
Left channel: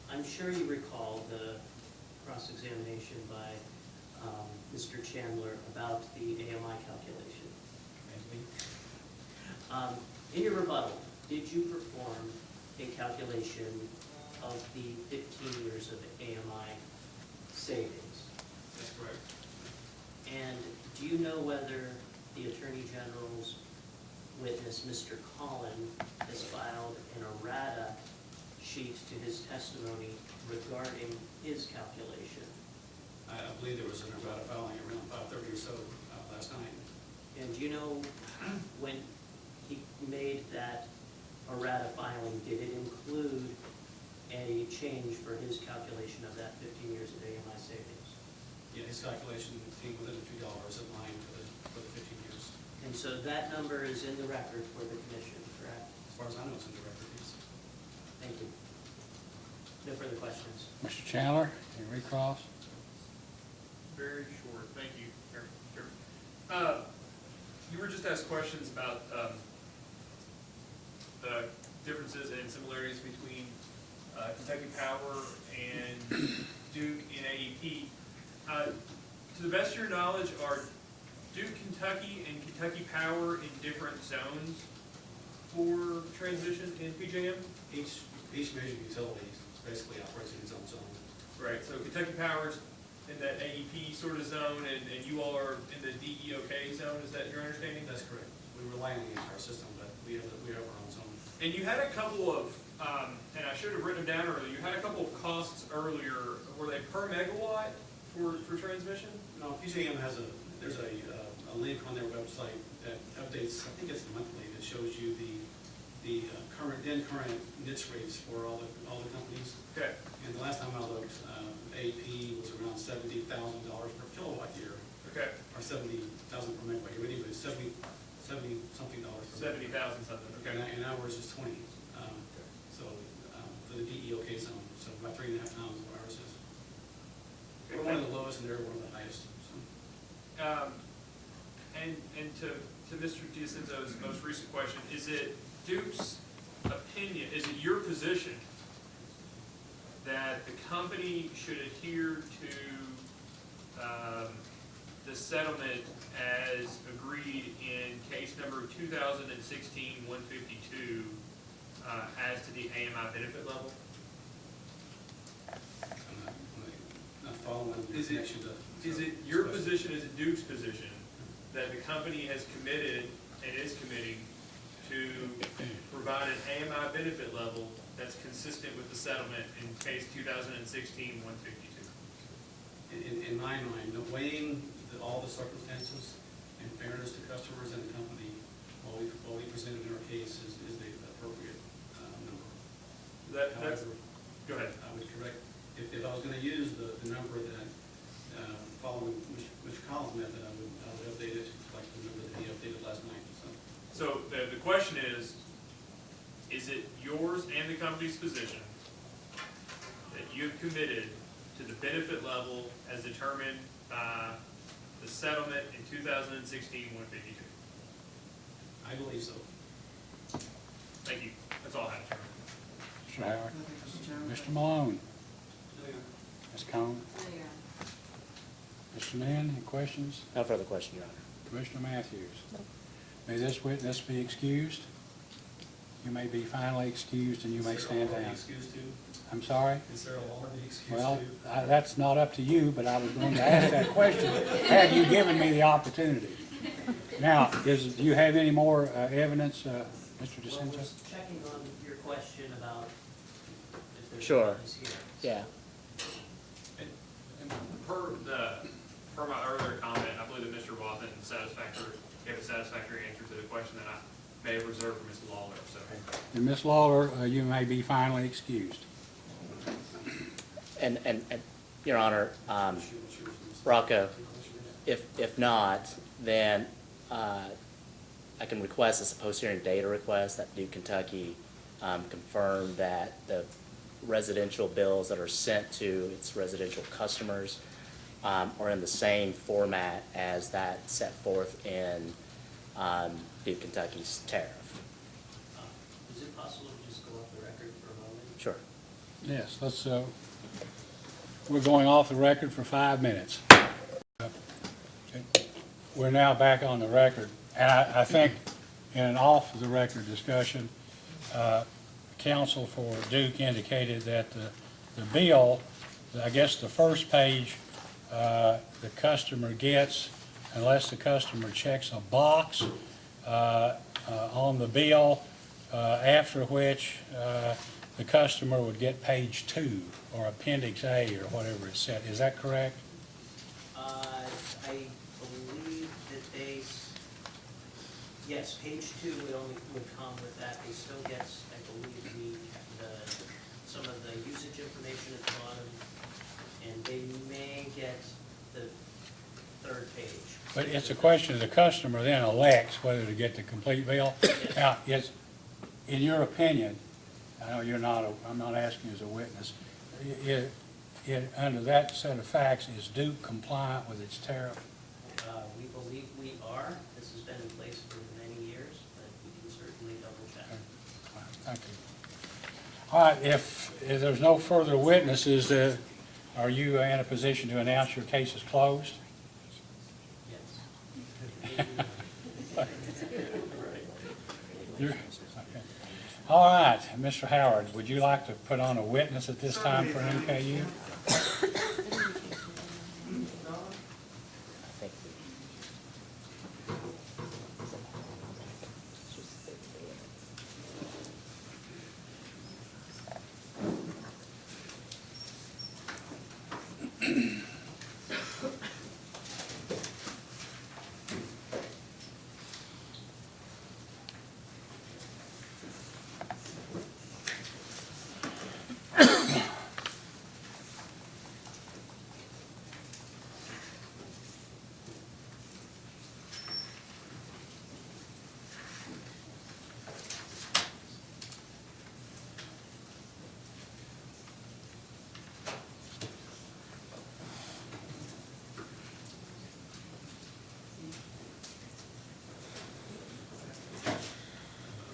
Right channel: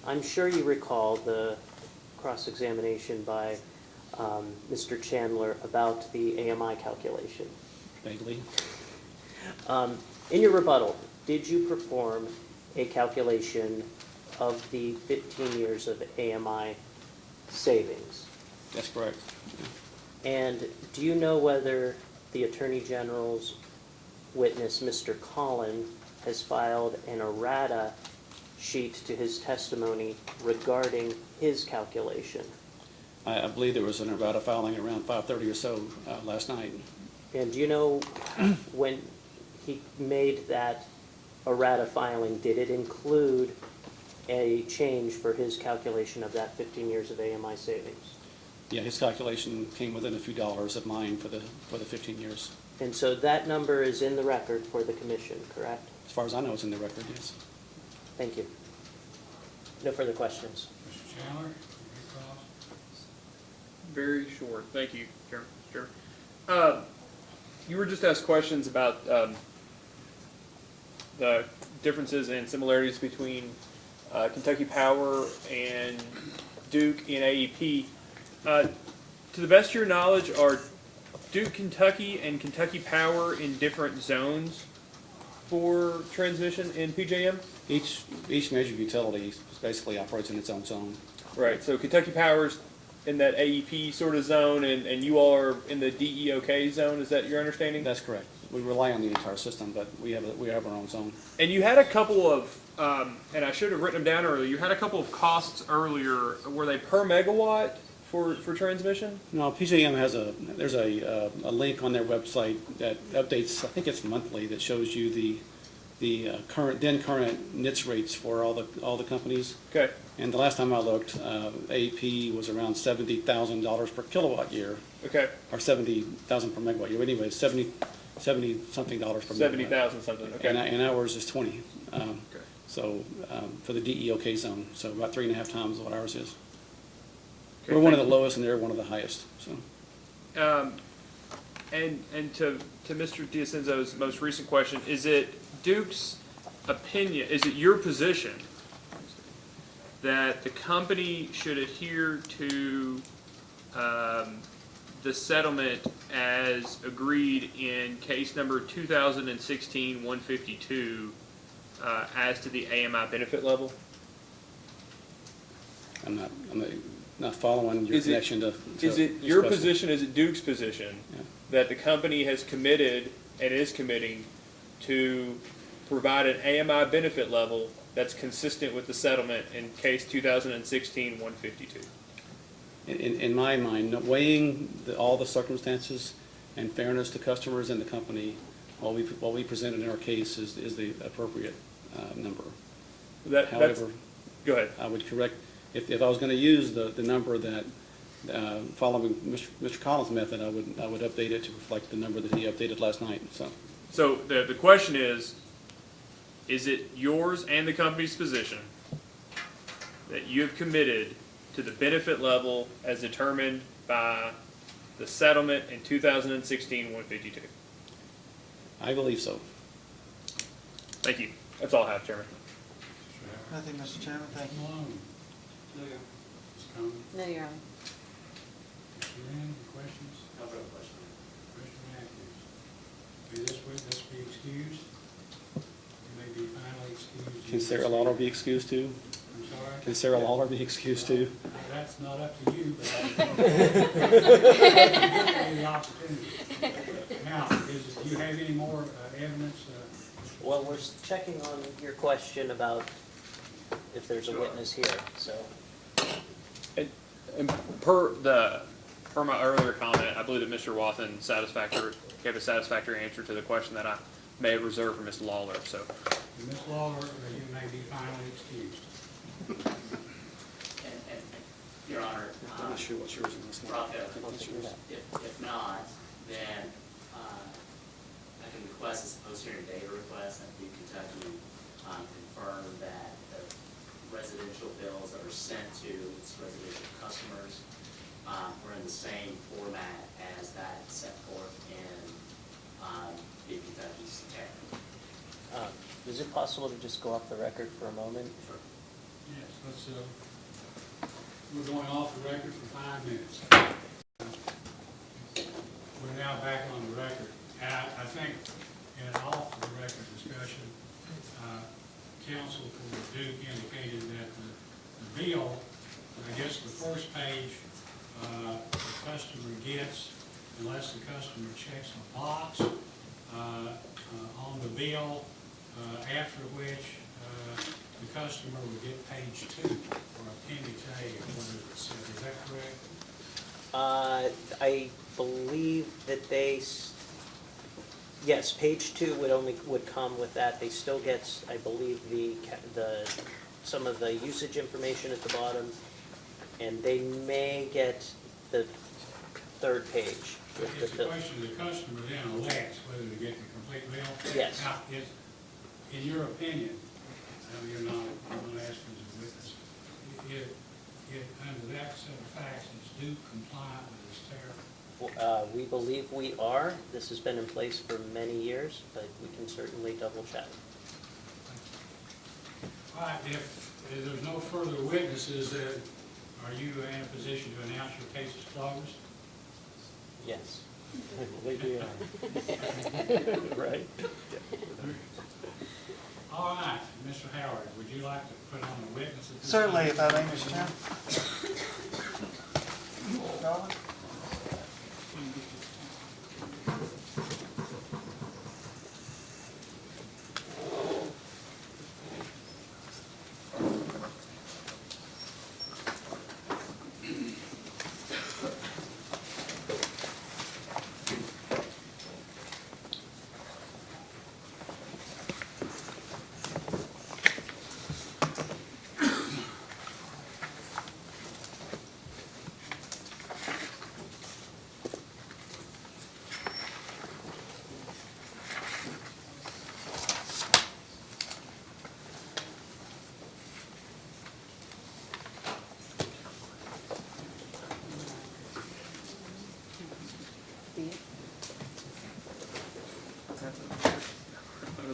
I'm sure you recall the cross-examination by Mr. Chandler about the AMI calculation. Vaguely. In your rebuttal, did you perform a calculation of the 15 years of AMI savings? That's correct. And do you know whether the Attorney General's witness, Mr. Collin, has filed an errata sheet to his testimony regarding his calculation? I believe there was an errata filing around 5:30 or so last night. And do you know when he made that errata filing, did it include a change for his calculation of that 15 years of AMI savings? Yeah, his calculation came within a few dollars of mine for the 15 years. And so that number is in the record for the commission, correct? As far as I know, it's in the record, yes. Thank you. No further questions. Mr. Chandler, you recross? Very short. Thank you, Chairman. Sure. You were just asked questions about the differences and similarities between Kentucky Power and Duke in AEP. To the best of your knowledge, are Duke Kentucky and Kentucky Power in different zones for transmission in PJM? Each major utility basically operates in its own zone. Right, so Kentucky Power's in that AEP sort of zone, and you all are in the DEOK zone, is that your understanding? That's correct. We rely on the entire system, but we have our own zone. And you had a couple of, and I should have written them down earlier, you had a couple of costs earlier. Were they per megawatt for transmission? No, PJM has there's a link on their website that updates, I think it's monthly, that shows you the current NITS rates for all the companies. Okay. And the last time I looked, AP was around $70,000 per kilowatt year. Okay. Or 70,000 per megawatt year. Anyway, 70 something dollars per megawatt. 70,000 something. Okay. And ours is 20. So for the DEOK zone, so about 3.5 times what ours is. Okay, We're one of thank the lowest, and they're one of the highest. So. And to Mr. D'Acenzo's most recent question, is it Duke's opinion, is it your position that the company should adhere to the settlement as agreed in case number 2016-152 as to the AMI benefit level? I'm not following your connection to. Is it this your question. position, is it Duke's position, that the company has committed and is committing to provide an AMI benefit level that's consistent with the settlement in case 2016-152? In my mind, weighing all the circumstances and fairness to customers and the company, what we presented in our case is the appropriate number. However, go ahead. I would correct, if I was going to use the number that, following Mr. Collins' method, I would update it to reflect the number that he updated last night. So the question is it yours and the company's position that you have committed to the benefit level as determined by the settlement in 2016-152? I believe so. Thank you. That's all I have, Chairman. Nothing, Mr. Chairman. Mr. Malone? No, Your Ms. Cohen? No, Your Honor. Mr. Mann, any questions? No further question, Your Honor. Commissioner Matthews? May this witness be excused? You may be finally excused. and you Can may Sarah stay Lawler be down. excused too? I'm sorry? Can Sarah Lawler be excused Well, too? That's not up to you, but I was going to ask that question. Have you given me the opportunity? Now, do you have any more evidence, Mr. Well, we're DeSantis? checking on your question about if there's a Sure. witness here. So. Yeah. And per my earlier comment, I believe that Mr. Wathen gave a satisfactory answer to the question that I may have reserved for Ms. Lawler, so. And Ms. Lawler, you may be finally excused. And Your Honor, Rocco, if not, then I can request as a post-hearing data request that Duke Kentucky confirm that the residential bills that are sent to its residential customers are in the same format as that set forth in Duke Kentucky's tariff. Is it possible to just go off the record for a moment? Sure. Yes, let's, we're going off the record for 5 minutes. Okay. We're now back on the record, and I think in an off-the-record discussion, counsel for Duke indicated that the bill, I guess the first page, the customer gets, unless the customer checks a box on the bill, after which the customer would get page 2 or appendix A or whatever it's said. Is that correct? I believe that yes, page 2 would come with that. They still get, I believe, some of the usage information at the bottom, and they may get the third page. But it's a question of the customer then elects whether to get the complete bill. Yes. Now, in your opinion, I know I'm not asking you as a witness, under that set of facts, is Duke compliant with its tariff? We believe we are. This has been in place for many years, but we can certainly double check. Thank you. All right, if there's no further witnesses, are you in a position to announce your case is closed? Yes. Right. All right, Mr. Howard, would you like to put on a witness at this time? Certainly, if I for may, MKU?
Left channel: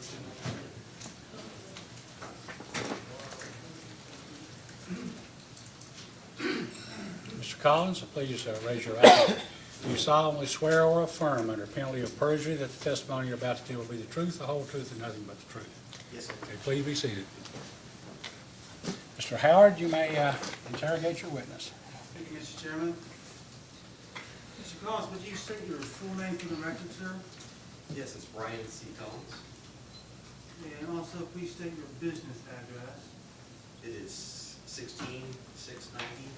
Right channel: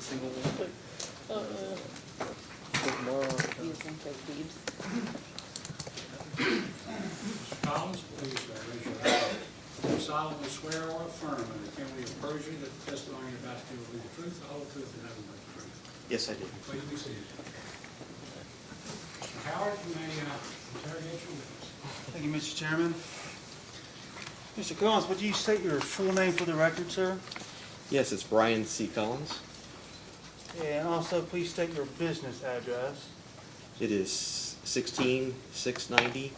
Mr. Chairman. Mr. Collins, please raise your right hand. Do you solemnly swear or affirm under penalty of perjury that the testimony you're about to give will be the truth, the whole truth, and nothing but the truth? Yes, I do. Please be seated. Mr. Howard, you may interrogate your witness. Thank you, Mr. Chairman. Mr. Collins, would you state your full name for the record, sir? Yes, it's Brian C. Collins. Yeah, and also please state your business address. It is 16690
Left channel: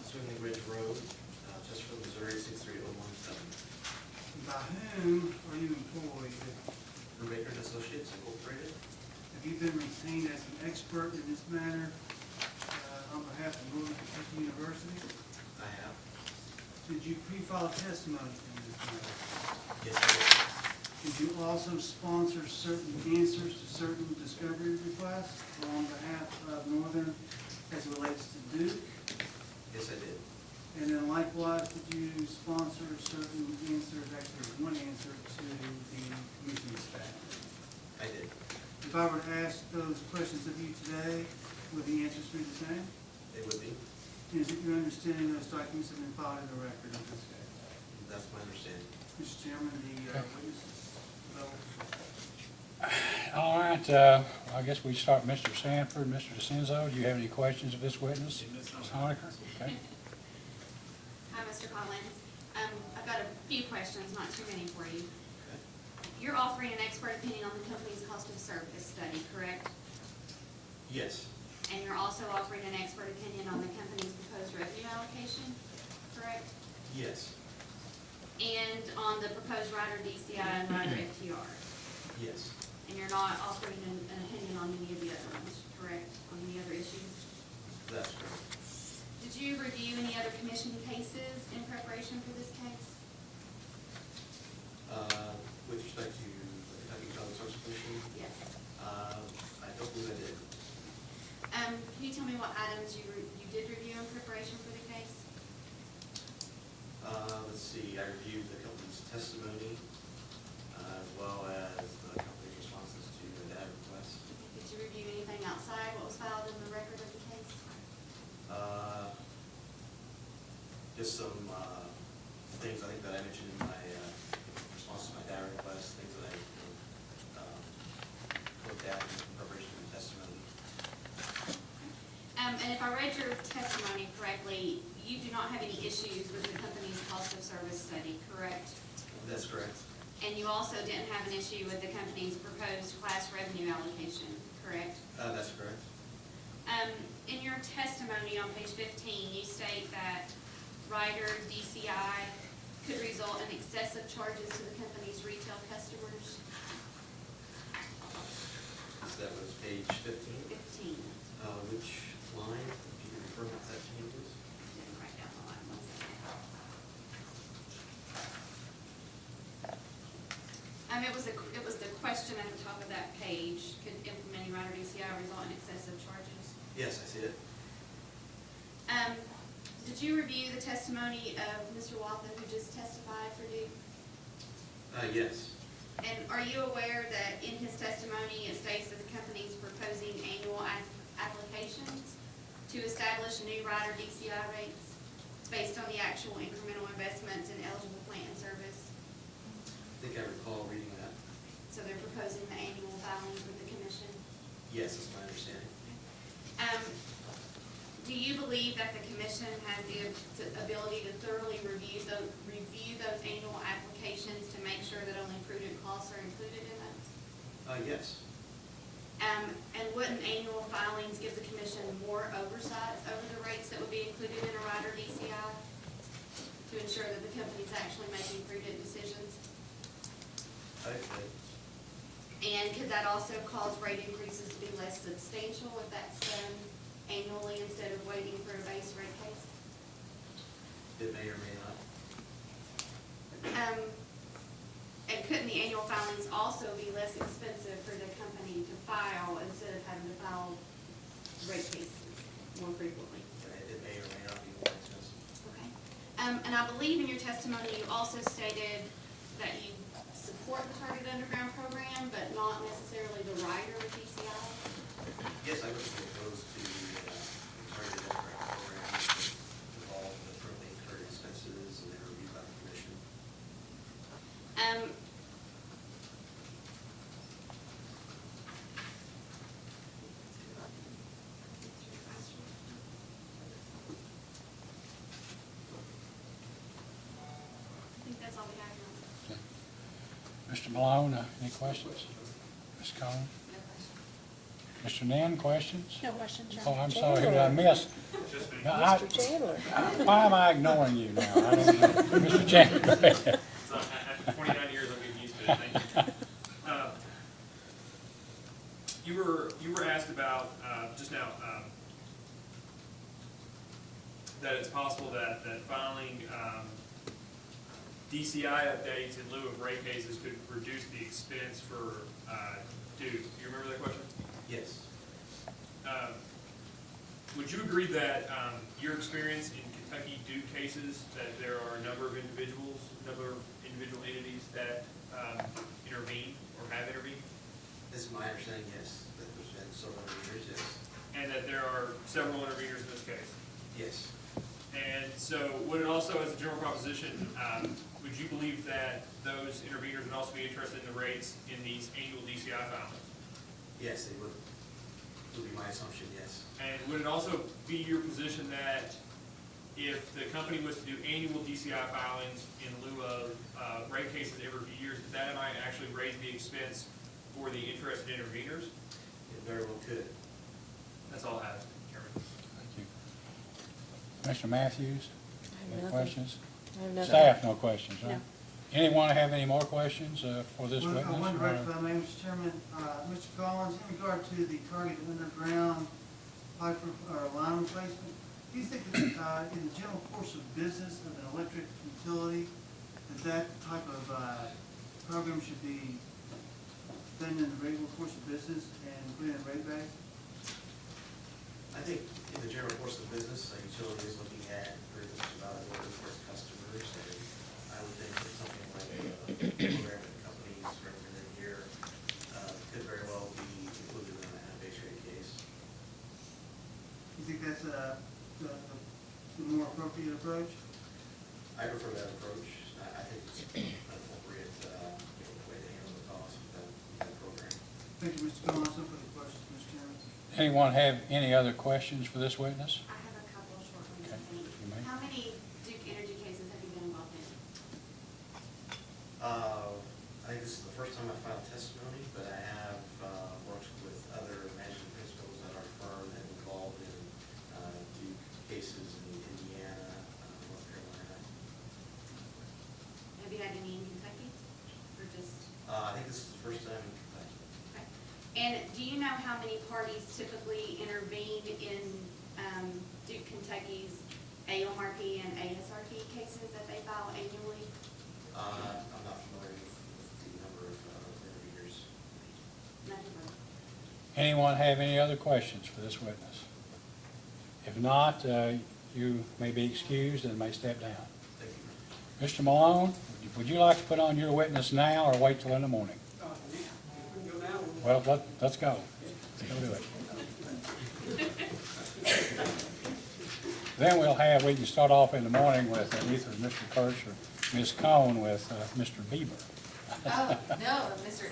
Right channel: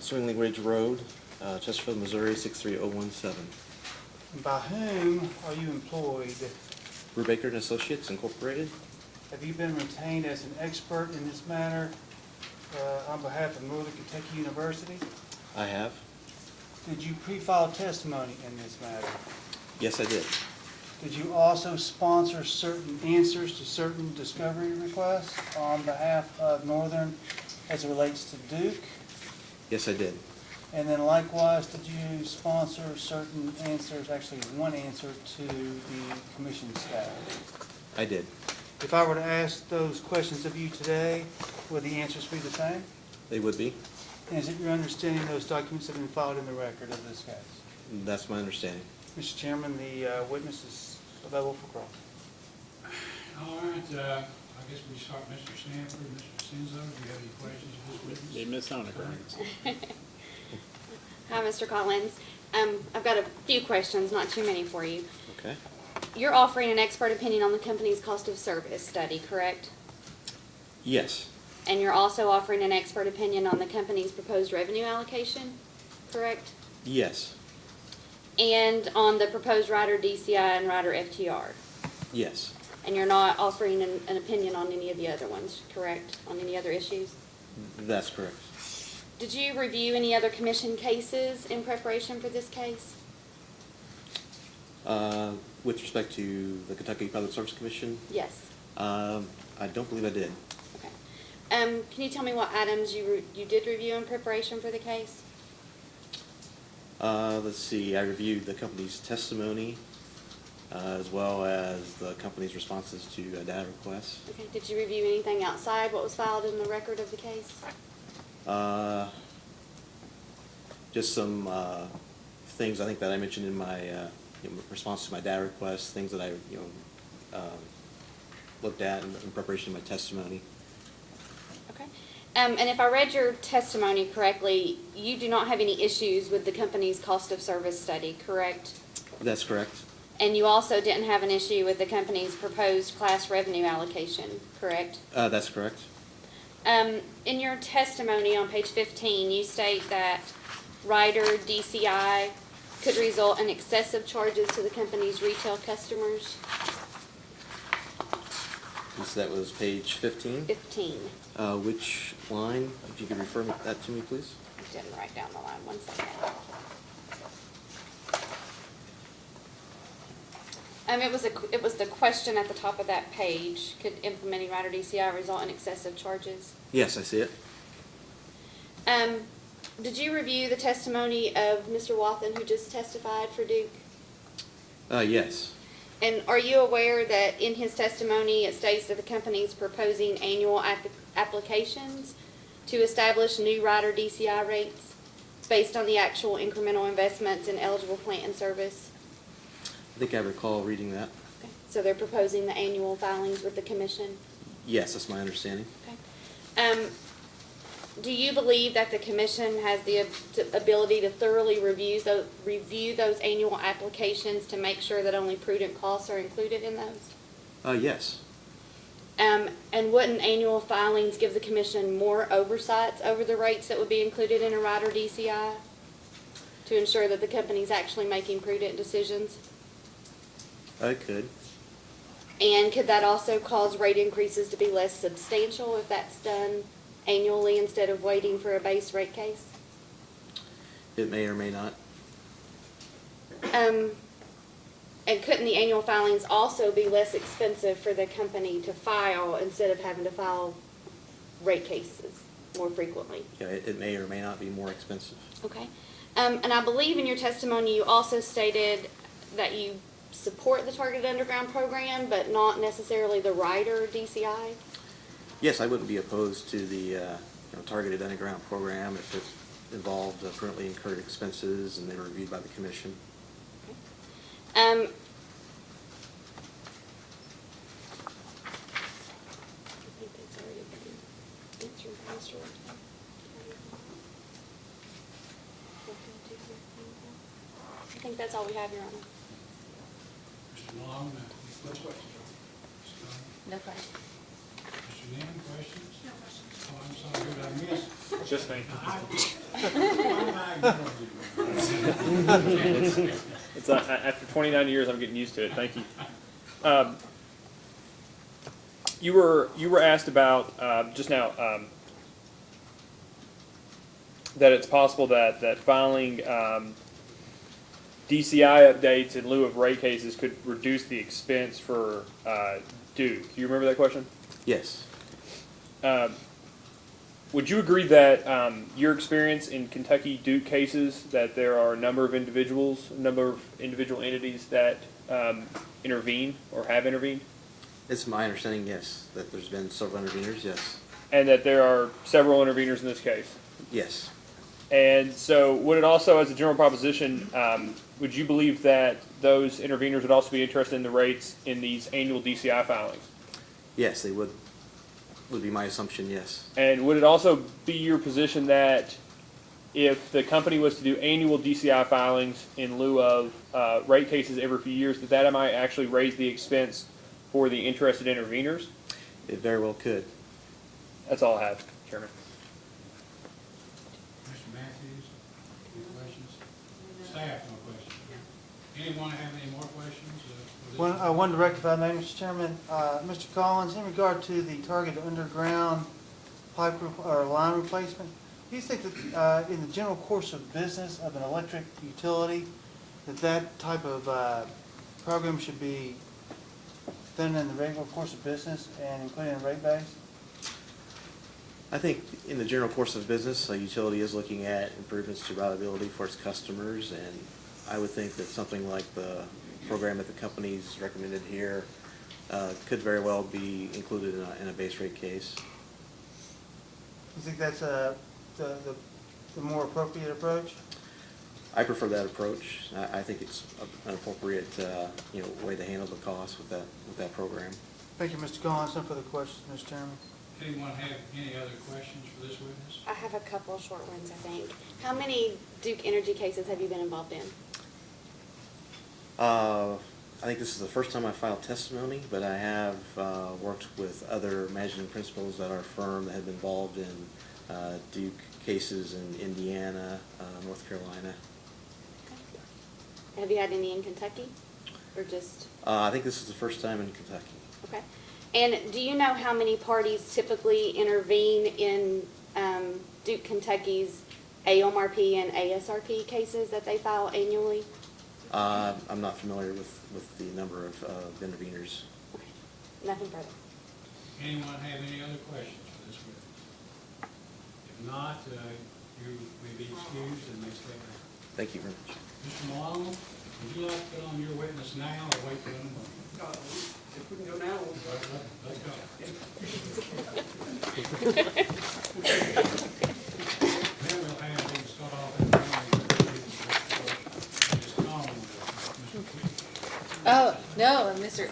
Swingling Ridge Road, Chesterfield, Missouri, 63017. And by whom are you employed? Brubaker and Associates Incorporated. Have you been retained as an expert in this matter on behalf of Northern Kentucky University? I have. Did you pre-file testimony in this matter? Yes, I did. Did you also sponsor certain answers to certain discovery requests on behalf of Northern as it relates to Duke? Yes, I did. And then likewise, did you sponsor certain answers, actually one answer to the commission staff? I did. If I were to ask those questions of you today, would the answers be the same? They would be. And is it your understanding those documents have been filed in the record of this case? That's my understanding. Mr. Chairman, the witness is available for question. All right, I guess we start Mr. Sanford, Mr. DeCenzo. Do you have any questions of this witness? Okay. Hi, Mr. Collins. I've got a few questions, not too many for you. Okay. You're offering an expert opinion on the company's cost of service study, correct? Yes. And you're also offering an expert opinion on the company's proposed revenue allocation, correct? Yes. And on the proposed rider DCI and rider FTR? Yes. And you're not offering an opinion on any of the other ones, correct? On any other issues? That's correct. Did you review any other commission cases in preparation for this case? With respect to the Kentucky Public Service Commission? Yes. I don't believe I did. Okay. Can you tell me what items you did review in preparation for the case? Let's see, I reviewed the company's testimony, as well as the company's responses to data requests. Okay, did you review anything outside what was filed in the record of the case? Just some things I think that I mentioned in my response to my data requests, things that I looked at in preparation of my testimony. Okay. And if I read your testimony correctly, you do not have any issues with the company's cost of service study, correct? That's correct. And you also didn't have an issue with the company's proposed class revenue allocation, correct? That's correct. In your testimony on page 15, you state that rider DCI could result in excessive charges to the company's retail customers. So that was page 15? 15. Which line, if you could refer that to me, please? I didn't write down the line, 1 second. It was the question at the top of that page. Could implementing rider DCI result in excessive charges? Yes, I see it. Did you review the testimony of Mr. Wathen, who just testified for Duke? Yes. And are you aware that in his testimony, it states that the company is proposing annual applications to establish new rider DCI rates based on the actual incremental investments in eligible plant and service? I think I recall reading that. Okay. So they're proposing the annual filings with the commission? Yes, that's my understanding. Okay. Do you believe that the commission has the ability to thoroughly review those annual applications to make sure that only prudent costs are included in those? Yes. And wouldn't annual filings give the commission more oversight over the rates that would be included in a rider DCI to ensure that the company's actually making prudent decisions? I could. And could that also cause rate increases to be less substantial if that's done annually instead of waiting for a base rate case? It may or may not. And couldn't the annual filings also be less expensive for the company to file instead of having to file rate cases more frequently? Yeah, it may or may not be more expensive. Okay. And I believe in your testimony you also stated that you support the Targeted Underground program, but not necessarily the rider DCI? Yes, I wouldn't be opposed to the targeted underground program if it involved currently incurred expenses and they were reviewed by the commission. I think that's all we have, Your Honor. Mr. Malone, any questions? Ms. Conner? No question. Mr. Nen, questions? No question. Oh, I'm sorry, who did I miss? Just me. No, why am I ignoring you now? I don't know. Mr. Chandler. It's, after 29 years, I'm getting used to it. Thank you. You were asked about just now that it's possible that filing DCI updates in lieu of rate cases could reduce the expense for Duke. Do you remember that question? Yes. Would you agree that your experience in Kentucky Duke cases, that there are a number of individual entities that intervene or have intervened? It's my understanding, yes, that there's been several interveners, yes. And that there are several interveners in this case? Yes. And so would it also, as a general proposition, would you believe that those interveners would also be interested in the rates in these annual DCI filings? Yes, they would be my assumption, yes. And would it also be your position that if the company was to do annual DCI filings in lieu of rate cases every few years, that might actually raise the expense for the interested interveners? It very well could. That's all I have, Chairman. Mr. Matthews, any questions? nothing. Staff, no questions, right? Anyone have any more questions for this? Well, witness? one direct, if I may, Mr. Chairman. Mr. Collins, in regard to the target underground pipe or line replacement, do you think that in the general course of business of an electric utility, that type of program should be done in the regular course of business and included in rate base? I think in the general course of business, a utility is looking at improvements to reliability for its customers, and I would think that something like the program that the company's recommended here could very well be included in a base rate case. You think that's the more appropriate approach? I prefer that approach. I think it's an appropriate, way to handle the cost with that program. Thank you, Mr. Collins. No further questions, Mr. Chairman. Anyone have any other questions for this witness? I have a couple short ones, I think. How many Duke Energy cases have you been involved in? I think this is the first time I filed testimony, but I have worked with other managing principals at our firm that have been involved in Duke cases in Indiana, North Carolina. Have you had any in Kentucky, or just? I think this is the first time in Kentucky. Okay. And do you know how many parties typically intervene in Duke Kentucky's AOMRP and ASRP cases that they file annually? I'm not familiar with the number of interveners. Nothing further. Anyone have any other questions for this witness? If not, you may be excused and may step down. Thank you very much. Mr. Malone, would you like to put on your witness now or wait till in the morning? Well, let's go. Then we can start off in the morning with either Mr. First or Ms. Cohn with Mr. Beaver. Oh, no, Mr.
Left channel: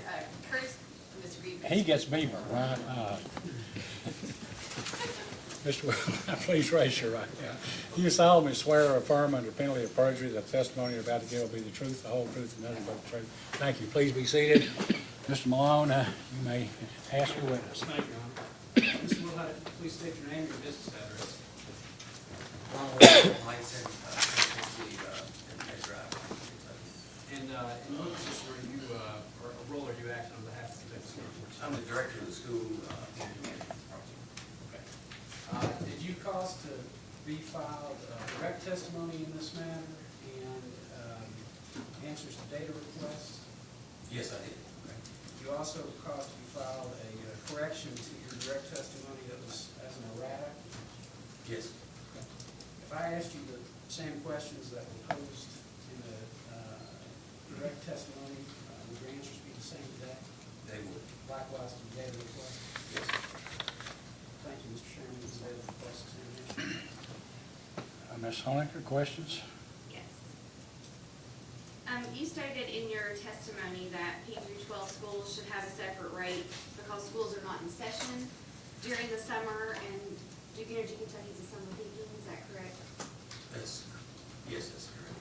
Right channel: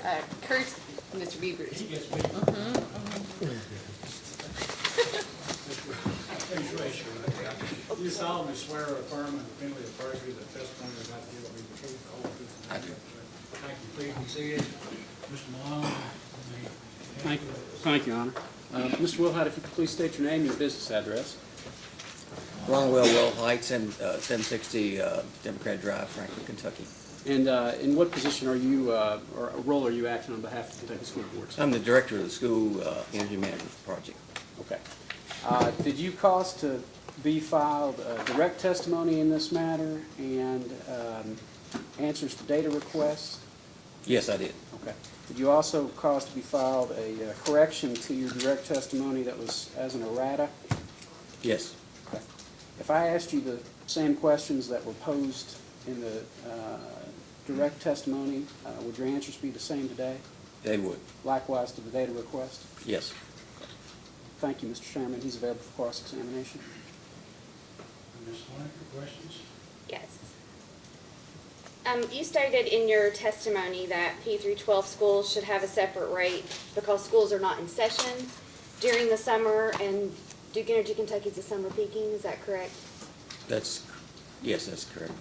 Kurt's, Mr. Beaver. He gets Beaver. Mr. Please raise your right hand. You solemnly swear or affirm under penalty of perjury that the testimony you're about to give will be the truth, the whole truth, and nothing but the truth. Thank you. Please be seated. Mr. Malone, you may ask the witness. Thank you, Your Honor. Mr. Wilhite, if you could please state your name and your business address. Ronald Will Heights and 760 Democrat Drive, Franklin, Kentucky. And in what position are you, or role are you acting on behalf of the Kentucky School Board? I'm the director of the school energy management project. Okay. Did you cause to be filed direct testimony in this matter and answers to data requests? Yes, I did. Okay. Did you also cause to be filed a correction to your direct testimony that was as an errata? Yes. Okay. If I asked you the same questions that were posed in the direct testimony, would your answers be the same today? They would. Likewise to the data request? Yes. Thank you, Mr. Chairman. He's available for cross-examination. Ms. Honecker, questions? Yes. You stated in your testimony that P through 12 schools should have a separate rate because schools are not in session during the summer, and Duke Energy Kentucky is the summer peaking. Is that correct? Yes, that's correct.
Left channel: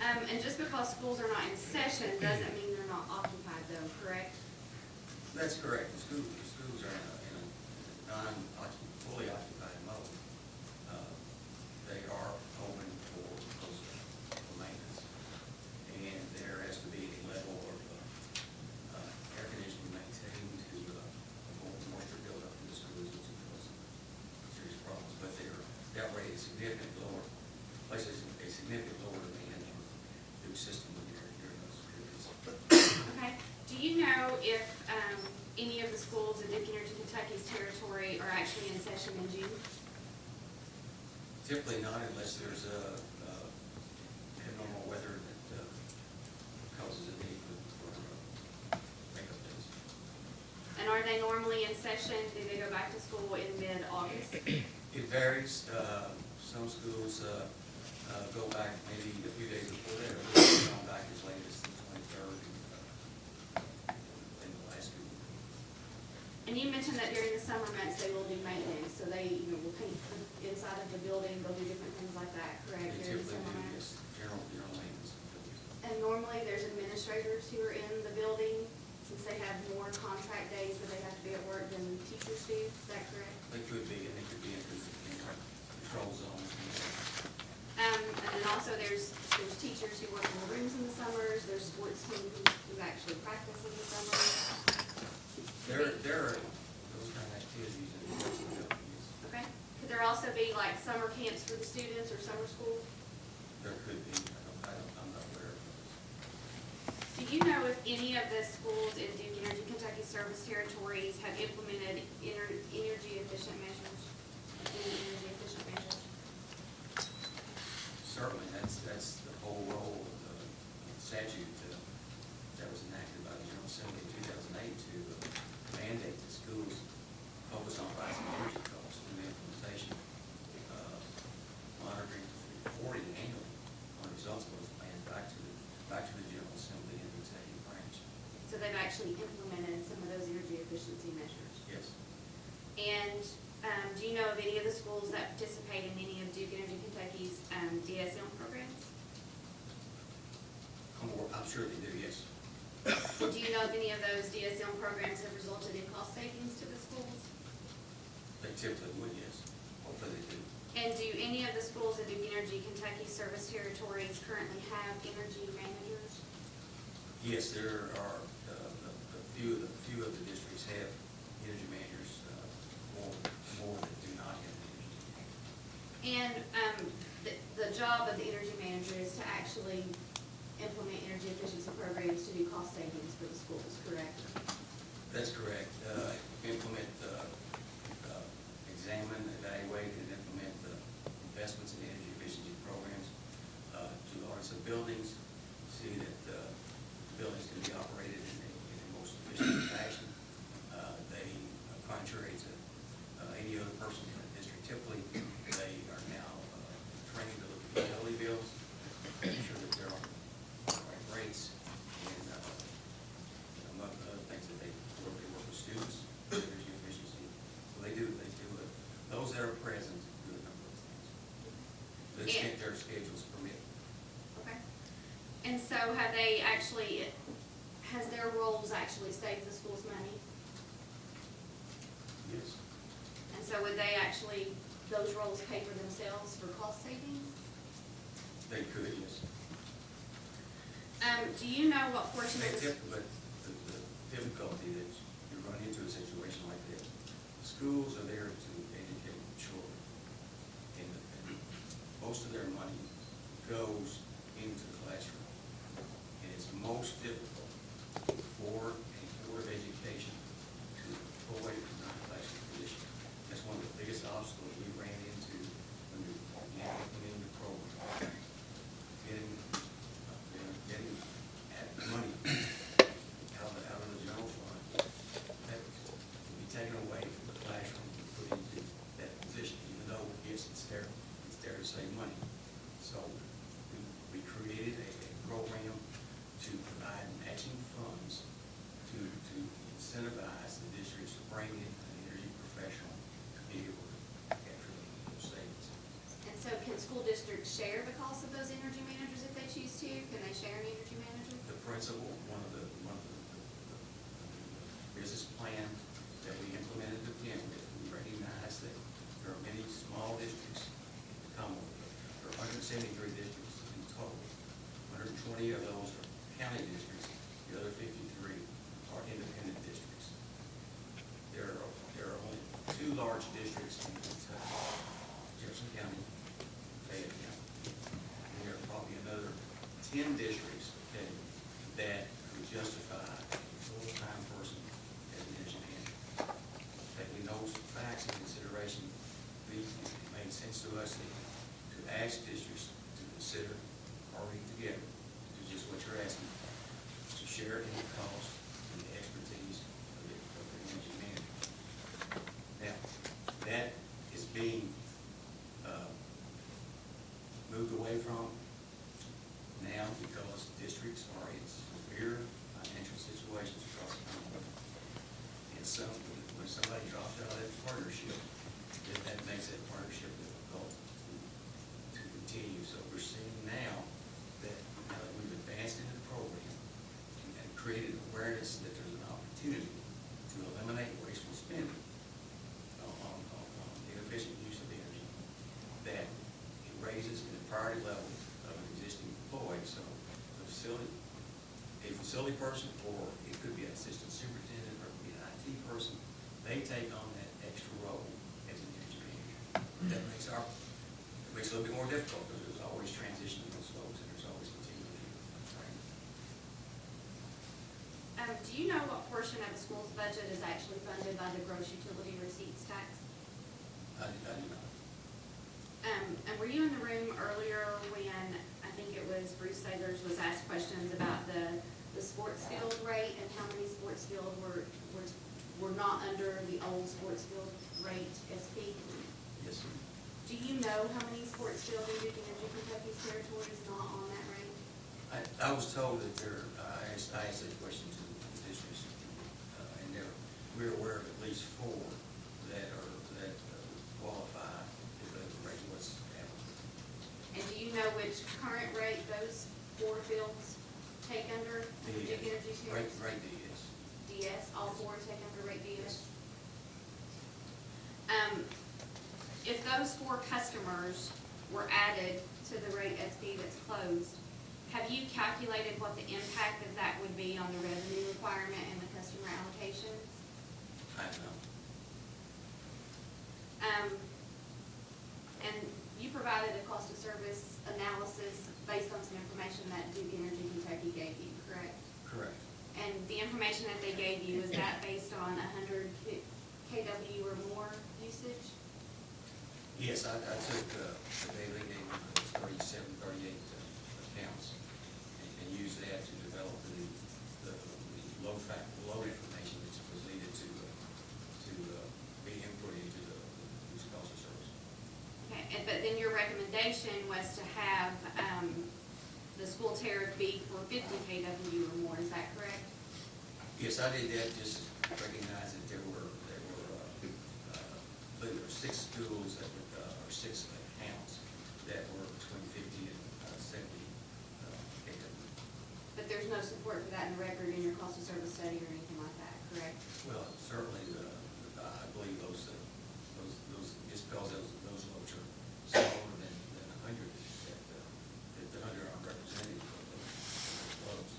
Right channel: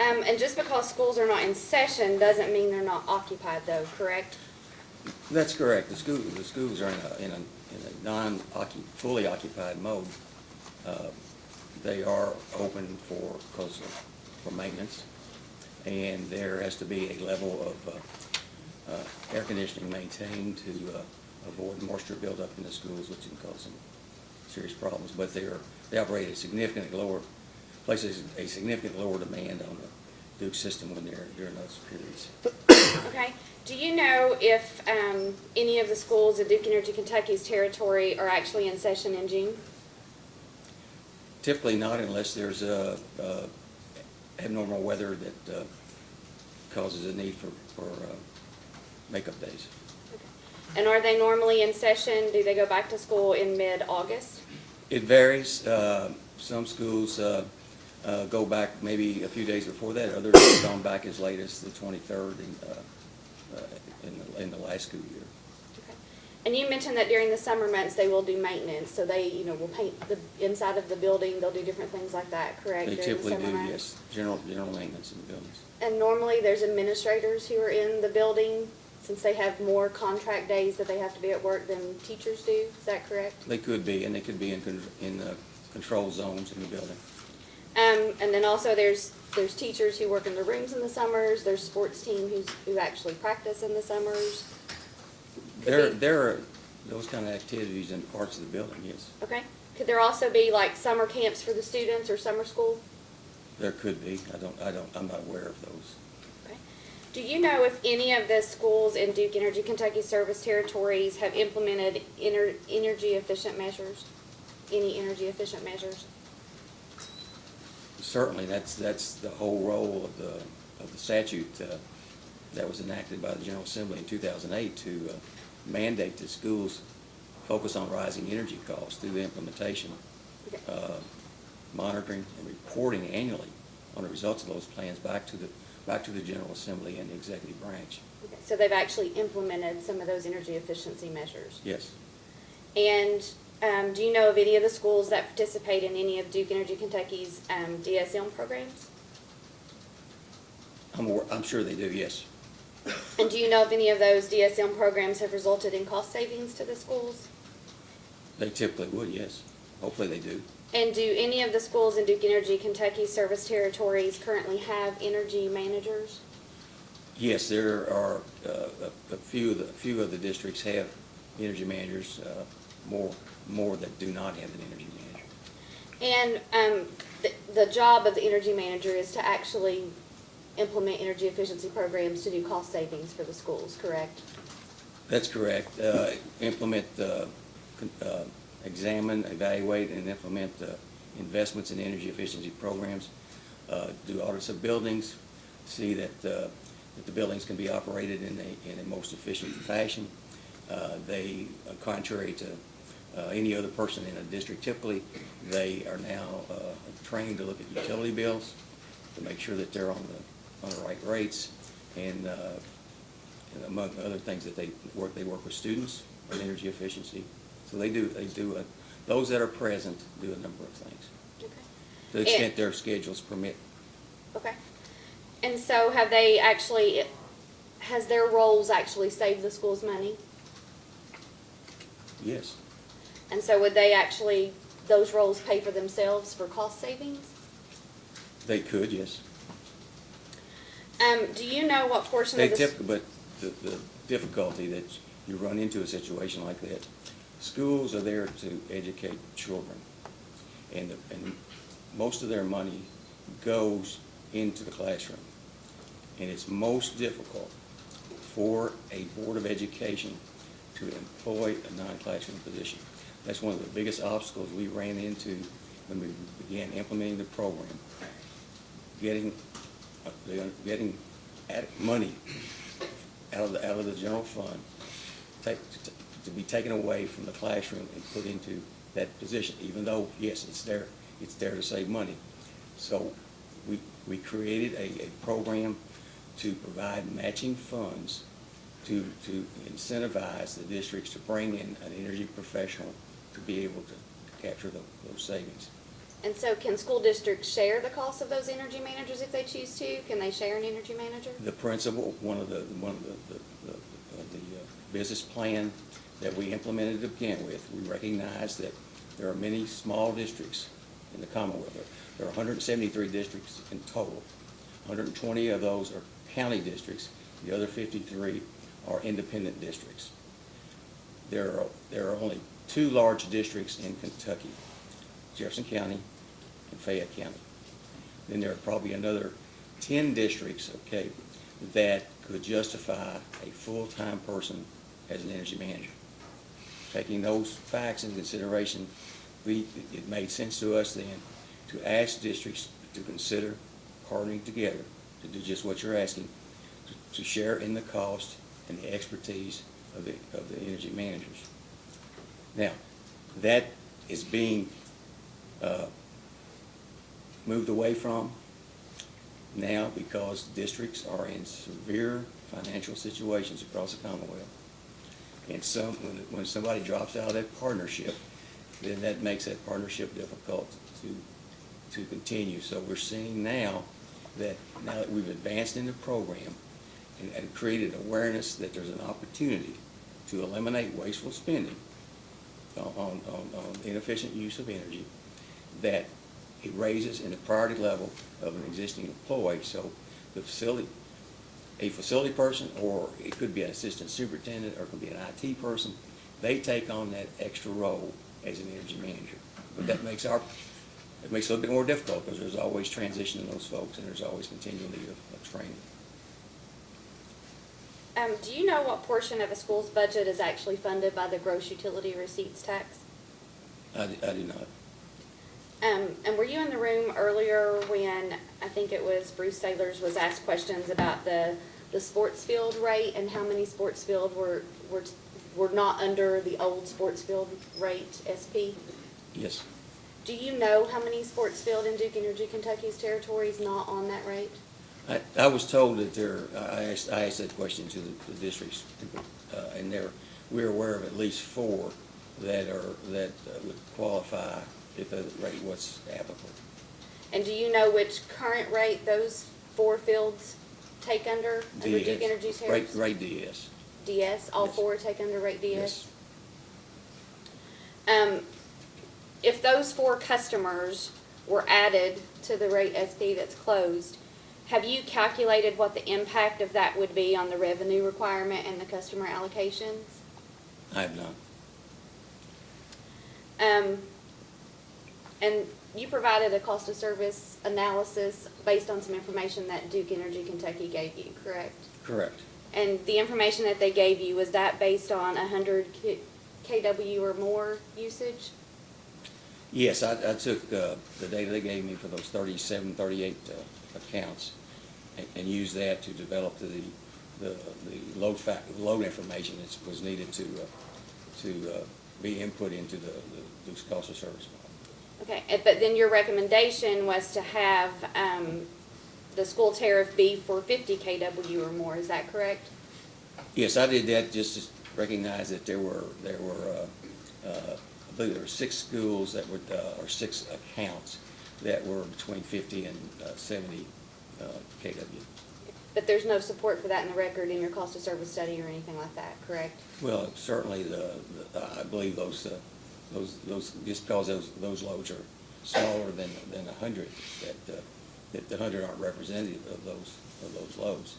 And just because schools are not in session doesn't mean they're not occupied, though, correct? That's correct. The schools are in a fully occupied mode. They are open for maintenance, and there has to be a level of air conditioning maintained to avoid moisture buildup in the schools, which can cause some serious problems. But they operate at significantly lower, places a significantly lower demand on the Duke system when they're during those periods. Okay. Do you know if any of the schools in Duke Energy Kentucky's territory are actually in session in June? Typically not, unless there's abnormal weather that causes a need for makeup days. And are they normally in session? Do they go back to school in mid-August? It varies. Some schools go back maybe a few days before that. Others have gone back as late as the 23rd in the last school year. And you mentioned that during the summer months they will do maintenance, so they, will paint the inside of the building. They'll do different things like that, correct? They during typically the summer do, months? yes. General maintenance in the buildings. And normally there's administrators who are in the building since they have more contract days that they have to be at work than teachers do. Is that correct? They could be, and they could be in control zones in the building. And then also there's teachers who work in the rooms in the summers. There's sports team who actually practice in the summers. There are those kind of activities in parts of the building, yes. Okay. Could there also be like summer camps for the students or summer school? There could be. I'm not aware of those. Do you know if any of the schools in Duke Energy Kentucky service territories have implemented energy efficient measures? Any energy efficient measures? certainly, that's the whole role of the statute that was enacted by the General Assembly in 2008 to mandate that schools focus on rising energy costs through the implementation, monitoring, and reporting annually on the results of those plans back to the General Assembly and the executive branch. Okay, so they've actually implemented some of those energy efficiency measures. Yes. And do you know of any of the schools that participate in any of Duke Energy Kentucky's DSM programs? I'm sure they do, yes. And do you know if any of those DSM programs have resulted in cost savings to the schools? They typically would, yes. Hopefully they do. And do any of the schools in Duke Energy Kentucky service territories currently have energy managers? Yes, there are a few of the districts have energy managers, more that do not have an energy manager. And the job of the energy manager is to actually implement energy efficiency programs to do cost savings for the schools, correct? That's correct. Implement, examine, evaluate, and implement investments in energy efficiency programs. Do audits of buildings, see that the buildings can be operated in a most efficient fashion. They, contrary to any other person in a district, typically they are now trained to look at utility bills to make sure that they're on the right rates, and among other things that they work with students on energy efficiency. So they do those that are present do a number of things. Okay. To the extent their schedules permit. Okay. And so has their roles actually saved the schools money? Yes. And so would they actually, those roles pay for themselves for cost savings? They could, yes. Do you know what portion of the... But the difficulty that you run into a situation like that, schools are there to educate children, and most of their money goes into the classroom. And it's most difficult for a Board of Education to employ a non-classroom position. That's one of the biggest obstacles we ran into when we began implementing the program. Getting money out of the general fund to be taken away from the classroom and put into that position, even though, yes, it's there to save money. So we created a program to provide matching funds to incentivize the districts to bring in an energy professional to be able to capture those savings. And so can school districts share the cost of those energy managers if they choose to? Can they share an energy manager? The principal, one of the business plan that we implemented to begin with, we recognized that there are many small districts in the Commonwealth. There are 173 districts in total. 120 of those are county districts. The other 53 are independent districts. There are only 2 large districts in Kentucky, Jefferson County and Fayette County. Then there are probably another 10 districts, okay, that could justify a full-time person as an energy manager. Taking those facts into consideration, it made sense to us then to ask districts to consider partnering together to do just what you're asking, to share in the cost and the expertise of the energy managers. Now, that is being moved away from now because districts are in severe financial situations across the Commonwealth. And when somebody drops out of that partnership, then that makes that partnership difficult to continue. So we're seeing now that we've advanced in the program and created awareness that there's an opportunity to eliminate wasteful spending on inefficient use of energy, that it raises in the priority level of an existing employee. So the a facility person, or it could be an assistant superintendent, or it could be an IT person, they take on that extra role as an energy manager. But that makes it a little bit more difficult because there's always transition in those folks and there's always continuing of training. Do you know what portion of a school's budget is actually funded by the gross utility receipts tax? I do not. And were you in the room earlier when, I think it was Bruce Sailors was asked questions about the sports field rate and how many sports field were not under the old sports field rate SP? Yes. Do you know how many sports field in Duke Energy Kentucky's territory is not on that rate? I was told that I asked that question to the districts, and we're aware of at least 4 that would qualify if the rate was applicable. And do you know which current rate those 4 fields take under Duke Energy territory? Rate DS. DS, all Yes. 4 take under rate DS? Yes. If those 4 customers were added to the rate SP that's closed, have you calculated what the impact of that would be on the revenue requirement and the customer allocations? I have not. And you provided a cost of service analysis based on some information that Duke Energy Kentucky gave you, correct? Correct. And the information that they gave you, was that based on 100 kW or more usage? Yes, I took the data they gave me for those 37, 38 accounts and used that to develop the load information that was needed to be input into the Duke's cost of service. Okay, but then your recommendation was to have the school tariff be for 50 kW or more, is that correct? Yes, I did that just to recognize that there were I believe there were 6 schools that would, or 6 accounts that were between 50 and 70 kW. But there's no support for that in the record in your cost of service study or anything like that, correct? Well, certainly I believe those just because those loads are smaller than 100, that the 100 aren't representative of those loads.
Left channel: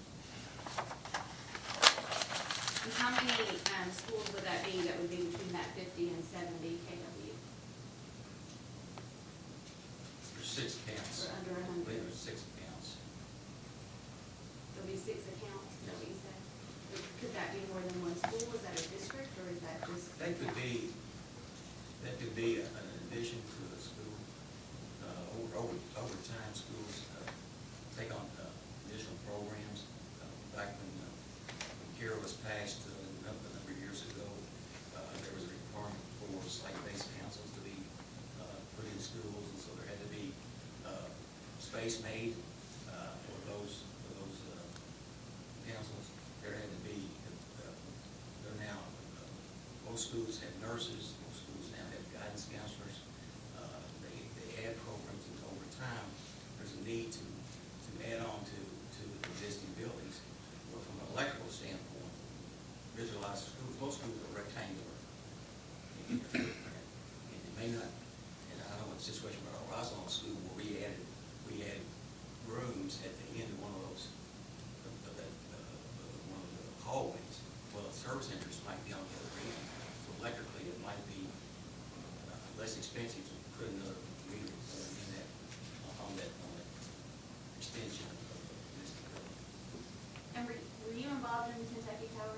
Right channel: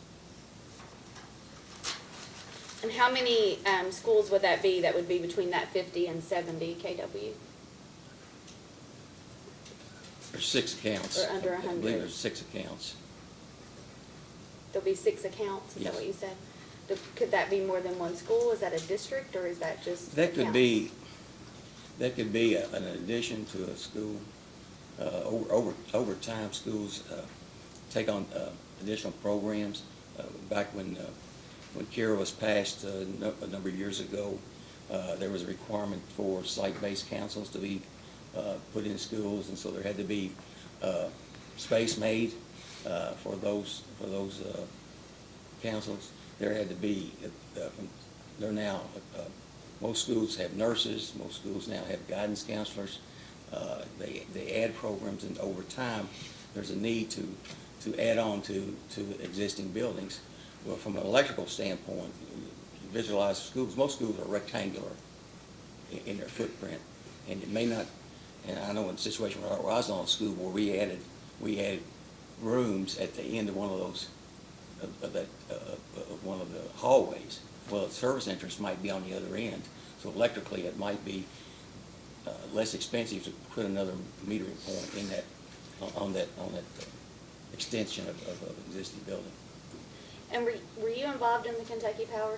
And how many schools would that be that would be between that 50 and 70 kW? There's 6 accounts. Or under I believe 100. there's 6 accounts. There'll be 6 accounts, is that Yes. what you said? Could that be more than one school? Is that a district, or is that just That could accounts? be an addition to a school. Over time, schools take on additional programs. Back when KIRA was passed a number of years ago, there was a requirement for site-based councils to be put in schools, and so there had to be space made for those councils. There had to be, they're now, most schools have nurses, most schools now have guidance counselors. They add programs, and over time, there's a need to add on to existing buildings. Well, from an electrical standpoint, visualize schools, most schools are rectangular in their footprint, and it may not, and I know in a situation where I was on a school where we added rooms at the end of one of those, one of the hallways. Well, the service entrance might be on the other end, so electrically it might be less expensive to put another metering point in that, on that extension of an existing building. And were you involved in the Kentucky Power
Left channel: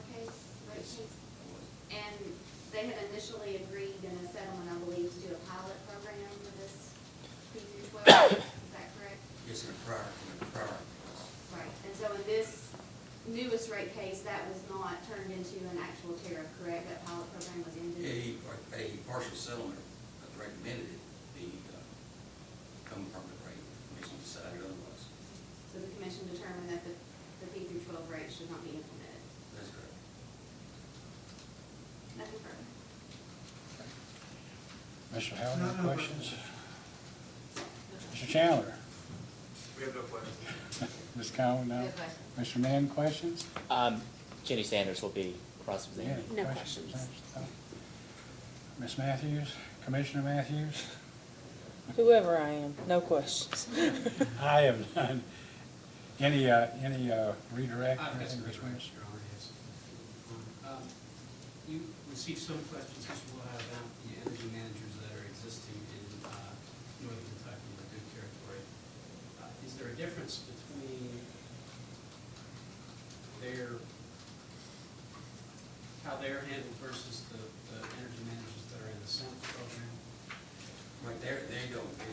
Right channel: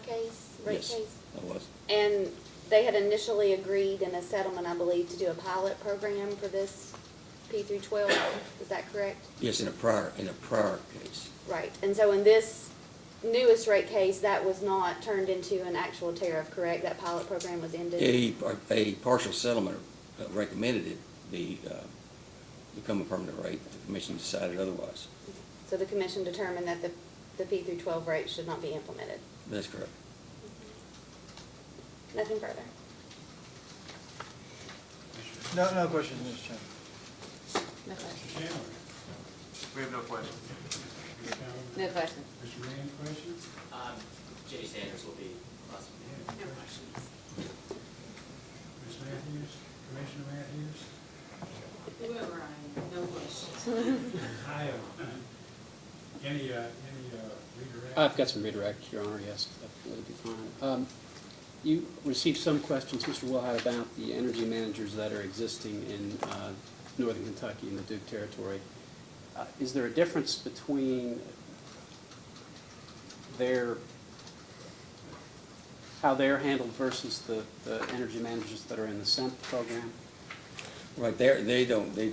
rate Yes, case? I was. And they had initially agreed in a settlement, I believe, to do a pilot program for this P through 12, is that correct? Yes, in a prior case. Right, and so in this newest rate case, that was not turned into an actual tariff, correct? That pilot program was ended? A partial settlement recommended it become a permanent rate. The commission decided otherwise. So the commission determined that the P through 12 rate should not be implemented? That's correct. Nothing further? Mr. No, Howard, no questions? No Mr. questions. Chandler? We have no questions. Mr. Cowan, no? No questions. Mr. Mann, questions? Jenny Sanders will be cross-examined. Yeah, No questions. Ms. Matthews, Commissioner Matthews? Whoever I am, no questions. I have none. Any redirect? I've got some redirects, Your Honor, yes, that would be fine. You received some questions, Mr. Wilhite, about the energy managers that are existing in northern Kentucky in the Duke territory. Is there a difference between how they're handled versus the energy managers that are in the SEMP program? Right, they don't, the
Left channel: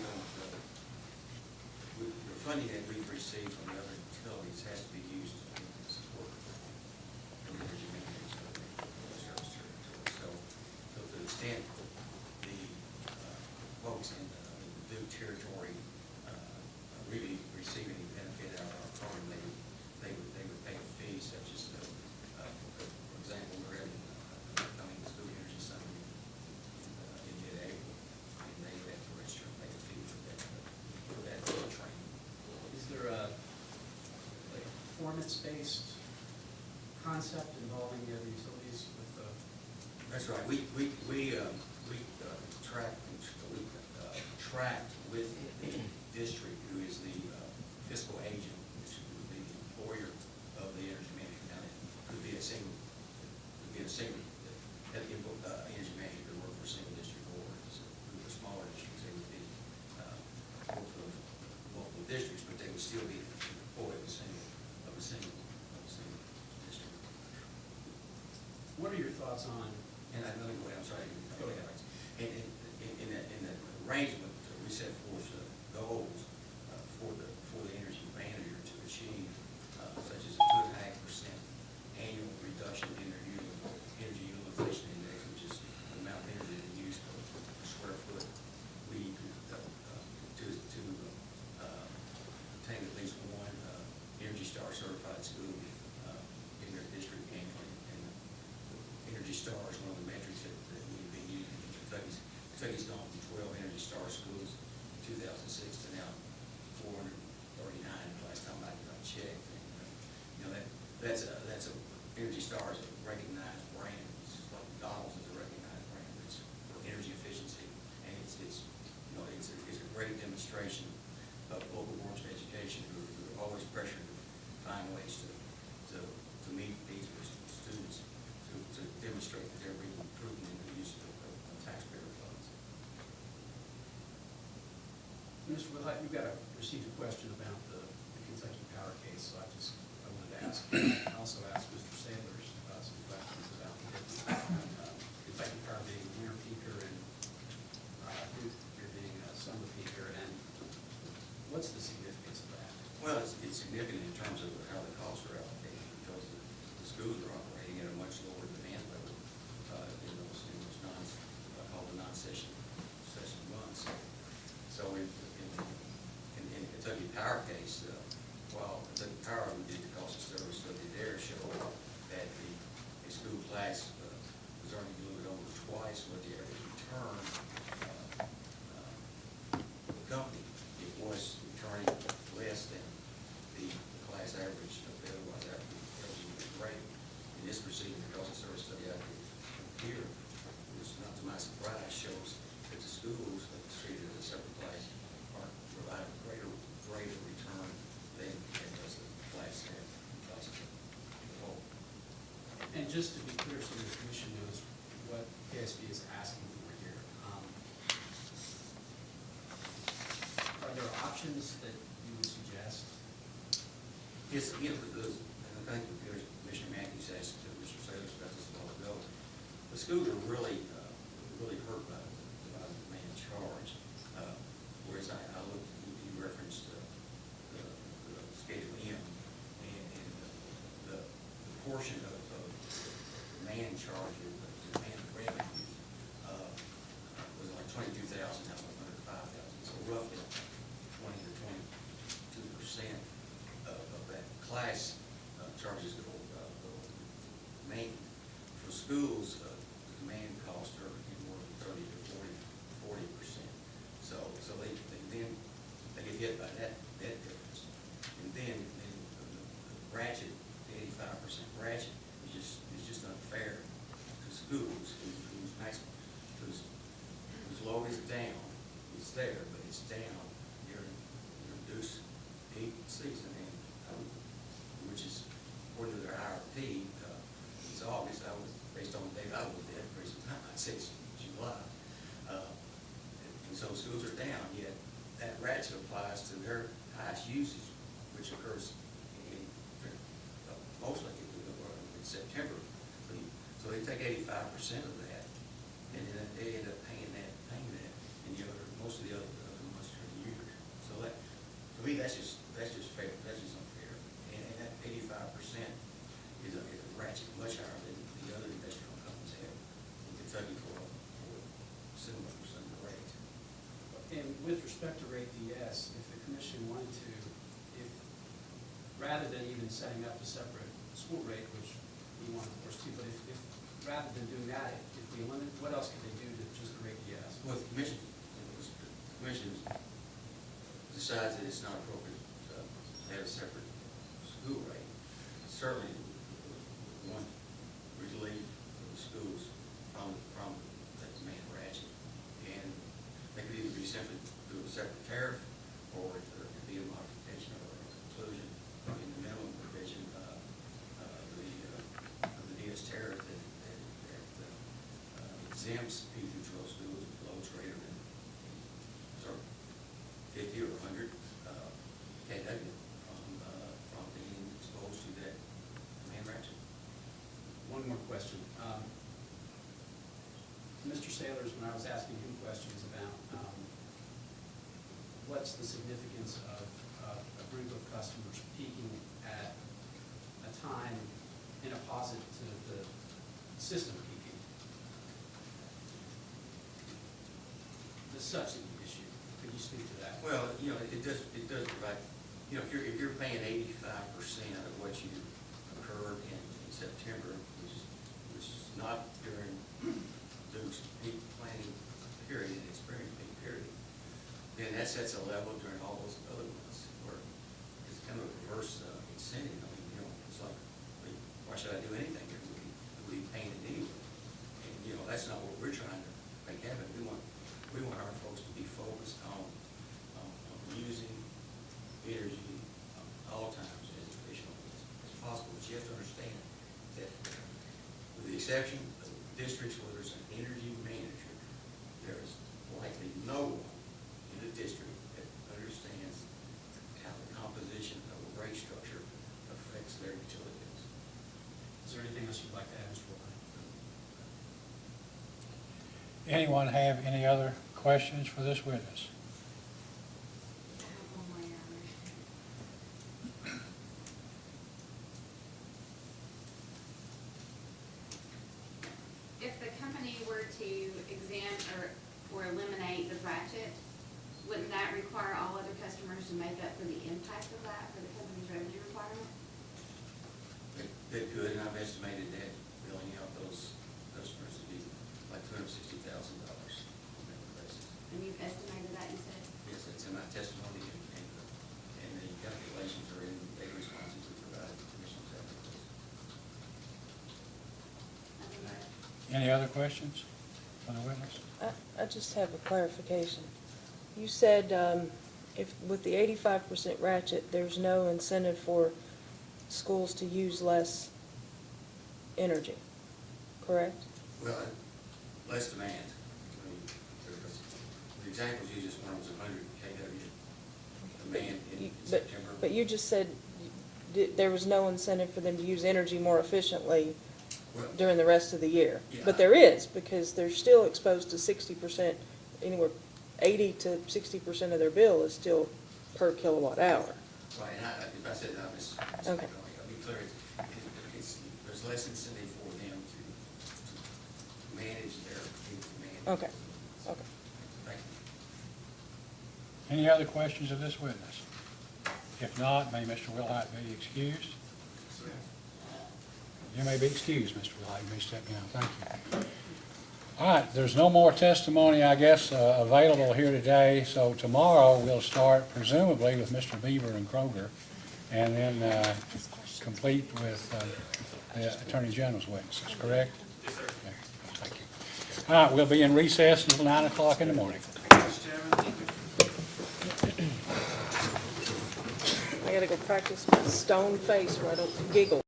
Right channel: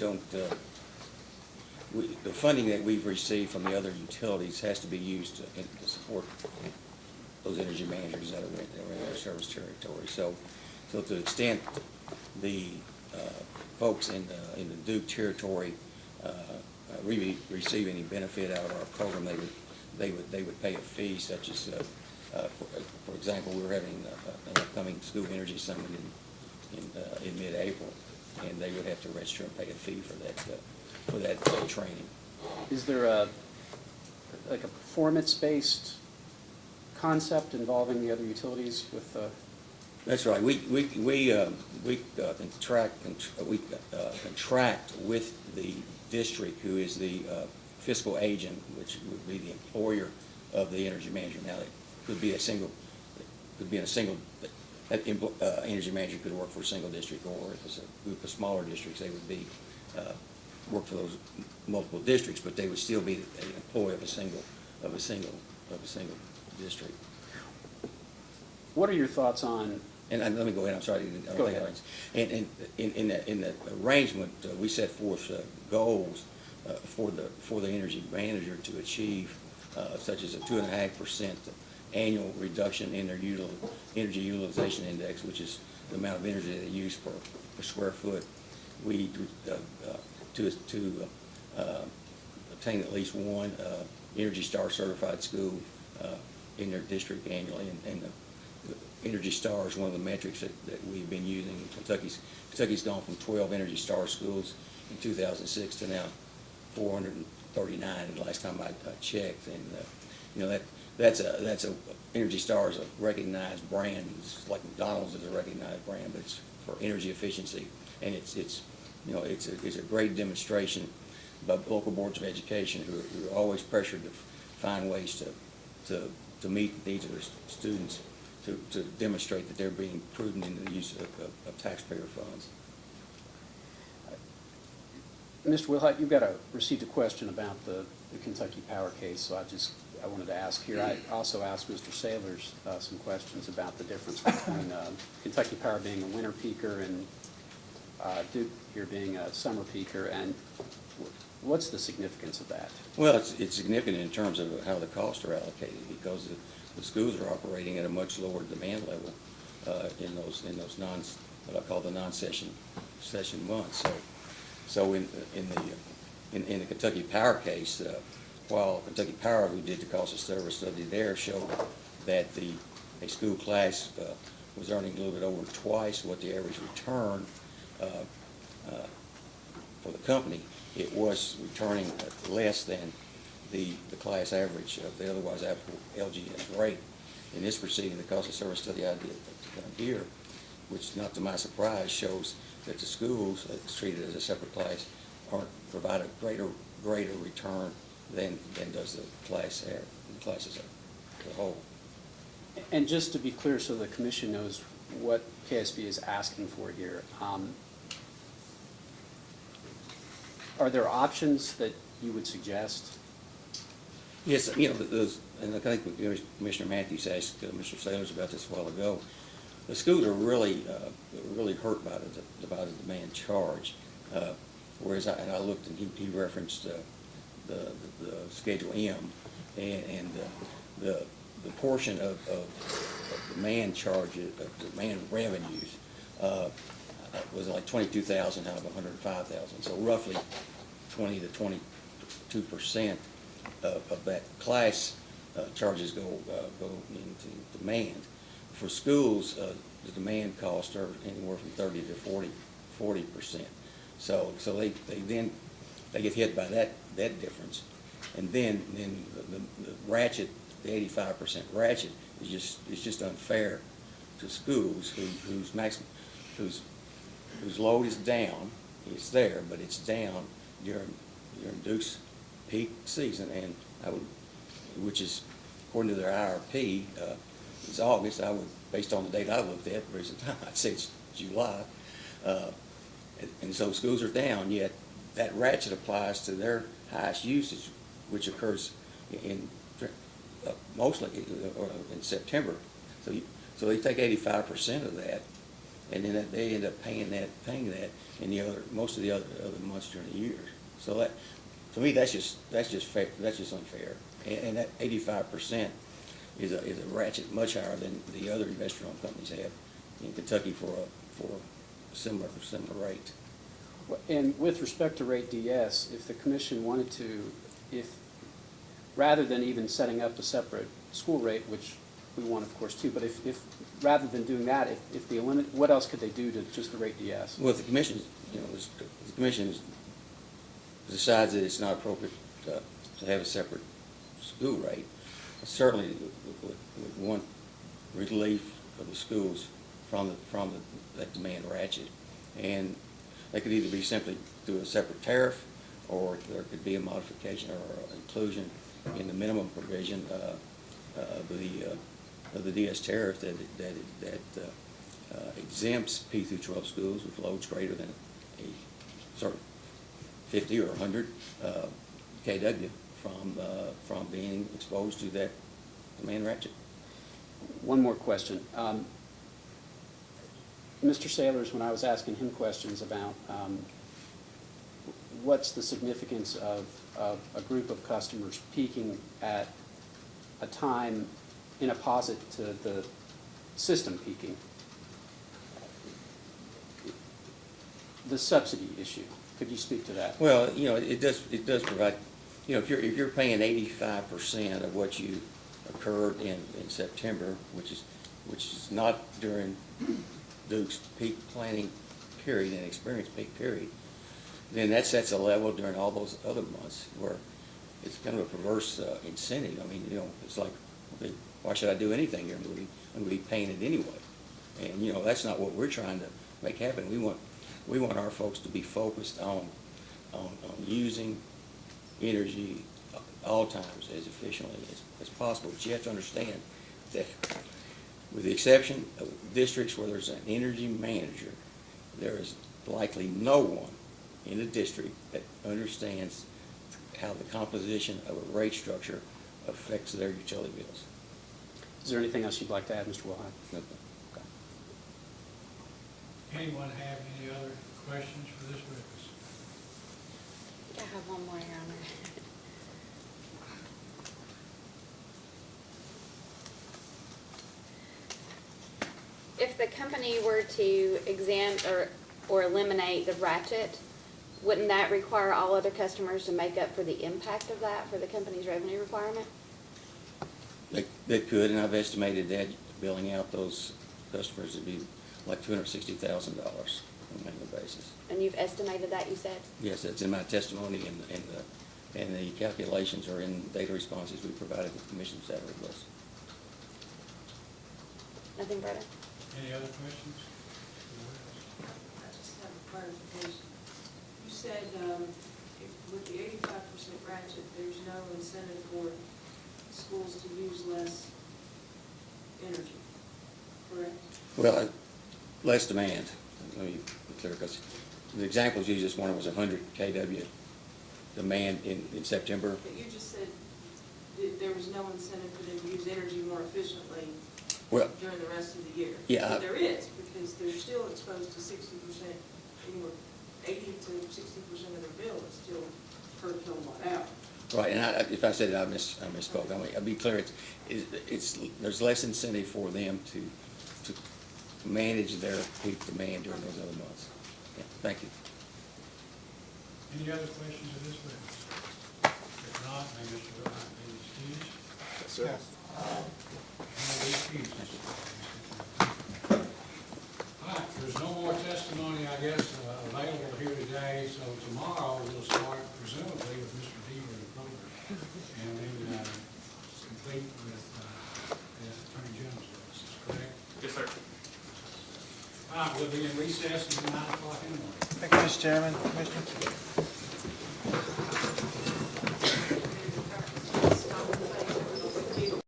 funding that we've received from the other utilities has to be used to support those energy managers that are in their service territory. So to the extent the folks in the Duke territory really receive any benefit out of our program, they would pay a fee, such as, for example, we're having an upcoming school energy summit in mid-April, and they would have to register and pay a fee for that training. Is there like a performance-based concept involving the other utilities with, That's right. We contract with the district, who is the fiscal agent, which would be the employer of the energy manager. Now, it could be in a single, that energy manager could work for a single district, or if it's a group of smaller districts, they would be, work for those multiple districts, but they would still be an employee of a single district. what are your thoughts on? And let me go ahead, I'm sorry. Go ahead. And in the arrangement, we set forth goals for the energy manager to achieve, such as a 2.5% annual reduction in their energy utilization index, which is the amount of energy they use per square foot. We to obtain at least one Energy Star certified school in their district annually, and the Energy Star is one of the metrics that we've been using. Kentucky's gone from 12 Energy Star schools in 2006 to now 439 the last time I checked, and that's a Energy Star is a recognized brand. It's like McDonald's is a recognized brand, but it's for energy efficiency, and it's a great demonstration by local boards of education who are always pressured to find ways to meet the needs of their students, to demonstrate that they're being prudent in the use of taxpayer funds. Mr. Wilhite, you've received a question about the Kentucky Power case, so I wanted to ask here. I also asked Mr. Sailors some questions about the difference between Kentucky Power being a winter peaker and Duke here being a summer peaker, and what's the significance of that? Well, it's significant in terms of how the costs are allocated, because the schools are operating at a much lower demand level in those what I call the non-session months. So in the Kentucky Power case, while Kentucky Power, who did the cost of service study there, showed that a school class was earning a little bit over twice what the average return for the company, it was returning less than the class average of the otherwise applicable LGM rate. In this proceeding, the cost of service study I did here, which, not to my surprise, shows that the schools that's treated as a separate class provide a greater return than does the classes as a whole. And just to be clear, so the commission knows what KSB is asking for here, are there options that you would suggest? Yes, those, and I think Commissioner Matthews asked Mr. Sailors about this a while ago. The schools are really hurt by the demand charge. Whereas I looked, and he referenced the Schedule M, and the portion of demand charges, of demand revenues, was like 22,000 out of 105,000. So roughly 20 to 22% of that class charges go into demand. For schools, the demand costs are anywhere from 30 to 40%. So they get hit by that difference, and then the ratchet, the 85% ratchet is just unfair to schools whose load is down. It's there, but it's down during Duke's peak season, and which is according to their IRP, it's August. Based on the date I looked at, I'd say it's July. And so schools are down, yet that ratchet applies to their highest usage, which occurs mostly in September. So they take 85% of that and then they end up paying that in the other, most of the other months during the year. So that, to me, that's just fair, that's just unfair. And that 85% is a ratchet much higher than the other investor-owned companies have in Kentucky for similar rates. And with respect to rate DS, if the commission wanted to, rather than even setting up a separate school rate, which we want, of course, too, but if rather than doing that, if they limit, what else could they do to just the rate DS? Well, if the commission, the commission decides that it's not appropriate to have a separate school rate, certainly would want relief of the schools from that demand ratchet. And they could either be simply do a separate tariff, or there could be a modification or inclusion in the minimum provision of the DS tariff that exempts P through 12 schools with loads greater than 50 or 100 kW from being exposed to that demand ratchet. One more question. Mr. Sailors, when I was asking him questions about what's the significance of a group of customers peaking at a time in opposite to the system peaking, the subsidy issue, could you speak to that? Well, it does provide, if you're paying 85% of what you occurred in September, which is not during Duke's peak planning period and experience peak period, then that sets a level during all those other months where it's kind of a perverse incentive. I mean, it's like, why should I do anything here? I'm going to be paying it anyway. And, that's not what we're trying to make happen. We want our folks to be focused on using energy all times as efficiently as possible. But you have to understand that with the exception of districts where there's an energy manager, there is likely no one in the district that understands how the composition of a rate structure affects their utility bills. Is there anything else you'd like to add, Mr. Wilhite? No. Anyone have any other questions for this witness? I have one more, Your Honor. If the company were to exempt or eliminate the ratchet, wouldn't that require all other customers to make up for the impact of that for the company's revenue requirement? They could, and I've estimated that billing out those customers would be like $260,000 on an annual basis. And you've estimated that, you said? Yes, that's in my testimony, and the calculations are in data responses we provided the commission's salary list. Nothing further? Any other questions for the witness? I just have a clarification. You said if with the 85% ratchet, there's no incentive for schools to use less energy, correct? Well, less demand. Let me be clear, because the examples you just wanted was 100 kW demand in September. But you just said there was no incentive for them to use energy more efficiently during the rest of the year. Yeah. But there is, because they're still exposed to 60%, anywhere 80 to 60% of their bill is still per kilowatt hour. Right, and if I said it, I misspoke. Okay. I'll be clear, there's less incentive for them to manage their peak demand during those other months. Okay. Yeah, thank you. Any other questions of this witness? If not, may Mr. Wilhite be excused? Yes, sir. You may be excused, Mr. Wilhite. You may step down. Thank you. All right, there's no more testimony, I guess, available here today, so tomorrow we'll start presumably with Mr. Beaver and Kroger, and then complete with the Attorney General's witnesses, correct? Yes, sir. Thank you. All right, we'll be in recess until 9 o'clock in the morning. Thank you, Mr. Chairman. I gotta go practice with a stone face where I don't giggle.